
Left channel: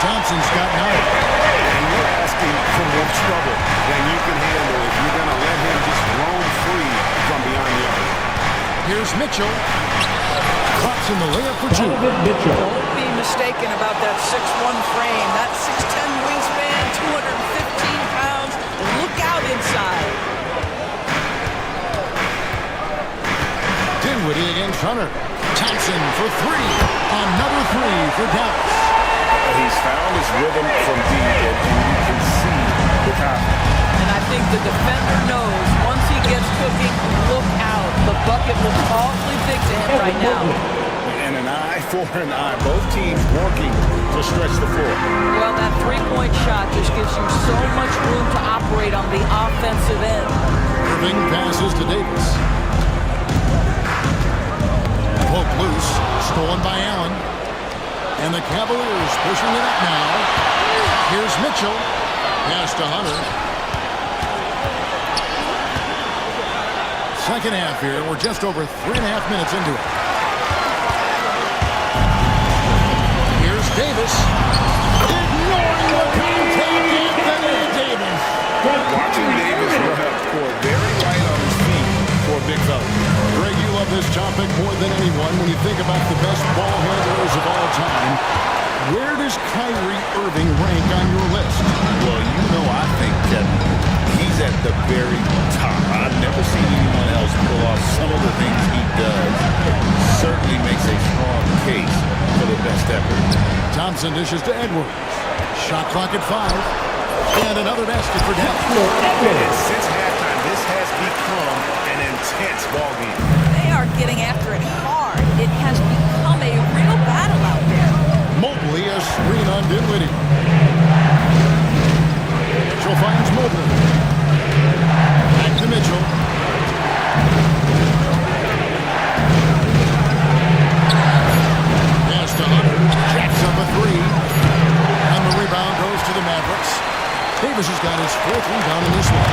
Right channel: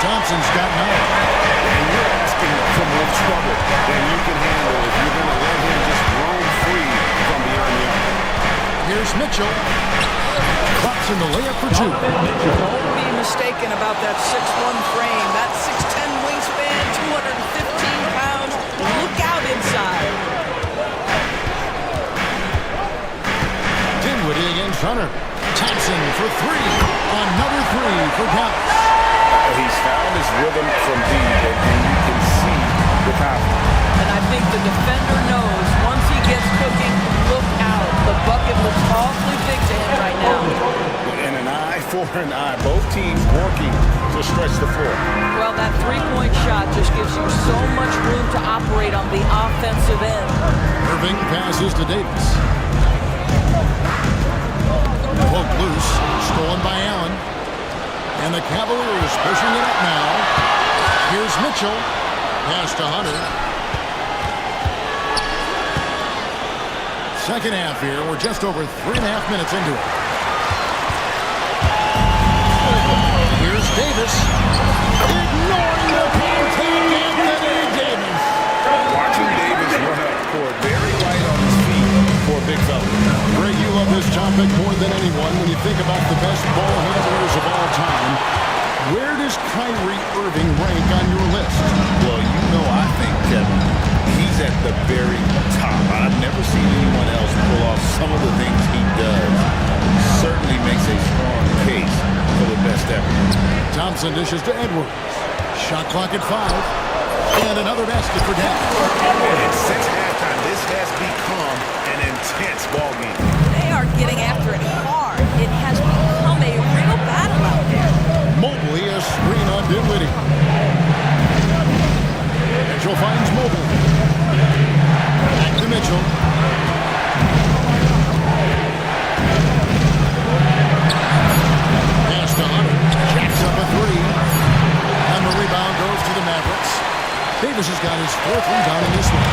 Thompson's got 9. And you're asking for more trouble than you can handle if you're going to let him just roam free from beyond the arc. Here's Mitchell. Clutch in the layup for 2. Don't be mistaken about that 6'1 frame. That 6'10 wingspan, 215 pounds. Look out inside. Dinwiddie against Hunter. Thompson for 3. Another 3 for Dallas. He's found his rhythm from deep, and you can see the confidence. And I think the defender knows once he gets cooking, look out. The bucket looks awfully big to him right now. And an eye for an eye. Both teams working to stretch the floor. Well, that 3-point shot just gives you so much room to operate on the offensive end. Irving passes to Davis. Poked loose. Stolen by Allen. And the Cavaliers pushing it up now. Here's Mitchell. Pass to Hunter. Second half here. We're just over 3.5 minutes into it. Here's Davis. Ignoring the contact, Anthony Davis. Watching Davis run up court, very light on his feet for a big fella. Greg, you love this topic more than anyone. When you think about the best ball handlers of all time, where does Kyrie Irving rank on your list? Well, you know, I think, Kevin, he's at the very top. I've never seen anyone else pull off some of the things he does. Certainly makes a strong case for the best ever. Thompson dishes to Edwards. Shot clock at 5. And another basket for Dallas. And since halftime, this has become an intense ball game. They are getting after it hard. It has become a real battle out there. Mobley, a screen on Dinwiddie. Mitchell finds Mobley. Back to Mitchell. up a three. And the rebound goes to the Mavericks. Davis has got his 4th rebound in this one.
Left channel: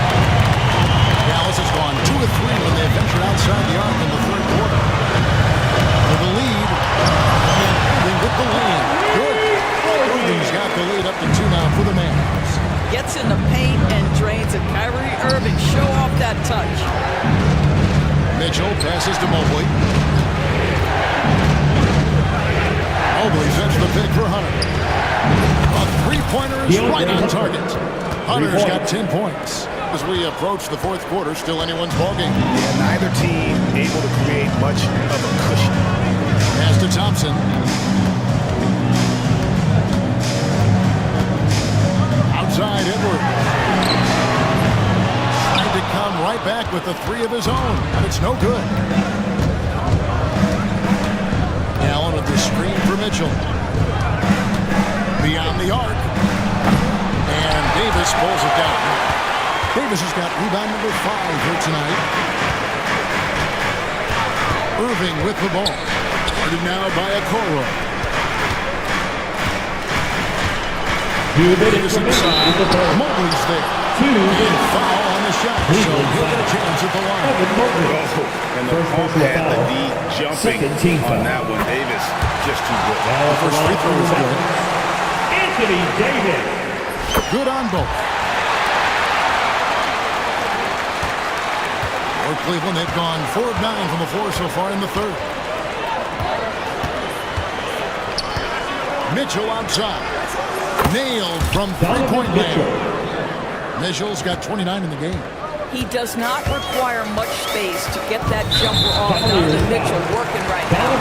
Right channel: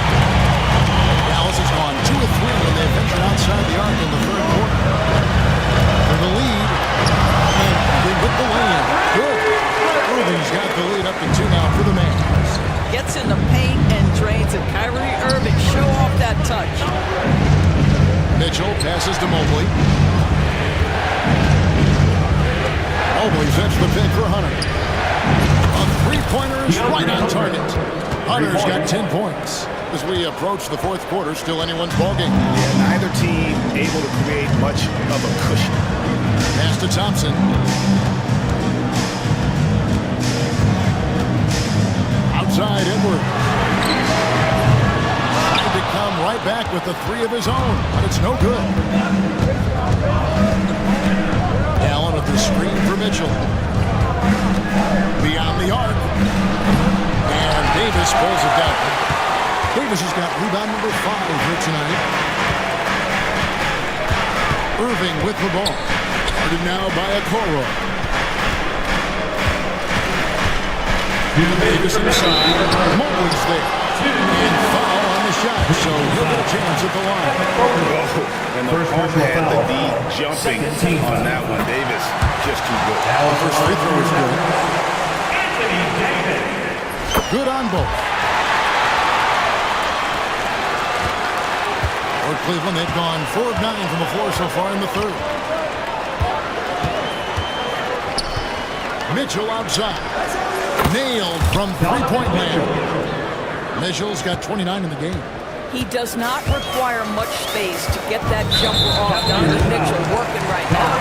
Dallas has gone 2 of 3 when they ventured outside the arc in the 3rd quarter. For the lead, and Irving with the lay-in. Good. Irving's got the lead up to 2 now for the Mavs. Gets in the paint and drains it. Kyrie Irving, show off that touch. Mitchell passes to Mobley. Mobley sets the pick for Hunter. A three-pointer is right on target. Hunter's got 10 points. As we approach the 4th quarter, still anyone's ballgame. Yeah, neither team able to create much of a cushion. Pass to Thompson. Outside Edwards. Tried to come right back with the 3 of his own, but it's no good. Allen with the screen for Mitchell. Beyond the arc. And Davis pulls it down. Davis has got rebound number 5 here tonight. Irving with the ball. Guarded now by Okoro. Davis inside. Mobley's there. And foul on the shot, so he'll get a chance at the line. Oh, and the pump had the D jumping on that one. Davis just too good. The first free throw is good. Anthony Davis. Good on both. For Cleveland, they've gone 4 of 9 from the floor so far in the 3rd. Mitchell outside. Nailed from three-point land. Mitchell's got 29 in the game. He does not require much space to get that jumper off. Donovan Mitchell working right now.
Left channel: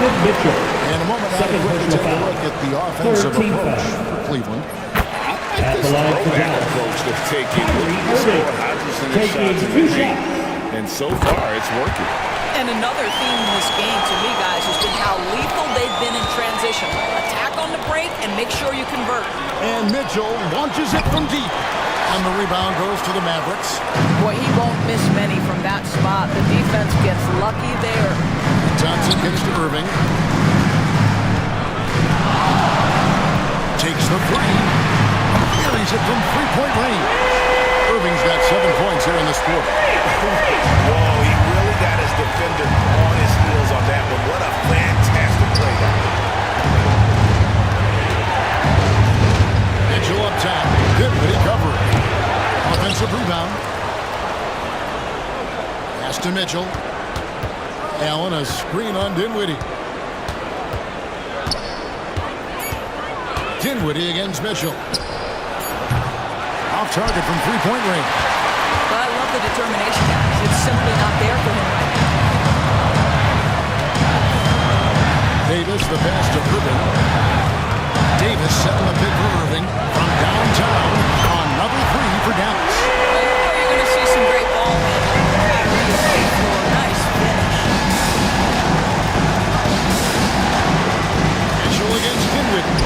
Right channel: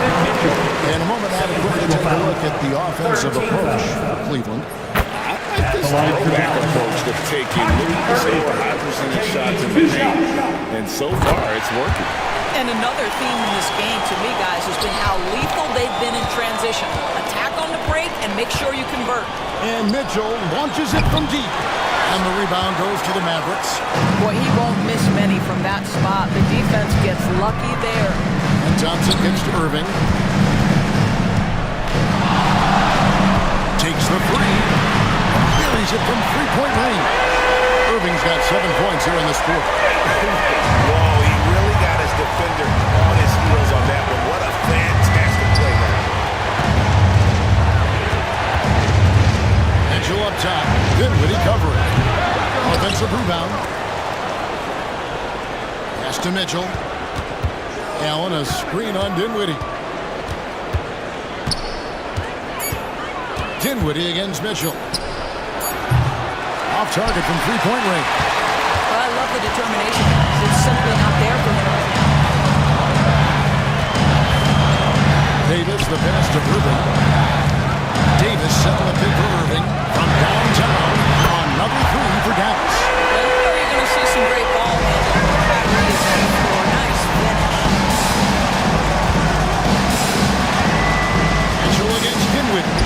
In a moment, now to take a look at the offensive approach for Cleveland. I like this throwback approach they're taking. Looking to score high percentage shots in the paint. And so far, it's working. And another theme in this game, to me, guys, has been how lethal they've been in transition. Attack on the break and make sure you convert. And Mitchell launches it from deep. And the rebound goes to the Mavericks. Boy, he won't miss many from that spot. The defense gets lucky there. And Thompson gets to Irving. Takes the 3. Buries it from three-point range. Irving's got 7 points here in this quarter. Whoa, he really got his defender on his heels on that one. What a fantastic play, guys. Mitchell up top. Dinwiddie covering. Offensive rebound. Pass to Mitchell. Allen, a screen on Dinwiddie. Dinwiddie against Mitchell. Off target from three-point range. But I love the determination, guys. It's simply not there for him right now. Davis, the pass to Irving. Davis setting the pick for Irving from downtown. Another 3 for Dallas. Well, you know you're going to see some great ball handling. Kyrie is on the floor. Nice finish. Mitchell against Dinwiddie.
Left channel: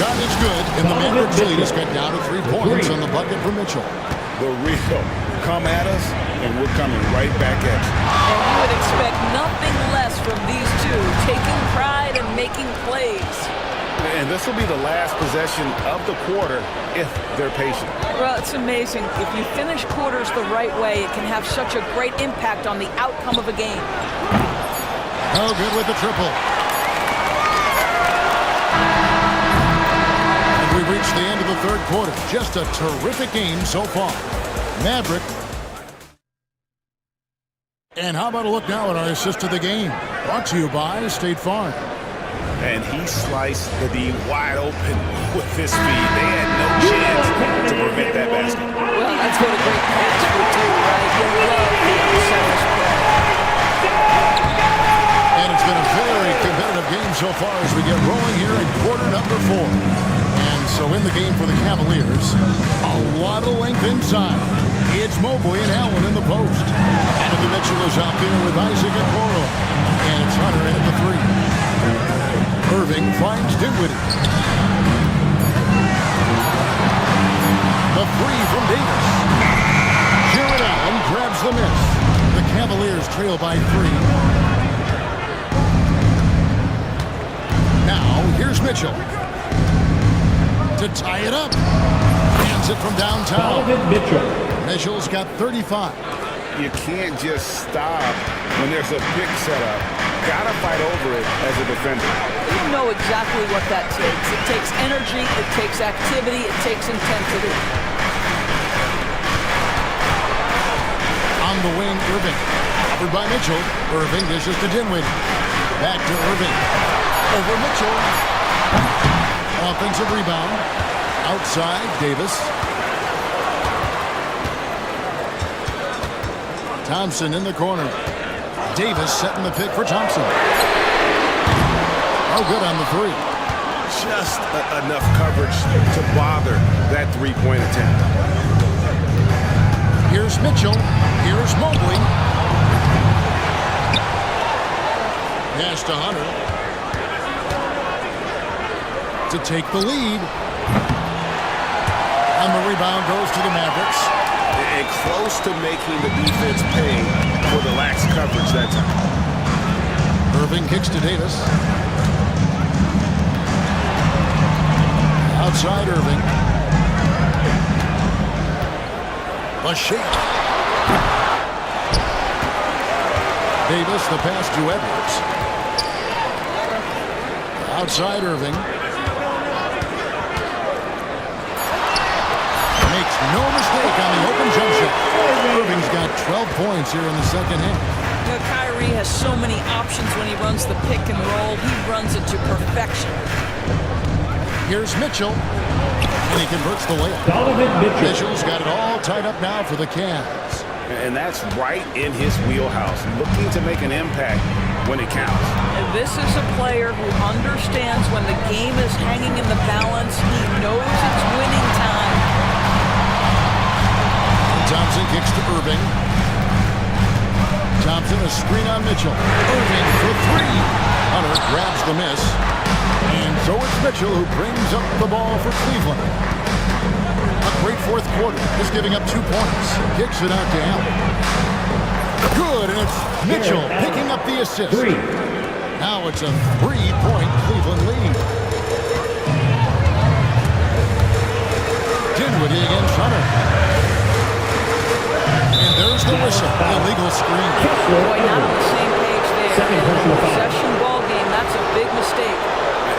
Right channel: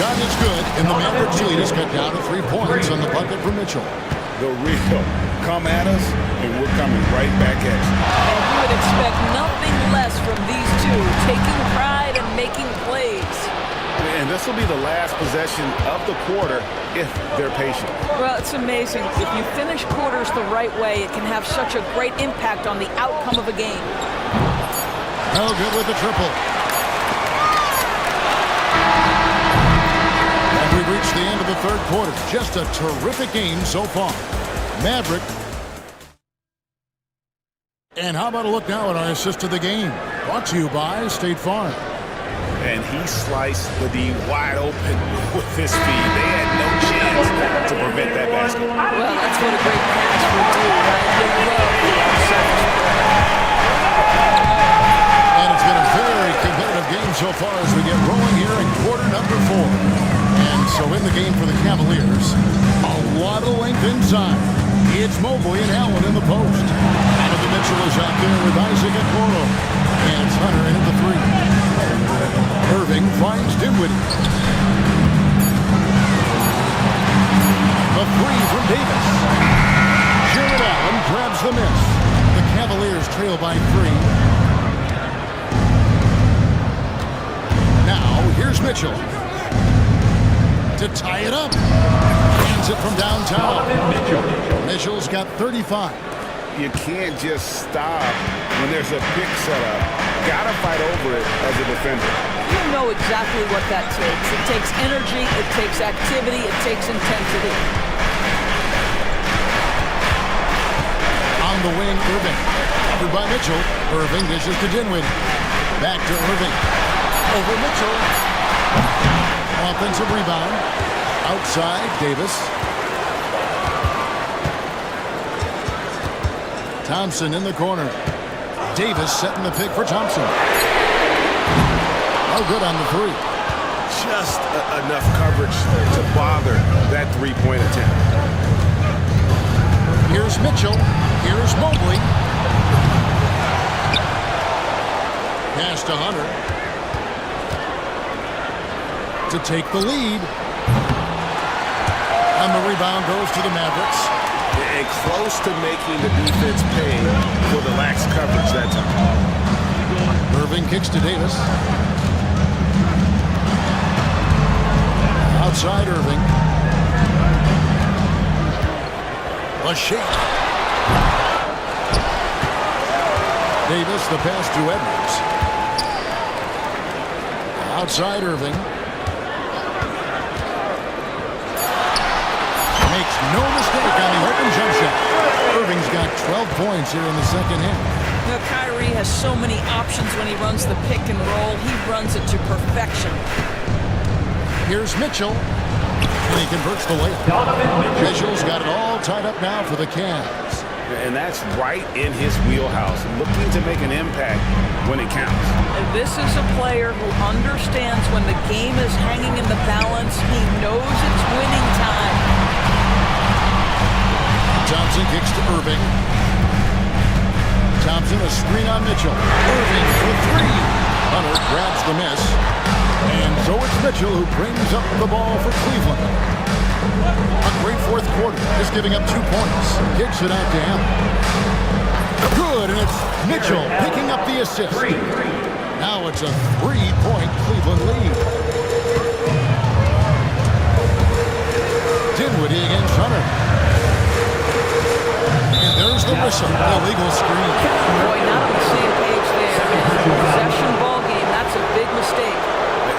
Shot is good, and the Mavericks lead is cut down to 3 points on the bucket for Mitchell. The real come at us, and we're coming right back at you. And you would expect nothing less from these two, taking pride and making plays. And this will be the last possession of the quarter if they're patient. Well, it's amazing. If you finish quarters the right way, it can have such a great impact on the outcome of a game. Oh, good with the triple. And we've reached the end of the 3rd quarter. Just a terrific game so far. Maverick. And how about a look now at our assist of the game? Brought to you by State Farm. And he sliced the D wide open with his speed. They had no chance to prevent that basket. Well, that's what a great pass would do, right? You love the unselfish play. And it's been a very competitive game so far as we get rolling here in quarter number 4. And so in the game for the Cavaliers, a lot of length inside. It's Mobley and Allen in the post. Donovan Mitchell is out there with Isaac Okoro. And it's Hunter in at the 3. Irving finds Dinwiddie. The 3 from Davis. Jared Allen grabs the miss. The Cavaliers trail by 3. Now, here's Mitchell. To tie it up. Hands it from downtown. Mitchell's got 35. You can't just stop when there's a pick set up. Gotta fight over it as a defender. You know exactly what that takes. It takes energy, it takes activity, it takes intensity. On the wing, Irving. Covered by Mitchell. Irving dishes to Dinwiddie. Back to Irving. Over Mitchell. Offensive rebound. Outside, Davis. Thompson in the corner. Davis setting the pick for Thompson. Oh, good on the three. Just enough coverage to bother that three-point attempt. Here's Mitchell. Here's Mobley. Pass to Hunter. To take the lead. And the rebound goes to the Mavericks. And close to making the defense pay for the lax coverage that time. Irving kicks to Davis. Outside Irving. A shake. Davis, the pass to Edwards. Outside Irving. Makes no mistake on the open jump shot. Irving's got 12 points here in the second half. You know, Kyrie has so many options when he runs the pick and roll. He runs it to perfection. Here's Mitchell. And he converts the layup. Mitchell's got it all tied up now for the Cavs. And that's right in his wheelhouse, looking to make an impact when it counts. And this is a player who understands when the game is hanging in the balance. He knows it's winning time. Thompson kicks to Irving. Thompson, a screen on Mitchell. Irving for three. Hunter grabs the miss. And so it's Mitchell who brings up the ball for Cleveland. A great fourth quarter, just giving up 2 points. Kicks it out to Allen. Good, and it's Mitchell picking up the assist. Now it's a 3-point Cleveland lead. Dinwiddie against Hunter. And there's the whistle. Illegal screen. Boy, not on the same page there. In a possession ball game, that's a big mistake.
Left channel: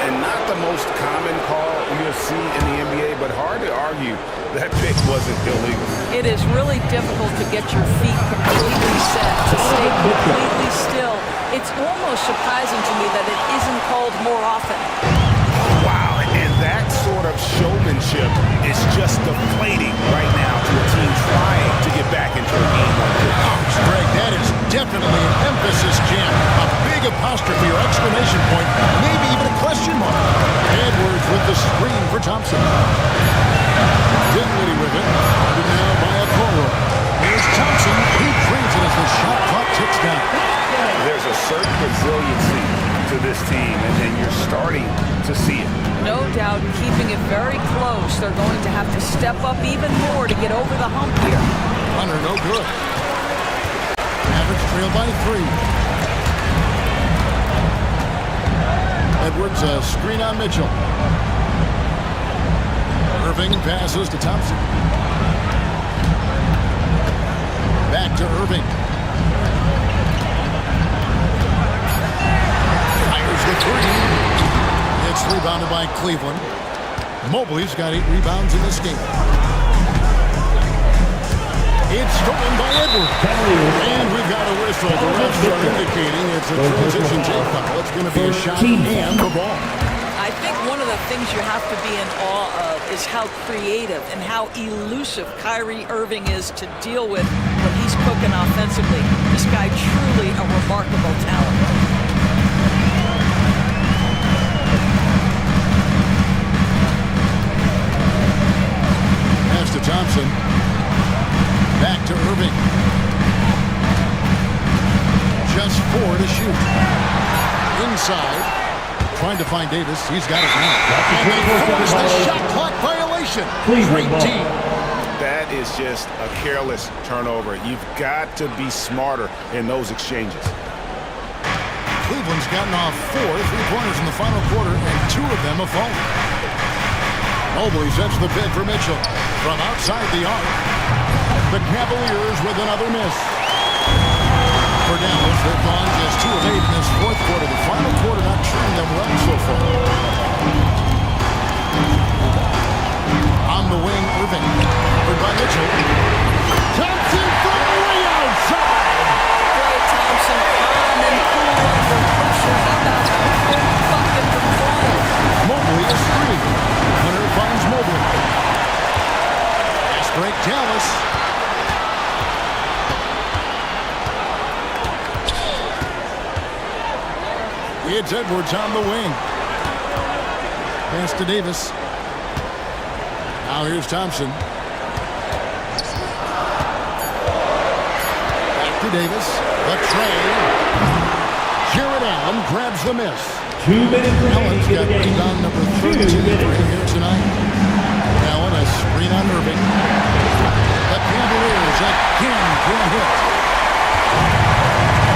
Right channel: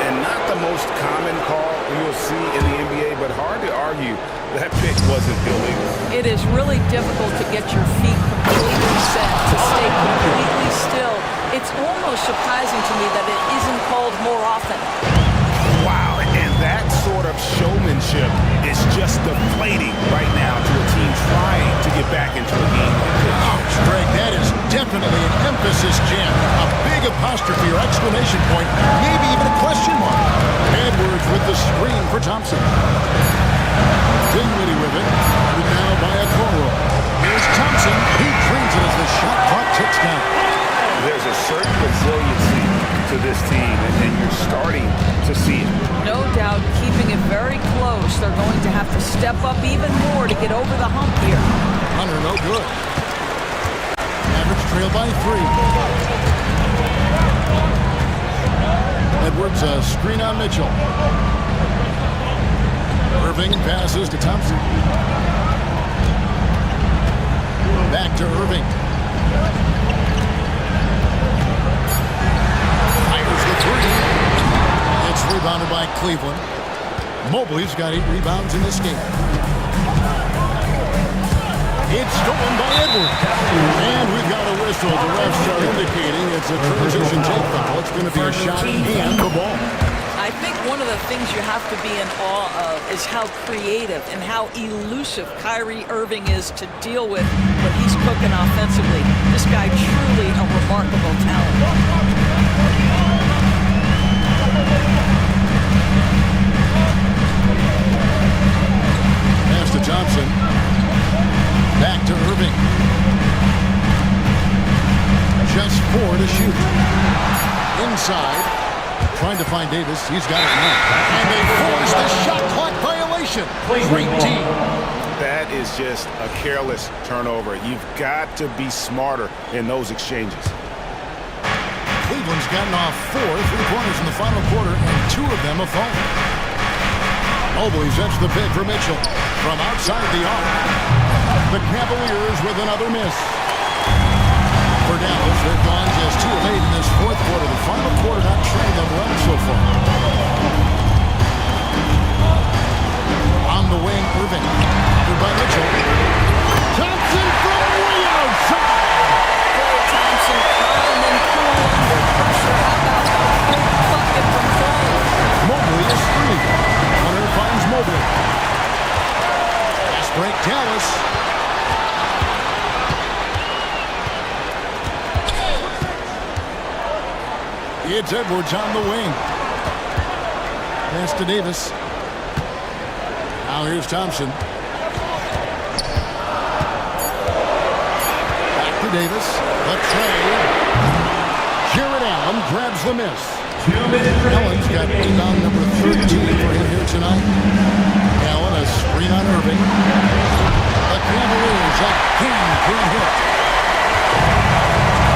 And not the most common call you'll see in the NBA, but hard to argue that pick wasn't illegal. It is really difficult to get your feet completely set, to stay completely still. It's almost surprising to me that it isn't called more often. Wow, and that sort of showmanship is just deflating right now to a team trying to get back into a game like this. Ouch, Greg, that is definitely an emphasis jam. A big apostrophe or exclamation point, maybe even a question mark. Edwards with the screen for Thompson. Dinwiddie with it, guarded now by Okoro. Here's Thompson. He drains it as the shot clock ticks down. There's a certain resiliency to this team, and you're starting to see it. No doubt, keeping it very close. They're going to have to step up even more to get over the hump here. Hunter, no good. Mavericks trail by 3. Edwards, a screen on Mitchell. Irving passes to Thompson. Back to Irving. Fires the three. It's rebounded by Cleveland. Mobley's got 8 rebounds in this game. It's stolen by Edwards. And we've got a whistle. The refs are indicating it's a transition take foul. It's going to be a shot and the ball. I think one of the things you have to be in awe of is how creative and how elusive Kyrie Irving is to deal with when he's cooking offensively. This guy truly a remarkable talent. Pass to Thompson. Back to Irving. Just 4 to shoot. Inside. Trying to find Davis. He's got it now. And they force the shot clock violation. Great team. That is just a careless turnover. You've got to be smarter in those exchanges. Cleveland's gotten off 4 3-pointers in the final quarter, and 2 of them have fallen. Mobley sets the pick for Mitchell. From outside the arc, the Cavaliers with another miss. For Dallas, they've gone just 2 of 8 in this fourth quarter. The final quarter not treating them well so far. On the wing, Irving. Covered by Mitchell. Thompson from way outside. Klay Thompson, calm and cool under pressure. How about the big bucket from Klay? Mobley is free. Hunter finds Mobley. Fast break, Dallas. It's Edwards on the wing. Pass to Davis. Now here's Thompson. Back to Davis. The tray. Jared Allen grabs the miss. 2 minutes. Allen's got rebound number 13 for him here tonight. Allen a screen on Irving. The Cavaliers again can't hit.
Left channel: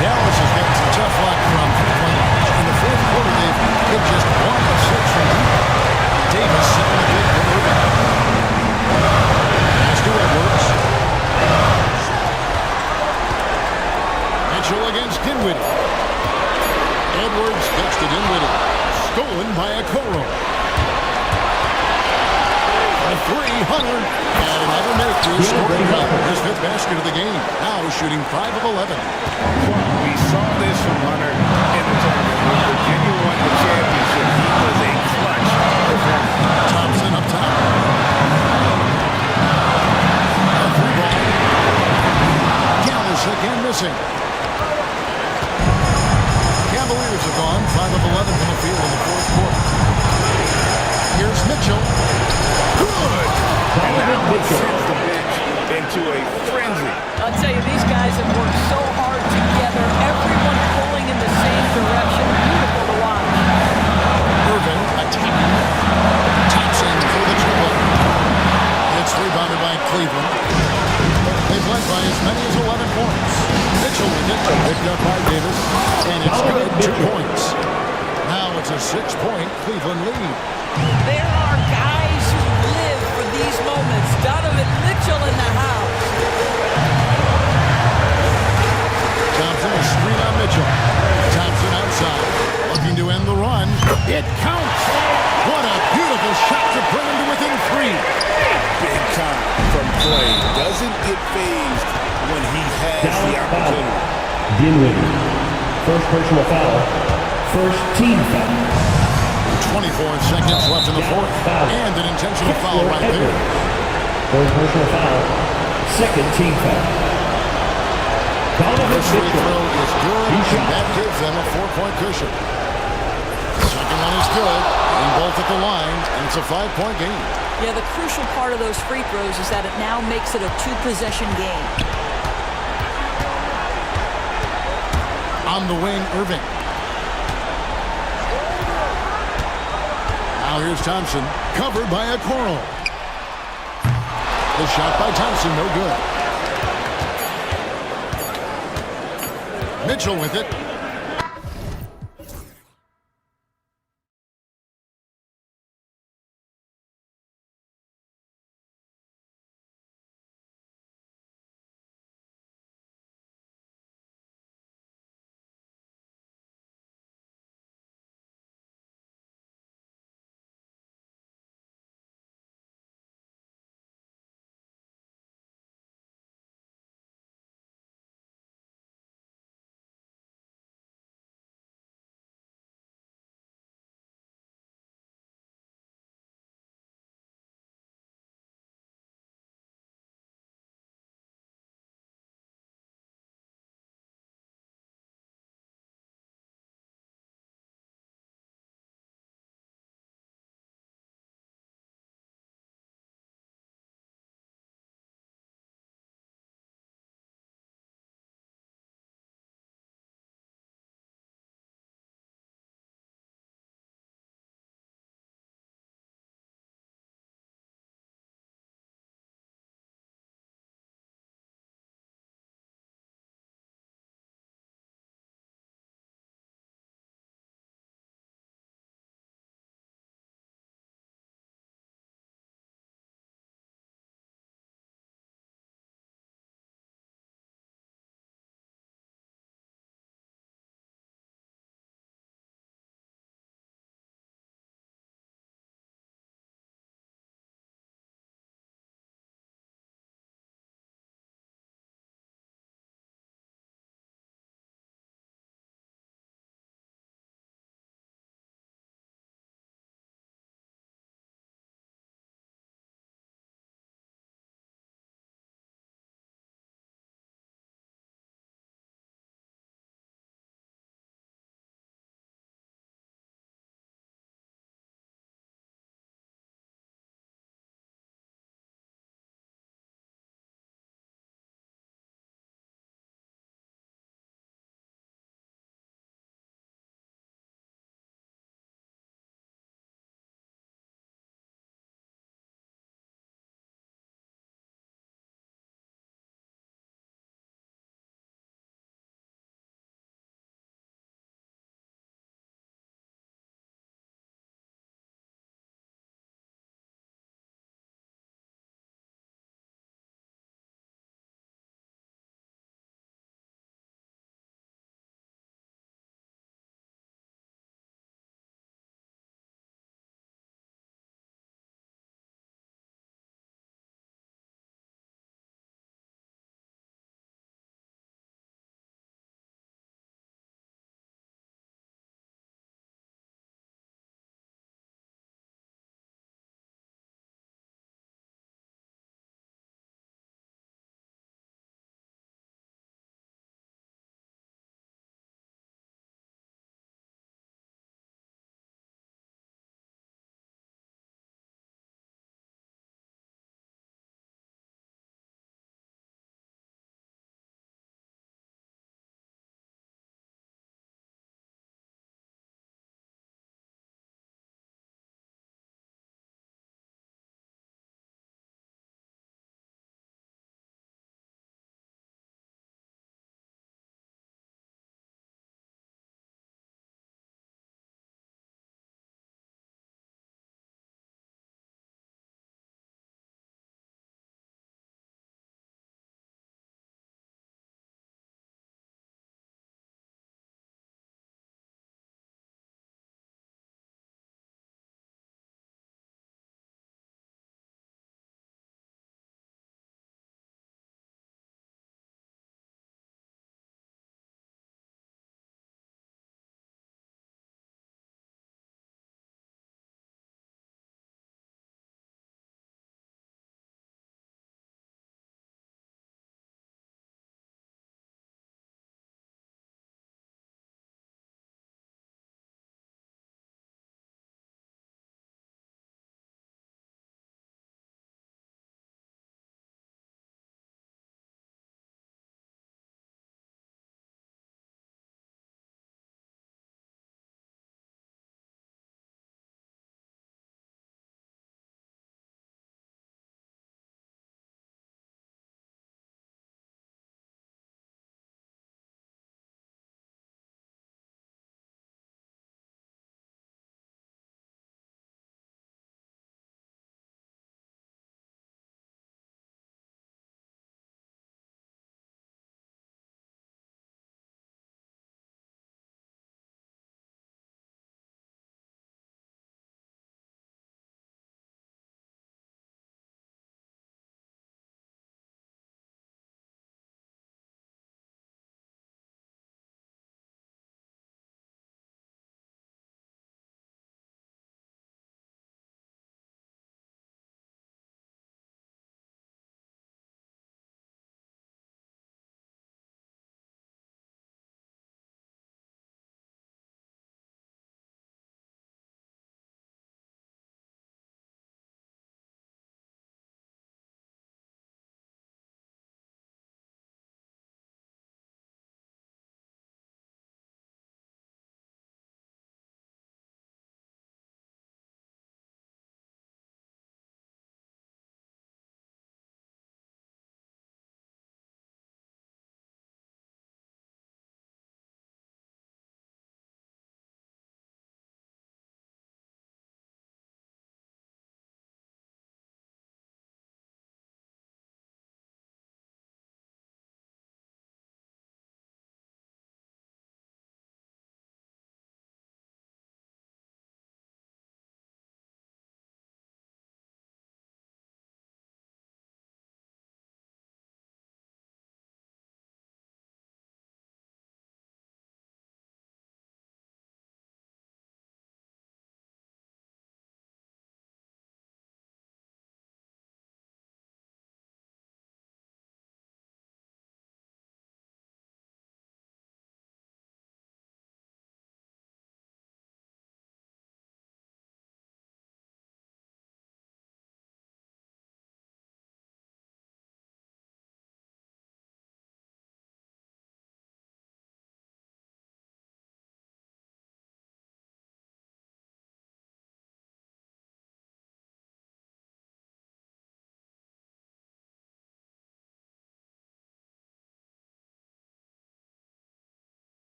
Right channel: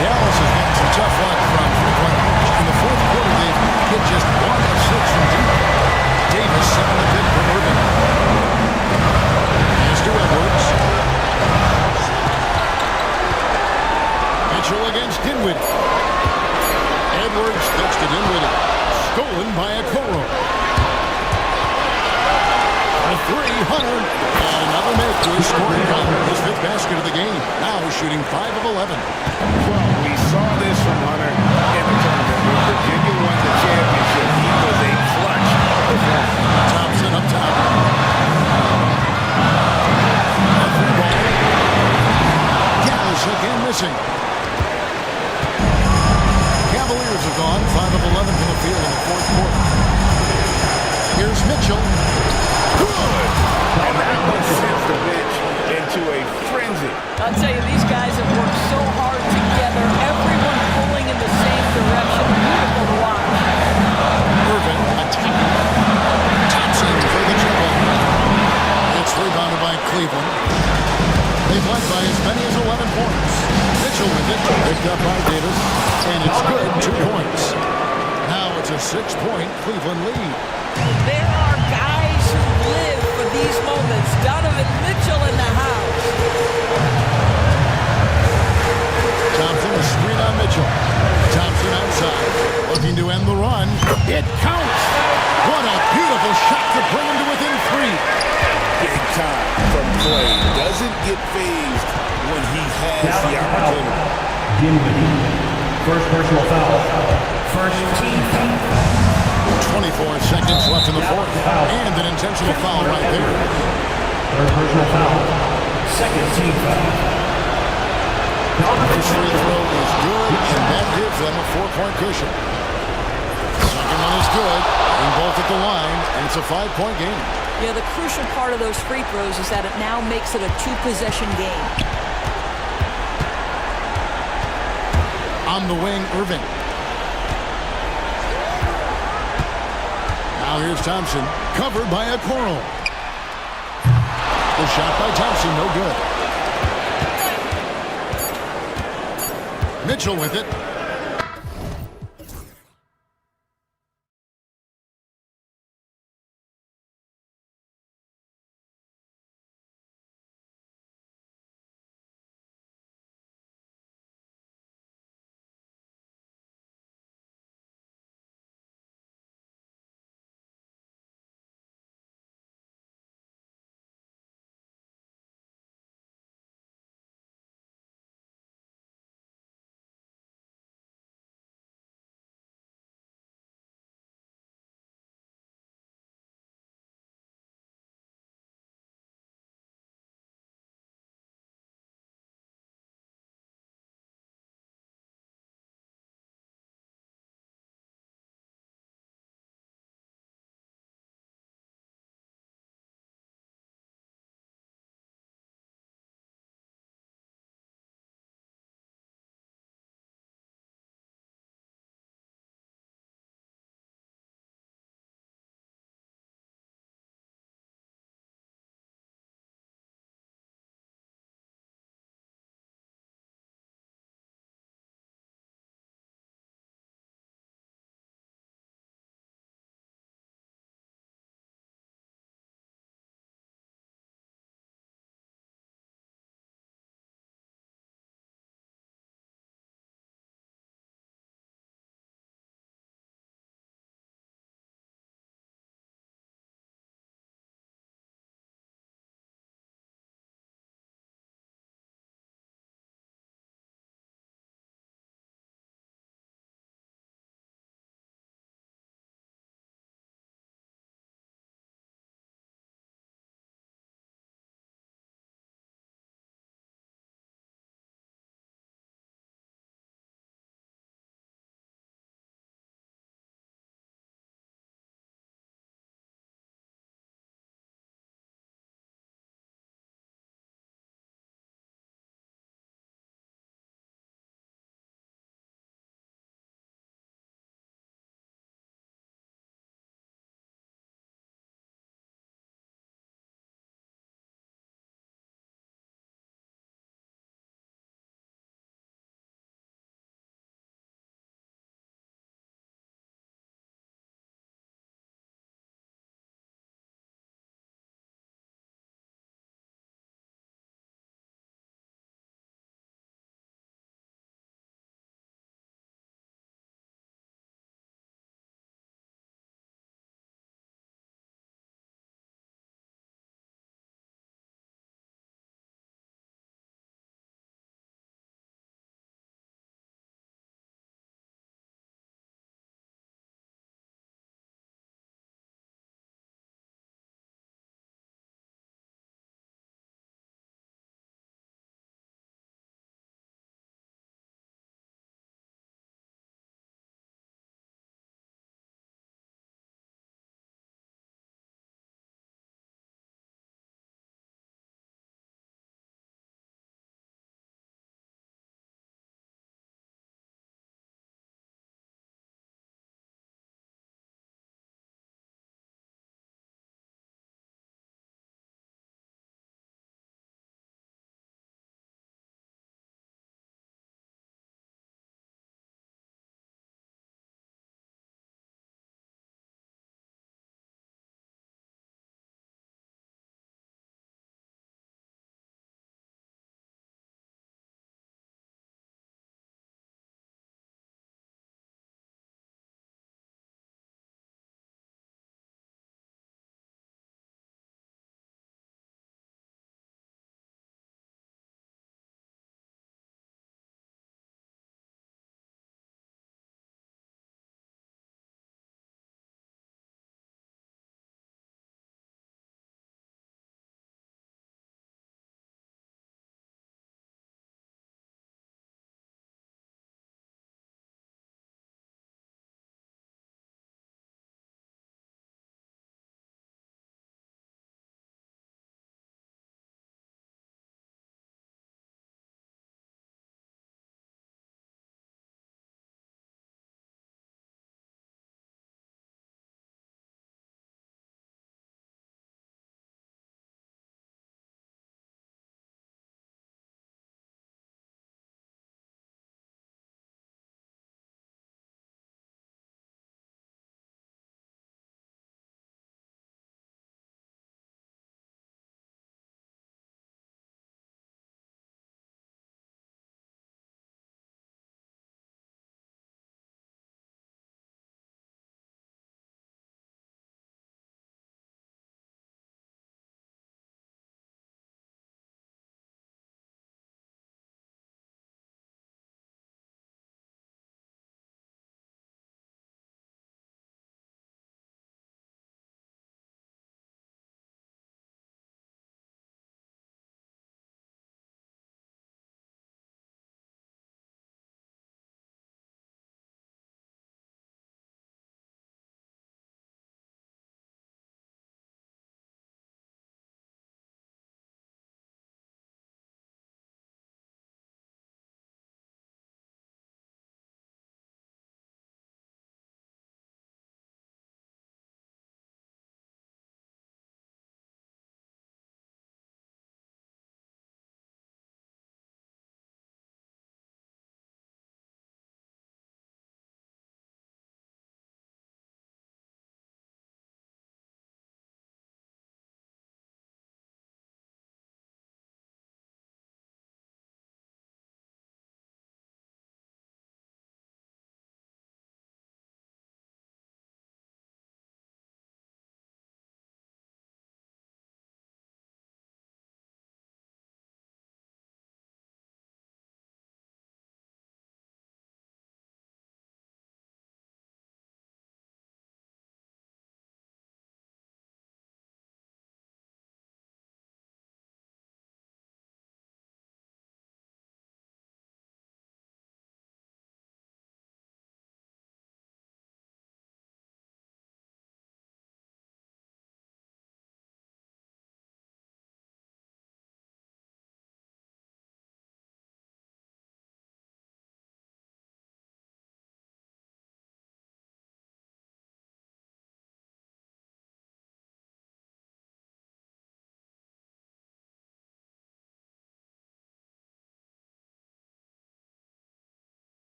Dallas has gotten some tough luck from three-point range. In the fourth quarter, they've hit just 1 of 6 from deep. Davis setting the pick for Irving. Pass to Edwards. Mitchell against Dinwiddie. Edwards kicks to Dinwiddie. Stolen by Okoro. A 3, Hunter. And another make to his scoring column. His 5th basket of the game. Now shooting 5 of 11. Well, we saw this from Hunter in the tournament. When Virginia won the championship, he was a clutch performer. Thompson up top. A 3-ball. Dallas again missing. Cavaliers have gone 5 of 11 from the field in the fourth quarter. Here's Mitchell. Good! And that one sends the bench into a frenzy. I'll tell you, these guys have worked so hard together. Everyone pulling in the same direction. Beautiful to watch. Irving attacking. Thompson for the triple. It's rebounded by Cleveland. They've led by as many as 11 points. Mitchell with it, picked up by Davis, and it's good, 2 points. Now it's a 6-point Cleveland lead. There are guys who live for these moments. Donovan Mitchell in the house. Thompson a screen on Mitchell. Thompson outside, looking to end the run. It counts! What a beautiful shot to bring him to within 3. Big time from Klay. Doesn't get phased when he has the opportunity. Dinwiddie. First personal foul. First team foul. 24 seconds left in the fourth. And an intentional foul right there. First personal foul. Second team foul. First free throw is good, and that gives them a 4-point cushion. Second one is good. Getting both at the line, and it's a 5-point game. Yeah, the crucial part of those free throws is that it now makes it a 2-possession game. On the wing, Irving. Now here's Thompson, covered by Okoro. The shot by Thompson, no good. Mitchell with it.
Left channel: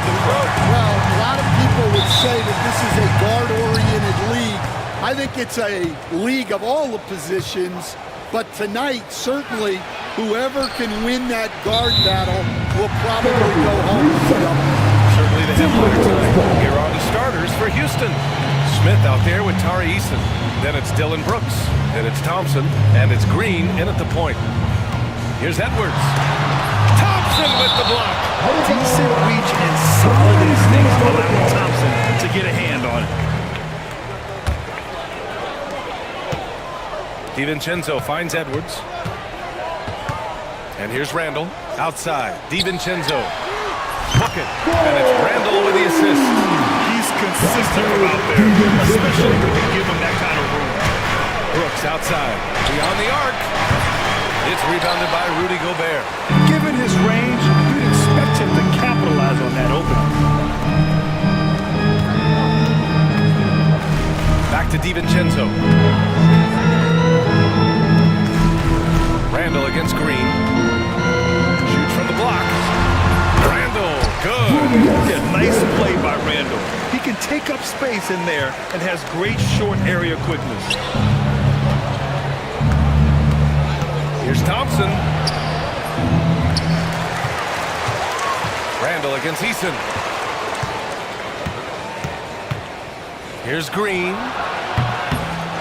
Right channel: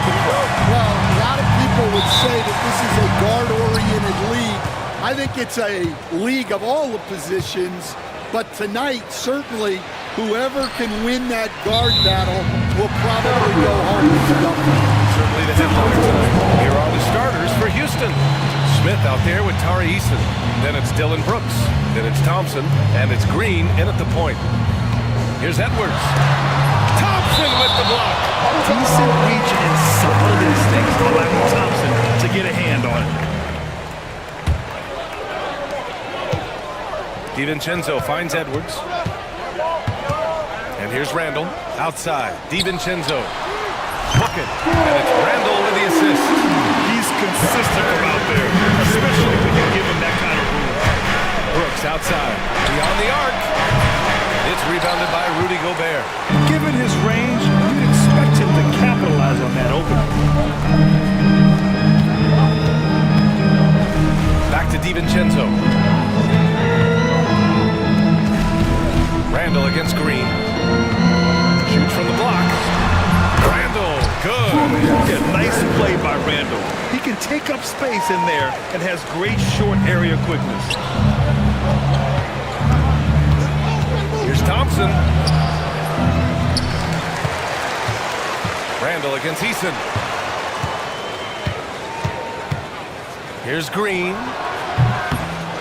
above the throw. Well, a lot of people would say that this is a guard-oriented league. I think it's a league of all the positions, but tonight, certainly, whoever can win that guard battle will probably go home with the W. Certainly the headliner tonight. Here are the starters for Houston. Smith out there with Tari Eason. Then it's Dylan Brooks. Then it's Thompson. And it's Green in at the point. Here's Edwards. Thompson with the block. Decent reach and solid instincts, allowing Thompson to get a hand on it. DiVincenzo finds Edwards. And here's Randall. Outside. DiVincenzo. Bucket. And it's Randall with the assist. He's consistent from out there, especially when you give him that kind of room. Brooks outside. Beyond the arc. It's rebounded by Rudy Gobert. Given his range, you'd expect him to capitalize on that opening. Back to DiVincenzo. Randall against Green. Shoots from the block. Randall, good. Yeah, nice play by Randall. He can take up space in there and has great short area quickness. Here's Thompson. Randall against Eason. Here's Green.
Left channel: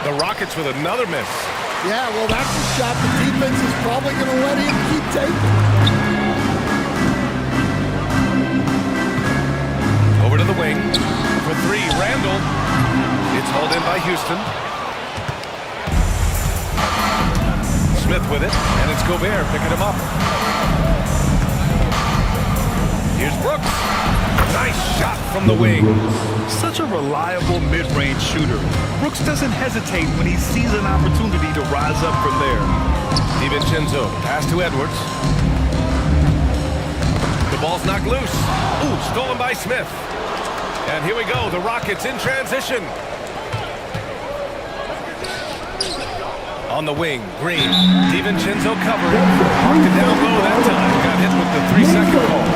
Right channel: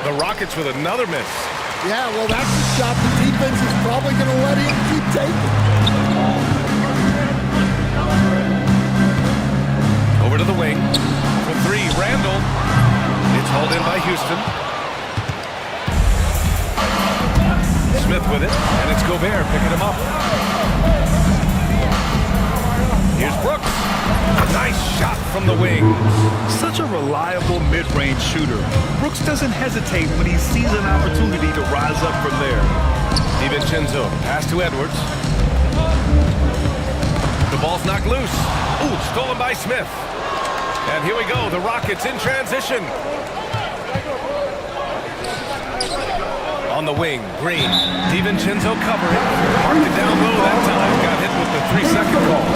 The Rockets with another miss. Yeah, well, that's a shot the defense is probably going to let him keep taking. Over to the wing. For three, Randall. It's hauled in by Houston. Smith with it, and it's Gobert picking him up. Here's Brooks. Nice shot from the wing. Such a reliable mid-range shooter. Brooks doesn't hesitate when he sees an opportunity to rise up from there. DiVincenzo, pass to Edwards. The ball's knocked loose. Ooh, stolen by Smith. And here we go, the Rockets in transition. On the wing, Green. DiVincenzo covering. Marked it down low that time. Got hit with the 3-second call.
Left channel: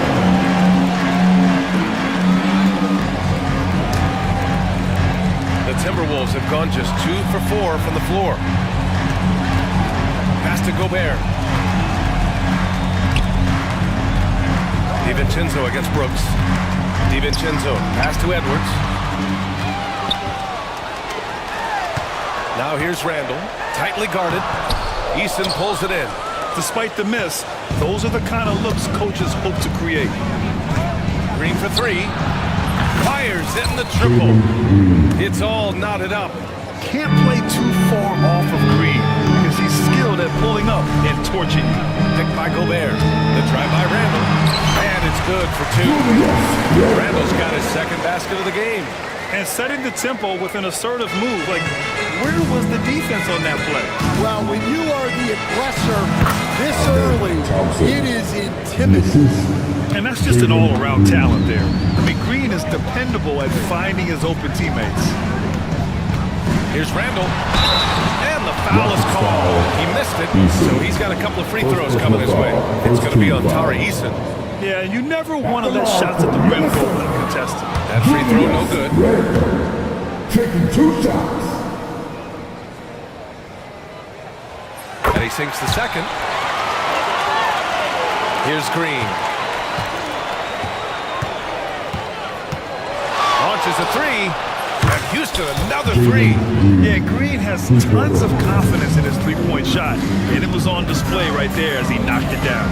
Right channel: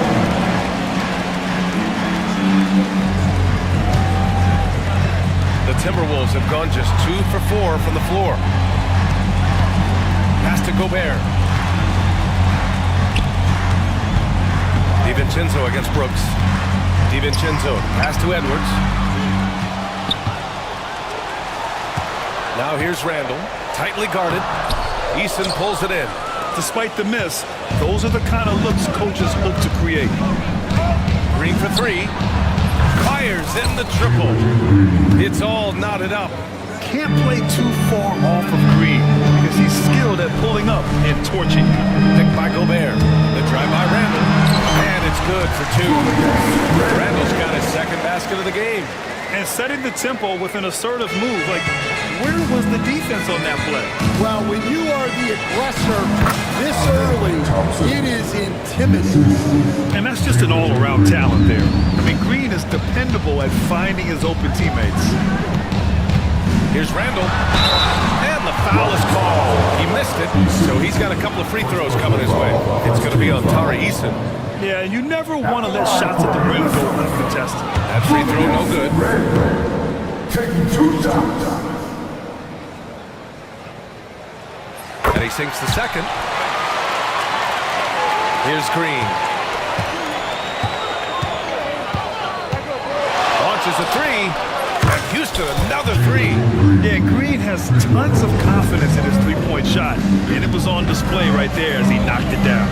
The Timberwolves have gone just 2 for 4 from the floor. Pass to Gobert. DiVincenzo against Brooks. DiVincenzo, pass to Edwards. Now here's Randall, tightly guarded. Eason pulls it in. Despite the miss, those are the kind of looks coaches hope to create. Green for three. Fires in the triple. It's all knotted up. Can't play too far off of Green because he's skilled at pulling up and torching you. Picked by Gobert. The drive by Randall. And it's good for two. Randall's got his second basket of the game. And setting the tempo with an assertive move. Like, where was the defense on that play? Well, when you are the aggressor this early, it is intimidating. And that's just an all-around talent there. I mean, Green is dependable at finding his open teammates. Here's Randall. And the foul is called. He missed it, so he's got a couple of free throws coming his way. It's going to be on Tari Eason. Yeah, you never want to let shots at the rim go uncontested. That free throw no good. Taking 2 shots. And he sinks the second. Here's Green. Launches a three. And Houston another three. Yeah, Green has tons of confidence in his three-point shot. And it was on display right there as he knocked it down.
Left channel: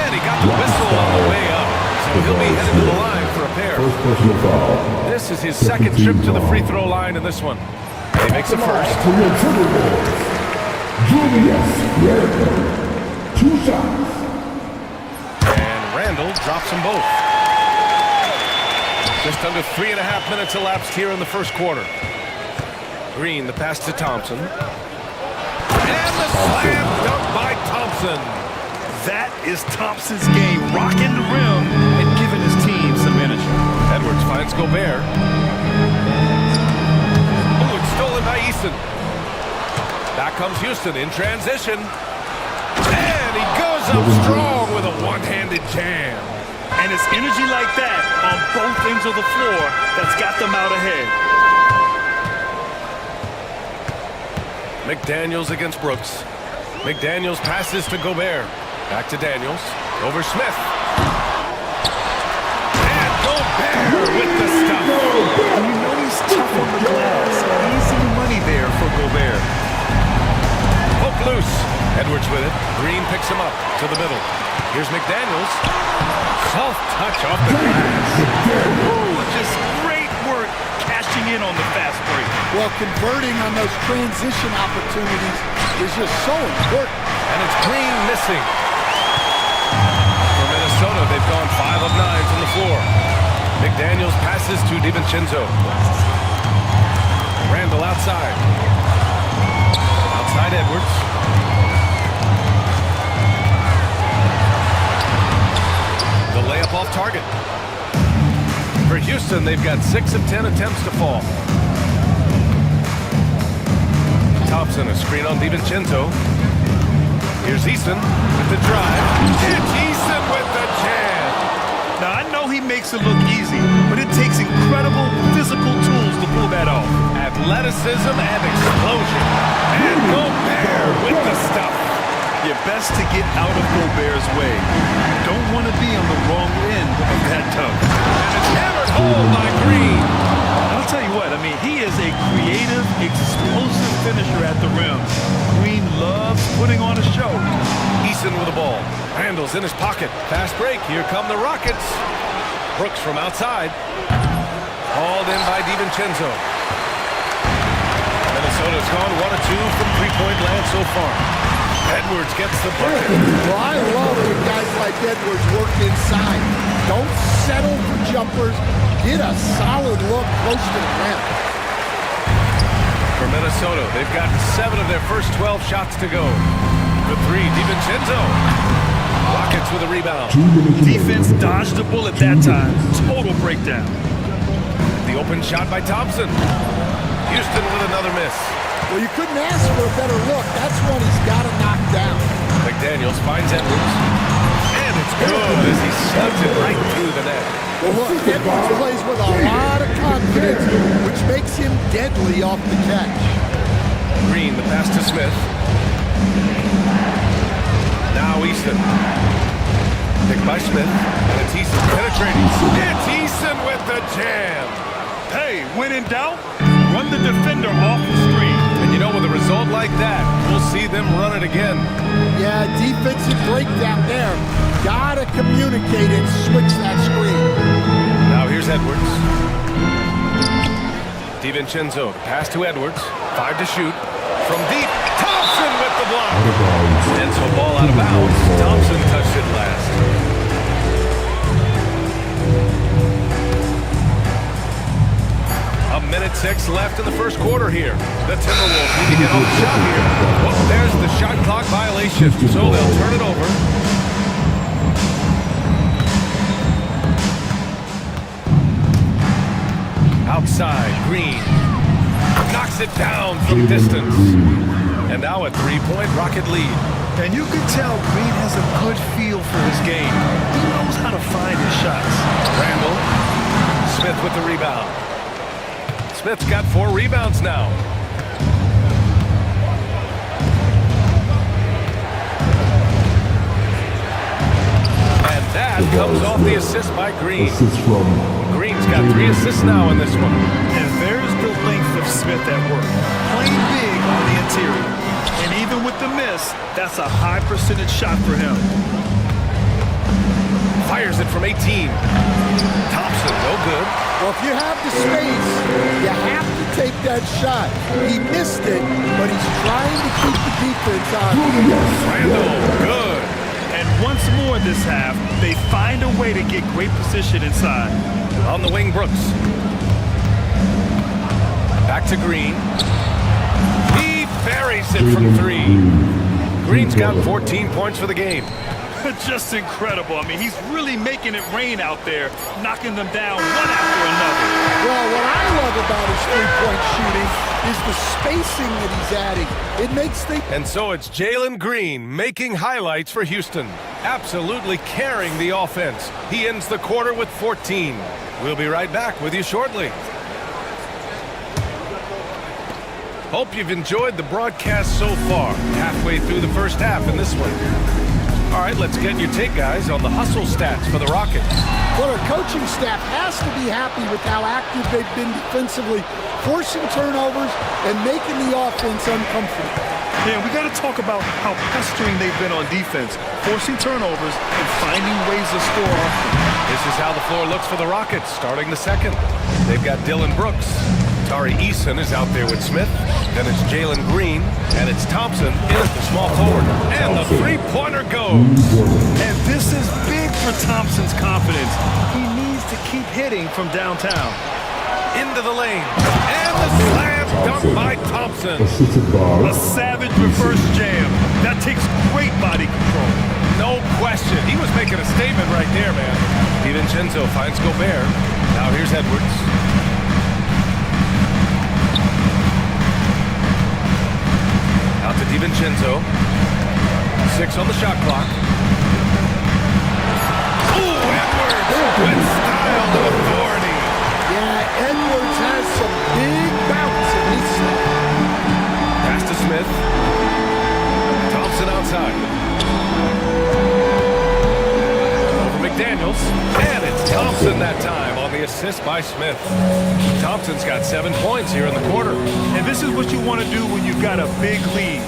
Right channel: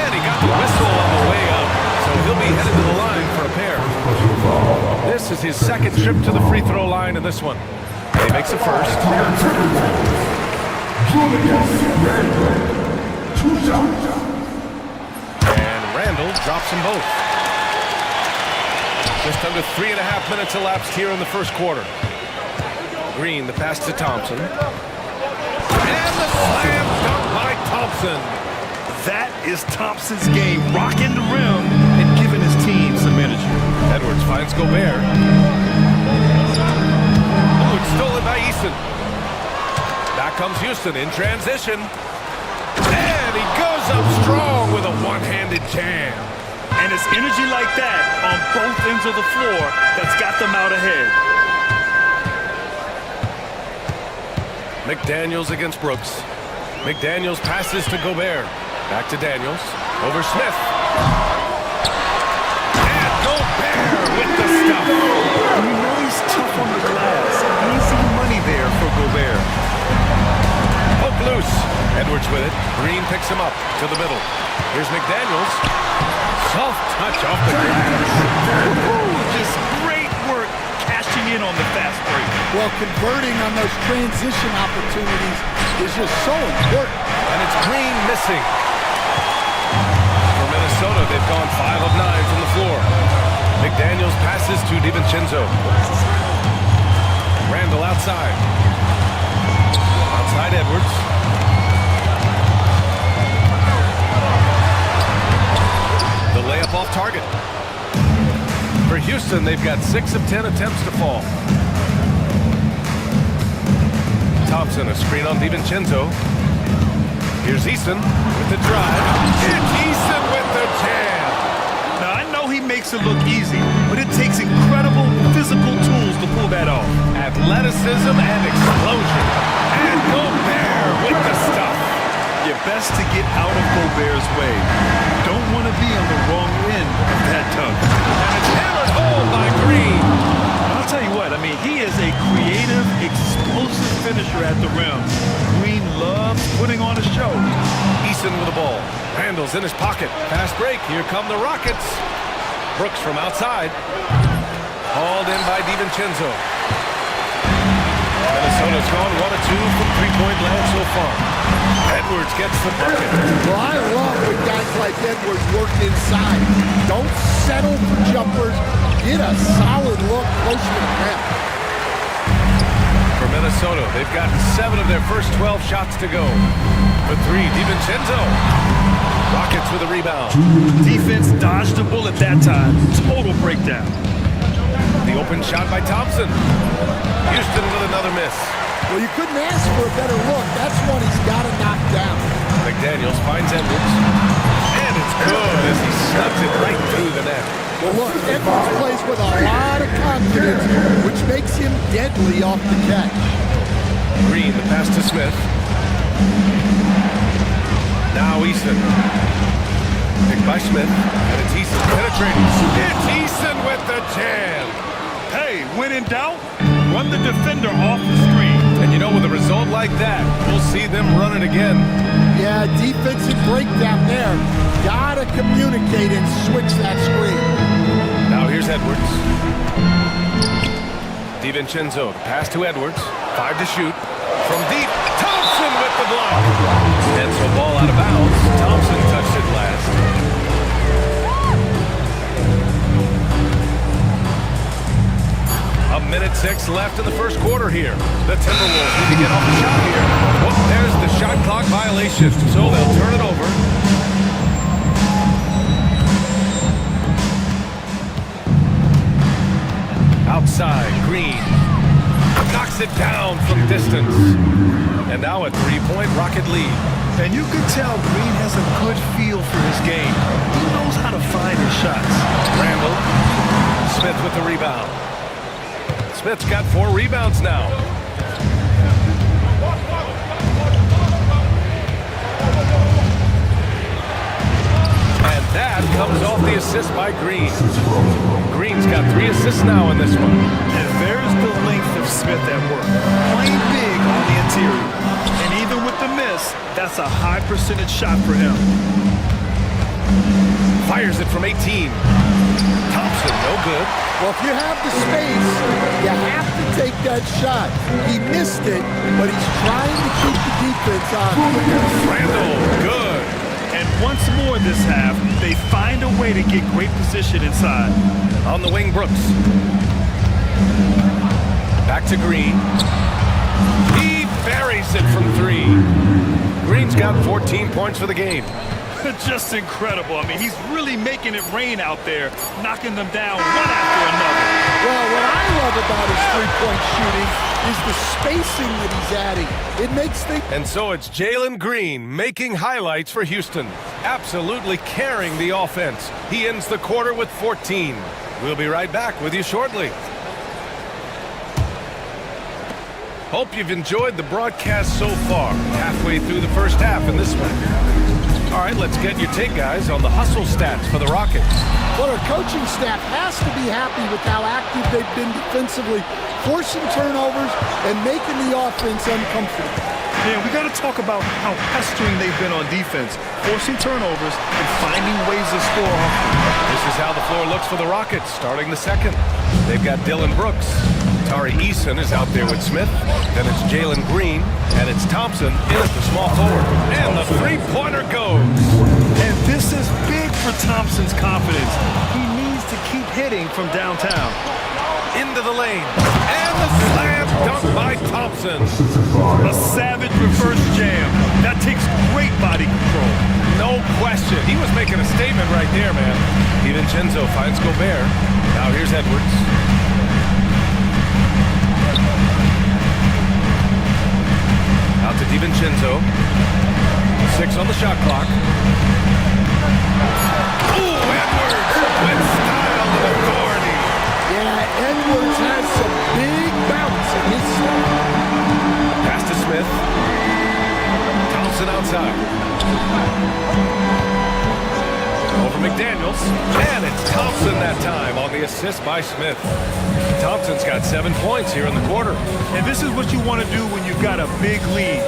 And he got the whistle on the way up. So he'll be headed to the line for a pair. This is his second trip to the free throw line in this one. And he makes a first. Julius Randle. 2 shots. And Randall drops them both. Just under 3.5 minutes elapsed here in the first quarter. Green, the pass to Thompson. And the slam dunk by Thompson. That is Thompson's game, rocking the rim and giving his team some energy. Edwards finds Gobert. Oh, it's stolen by Eason. Back comes Houston in transition. And he goes up strong with a one-handed jam. And it's energy like that on both ends of the floor that's got them out ahead. McDaniels against Brooks. McDaniels passes to Gobert. Back to Daniels. Over Smith. And Gobert with the stuff. And you know he's tough on the glass. Easy money there for Gobert. Poke loose. Edwards with it. Green picks him up to the middle. Here's McDaniels. Soft touch off the glass. Just great work cashing in on the fast break. Well, converting on those transition opportunities is just so important. And it's Green missing. For Minnesota, they've gone 5 of 9 from the floor. McDaniels passes to DiVincenzo. Randall outside. Outside Edwards. The layup off target. For Houston, they've got 6 of 10 attempts to fall. Thompson, a screen on DiVincenzo. Here's Easton with the drive. It's Easton with the jam. Now, I know he makes it look easy, but it takes incredible physical tools to pull that off. Athleticism and explosion. And Gobert with the stuff. You're best to get out of Gobert's way. You don't want to be on the wrong end of that tug. And it's hammered home by Green. I'll tell you what, I mean, he is a creative, explosive finisher at the rim. Green loves putting on a show. Easton with the ball. Randall's in his pocket. Fast break. Here come the Rockets. Brooks from outside. Hauled in by DiVincenzo. Minnesota's gone 1 of 2 from three-point land so far. Edwards gets the bucket. Well, I love when guys like Edwards work inside. Don't settle for jumpers. Get a solid look close to the rim. For Minnesota, they've gotten 7 of their first 12 shots to go. For 3, DiVincenzo. Rockets with a rebound. Defense dodged a bullet that time. Total breakdown. The open shot by Thompson. Houston with another miss. Well, you couldn't ask for a better look. That's one he's got to knock down. McDaniels finds Edwards. And it's good as he snugs it right through the net. Well, look, Edwards plays with a lot of confidence, which makes him deadly off the catch. Green, the pass to Smith. Now Easton. Picked by Smith, and it's Easton penetrating. It's Easton with the jam. Hey, when in doubt, run the defender off the screen. And you know, with a result like that, we'll see them run it again. Yeah, defensive breakdown there. Gotta communicate and switch that screen. Now here's Edwards. DiVincenzo, the pass to Edwards. 5 to shoot. From deep, Thompson with the block. And so ball out of bounds. Thompson touched it last. A minute 6 left in the first quarter here. The Timberwolves need to get off the shot here. Oh, there's the shot clock violation. So they'll turn it over. Outside, Green knocks it down from distance. And now a 3-point Rocket lead. And you can tell Green has a good feel for his game. He knows how to find his shots. Randall. Smith with the rebound. Smith's got 4 rebounds now. And that comes off the assist by Green. Green's got 3 assists now in this one. And there's the length of Smith at work. Playing big on the interior. And even with the miss, that's a high percentage shot for him. Fires it from 18. Thompson, no good. Well, if you have the space, you have to take that shot. He missed it, but he's trying to keep the defense on. Randall, good. And once more this half, they find a way to get great position inside. On the wing, Brooks. Back to Green. He buries it from 3. Green's got 14 points for the game. Just incredible. I mean, he's really making it rain out there, knocking them down one after another. Well, what I love about his three-point shooting is the spacing that he's adding. It makes things... And so it's Jalen Green making highlights for Houston. absolutely carrying the offense. He ends the quarter with 14. We'll be right back with you shortly. Hope you've enjoyed the broadcast so far. Halfway through the first half in this one. All right, let's get your take, guys, on the hustle stats for the Rockets. Well, our coaching staff has to be happy with how active they've been defensively, forcing turnovers and making the offense uncomfortable. Yeah, we got to talk about how pestering they've been on defense, forcing turnovers and finding ways to score often. This is how the floor looks for the Rockets starting the second. They've got Dylan Brooks. Tari Eason is out there with Smith. Then it's Jalen Green. And it's Thompson in at the small forward. And the three-pointer goes. And this is big for Thompson's confidence. He needs to keep hitting from downtown. Into the lane. And the slam dunk by Thompson. A savage reverse jam. That takes great body control. No question. He was making a statement right there, man. DiVincenzo finds Gobert. Now here's Edwards. Out to DiVincenzo. 6 on the shot clock. Ooh, Edwards with style and authority. Yeah, Edwards has some big bounce in his step. Pass to Smith. Thompson outside. Over McDaniels. And it's Thompson that time on the assist by Smith. Thompson's got 7 points here in the quarter. And this is what you want to do when you've got a big lead.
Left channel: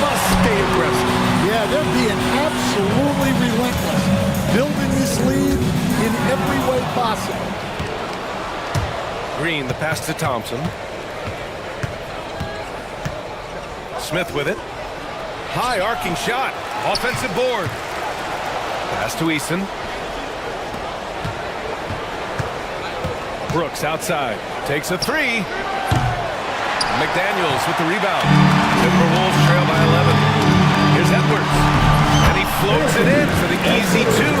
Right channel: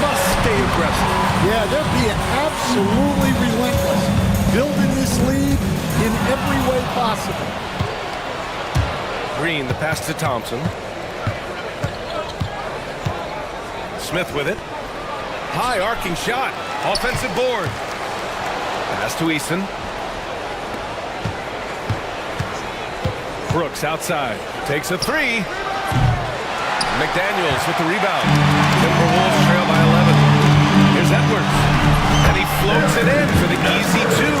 Must stay aggressive. Yeah, they're being absolutely relentless, building this lead in every way possible. Green, the pass to Thompson. Smith with it. High arcing shot. Offensive board. Pass to Eason. Brooks outside. Takes a three. McDaniels with the rebound. Timberwolves trail by 11. Here's Edwards. And he floats it in for the easy two.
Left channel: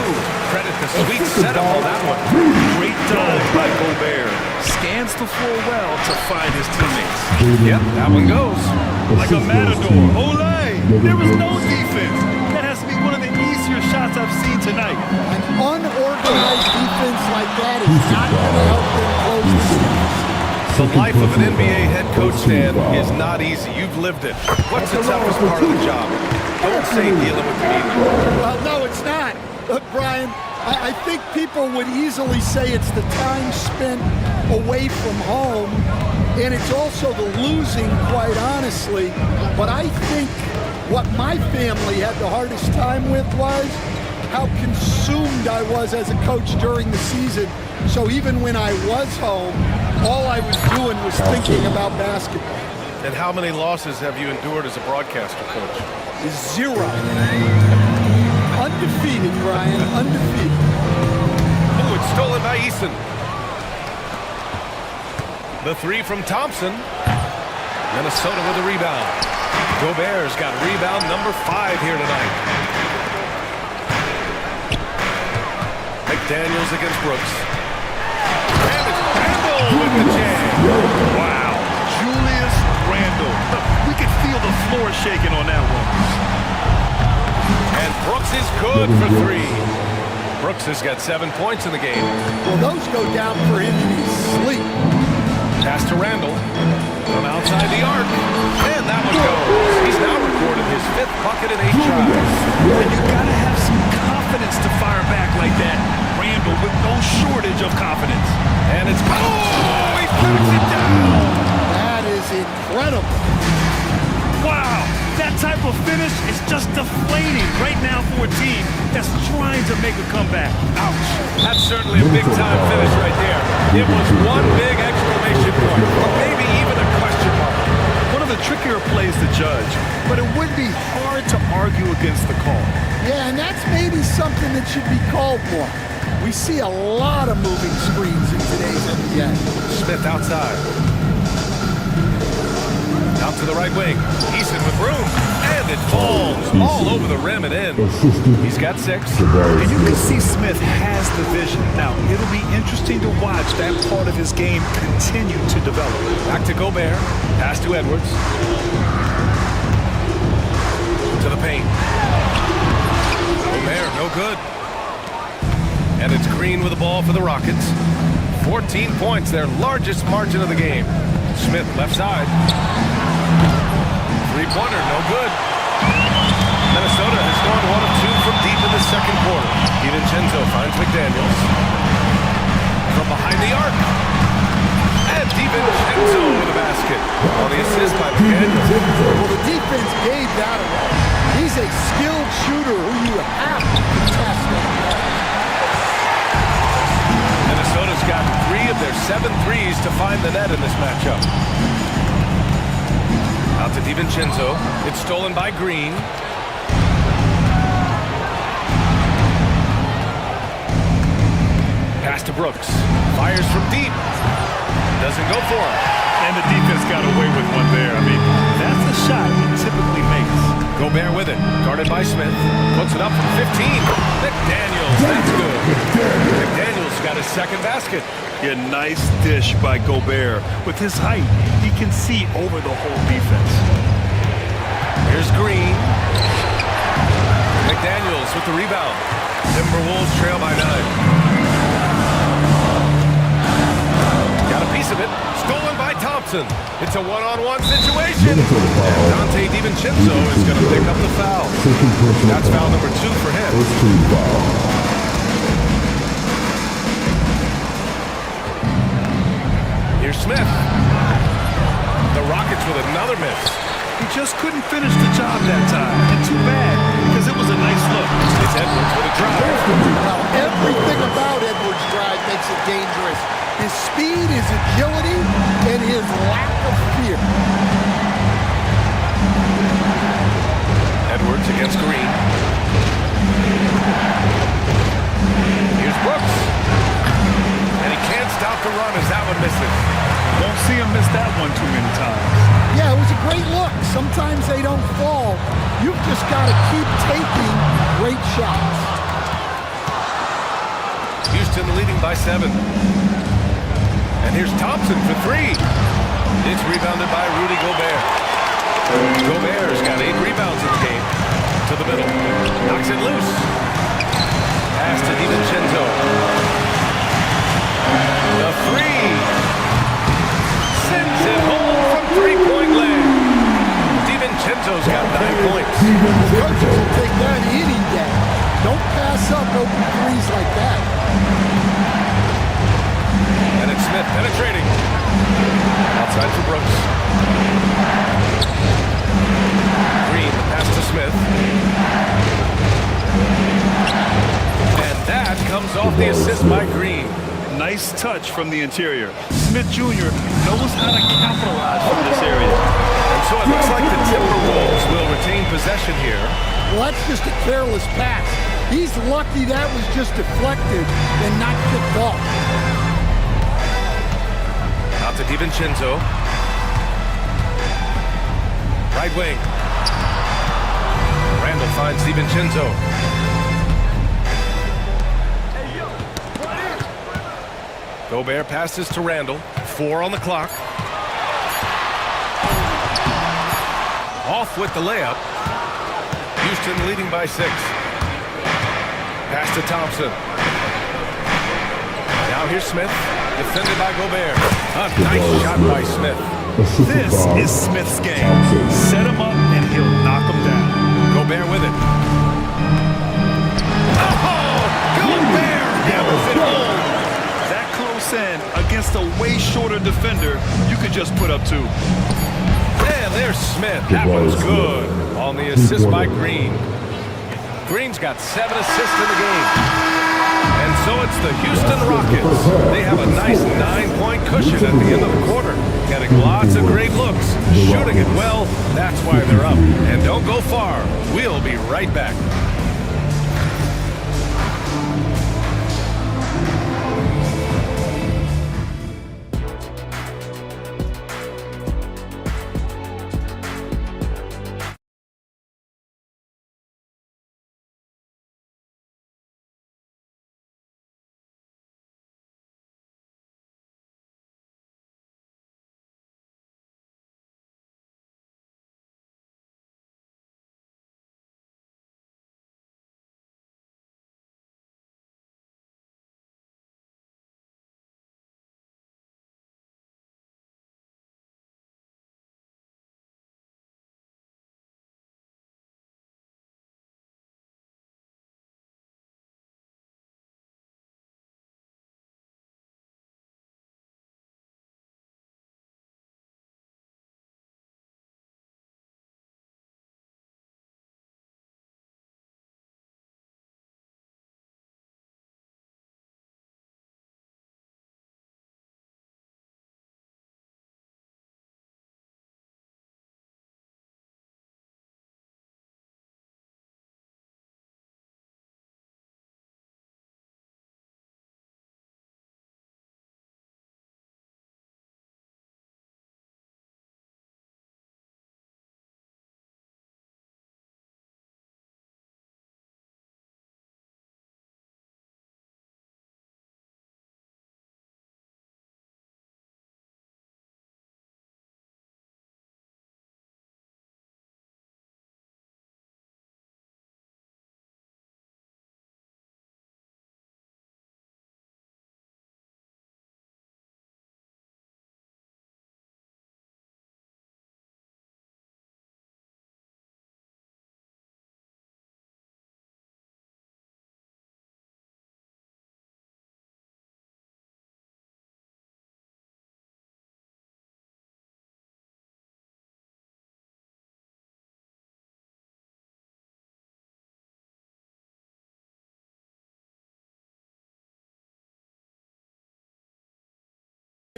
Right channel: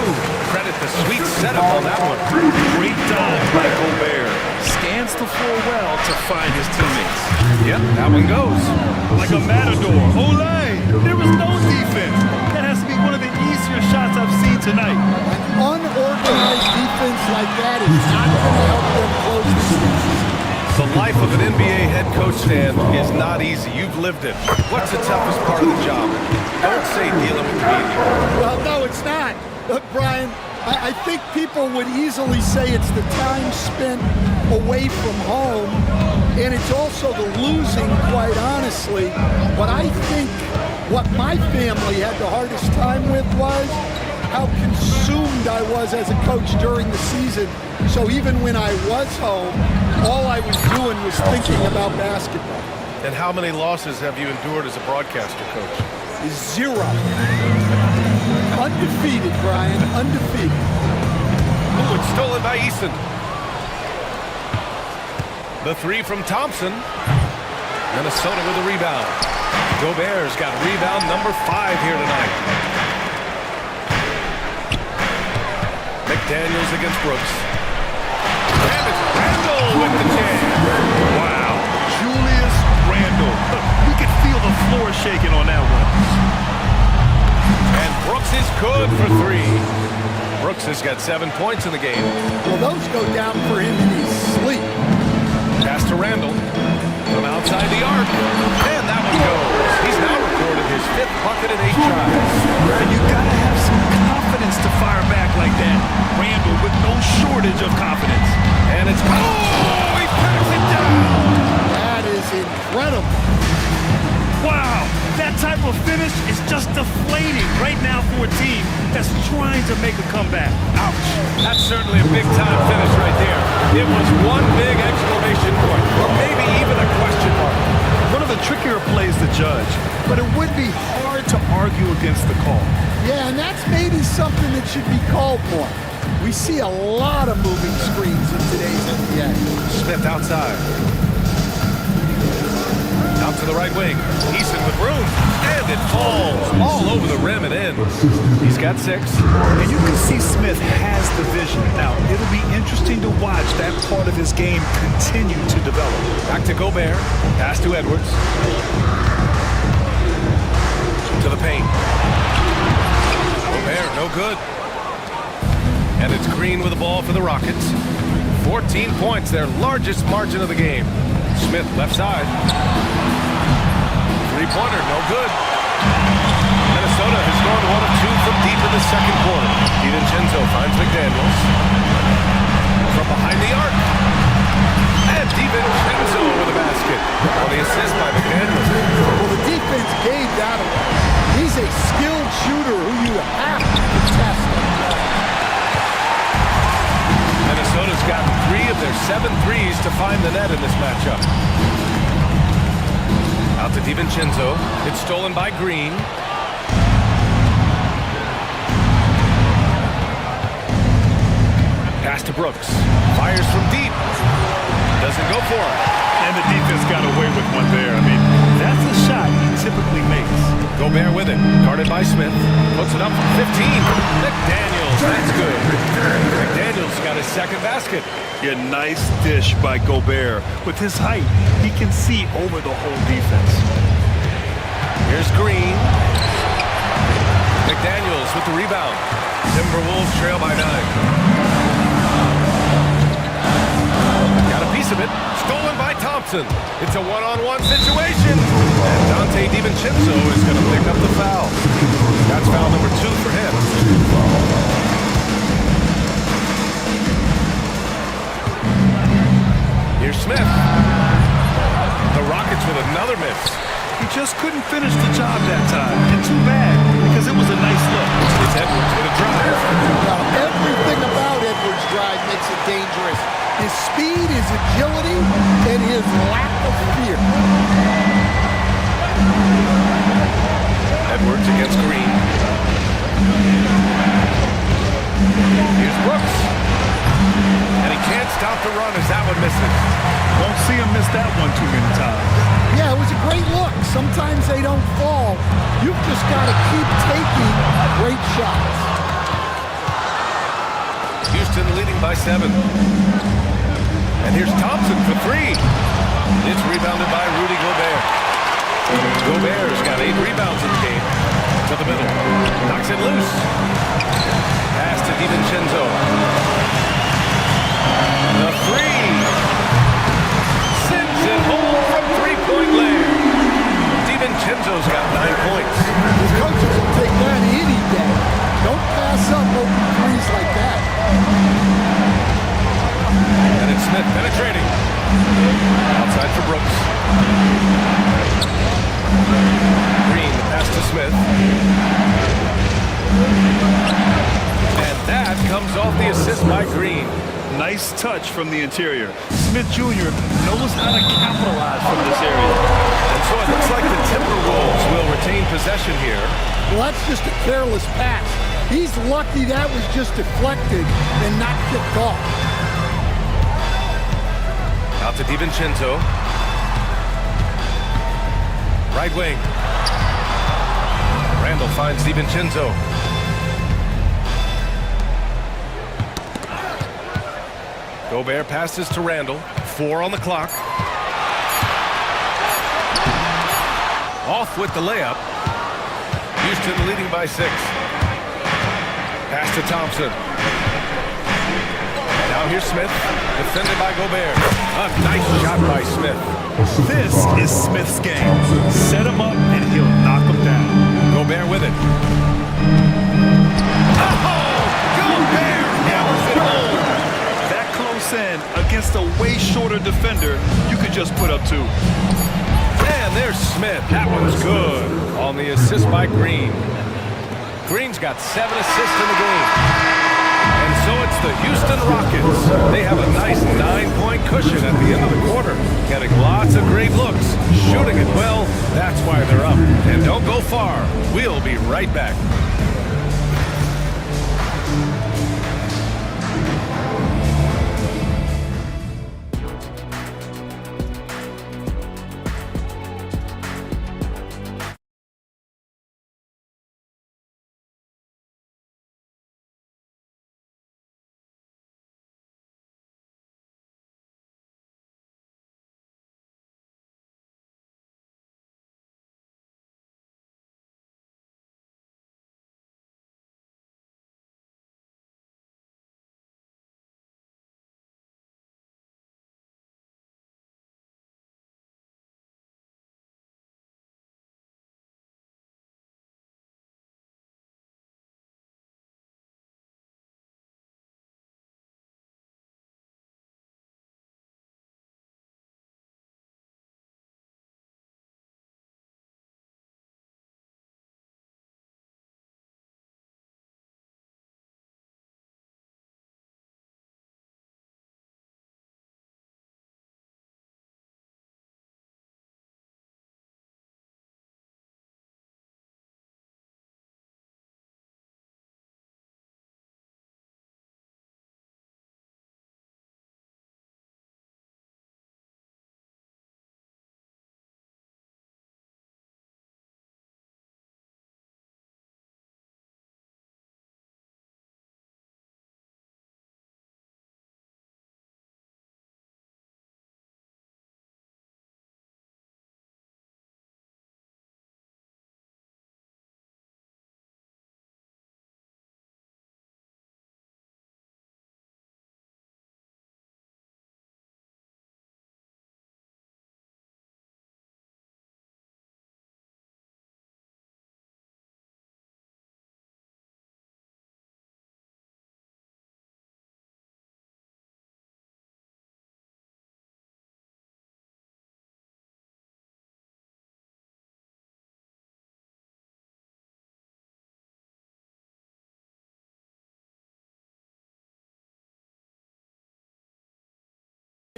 Credit the sweet setup on that one. Great dive by Gobert. Scans the floor well to find his teammates. Yep, that one goes. Like a matador. Olay! There was no defense. That has to be one of the easier shots I've seen tonight. An unorganized defense like that is not going to help them close this gap. The life of an NBA head coach, Dan, is not easy. You've lived it. What's the toughest part of the job? Don't say dealing with the media. Well, no, it's not. Look, Brian, I think people would easily say it's the time spent away from home, and it's also the losing, quite honestly. But I think what my family had the hardest time with was how consumed I was as a coach during the season. So even when I was home, all I was doing was thinking about basketball. And how many losses have you endured as a broadcaster, Coach? 0. Undefeated, Brian, undefeated. Oh, it's stolen by Eason. The three from Thompson. Minnesota with a rebound. Gobert's got rebound number 5 here tonight. McDaniels against Brooks. And it's Randle with the jam. Wow. Julius Randle. We could feel the floor shaking on that one. And Brooks is good for 3. Brooks has got 7 points in the game. Well, those go down for him in his sleep. Pass to Randle from outside the arc. And that one goes. He's now recorded his 5th bucket in 8 tries. And you gotta have some confidence to fire back like that. Randle with no shortage of confidence. And it's, oh, he packs it down. That is incredible. Wow, that type of finish is just deflating right now for a team that's trying to make a comeback. Ouch. That's certainly a big-time finish right there. It was one big exclamation point, or maybe even a question mark. One of the trickier plays to judge, but it would be hard to argue against the call. Yeah, and that's maybe something that should be called more. We see a lot of moving screens in today's NBA. Smith outside. Out to the right wing. Eason with room. And it falls all over the rim and in. He's got 6. And you can see Smith has the vision. Now, it'll be interesting to watch that part of his game continue to develop. Back to Gobert. Pass to Edwards. To the paint. Gobert, no good. And it's Green with the ball for the Rockets. 14 points, their largest margin of the game. Smith, left side. Three-pointer, no good. Minnesota has gone 1 of 2 from deep in the second quarter. DiVincenzo finds McDaniels. From behind the arc. And DiVincenzo with a basket. On the assist by McDaniels. Well, the defense gave that away. He's a skilled shooter who you have to contest at the arc. Minnesota's gotten 3 of their 7 threes to find the net in this matchup. Out to DiVincenzo. It's stolen by Green. Pass to Brooks. Fires from deep. Doesn't go for him. And the defense got away with one there. I mean, that's a shot he typically makes. Gobert with it. Guarded by Smith. Puts it up from 15. McDaniels. That's good. McDaniels got his second basket. Yeah, nice dish by Gobert. With his height, he can see over the whole defense. Here's Green. McDaniels with the rebound. Timberwolves trail by 9. Got a piece of it. Stolen by Thompson. It's a one-on-one situation. And Dante DiVincenzo is going to pick up the foul. That's foul number 2 for him. Here's Smith. The Rockets with another miss. He just couldn't finish the job that time. And too bad, because it was a nice look. It's Edwards with a drive. Well, everything about Edwards' drive makes it dangerous. His speed, his agility, and his lack of fear. Edwards against Green. Here's Brooks. And he can't stop the run as that one misses. Won't see him miss that one too many times. Yeah, it was a great look. Sometimes they don't fall. You've just got to keep taking great shots. Houston leading by 7. And here's Thompson for 3. It's rebounded by Rudy Gobert. Gobert's got 8 rebounds in the game. To the middle. Knocks it loose. Pass to DiVincenzo. The 3. Sends it home from 3-point land. DiVincenzo's got 9 points. The coaches will take that any day. Don't pass up open threes like that. And it's Smith penetrating. Outside for Brooks. Green, the pass to Smith. And that comes off the assist by Green. Nice touch from the interior. Smith Jr. knows how to capitalize from this area. And so it looks like the Timberwolves will retain possession here. Well, that's just a careless pass. He's lucky that was just deflected and not kicked off. Out to DiVincenzo. Right wing. Randall finds DiVincenzo. Gobert passes to Randall. 4 on the clock. Off with the layup. Houston leading by 6. Pass to Thompson. Now here's Smith. Defended by Gobert. A nice shot by Smith. This is Smith's game. Set him up and he'll knock him down. Gobert with it. Oh! Gobert hammers it home. That close in against a way shorter defender, you could just put up 2. And there's Smith. That one's good. On the assist by Green. Green's got 7 assists in the game. And so it's the Houston Rockets. They have a nice 9-point cushion at the end of the quarter. Getting lots of great looks. Shooting it well. That's why they're up. And don't go far. We'll be right back.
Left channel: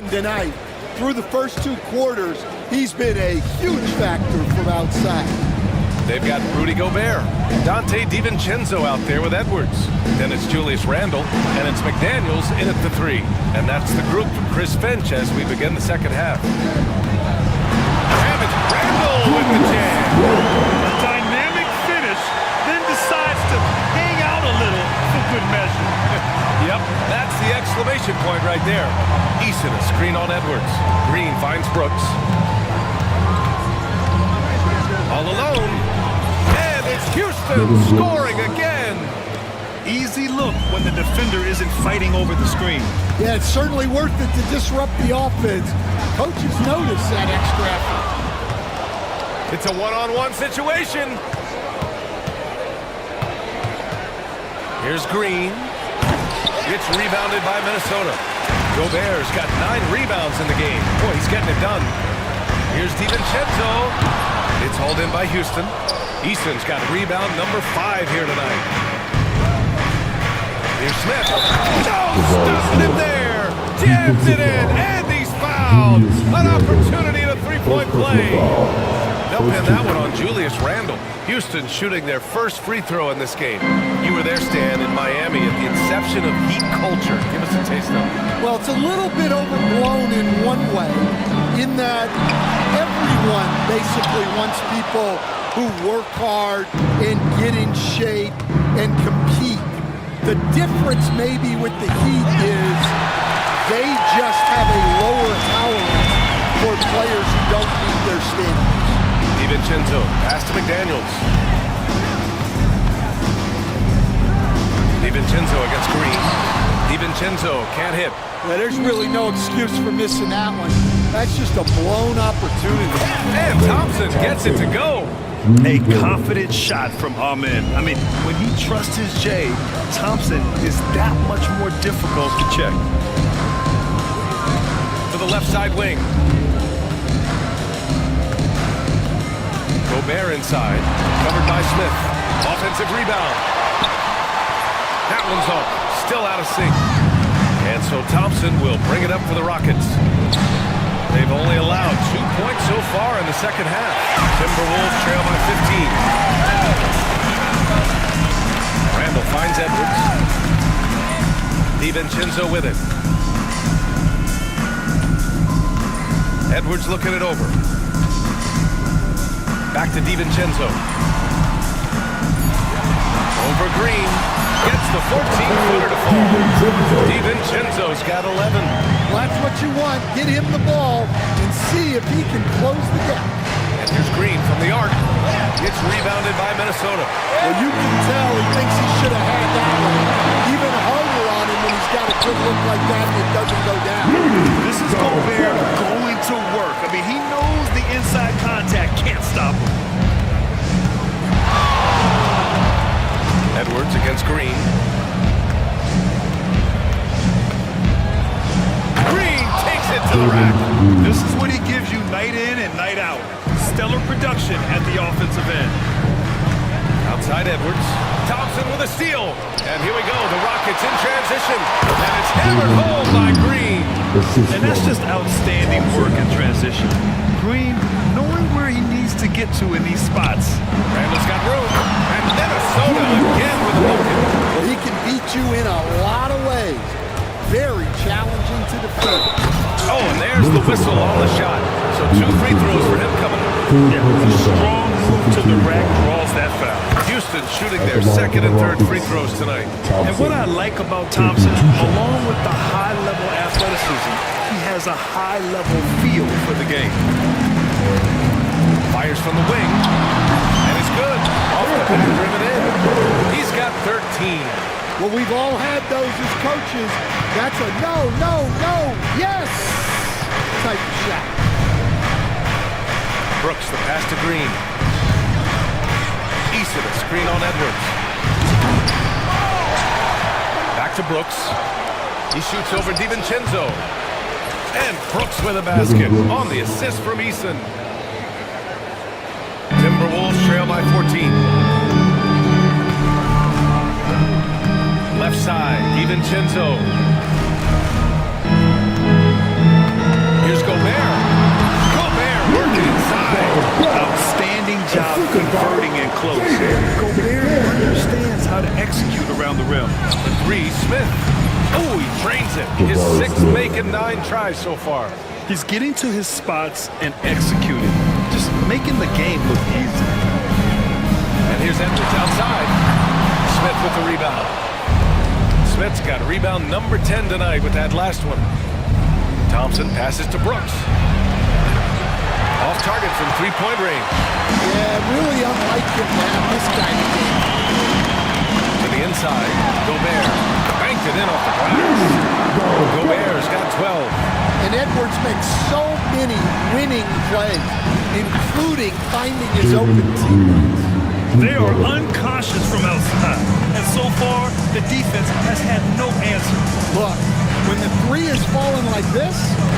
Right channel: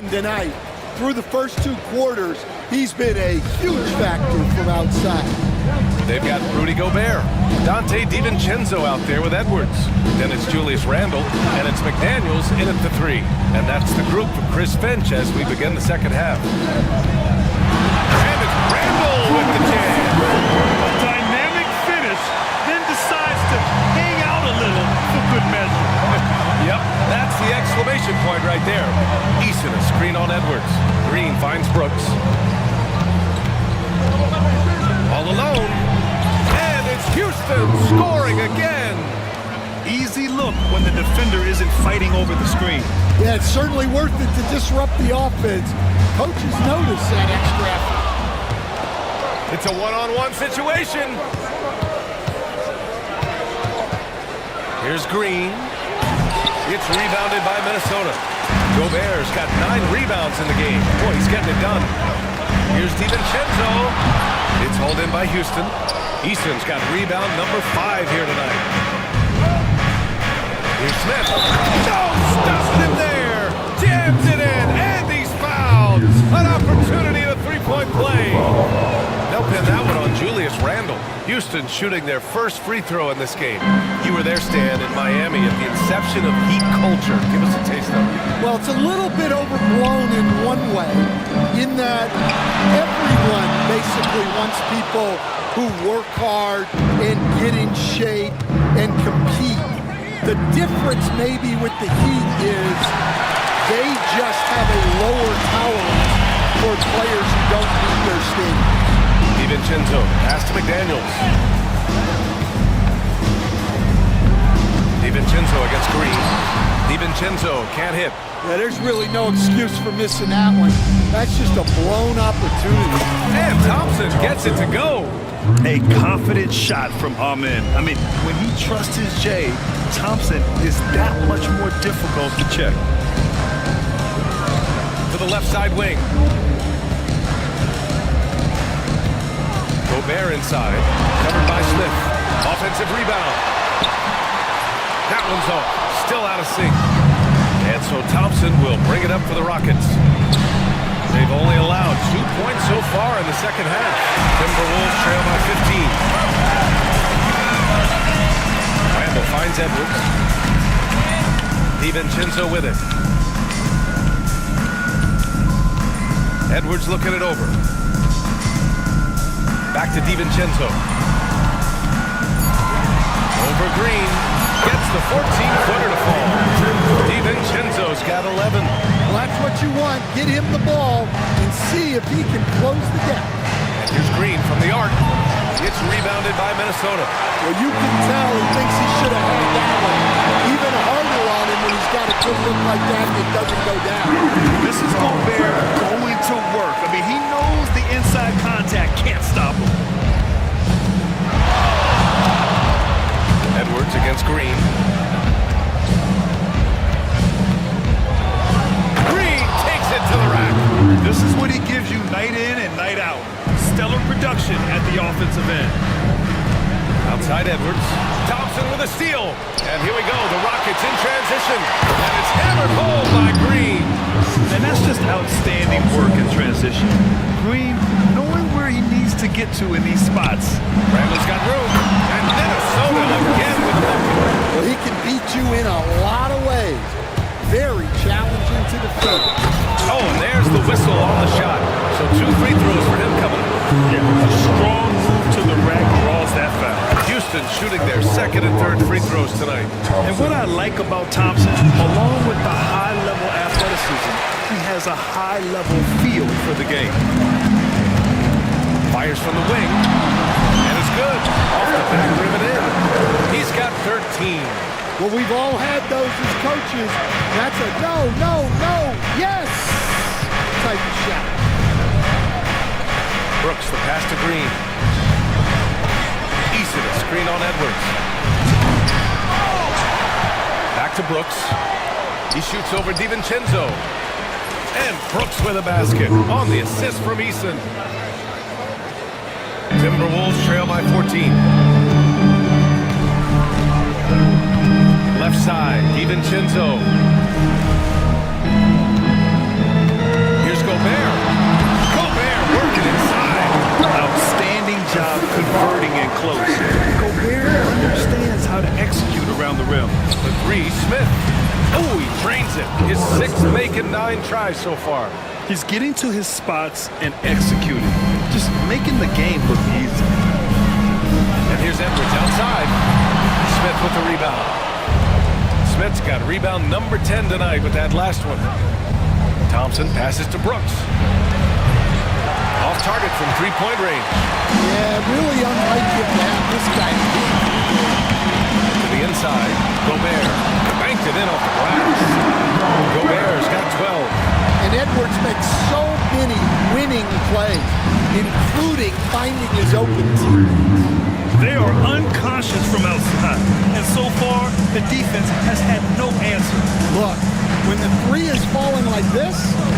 Tonight, through the first 2 quarters, he's been a huge factor from outside. They've got Rudy Gobert, Dante DiVincenzo out there with Edwards. Then it's Julius Randle, and it's McDaniels in at the 3. And that's the group for Chris Finch as we begin the second half. And it's Randle with the jam. A dynamic finish, then decides to hang out a little for good measure. Yep, that's the exclamation point right there. Eason a screen on Edwards. Green finds Brooks. All alone. And it's Houston scoring again. Easy look when the defender isn't fighting over the screen. Yeah, it's certainly worth it to disrupt the offense. Coaches notice that extra effort. It's a one-on-one situation. Here's Green. It's rebounded by Minnesota. Gobert's got 9 rebounds in the game. Boy, he's getting it done. Here's DiVincenzo. It's hauled in by Houston. Easton's got rebound number 5 here tonight. Here's Smith. No, stopping him there. Jams it in, and he's fouled. An opportunity at a 3-point play. They'll pin that one on Julius Randle. Houston shooting their first free throw in this game. You were there, Stan, in Miami at the inception of Heat culture. Give us a taste of it. Well, it's a little bit overblown in one way, in that everyone basically wants people who work hard and get in shape and compete. The difference maybe with the Heat is they just have a lower tolerance for players who don't meet their standards. DiVincenzo, pass to McDaniels. DiVincenzo against Green. DiVincenzo can't hit. Yeah, there's really no excuse for missing that one. That's just a blown opportunity. And Thompson gets it to go. A confident shot from Amen. I mean, when he trusts his J, Thompson is that much more difficult to check. To the left side wing. Gobert inside, covered by Smith. Offensive rebound. That one's off, still out of sync. And so Thompson will bring it up for the Rockets. They've only allowed 2 points so far in the second half. Timberwolves trail by 15. Randle finds Edwards. DiVincenzo with it. Edwards looking it over. Back to DiVincenzo. Over Green. Gets the 14-footer to fall. DiVincenzo's got 11. Well, that's what you want. Get him the ball and see if he can close the gap. And here's Green from the arc. It's rebounded by Minnesota. Well, you can tell he thinks he should have had that one. Even harder on him when he's got a good look like that and it doesn't go down. This is Gobert going to work. I mean, he knows the inside contact can't stop him. Edwards against Green. Green takes it to the rack. This is what he gives you night in and night out. Stellar production at the offensive end. Outside Edwards. Thompson with a steal. And here we go. The Rockets in transition. And it's hammered home by Green. And that's just outstanding work in transition. Green knowing where he needs to get to in these spots. Randall's got room. And Minnesota again with a bucket. Well, he can beat you in a lot of ways. Very challenging to defend. Oh, and there's the whistle on the shot. So 2 free throws for him coming up. Yeah, a strong move to the rack draws that foul. Houston shooting their second and third free throws tonight. And what I like about Thompson, along with the high-level athleticism, he has a high-level feel for the game. Fires from the wing. And it's good. Off the back rim and in. He's got 13. Well, we've all had those as coaches. That's a no, no, no, yes type of shot. Brooks, the pass to Green. Eason, a screen on Edwards. Back to Brooks. He shoots over DiVincenzo. And Brooks with a basket on the assist from Eason. Timberwolves trail by 14. Left side, DiVincenzo. close. Gobert understands how to execute around the rim. For three, Smith. Oh, he drains it. His sixth make in 9 tries so far. He's getting to his spots and executing, just making the game look easy. And here's Edwards outside. Smith with the rebound. Smith's got rebound number 10 tonight with that last one. Thompson passes to Brooks. Off target from three-point range. Yeah, really unlike him to have this kind of game. To the inside, Gobert banked it in off the glass. Gobert's got 12. And Edwards makes so many winning plays, including finding his open teammates. They are unconscious from outside, and so far, the defense has had no answer. Look, when the three is falling like this,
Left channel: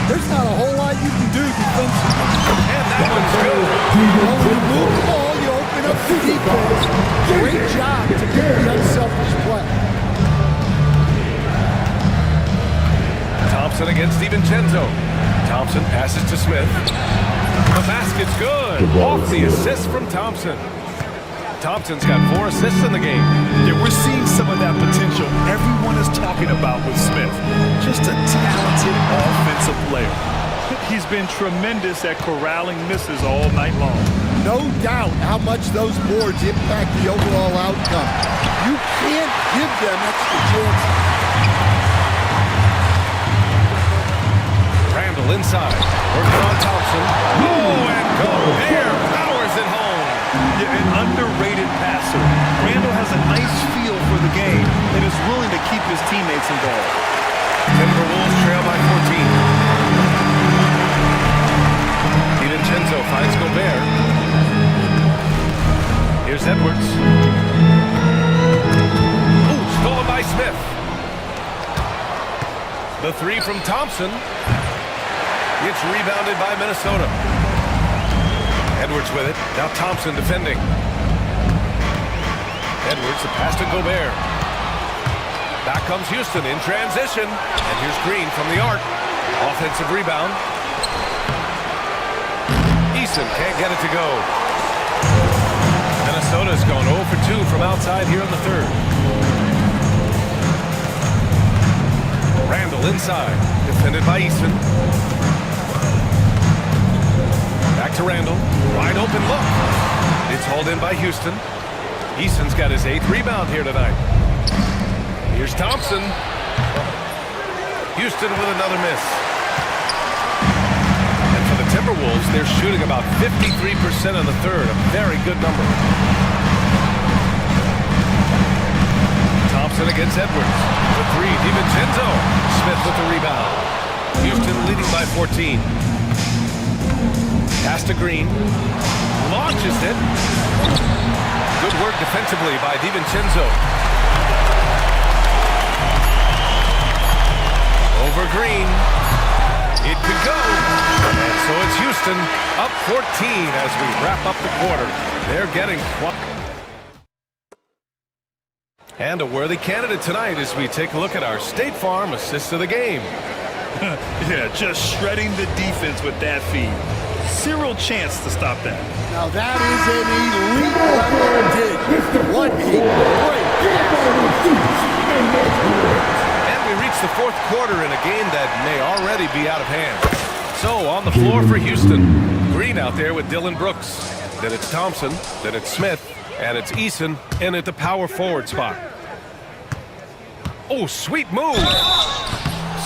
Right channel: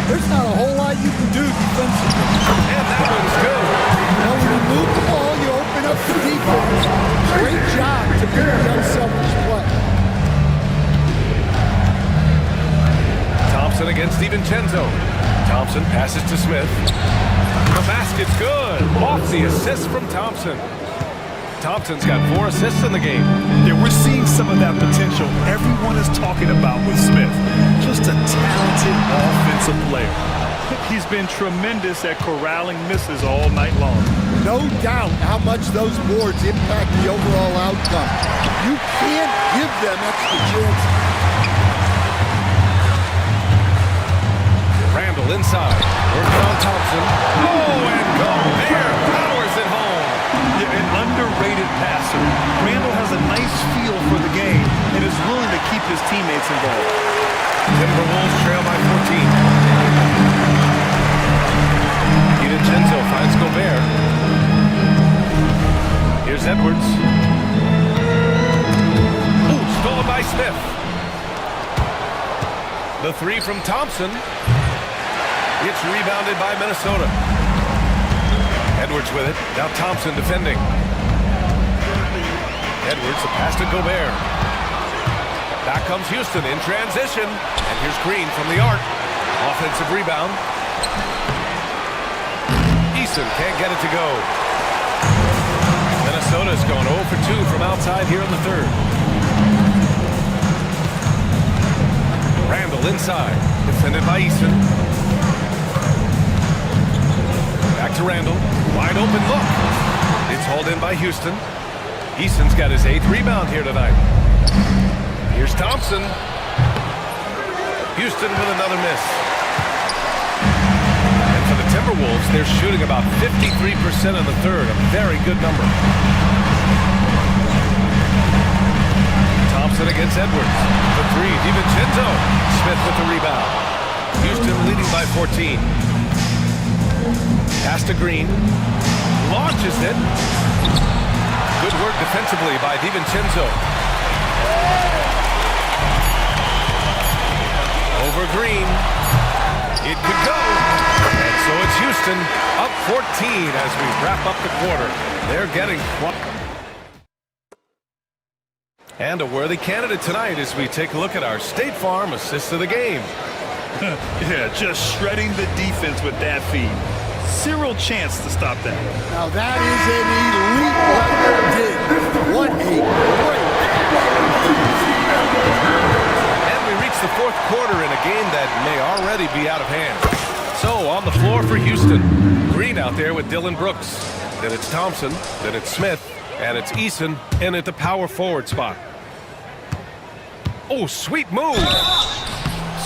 there's not a whole lot you can do defensively. And that one's good. Well, when you move the ball, you open up the defense. Great job to pick the unselfish play. Thompson against DiVincenzo. Thompson passes to Smith. The basket's good. Off the assist from Thompson. Thompson's got 4 assists in the game. Yeah, we're seeing some of that potential everyone is talking about with Smith. Just a talented offensive player. He's been tremendous at corralling misses all night long. No doubt how much those boards impact the overall outcome. You can't give them extra chances. Randall inside, working on Thompson. Oh, and Gobert powers it home. Yeah, an underrated passer. Randall has a nice feel for the game and is willing to keep his teammates involved. Timberwolves trail by 14. DiVincenzo finds Gobert. Here's Edwards. Ooh, stolen by Smith. The three from Thompson. It's rebounded by Minnesota. Edwards with it. Now Thompson defending. Edwards, the pass to Gobert. Back comes Houston in transition. And here's Green from the arc. Offensive rebound. Eason can't get it to go. Minnesota's gone 0 for 2 from outside here in the third. Randall inside. Defended by Eason. Back to Randall. Wide open look. It's hauled in by Houston. Eason's got his 8th rebound here tonight. Here's Thompson. Houston with another miss. And for the Timberwolves, they're shooting about 53% in the third. A very good number. Thompson against Edwards. The three, DiVincenzo. Smith with the rebound. Houston leading by 14. Pass to Green. Launches it. Good work defensively by DiVincenzo. Over Green. It could go. And so it's Houston up 14 as we wrap up the quarter. They're getting and a worthy candidate tonight as we take a look at our State Farm assist of the game. Yeah, just shredding the defense with that feed. Zero chance to stop that. Now that is an elite level dig. What a great pass. And we reach the fourth quarter in a game that may already be out of hand. So on the floor for Houston, Green out there with Dylan Brooks. Then it's Thompson, then it's Smith, and it's Eason in at the power forward spot. Oh, sweet move.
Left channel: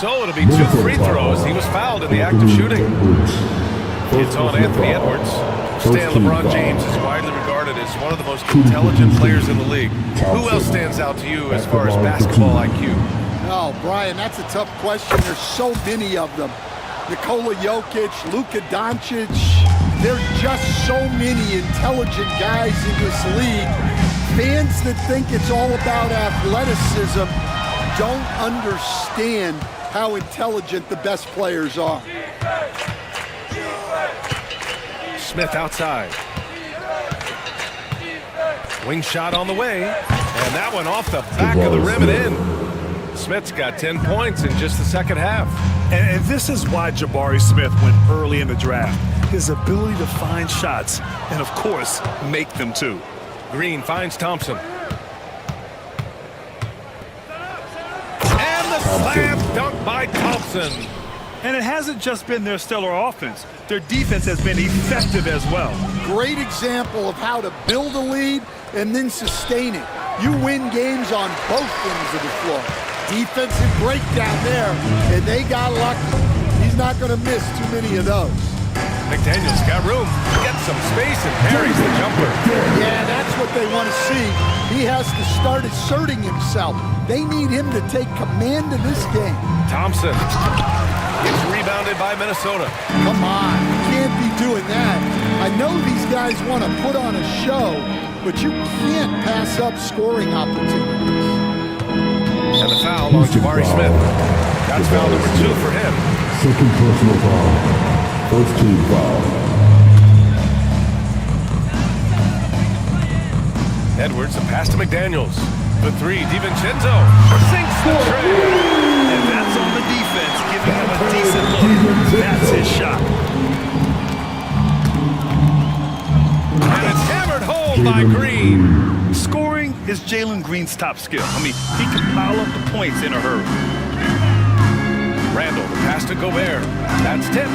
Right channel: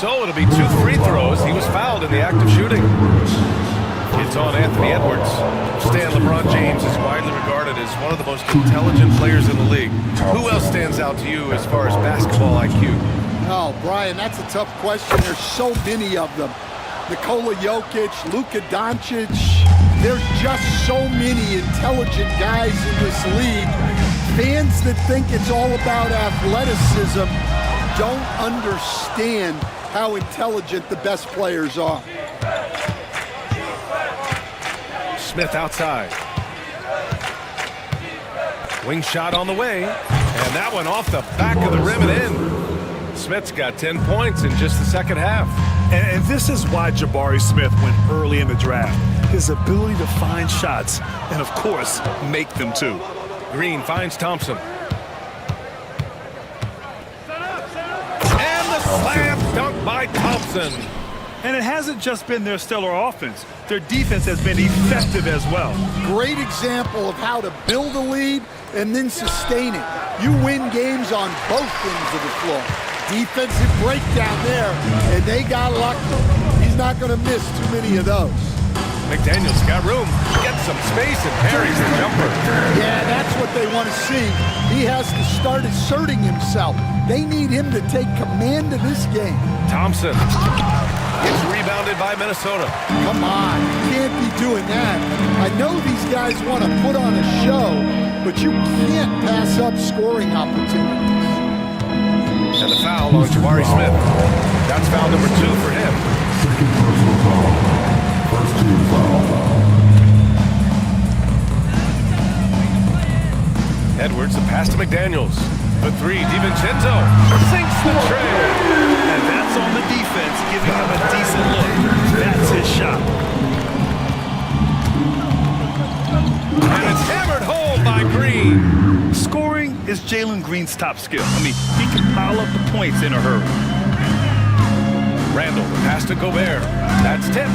So it'll be 2 free throws. He was fouled in the act of shooting. It's on Anthony Edwards. Stan, LeBron James is widely regarded as one of the most intelligent players in the league. Who else stands out to you as far as basketball IQ? Oh, Brian, that's a tough question. There's so many of them. Nikola Jokic, Luka Doncic. There's just so many intelligent guys in this league. Fans that think it's all about athleticism don't understand how intelligent the best players are. Smith outside. Wing shot on the way, and that one off the back of the rim and in. Smith's got 10 points in just the second half. And this is why Jabari Smith went early in the draft. His ability to find shots and, of course, make them too. Green finds Thompson. And the slam dunk by Thompson. And it hasn't just been their stellar offense. Their defense has been effective as well. Great example of how to build a lead and then sustain it. You win games on both ends of the floor. Defensive breakdown there, and they got lucky. He's not going to miss too many of those. McDaniels got room, gets some space, and parries the jumper. Yeah, that's what they want to see. He has to start asserting himself. They need him to take command of this game. Thompson. It's rebounded by Minnesota. Come on, you can't be doing that. I know these guys want to put on a show, but you can't pass up scoring opportunities. And the foul on Jabari Smith. That's foul number 2 for him. Second personal foul. First team foul. Edwards, the pass to McDaniels. The 3, DiVincenzo sinks the tray. And that's on the defense, giving him a decent look. That's his shot. And it's hammered home by Green. Scoring is Jalen Green's top skill. I mean, he can pile up the points in a hurry. Randall, the pass to Gobert. That's tipped.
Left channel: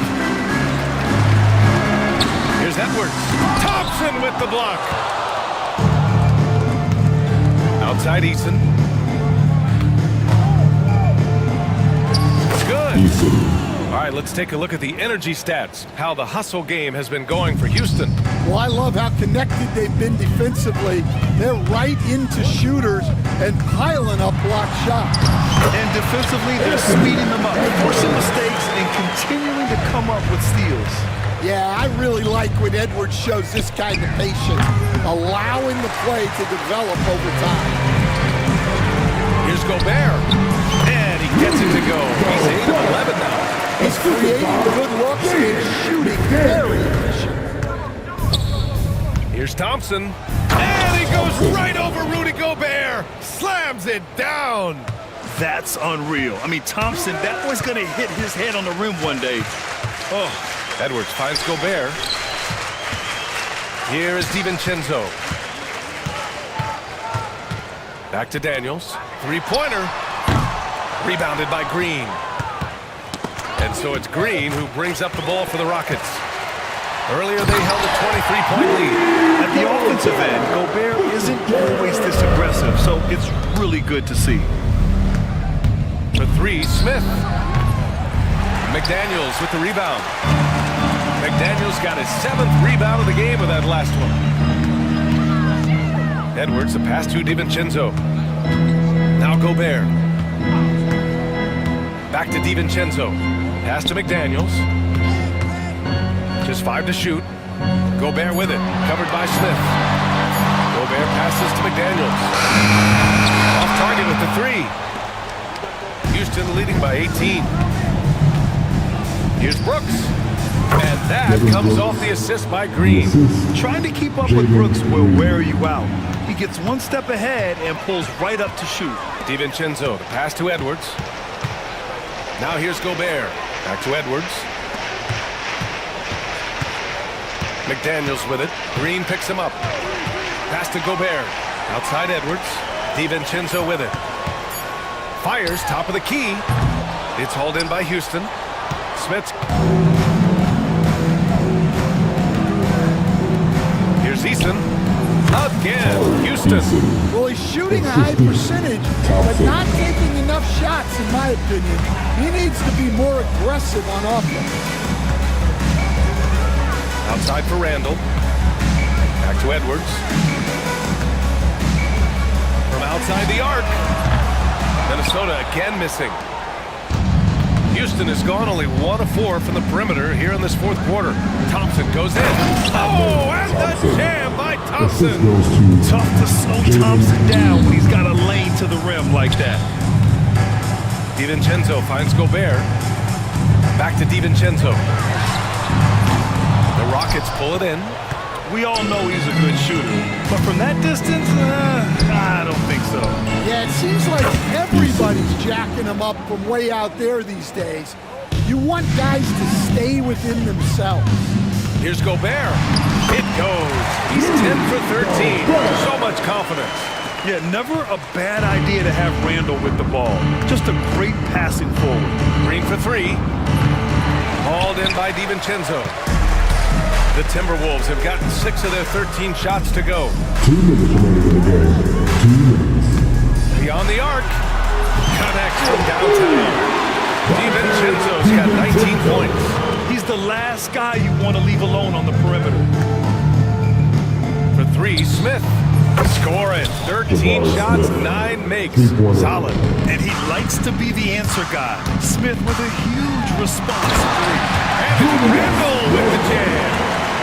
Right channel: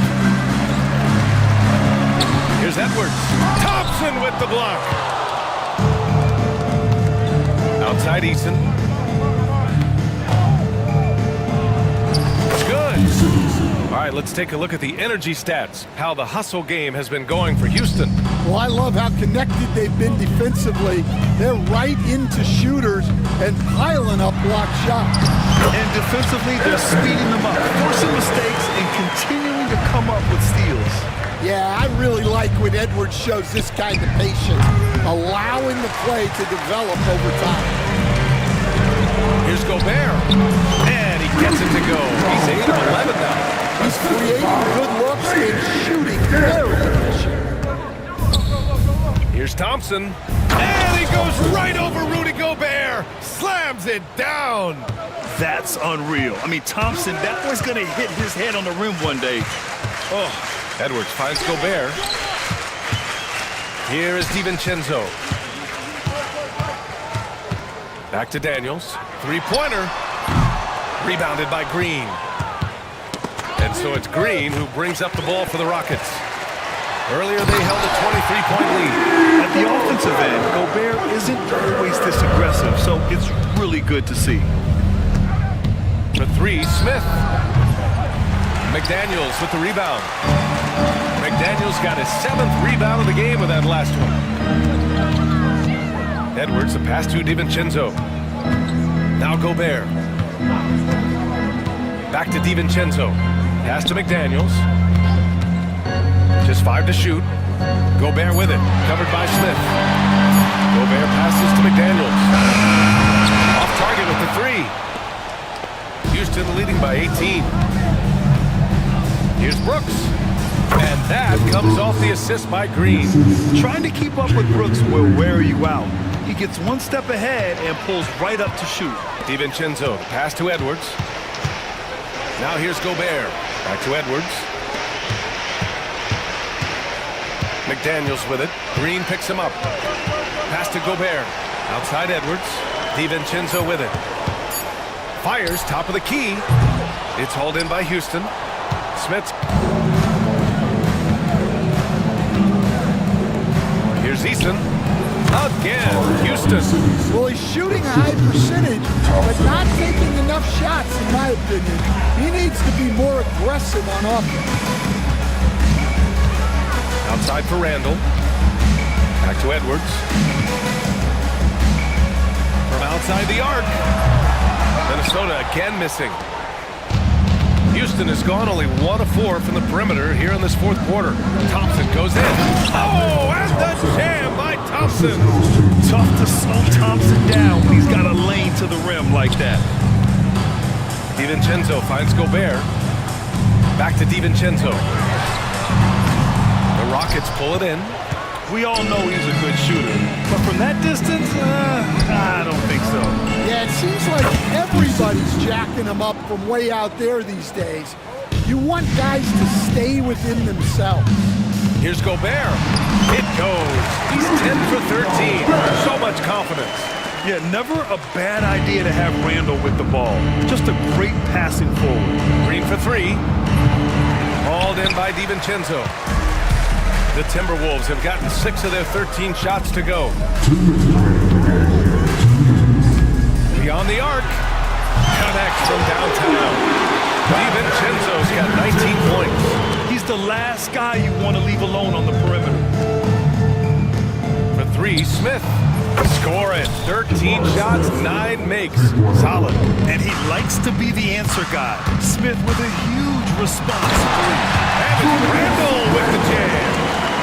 Here's Edwards. Thompson with the block. Outside Eason. It's good. All right, let's take a look at the energy stats, how the hustle game has been going for Houston. Well, I love how connected they've been defensively. They're right into shooters and piling up block shots. And defensively, they're speeding them up, forcing mistakes and continuing to come up with steals. Yeah, I really like when Edwards shows this kind of patience, allowing the play to develop over time. Here's Gobert, and he gets it to go. He's 8 of 11 now. He's creating good looks and shooting very efficient. Here's Thompson, and he goes right over Rudy Gobert, slams it down. That's unreal. I mean, Thompson, that boy's going to hit his head on the rim one day. Oh. Edwards finds Gobert. Here is DiVincenzo. Back to Daniels. Three-pointer. Rebounded by Green. And so it's Green who brings up the ball for the Rockets. Earlier they held a 23-point lead. At the offensive end, Gobert isn't always this aggressive, so it's really good to see. For 3, Smith. McDaniels with the rebound. McDaniels got his 7th rebound of the game with that last one. Edwards, the pass to DiVincenzo. Now Gobert. Back to DiVincenzo. Pass to McDaniels. Just 5 to shoot. Gobert with it. Covered by Smith. Gobert passes to McDaniels. Off target with the 3. Houston leading by 18. Here's Brooks. And that comes off the assist by Green. Trying to keep up with Brooks will wear you out. He gets one step ahead and pulls right up to shoot. DiVincenzo, the pass to Edwards. Now here's Gobert. Back to Edwards. McDaniels with it. Green picks him up. Pass to Gobert. Outside Edwards. DiVincenzo with it. Fires top of the key. It's hauled in by Houston. Smith. Here's Eason. Again, Houston. Well, he's shooting a high percentage, but not taking enough shots, in my opinion. He needs to be more aggressive on offense. Outside for Randall. Back to Edwards. From outside the arc. Minnesota again missing. Houston has gone only 1 of 4 from the perimeter here in this 4th quarter. Thompson goes in. Oh, and the jam by Thompson. Tough to slow Thompson down when he's got a lane to the rim like that. DiVincenzo finds Gobert. Back to DiVincenzo. The Rockets pull it in. We all know he's a good shooter, but from that distance, I don't think so. Yeah, it seems like everybody's jacking him up from way out there these days. You want guys to stay within themselves. Here's Gobert. It goes. He's 10 for 13. So much confidence. Yeah, never a bad idea to have Randall with the ball. Just a great passing forward. Green for three. Hauled in by DiVincenzo. The Timberwolves have gotten 6 of their 13 shots to go. 2 minutes remaining in the game. Beyond the arc. Connects from downtown. DiVincenzo's got 19 points. He's the last guy you want to leave alone on the perimeter. For three, Smith. Score it. 13 shots, 9 makes. Solid. And he likes to be the answer guy. Smith with a huge response three. And it's Randall with the jam.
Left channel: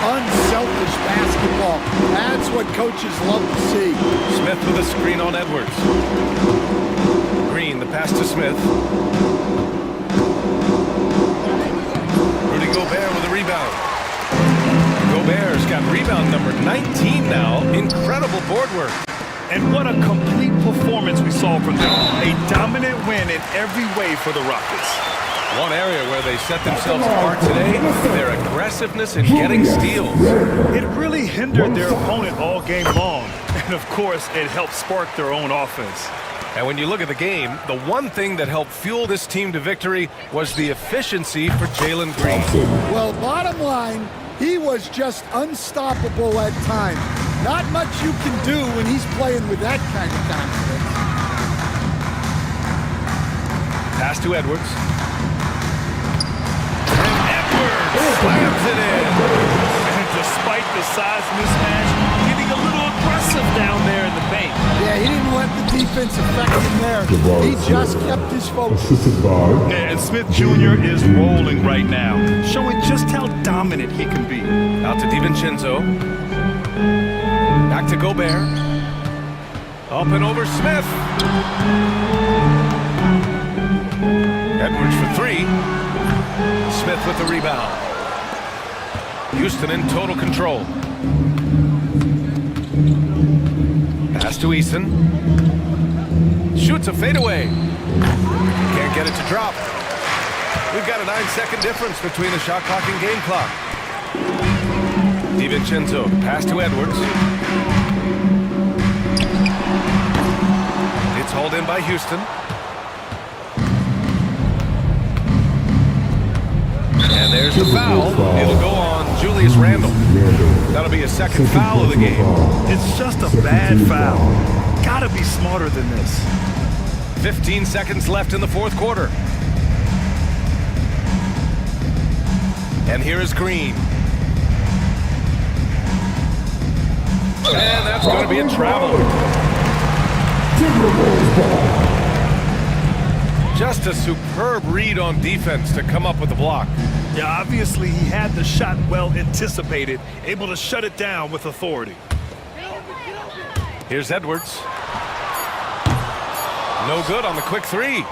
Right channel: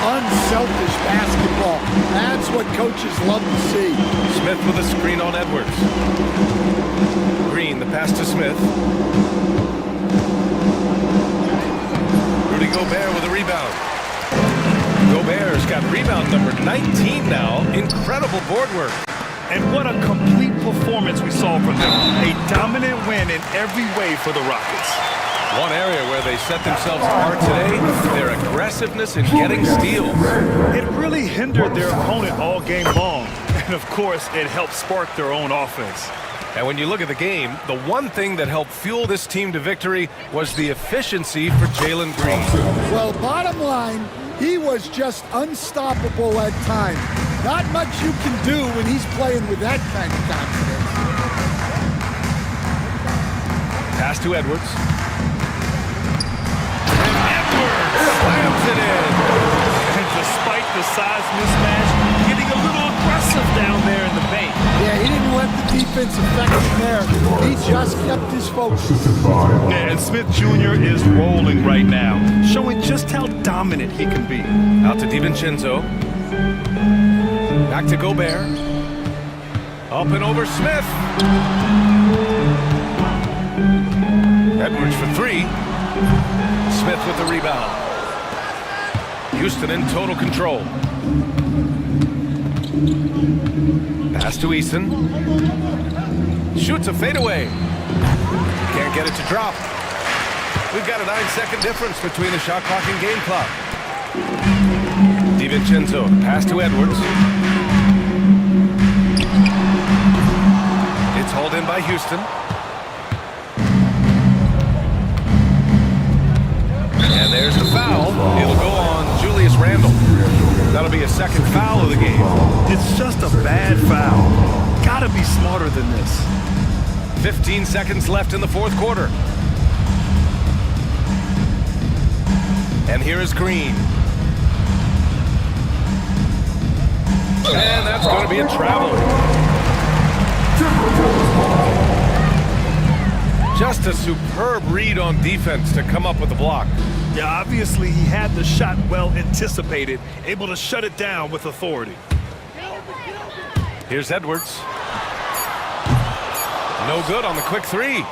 Unselfish basketball. That's what coaches love to see. Smith with a screen on Edwards. Green, the pass to Smith. Rudy Gobert with a rebound. Gobert's got rebound number 19 now. Incredible board work. And what a complete performance we saw from them. A dominant win in every way for the Rockets. One area where they set themselves apart today, their aggressiveness in getting steals. It really hindered their opponent all game long. And of course, it helped spark their own offense. And when you look at the game, the one thing that helped fuel this team to victory was the efficiency for Jalen Green. Well, bottom line, he was just unstoppable at times. Not much you can do when he's playing with that kind of confidence. Pass to Edwards. And Edwards slams it in. And despite the size mismatch, getting a little aggressive down there in the paint. Yeah, he didn't let the defense affect him there. He just kept his focus. Yeah, and Smith Jr. is rolling right now, showing just how dominant he can be. Out to DiVincenzo. Back to Gobert. Up and over Smith. Edwards for three. Smith with the rebound. Houston in total control. Pass to Eason. Shoots a fadeaway. Can't get it to drop. We've got a 9-second difference between the shot clock and game clock. DiVincenzo, pass to Edwards. It's hauled in by Houston. And there's the foul. It'll go on Julius Randle. That'll be a second foul of the game. It's just a bad foul. Gotta be smarter than this. 15 seconds left in the fourth quarter. And here is Green. And that's going to be a travel. Just a superb read on defense to come up with the block. Yeah, obviously he had the shot well anticipated, able to shut it down with authority. Here's Edwards. No good on the quick three.